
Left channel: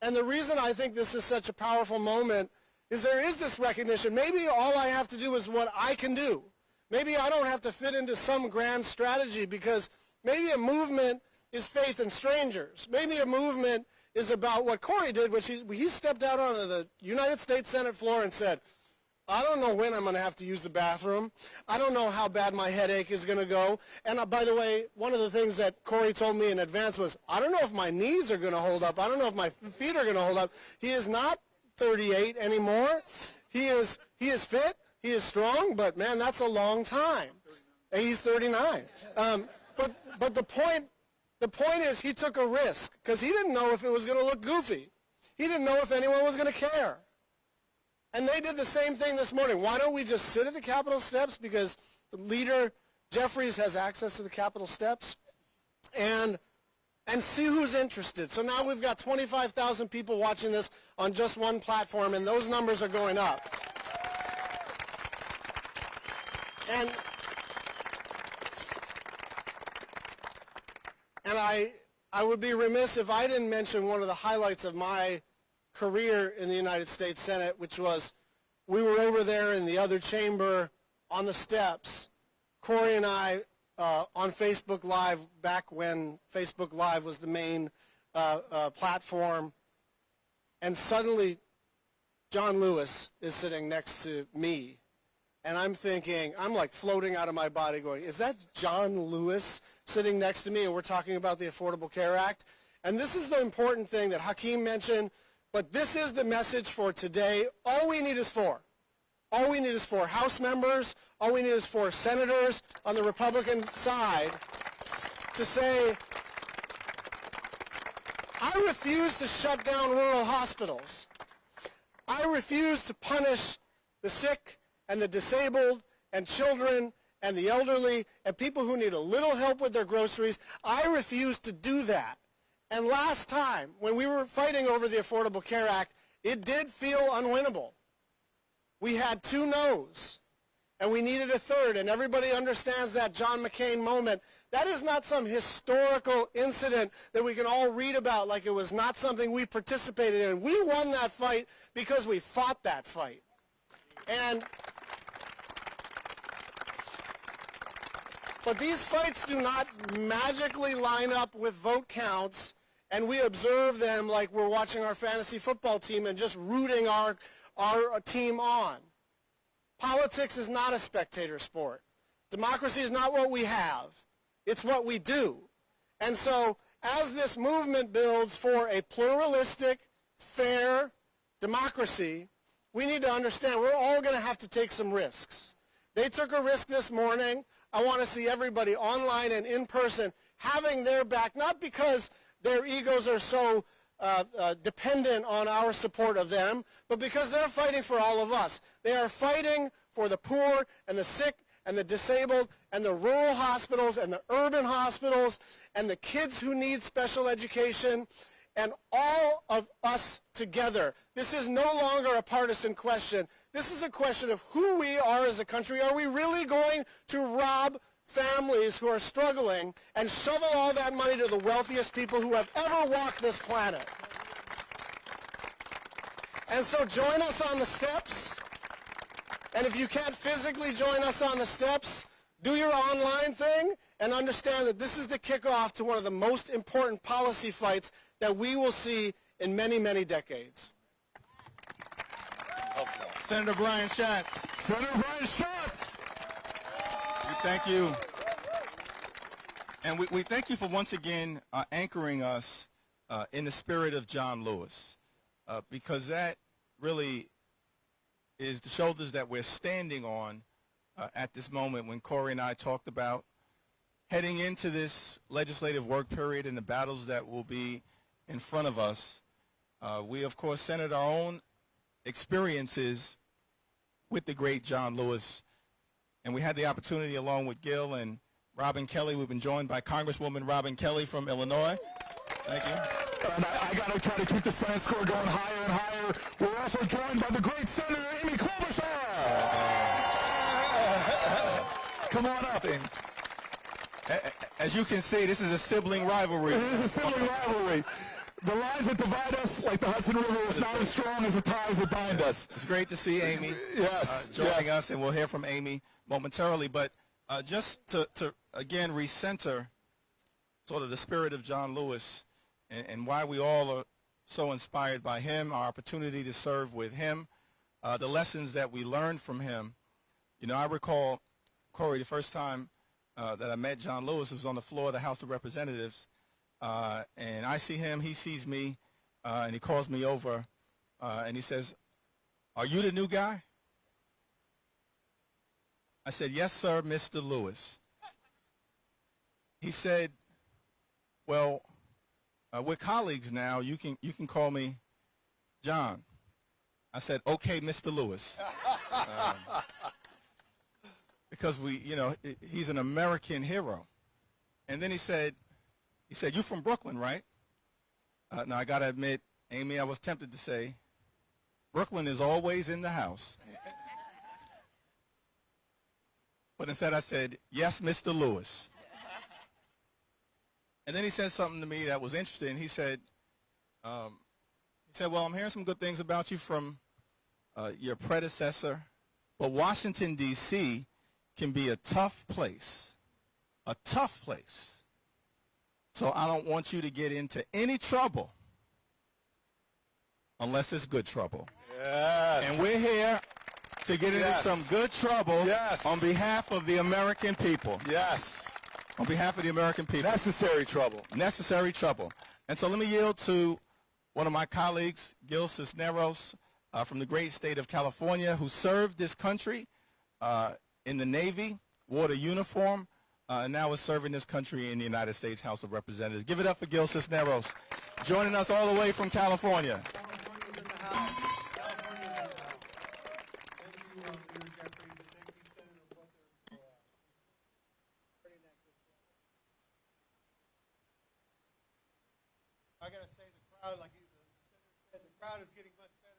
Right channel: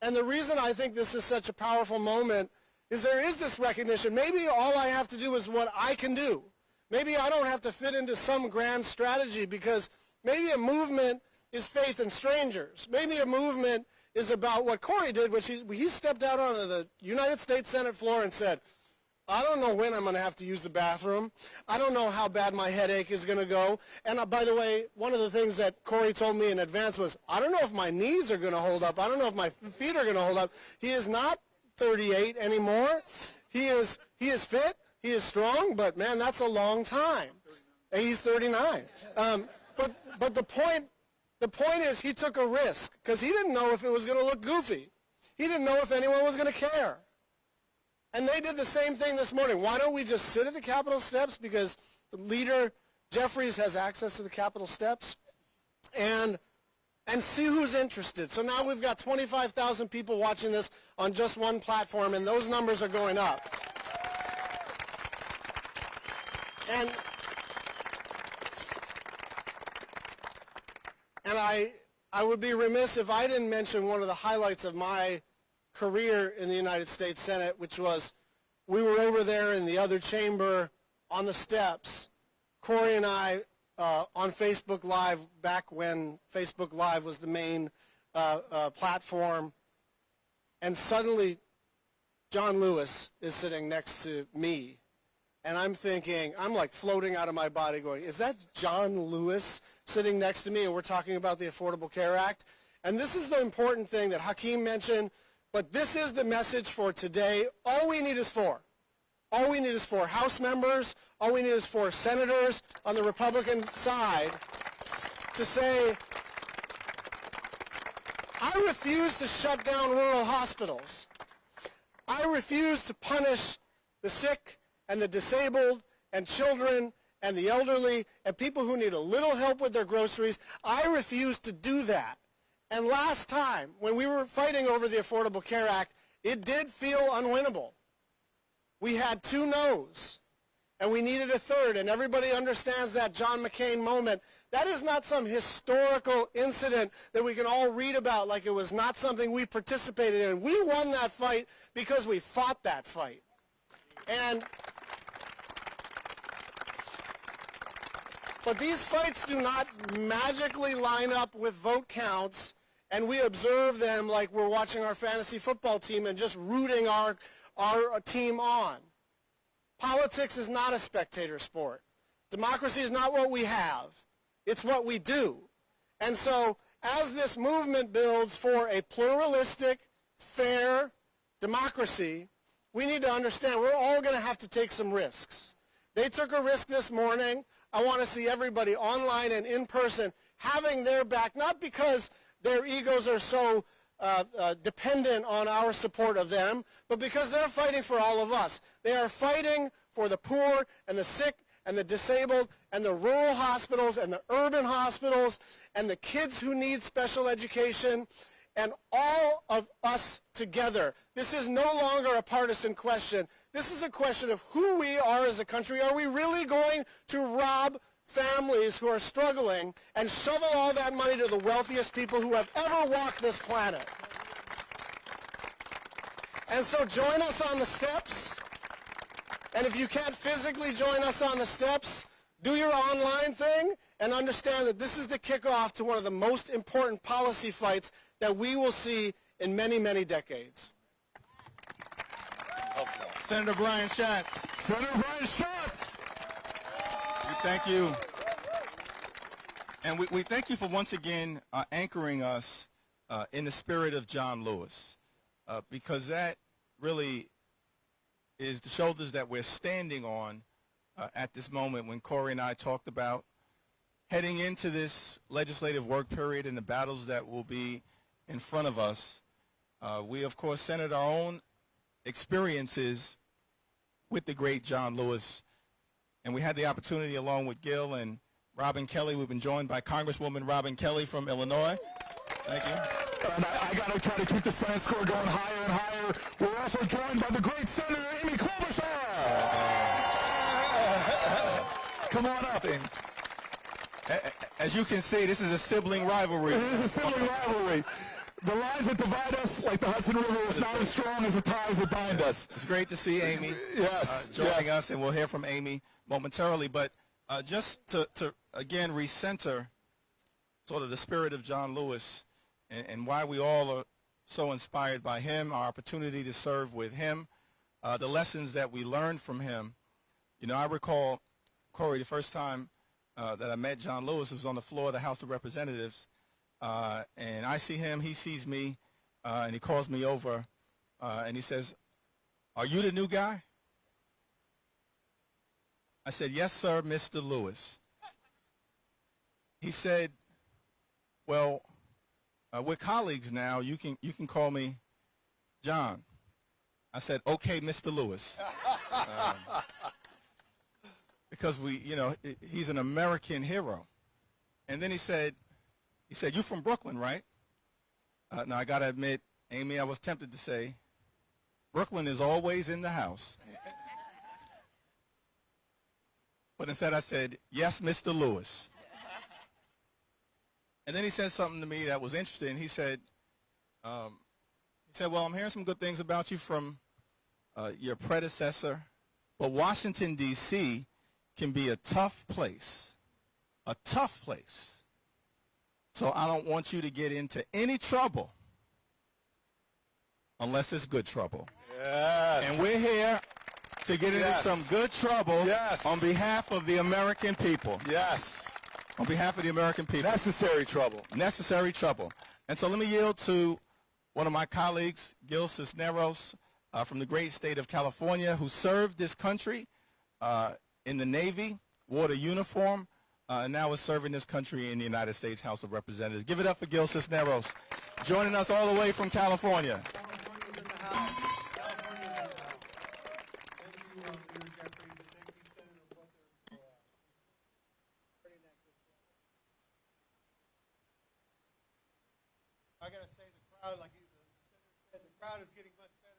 the reason I think this is such a powerful moment is there is this recognition. Maybe all I have to do is what I can do. Maybe I don't have to fit into some grand strategy, because Maybe a movement is faith in strangers. Maybe a movement is about what Cory did, which he stepped out onto the United States Senate floor and said, I don't know when I'm going to have to use the bathroom. I don't know how bad my headache is going to go. And by the way, one of the things that Cory told me in advance was, I don't know if my knees are going to hold up. I don't know if my feet are going to hold up. He is not 38 anymore. He is fit. He is strong. But, man, that's a long time. And he's 39. But the point is he took a risk because he didn't know if it was going to look goofy. He didn't know if anyone was going to care. And they did the same thing this morning. Why don't we just sit at the Capitol steps because the leader, Jefferies, has access to the Capitol steps and see who's interested. So now we've got 25,000 people watching this on just one platform, and those numbers are going up. And I would be remiss if I didn't mention one of the highlights of my career in the United States Senate, which was we were over there in the other chamber on the steps, Cory and I on Facebook Live, back when Facebook Live was the main platform, and suddenly John Lewis is sitting next to me, and I'm thinking, I'm like floating out of my body going, is that John Lewis sitting next to me, and we're talking about the Affordable Care Act? And this is the important thing that Hakeem mentioned. But this is the message for today. All we need is four. All we need is 4 House members. All we need is 4 senators on the Republican side to say, I refuse to shut down rural hospitals. I refuse to punish the sick and the disabled and children and the elderly and people who need a little help with their groceries. I refuse to do that. And last time, when we were fighting over the Affordable Care Act, it did feel unwinnable. We had 2 no's, and we needed a 3rd, and everybody understands that John McCain moment. That is not some historical incident that we can all read about like it was not something we participated in. We won that fight because we fought that fight. But these fights do not magically line up with vote counts, and we observe them like we're watching our fantasy football team and just rooting our team on. Politics is not a spectator sport. Democracy is not what we have. It's what we do. And so as this movement builds for a pluralistic, fair democracy, we need to understand we're all going to have to take some risks. They took a risk this morning. I want to see everybody online and in person having their back, not because their egos are so dependent on our support of them, but because they're fighting for all of us. They are fighting for the poor and the sick and the disabled and the rural hospitals and the urban hospitals and the kids who need special education and all of us together. This is no longer a partisan question. This is a question of who we are as a country. Are we really going to rob families who are struggling and shovel all that money to the wealthiest people who have ever walked this planet? And so join us on the steps. And if you can't physically join us on the steps, do your online thing and understand that this is the kickoff to one of the most important policy fights that we will see in many, many decades. Senator Brian Schatz. Senator Brian Schatz. We thank you. And we thank you for once again anchoring us in the spirit of John Lewis, because that really is the shoulders that we're standing on at this moment when Cory and I talked about heading into this legislative work period and the battles that will be in front of us. We, of course, centered our own experiences with the great John Lewis, and we had the opportunity, along with Gil and Robin Kelly, we've been joined by Congresswoman Robin Kelly from Illinois. Thank you. And I got to try to keep the Senate score going higher and higher. We're also joined by the great Senator Amy Klobuchar. Come on up. And as you can see, this is a sibling rivalry. It is a sibling rivalry. The lines that divide us, like the Hudson River, is not as strong as the ties that bind us. It's great to see Amy yes, joining us, and we'll hear from Amy momentarily. But just to again recenter sort of the spirit of John Lewis and why we all are so inspired by him, our opportunity to serve with him, the lessons that we learned from him. You know, I recall, Cory, the first time that I met John Lewis was on the floor of the House of Representatives, and I see him, he sees me, and he calls me over, and he says, "Are you the new guy?" I said, "Yes, sir, Mr. Lewis." He said, "Well, we're colleagues now. You can call me John." I said, "Okay, Mr. Lewis." Because he's an American hero. And then he said, "You from Brooklyn, right?" Now I gotta admit, Amy, I was tempted to say, Brooklyn is always in the house. But instead I said, "Yes, Mr. Lewis." And then he said something to me that was interesting. He said, "Well, I'm hearing some good things about you from your predecessor, but Washington, D.C. can be a tough place, So I don't want you to get into any trouble unless it's good trouble." Yes. And we're here to get into some good trouble on behalf of the American people. Yes. On behalf of the American people. Necessary trouble. Necessary trouble. And so let me yield to one of my colleagues, Gil Cisneros, from the great state of California, who served this country in the Navy, wore the uniform, and now is serving this country in the United States House of Representatives. Give it up for Gil Cisneros, joining us all the way from California. I gotta say, the crowd, like the senator said, the crowd is getting much better.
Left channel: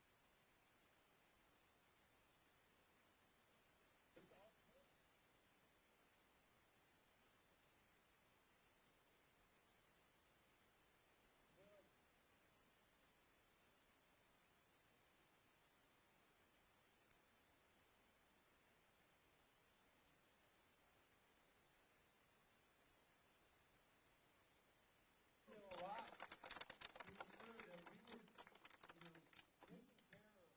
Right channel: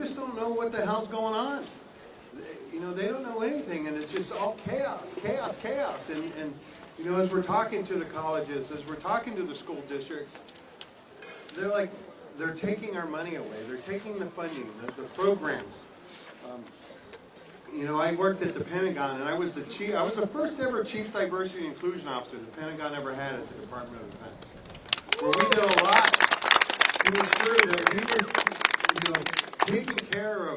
Just don't know what the hell's going on. You know, they don't know anything, and it's just all chaos. And you know, as we're talking to the colleges, as we're talking to the school districts, they're taking our money away. They're taking the funding, the programs. You know, I worked at the Pentagon, and I was the first ever Chief Diversity and Inclusion Officer the Pentagon ever had at the Department of Defense, where we did a lot to ensure that we were, you know, taking care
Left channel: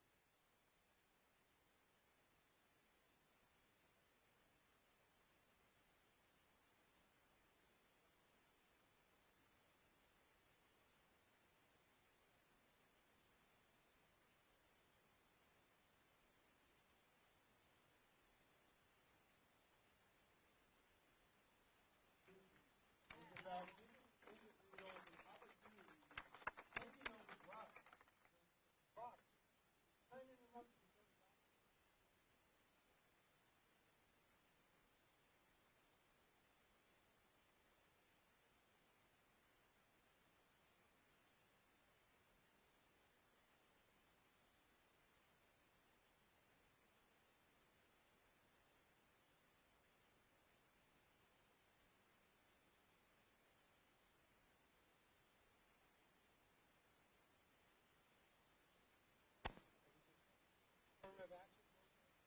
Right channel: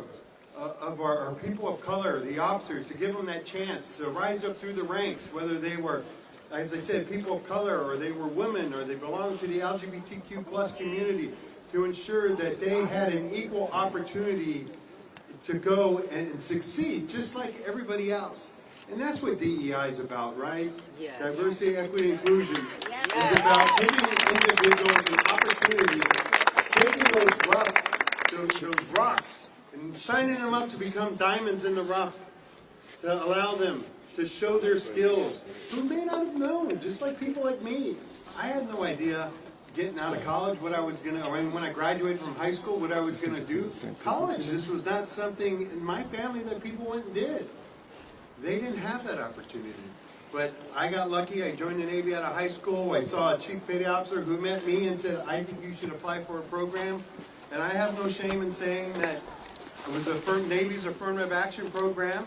of our people of color, the officers, to give them that chance to rise up through the ranks, whether they were, as I said, people of color, or they were women, or they belonged to the LGBTQ plus community, to ensure that they had an equal opportunity to go and succeed, just like everybody else. And that's what DEI is about, right? Yeah. Diversity, equity, inclusion is about giving individuals an opportunity, taking those rocks and shining them up to become diamonds in the rough, to allow them to show their skills, who may not have known, just like people like me. I had no idea getting out of college what I was going to, or when I graduated from high school, what I was going to do. College, this was not something in my family that people went and did. They didn't have that opportunity. But I got lucky. I joined the Navy out of high school. I saw a chief petty officer who met me and said, "I think you should apply for a program." And I have no shame in saying that it was Navy's affirmative action program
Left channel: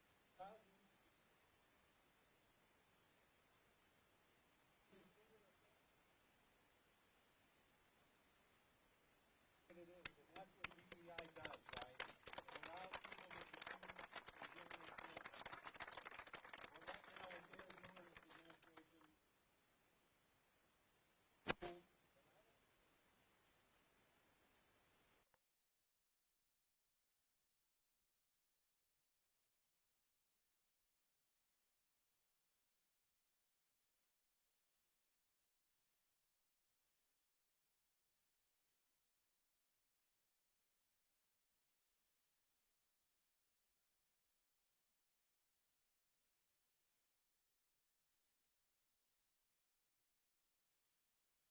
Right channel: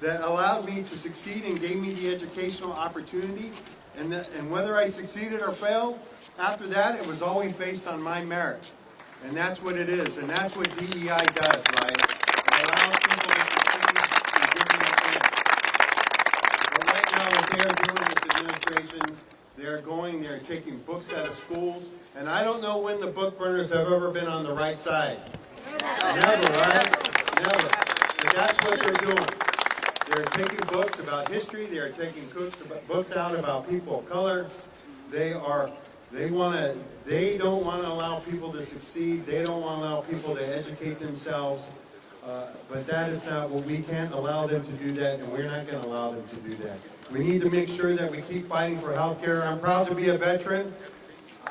that allowed me to succeed and gave me the educational opportunity. And whether I succeeded or failed, after that, it was always based on my merit. And that's what it is. And that's what DEI does, right? It allows people to succeed and give them a chance. But right now, what they are doing, this administration, they're taking books out of schools. And I don't know when the book burners have ever been on the right side. Never, right? Never. But that's what they're doing. They're taking books about history. They are taking books out about people of color. They don't want to allow people to succeed. They don't want to allow people to educate themselves. But that is not what we can't allow them to do that, and we're not going to allow them to do that. We need to make sure that we keep fighting for health care. I'm proud to be a veteran.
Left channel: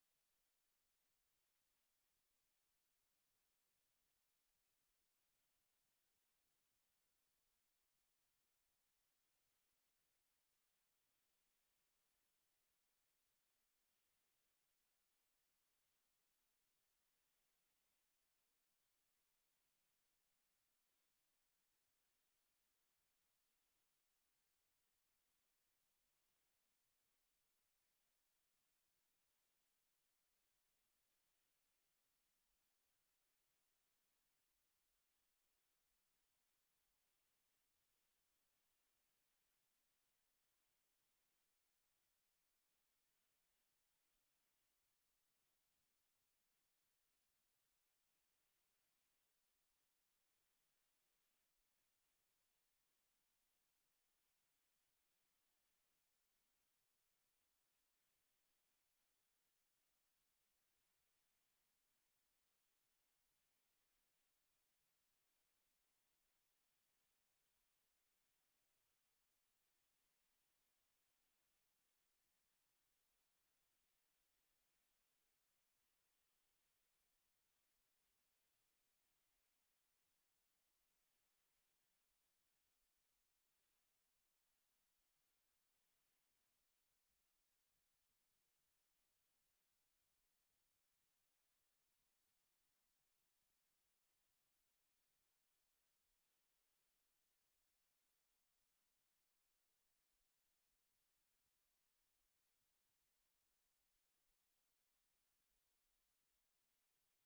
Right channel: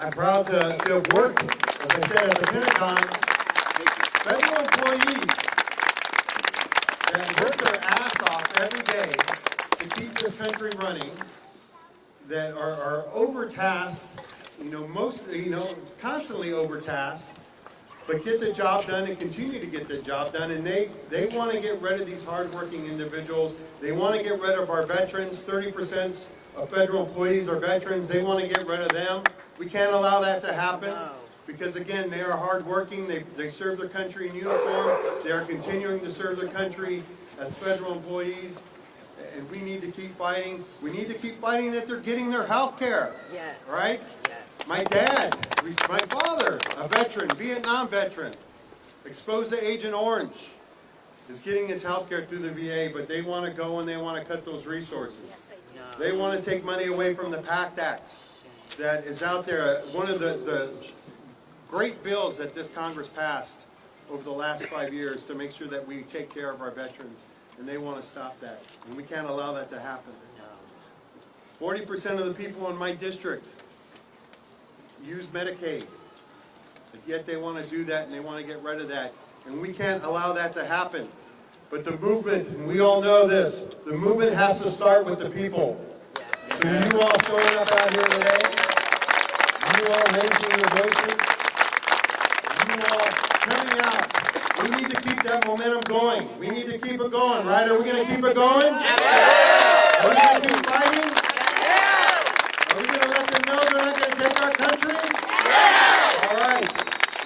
I'm proud to have worked, as I said, at the Pentagon. Federal employees that work their ass off every day to keep this country running, that are overtasked, constantly overtasked, but get the job done and continue to get the job done. And they want to get rid of these hardworking individuals. They want to get rid of our veterans. 30% of federal employees are veterans. They want to get rid of them. We can't allow that to happen because, again, they are hardworking. They serve their country in uniform. They are continuing to serve their country as federal employees. And we need to keep fighting. We need to keep fighting that they're getting their health care. Yes. Right? Yes. My dad, my father, a veteran, Vietnam veteran, exposed to Agent Orange, is getting his health care through the VA, but they want to go and they want to cut those resources. They want to take money away from the PACT Act that is out there. One of the great bills that this Congress passed over the last 5 years to make sure that we take care of our veterans, and they want to stop that. And we can't allow that to happen. 40% of the people in my district use Medicaid, but yet they want to do that and they want to get rid of that. And we can't allow that to happen. But the movement, and we all know this, the movement has to start with the people. So you all showing up out here today, you all raising your voices, you all coming out. We need to keep that momentum going. We need to keep it going, right? Are we going to keep it going? Yeah. Are we going to keep fighting? Yeah. Are we going to let them know they're not going to take our country? Yeah. All right.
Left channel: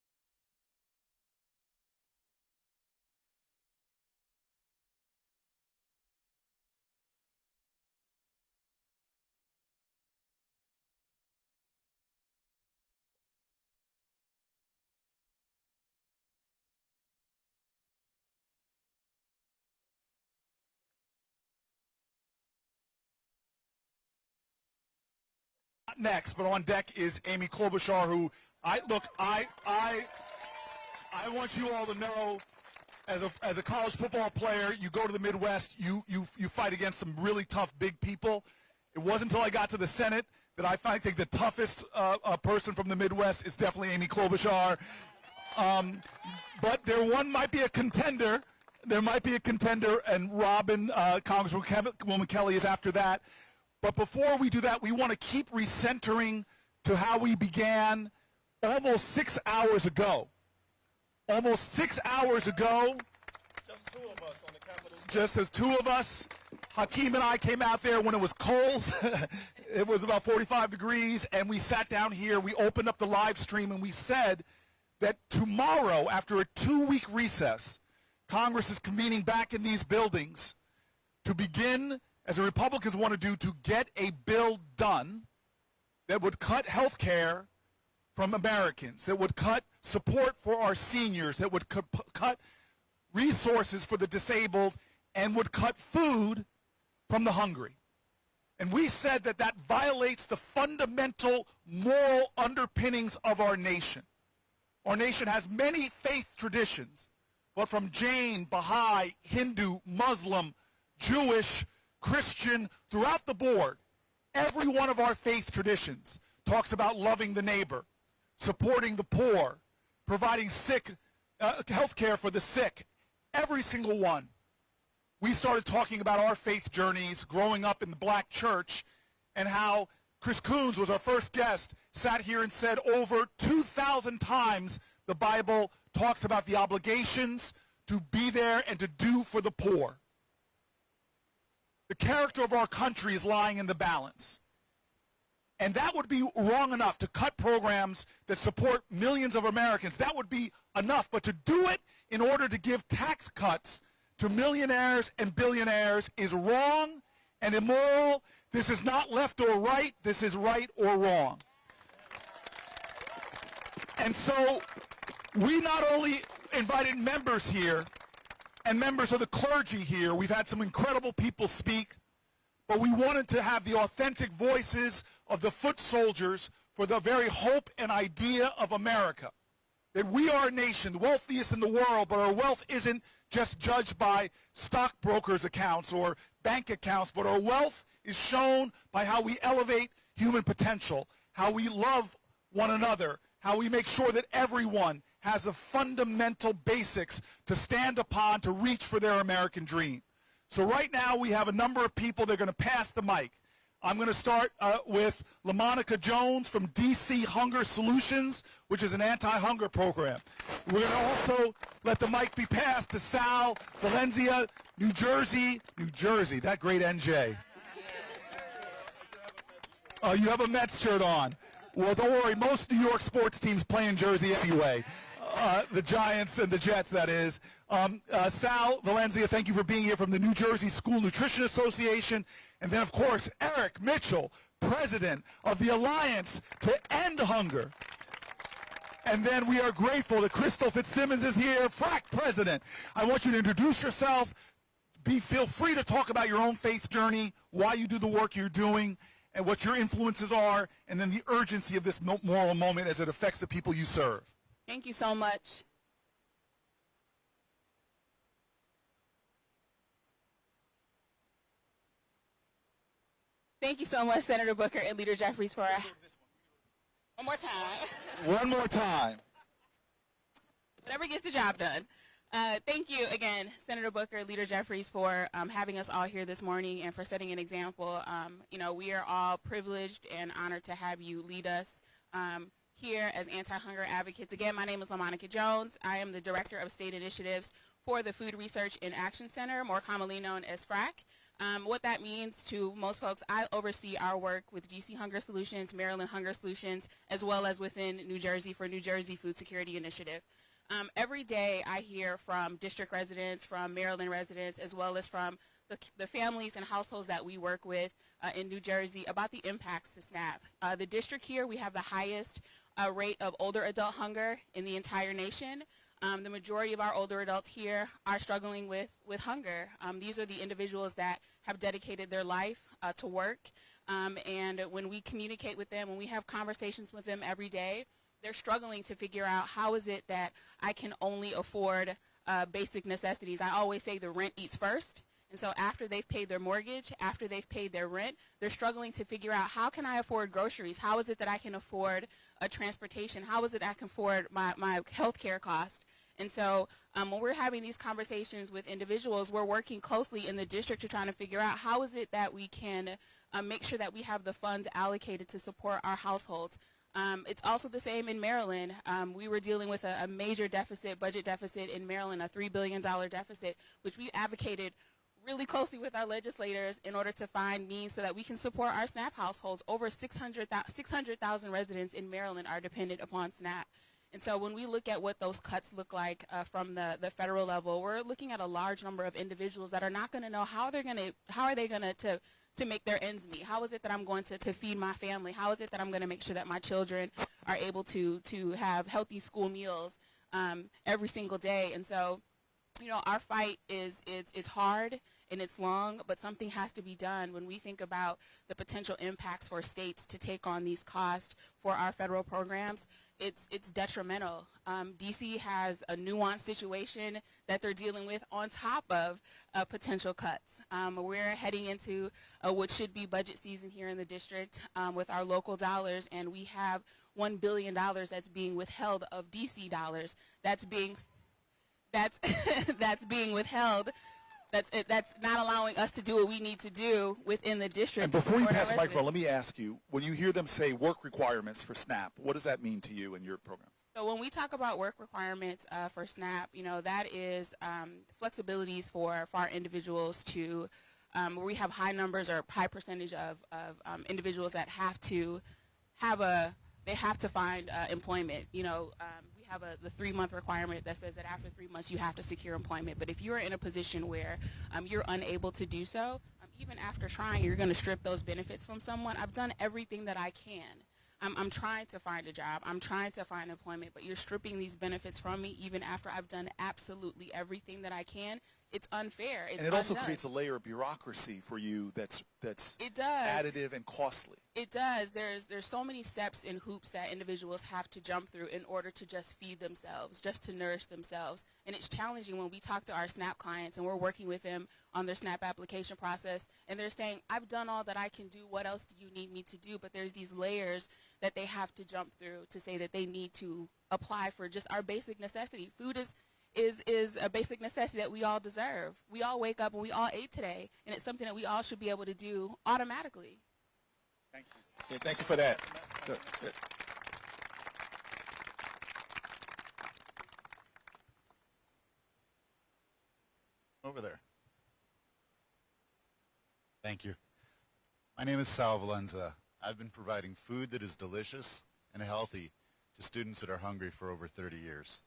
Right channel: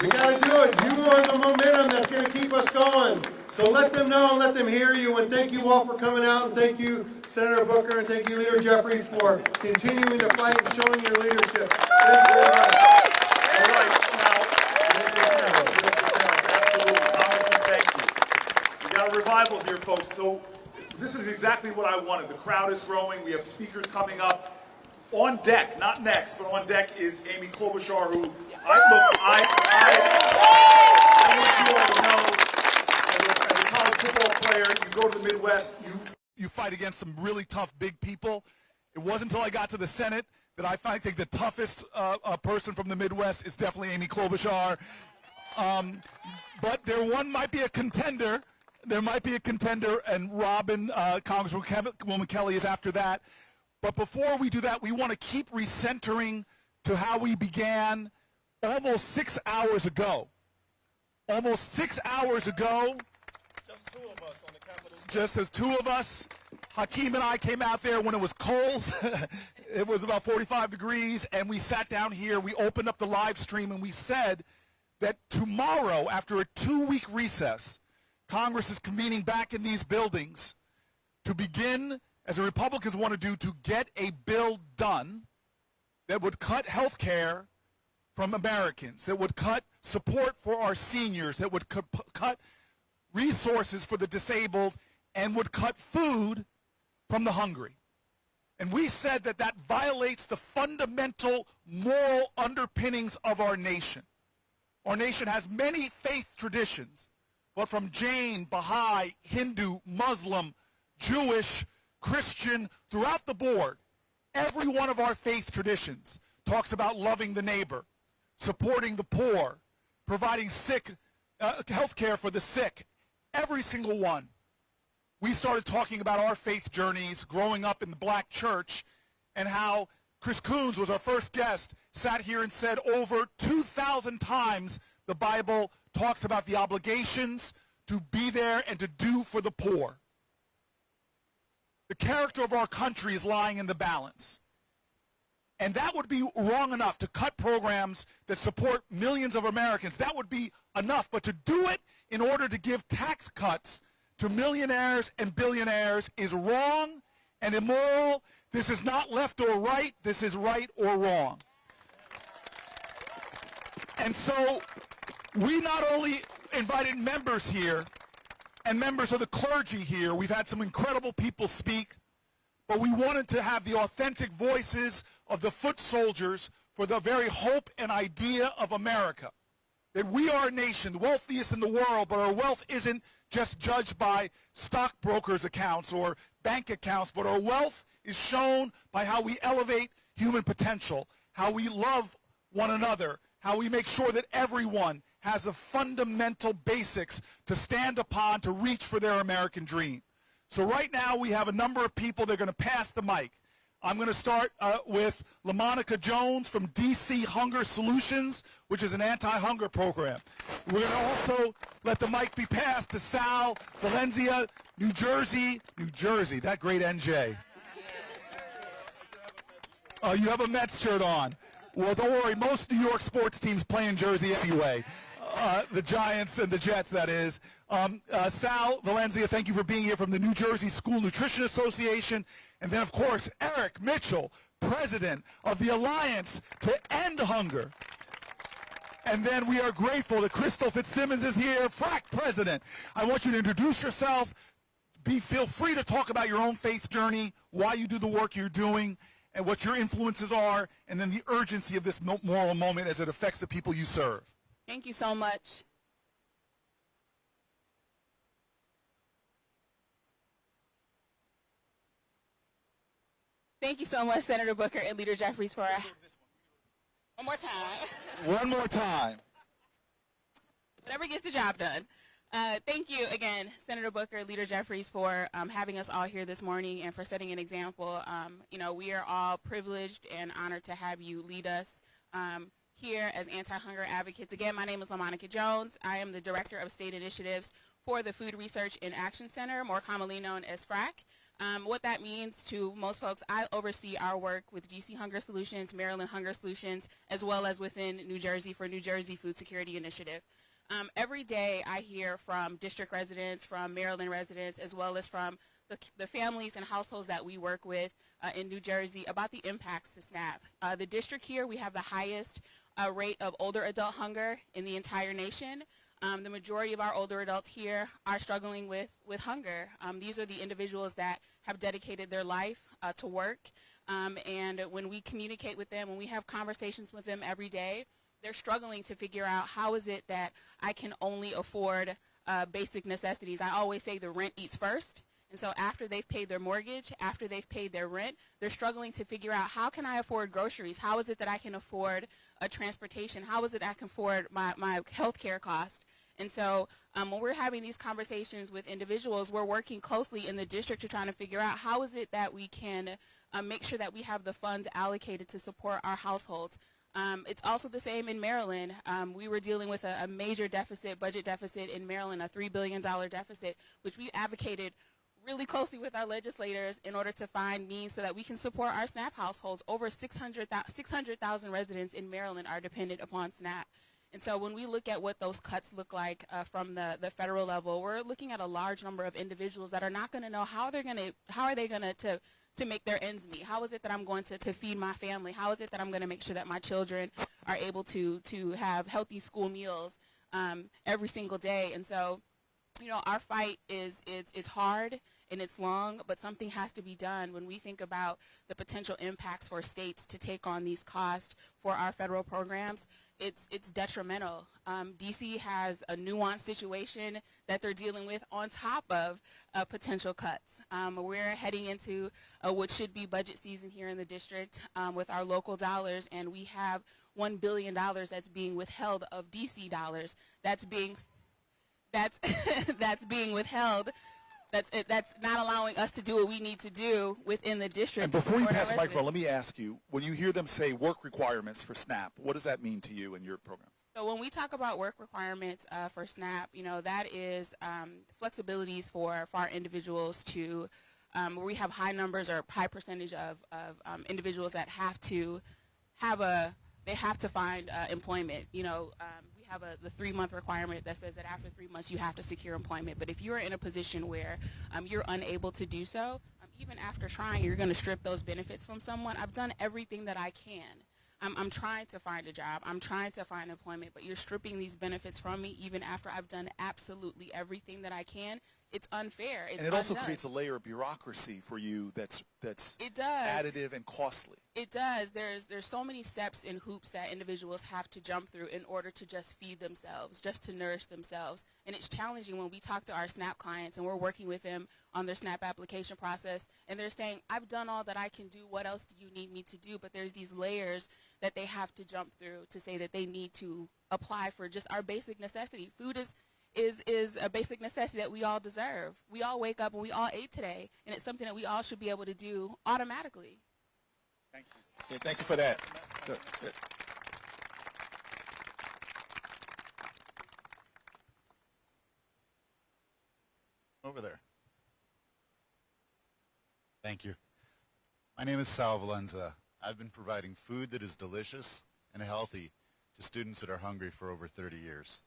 We got to do it. You are the momentum that's going to keep us going. So let them know and let them hear you. And thank you all for coming out. And thank you, Senator Booker, and thank you, Leader Jeffries, for continuing to fight and showing your leadership. Thank you very much. All right, thank you. We got a revival here, folks. So this is exactly what I wanted. The crowd is growing. We have speakers coming up. On deck, not next, but on deck is Amy Klobuchar, who I want you all to know, as a college football player, you go to the Midwest, you fight against some really tough, big people. It wasn't until I got to the Senate that I think the toughest person from the Midwest is definitely Amy Klobuchar. But there might be a contender. There might be a contender, and Robin, Congresswoman Kelly, is after that. But before we do that, we want to keep recentering to how we began almost 6 hours ago. Almost 6 hours ago, Just two of us on the Capitol. just as two of us, Hakeem and I came out there when it was cold. It was about 45 degrees, and we sat down here. We opened up the live stream, and we said that tomorrow, after a 2-week recess, Congress is convening back in these buildings to begin, as the Republicans want to do, to get a bill done that would cut health care from Americans, that would cut support for our seniors, that would cut resources for the disabled, and would cut food from the hungry. And we said that that violates the fundamental moral underpinnings of our nation. Our nation has many faith traditions, but from Jain, Baha'i, Hindu, Muslim, Jewish, Christian, throughout the board, every one of our faith traditions talks about loving the neighbor, supporting the poor, providing health care for the sick, every single one. We started talking about our faith journeys growing up in the black church and how Chris Coons was our first guest, sat here and said over 2,000 times the Bible talks about the obligations to be there and to do for the poor. The character of our country is lying in the balance. And that would be wrong enough to cut programs that support millions of Americans. That would be enough. But to do it in order to give tax cuts to millionaires and billionaires is wrong and immoral. This is not left or right. This is right or wrong. And so we not only invited members here, and members of the clergy here. We've had some incredible people speak, but we wanted to have the authentic voices of the foot soldiers for the very hope and idea of America. That we are a nation, the wealthiest in the world, but our wealth isn't just judged by stockbrokers' accounts or bank accounts, but our wealth is shown by how we elevate human potential, how we love one another, how we make sure that everyone has a fundamental basics to stand upon to reach for their American dream. So right now we have a number of people that are going to pass the mic. I'm going to start with LaMonica Jones from DC Hunger Solutions, which is an anti-hunger program. We're going to also let the mic be passed to Sal Valencia, New Jersey, that great NJ. You have a Mets shirt on. Well, don't worry, most New York sports teams play in Jersey anyway. The Giants and the Jets, that is. Sal Valencia, thank you for being here from the New Jersey School Nutrition Association. And then, of course, Eric Mitchell, president of the Alliance to End Hunger. And then we are grateful that Crystal Fitzsimmons is here, FRAC president. I want you to introduce yourself. Feel free to talk about your own faith journey, why you do the work you're doing, and what your influences are, and then the urgency of this moral moment as it affects the people you serve. Thank you so much. Thank you so much, Senator Booker and Leader Jeffries, for one more time. One more time. Whatever gets the job done. Thank you again, Senator Booker, Leader Jeffries, for having us all here this morning and for setting an example. We are all privileged and honored to have you lead us here as anti-hunger advocates. Again, my name is LaMonica Jones. I am the Director of State Initiatives for the Food Research and Action Center, more commonly known as FRAC. What that means to most folks, I oversee our work with DC Hunger Solutions, Maryland Hunger Solutions, as well as within New Jersey for New Jersey Food Security Initiative. Every day I hear from district residents, from Maryland residents, as well as from the families and households that we work with in New Jersey about the impacts to SNAP. The district here, we have the highest rate of older adult hunger in the entire nation. The majority of our older adults here are struggling with hunger. These are the individuals that have dedicated their life to work. And when we communicate with them, when we have conversations with them every day, they're struggling to figure out how is it that I can only afford basic necessities. I always say the rent eats first. And so after they've paid their mortgage, after they've paid their rent, they're struggling to figure out how can I afford groceries? How is it that I can afford transportation? How is it I can afford my health care cost? And so when we're having these conversations with individuals, we're working closely in the district to try to figure out how is it that we can make sure that we have the funds allocated to support our households. It's also the same in Maryland. We were dealing with a major deficit, budget deficit in Maryland, a $3 billion deficit, which we advocated really closely with our legislators in order to find means so that we can support our SNAP households. Over 600,000 residents in Maryland are dependent upon SNAP. And so when we look at what those cuts look like from the federal level, we're looking at a large number of individuals that are not going to know how are they going to make their ends meet. How is it that I'm going to feed my family? How is it that I'm going to make sure that my children are able to have healthy school meals every single day? And so, our fight is hard and it's long, but something has to be done. When we think about the potential impacts for states to take on these costs for our federal programs, it's detrimental. DC has a nuanced situation that they're dealing with on top of potential cuts. We're heading into what should be budget season here in the district with our local dollars, and we have $1 billion that's being withheld of DC dollars. That's being withheld. That's not allowing us to do what we need to do within the district. And before you pass the microphone, let me ask you, when you hear them say work requirements for SNAP, what does that mean to you and your program? So when we talk about work requirements for SNAP, that is flexibilities for our individuals to, where we have high numbers or high percentage of individuals that have to find employment. We have the 3-month requirement that says that after 3 months you have to secure employment. But if you're in a position where you're unable to do so, even after trying, you're going to strip those benefits from someone. I've done everything that I can. I'm trying to find a job. I'm trying to find employment, but you're stripping these benefits from me even after I've done absolutely everything that I can. It's unfair. It's And it also unjust. creates a layer of bureaucracy for you that's It does. additive and costly. It does. There's so many steps and hoops that individuals have to jump through in order to just feed themselves, just to nourish themselves. And it's challenging when we talk to our SNAP clients and we're working with them on their SNAP application process, and they're saying, I've done all that I can do. What else do you need me to do? But there's these layers that they have to jump through to say that they need to apply for just our basic necessity. Food is a basic necessity that we all deserve. We all wake up and we all ate today, and it's something that we all should be able to do automatically. Thank you. Yeah, thank you for that. Good. Over there. Thank you. My name is Sal Valenza. I've been providing food that is delicious and healthy to students that are hungry for over 30 years.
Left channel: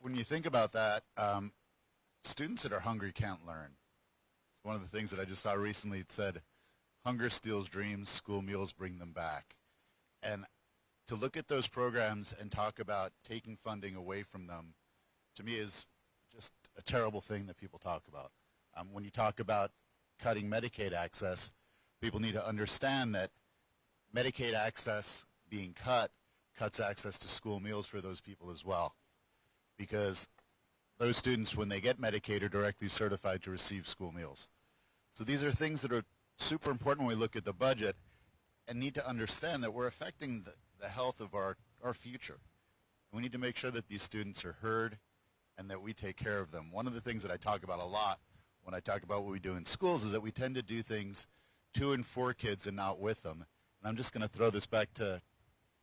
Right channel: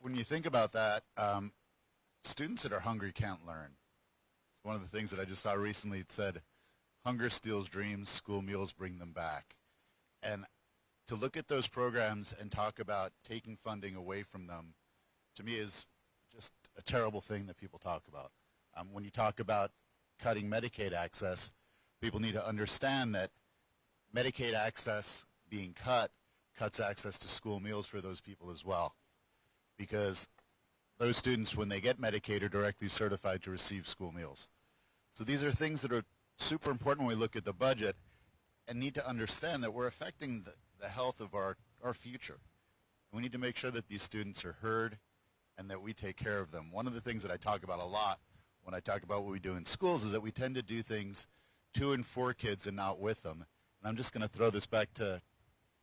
When you think about that, students that are hungry can't learn. It's one of the things that I just saw recently. It said, hunger steals dreams, school meals bring them back. And to look at those programs and talk about taking funding away from them, to me is just a terrible thing that people talk about. When you talk about cutting Medicaid access, people need to understand that Medicaid access being cut cuts access to school meals for those people as well. Because those students, when they get Medicaid, are directly certified to receive school meals. So these are things that are super important when we look at the budget and need to understand that we're affecting the health of our future. We need to make sure that these students are heard and that we take care of them. One of the things that I talk about a lot when I talk about what we do in schools is that we tend to do things to and for kids and not with them. And I'm just going to throw this back to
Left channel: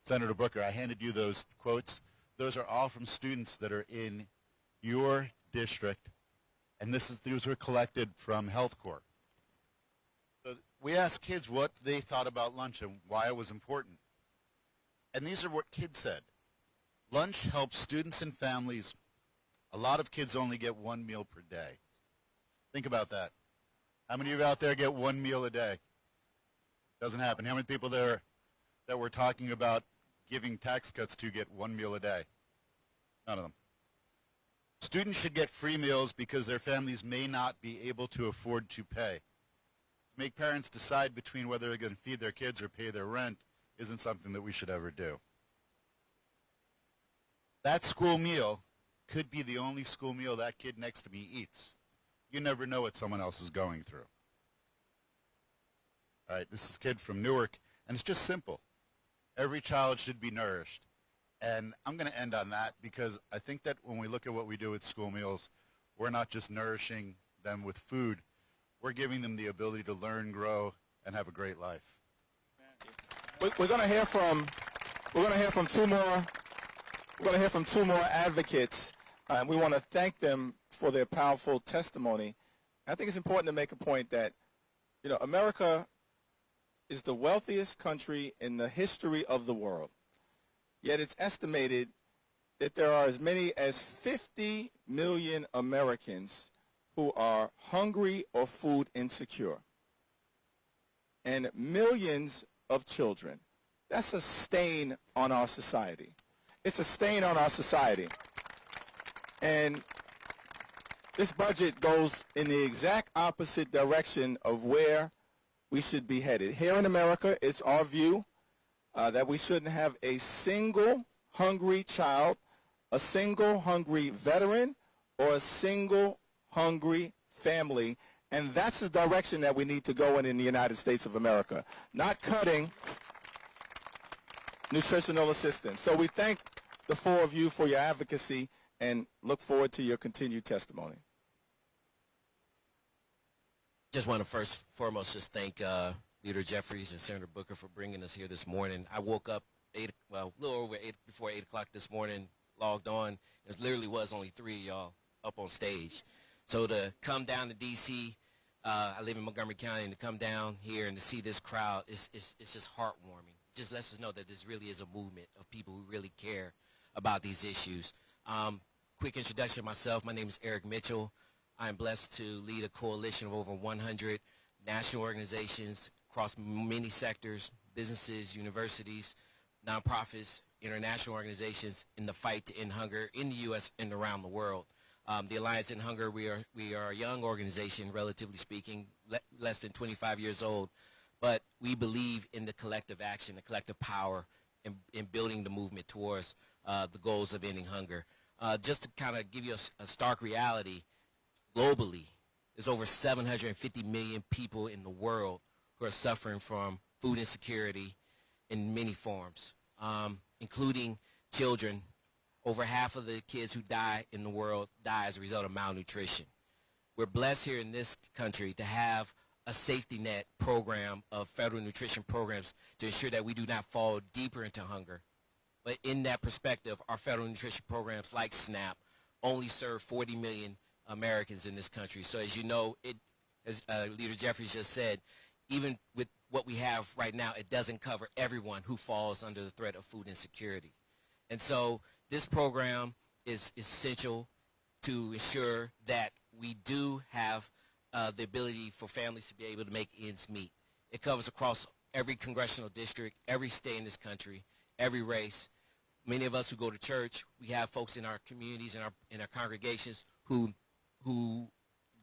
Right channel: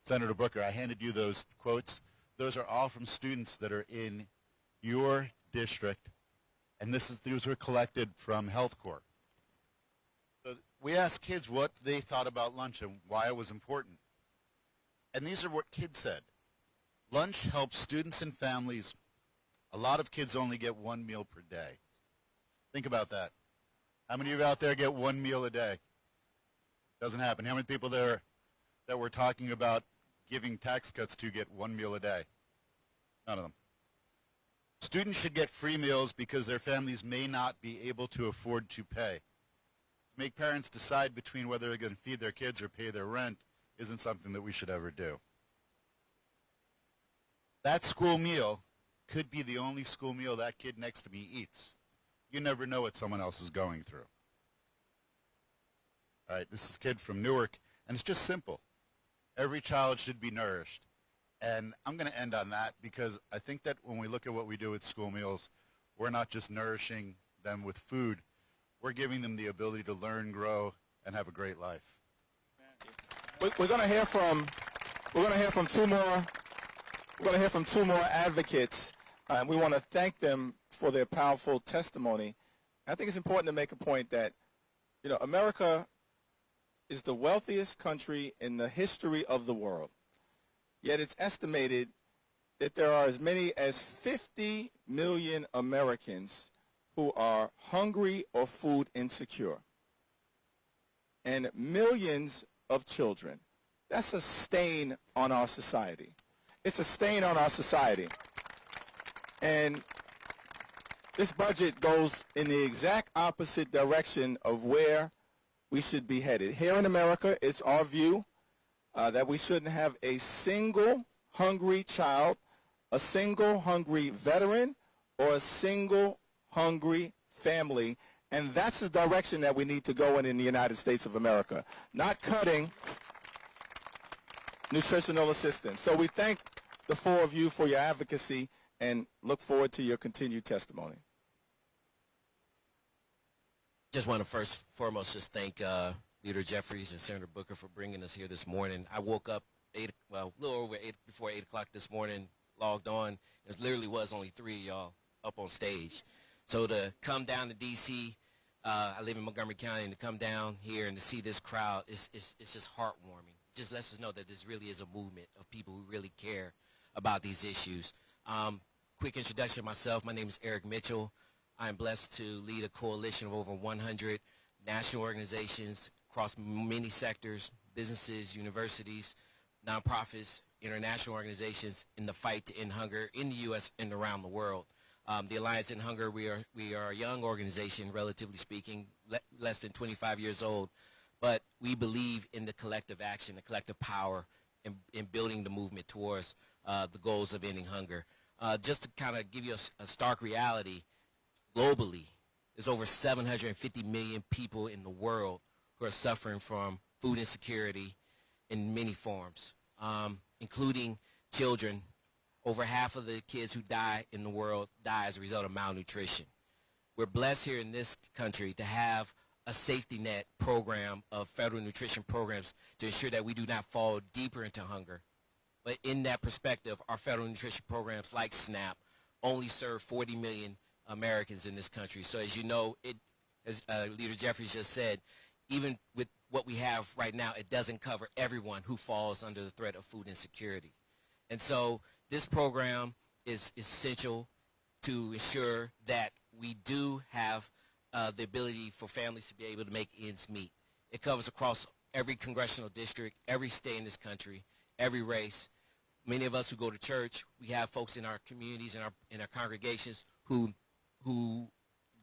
Senator Booker. I handed you those quotes. Those are all from students that are in your district, and these were collected from Health Corps. So we asked kids what they thought about lunch and why it was important. And these are what kids said. Lunch helps students and families. A lot of kids only get one meal per day. Think about that. How many of you out there get one meal a day? Doesn't happen. How many people there that we're talking about giving tax cuts to get one meal a day? None of them. Students should get free meals because their families may not be able to afford to pay. To make parents decide between whether they're going to feed their kids or pay their rent isn't something that we should ever do. That school meal could be the only school meal that kid next to me eats. You never know what someone else is going through. All right, this is a kid from Newark, and it's just simple. Every child should be nourished. And I'm going to end on that because I think that when we look at what we do with school meals, we're not just nourishing them with food. We're giving them the ability to learn, grow, and have a great life. We're going to hear from two more. We're going to hear from two more advocates. We want to thank them for their powerful testimony. I think it's important to make a point that, America is the wealthiest country in the history of the world. Yet it's estimated that there are as many as 50 million Americans who are hungry or food insecure, and millions of children. That's a stain on our society. It's a stain on our society. And this budget goes in the exact opposite direction of where we should be headed. Here in America, it's our view that we shouldn't have a single hungry child, a single hungry veteran, or a single hungry family. And that's the direction that we need to go in the United States of America, not cutting nutritional assistance. So we thank the four of you for your advocacy and look forward to your continued testimony. Just want to foremost just thank Leader Jefferies and Senator Booker for bringing us here this morning. I woke up a little over before 8 o'clock this morning, logged on. There literally was only 3 of y'all up on stage. So to come down to D.C., I live in Montgomery County, and to come down here and to see this crowd, it's just heartwarming. It just lets us know that this really is a movement of people who really care about these issues. Quick introduction of myself. My name is Eric Mitchell. I'm blessed to lead a coalition of over 100 national organizations across many sectors, businesses, universities, nonprofits, international organizations in the fight to end hunger in the U.S. and around the world. The Alliance End Hunger, we are a young organization, relatively speaking, less than 25 years old, but we believe in the collective action, the collective power in building the movement towards the goals of ending hunger. Just to kind of give you a stark reality, globally, there's over 750 million people in the world who are suffering from food insecurity in many forms, including children. Over half of the kids who die in the world die as a result of malnutrition. We're blessed here in this country to have a safety net program of federal nutrition programs to ensure that we do not fall deeper into hunger. But in that perspective, our federal nutrition programs like SNAP only serve 40 million Americans in this country. So as you know, as Leader Jefferies just said, even with what we have right now, it doesn't cover everyone who falls under the threat of food insecurity. And so this program is essential to ensure that we do have the ability for families to be able to make ends meet. It covers across every congressional district, every state in this country, every race. Many of us who go to church, we have folks in our communities and in our congregations who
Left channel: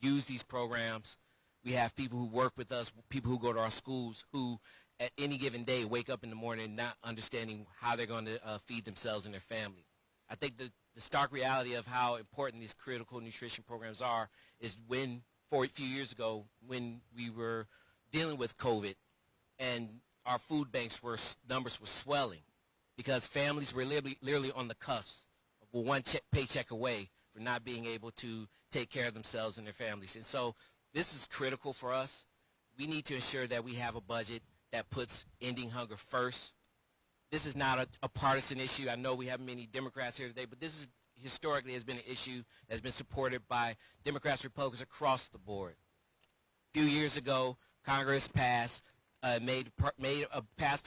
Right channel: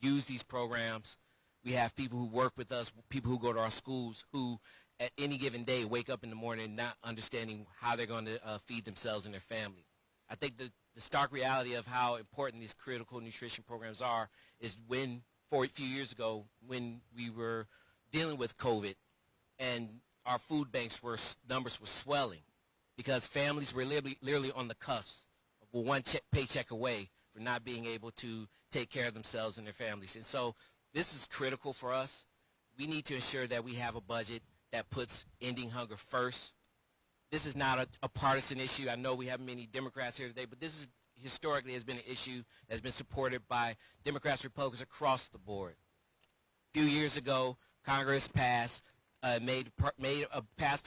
use these programs. We have people who work with us, people who go to our schools, who at any given day wake up in the morning not understanding how they're going to feed themselves and their family. I think the stark reality of how important these critical nutrition programs are is when, a few years ago, when we were dealing with COVID and our food banks numbers were swelling because families were literally on the cusp of one paycheck away for not being able to take care of themselves and their families. And so this is critical for us. We need to ensure that we have a budget that puts ending hunger first. This is not a partisan issue. I know we have many Democrats here today, but this is historically has been an issue that's been supported by Democrats, Republicans across the board. A few years ago, Congress passed a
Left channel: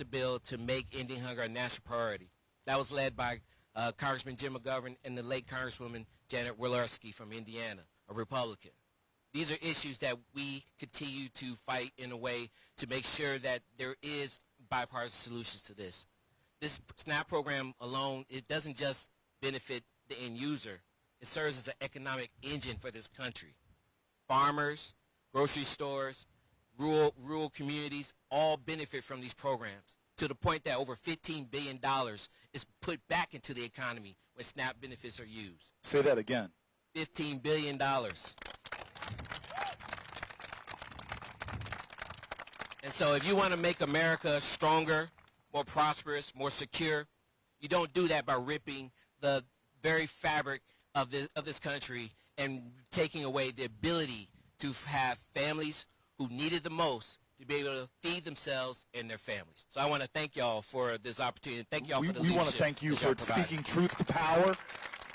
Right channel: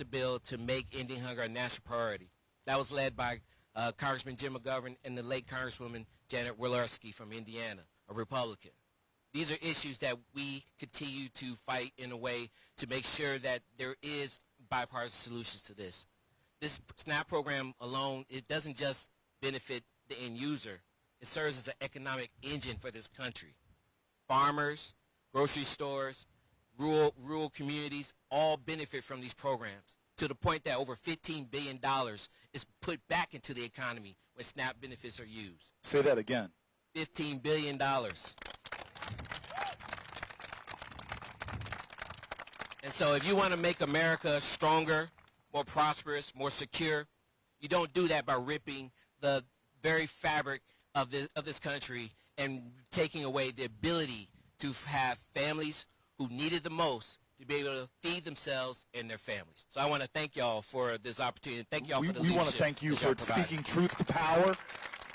bill to make ending hunger a national priority. That was led by Congressman Jim McGovern and the late Congresswoman Janet Walorski from Indiana, a Republican. These are issues that we continue to fight in a way to make sure that there is bipartisan solutions to this. This SNAP program alone, it doesn't just benefit the end user. It serves as an economic engine for this country. Farmers, grocery stores, rural communities all benefit from these programs to the point that over $15 billion is put back into the economy when SNAP benefits are used. Say that again. $15 billion. And so if you want to make America stronger, more prosperous, more secure, you don't do that by ripping the very fabric of this country and taking away the ability to have families who need it the most to be able to feed themselves and their families. So I want to thank y'all for this opportunity. Thank y'all for the leadership. We want to thank you for speaking truth to power,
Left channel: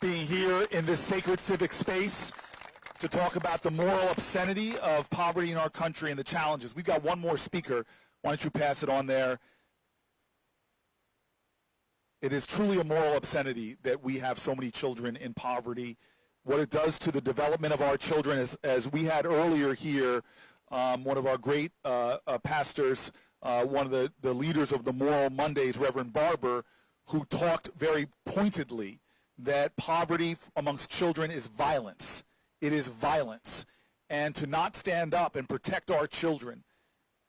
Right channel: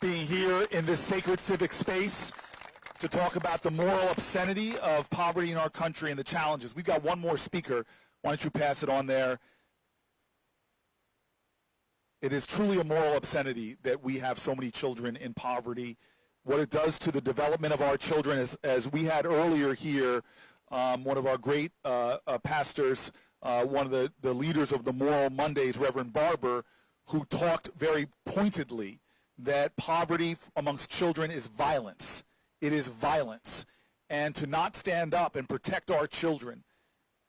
being here in this sacred civic space to talk about the moral obscenity of poverty in our country and the challenges. We've got one more speaker. Why don't you pass it on there? It is truly a moral obscenity that we have so many children in poverty. What it does to the development of our children, as we had earlier here, one of our great pastors, one of the leaders of the Moral Mondays, Reverend Barber, who talked very pointedly that poverty amongst children is violence. It is violence. And to not stand up and protect our children.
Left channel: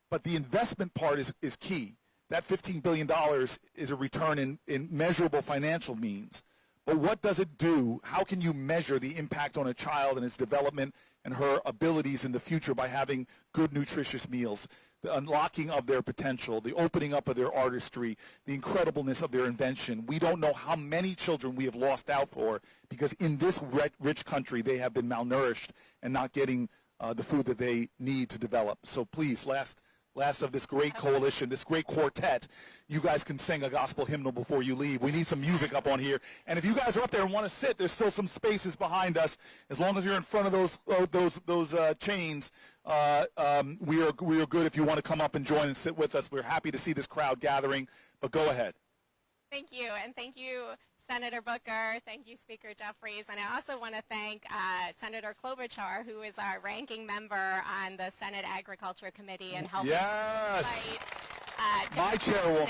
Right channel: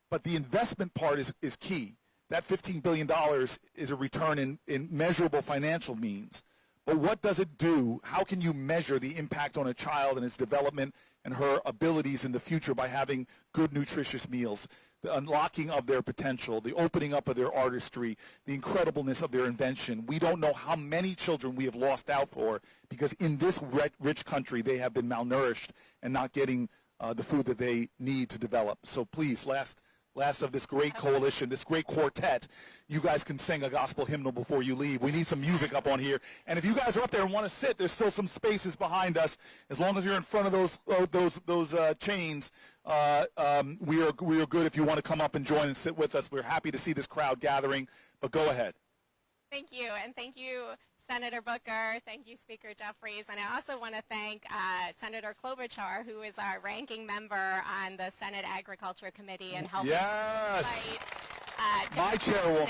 But the investment part is key. That $15 billion is a return in measurable financial means. But what does it do? How can you measure the impact on a child and its development and her abilities in the future by having good, nutritious meals? The unlocking of their potential, the opening up of their artistry, the incredibleness of their invention. We don't know how many children we have lost out for because in this rich country they have been malnourished and not getting the food that they need to develop. So please, last of this great coalition, this great quartet, you guys can sing a gospel hymnal before you leave. We need some music up on here. And if you guys are up there and want to sit, there's still some spaces behind us. As long as you're in front of those chains, we are good if you want to come up and join and sit with us. We're happy to see this crowd gathering, but go ahead. Thank you, and thank you, Senator Booker. Thank you, Speaker Jeffries. And I also want to thank Senator Klobuchar, who is our ranking member on the Senate Agriculture Committee and helping Yes. My chairwoman.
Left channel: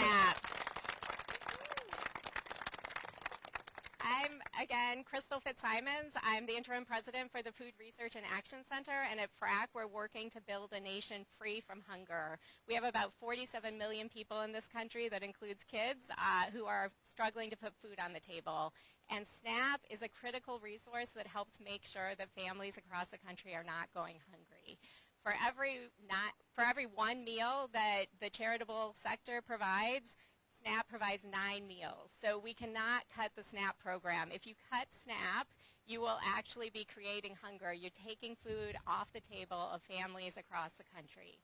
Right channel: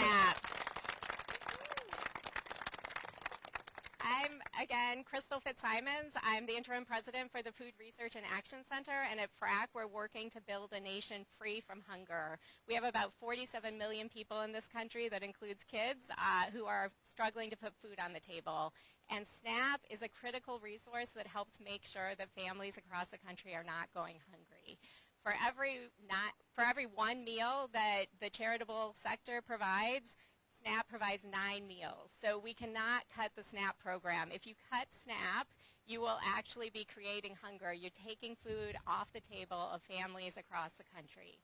I'm, again, Crystal Fitzsimons. I'm the interim president for the Food Research and Action Center, and at FRAC, we're working to build a nation free from hunger. We have about 47 million people in this country, that includes kids, who are struggling to put food on the table. And SNAP is a critical resource that helps make sure that families across the country are not going hungry. For every one meal that the charitable sector provides, SNAP provides 9 meals. So we cannot cut the SNAP program. If you cut SNAP, you will actually be creating hunger. You're taking food off the table of families across the country.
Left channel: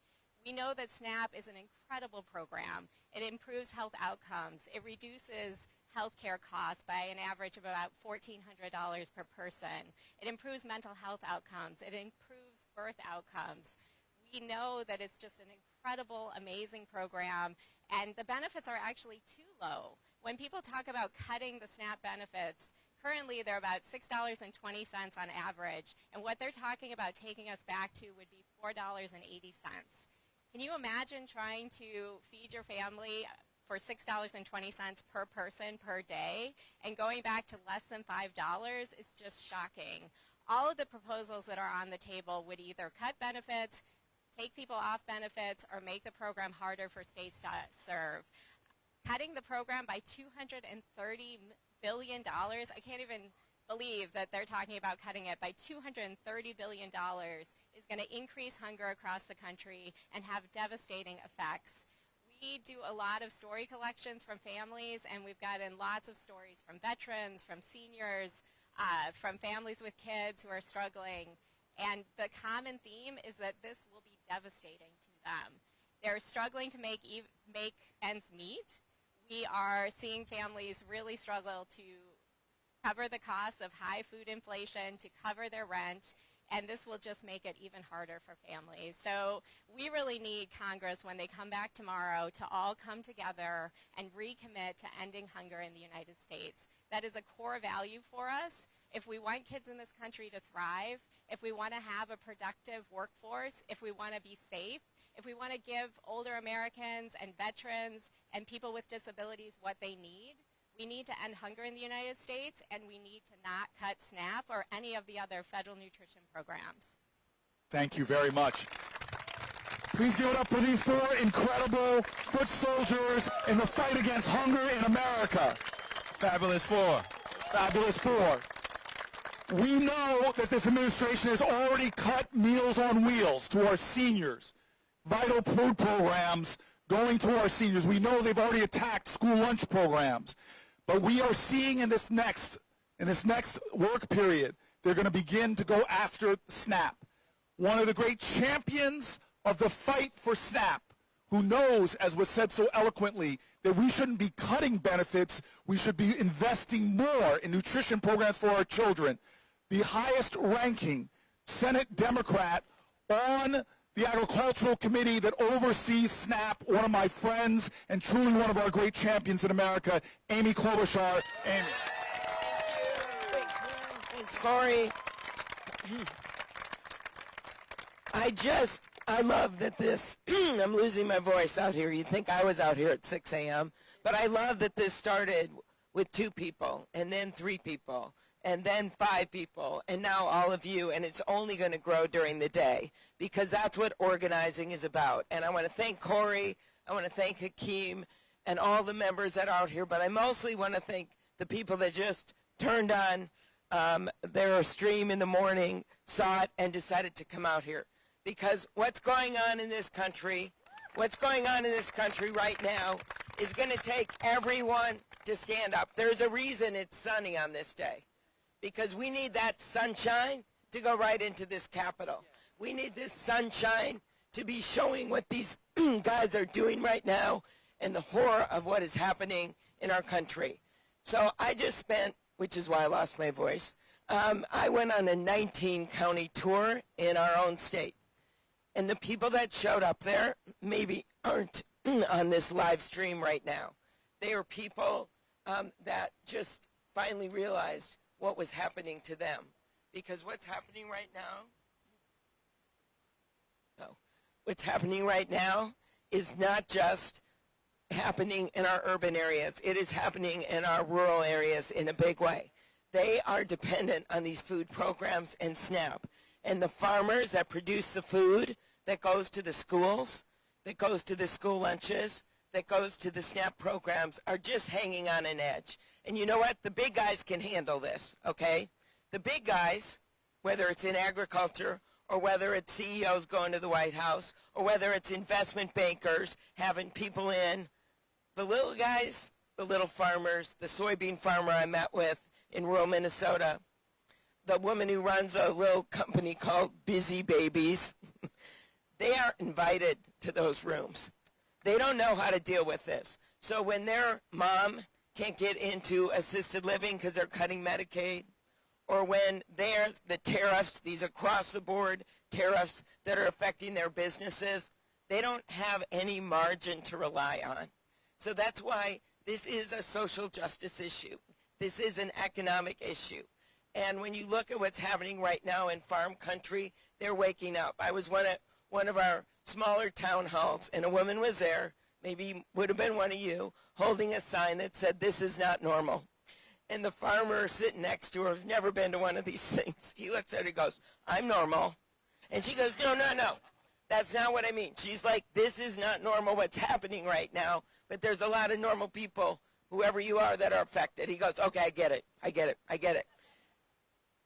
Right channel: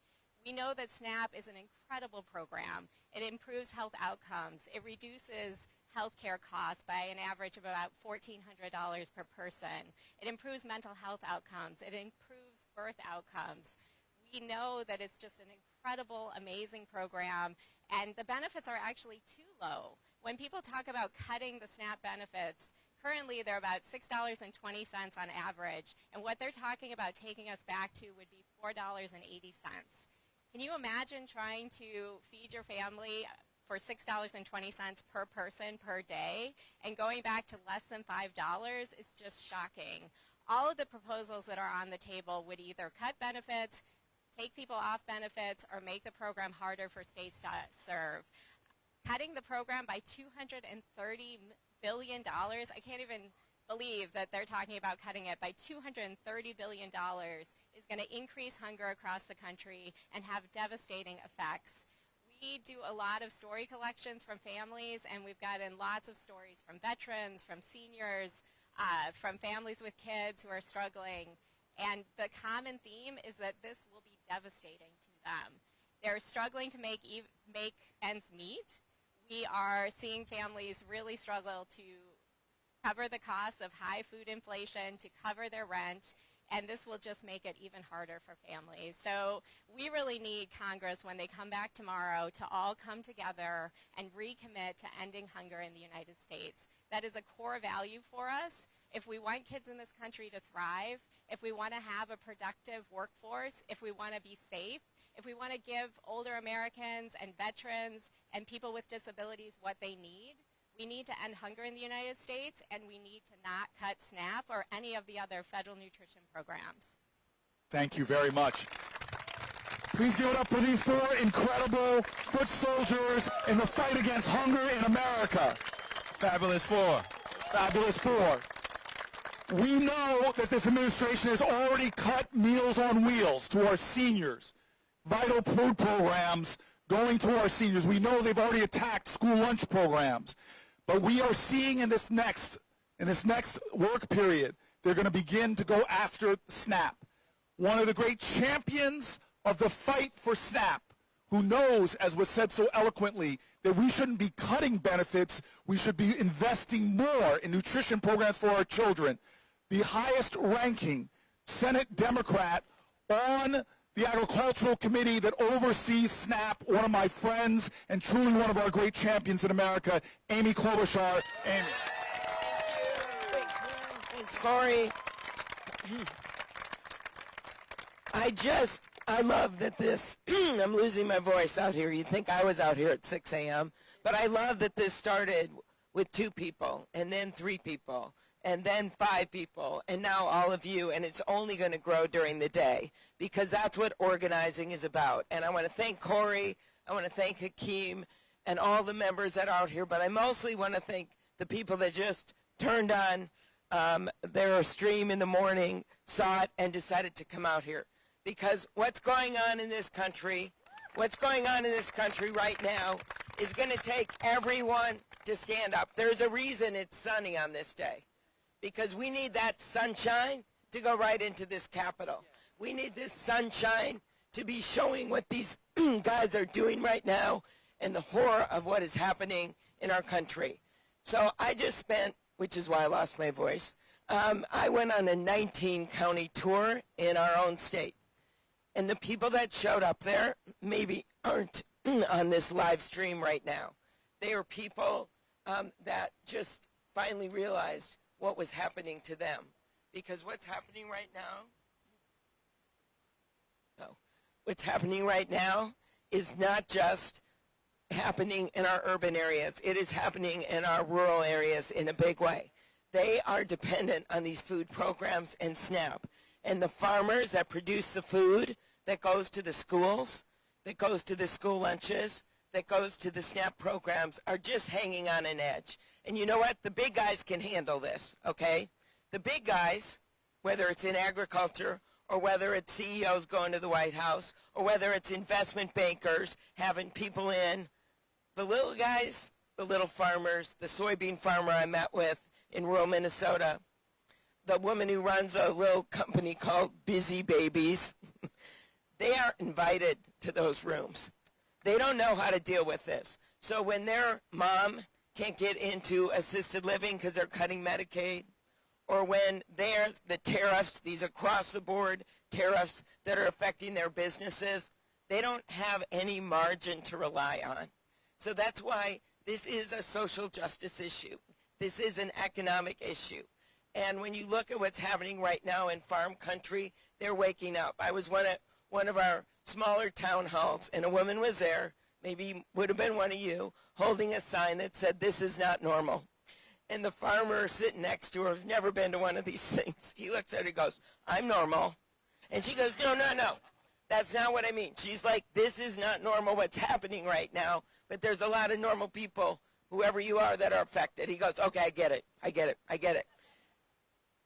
We know that SNAP is an incredible program. It improves health outcomes. It reduces healthcare costs by an average of about $1,400 per person. It improves mental health outcomes. It improves birth outcomes. We know that it's just an incredible, amazing program, and the benefits are actually too low. When people talk about cutting the SNAP benefits, currently they're about $6.20 on average, and what they're talking about taking us back to would be $4.80. Can you imagine trying to feed your family for $6.20 per person per day, and going back to less than $5 is just shocking. All of the proposals that are on the table would either cut benefits, take people off benefits, or make the program harder for states to serve. Cutting the program by $230 billion, I can't even believe that they're talking about cutting it by $230 billion, is going to increase hunger across the country and have devastating effects. We do a lot of story collections from families, and we've gotten lots of stories from veterans, from seniors, from families with kids who are struggling. And the common theme is that this will be devastating to them. They're struggling to make ends meet. We are seeing families really struggle to cover the costs of high food inflation, to cover their rent, and this will just make it even harder for families. So we really need Congress, when they come back tomorrow, to all come together and recommit to ending hunger in the United States. That is a core value for us. If we want kids in this country to thrive, if we want to have a productive workforce, if we want to be safe, if we want to give older Americans and veterans and people with disabilities what they need, we need to end hunger in the United States, and we need to not cut SNAP or any of the other federal nutrition programs. Thank you very much. Please give it up for these 4 incredible foot soldiers in the fight against hunger in America. Fabulous 4. Fabulous 4. We know that this administration has already cut Meals on Wheels to our seniors, vital food programs going to our seniors. We know they've already attacked school lunch programs. But we are seeing in this next work period, they're going to begin to go after SNAP. One of the great champions of the fight for SNAP, who knows, as was said so eloquently, that we shouldn't be cutting benefits, we should be investing more in nutrition programs for our children. The highest ranking Senate Democrat on the Agricultural Committee that oversees SNAP, one of my friends and truly one of our great champions in America, Amy Klobuchar. Amy. Thanks, Cory. I love that this, I'm losing my voice out here. You'd think I was out here at 6 a.m., but I love that this started with 2 people, and then 3 people, and then 5 people, and now all of you, and it's only going to grow during the day, because that's what organizing is about. And I want to thank Cory, I want to thank Hakeem, and all the members that are out here, but I mostly want to thank the people that just turned on their stream in the morning, saw it, and decided to come out here. Because what's going on in this country right now is going to take everyone to stand up. There's a reason it's sunny on this day, because we need that sunshine to go right into this Capitol. We need this sunshine to be showing what these guys are doing right now and the horror of what is happening in our country. So I just spent, which is why I lost my voice, I went on a 19-county tour in our own state. And the people that showed up there maybe aren't on this live stream right now. They are people that just finally realized what was happening to them. Because what's happening right now, what's happening right now is not just happening in our urban areas. It is happening in our rural areas in a big way. They are dependent on these food programs and SNAP. And the farmers that produce the food that goes to the schools, that goes to the school lunches, that goes to the SNAP programs are just hanging on an edge. And you know what? The big guys can handle this, okay? The big guys, whether it's in agriculture or whether it's CEOs going to the White House or whether it's investment bankers having people in, the little guys, the little farmers, the soybean farmer I met with in rural Minnesota, the woman who runs a little company called Busy Babies, they aren't invited to those rooms. They don't know how to deal with this. So when their mom can't get into assisted living because they're cutting Medicaid, or when there's the tariffs, these across-the-board tariffs that are affecting their businesses, they don't have any margin to rely on. So that's why this is a social justice issue. This is an economic issue. And when you look at what's happening right now in farm country, they're waking up. I was one of our smaller town halls, and a woman was there, maybe would have been one of you, holding a sign that said, "This is not normal." And the farmer sitting next to her has never been to one of these things. He looks at her and goes, "I'm normal." And she goes, no, that's not what I mean. She's like, "This is not normal what's happening right now, but there's a lot of normal people, whoever you are, that are affected." He goes, "Okay, I get it.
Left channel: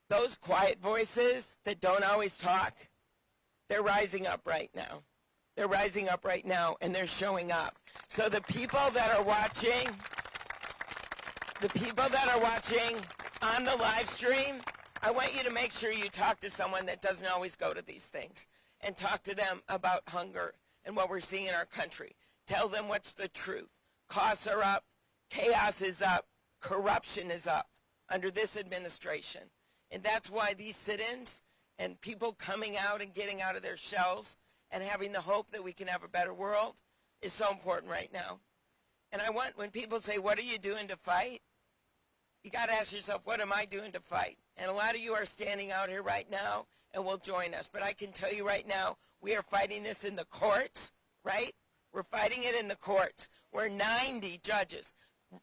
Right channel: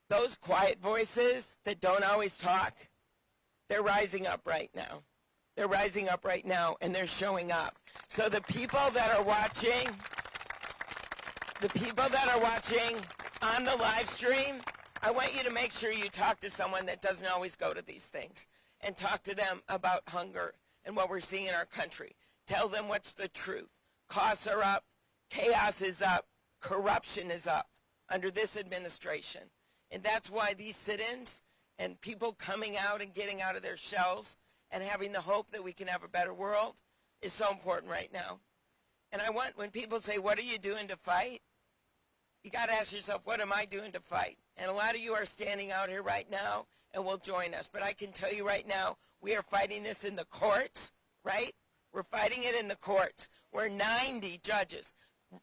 Those quiet voices that don't always talk, they're rising up right now. They're rising up right now, and they're showing up. So the people that are watching on the live stream, I want you to make sure you talk to someone that doesn't always go to these things and talk to them about hunger and what we're seeing in our country. Tell them what's the truth. Costs are up, chaos is up, corruption is up under this administration. And that's why these sit-ins and people coming out and getting out of their shells and having the hope that we can have a better world is so important right now. And I want, when people say, "What are you doing to fight?" you got to ask yourself, what am I doing to fight? And a lot of you are standing out here right now and will join us. But I can tell you right now, we are fighting this in the courts, right? We're fighting it in the courts where 90 judges,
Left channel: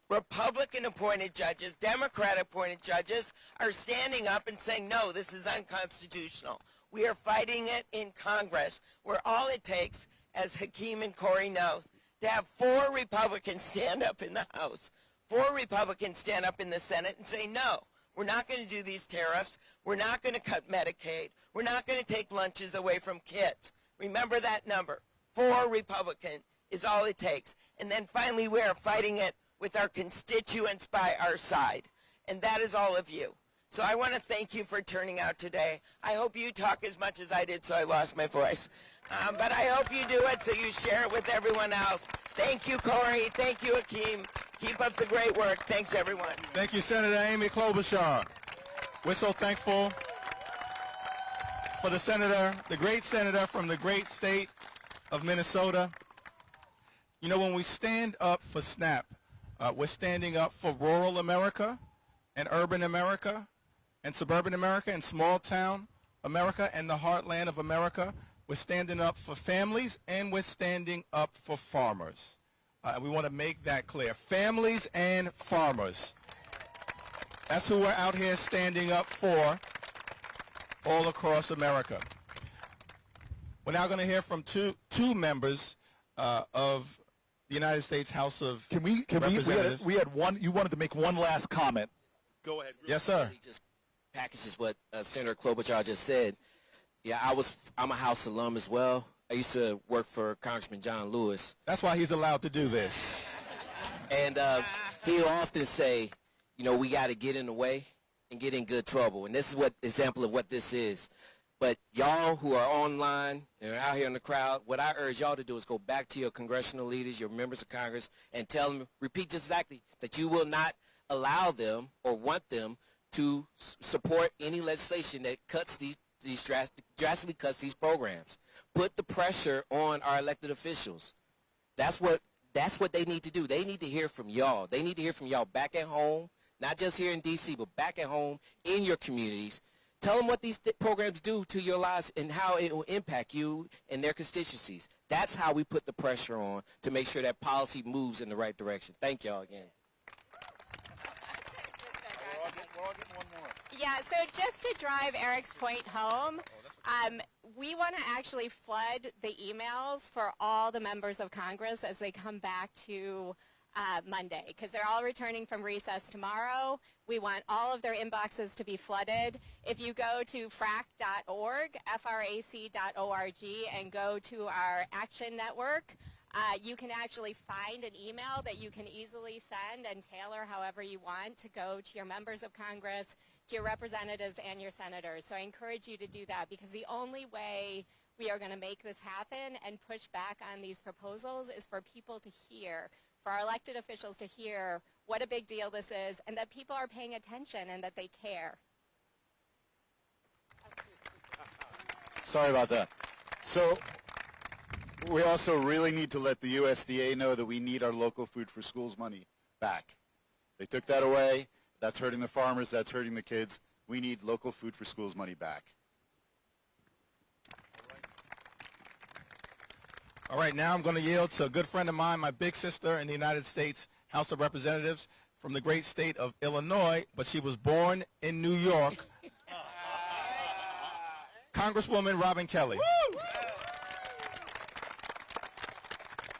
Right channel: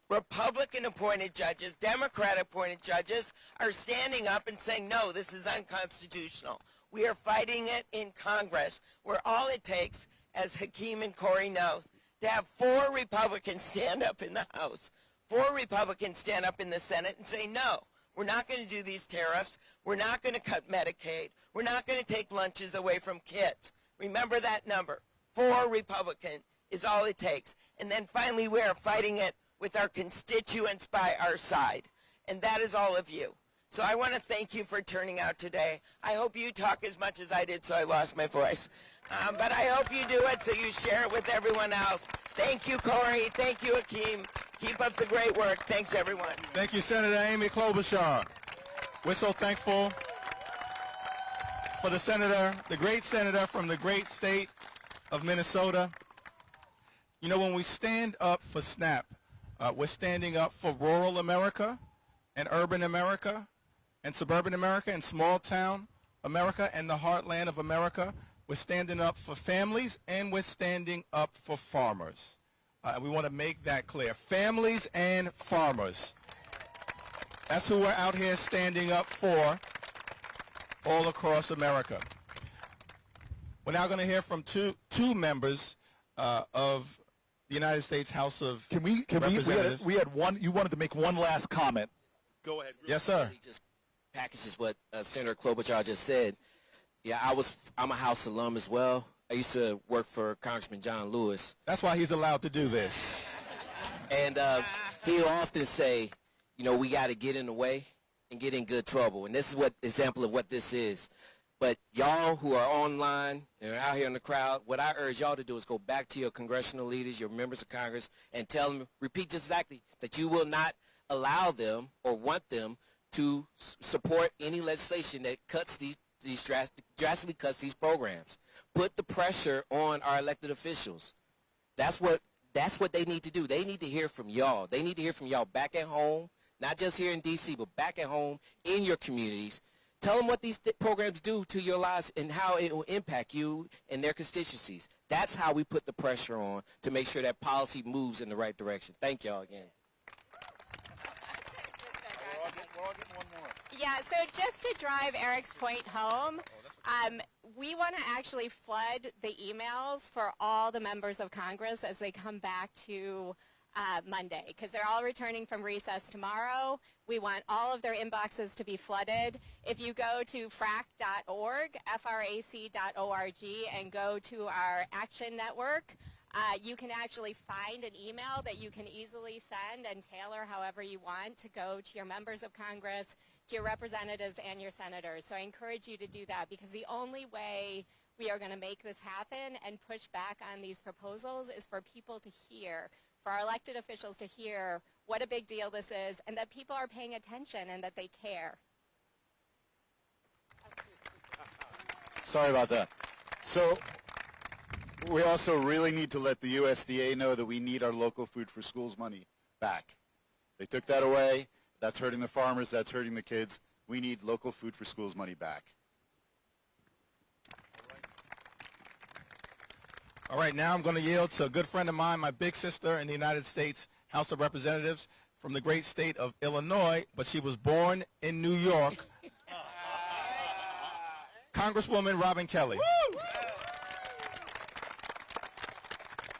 Republican-appointed judges, Democrat-appointed judges, are standing up and saying, no, this is unconstitutional. We are fighting it in Congress, where all it takes, as Hakeem and Cory know, to have 4 Republicans stand up in the House, 4 Republicans stand up in the Senate and say, no, we're not going to do these tariffs. We're not going to cut Medicaid. We're not going to take lunches away from kids. Remember that number. 4 Republicans is all it takes. And then finally, we are fighting it with our constituents by our side. And that is all of you. So I want to thank you for turning out today. I hope you talk as much as I did, so I lost my voice. But I hope you do it so you share it with everyone else. Thank you, Cory. Thank you, Hakeem. Keep up the great work. Thanks, everyone. Thank you, Senator Amy Klobuchar. We're so thankful for the senator, the great senator from the great state of Minnesota. You know, when we stand up for SNAP, we're standing up for rural America and urban America and suburban America and small town America and the heartland of America. We're standing up for families and we're standing up for farmers. We want to make that clear. Families and farmers. That's who we're out here standing up for all across America. We're now going to hear from two members of the United States House of Representatives. We had one. You wanted to make one last comment. Go ahead. Yes, sir. It just packages what Senator Klobuchar just said. Yeah, I'm a House alum as well. I used to work for Congressman John Lewis. That's why he's allowed to do this. And he'll often say, you know, we got to get in the way and get in good trouble. And this is what example of what this is. But y'all who are online and are out here in the crowd, what I urge y'all to do is go back to your congressional leaders, your members of Congress, and tell them, repeat just exactly, that you will not allow them or want them to support any legislation that cuts these drastically cuts these programs. Put the pressure on our elected officials. That's what they need to do. They need to hear from y'all. They need to hear from y'all back at home. not just here in D.C., but back at home in your communities. Tell them what these programs do to your lives and how it will impact you and their constituencies. That's how we put the pressure on to make sure that policy moves in the right direction. Thank y'all again. Yeah, so just to drive Eric's point home, we want to actually flood the emails for all the members of Congress as they come back to Monday, because they're all returning from recess tomorrow. We want all of their inboxes to be flooded. If you go to frac.org, frac.org, and go to our Action Network, you can actually find an email that you can easily send and tailor however you want to go to your members of Congress, to your representatives, and your senators. So I encourage you to do that, because the only way we are going to make this happen and push back on these proposals is for people to hear, for our elected officials to hear what a big deal this is, and that people are paying attention and that they care. Sorry about that. So we also really need to let the USDA know that we need our local food for schools money back. They took that away. That's hurting the farmers. That's hurting the kids. We need local food for schools money back. All right, now I'm going to yield to a good friend of mine, my big sister in the United States House of Representatives from the great state of Illinois, but she was born in New York, Congresswoman Robin Kelly.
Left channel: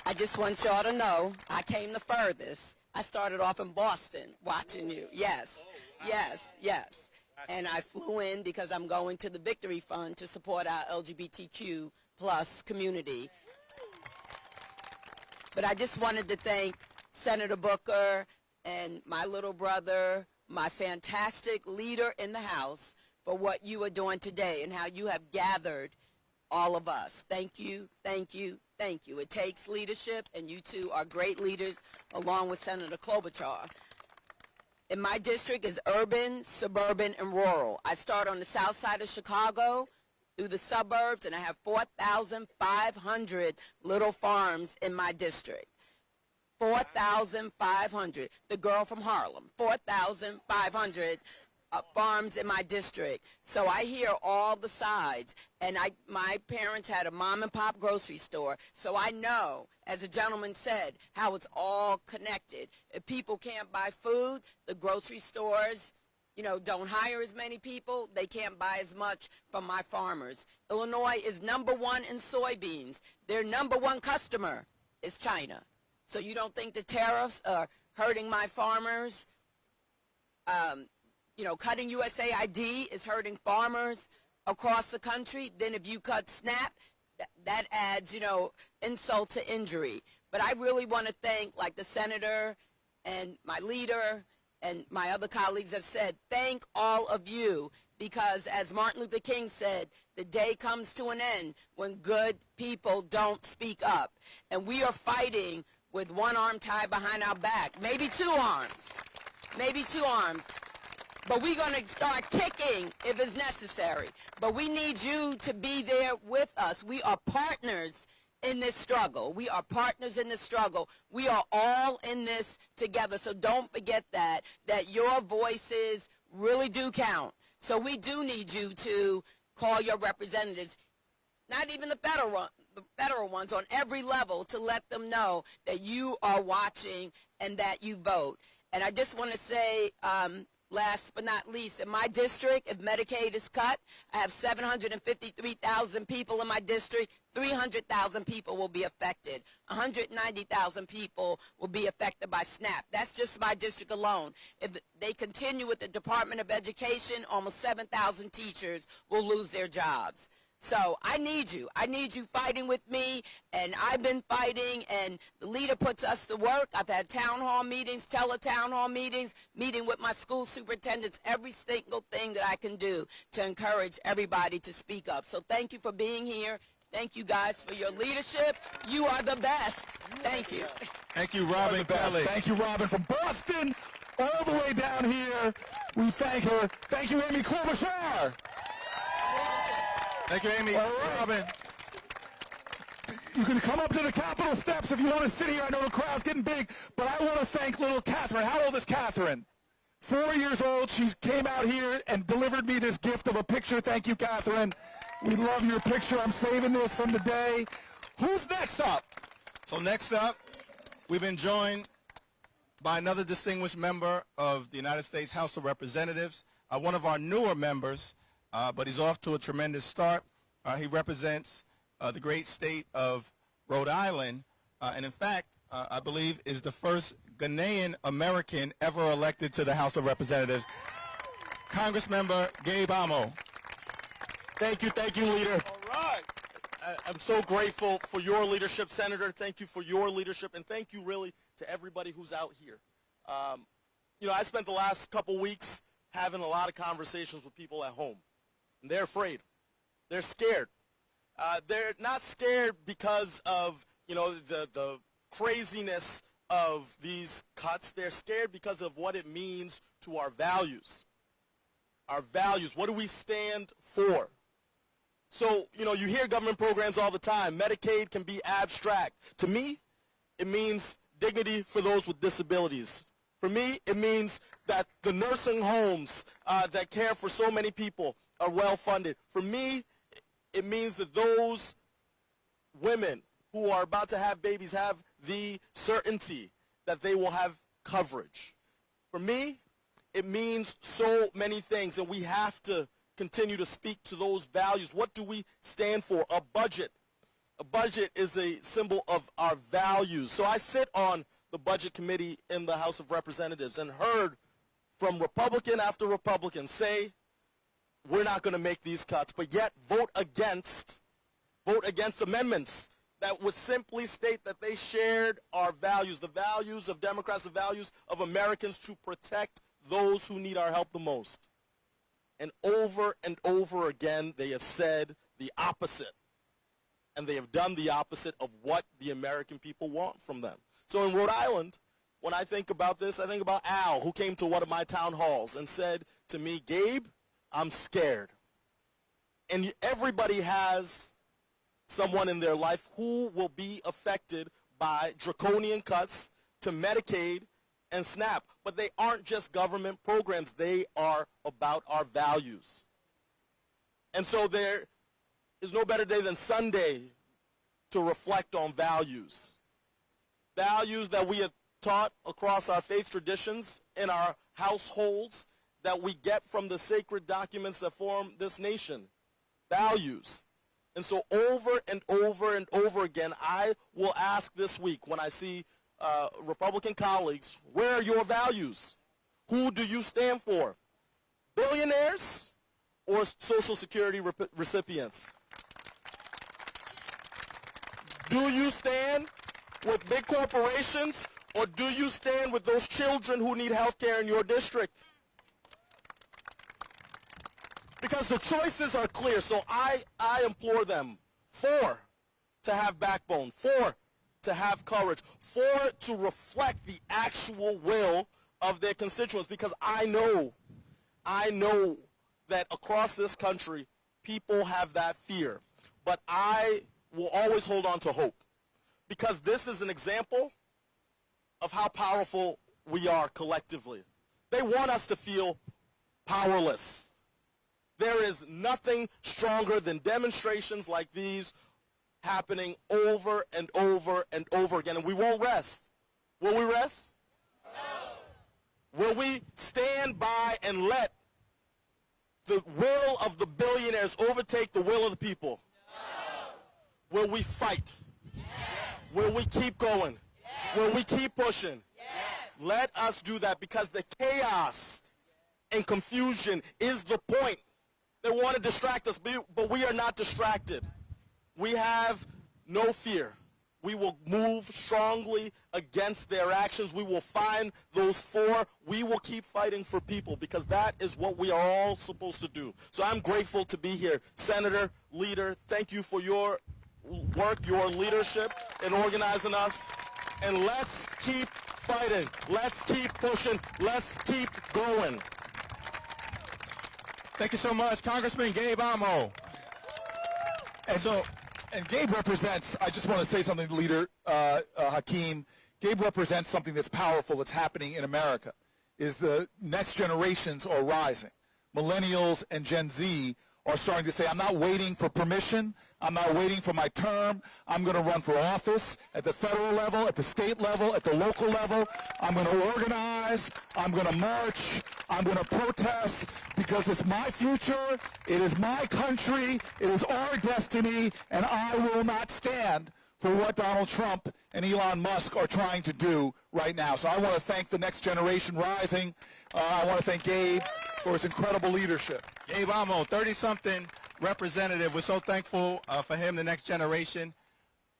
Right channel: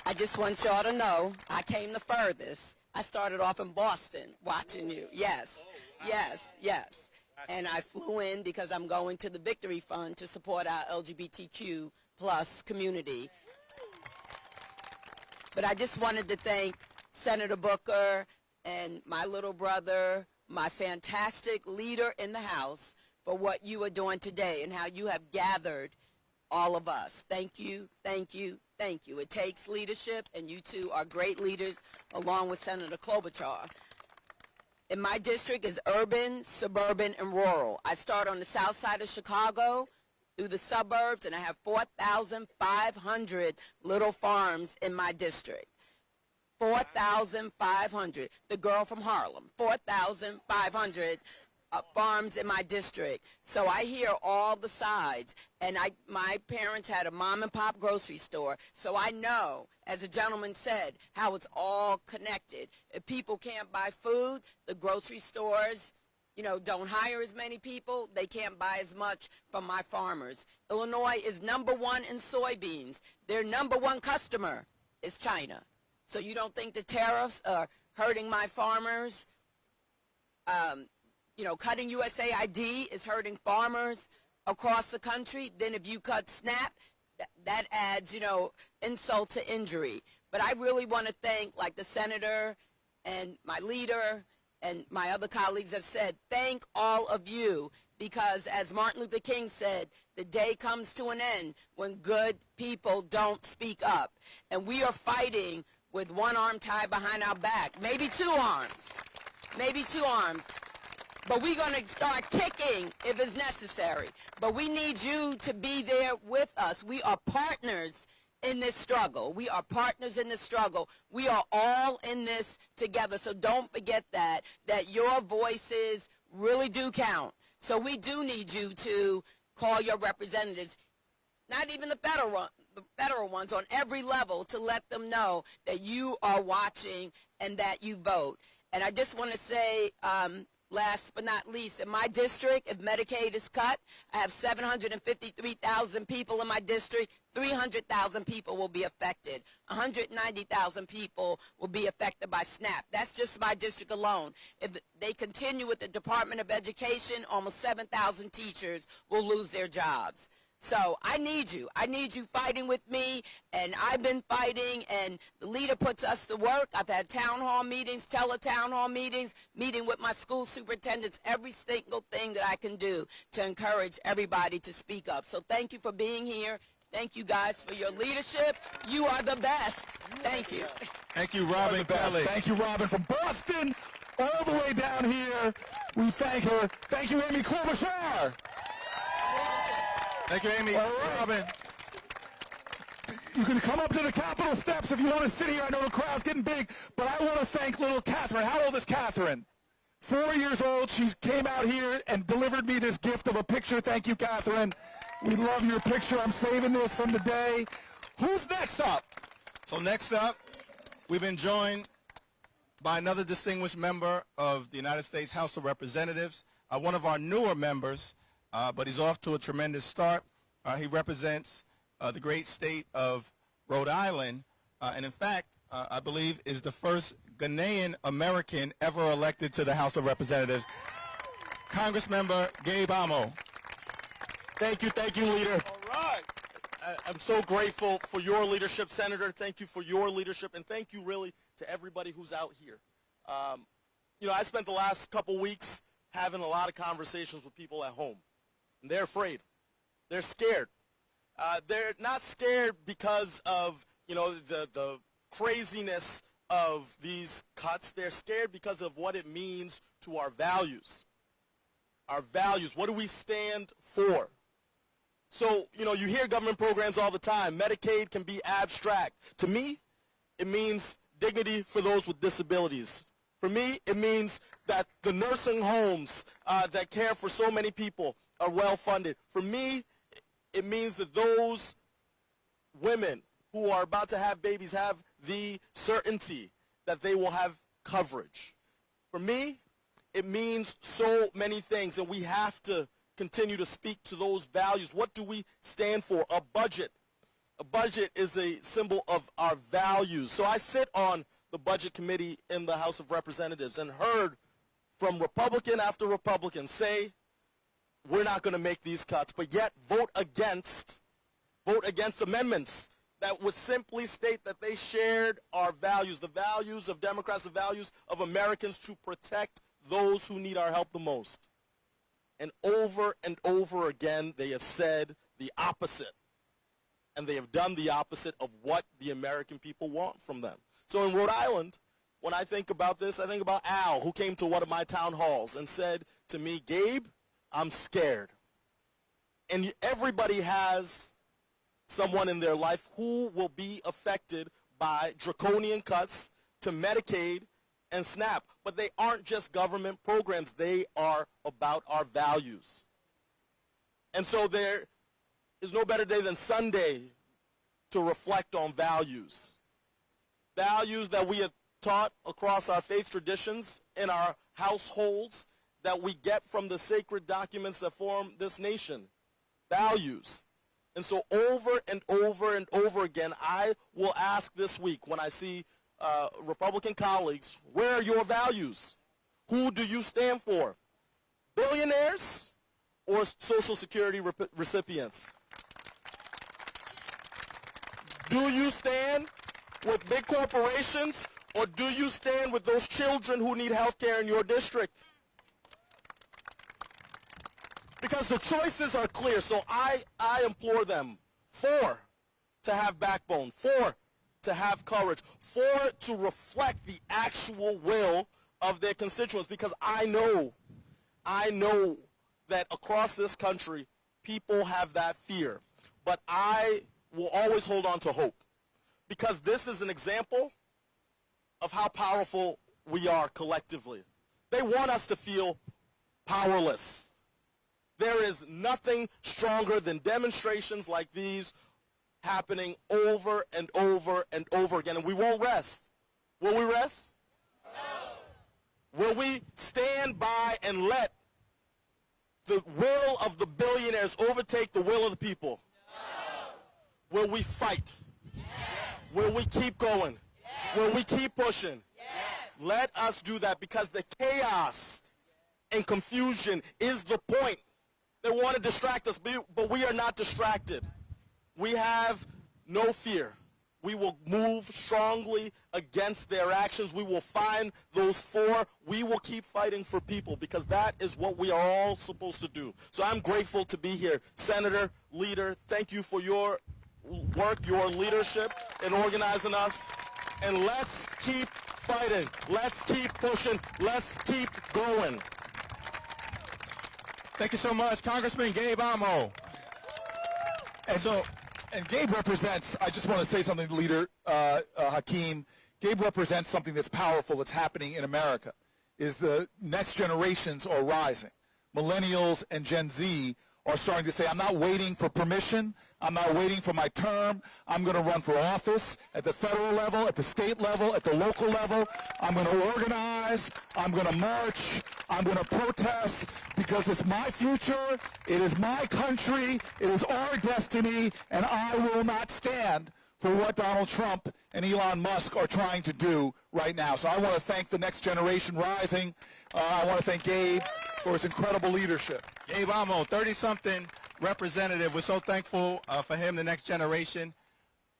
I just want y'all to know I came the furthest. I started off in Boston watching you. Yes, yes, yes. And I flew in because I'm going to the Victory Fund to support our LGBTQ plus community. But I just wanted to thank Senator Booker and my little brother, my fantastic leader in the House, for what you are doing today and how you have gathered all of us. Thank you, thank you, thank you. It takes leadership, and you two are great leaders, along with Senator Klobuchar. In my district is urban, suburban, and rural. I start on the south side of Chicago through the suburbs, and I have 4,500 little farms in my district. 4,500. The girl from Harlem, 4,500 farms in my district. So I hear all the sides, and my parents had a mom and pop grocery store, so I know, as a gentleman said, how it's all connected. If people can't buy food, the grocery stores, don't hire as many people. They can't buy as much from my farmers. Illinois is #1 in soybeans. Their #1 customer is China. So you don't think the tariffs are hurting my farmers? Cutting USAID is hurting farmers across the country. Then if you cut SNAP, that adds, insult to injury. But I really want to thank, like the senator and my leader and my other colleagues have said, thank all of you, because as Martin Luther King said, the day comes to an end when good people don't speak up. And we are fighting with one arm tied behind our back, maybe two arms, but we're going to start kicking if it's necessary. But we need you to be there with us. We are partners in this struggle. We are partners in this struggle. We are all in this together. So don't forget that your voices really do count. So we do need you to call your representatives, not even the federal ones, on every level, to let them know that you are watching and that you vote. And I just want to say, last but not least, in my district, if Medicaid is cut, I have 753,000 people in my district. 300,000 people will be affected. 190,000 people will be affected by SNAP. That's just my district alone. If they continue with the Department of Education, almost 7,000 teachers will lose their jobs. So I need you. I need you fighting with me, and I've been fighting, and the leader puts us to work. I've had town hall meetings, tele-town hall meetings, meeting with my school superintendents, every single thing that I can do to encourage everybody to speak up. So thank you for being here. Thank you guys for your leadership. You are the best. Thank you. Thank you, Robin Kelly. Thank you, Robin, from Boston all the way down here. We thank her. Thank you, Amy Klobuchar. Thank you, Amy. All right. Robin. You can come up to the Capitol steps if you want to sit here. I know the crowd's getting big, but I want to thank little Catherine. How old is Catherine? 4 years old. She came out here and delivered me this gift of a picture. Thank you, Catherine. We love your picture. I'm saving this from the day. Who's next up? So next up, we've been joined by another distinguished member of the United States House of Representatives, one of our newer members, but he's off to a tremendous start. He represents the great state of Rhode Island, and in fact, I believe is the first Ghanaian American ever elected to the House of Representatives. Congressmember Gabe Amo. Thank you, Leader. All right. I'm so grateful for your leadership, Senator. Thank you for your leadership, and thank you really to everybody who's out here. You know, I spent the last couple weeks having a lot of conversations with people at home, and they're afraid. They're scared. They're not scared because of, you know, the craziness of these cuts. They're scared because of what it means to our values. Our values. What do we stand for? So, you know, you hear government programs all the time. Medicaid can be abstract. To me, it means dignity for those with disabilities. For me, it means that the nursing homes that care for so many people are well funded. For me, it means that those women who are about to have babies have the certainty that they will have coverage. For me, it means so many things, and we have to continue to speak to those values. What do we stand for? A budget. A budget is a symbol of our values. So I sit on the Budget Committee in the House of Representatives and heard from Republican after Republican say, we're not going to make these cuts, but yet vote against amendments that would simply state that they shared our values, the values of Democrats, the values of Americans to protect those who need our help the most. And over again, they have said the opposite. And they have done the opposite of what the American people want from them. So in Rhode Island, when I think about this, I think about Al, who came to one of my town halls and said to me, Gabe, I'm scared. And everybody has someone in their life who will be affected by draconian cuts to Medicaid and SNAP. But they aren't just government programs. They are about our values. And so there is no better day than Sunday to reflect on values. Values that we have taught across our faith traditions in our households, that we get from the sacred documents that form this nation. Values. And so over and over and over again, I will ask this week when I see Republican colleagues, where are your values? Who do you stand for? Billionaires or Social Security recipients? Do you stand with big corporations, or do you stand with those children who need health care in your district? Because the choices are clear, so I implore them, to have backbone, to have courage, to reflect the actual will of their constituents, because I know that across this country, people have that fear. But I will always hold on to hope, because this is an example of how powerful we are collectively. They want us to feel powerless. There is nothing stronger than demonstrations like these happening over and over and over again, and we won't rest. Will we rest? No. Will we stand by and let the will of the billionaires overtake the will of the people? No. Will we fight? Yes. Will we keep going? Yes. Will we keep pushing? Yes. Let us do that, because the chaos and confusion is the point. They want to distract us, but we are not distracted. We have no fear. We will move strongly against their actions. We will find those four. We will keep fighting for people, because that is what we are all supposed to do. So I'm grateful to be here. Senator, leader, thank you for your work, your leadership in organizing us. And let's keep fighting. Let's keep pushing. Let's keep going. Thank you so much, Congressman Gabe Amo. And Gabe represents, I just want to say something, Leader Hakeem. Gabe represents something that's powerful that's happening in America. is the next generations are rising. Millennials and Gen Z are starting to say, I'm not waiting for permission. I'm not waiting for my term. I'm going to run for office at the federal level, at the state level, at the local level. I'm going to organize. I'm going to march. I'm going to protest because it's my future. It is my country. It is our destiny, and I will not stand for what Donald Trump and Elon Musk are trying to do right now. So I want to thank the next generation rising. I want to thank Gabe for his incredible leadership. Gabe Amo, 30-something representative. We're so thankful for him, the next generation.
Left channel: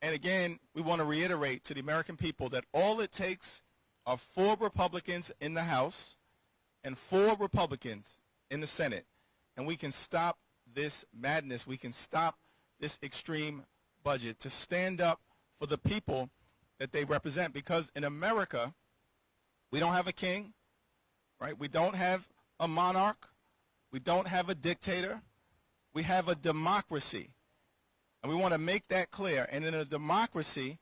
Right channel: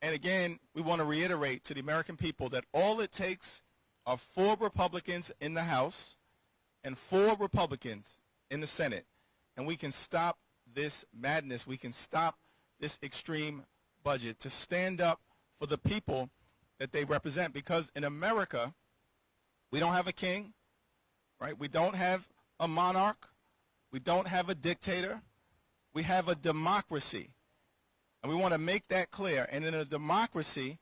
And again, we want to reiterate to the American people that all it takes are 4 Republicans in the House and 4 Republicans in the Senate. And we can stop this madness. We can stop this extreme budget to stand up for the people that they represent. Because in America, we don't have a king, right? We don't have a monarch. We don't have a dictator. We have a democracy. And we want to make that clear. And in a democracy,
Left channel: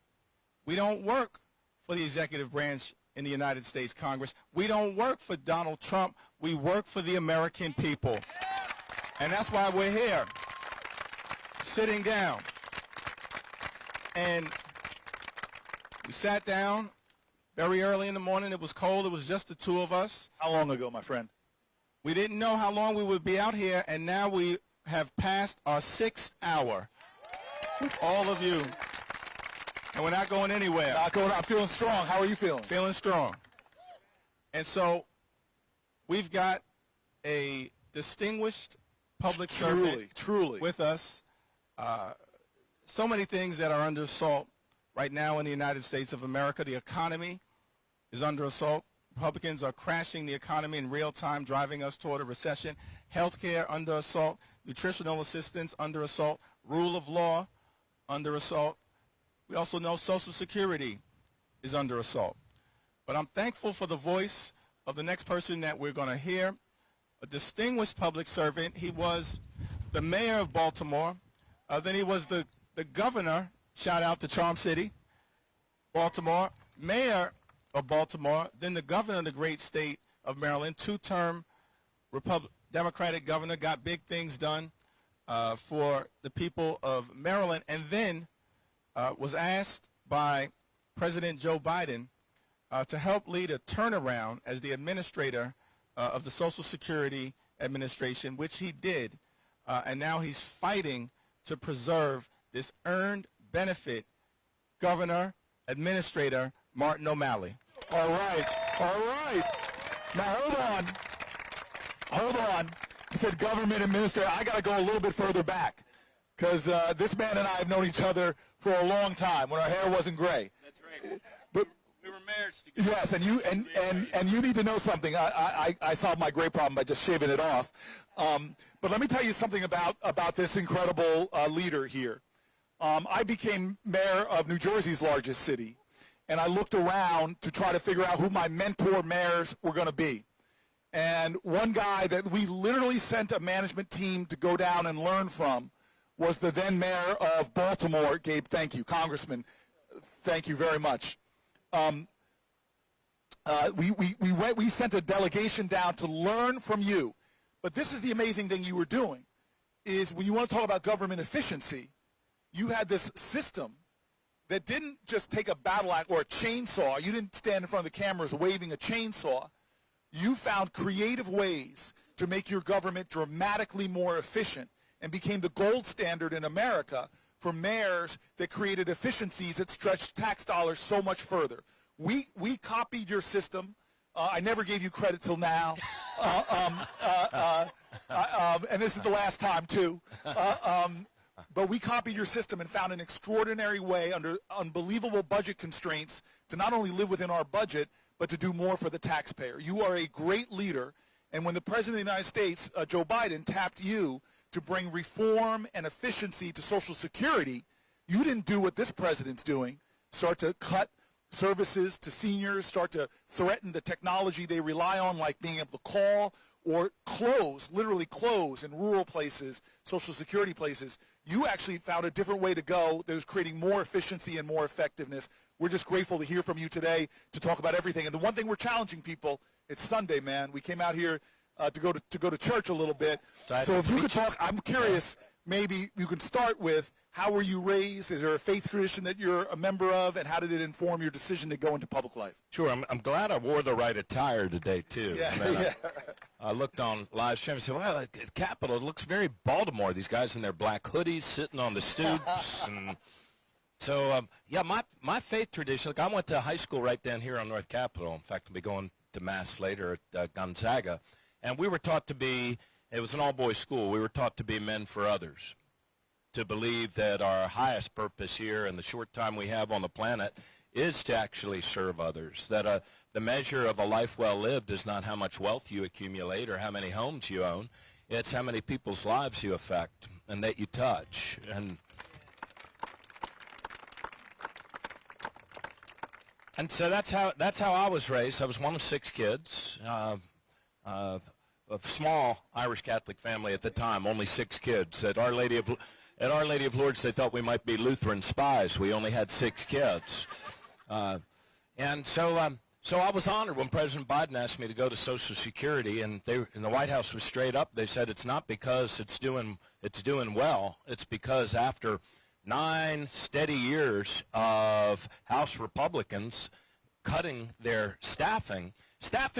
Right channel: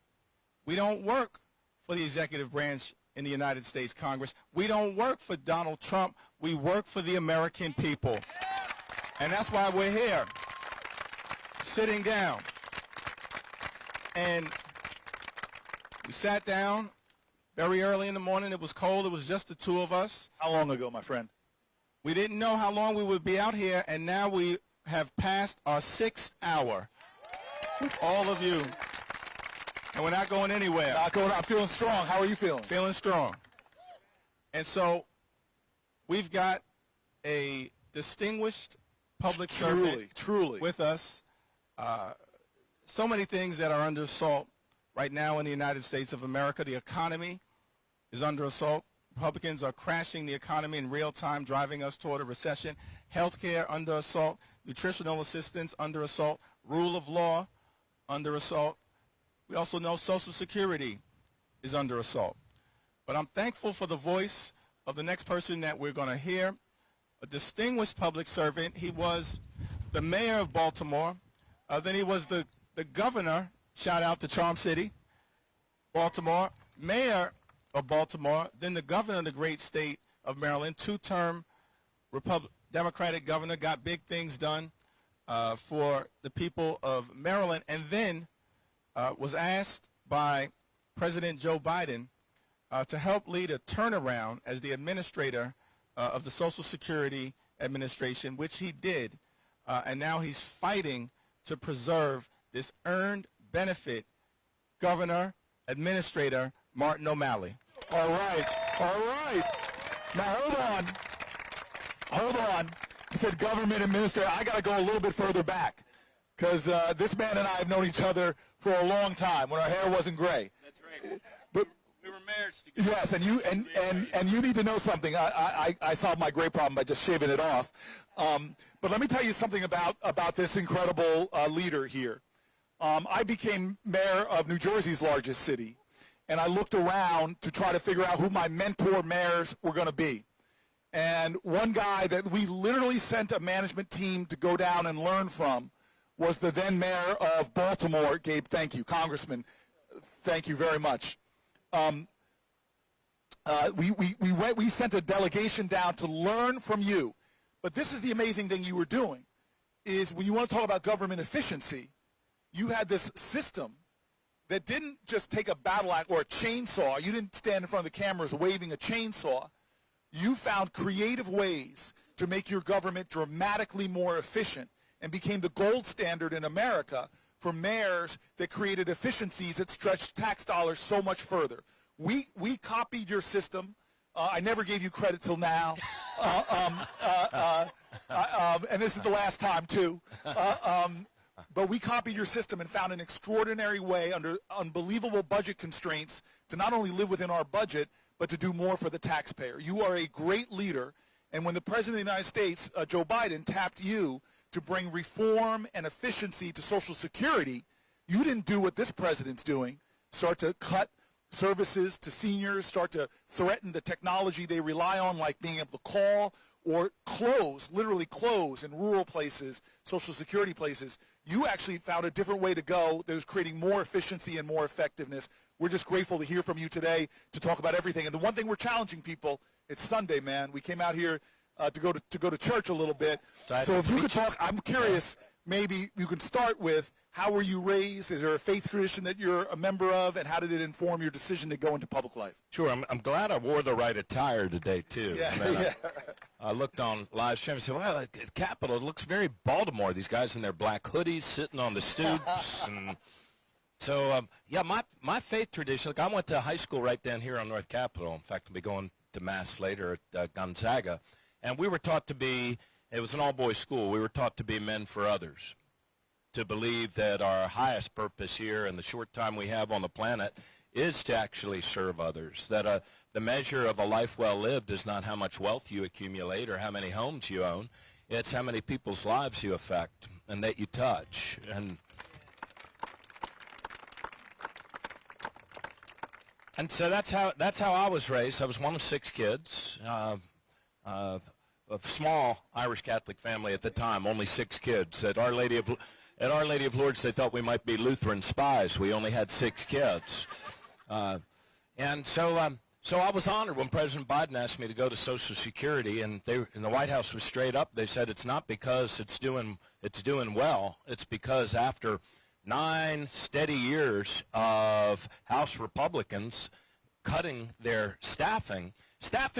we don't work for the executive branch in the United States Congress. We don't work for Donald Trump. We work for the American people. And that's why we're here, sitting down. And we sat down very early in the morning. It was cold. It was just the 2 of us. How long ago, my friend? We didn't know how long we would be out here, and now we have passed our 6th hour with all of you. And we're not going anywhere. Not going. I'm feeling strong. How are you feeling? Feeling strong. And so we've got a distinguished public servant with us. So many things that are under assault right now in the United States of America. The economy is under assault. Republicans are crashing the economy in real time, driving us toward a recession. Healthcare under assault. Nutritional assistance under assault. Rule of law under assault. We also know Social Security is under assault. But I'm thankful for the voice of the next person that we're going to hear, a distinguished public servant. He was the mayor of Baltimore. Then he was the governor, shout out to Charm City, Baltimore, mayor of Baltimore, then the governor of the great state of Maryland, 2-term Democratic governor, got big things done for the people of Maryland, and then was asked by President Joe Biden to help lead a turnaround as the administrator of the Social Security Administration, which he did, and now he's fighting to preserve this earned benefit. Governor, Administrator Martin O'Malley. All right. Now, hold on. He said government administrator. I got to go a little bit further back because this man and I have known each other for a long time when our hair wasn't gray. That's right. But we were mayors together. yes, and you need to know something. I solved my gray problem by just shaving it off. But let me tell you something about this incredible leader here. I became mayor of New Jersey's largest city, and I looked around to try to figure out who my mentor mayors were going to be. And one guy that we literally sent a management team to go down and learn from was the then mayor of Baltimore, Gabe. Thank you, Congressman. Thank you very much. We sent a delegation down to learn from you. But this is the amazing thing you were doing, is when you want to talk about government efficiency, you had this system that didn't just take a battle axe or a chainsaw. You didn't stand in front of the cameras waving a chainsaw. You found creative ways to make your government dramatically more efficient and became the gold standard in America for mayors that created efficiencies that stretched tax dollars so much further. We copied your system. I never gave you credit till now. And this is the last time, too. But we copied your system and found an extraordinary way under unbelievable budget constraints to not only live within our budget, but to do more for the taxpayer. You are a great leader. And when the President of the United States, Joe Biden, tapped you to bring reform and efficiency to Social Security, you didn't do what this president's doing, start to cut services to seniors, start to threaten the technology they rely on, like being able to call, or close, literally close in rural places, Social Security places. You actually found a different way to go that was creating more efficiency and more effectiveness. We're just grateful to hear from you today to talk about everything. And the one thing we're challenging people It's Sunday, man. We came out here to go to church a little bit. So if you could talk, I'm curious. Maybe you can start with how were you raised? Is there a faith tradition that you're a member of, and how did it inform your decision to go into public life? Sure. I'm glad I wore the right attire today, too. Yeah, I mean, yeah. I looked on live stream and said, well, the Capitol, it looks very Baltimore. These guys in their black hoodies sitting on the stoops. And so, yeah, my faith tradition, look, I went to high school right down here on North Capitol. In fact, I'll be going to Mass later at Gonzaga. And we were taught to be, it was an all-boys school, we were taught to be men for others, to believe that our highest purpose here in the short time we have on the planet is to actually serve others, that the measure of a life well lived is not how much wealth you accumulate or how many homes you own. It's how many people's lives you affect and that you touch. And so that's how I was raised. I was one of 6 kids. A small Irish Catholic family at the time, only 6 kids. At Our Lady of Lourdes, they thought we might be Lutheran spies. We only had 6 kids. And so I was honored when President Biden asked me to go to Social Security, and the White House was straight up. They said it's not because it's doing well. It's because after 9 steady years of House Republicans cutting their staffing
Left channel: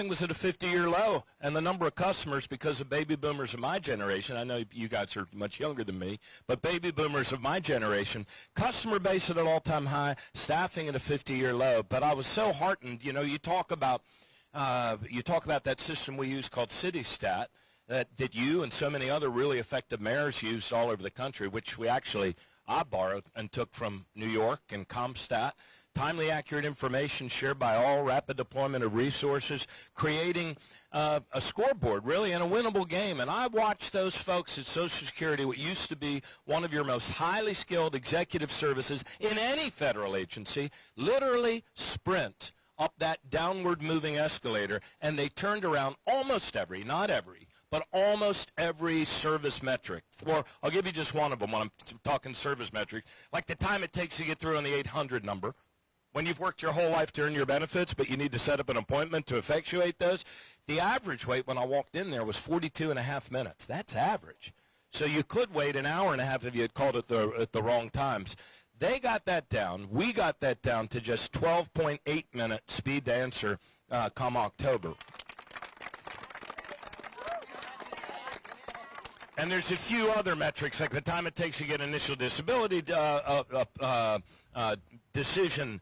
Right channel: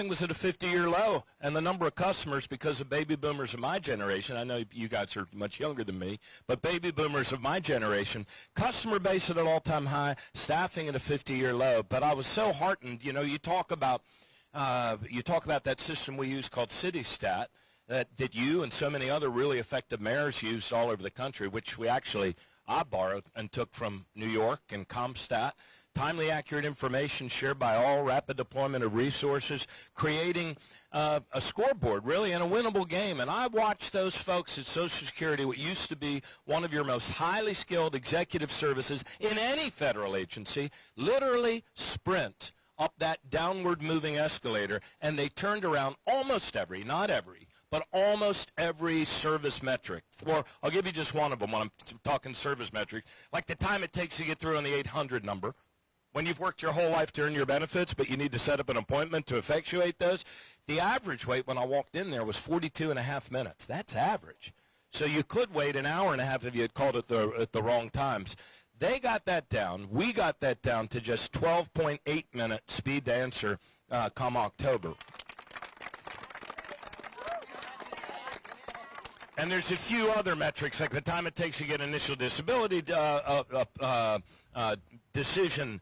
was at a 50-year low, and the number of customers, because of baby boomers of my generation, I know you guys are much younger than me, but baby boomers of my generation, customer base at an all-time high, staffing at a 50-year low. But I was so heartened. You know, you talk about that system we use called CityStat that you and so many other really effective mayors used all over the country, which I borrowed and took from New York and CompStat. Timely, accurate information shared by all, rapid deployment of resources, creating a scoreboard, really, in a winnable game. And I watched those folks at Social Security, what used to be one of your most highly skilled executive services in any federal agency, literally sprint up that downward moving escalator, and they turned around almost every, not every, but almost every service metric. I'll give you just one of them when I'm talking service metric, like the time it takes to get through on the 800 number. When you've worked your whole life to earn your benefits, but you need to set up an appointment to effectuate those, the average wait when I walked in there was 42.5 minutes. That's average. So you could wait an hour and a half if you had called at the wrong times. They got that down. We got that down to just 12.8 minute speed to answer come October. And there's a few other metrics, like the time it takes to get initial disability decision,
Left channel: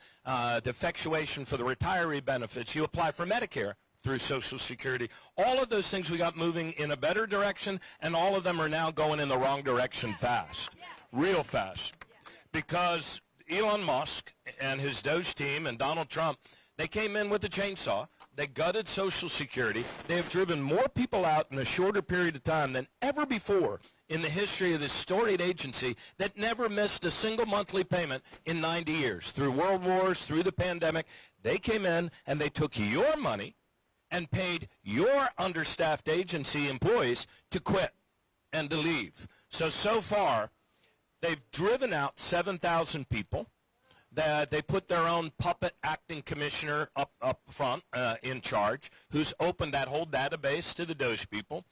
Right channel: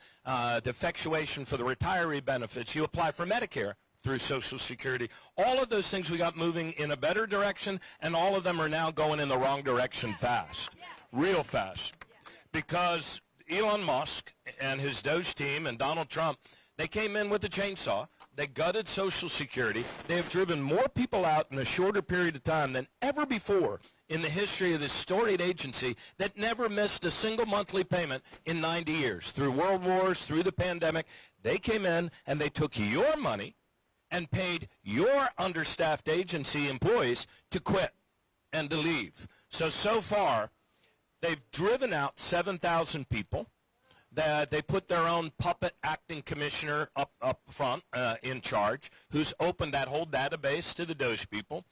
defectuation for the retiree benefits. You apply for Medicare through Social Security. All of those things we got moving in a better direction, and all of them are now going in the wrong direction fast, real fast. Because Elon Musk and his Doge team and Donald Trump, they came in with a chainsaw. They gutted Social Security. They have driven more people out in a shorter period of time than ever before in the history of this storied agency that never missed a single monthly payment in 90 years. Through world wars, through the pandemic, they came in and they took your money and paid your understaffed agency employees to quit and to leave. So far, they've driven out 7,000 people. They put their own puppet acting commissioner up front in charge, who's opened that whole database to the Doge people.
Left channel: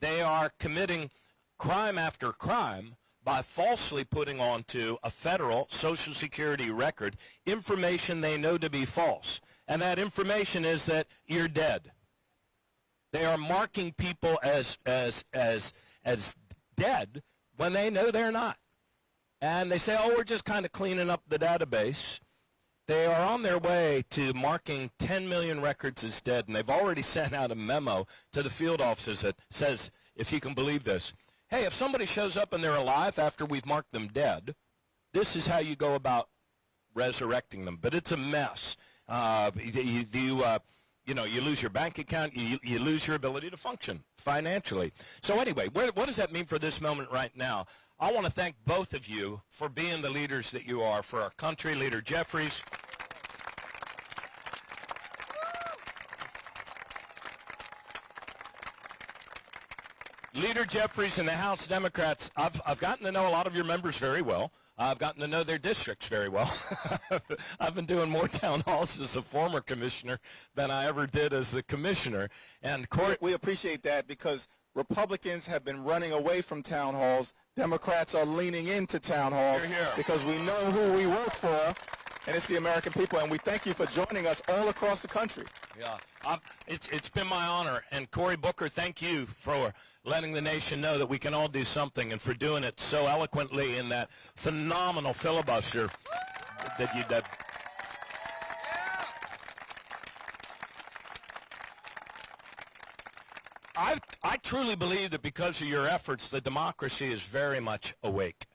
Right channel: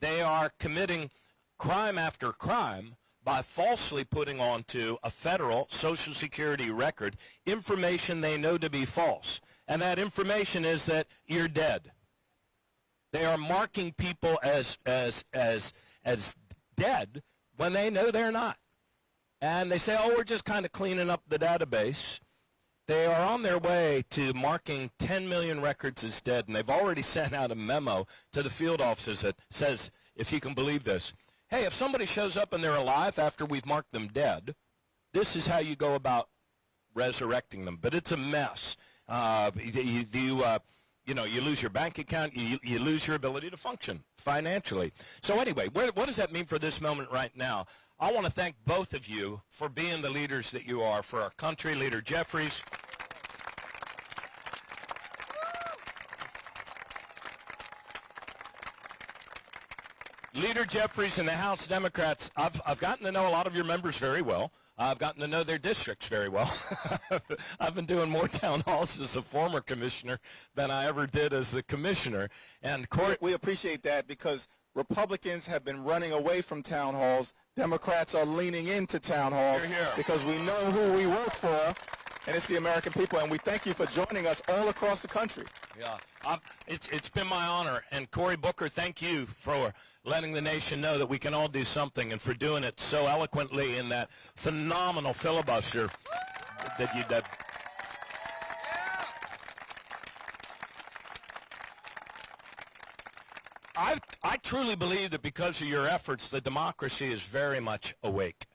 They are committing crime after crime by falsely putting onto a federal Social Security record information they know to be false. And that information is that you're dead. They are marking people as dead when they know they're not. And they say, oh, we're just kind of cleaning up the database. They are on their way to marking 10 million records as dead, and they've already sent out a memo to the field offices that says, if you can believe this, hey, if somebody shows up and they're alive after we've marked them dead, this is how you go about resurrecting them. But it's a mess. You lose your bank account, you lose your ability to function financially. So anyway, what does that mean for this moment right now? I want to thank both of you for being the leaders that you are for our country. Leader Jefferies. Leader Jefferies and the House Democrats, I've gotten to know a lot of your members very well. I've gotten to know their districts very well. I've been doing more town halls as a former commissioner than I ever did as the commissioner. And Cory, we appreciate that because Republicans have been running away from town halls. Democrats are leaning into town halls because we know who we work for, and it's the American people. And we thank you for joining us all across the country. Yeah, it's been my honor. And Cory Booker, thank you for letting the nation know that we can all do something, and for doing it so eloquently in that phenomenal filibuster that you did. I truly believe that because of your efforts, the democracy is very much awake.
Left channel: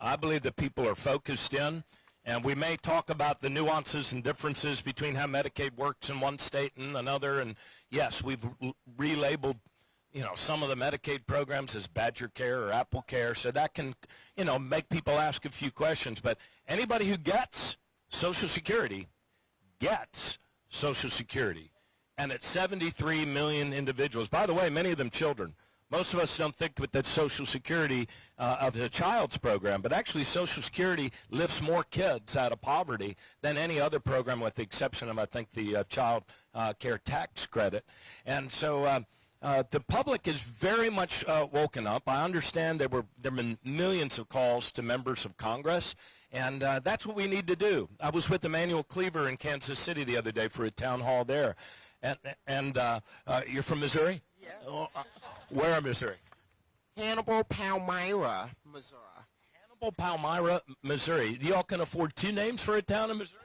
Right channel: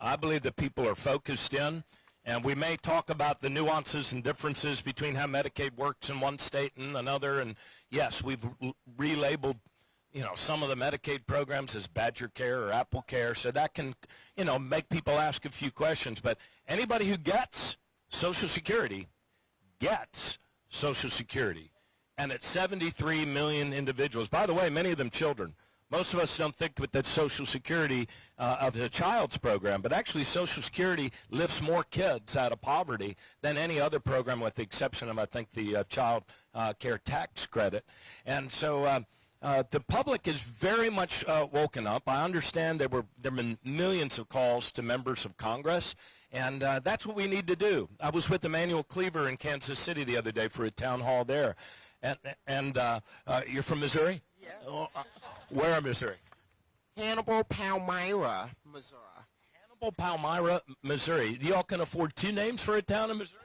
I believe that people are focused in, and we may talk about the nuances and differences between how Medicaid works in one state and another. And yes, we've relabeled, some of the Medicaid programs as Badger Care or Apple Care, so that can, make people ask a few questions. But anybody who gets Social Security gets Social Security. And it's 73 million individuals. By the way, many of them children. Most of us don't think that Social Security of a child's program, but actually Social Security lifts more kids out of poverty than any other program, with the exception of, I think, the child care tax credit. And so the public is very much woken up. I understand there have been millions of calls to members of Congress, and that's what we need to do. I was with Emmanuel Cleaver in Kansas City the other day for a town hall there. And you're from Missouri? Yes. Where in Missouri? Hannibal, Palmyra, Missouri. Hannibal, Palmyra, Missouri. Y'all can afford two names for a town in Missouri?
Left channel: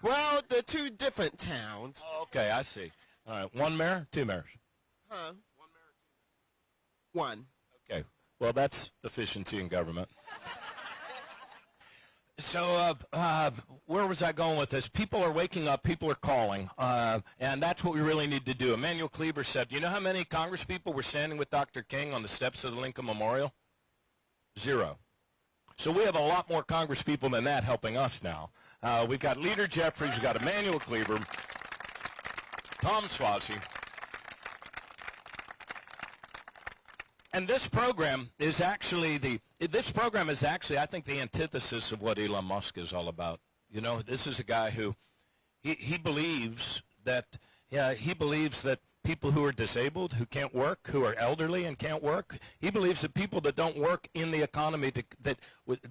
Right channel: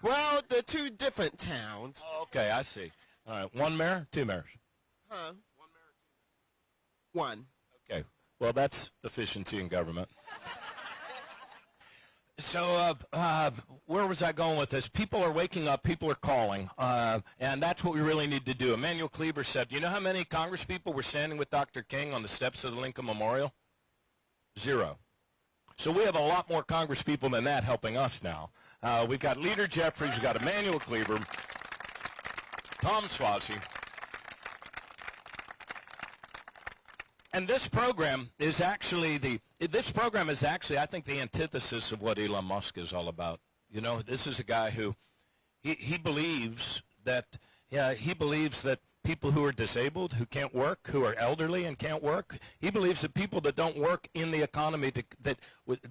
Well, they're two different towns. Oh, okay, I see. All right, one mayor, two mayors? Huh? One mayor, two mayors. One. Okay, well, that's efficiency in government. So where was I going with this? People are waking up. People are calling. And that's what we really need to do. Emmanuel Cleaver said, you know how many congresspeople were standing with Dr. King on the steps of the Lincoln Memorial? 0. So we have a lot more congresspeople than that helping us now. We've got Leader Jeffries. We've got Emmanuel Cleaver, Tom Suozzi. And this program is actually I think, the antithesis of what Elon Musk is all about. This is a guy who, he believes that people who are disabled, who can't work, who are elderly and can't work, he believes that people that don't work in the economy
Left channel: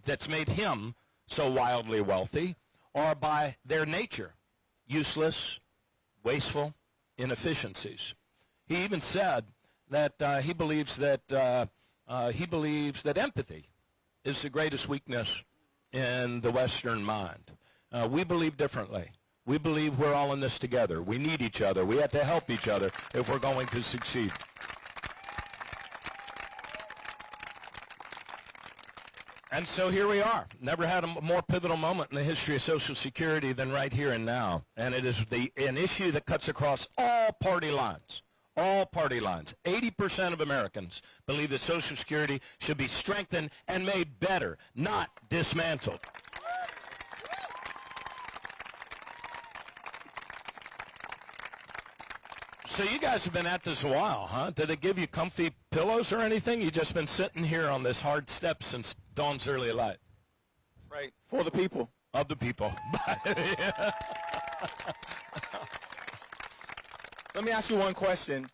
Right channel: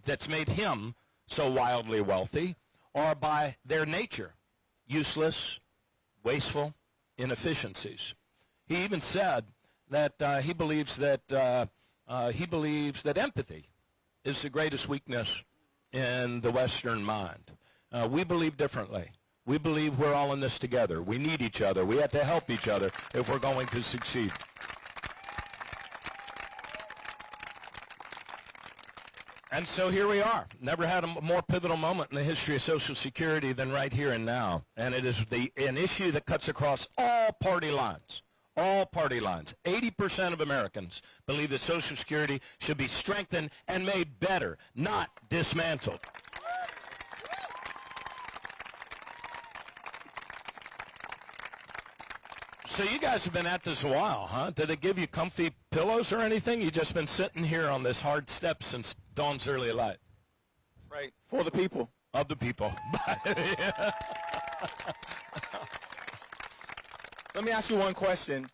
that's made him so wildly wealthy are by their nature useless, wasteful, inefficiencies. He even said that he believes that empathy is the greatest weakness in the Western mind. We believe differently. We believe we're all in this together. We need each other. We have to help each other if we're going to succeed. And so here we are. Never had a more pivotal moment in the history of Social Security than right here and now. And it is an issue that cuts across all party lines. All party lines. 80% of Americans believe that Social Security should be strengthened and made better, not dismantled. So you guys have been at this a while, huh? Did they give you comfy pillows or anything? You've just been sitting here on this hard step since dawn's early light. Right. For the people. Of the people. Let me ask you one question,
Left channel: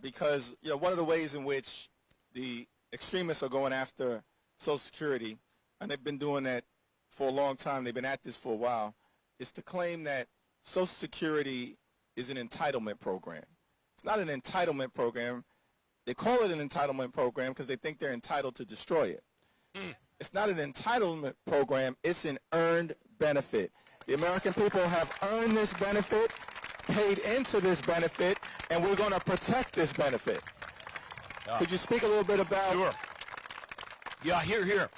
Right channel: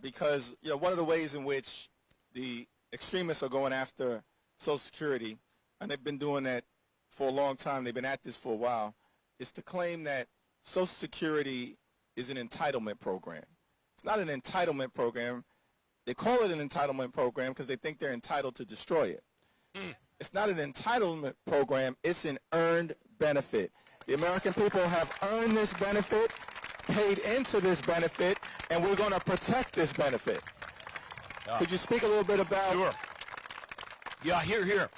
because one of the ways in which the extremists are going after Social Security, and they've been doing that for a long time, they've been at this for a while, is to claim that Social Security is an entitlement program. It's not an entitlement program. They call it an entitlement program because they think they're entitled to destroy it. It's not an entitlement program. It's an earned benefit. The American people have earned this benefit, paid into this benefit, and we're going to protect this benefit. Yeah. Could you speak a little bit about? Sure. Yeah, here.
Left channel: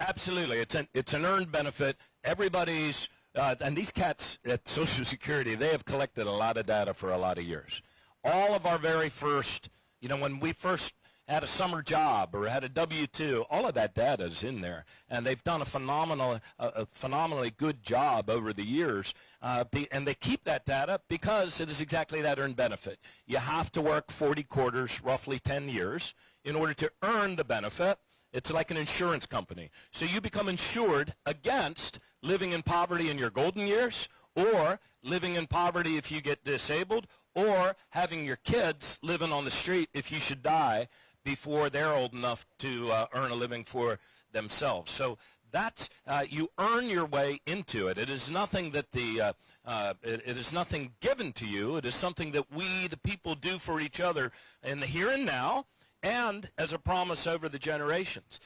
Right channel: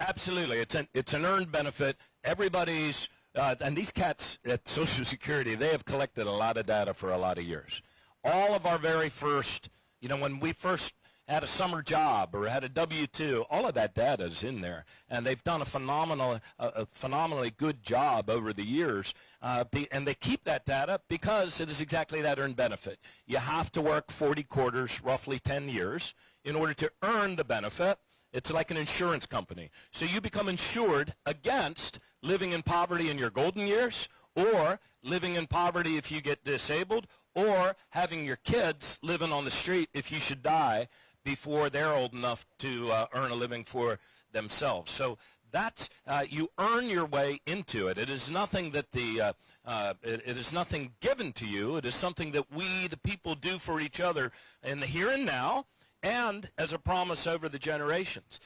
Absolutely. It's an earned benefit. Everybody's, and these cats at Social Security, they have collected a lot of data for a lot of years. All of our very first, when we first had a summer job or had a W-2, all of that data is in there. And they've done a phenomenally good job over the years. And they keep that data because it is exactly that earned benefit. You have to work 40 quarters, roughly 10 years, in order to earn the benefit. It's like an insurance company. So you become insured against living in poverty in your golden years, or living in poverty if you get disabled, or having your kids living on the street if you should die before they're old enough to earn a living for themselves. So that's, you earn your way into it. It is nothing that it is nothing given to you. It is something that we, the people, do for each other in the here and now, and as a promise over the generations.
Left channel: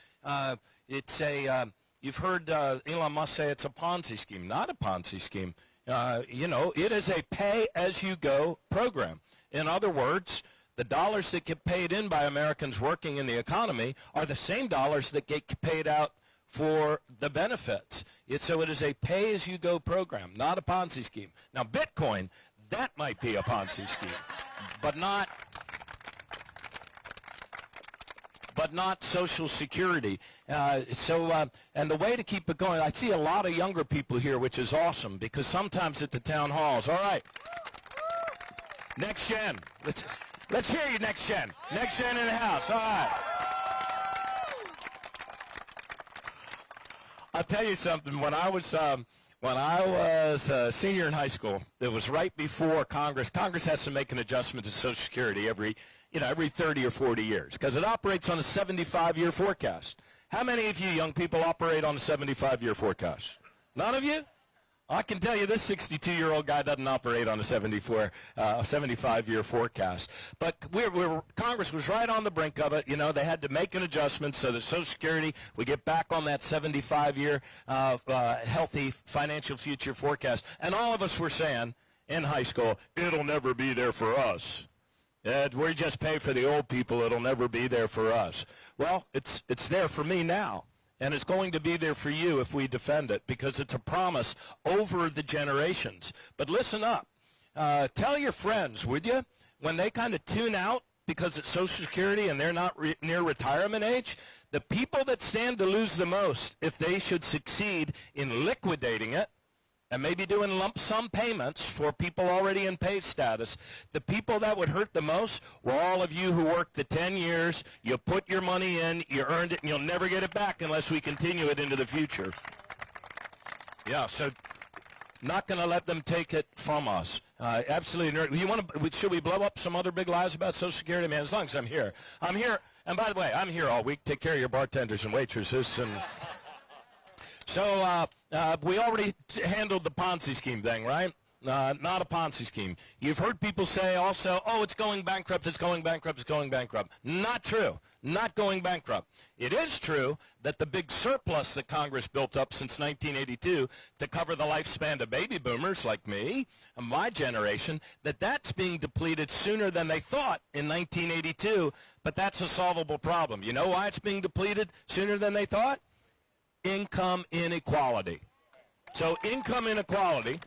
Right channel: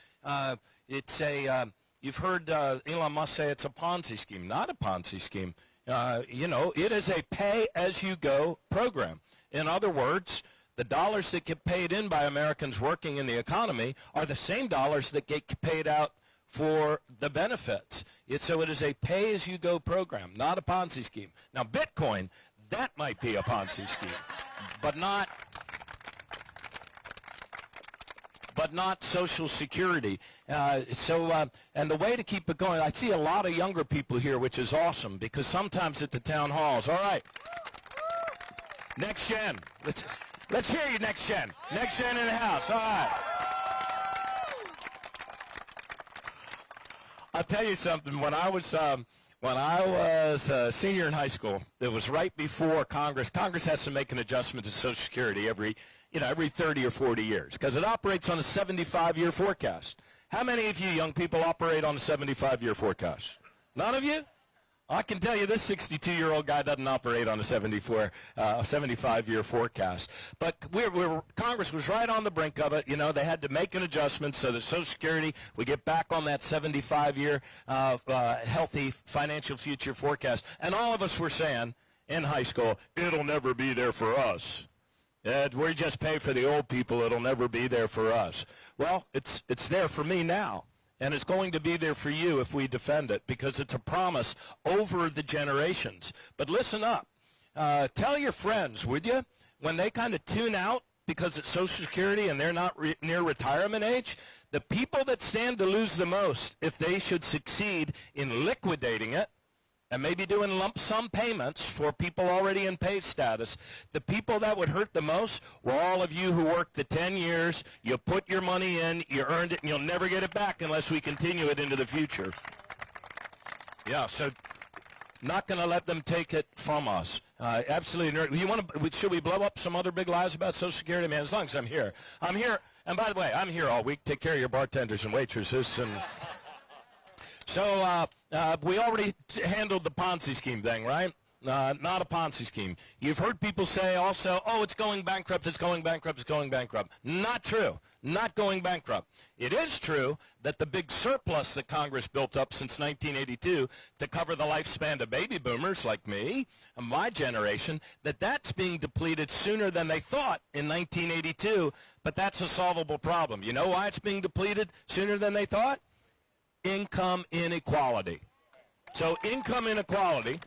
It's a, you've heard Elon Musk say it's a Ponzi scheme. Not a Ponzi scheme. You know, it is a pay-as-you-go program. In other words, the dollars that get paid in by Americans working in the economy are the same dollars that get paid out for the benefits. So it is a pay-as-you-go program, not a Ponzi scheme. Now, Bitcoin, that might be a Ponzi scheme, but not Social Security. And the way to keep it going, I see a lot of younger people here, which is awesome, because sometimes at the town halls, all right, next gen, let's hear you, next gen. Next gen in the house, all right. I'll tell you something. When I was a senior in high school, it was right before Congress. Congress has to make an adjustment to Social Security every 30 or 40 years, because it operates on a 75-year forecast. How many of you young people operate on a 75-year forecast? None of you? I can tell you this 62-year-old guy doesn't operate on a 75-year forecast. But Congress was right on the brink of it. You know, they had to make an adjustment so that Social Security would get back on that 75-year healthy financial future forecast. And all of us were saying in high school, it'll never be there for us. We just pay for the old people. It'll never be there for us. Well, it's there for me now. And it's going to be there for you if we defend it, because it's a promise over the generations. But listen up. Tell your friends, would you, when they kind of tune out because it's Social Security and they're not near retirement age, the people that stand to lose the most, if they should succeed in liquidating it, and maybe doing lump sum payments for people already in pay status, the people that would hurt the most were all of you who worked the 10 years, you put your money in, you earned it, and you'll never get it back unless we continue it into the future. Yeah, so not going to let them take it from us. Absolutely. Should we blow up some other big lies about Social Security? Man, as long as I'm here. I'm here, and by the way, I'm here all week. Take care of your bartenders and waitresses. And so we already handled the Ponzi scheme thing, right? Not a Ponzi scheme. You've heard people say also, oh, it's going bankrupt, it's going bankrupt, it's going bankrupt. Not true. Not going bankrupt. It is true that the big surplus that Congress built up since 1982 to cover the lifespan of baby boomers like me and my generation, that's being depleted sooner than they thought in 1982, but that's a solvable problem. You know why it's being depleted sooner than they thought? Income inequality. So income inequality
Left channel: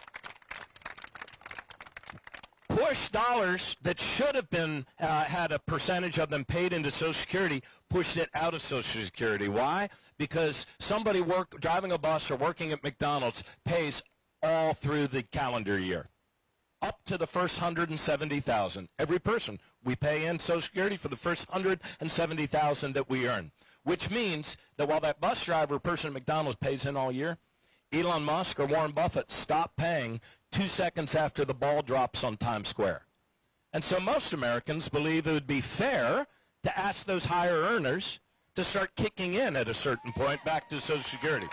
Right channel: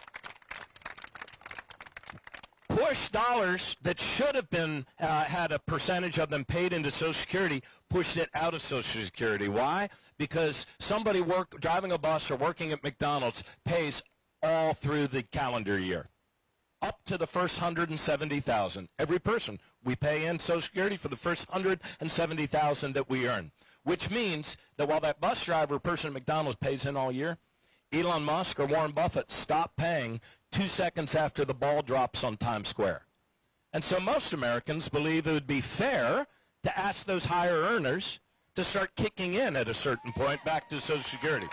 push dollars that should have been had a percentage of them paid into Social Security, pushed it out of Social Security. Why? Because somebody driving a bus or working at McDonald's pays all through the calendar year, up to the first $170,000. Every person, we pay in Social Security for the first $170,000 that we earn, which means that while that bus driver person at McDonald's pays in all year, Elon Musk or Warren Buffett stop paying 2 seconds after the ball drops on Times Square. And so most Americans believe it would be fair to ask those higher earners to start kicking in at a certain point back to Social Security.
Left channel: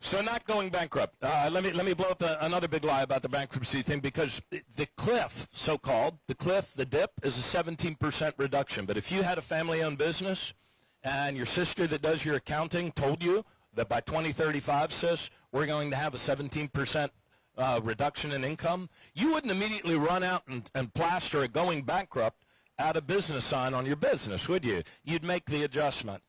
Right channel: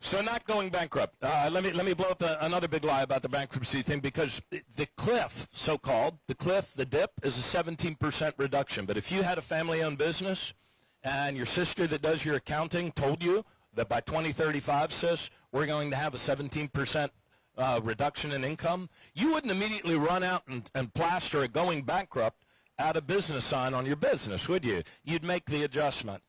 So not going bankrupt. Let me blow up another big lie about the bankruptcy thing, because the cliff, so-called, the dip, is a 17% reduction. But if you had a family-owned business and your sister that does your accounting told you that by 2035, sis, we're going to have a 17% reduction in income, you wouldn't immediately run out and plaster a going bankrupt out of business sign on your business, would you? You'd make the adjustment.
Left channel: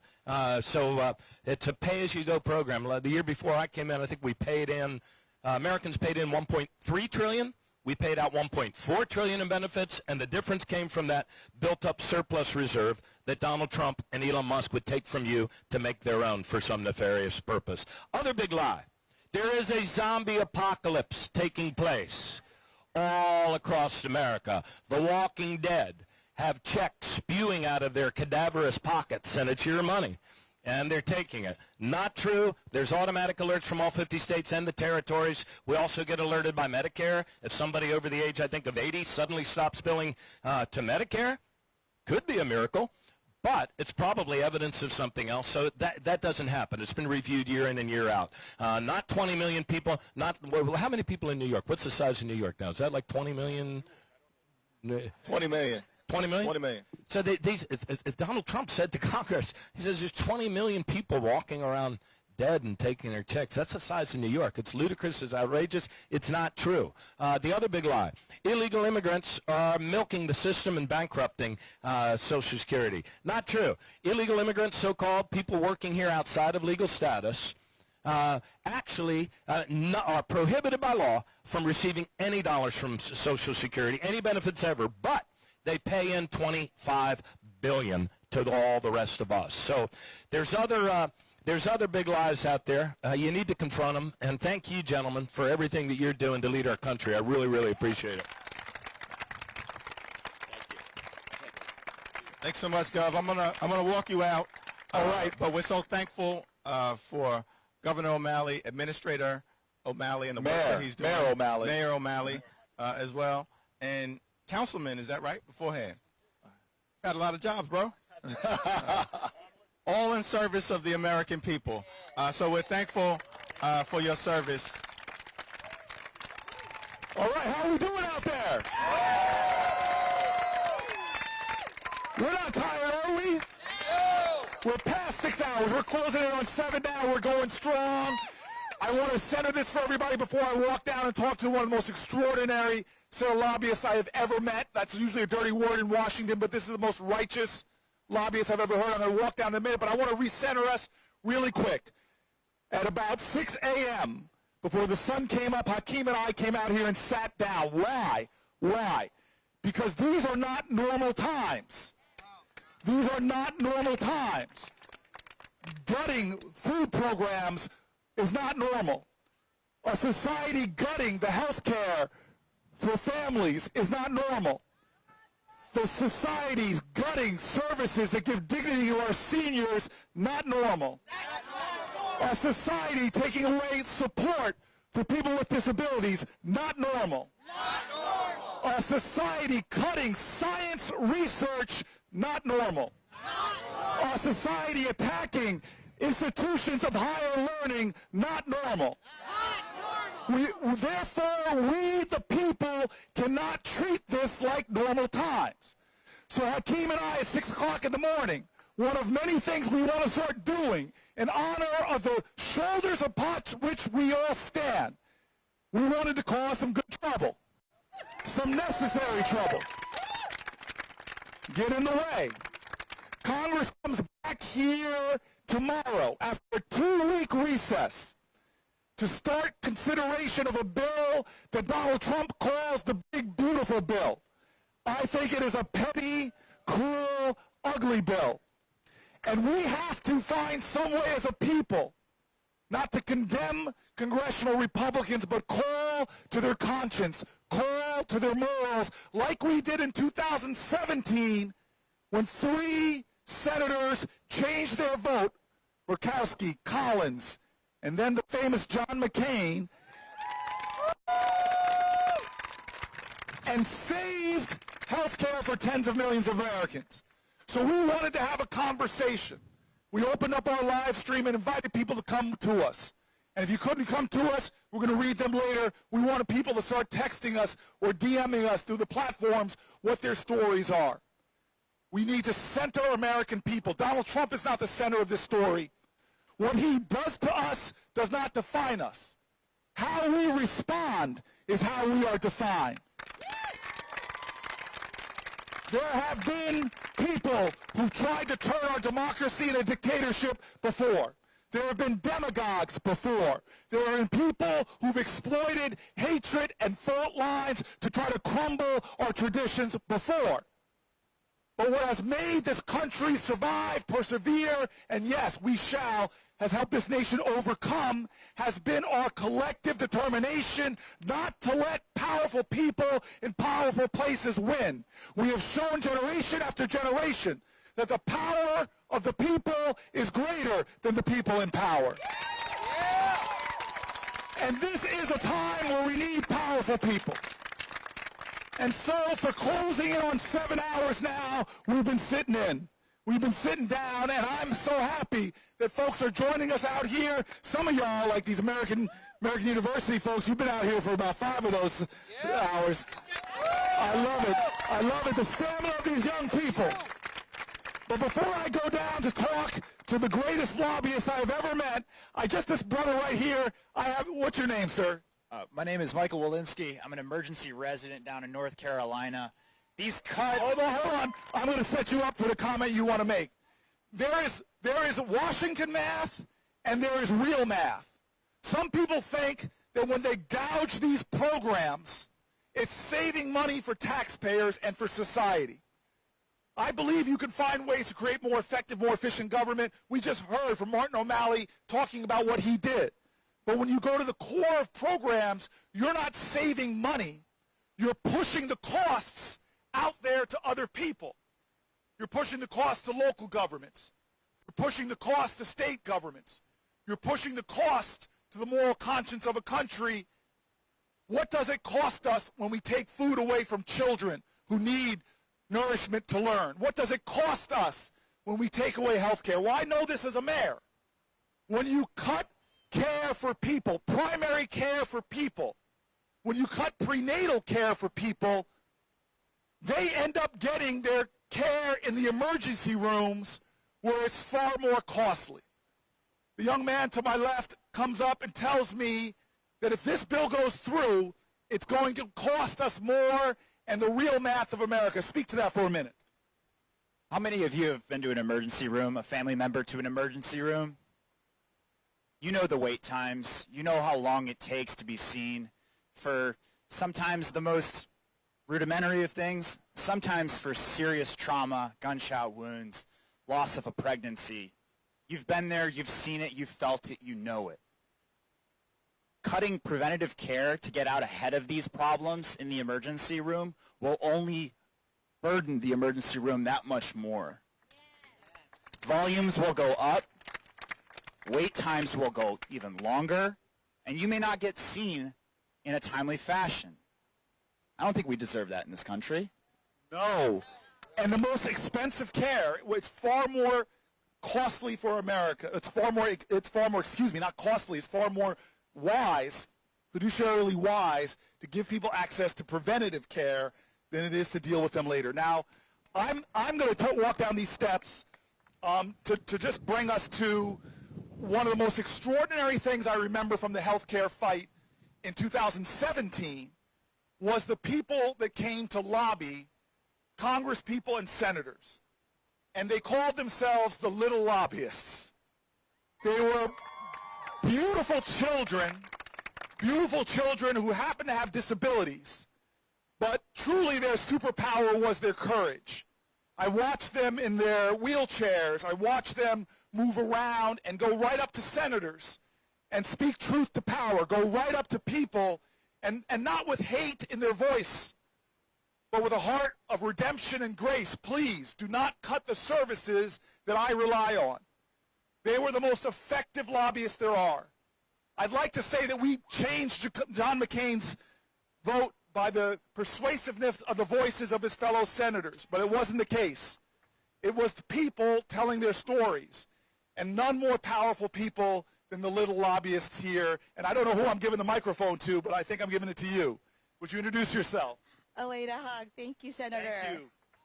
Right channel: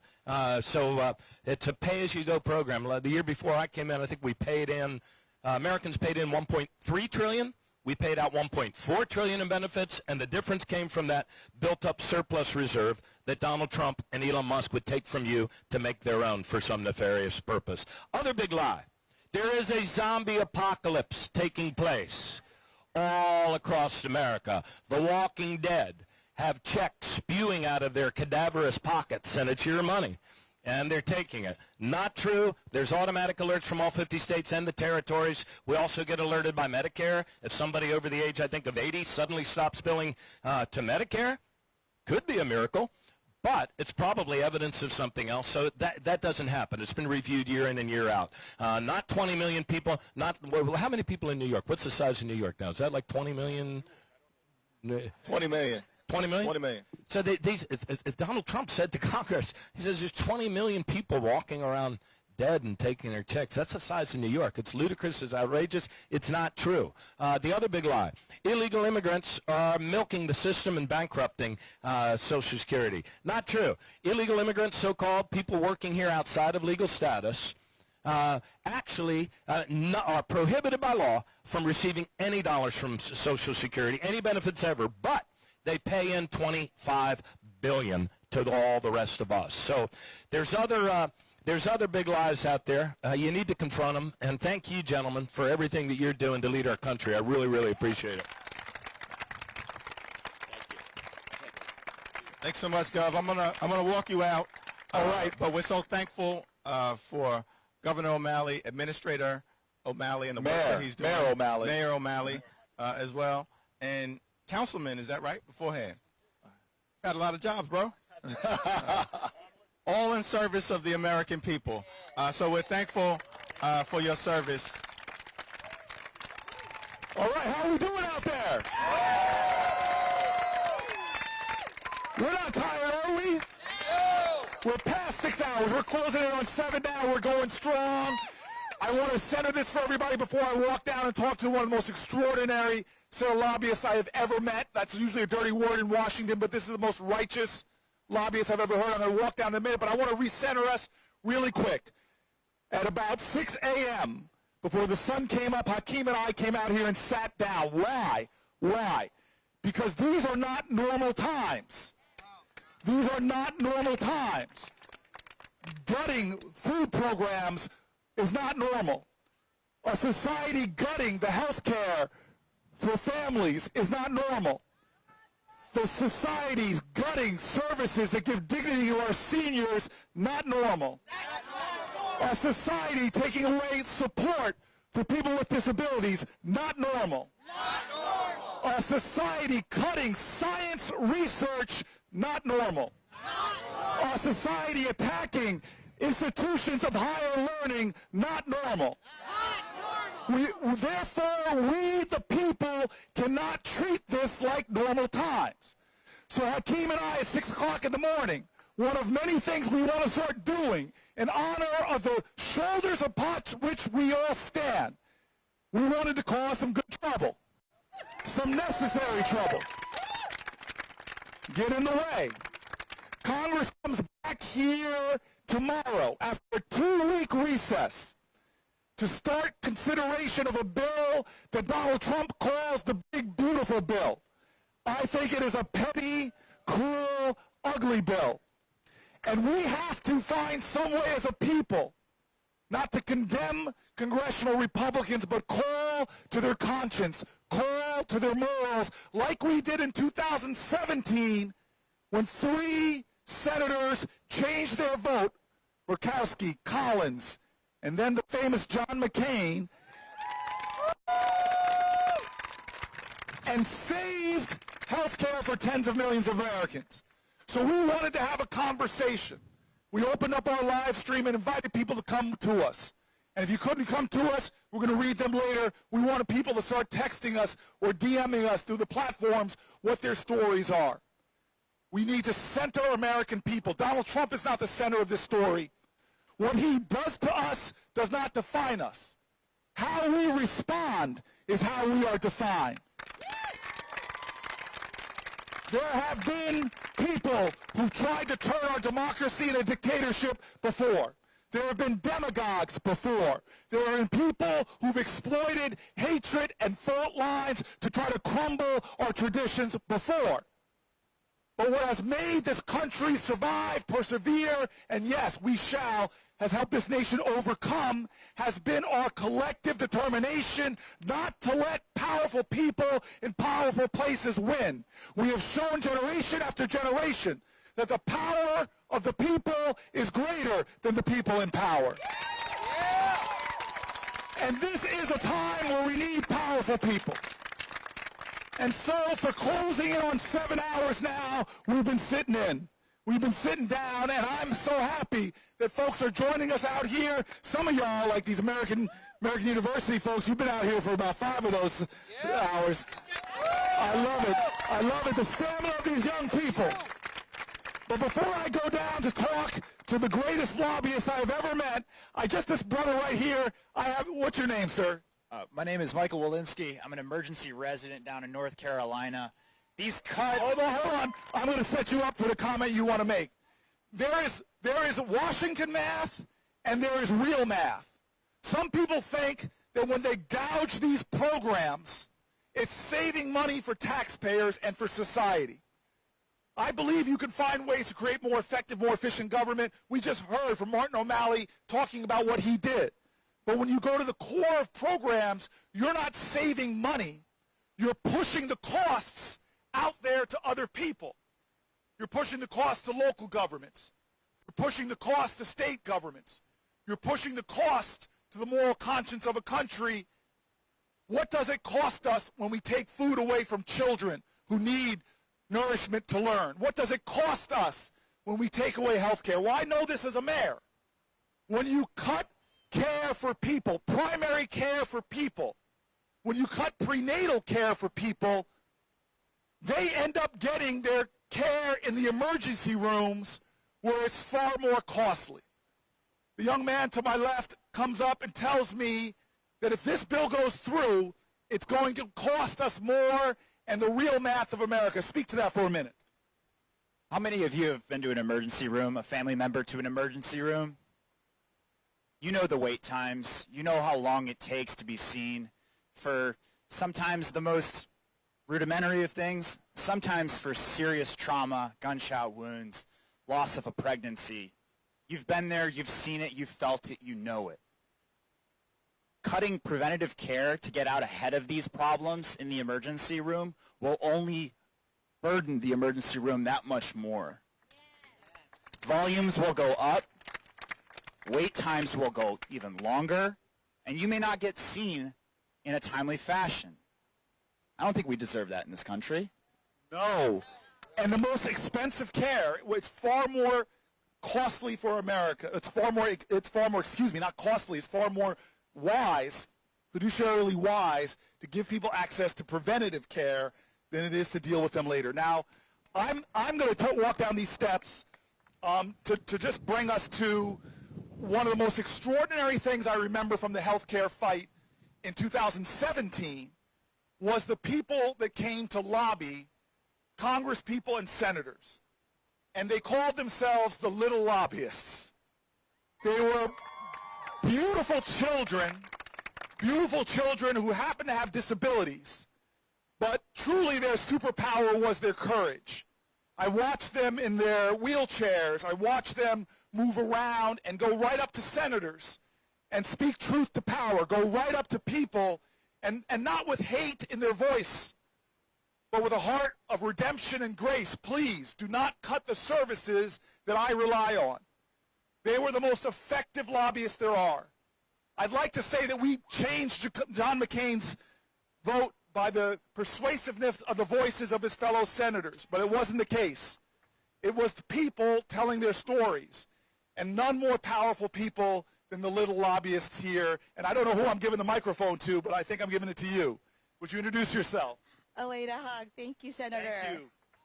So it's a pay-as-you-go program. The year before I came in, I think we paid in, Americans paid in $1.3 trillion. We paid out $1.4 trillion in benefits, and the difference came from that built-up surplus reserve that Donald Trump and Elon Musk would take from you to make their own for some nefarious purpose. Other big lie. There is a zombie apocalypse taking place all across America. The Walking Dead. have checks spewing out of their cadaverous pockets, and it's your money. And they're taking it. Not true. There's automatic alerts from all 50 states and the territories. We also get alerted by Medicare. If somebody over the age, I think, of 80 suddenly stops billing to Medicare, could be a miracle, but it's probably evidence of something else. So that doesn't happen. It's been reviewed year in and year out. Not 20 million people. Well, how many people in New York? What's the size of New York now? Is that like 20 million? 20 million. 20 million? 20 million. So if Donald Trump said to Congress, he says there's 20 million people walking around dead and taking their checks. That's the size of New York. It's ludicrous. It's outrageous. It's not true. The other big lie, illegal immigrants are milking the system and bankrupting Social Security. Not true. Illegal immigrants, so-called people working here outside of legal status, actually are prohibited by law from receiving any dollars from Social Security, any benefits ever, but they pay in $25 billion to all the rest of us. So there's other big lies out there. You need to confront them. And thank you, gentlemen, for everything that you're doing to lead our country. I really, really appreciate it. Thanks so much, Gov. I'm gonna walk you out. All right, but we're so thankful for Governor O'Malley, Administrator O'Malley, and the work that he's doing. Mayor O'Malley as well, and Councilman. Is that right? Beforehand, got a lot of jobs, bro. All in service of the American people. So we're thankful for your service. All right, how are we doing out there? We're not tired, are we? We're past 6 hours. We're closing in on 7 now. We're going strong. I want to center this for everybody before I walk down and talk to one of the most extraordinary set of lobbyists I have ever met. That's usually a dirty word in Washington, but this is the most righteous lobbyists I've ever heard. I'm going to walk down in a minute, but I want to recenter us really quick. At about 6 a.m., before the sun came up, Hakeem and I came out here and sat down. Why? Why? Because these are not normal times. These are not normal times. Gutting food programs is not normal. A society gutting the health care for families is not normal. The society's gutting services that give dignity to our seniors, not normal. Our society taking away support for people with disabilities, not normal. Our society cutting science research, not normal. Our society attacking institutions of higher learning, not normal. Therefore, we, the people, cannot treat this like normal times. So Hakeem and I, at 6 o'clock in the morning, one of many things we want to start doing in honor of the shoulders upon which we all stand, we wanted to cause some good trouble, some necessary trouble. Get in the way. Congress comes back here tomorrow after a 2-week recess to start consideration of a bill that Donald Trump calls the big, beautiful bill. I think it is a petty, cruel, ugly bill. And we have to find some way as a people not to condemn congressional Republicans, but call to their conscience, call to their morals, like we did in 2017 when 3 senators changed their vote, Murkowski, Collins, and then the famous John McCain, and saved health care for tens of millions of Americans. So we wanted to have a conversation. We opened up our live stream and invited people to come to us. And if you couldn't come to us, we're going to read them later. We wanted people to start texting us or DMing us through the platforms what their stories are. We need to center American people. Donald Trump is not the center of this story. What he does to us does not define us. How we respond is how we are defined. There have been people who've tried to turn our democracy into a dictatorship before. There have been demagogues before. There have been people who've exploited hatred and fault lines to try to crumble our traditions before. But what has made this country survive, persevere, and yes, we shall, has helped this nation overcome, has been our collective determination not to let powerful people in powerful places win. We have shown generation after generation that the power of the people is greater than the people in power. And this is a time where we need powerful people. And so for closing in on 7 hours now, we've been sitting in. We've been sitting down, and I'm so happy that folks are joining us out here. Some of y'all, like these American University folks, you've been out here for about 5 of those hours. I love it. I love it, the stamina of these young people. But before I go down to talk to the greatest lobbyist I've ever met, this brother right here, what's your name, sir? My name is Michael Walensky. I'm an emergency resident down in North Carolina. These cuts... Hold on. I'm going to set you up for the comment you want to make. There is Washington math and there is real math. Some people think that when they gouge these programs, it's saving money for taxpayers and for society. I believe you can find ways to create more effective, more efficient government. We just heard from Martin O'Malley talking about what he did. But when you go to the core of programs, you're not saving money. You're pushing the costs out there to other people. You're pushing the costs to local governments. You're pushing the costs to state governments. You're pushing the cost to the moral conscience of a country. What does it cost us when we take food away from children who need nourishment to learn? What does it cost us when we take away health care? Well, I know this as a mayor. When you cut care for people, primary care for people, when you cut prenatal care for people, they end up getting their care in the emergency rooms where it's far more costly. The young man to my left comes up and tells me that if this bill goes through, it's going to cost us more, and the real math of America. Speak to that for a minute. How many of you have been to an emergency room, a family member to an emergency room? You know the wait times. You know how long it takes to be seen for sometimes the most rudimentary of things, sometimes for serious trauma, gunshot wounds, loss of a pregnancy. You've been there, you've seen it, you've felt it, you know it. Cutting preventative care to get out ahead of these problems in the emergency room will only burden the emergency room that much more. Volumes will go up, wait times will go even longer, and you may not get seen in a timely fashion. I don't think we deserve that in this country. No. And the most expensive care, it's far more costly for America. It's far more, not costly, it's far more wise, fiduciarily wise, to give people access to preventative care than it is to deal with them later. Now, I'm going to walk down these steps to just bring us to one of the most extraordinary things I remember from the healthcare fight in 2017 was the people that came to lobby, Congress people and senators. And they called themselves the little lobbyists. They were beautiful children who happened to have disabilities, but truly their superpower was their courage. I watched them in their wheelchairs. I watched them move around and go right up to senators and speak truth to power, go right up to people, and not with hate in their voice, but with a heart of redemption and grace. Please do not cut the services that I rely on. They were the most effective lobbyists there are. I'd like to say that we changed John McCain's vote by the persuasiveness of the voices of his fellow senators, but it wasn't the case. It was the people telling their stories, and none more powerful people than the little lobbyists here. And I don't know who I'm giving the microphone to, but I think I'm giving it to you. Would you introduce yourself? Aleda Hogg. Thank you, Senator.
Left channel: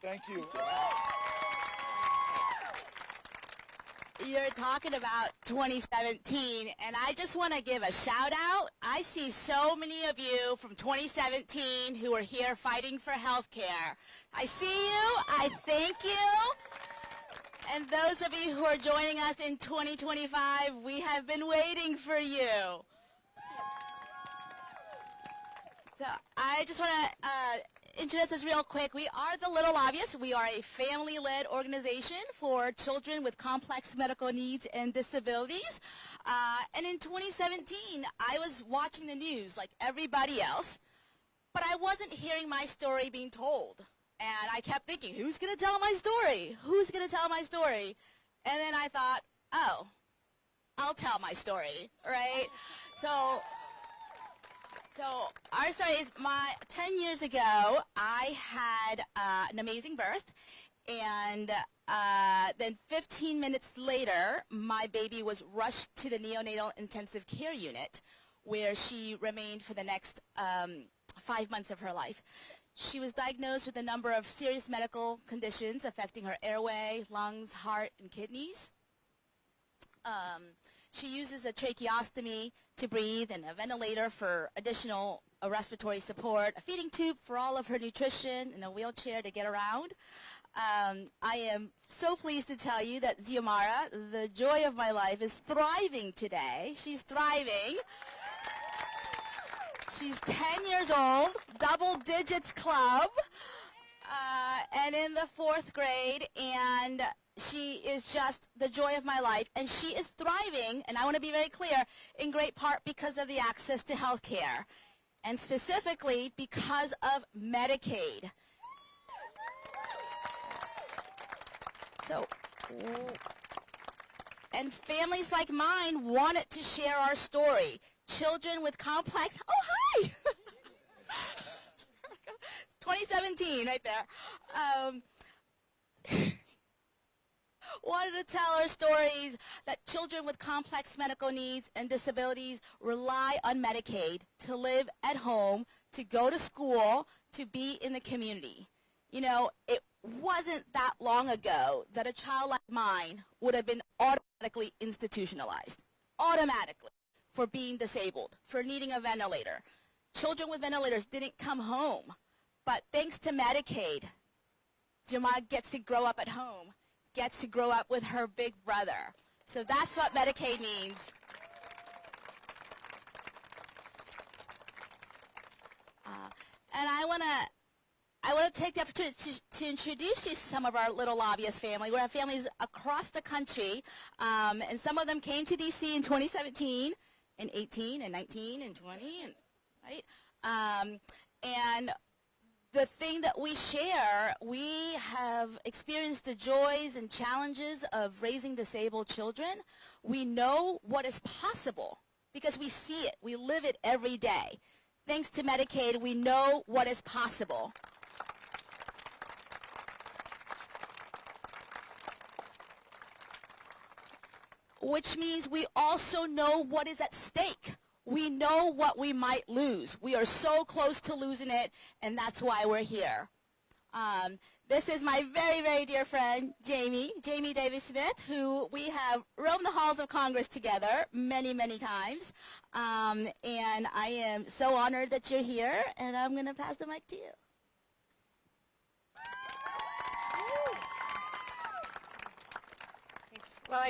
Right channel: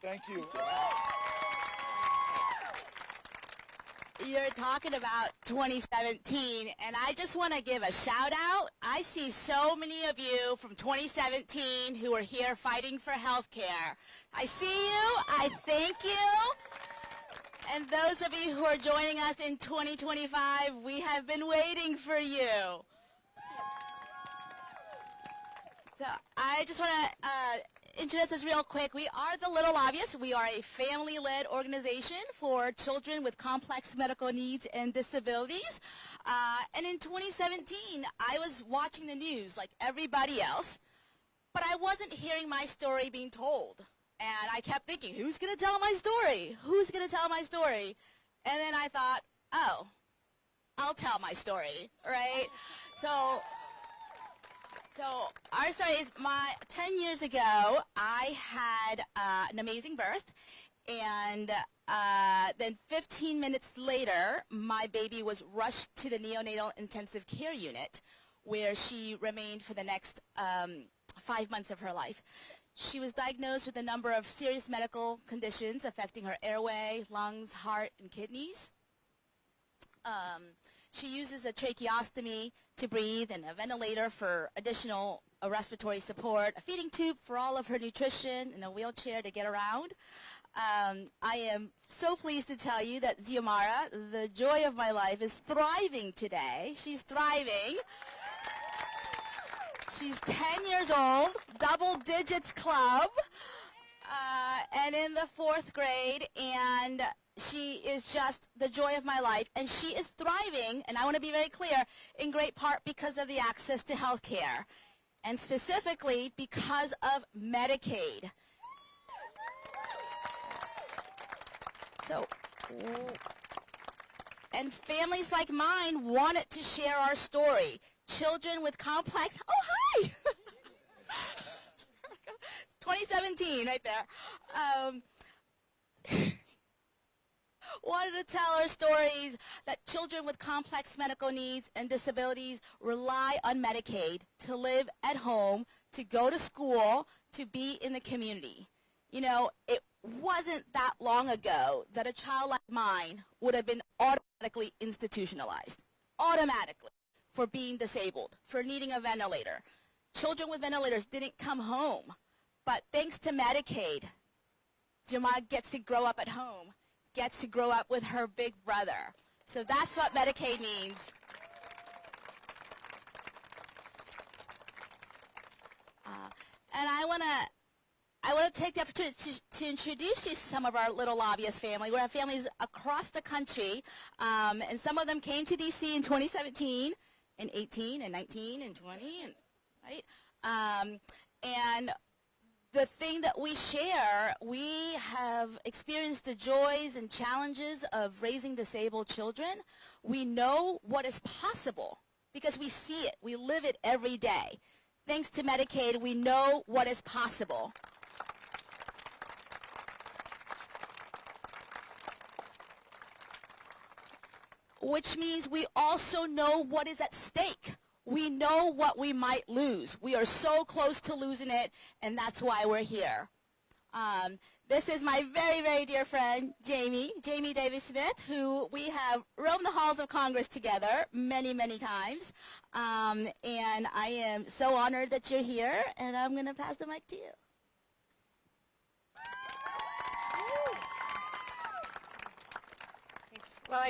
Thank you. You're talking about 2017, and I just want to give a shout out. I see so many of you from 2017 who are here fighting for health care. I see you. I thank you. And those of you who are joining us in 2025, we have been waiting for you. So I just want to introduce us real quick. We are the Little Obvious. We are a family-led organization for children with complex medical needs and disabilities. And in 2017, I was watching the news like everybody else, but I wasn't hearing my story being told. And I kept thinking, who's going to tell my story? Who's going to tell my story? And then I thought, oh, I'll tell my story, right? So our story is 10 years ago, I had an amazing birth, and then 15 minutes later, my baby was rushed to the neonatal intensive care unit, where she remained for the next 5 months of her life. She was diagnosed with a number of serious medical conditions affecting her airway, lungs, heart, and kidneys. She uses a tracheostomy to breathe and a ventilator for additional respiratory support, a feeding tube for all of her nutrition, and a wheelchair to get around. I am so pleased to tell you that Xiomara, the joy of my life, is thriving today. She's thriving. She's 10 years old, double digits club, and in the 4th grade, and she is just the joy of my life, and she is thriving, and I want to be very clear, in great part because of the access to health care, and specifically because of Medicaid. So, and families like mine wanted to share our story. Children with complex, oh, hi! 2017, right there. Wanted to tell our stories that children with complex medical needs and disabilities rely on Medicaid to live at home, to go to school, to be in the community. You know, it wasn't that long ago that a child like mine would have been automatically institutionalized. Automatically. For being disabled, for needing a ventilator. Children with ventilators didn't come home. But thanks to Medicaid, Xiomara gets to grow up at home, gets to grow up with her big brother. So that's what Medicaid means. And I want to take the opportunity to introduce you to some of our Little Obvious family. We have families across the country, and some of them came to D.C. in 2017, and 18, and 19, and 20, and, right? And the thing that we share, we have experienced the joys and challenges of raising disabled children. We know what is possible because we see it. We live it every day. Thanks to Medicaid, we know what is possible. Which means we also know what is at stake. We know what we might lose. We are so close to losing it, and that's why we're here. This is my very, very dear friend, Jamie Davis-Smith, who we have roamed the halls of Congress together many, many times. And I am so honored that you're here, and I'm going to pass the mic to you. Thanks. Well,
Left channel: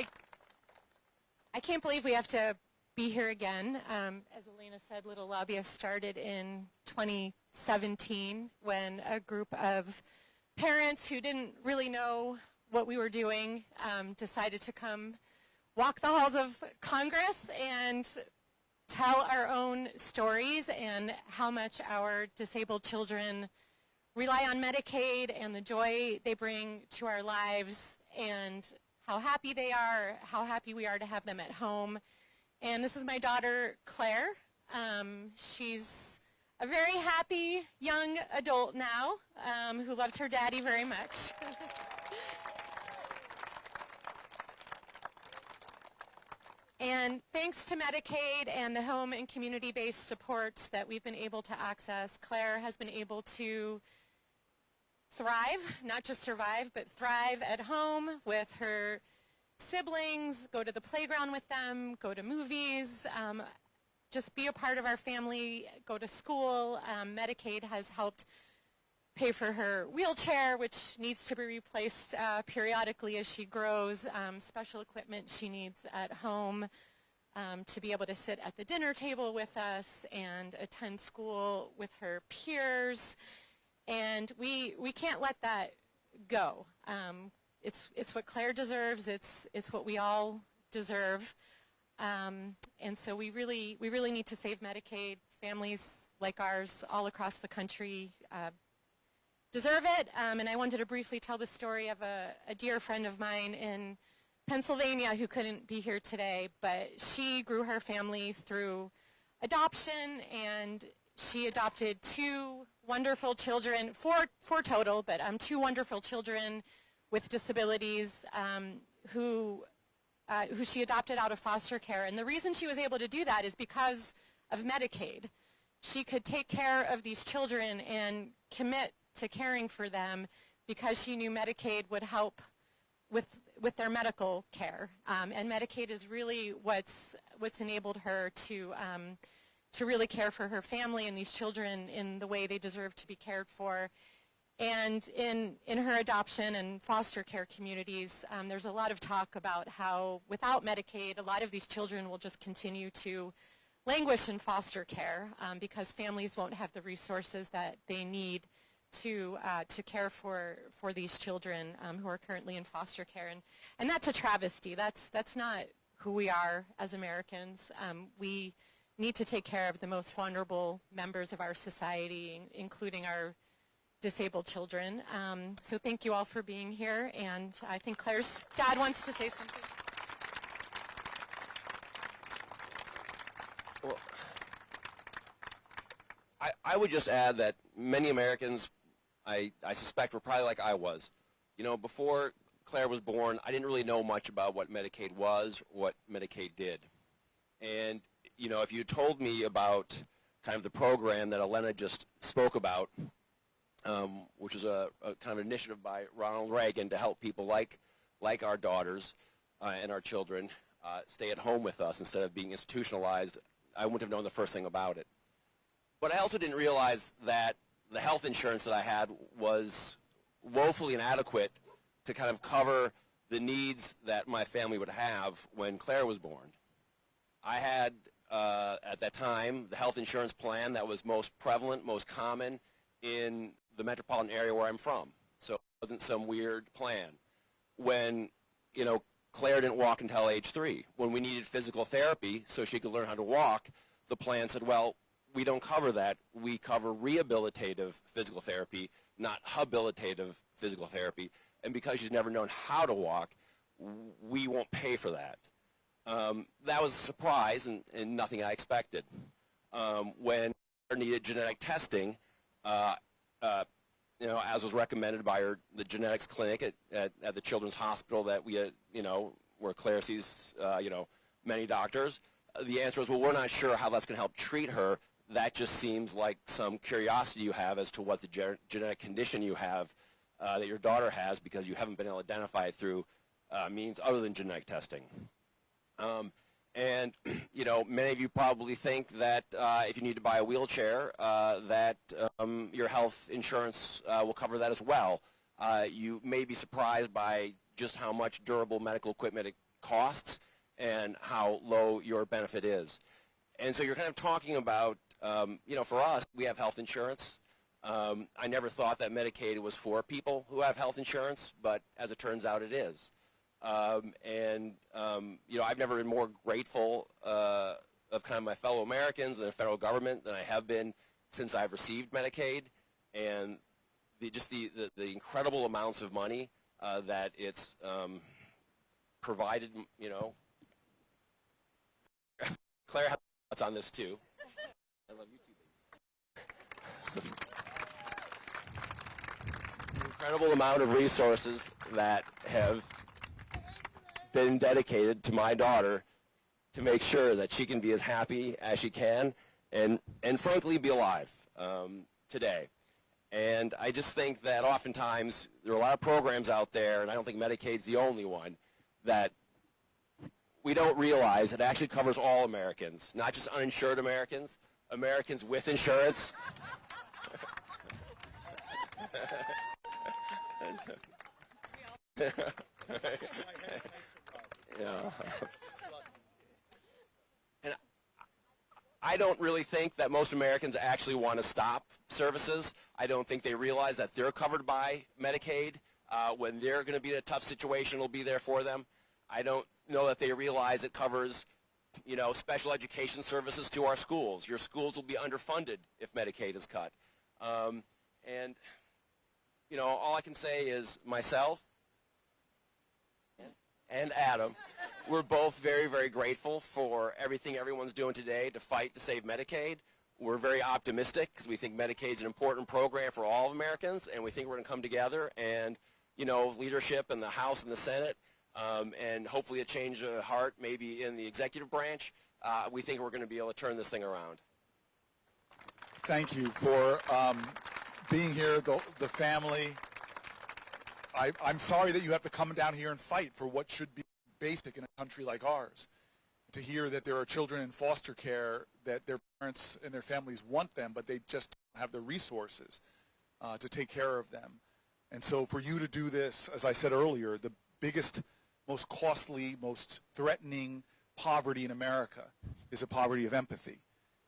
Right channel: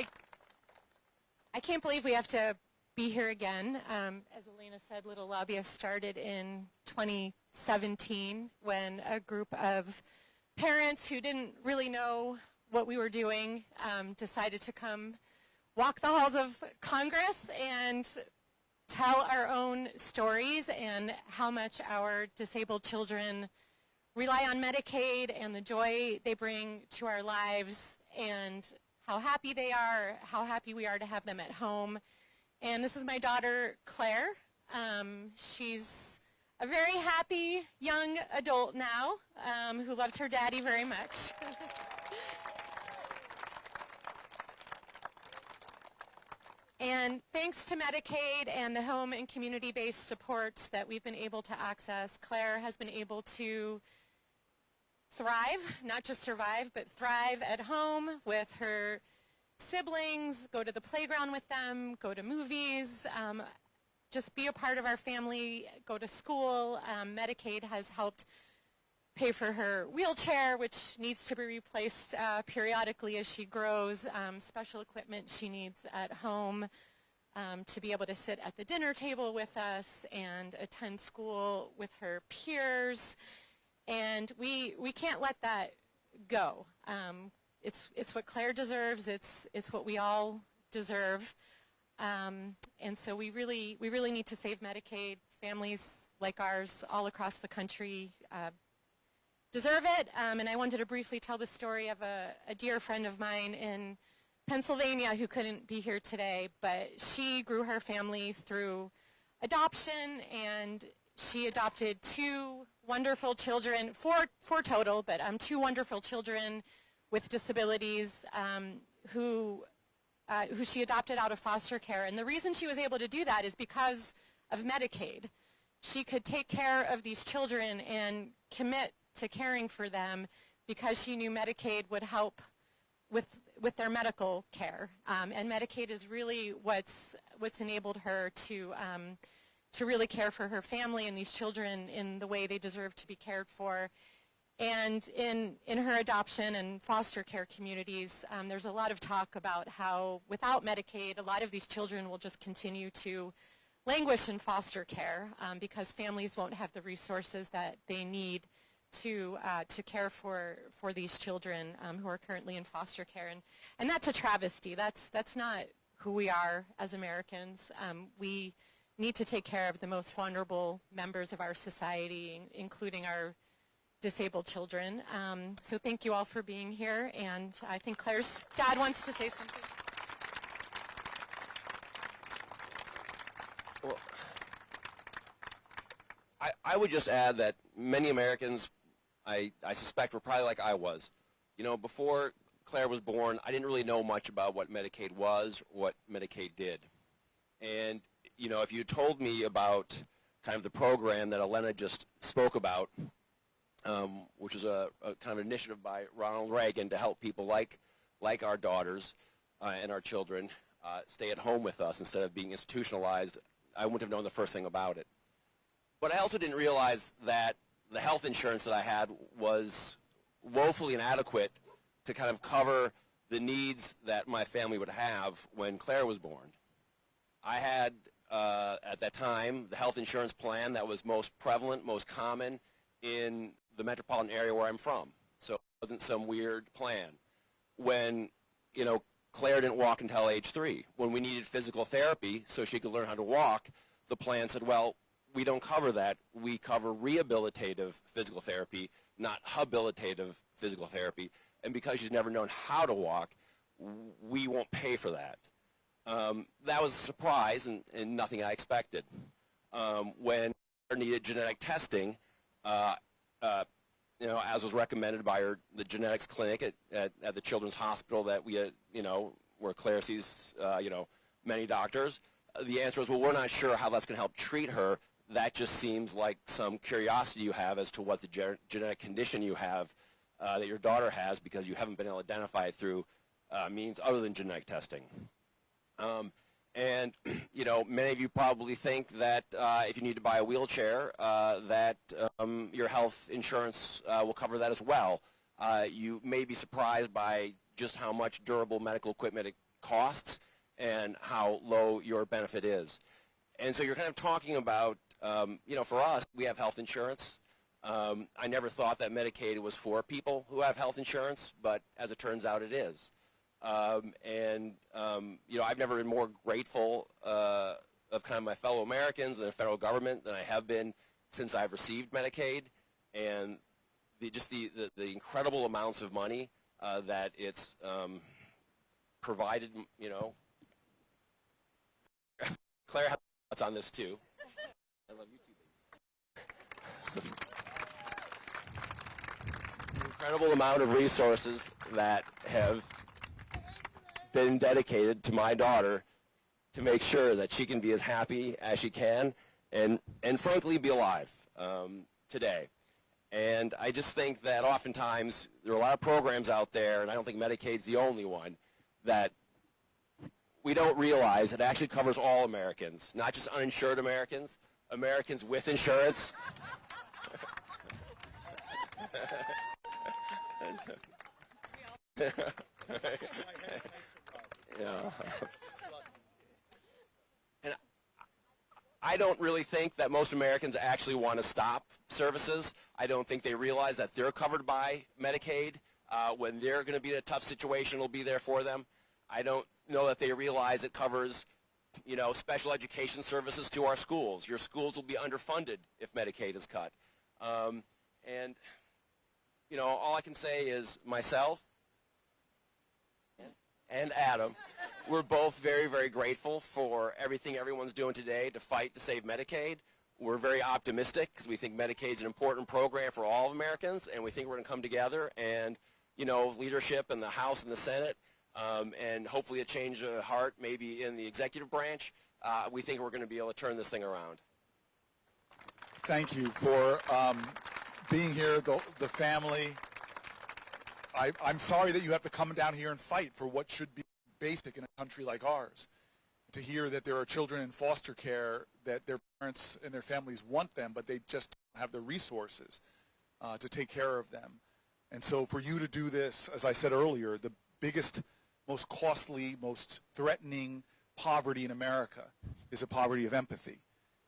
I can't believe we have to be here again. As Elena said, Little Lobbyists started in 2017 when a group of parents who didn't really know what we were doing decided to come walk the halls of Congress and tell our own stories and how much our disabled children rely on Medicaid and the joy they bring to our lives and how happy they are, how happy we are to have them at home. And this is my daughter, Claire. She's a very happy young adult now who loves her daddy very much. And thanks to Medicaid and the home and community-based supports that we've been able to access, Claire has been able to thrive, not just survive, but thrive at home with her siblings, go to the playground with them, go to movies, just be a part of our family, go to school. Medicaid has helped pay for her wheelchair, which needs to be replaced periodically as she grows, special equipment she needs at home to be able to sit at the dinner table with us and attend school with her peers. And we can't let that go. It's what Claire deserves. It's what we all deserve. And so we really need to save Medicaid. Families like ours all across the country deserve it. And I wanted to briefly tell the story of a dear friend of mine in Pennsylvania who couldn't be here today, but she grew her family through adoption, and she adopted two wonderful children, four total, but two wonderful children with disabilities who she adopted out of foster care. And the reason she was able to do that is because of Medicaid. She could take care of these children and commit to caring for them because she knew Medicaid would help with their medical care. And Medicaid is really what's enabled her to really care for her family and these children in the way they deserve to be cared for. And in her adoption and foster care communities, there's a lot of talk about how without Medicaid, a lot of these children will just continue to languish in foster care because families won't have the resources that they need to care for these children who are currently in foster care. And that's a travesty. That's not who we are as Americans. We need to take care of the most vulnerable members of our society, including our disabled children. So thank you all for being here, and I think Claire's dad wants to say something. Well, I would just add that many Americans, I suspect, were probably like I was. You know, before Claire was born, I didn't really know much about what Medicaid was, what Medicaid did. And, you know, if you told me about kind of the program that Elena just spoke about, which is a kind of initiative by Ronald Reagan to help people like our daughters and our children stay at home with us instead of being institutionalized, I wouldn't have known the first thing about it. But I also didn't realize that the health insurance that I had was woefully inadequate to kind of cover the needs that my family would have when Claire was born. I had, at that time, the health insurance plan that was most prevalent, most common in the metropolitan area where I'm from. So it wasn't some weird plan. When, you know, Claire didn't walk until age 3. When we needed physical therapy so she could learn how to walk, the plan said, well, we don't cover that. We cover rehabilitative physical therapy, not habilitative physical therapy. And because she's never known how to walk, we won't pay for that. That was a surprise and nothing I expected. When Claire needed genetic testing, you know, as was recommended by the genetics clinic at the Children's Hospital that we had, you know, where Claire sees, you know, many doctors, the answer was, well, we're not sure how that's going to help treat her. That just seems like some curiosity you have as to what the genetic condition you have that your daughter has because you haven't been able to identify it through means other than genetic testing. And, you know, many of you probably think that if you need to buy a wheelchair, that your health insurance will cover that as well. You may be surprised by just how much durable medical equipment it costs and how low your benefit is. And so you're kind of talking about, you know, for us, we have health insurance. I never thought that Medicaid was for people who have health insurance, but as it turns out, it is. You know, I've never been more grateful of kind of my fellow Americans and the federal government than I have been since I've received Medicaid, and the incredible amounts of money that it's provided. You know, Claire has thoughts on this too. I love you too, baby. The incredible amount of resources that have been dedicated to my daughter to make sure that she can be as happy as she can and frankly be alive today. And I just think that oftentimes there are a lot of programs out there, and I don't think Medicaid's the only one, that we don't realize it actually covers all Americans, not just uninsured Americans, Americans with insurance. Yeah. And I don't really think that most Americans actually want to stop services. I don't think they realize that they're covered by Medicaid. When they're going to be in a tough situation, it'll be there for them. I don't know that they realize it covers, you know, special education services to our schools. Your schools will be underfunded if Medicaid is cut. And, you know, all I can say is myself and Adam, we're both very, very grateful for everything everyone's doing today to fight to save Medicaid. We're very optimistic because we think Medicaid's an important program for all Americans, and we think we're going to come together and, you know, leadership in the House and the Senate, and hopefully a change of heart maybe in the executive branch. We think we're going to be able to turn this thing around. Thank you for being here, the family. I'm sorry that you have to come down here and fight for what should be basic in a country like ours. To hear that there are children in foster care that their parents and their families want them, but they just don't have the resources to take care of them. And so for you to do this, as I said earlier, the biggest, most costly, most threatening poverty in America is a poverty of empathy,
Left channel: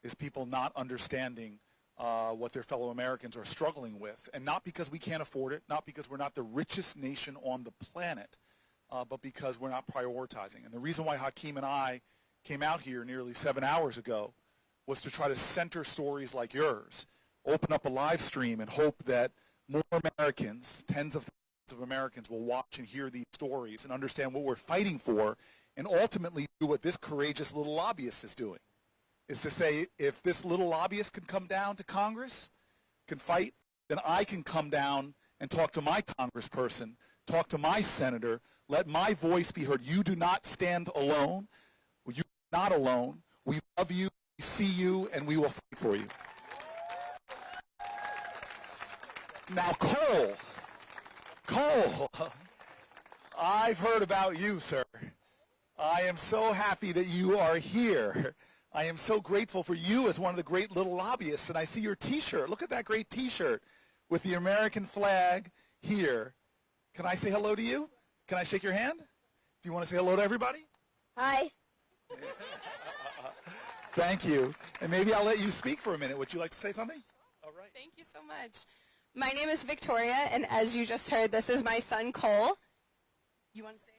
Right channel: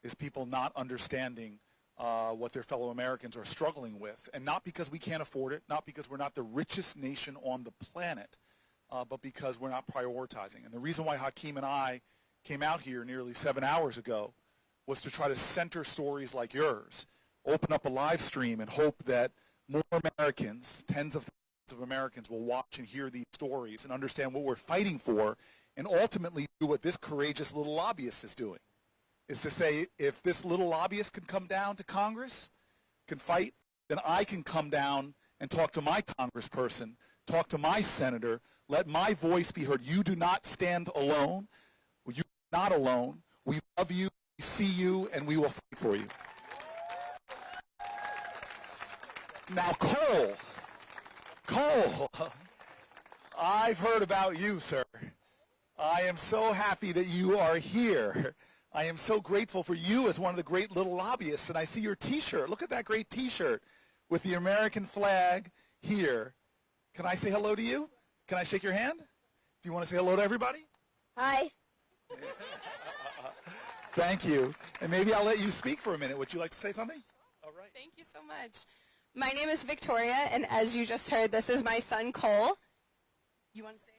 is people not understanding what their fellow Americans are struggling with, and not because we can't afford it, not because we're not the richest nation on the planet, but because we're not prioritizing. And the reason why Hakeem and I came out here nearly 7 hours ago was to try to center stories like yours, open up a live stream and hope that more Americans, tens of thousands of Americans, will watch and hear these stories and understand what we're fighting for, and ultimately do what this courageous little lobbyist is doing, is to say, if this little lobbyist can come down to Congress, can fight, then I can come down and talk to my congressperson, talk to my senator, let my voice be heard. You do not stand alone. You're not alone. We love you, we see you, and we will fight for you. Now, Cole, I've heard about you, sir. I am so happy that you are here. I am so grateful for you as one of the great little lobbyists, and I see your T-shirt. Look at that great T-shirt with the American flag here. Can I say hello to you? Can I shake your hand? Do you want to say hello to everybody? Hi. Thank you. And maybe I'll let you speak for a minute. Would you like to say something? Thank you so much. My name is Victoria, and as you just heard, this is my son, Cole. You want to say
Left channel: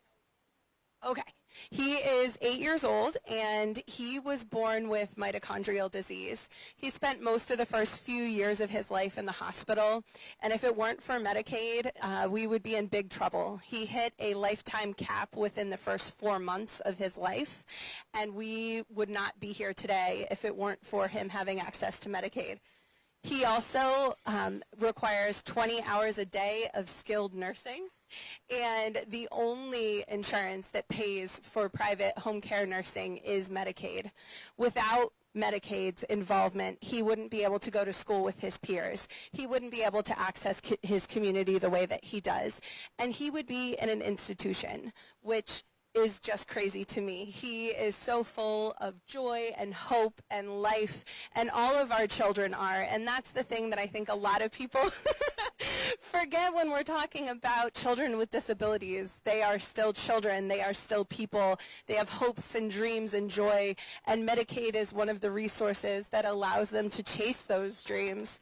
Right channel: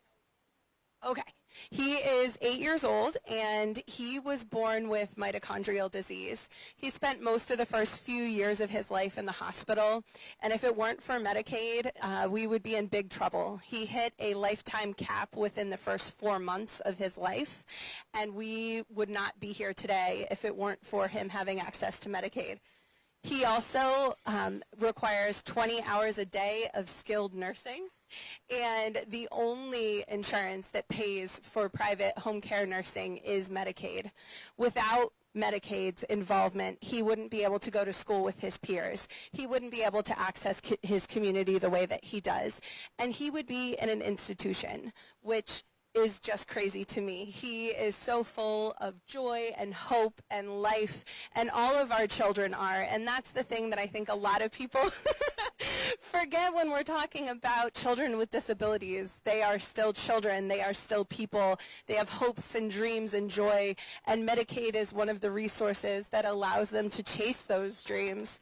hello? Okay. He is 8 years old, and he was born with mitochondrial disease. He spent most of the first few years of his life in the hospital, and if it weren't for Medicaid, we would be in big trouble. He hit a lifetime cap within the first 4 months of his life, and we would not be here today if it weren't for him having access to Medicaid. He also requires 20 hours a day of skilled nursing, and the only insurance that pays for private home care nursing is Medicaid. Without Medicaid's involvement, he wouldn't be able to go to school with his peers. He wouldn't be able to access his community the way that he does. And he would be in an institution, which is just crazy to me. He is so full of joy and hope and life, and all of our children are, and that's the thing that I think a lot of people forget when we're talking about children with disabilities. They are still children, they are still people, they have hopes and dreams and joy, and Medicaid is one of the resources that allows them to chase those dreams.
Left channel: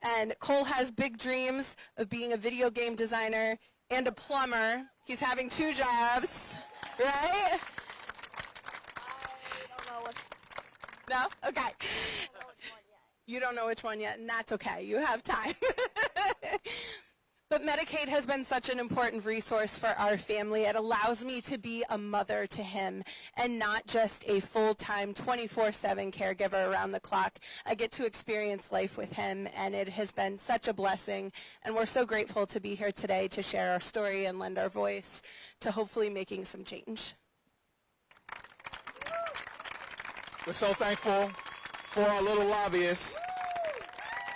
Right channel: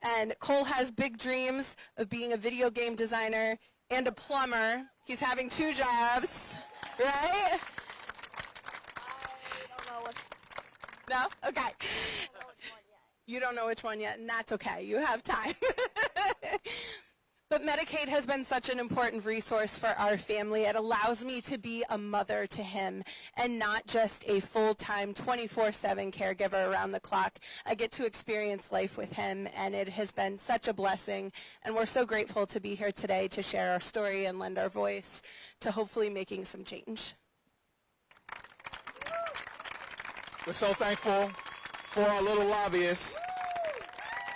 And Cole has big dreams of being a video game designer and a plumber. He's having 2 jobs. Right? I don't know which. No? Okay. You don't know which one yet, and that's okay. You have time. But Medicaid has been such an important resource for our family. It allows me to be a mother to him and not just a full-time 24/7 caregiver around the clock. I get to experience life with him, and it has been such a blessing. And we're so grateful to be here today to share our story and lend our voice to hopefully making some change. We're so thankful for our little lobbyists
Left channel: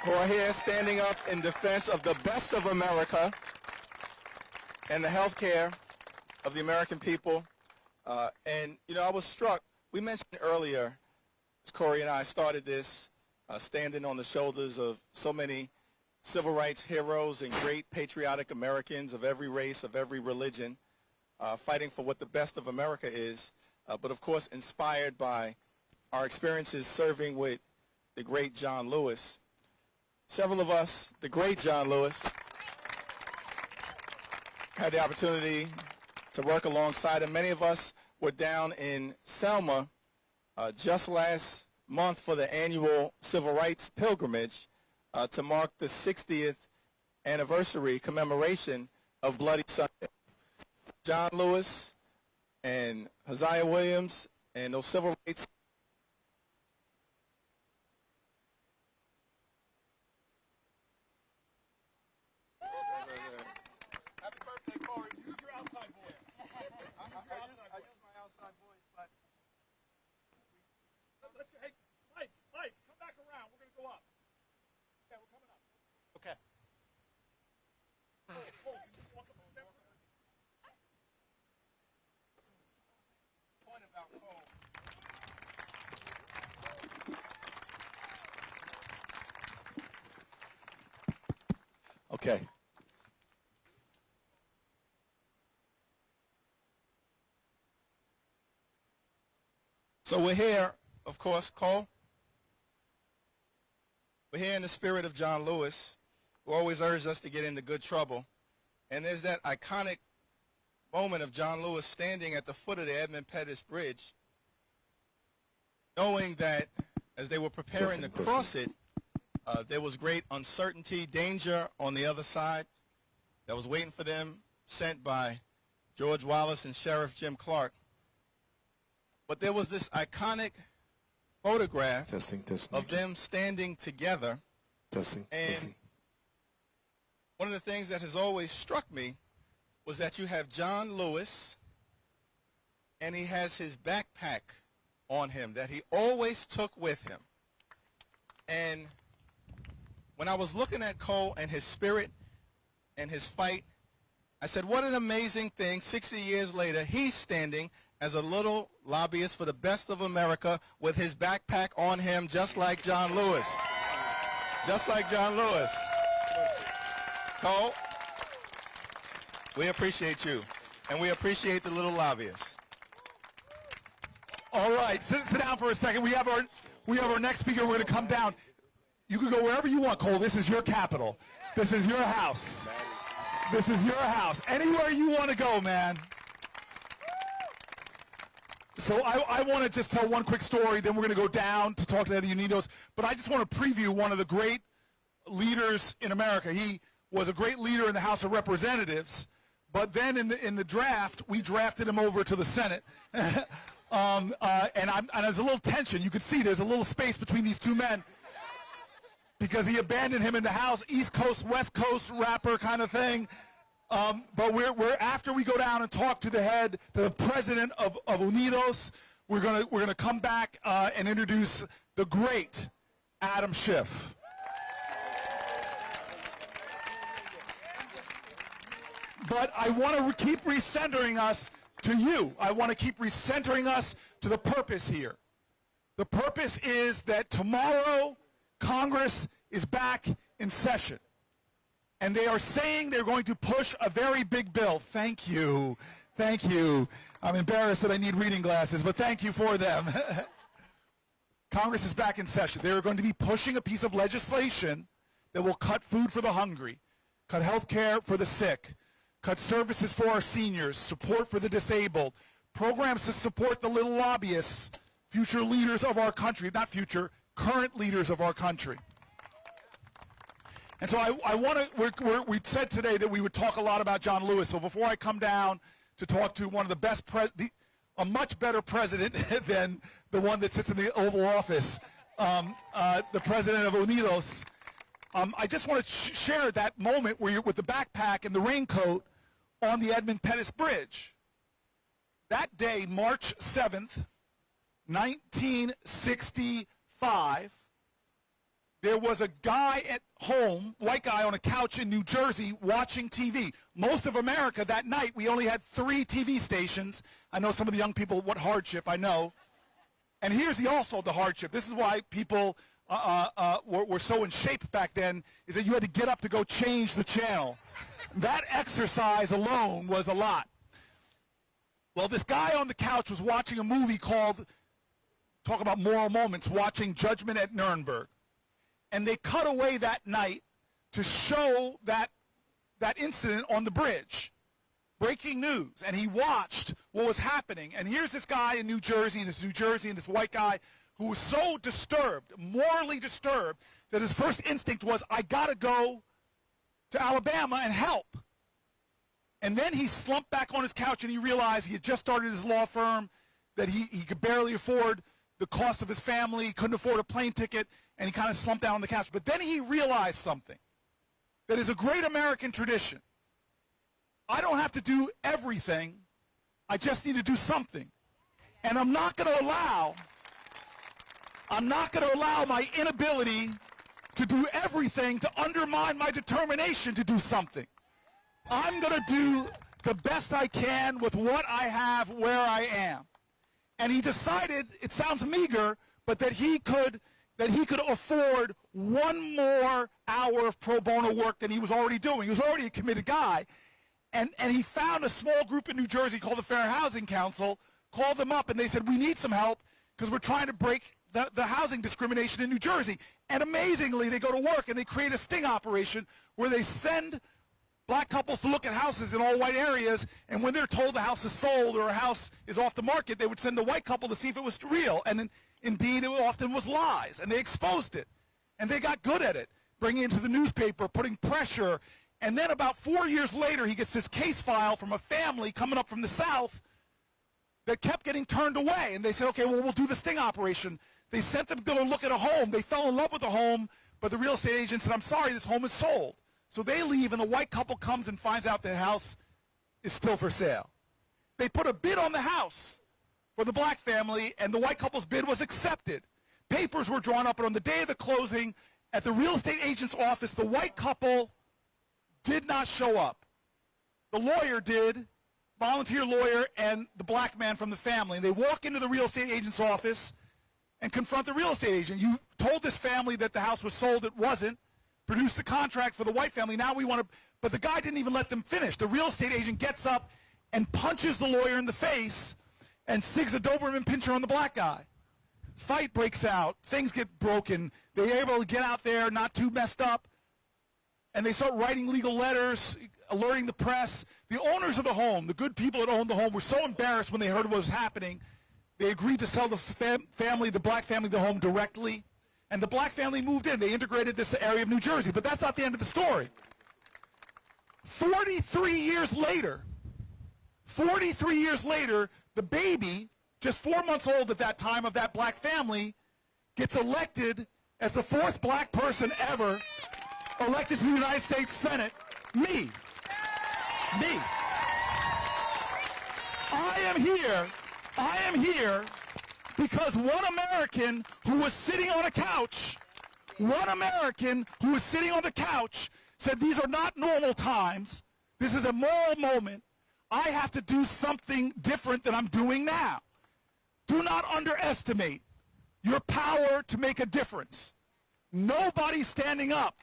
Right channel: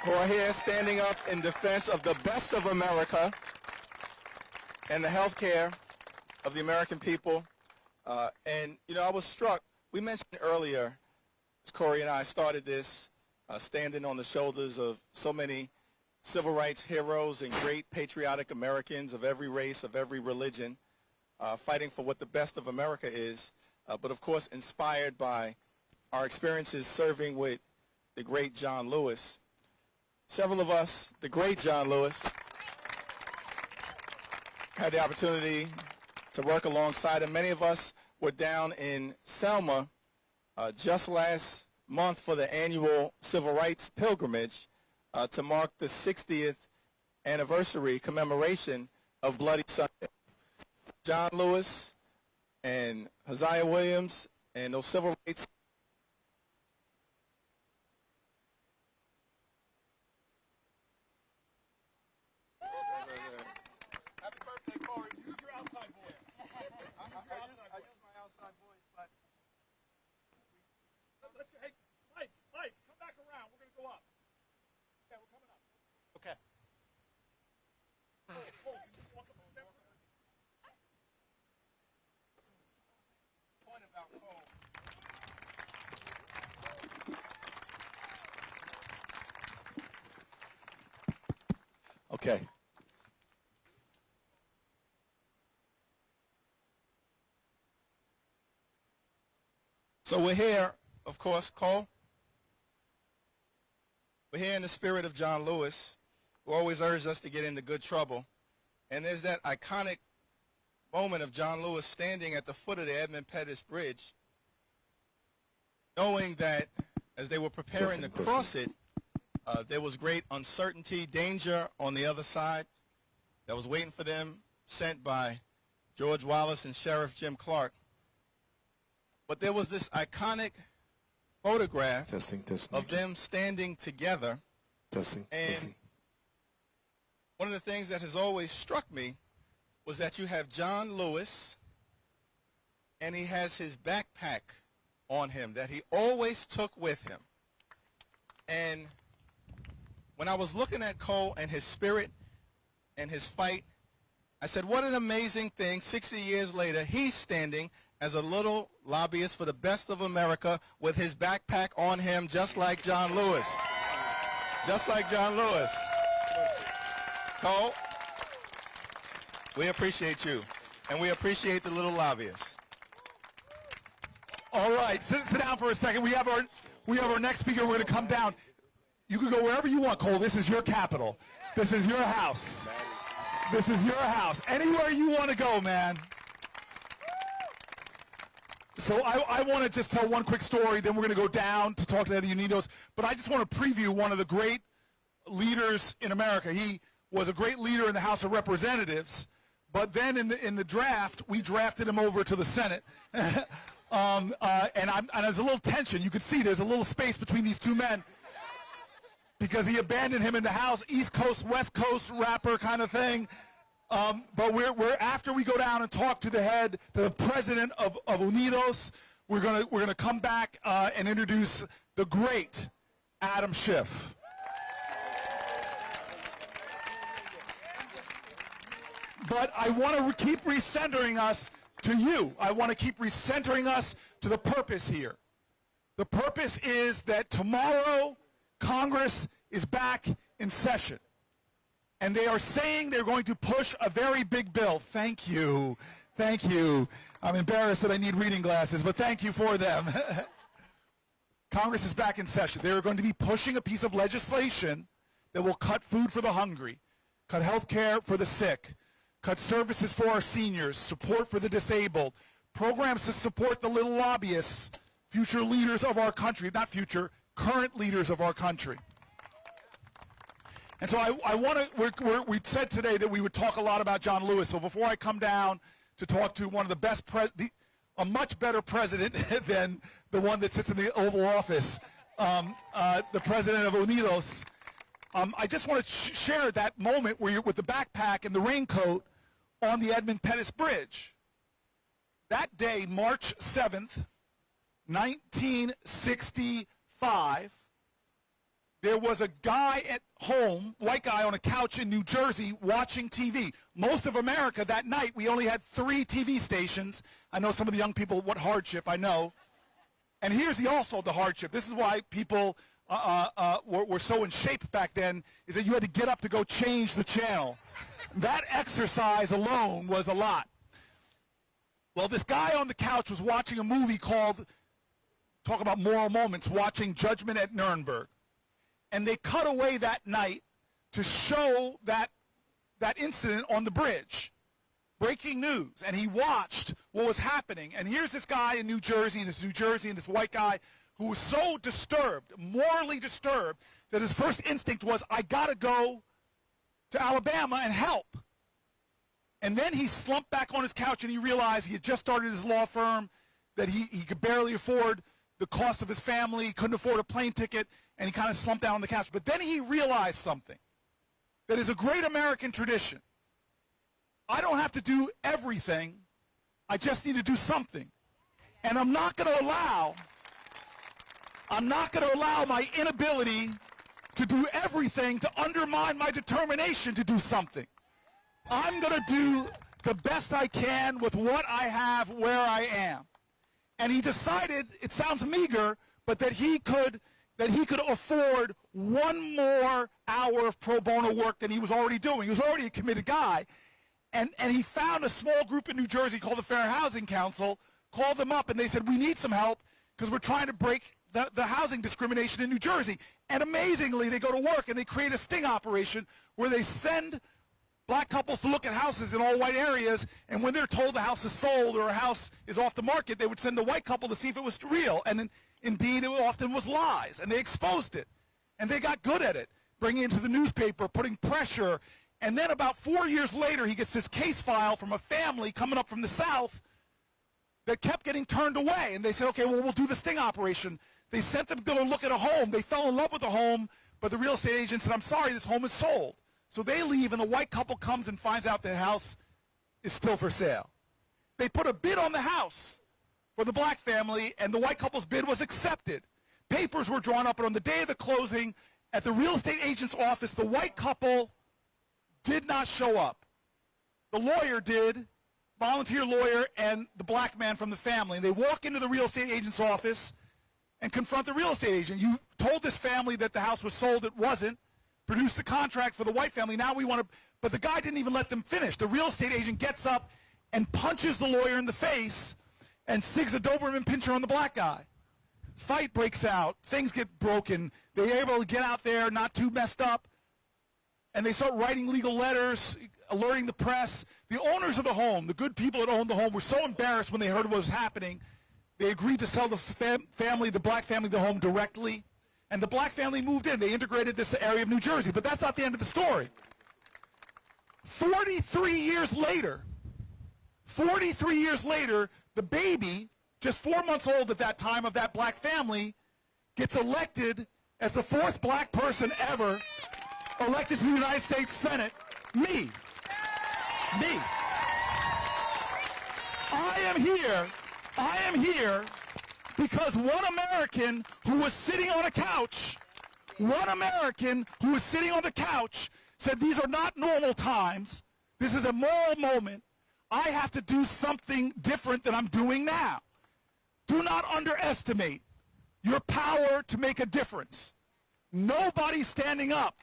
who are here standing up in defense of the best of America and the health care of the American people. And, you know, I was struck. We mentioned earlier, as Cory and I started this, standing on the shoulders of so many civil rights heroes and great patriotic Americans of every race, of every religion, fighting for what the best of America is, but of course inspired by our experiences serving with the great John Lewis. several of us, the great John Lewis, had the opportunity to work alongside him. Many of us were down in Selma just last month for the annual Civil Rights Pilgrimage to mark the 60th anniversary commemoration of Bloody Sunday. John Lewis and Hosea Williams and those civil rights Happy birthday, Cory. Use your outside voice. I use my outside voice, but let's go. Hey, Mike, come back around. We're going to go up. Okay, we're coming up. Okay. Cole, can you walk up the steps? Point about Cole. Okay. So we're here, of course, Cole. We're here in the spirit of John Lewis, who always urged us to get into good trouble. And there's that iconic moment of John Lewis standing at the foot of the Edmund Pettus Bridge, knowing that as they were preparing to cross it, there was great uncertainty, danger on the other side that was waiting for them, sent by George Wallace and Sheriff Jim Clark. But there was this iconic photograph of them standing together. And one of the things that has always struck me was that you have John Lewis, and he has his backpack on him that he always took with him. And when I was looking at Cole and his spirit and his fight, I said, what an amazing thing, 60 years later, he's standing as a little lobbyist for the best of America with his backpack on him, just like John Lewis. Just like John Lewis. Cole, we appreciate you, and we appreciate the little lobbyists. All right, sit down for a second. We have our next speaker. We're going to come down. You can go wherever you want, Cole. This is your capital. This is your house. This is your house. Anywhere you want to go, man. So I want to just tell one quick story, then we're going to go down to talk to Eddie Unidos. But I just want to preview one of the great leaders in America. He was a great leader in the House of Representatives, but then in the draft, we drafted him over to the Senate. And there's a little tension. You could see there's a little space between these two men because he abandoned him in the House, East Coast, West Coast rapper kind of thing. But we're after we go down and talk to the president of Unidos, we're gonna come back and introduce the great Adam Schiff. But I want to keep recentering us to you. I want to keep recentering us to the purpose here. The purpose is that tomorrow Congress is back in session. And they are saying they're going to push a very big bill. Thank you. Thank you. I'm embarrassed that I need reading glasses, but thank you for them. Congress is back in session. They're going to be pushing a piece of legislation that will cut food for the hungry, cut health care for the sick, cut services for our seniors, support for the disabled, programs to support the little lobbyists, future leaders of our country, not future, current leaders of our country. And so I want to, we said today that we would talk a lot about John Lewis. So before I come down to talk to one of the best, a much better president than the one that sits in the Oval Office, the president of Unidos, I just want to share that moment where you're with the backpack and the raincoat on the Edmund Pettus Bridge. That day, March 7th, 1965, there was a guy at home, white guy on a couch in New Jersey watching TV. Most of America that night, we only had 3 TV stations. I know some of the young people, what hardship, I know. And here's also the hardship. This is why people were so in shape back then, is that you had to get up to go change the channel. That exercise alone was a lot. Well, this guy on the couch was watching a movie called, talk about moral moments, watching Judgment at Nuremberg. and they cut away that night to show that incident on the bridge. Breaking news. And he watched what was happening. And here's this guy in New Jersey, and this white guy who was so disturbed, morally disturbed, that his first instinct was, I got to go to Alabama and help. And then he slumped back on his couch and he realized he had just started his law firm, that he could barely afford the cost of his family, he couldn't afford a plane ticket, and he kind of slumped down on the couch. But then he realized something that is a great American tradition. I don't have to do everything. I just need to do something. And I'm not going to allow my inability to do everything to undermine my determination to do something. I'm going to do the best I can with what I have where I am. And he decided, it sounds meager, but that he could afford one more hour of pro bono work than he was already doing. He was already a committed guy. And he found a small group in New Jersey called the Fair Housing Council, called them up, and they said, we need some help because we're trying to break the housing discrimination in New Jersey. And amazingly, they go to work and they create a sting operation where they send black couples to look at houses in all white areas, and when they're told the house is sold or a house is off the market, they would send the white couple to see if it was real. And indeed, it often was lies, and they exposed it. And they got good at it, bringing it to the newspaper, putting pressure. And then about 4 years later, he gets this case file from a family coming up from the South that kept getting turned away. And they said, okay, well, we'll do the sting operation. They sent them to go look at a home. They fell in love with the home, but the real estate agent said, I'm sorry, this home is sold. So they leave, and the white couple comes and finds out the house is still for sale. They put a bid on the house for the black family, and the white couple's bid was accepted. Papers were drawn up, and on the day of the closing, at the real estate agent's office, the white couple did not show up. The lawyer did, volunteer lawyer, and the black man from the family. And they walk into the real estate agent's office and confront the real estate agent. You told this family that the house was sold. It wasn't. Produced the contract for the white family. Now we want to, but the guy didn't even let them finish. The real estate agent gets up and punches the lawyer in the face and sigs a Doberman pinscher on the black guy. Fight breaks out. Things get broken. They're able to get out there, not too messed up, and they start writing legal letters, alerting the press. The owners of the home, the good people that owned the home, were so embarrassed when they heard what was happening, they agreed to sell the family, the black family, the home directly. And the black family moved in. They integrated this area of New Jersey. But that's not the end of the story. 43 years later, the baby, just 4 months old at that time of that black family, gets elected as the 4th black person ever elected to the United States Senate. Me. I am here because one American who was sitting on the couch said these are not normal times. This is a moral moment. I have to do something different than I'm doing now. Do not underestimate your power to make a difference. Nobody standing up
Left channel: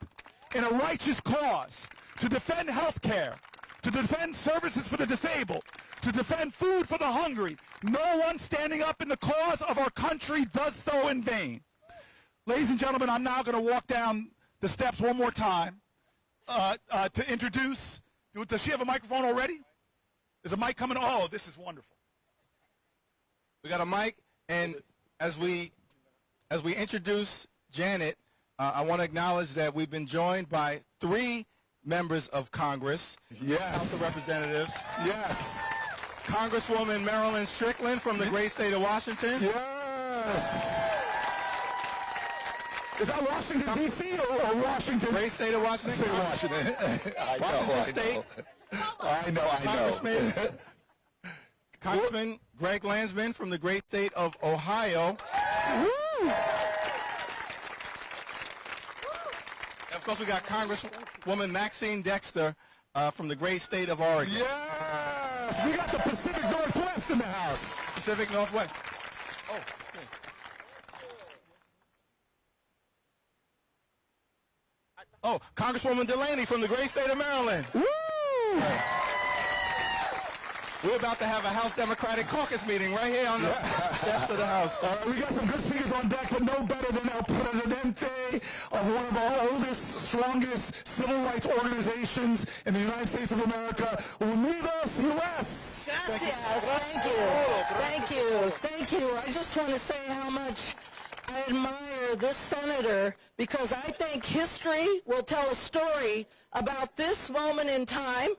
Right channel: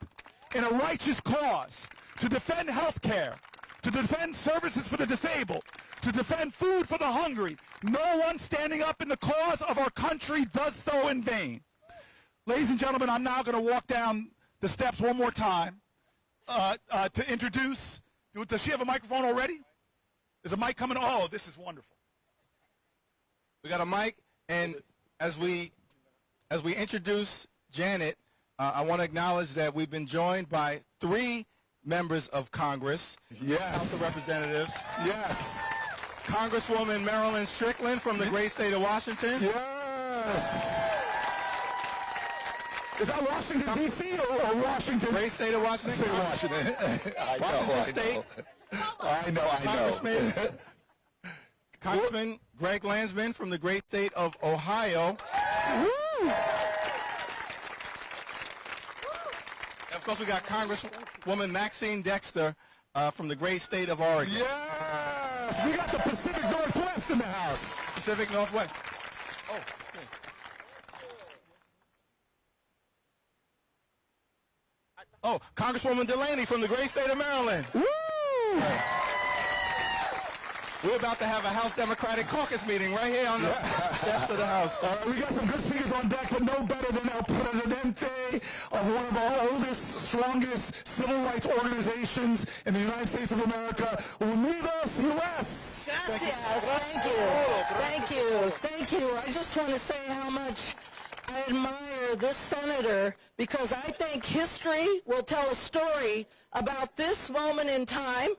in a righteous cause to defend health care, to defend services for the disabled, to defend food for the hungry. No one standing up in the cause of our country does so in vain. Ladies and gentlemen, I'm now going to walk down the steps one more time to introduce. Does she have a microphone already? Is a mic coming? Oh, this is wonderful. We got a mic, and as we introduce Janet, I want to acknowledge that we've been joined by 3 members of Congress, House of Representatives. Yes. Congresswoman Marilyn Strickland from the great state of Washington. Yes. Is that Washington, D.C. or Washington? Great state of Washington. State of Washington. Washington State. I know. Congressman Greg Landsman from the great state of Ohio. Woo! And of course, we got Congresswoman Maxine Dexter from the great state of Oregon. Yes! We got the Pacific Northwest in the house. Pacific Northwest. Oh, Oh, Congresswoman Delaney from the great state of Maryland. Woo! We're about to have a House Democratic Caucus meeting right here on the steps of the House. All right, we got some good speakers on deck, but no better than El Presidente of one of our oldest, strongest civil rights organizations in the United States of America, Unidos US. Gracias. Thank you. Thank you. Thank you. I just want to say how much I admire this senator, because I think history will tell a story about this moment in time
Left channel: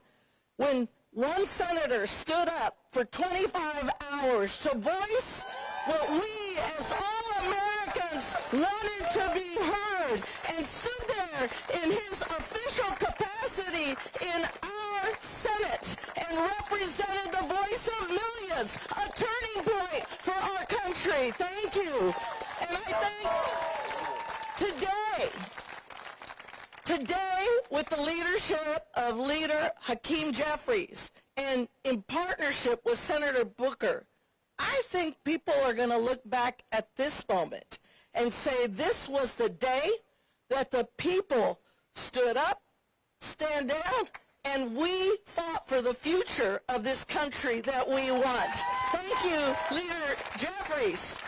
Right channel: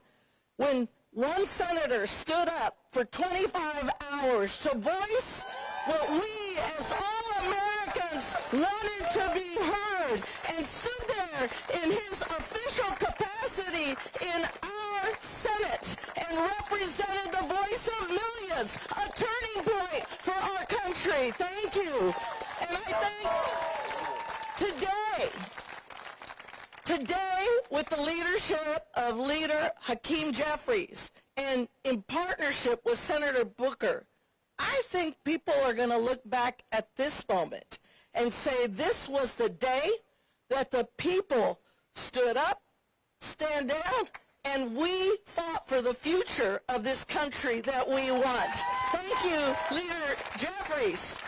when one senator stood up for 25 hours to voice what we as all Americans wanted to be heard, and stood there in his official capacity in our Senate and represented the voice of millions, a turning point for our country. Thank you. And I think today, with the leadership of Leader Hakeem Jefferies and in partnership with Senator Booker, I think people are going to look back at this moment and say this was the day that the people stood up, stand down, and we fought for the future of this country that we want. Thank you, Leader Jefferies.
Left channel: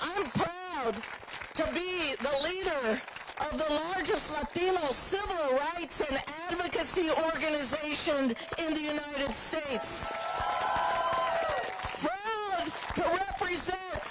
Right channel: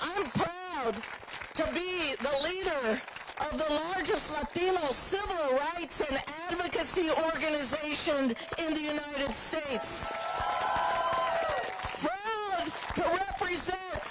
I'm proud to be the leader of the largest Latino civil rights and advocacy organization in the United States. Proud to represent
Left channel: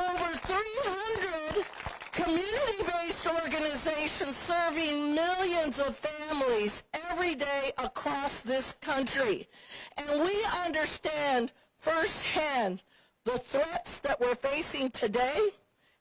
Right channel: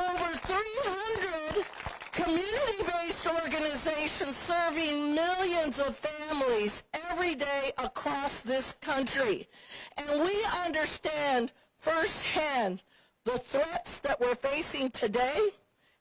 over 300 community-based organizations serving millions of families every day across this country. And we understand firsthand the threats that we're facing today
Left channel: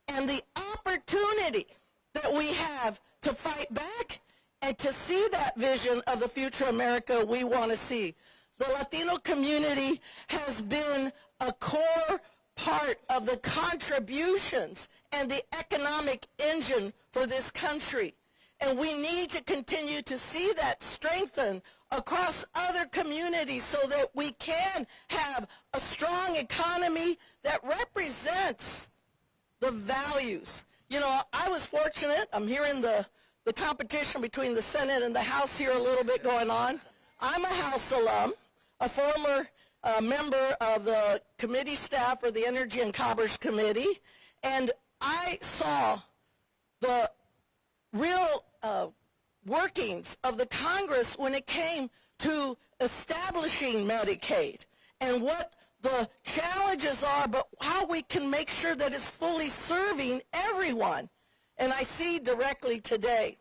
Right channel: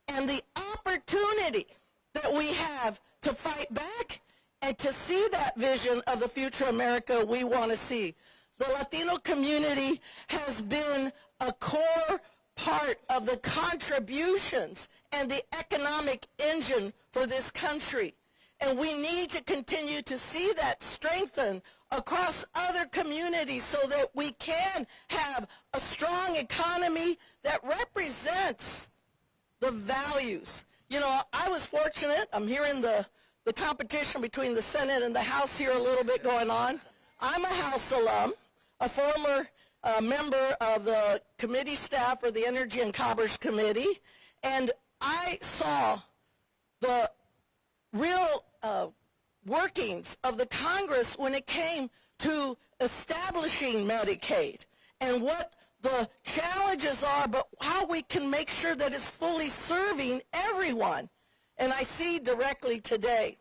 and the opportunity that we have to fight back and to see that vision of the future America we want to see. The Latino community has been a core part of the contributions and the economic engine for this country. And we need to continue to see that strengthen across other communities so that we can have a strong economy that represents the values. You know, I was fortunate. I'm hearing the competition between the Senate and the House here a little bit going on. I'm a House alum, a former member of the committee staff for the Energy and Commerce Committee, and I saw the real workings of the Congress when it came to establishing Medicaid and what the challenges are, but how we can make sure that it's fully serving everyone. And I see directly today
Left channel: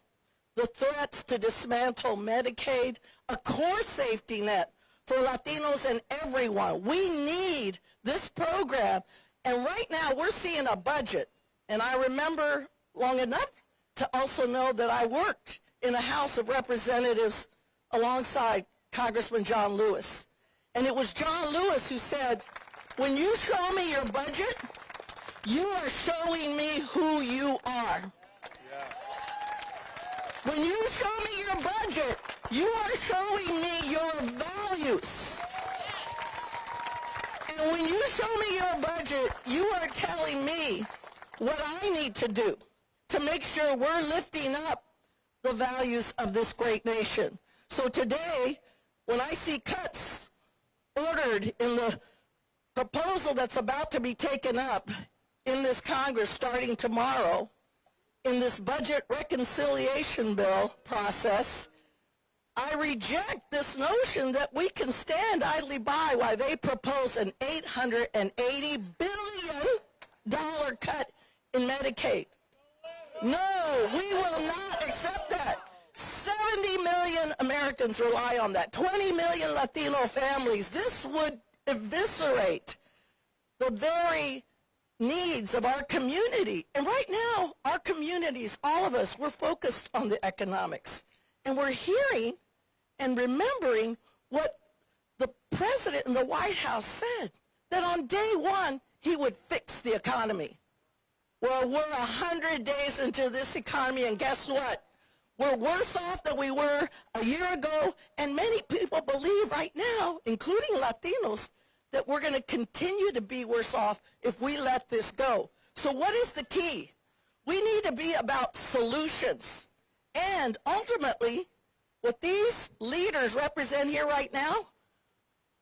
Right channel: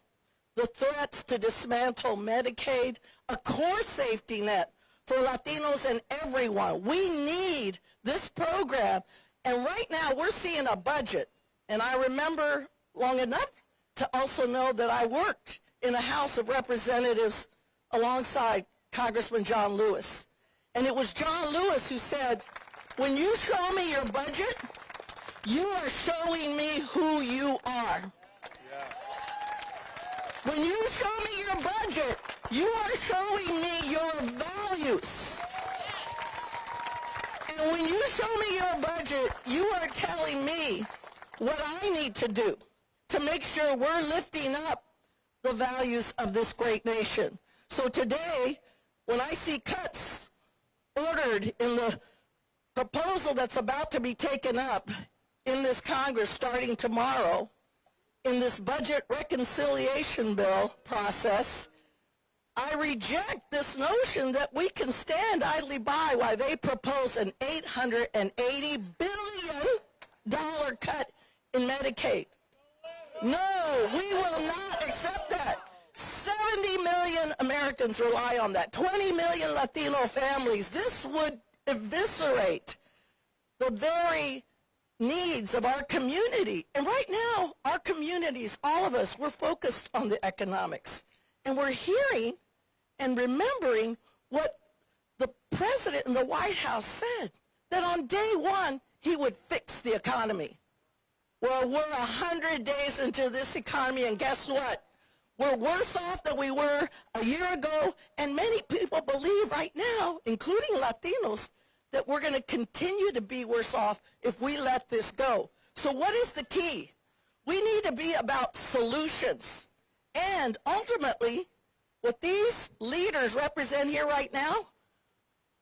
the threats to dismantle Medicaid, a core safety net for Latinos and everyone. We need this program. And right now we're seeing a budget. And I remember long enough to also know that I worked in a House of Representatives alongside Congressman John Lewis. And it was John Lewis who said, when you show me your budget, you are showing me who you are. When you show me your budget, you are showing me your values. And when you show me your budget, you are telling me what I need to do to make sure we're lifting up the values of this great nation. So today, when I see cuts ordered in the proposal that's about to be taken up in this Congress starting tomorrow, in this budget reconciliation bill process, I reject this notion that we can stand idly by while they propose an $880 billion cut in Medicaid. No, we will not accept that. 70 million Americans rely on that. 20 million Latino families. This would eviscerate the very needs of our community. And right now, our communities, all of us, we're focused on the economics. And we're hearing and remembering what the president in the White House said, that on day one, he would fix the economy. Well, we're 100 days into this economy, and guess what? We're worse off than we were a year ago, and many people believe right now, including Latinos, that we're going to continue to be worse off if we let this go. So what is the key? We need to be about solutions. And ultimately, what these leaders represent here right now,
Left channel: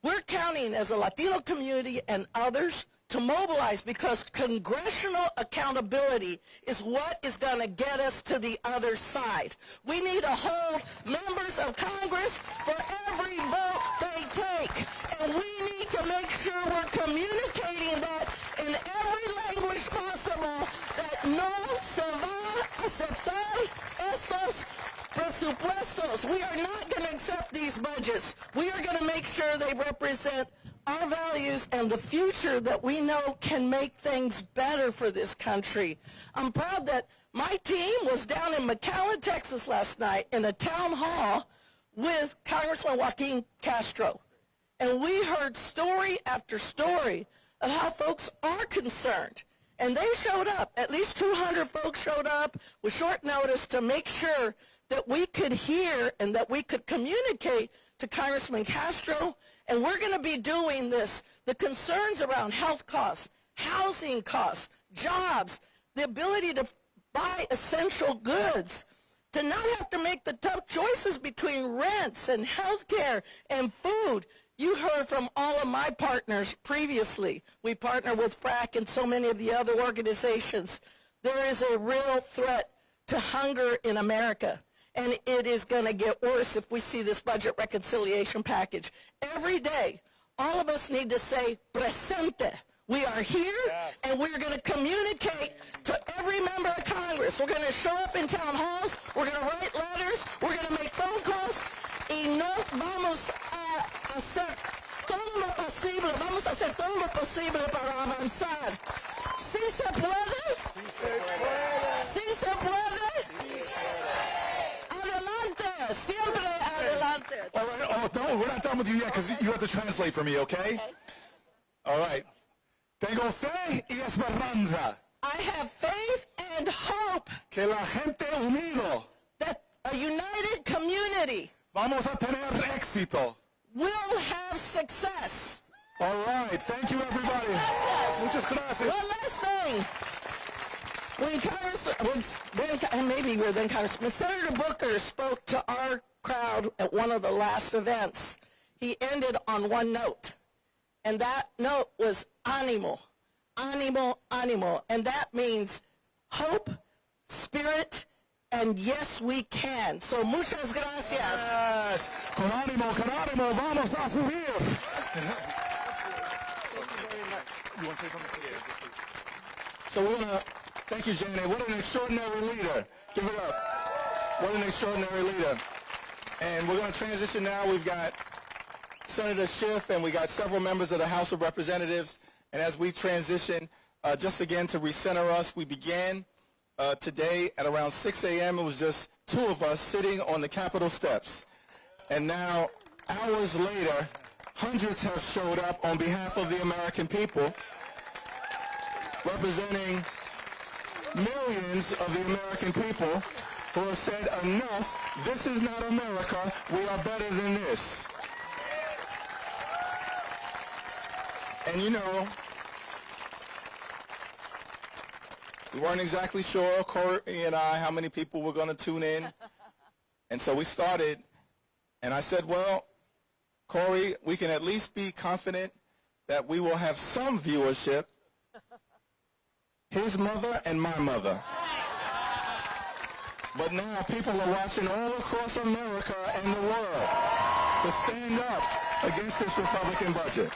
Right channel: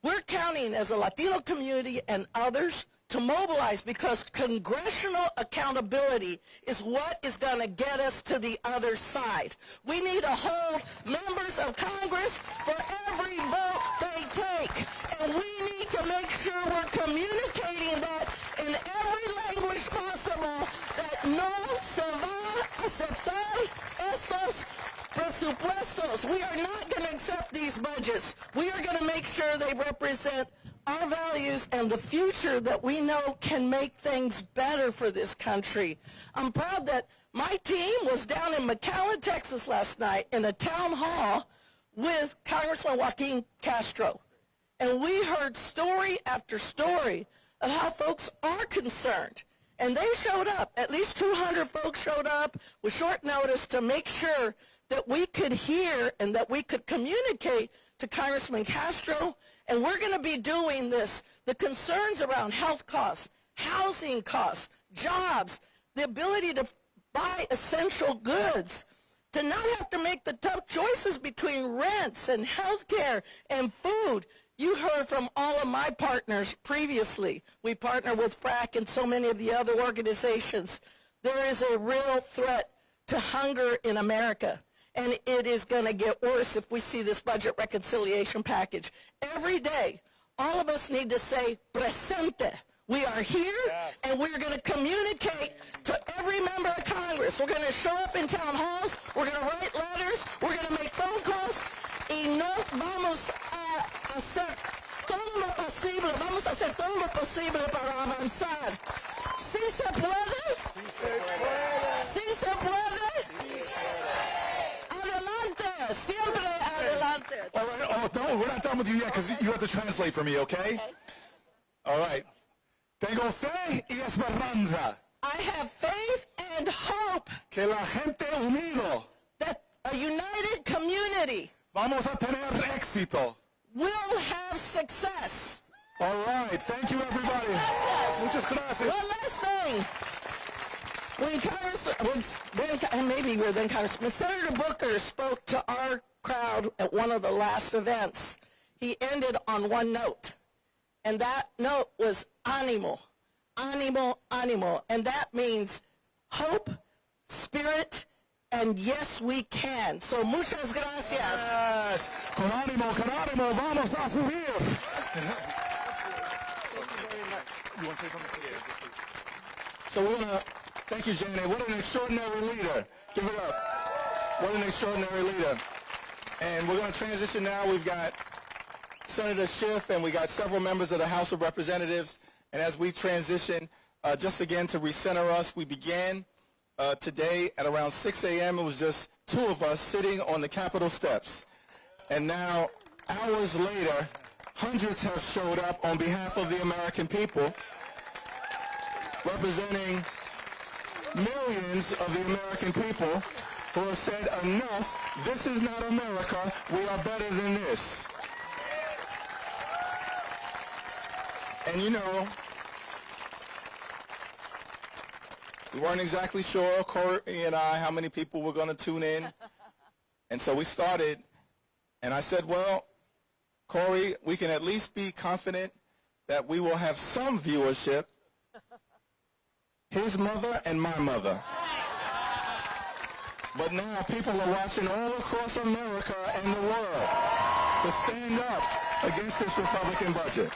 We're counting as a Latino community and others to mobilize because congressional accountability is what is going to get us to the other side. We need to hold members of Congress for every vote they take. And we need to make sure we're communicating that in every language possible, that no se va a aceptar estos presupuestos. We are not going to accept these budgets. We are going to make sure they represent our values and the future that we know can make things better for this country. I'm proud that my team was down in McAllen, Texas last night in a town hall with Congressman Hakeem Castro. And we heard story after story of how folks are concerned. And they showed up. At least 200 folks showed up with short notice to make sure that we could hear and that we could communicate to Congressman Castro. And we're going to be doing this. The concerns around health costs, housing costs, jobs, the ability to buy essential goods, to not have to make the tough choices between rents and health care and food. You heard from all of my partners previously. We partner with FRAC and so many of the other organizations. There is a real threat to hunger in America. And it is going to get worse if we see this budget reconciliation package. Every day, all of us need to say, presente. We are here, and we're going to communicate to every member of Congress. We're going to show up in town halls. We're going to write letters. We're going to make phone calls. Y no vamos a hacer todo lo posible. Vamos a hacer todo lo posible para avanzar. ¿Sí se puede? Sí se puede. ¿Sí se puede? Sí se puede. Adelante. Siempre adelante. All right. Oh, no, we're not done with you yet because you have to translate for me, okay? All right. Tengo fe y esperanza. I have faith and hope. Que la gente unido. That a united community. Vamos a tener éxito. Will have success. All right. Thank you, everybody. Gracias. Muchas gracias. One last thing. When Senator Booker spoke to our crowd at one of the last events, he ended on one note. And that note was ánimo, ánimo, ánimo. And that means hope, spirit, and yes, we can. So muchas gracias. Yes. Con ánimo, vamos a subir. You want to say something? So we're going to, thank you, Jane. What an extraordinary leader. Give it up. What an extraordinary leader. And we're going to transition now. We've got Senator Schiff, and we got several members of the House of Representatives. And as we transition, just again to recenter us, we began today at around 6 a.m. It was just two of us sitting on the Capitol steps. And now, hours later, hundreds have showed up on behalf of the American people, representing millions of the American people who have said, enough, this is not America, we are better than this. And you know, we weren't exactly sure, Cory and I, how many people were going to tune in. And so we started, and I said, well, Cory, we can at least be confident that we will have some viewership. His mother and my mother. But now people are watching all across America and the world to stand up against this Republican budget.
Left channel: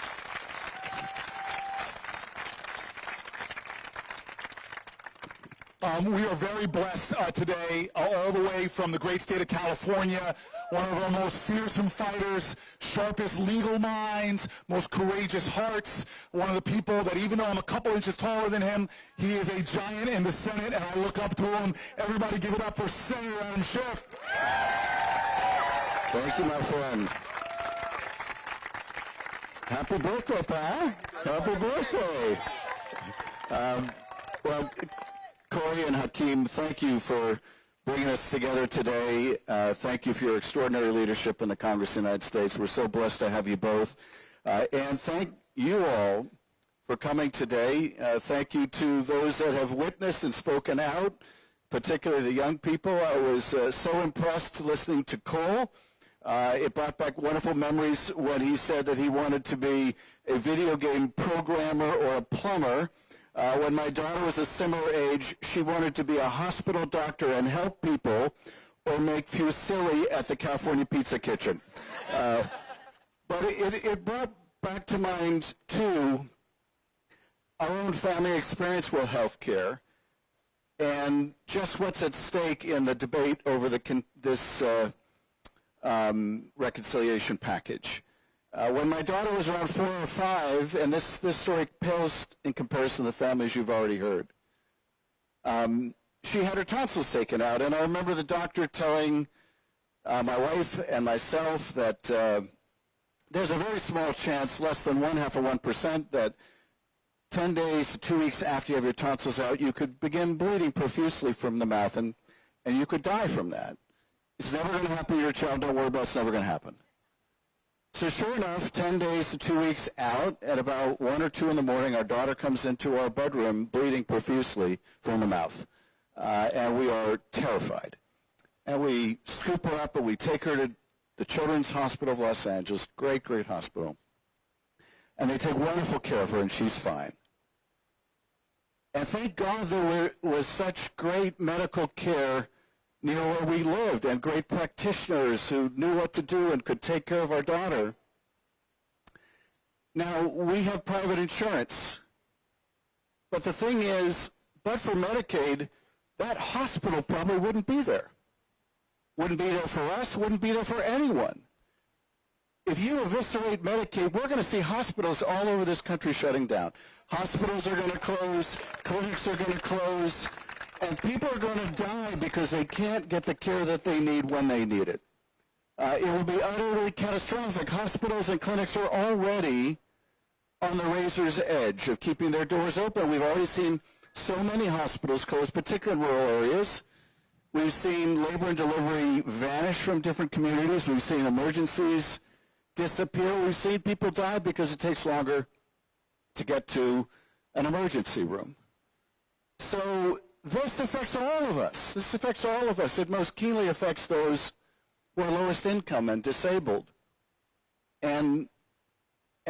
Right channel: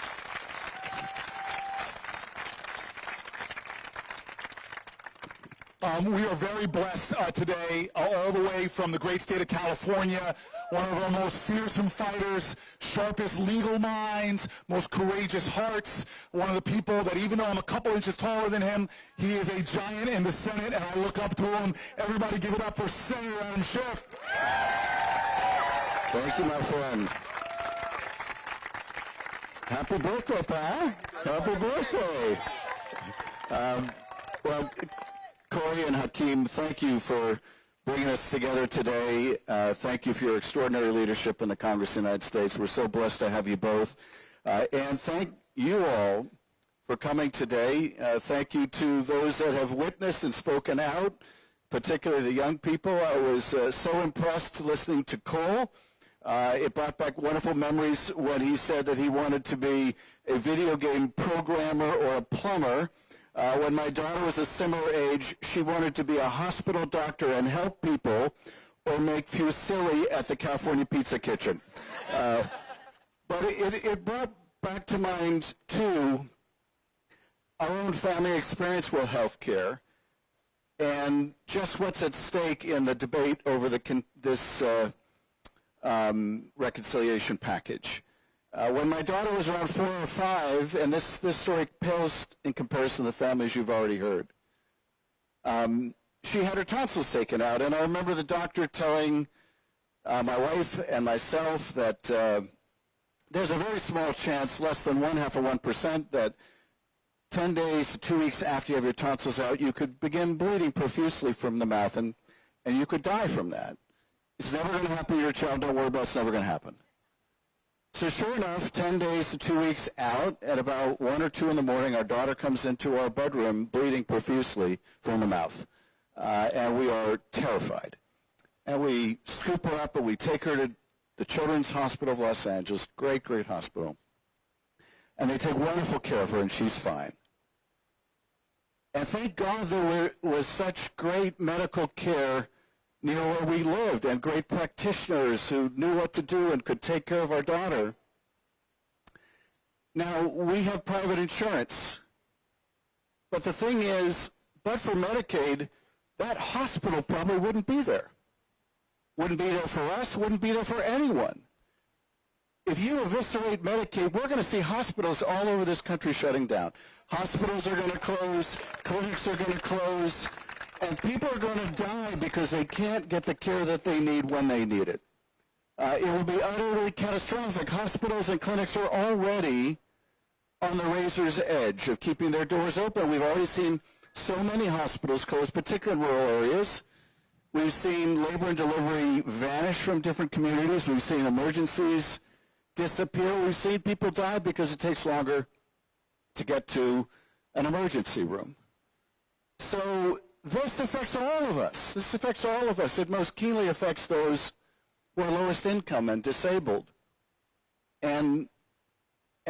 We are very blessed today, all the way from the great state of California, one of our most fearsome fighters, sharpest legal minds, most courageous hearts, one of the people that even though I'm a couple inches taller than him, he is a giant in the Senate, and I look up to him. Everybody give it up for Senator Adam Schiff. Thank you, my friend. Happy birthday, Pa. Happy birthday. Well, Cory and Hakeem, thank you for bringing us together today. Thank you for your extraordinary leadership in the Congress of the United States. We're so blessed to have you both. And thank you all for coming today. Thank you to those that have witnessed and spoken out, particularly the young people. I was so impressed listening to Cole It brought back wonderful memories when he said that he wanted to be a video game programmer or a plumber. When my daughter was a similar age, she wanted to be a hospital doctor and help people or make fusilli at the California Pizza Kitchen. But it brought back to mind, too, our own family experience with health care and just what's at stake in the debate over this reconciliation package. When my daughter was around 4 or 5, and this story pales in comparison to the families you've already heard, she had her tonsils taken out, and I remember the doctor telling my wife and myself that there's a very small chance, less than 0.5%, that 10 days to 2 weeks after you have your tonsils out, you could begin bleeding profusely from the mouth, and you could die from that. It's never going to happen to your child. Don't worry about it. It's never going to happen. So sure enough, 10 days to 2 weeks out, at about 1 or 2 in the morning, our daughter comes into our bedroom bleeding profusely from the mouth. And we are terrified. And we scoop her up and we take her to the Children's Hospital of Los Angeles, great, great hospital. And they take wonderful care of her, and she's fine. And thank God there was such great medical care near where we lived and great practitioners who knew what to do and could take care of our daughter. Now, we have private insurance. But the thing is, but for Medicaid, that hospital probably wouldn't be there. Wouldn't be there for us, wouldn't be there for anyone. If you eviscerate Medicaid, we're going to see hospitals all over this country shutting down. Hospitals are going to close, clinics are going to close, and people are going to die because they can't get the care that they need when they need it. It will be utterly catastrophic. Hospitals and clinics are already on the razor's edge of keeping their doors open. We've already seen so many hospitals close, particularly in rural areas. We've seen labor and delivery vanish from different communities. We've seen emergencies disappear. We've seen people die because it takes longer to get to an emergency room. So this affects all of us. This affects all of us. It most keenly affects those who are lowest income and disabled. And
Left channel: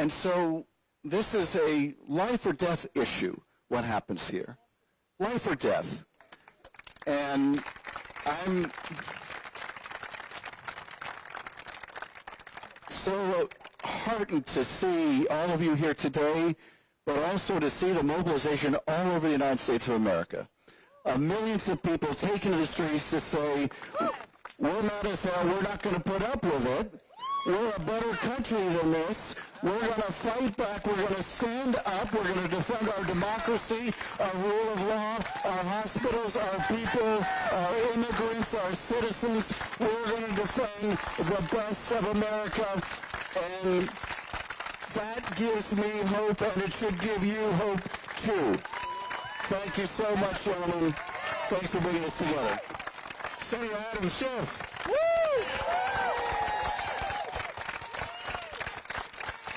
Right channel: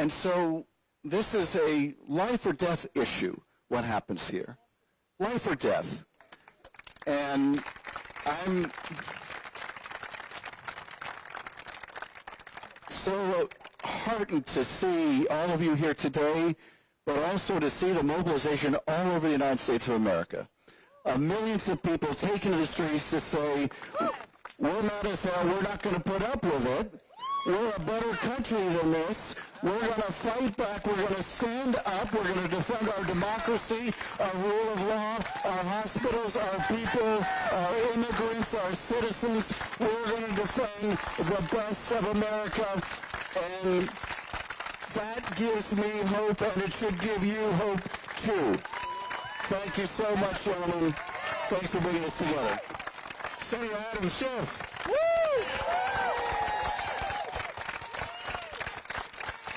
so this is a life or death issue, what happens here. Life or death. And I'm so heartened to see all of you here today, but also to see the mobilization all over the United States of America. Millions of people taking to the streets to say, we're mad as hell, we're not going to put up with it. We're a better country than this. We're going to fight back. We're going to stand up. We're going to defend our democracy, our rule of law, our hospitals, our people, our immigrants, our citizens. We're going to defend the best of America. And that gives me hope, and it should give you hope, too. Thank you so much, gentlemen. Thanks for bringing us together. Senator Adam Schiff. Woo!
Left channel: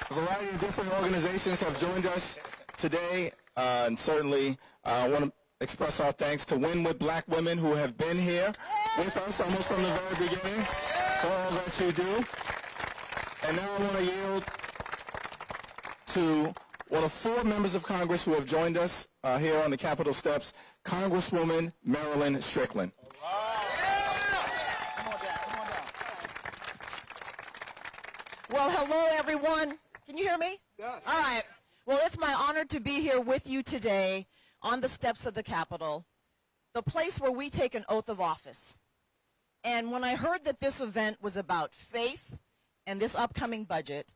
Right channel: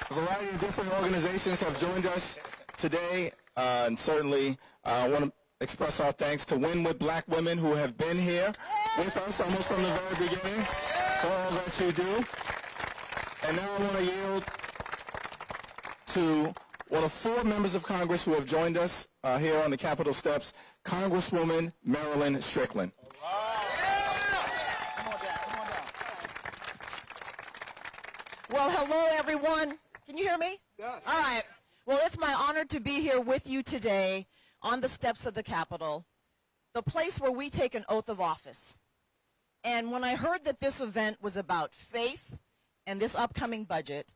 A variety of different organizations have joined us today, and certainly I want to express our thanks to Win with Black Women, who have been here with us almost from the very beginning for all that you do. And now I want to yield to one of 4 members of Congress who have joined us here on the Capitol steps, Congresswoman Marilyn Strickland. Well, hello, everyone. Can you hear me? Yes. All right. Well, it's my honor to be here with you today on the steps of the Capitol, the place where we take an oath of office. And when I heard that this event was about faith and this upcoming budget,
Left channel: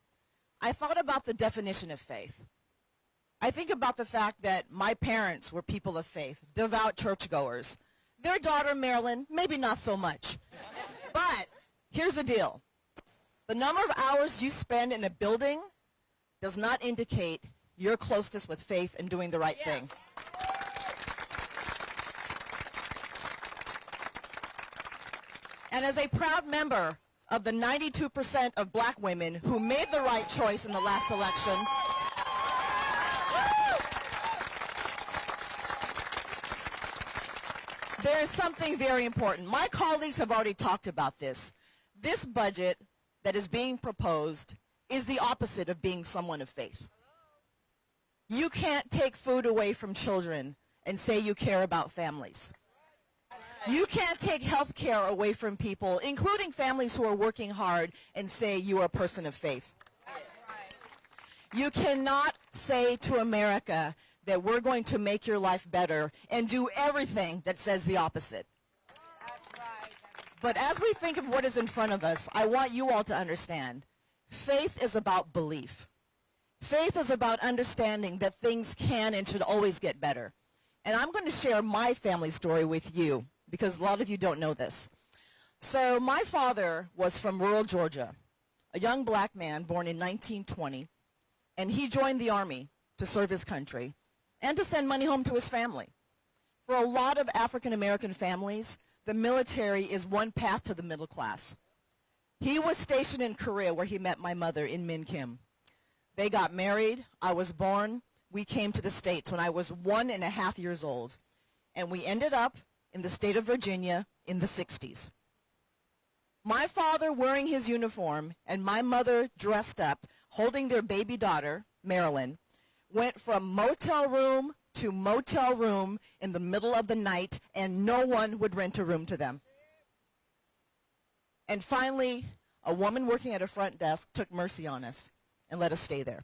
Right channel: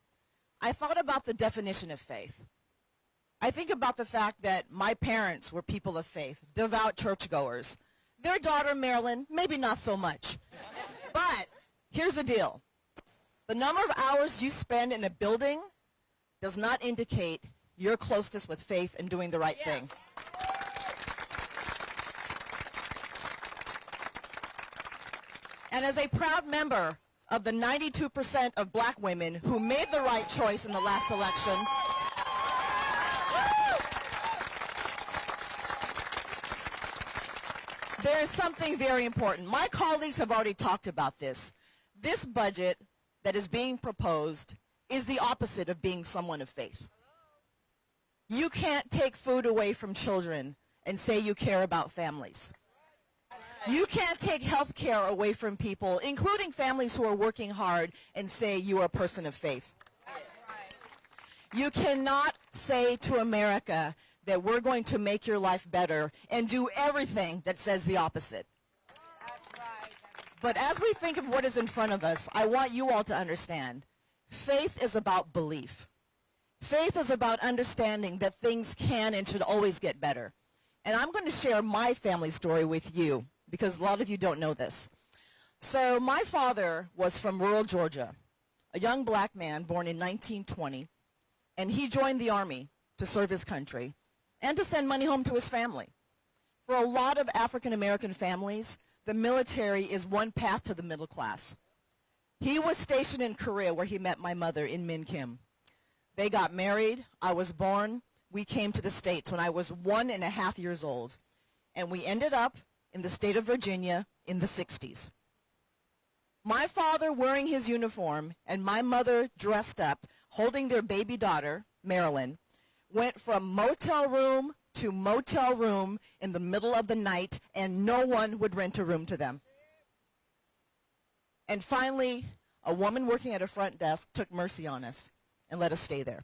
I thought about the definition of faith. I think about the fact that my parents were people of faith, devout churchgoers. Their daughter, Marilyn, maybe not so much. But here's the deal. The number of hours you spend in a building does not indicate your closeness with faith and doing the right thing. And as a proud member of the 92% of black women who made the right choice in the last election, there is something very important. My colleagues have already talked about this. This budget that is being proposed is the opposite of being someone of faith. You can't take food away from children and say you care about families. You can't take health care away from people, including families who are working hard, and say you are a person of faith. You cannot say to America that we're going to make your life better and do everything that says the opposite. But as we think of what is in front of us, I want you all to understand, faith is about belief. Faith is about understanding that things can and should always get better. And I'm going to share my family story with you, because a lot of you don't know this. So my father was from rural Georgia, a young black man born in 1920, and he joined the Army to serve his country and to send money home to his family. For a lot of African American families, the military is one path to the middle class. He was stationed in Korea, where he met my mother in Min Kim. They got married. I was born. We came to the States when I was 1.5 years old, and we ended up in the state of Virginia in the 60s. My father wearing his uniform and my mother dressed up, holding their baby daughter, Marilyn, went from motel room to motel room in the middle of the night, and no one would rent a room to them. And finally, a woman working at a front desk took mercy on us and let us stay there.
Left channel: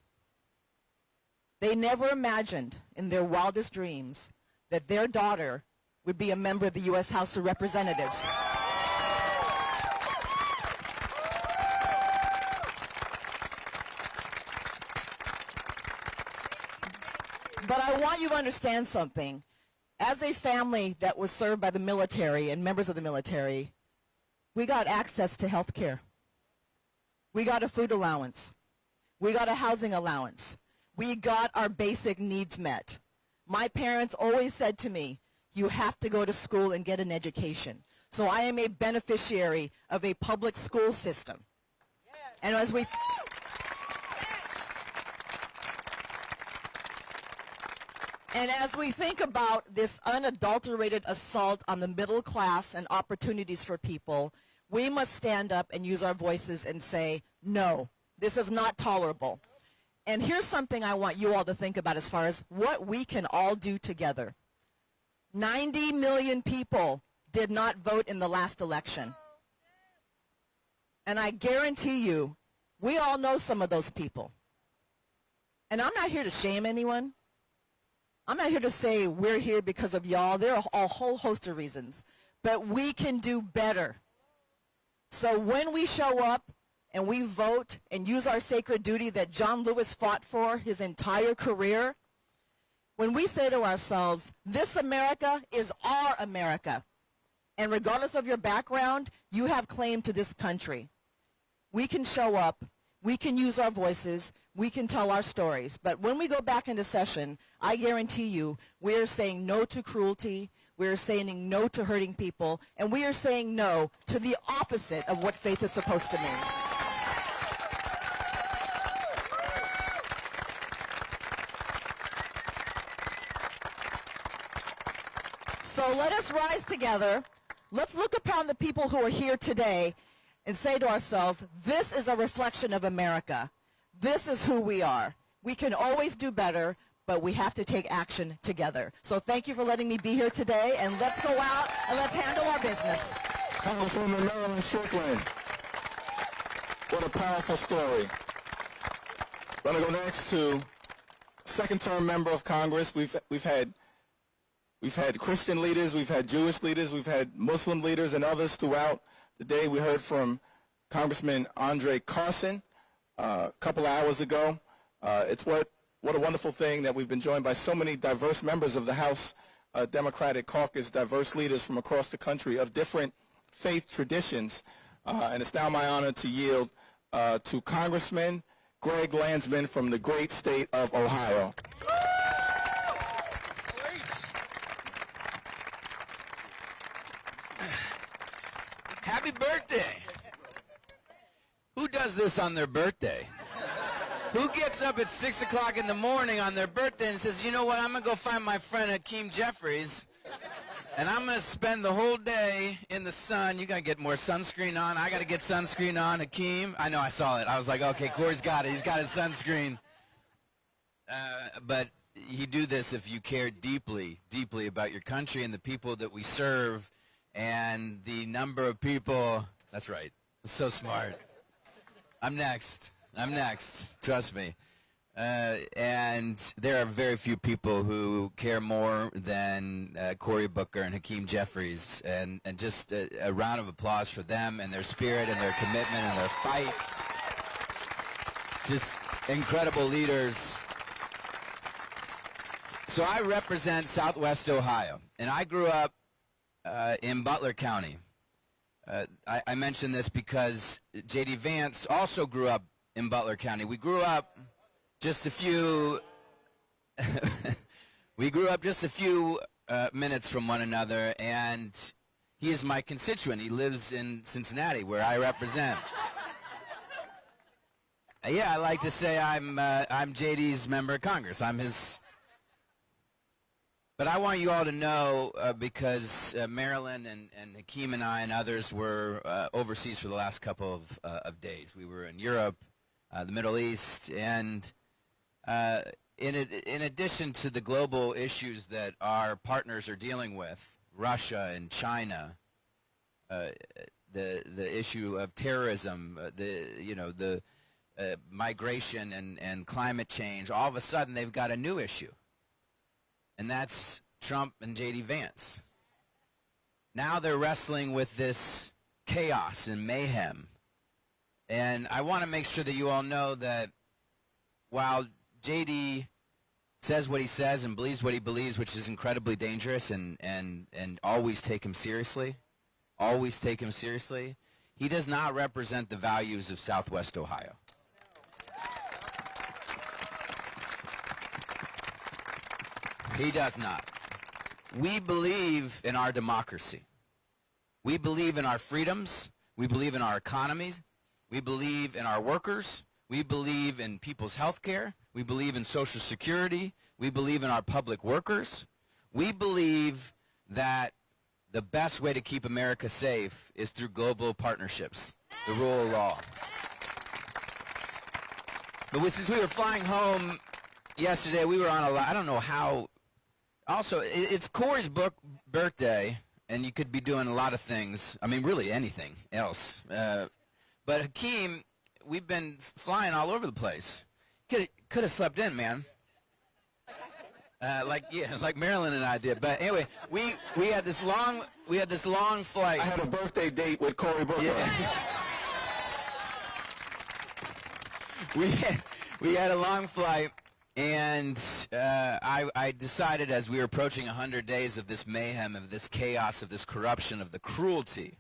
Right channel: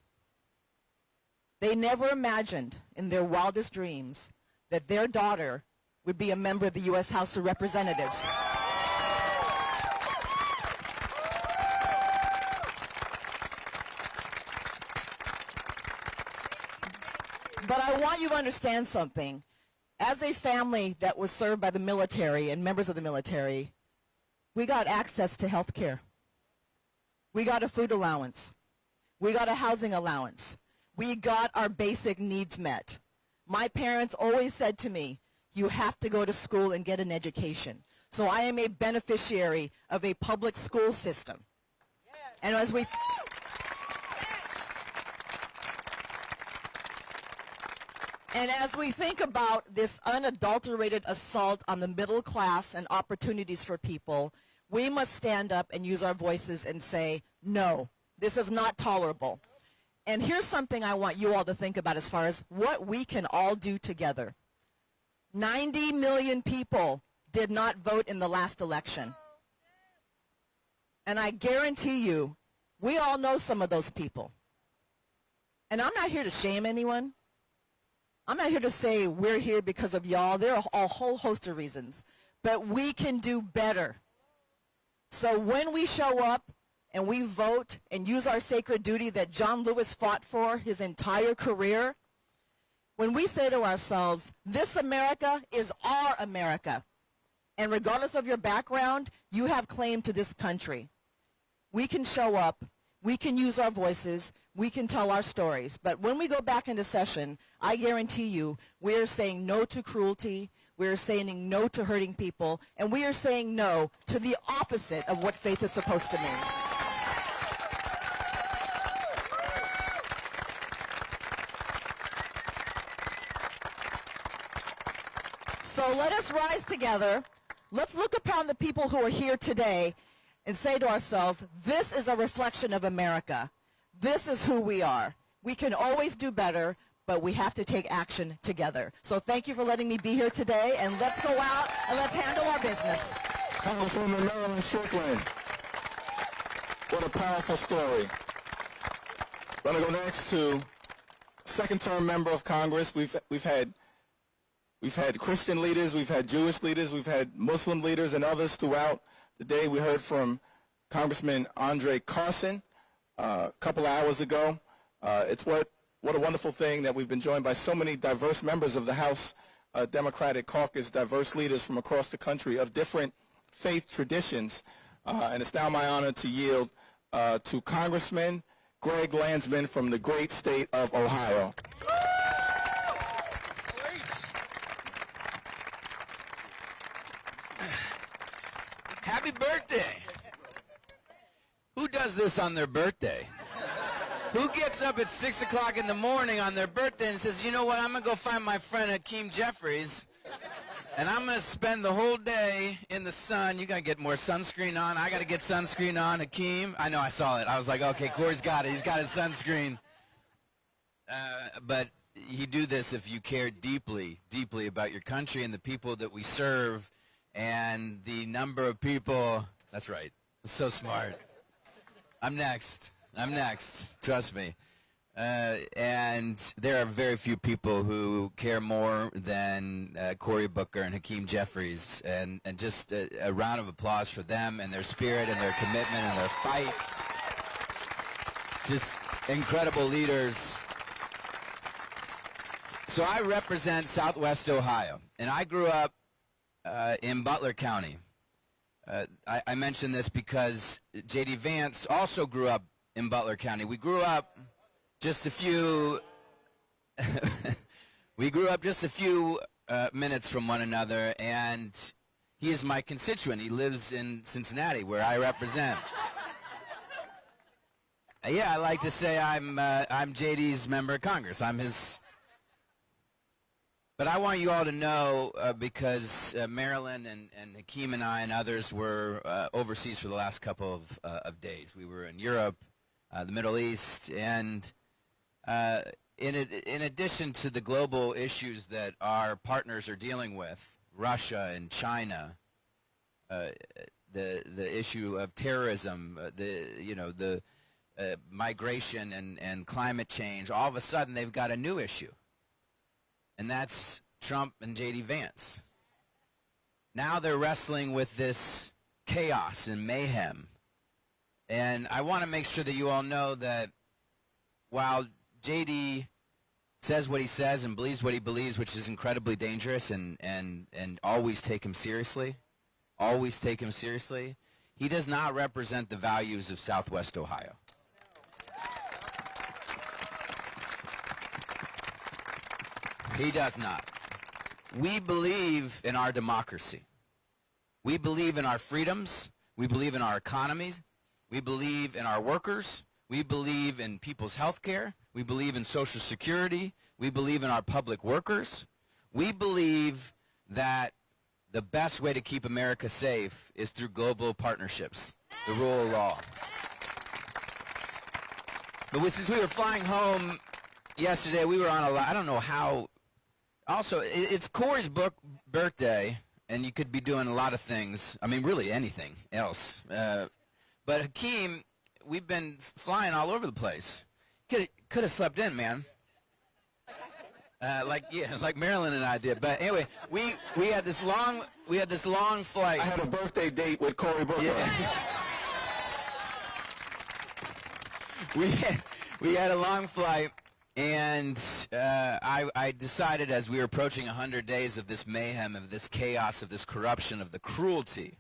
They never imagined in their wildest dreams that their daughter would be a member of the U.S. House of Representatives. But I want you to understand something. As a family that was served by the military and members of the military, we got access to health care. We got a food allowance. We got a housing allowance. We got our basic needs met. My parents always said to me, you have to go to school and get an education. So I am a beneficiary of a public school system. And as we think about this unadulterated assault on the middle class and opportunities for people, we must stand up and use our voices and say, no, this is not tolerable. And here's something I want you all to think about as far as what we can all do together. 90 million people did not vote in the last election. And I guarantee you, we all know some of those people. And I'm not here to shame anyone. I'm not here to say we're here because of y'all. There are a whole host of reasons. But we can do better. So when we show up and we vote and use our sacred duty that John Lewis fought for his entire career, when we say to ourselves, this America is our America, and regardless of your background, you have claim to this country, we can show up, we can use our voices, we can tell our stories. But when we go back into session, I guarantee you, we are saying no to cruelty, we are saying no to hurting people, and we are saying no to the opposite of what faith is supposed to mean. So let us rise together. Let's look upon the people who are here today and say to ourselves, this is a reflection of America. This is who we are. We can always do better, but we have to take action together. So thank you for letting me be here today, and let's go out and let's handle our business. Congresswoman Marilyn Strickland. What a powerful story. We're going to go next to second-term member of Congress. We've had Christian leaders, we've had Jewish leaders, we've had Muslim leaders and others throughout the day. We heard from Congressman Andre Carson a couple hours ago. It's what a wonderful thing that we've been joined by so many diverse members of the House Democratic Caucus, diverse leaders from across the country of different faith traditions. And it's now my honor to yield to Congressman Greg Landsman from the great state of Ohio. Happy birthday. Who does this on their birthday? Who gets up at 6 o'clock in the morning on their birthday and says, you know what, I'm going to go find my friend Hakeem Jefferies, And I'm going to spend the whole day in the sun. You got to get more sunscreen on. I got to get sunscreen on. Hakeem, I know I saw it. I was like, okay, Cory's got it. He's got his sunscreen. But you do this if you care deeply, deeply about your country and the people that we serve and the number of people. That's right. So smart. I'm next. Trust me. And there are very few people who care more than Cory Booker and Hakeem Jefferies. And just a round of applause for them and their spirit and their commitment and their fight. Just incredible leaders. So I represent Southwest Ohio, and I grew up in Butler County. I mention this because J.D. Vance also grew up in Butler County. We grew up just a few minutes from one another, and he is my constituent. He lives in Cincinnati, where I represent. Yeah, I like to say I'm J.D.'s member of Congress. I'm his. But I want you all to know, because Marilyn and Hakeem and I and others were overseas for the last couple of days. We were in Europe, the Middle East, and in addition to the global issues that our partners are dealing with, Russia and China, the issue of terrorism, the migration and climate change, all of a sudden they've got a new issue. And that's Trump and J.D. Vance. Now they're wrestling with this chaos and mayhem. And I want to make sure that you all know that while J.D. says what he says and believes what he believes, which is incredibly dangerous, and always take him seriously, he does not represent the values of Southwest Ohio. He does not. We believe in our democracy. We believe in our freedoms. We believe in our economies. We believe in our workers. We believe in people's health care. We believe in Social Security. We believe in our public workers. We believe that the best way to keep America safe is through global partnerships, the rule of law. But since we were flying home yesterday, we were on I don't know how. Also, it's Cory's birthday, and you could be doing a lot of things. I mean, really anything else. But Hakeem, we've been flying all over the place. Could have slept in, man. Like Marilyn and I did. But anyway, we had this long flight. I had a birthday date with Cory Booker. Yeah. we had a long flight. And I decided, as we were approaching 100 days of this mayhem, of this chaos, of this corruption, of the cruelty,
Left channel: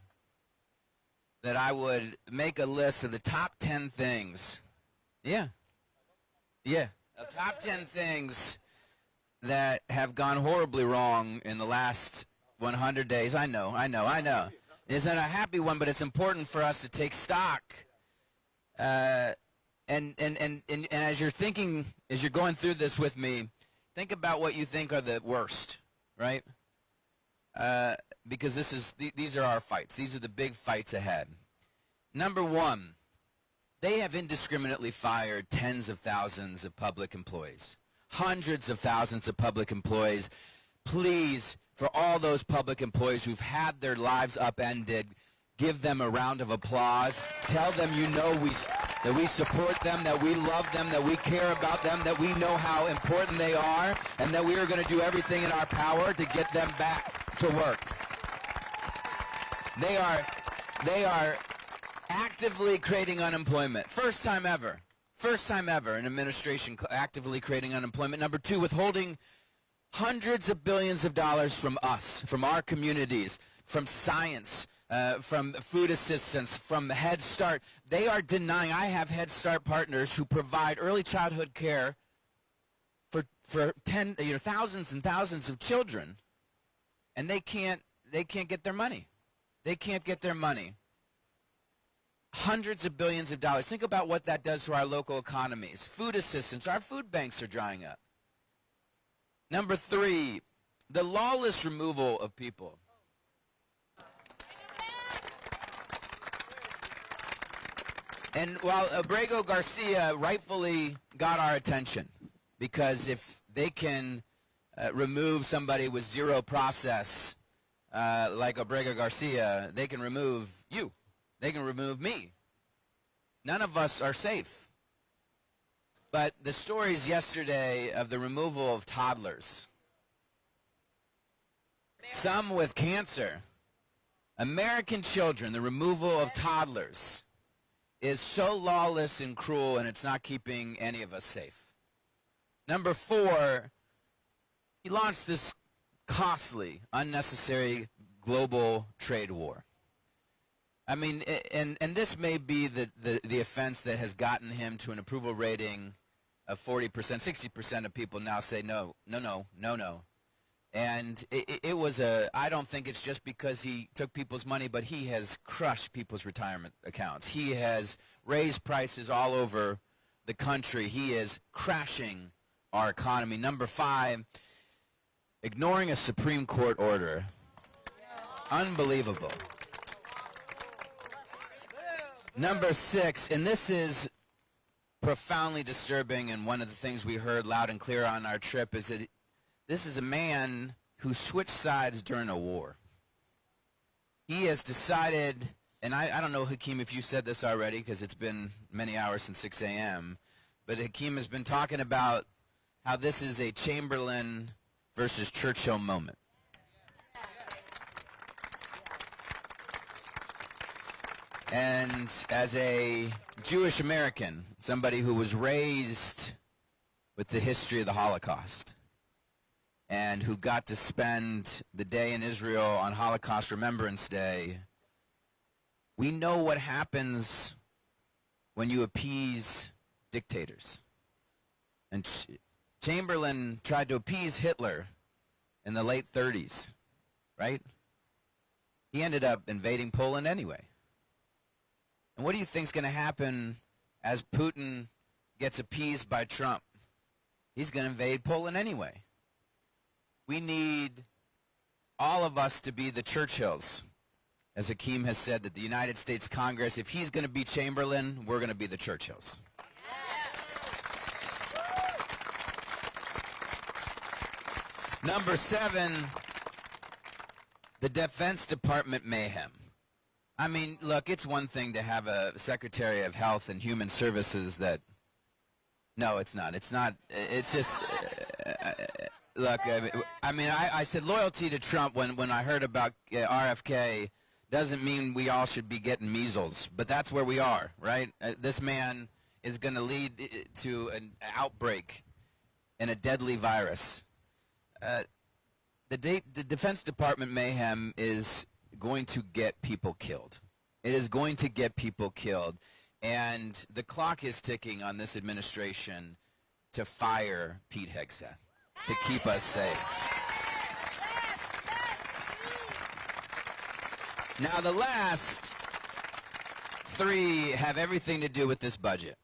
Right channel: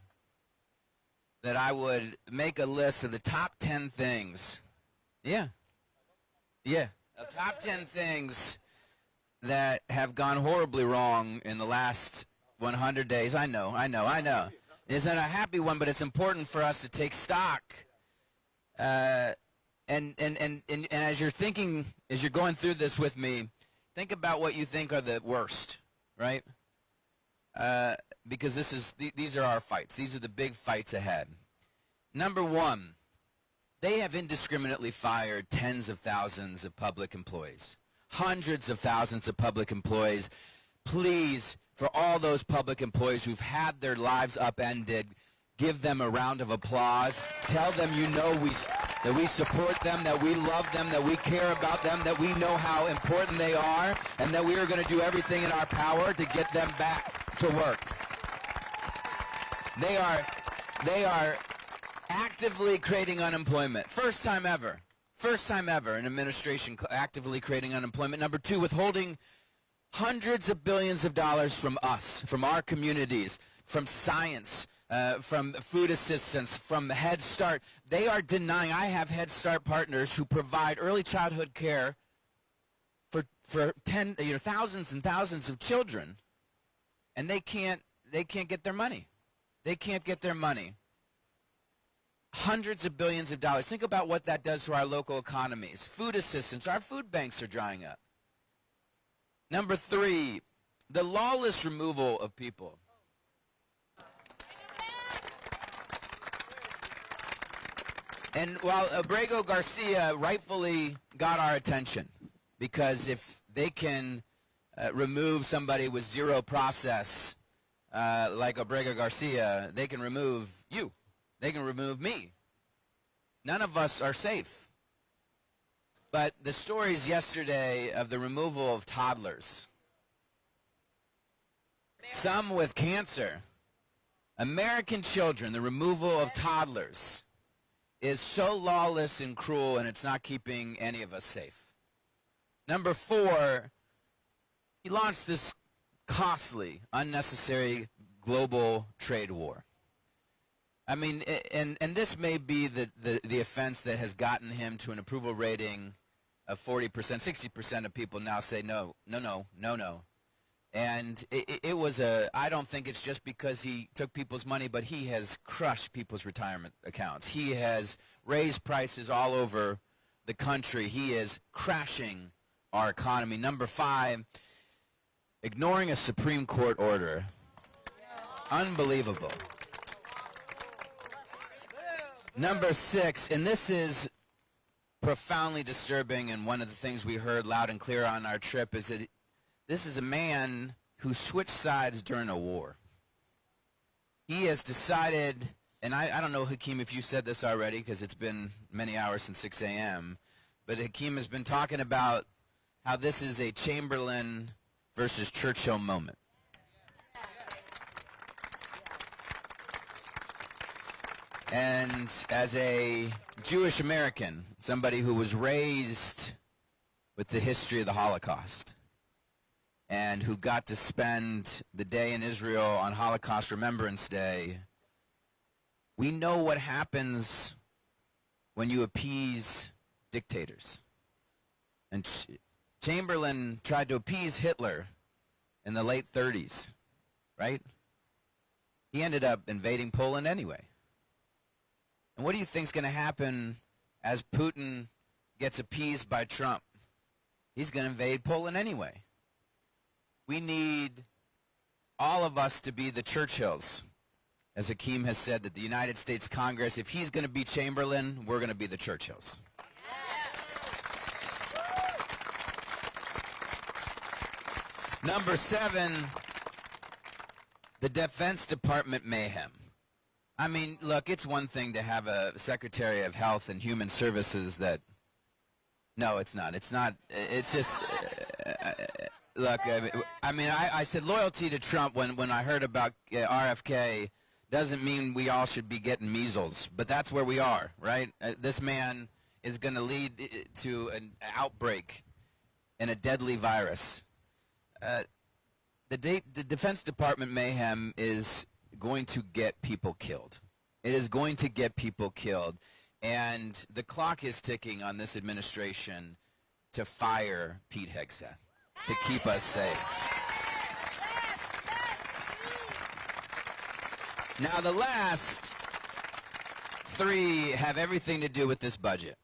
that I would make a list of the top 10 things. Yeah. The top 10 things that have gone horribly wrong in the last 100 days. I know. It's not a happy one, but it's important for us to take stock. And as you're thinking, as you're going through this with me, think about what you think are the worst, right? Because these are our fights. These are the big fights ahead. Number one, they have indiscriminately fired tens of thousands of public employees, hundreds of thousands of public employees. Please, for all those public employees who've had their lives upended, give them a round of applause. Tell them that we support them, that we love them, that we care about them, that we know how important they are, and that we are going to do everything in our power to get them back to work. They are actively creating unemployment. First time ever an administration actively creating unemployment. Number two, withholding hundreds of billions of dollars from us, from our communities, from science, from food assistance, from Head Start. They are denying. I have Head Start partners who provide early childhood care for thousands and thousands of children, and they can't get their money. They can't get their money. Hundreds of billions of dollars. Think about what that does to our local economies. Food assistance. Our food banks are drying up. Number three, the lawless removal of people. And while Abrego Garcia rightfully got our attention, because if they can remove somebody with zero process like Abrego Garcia, they can remove you. They can remove me. None of us are safe. But the stories yesterday of the removal of toddlers, some with cancer, American children, the removal of toddlers, is so lawless and cruel, and it's not keeping any of us safe. Number 4, he launched this costly, unnecessary global trade war. I mean, and this may be the offense that has gotten him to an approval rating of 40%. 60% of people now say no. And it was I don't think it's just because he took people's money, but he has crushed people's retirement accounts. He has raised prices all over the country. He is crashing our economy. Number 5, ignoring a Supreme Court order. Unbelievable. Number 6, and this is profoundly disturbing, and one of the things we heard loud and clear on our trip is that this is a man who switched sides during a war. He has decided, and I don't know, Hakeem, if you said this already, because it's been many hours since 6 a.m., but Hakeem has been talking about how this is a Chamberlain versus Churchill moment. And as a Jewish American, somebody who was raised with the history of the Holocaust, and who got to spend the day in Israel on Holocaust Remembrance Day, we know what happens when you appease dictators. And Chamberlain tried to appease Hitler in the late 30s, right? He ended up invading Poland anyway. And what do you think is going to happen as Putin gets appeased by Trump? He's going to invade Poland anyway. We need all of us to be the Churchills. As Hakeem has said, that the United States Congress, if he's going to be Chamberlain, we're going to be the Churchills. Number 7, the Defense Department mayhem. I mean, look, it's one thing to have a Secretary of Health and Human Services that, no, it's not. It's not, it's just, look, I mean, I said loyalty to Trump when I heard about RFK doesn't mean we all should be getting measles, but that's where we are, right? This man is going to lead to an outbreak and a deadly virus. The Defense Department mayhem is going to get people killed. It is going to get people killed. And the clock is ticking on this administration to fire Pete Hegseth to keep us safe. Now, the last 3 have everything to do with this budget.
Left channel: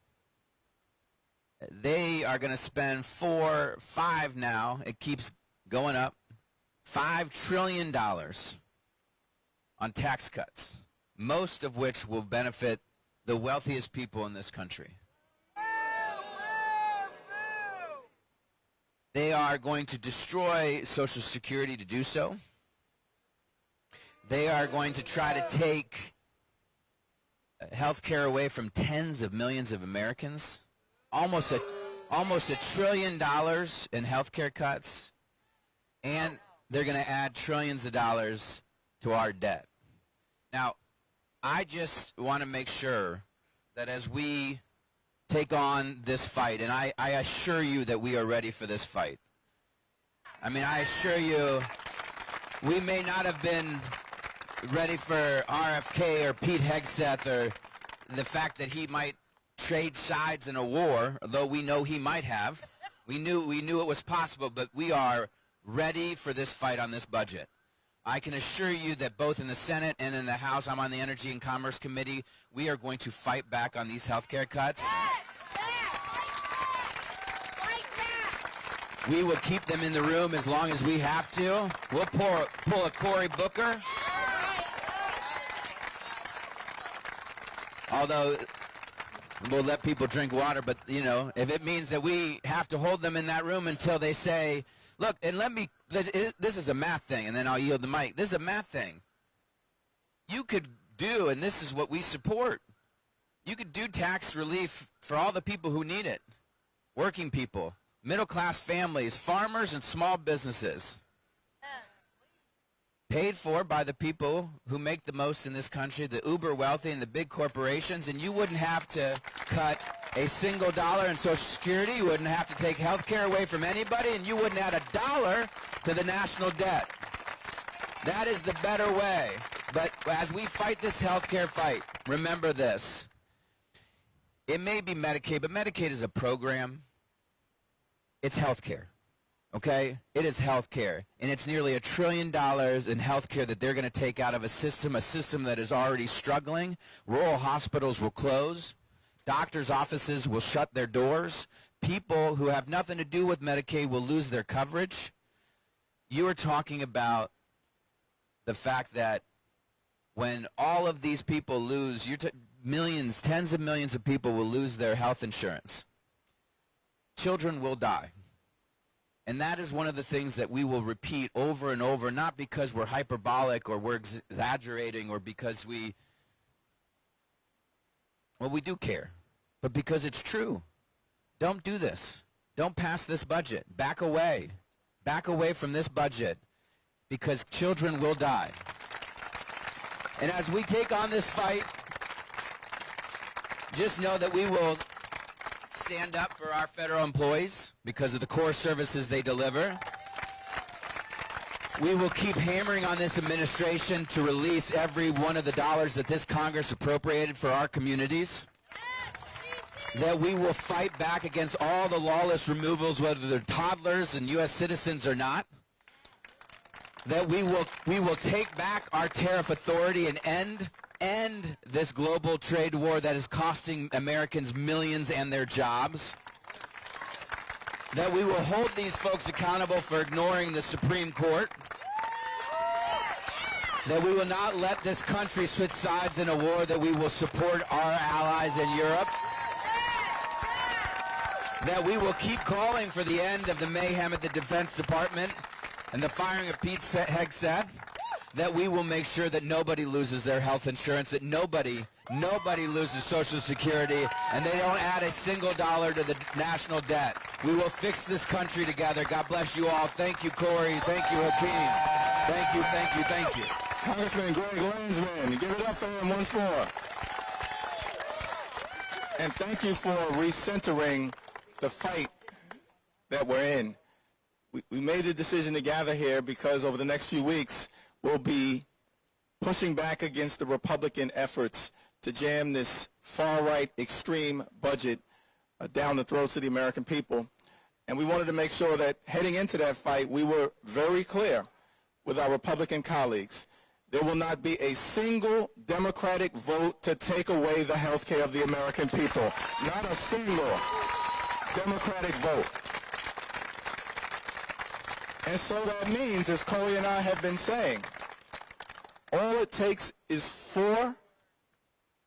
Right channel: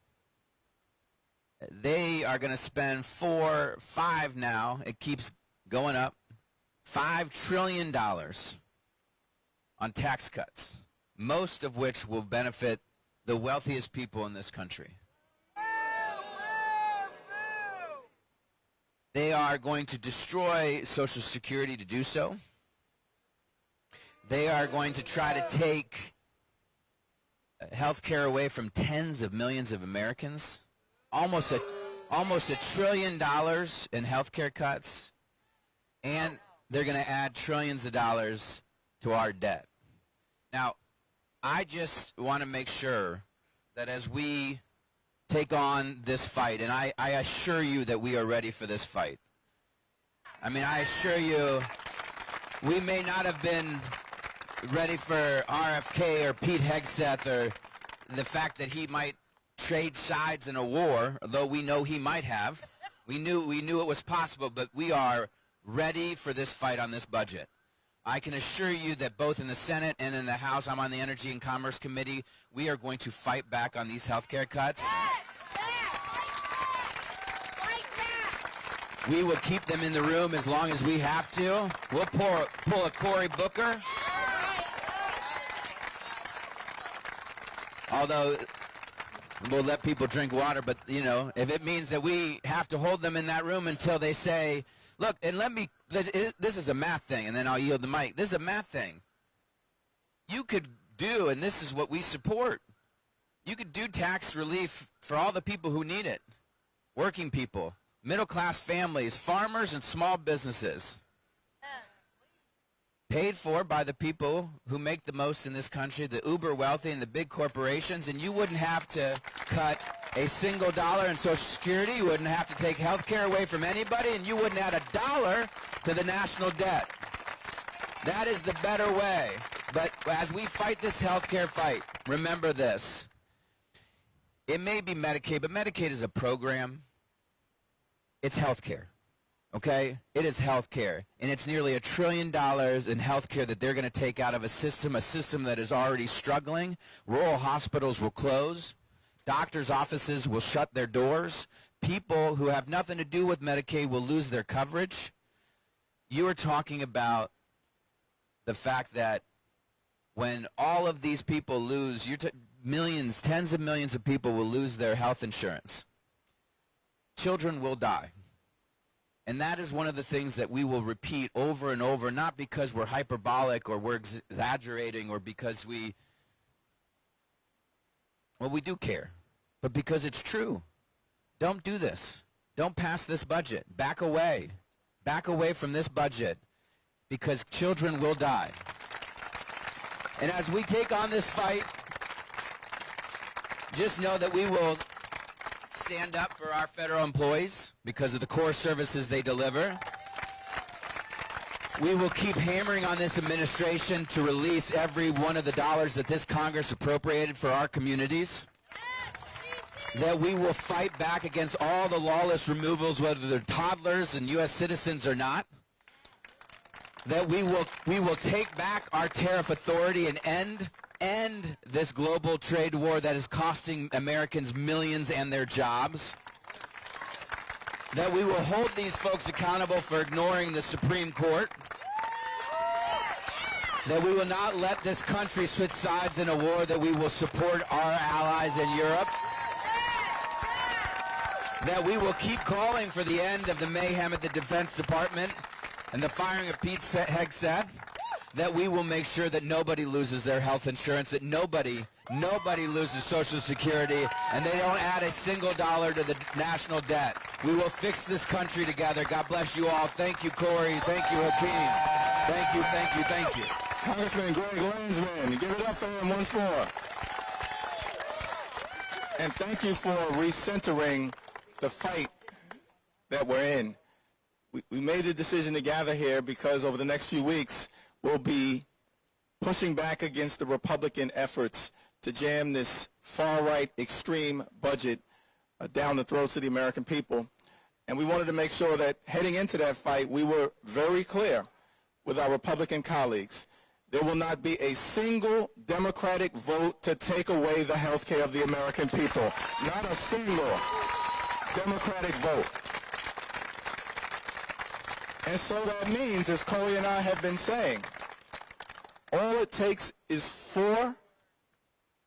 They are going to spend 5 now. It keeps going up. $5 trillion on tax cuts, most of which will benefit the wealthiest people in this country. They are going to destroy Social Security to do so. They are going to try to take health care away from tens of millions of Americans. Almost $1 trillion in health care cuts. And they're going to add trillions of dollars to our debt. Now, I just want to make sure that as we take on this fight, and I assure you that we are ready for this fight. I mean, I assure you, we may not have been ready for RFK or Pete Hegseth or the fact that he might trade sides in a war, though we know he might have. We knew it was possible, but we are ready for this fight on this budget. I can assure you that both in the Senate and in the House, I'm on the Energy and Commerce Committee, we are going to fight back on these health care cuts. We will keep them in the room as long as we have to. We'll pull a Cory Booker. Although we'll let people drink water, but, you know, if it means that we have to hold them in that room until they say, look, and this is a math thing, and then I'll yield the mic. This is a math thing. You could do, and this is what we support, you could do tax relief for all the people who need it. Working people, middle-class families, farmers, and small businesses. Paid for by the people who make the most in this country, the uber wealthy and the big corporations, and you wouldn't have to cut a single dollar in Social Security, you wouldn't have to take health care away from anybody, and you wouldn't add a dollar to the national debt. That is the better way. But as we fight this health care fight, remember this. It may be Medicaid, but Medicaid is a program. It's health care. Okay? It is health care. And it's nearly $1 trillion in health care that they're going to take out of a system that is already struggling. Rural hospitals will close. Doctors' offices will shut their doors. People who have nothing to do with Medicaid will lose their coverage. You are talking about the fact that when all of these people lose, millions, tens of millions of people will lose their health insurance. Children will die. And that is one of the things that we will repeat over and over, not because we're hyperbolic or we're exaggerating or because we do care, but because it's true. Don't do this. Don't pass this budget. Back away. Back away from this budget because children will die. And as we take on this fight, just know that we will stand up for our federal employees because of the core services they deliver. We will keep hammering on this administration to release every one of the dollars that this Congress appropriated for our communities. That we will fight back against all the lawless removals, whether they're toddlers and U.S. citizens or not. That we will take back our tariff authority and end this global trade war that is costing Americans millions and their jobs. That we will hold these folks accountable for ignoring the Supreme Court. That we will not let this country switch sides in a war, that we will support our allies in Europe. That we will keep calling for the end of the mayhem at the Defense Department and the firing of Pete Hegseth. That we will make sure that nobody loses their health insurance, that nobody loses Social Security, and they don't add a single dollar to the national debt. We will fix this country together. God bless you all. Thank you, Cory. Thank you, Hakeem. Thank you, thank you, thank you. Congressman Greg Landsman, give it up for him once more. And thank you for recentering the fight that we're in. We made the decision to gather here because over the next few weeks, we'll be pushing back against the Republican efforts to jam this far-right extreme budget down the throats of the American people. And we wanted to make sure that heading into that fight, we were very clear with our Republican colleagues. There will not be a single Democratic vote to take away the health care of the American people. Not a single Democratic vote. And so that means, as Cory and I have been saying, all it takes is 4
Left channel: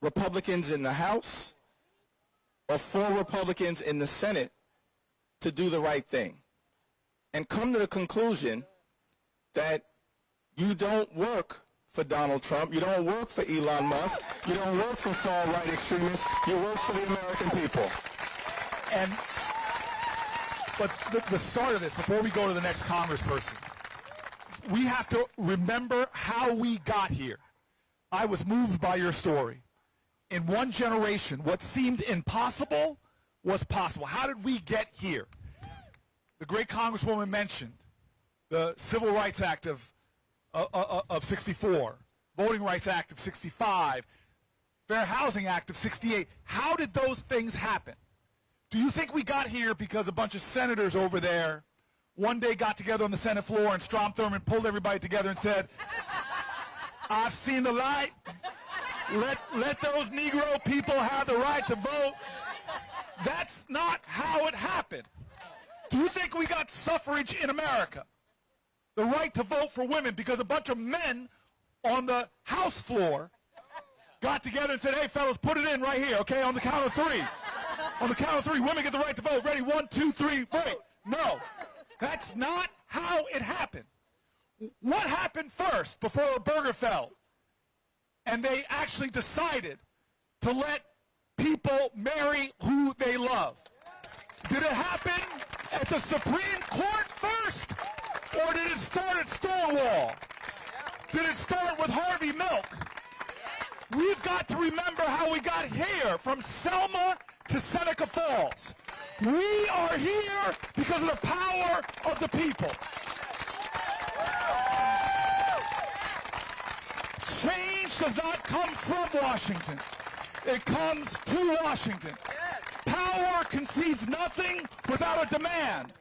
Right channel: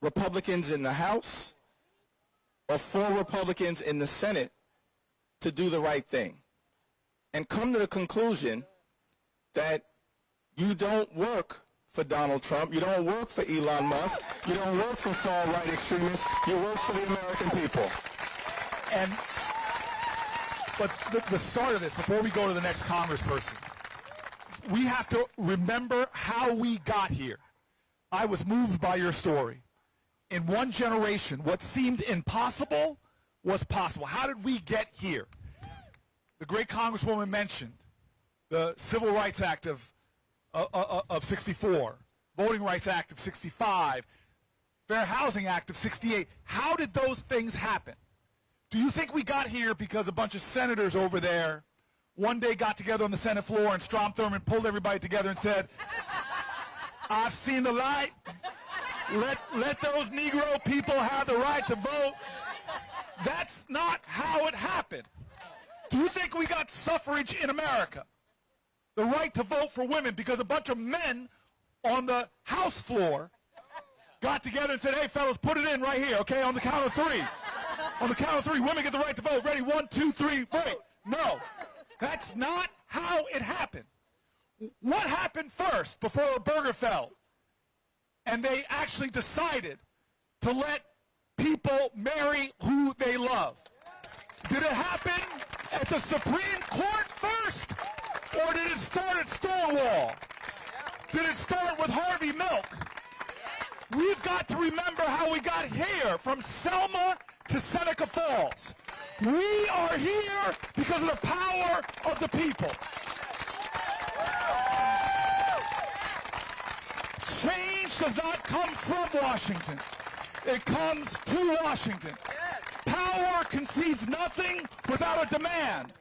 Republicans in the House or 4 Republicans in the Senate to do the right thing and come to the conclusion that you don't work for Donald Trump, you don't work for Elon Musk, you don't work for far-right extremists, you work for the American people. But the start of this, before we go to the next congressperson, we have to remember how we got here. I was moved by your story. In one generation, what seemed impossible was possible. How did we get here? The great Congresswoman mentioned the Civil Rights Act of 64, Voting Rights Act of 65, Fair Housing Act of 68. How did those things happen? Do you think we got here because a bunch of senators over there one day got together on the Senate floor and Strom Thurmond pulled everybody together and said, I've seen the light. Let those Negro people have the right to vote. That's not how it happened. Do you think we got suffrage in America? The right to vote for women because a bunch of men on the House floor got together and said, hey, fellas, put it in right here, okay, on the count of three. On the count of three, women get the right to vote. Ready? 1, 2, 3, wait. No, that's not how it happened. What happened first before Obergefell? And they actually decided to let people marry who they love. Did it happen at the Supreme Court first? Or did it start at Stonewall? Did it start with Harvey Milk? We've got to remember how we got here, from Selma to Seneca Falls. We are here because of the power of the people. Change does not come from Washington. It comes to Washington. Power concedes nothing without a demand.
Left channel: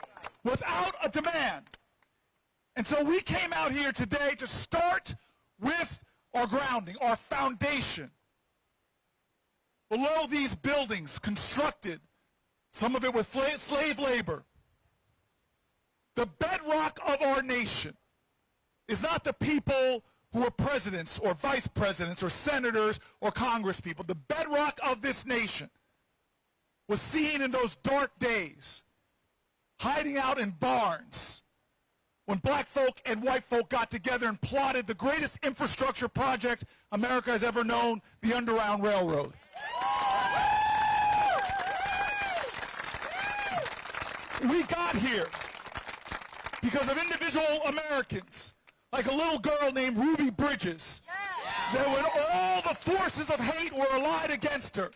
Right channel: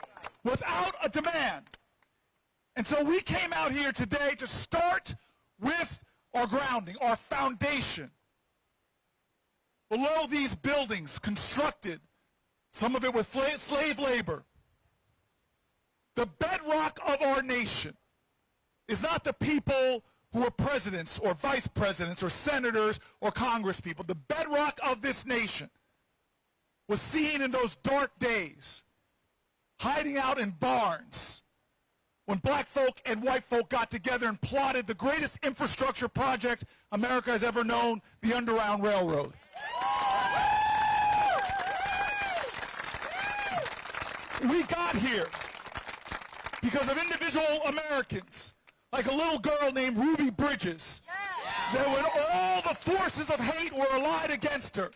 Without a demand. And so we came out here today to start with our grounding, our foundation. Below these buildings, constructed, some of it with slave labor. The bedrock of our nation is not the people who are presidents or vice presidents or senators or congresspeople. The bedrock of this nation was seen in those dark days, hiding out in barns, when black folk and white folk got together and plotted the greatest infrastructure project America has ever known, the Underground Railroad. We got here because of individual Americans, like a little girl named Ruby Bridges, that when all the forces of hate were allied against her,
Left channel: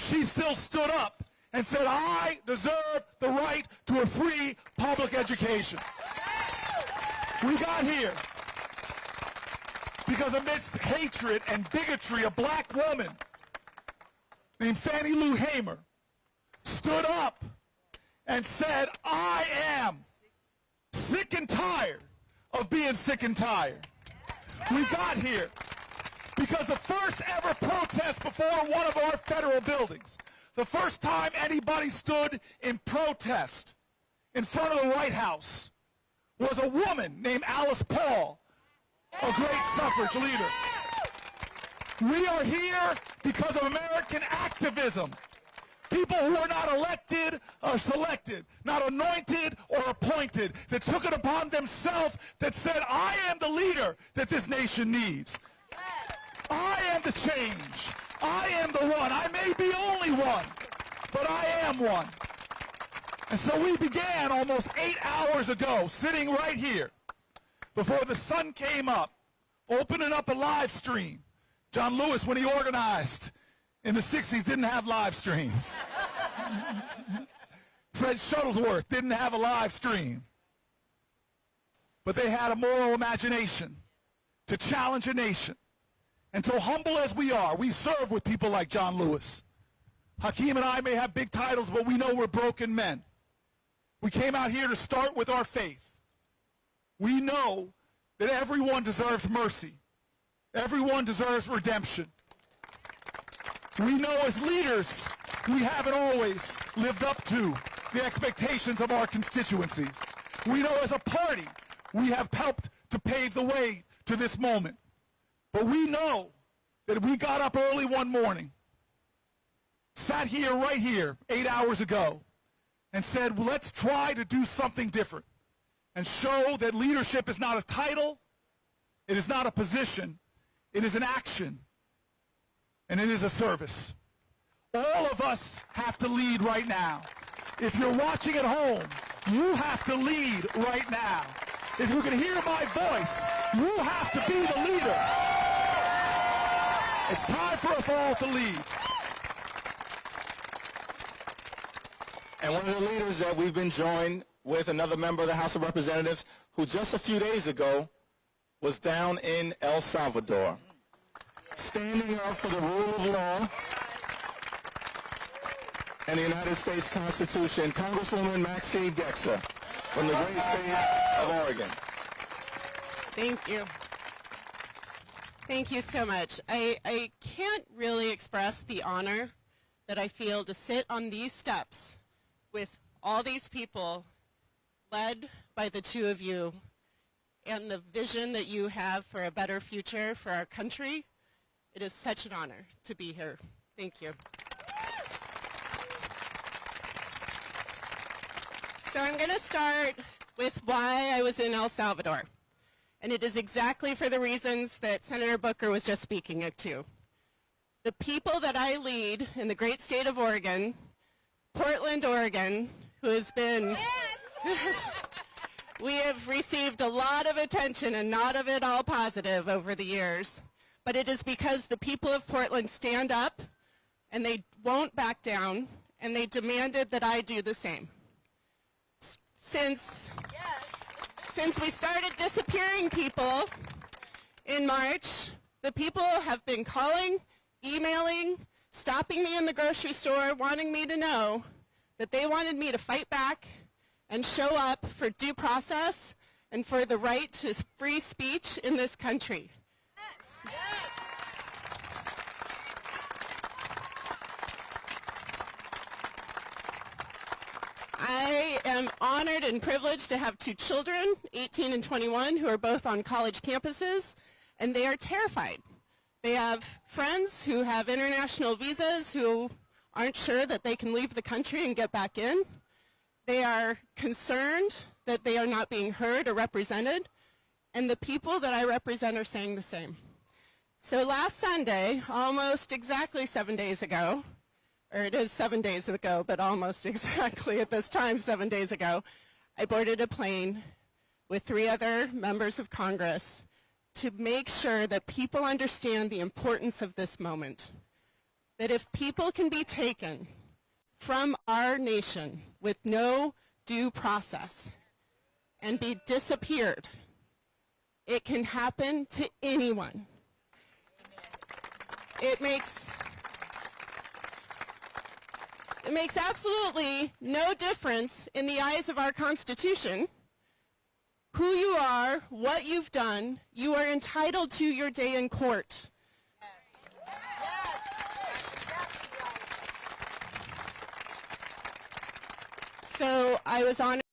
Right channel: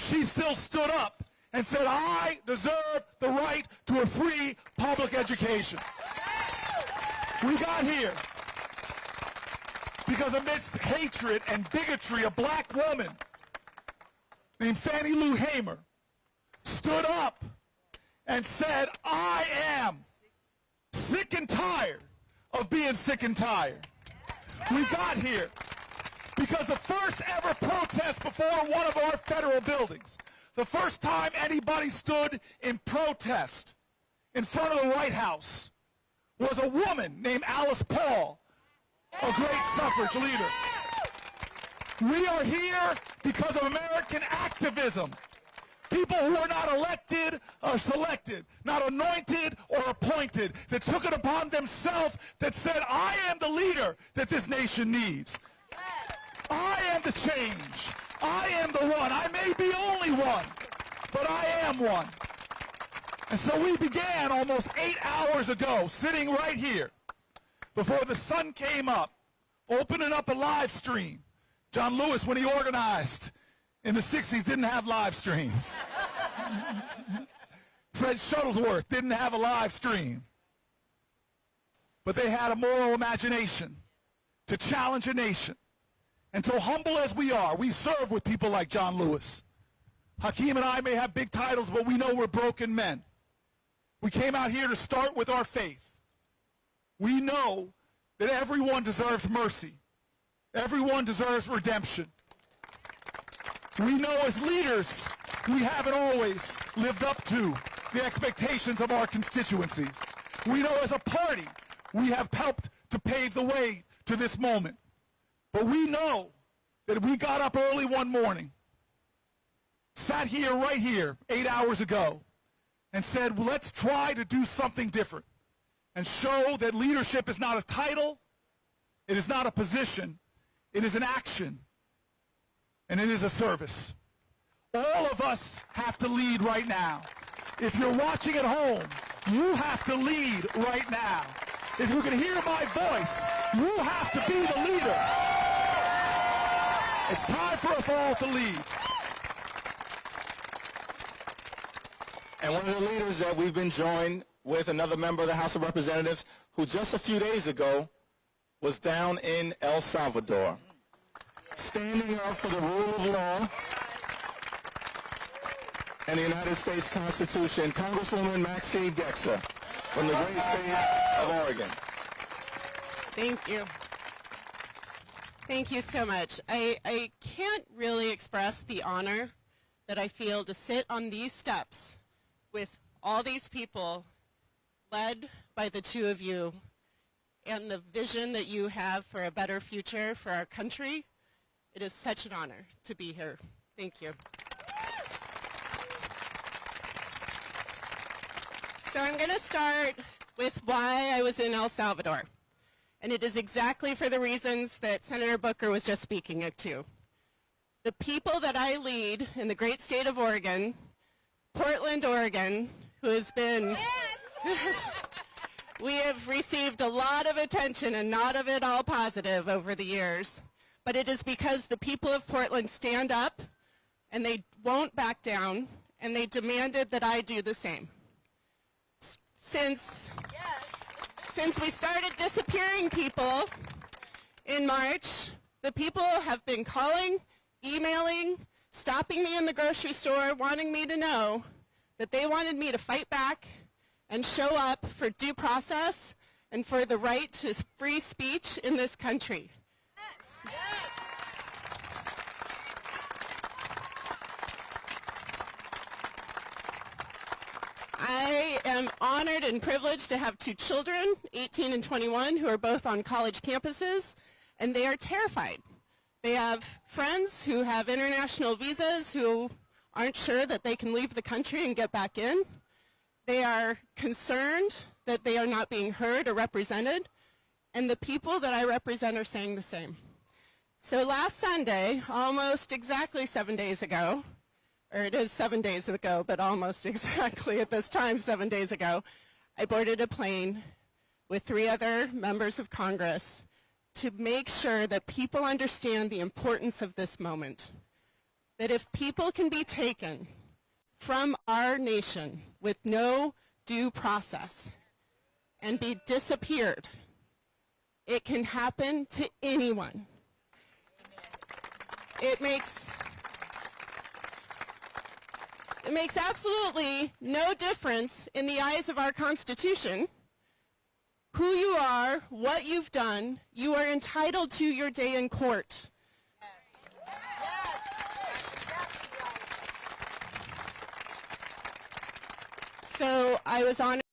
she still stood up and said, I deserve the right to a free public education. We got here because amidst hatred and bigotry, a black woman named Fannie Lou Hamer stood up and said, I am sick and tired of being sick and tired. We got here because the first ever protest before one of our federal buildings, the first time anybody stood in protest in front of the White House, was a woman named Alice Paul, a great suffrage leader. We are here because of American activism. People who are not elected or selected, not anointed or appointed, that took it upon themselves, that said, I am the leader that this nation needs. I am the change. I am the one. I may be only one, but I am one. And so we began almost 8 hours ago, sitting right here, before the sun came up, opening up a live stream. John Lewis, when he organized in the 60s, didn't have live streams. Fred Shuttlesworth didn't have a live stream. But they had a moral imagination to challenge a nation. And so humble as we are, we serve with people like John Lewis. Hakeem and I may have big titles, but we know we're broken men. We came out here to start with our faith. We know that everyone deserves mercy. Everyone deserves redemption. We know as leaders, we haven't always lived up to the expectations of our constituencies. We know as a party, we have helped to pave the way to this moment. But we know that we got up early one morning, sat here right here 8 hours ago, and said, well, let's try to do something different and show that leadership is not a title, it is not a position, it is an action, and it is a service. All of us have to lead right now. If you're watching at home, you have to lead right now. If you can hear my voice, you have to be the leader. It's time for us all to lead. And one of the leaders that we've been joined with, another member of the House of Representatives, who just a few days ago was down in El Salvador, standing up for the rule of law and the United States Constitution, Congresswoman Maxine Dexter from the great state of Oregon. Thank you. Thank you so much. I can't really express the honor that I feel to sit on these steps with all these people led by the two of you and the vision that you have for a better future for our country. It is such an honor to be here. Thank you. So I'm going to start with why I was in El Salvador. And it is exactly for the reasons that Senator Booker was just speaking to. The people that I lead in the great state of Oregon, Portland, Oregon, who has been, we have received a lot of attention and not of it all positive over the years. But it is because the people of Portland stand up and they won't back down, and they demanded that I do the same. Since we started disappearing people in March, the people have been calling, emailing, stopping me in the grocery store, wanting me to know that they wanted me to fight back and show up for due process and for the right to free speech in this country. I am honored and privileged to have two children, 18 and 21, who are both on college campuses, and they are terrified. They have friends who have international visas who aren't sure that they can leave the country and get back in. They are concerned that they are not being heard or represented, and the people that I represent are saying the same. So last Sunday, almost exactly 7 days ago, or it is 7 days ago, but almost exactly at this time 7 days ago, I boarded a plane with 3 other members of Congress to make sure that people understand the importance of this moment. That if people can be taken from our nation with no due process and be disappeared, it can happen to anyone. It makes absolutely no difference in the eyes of our Constitution who you are, what you've done. You are entitled to your day in court. So I was honored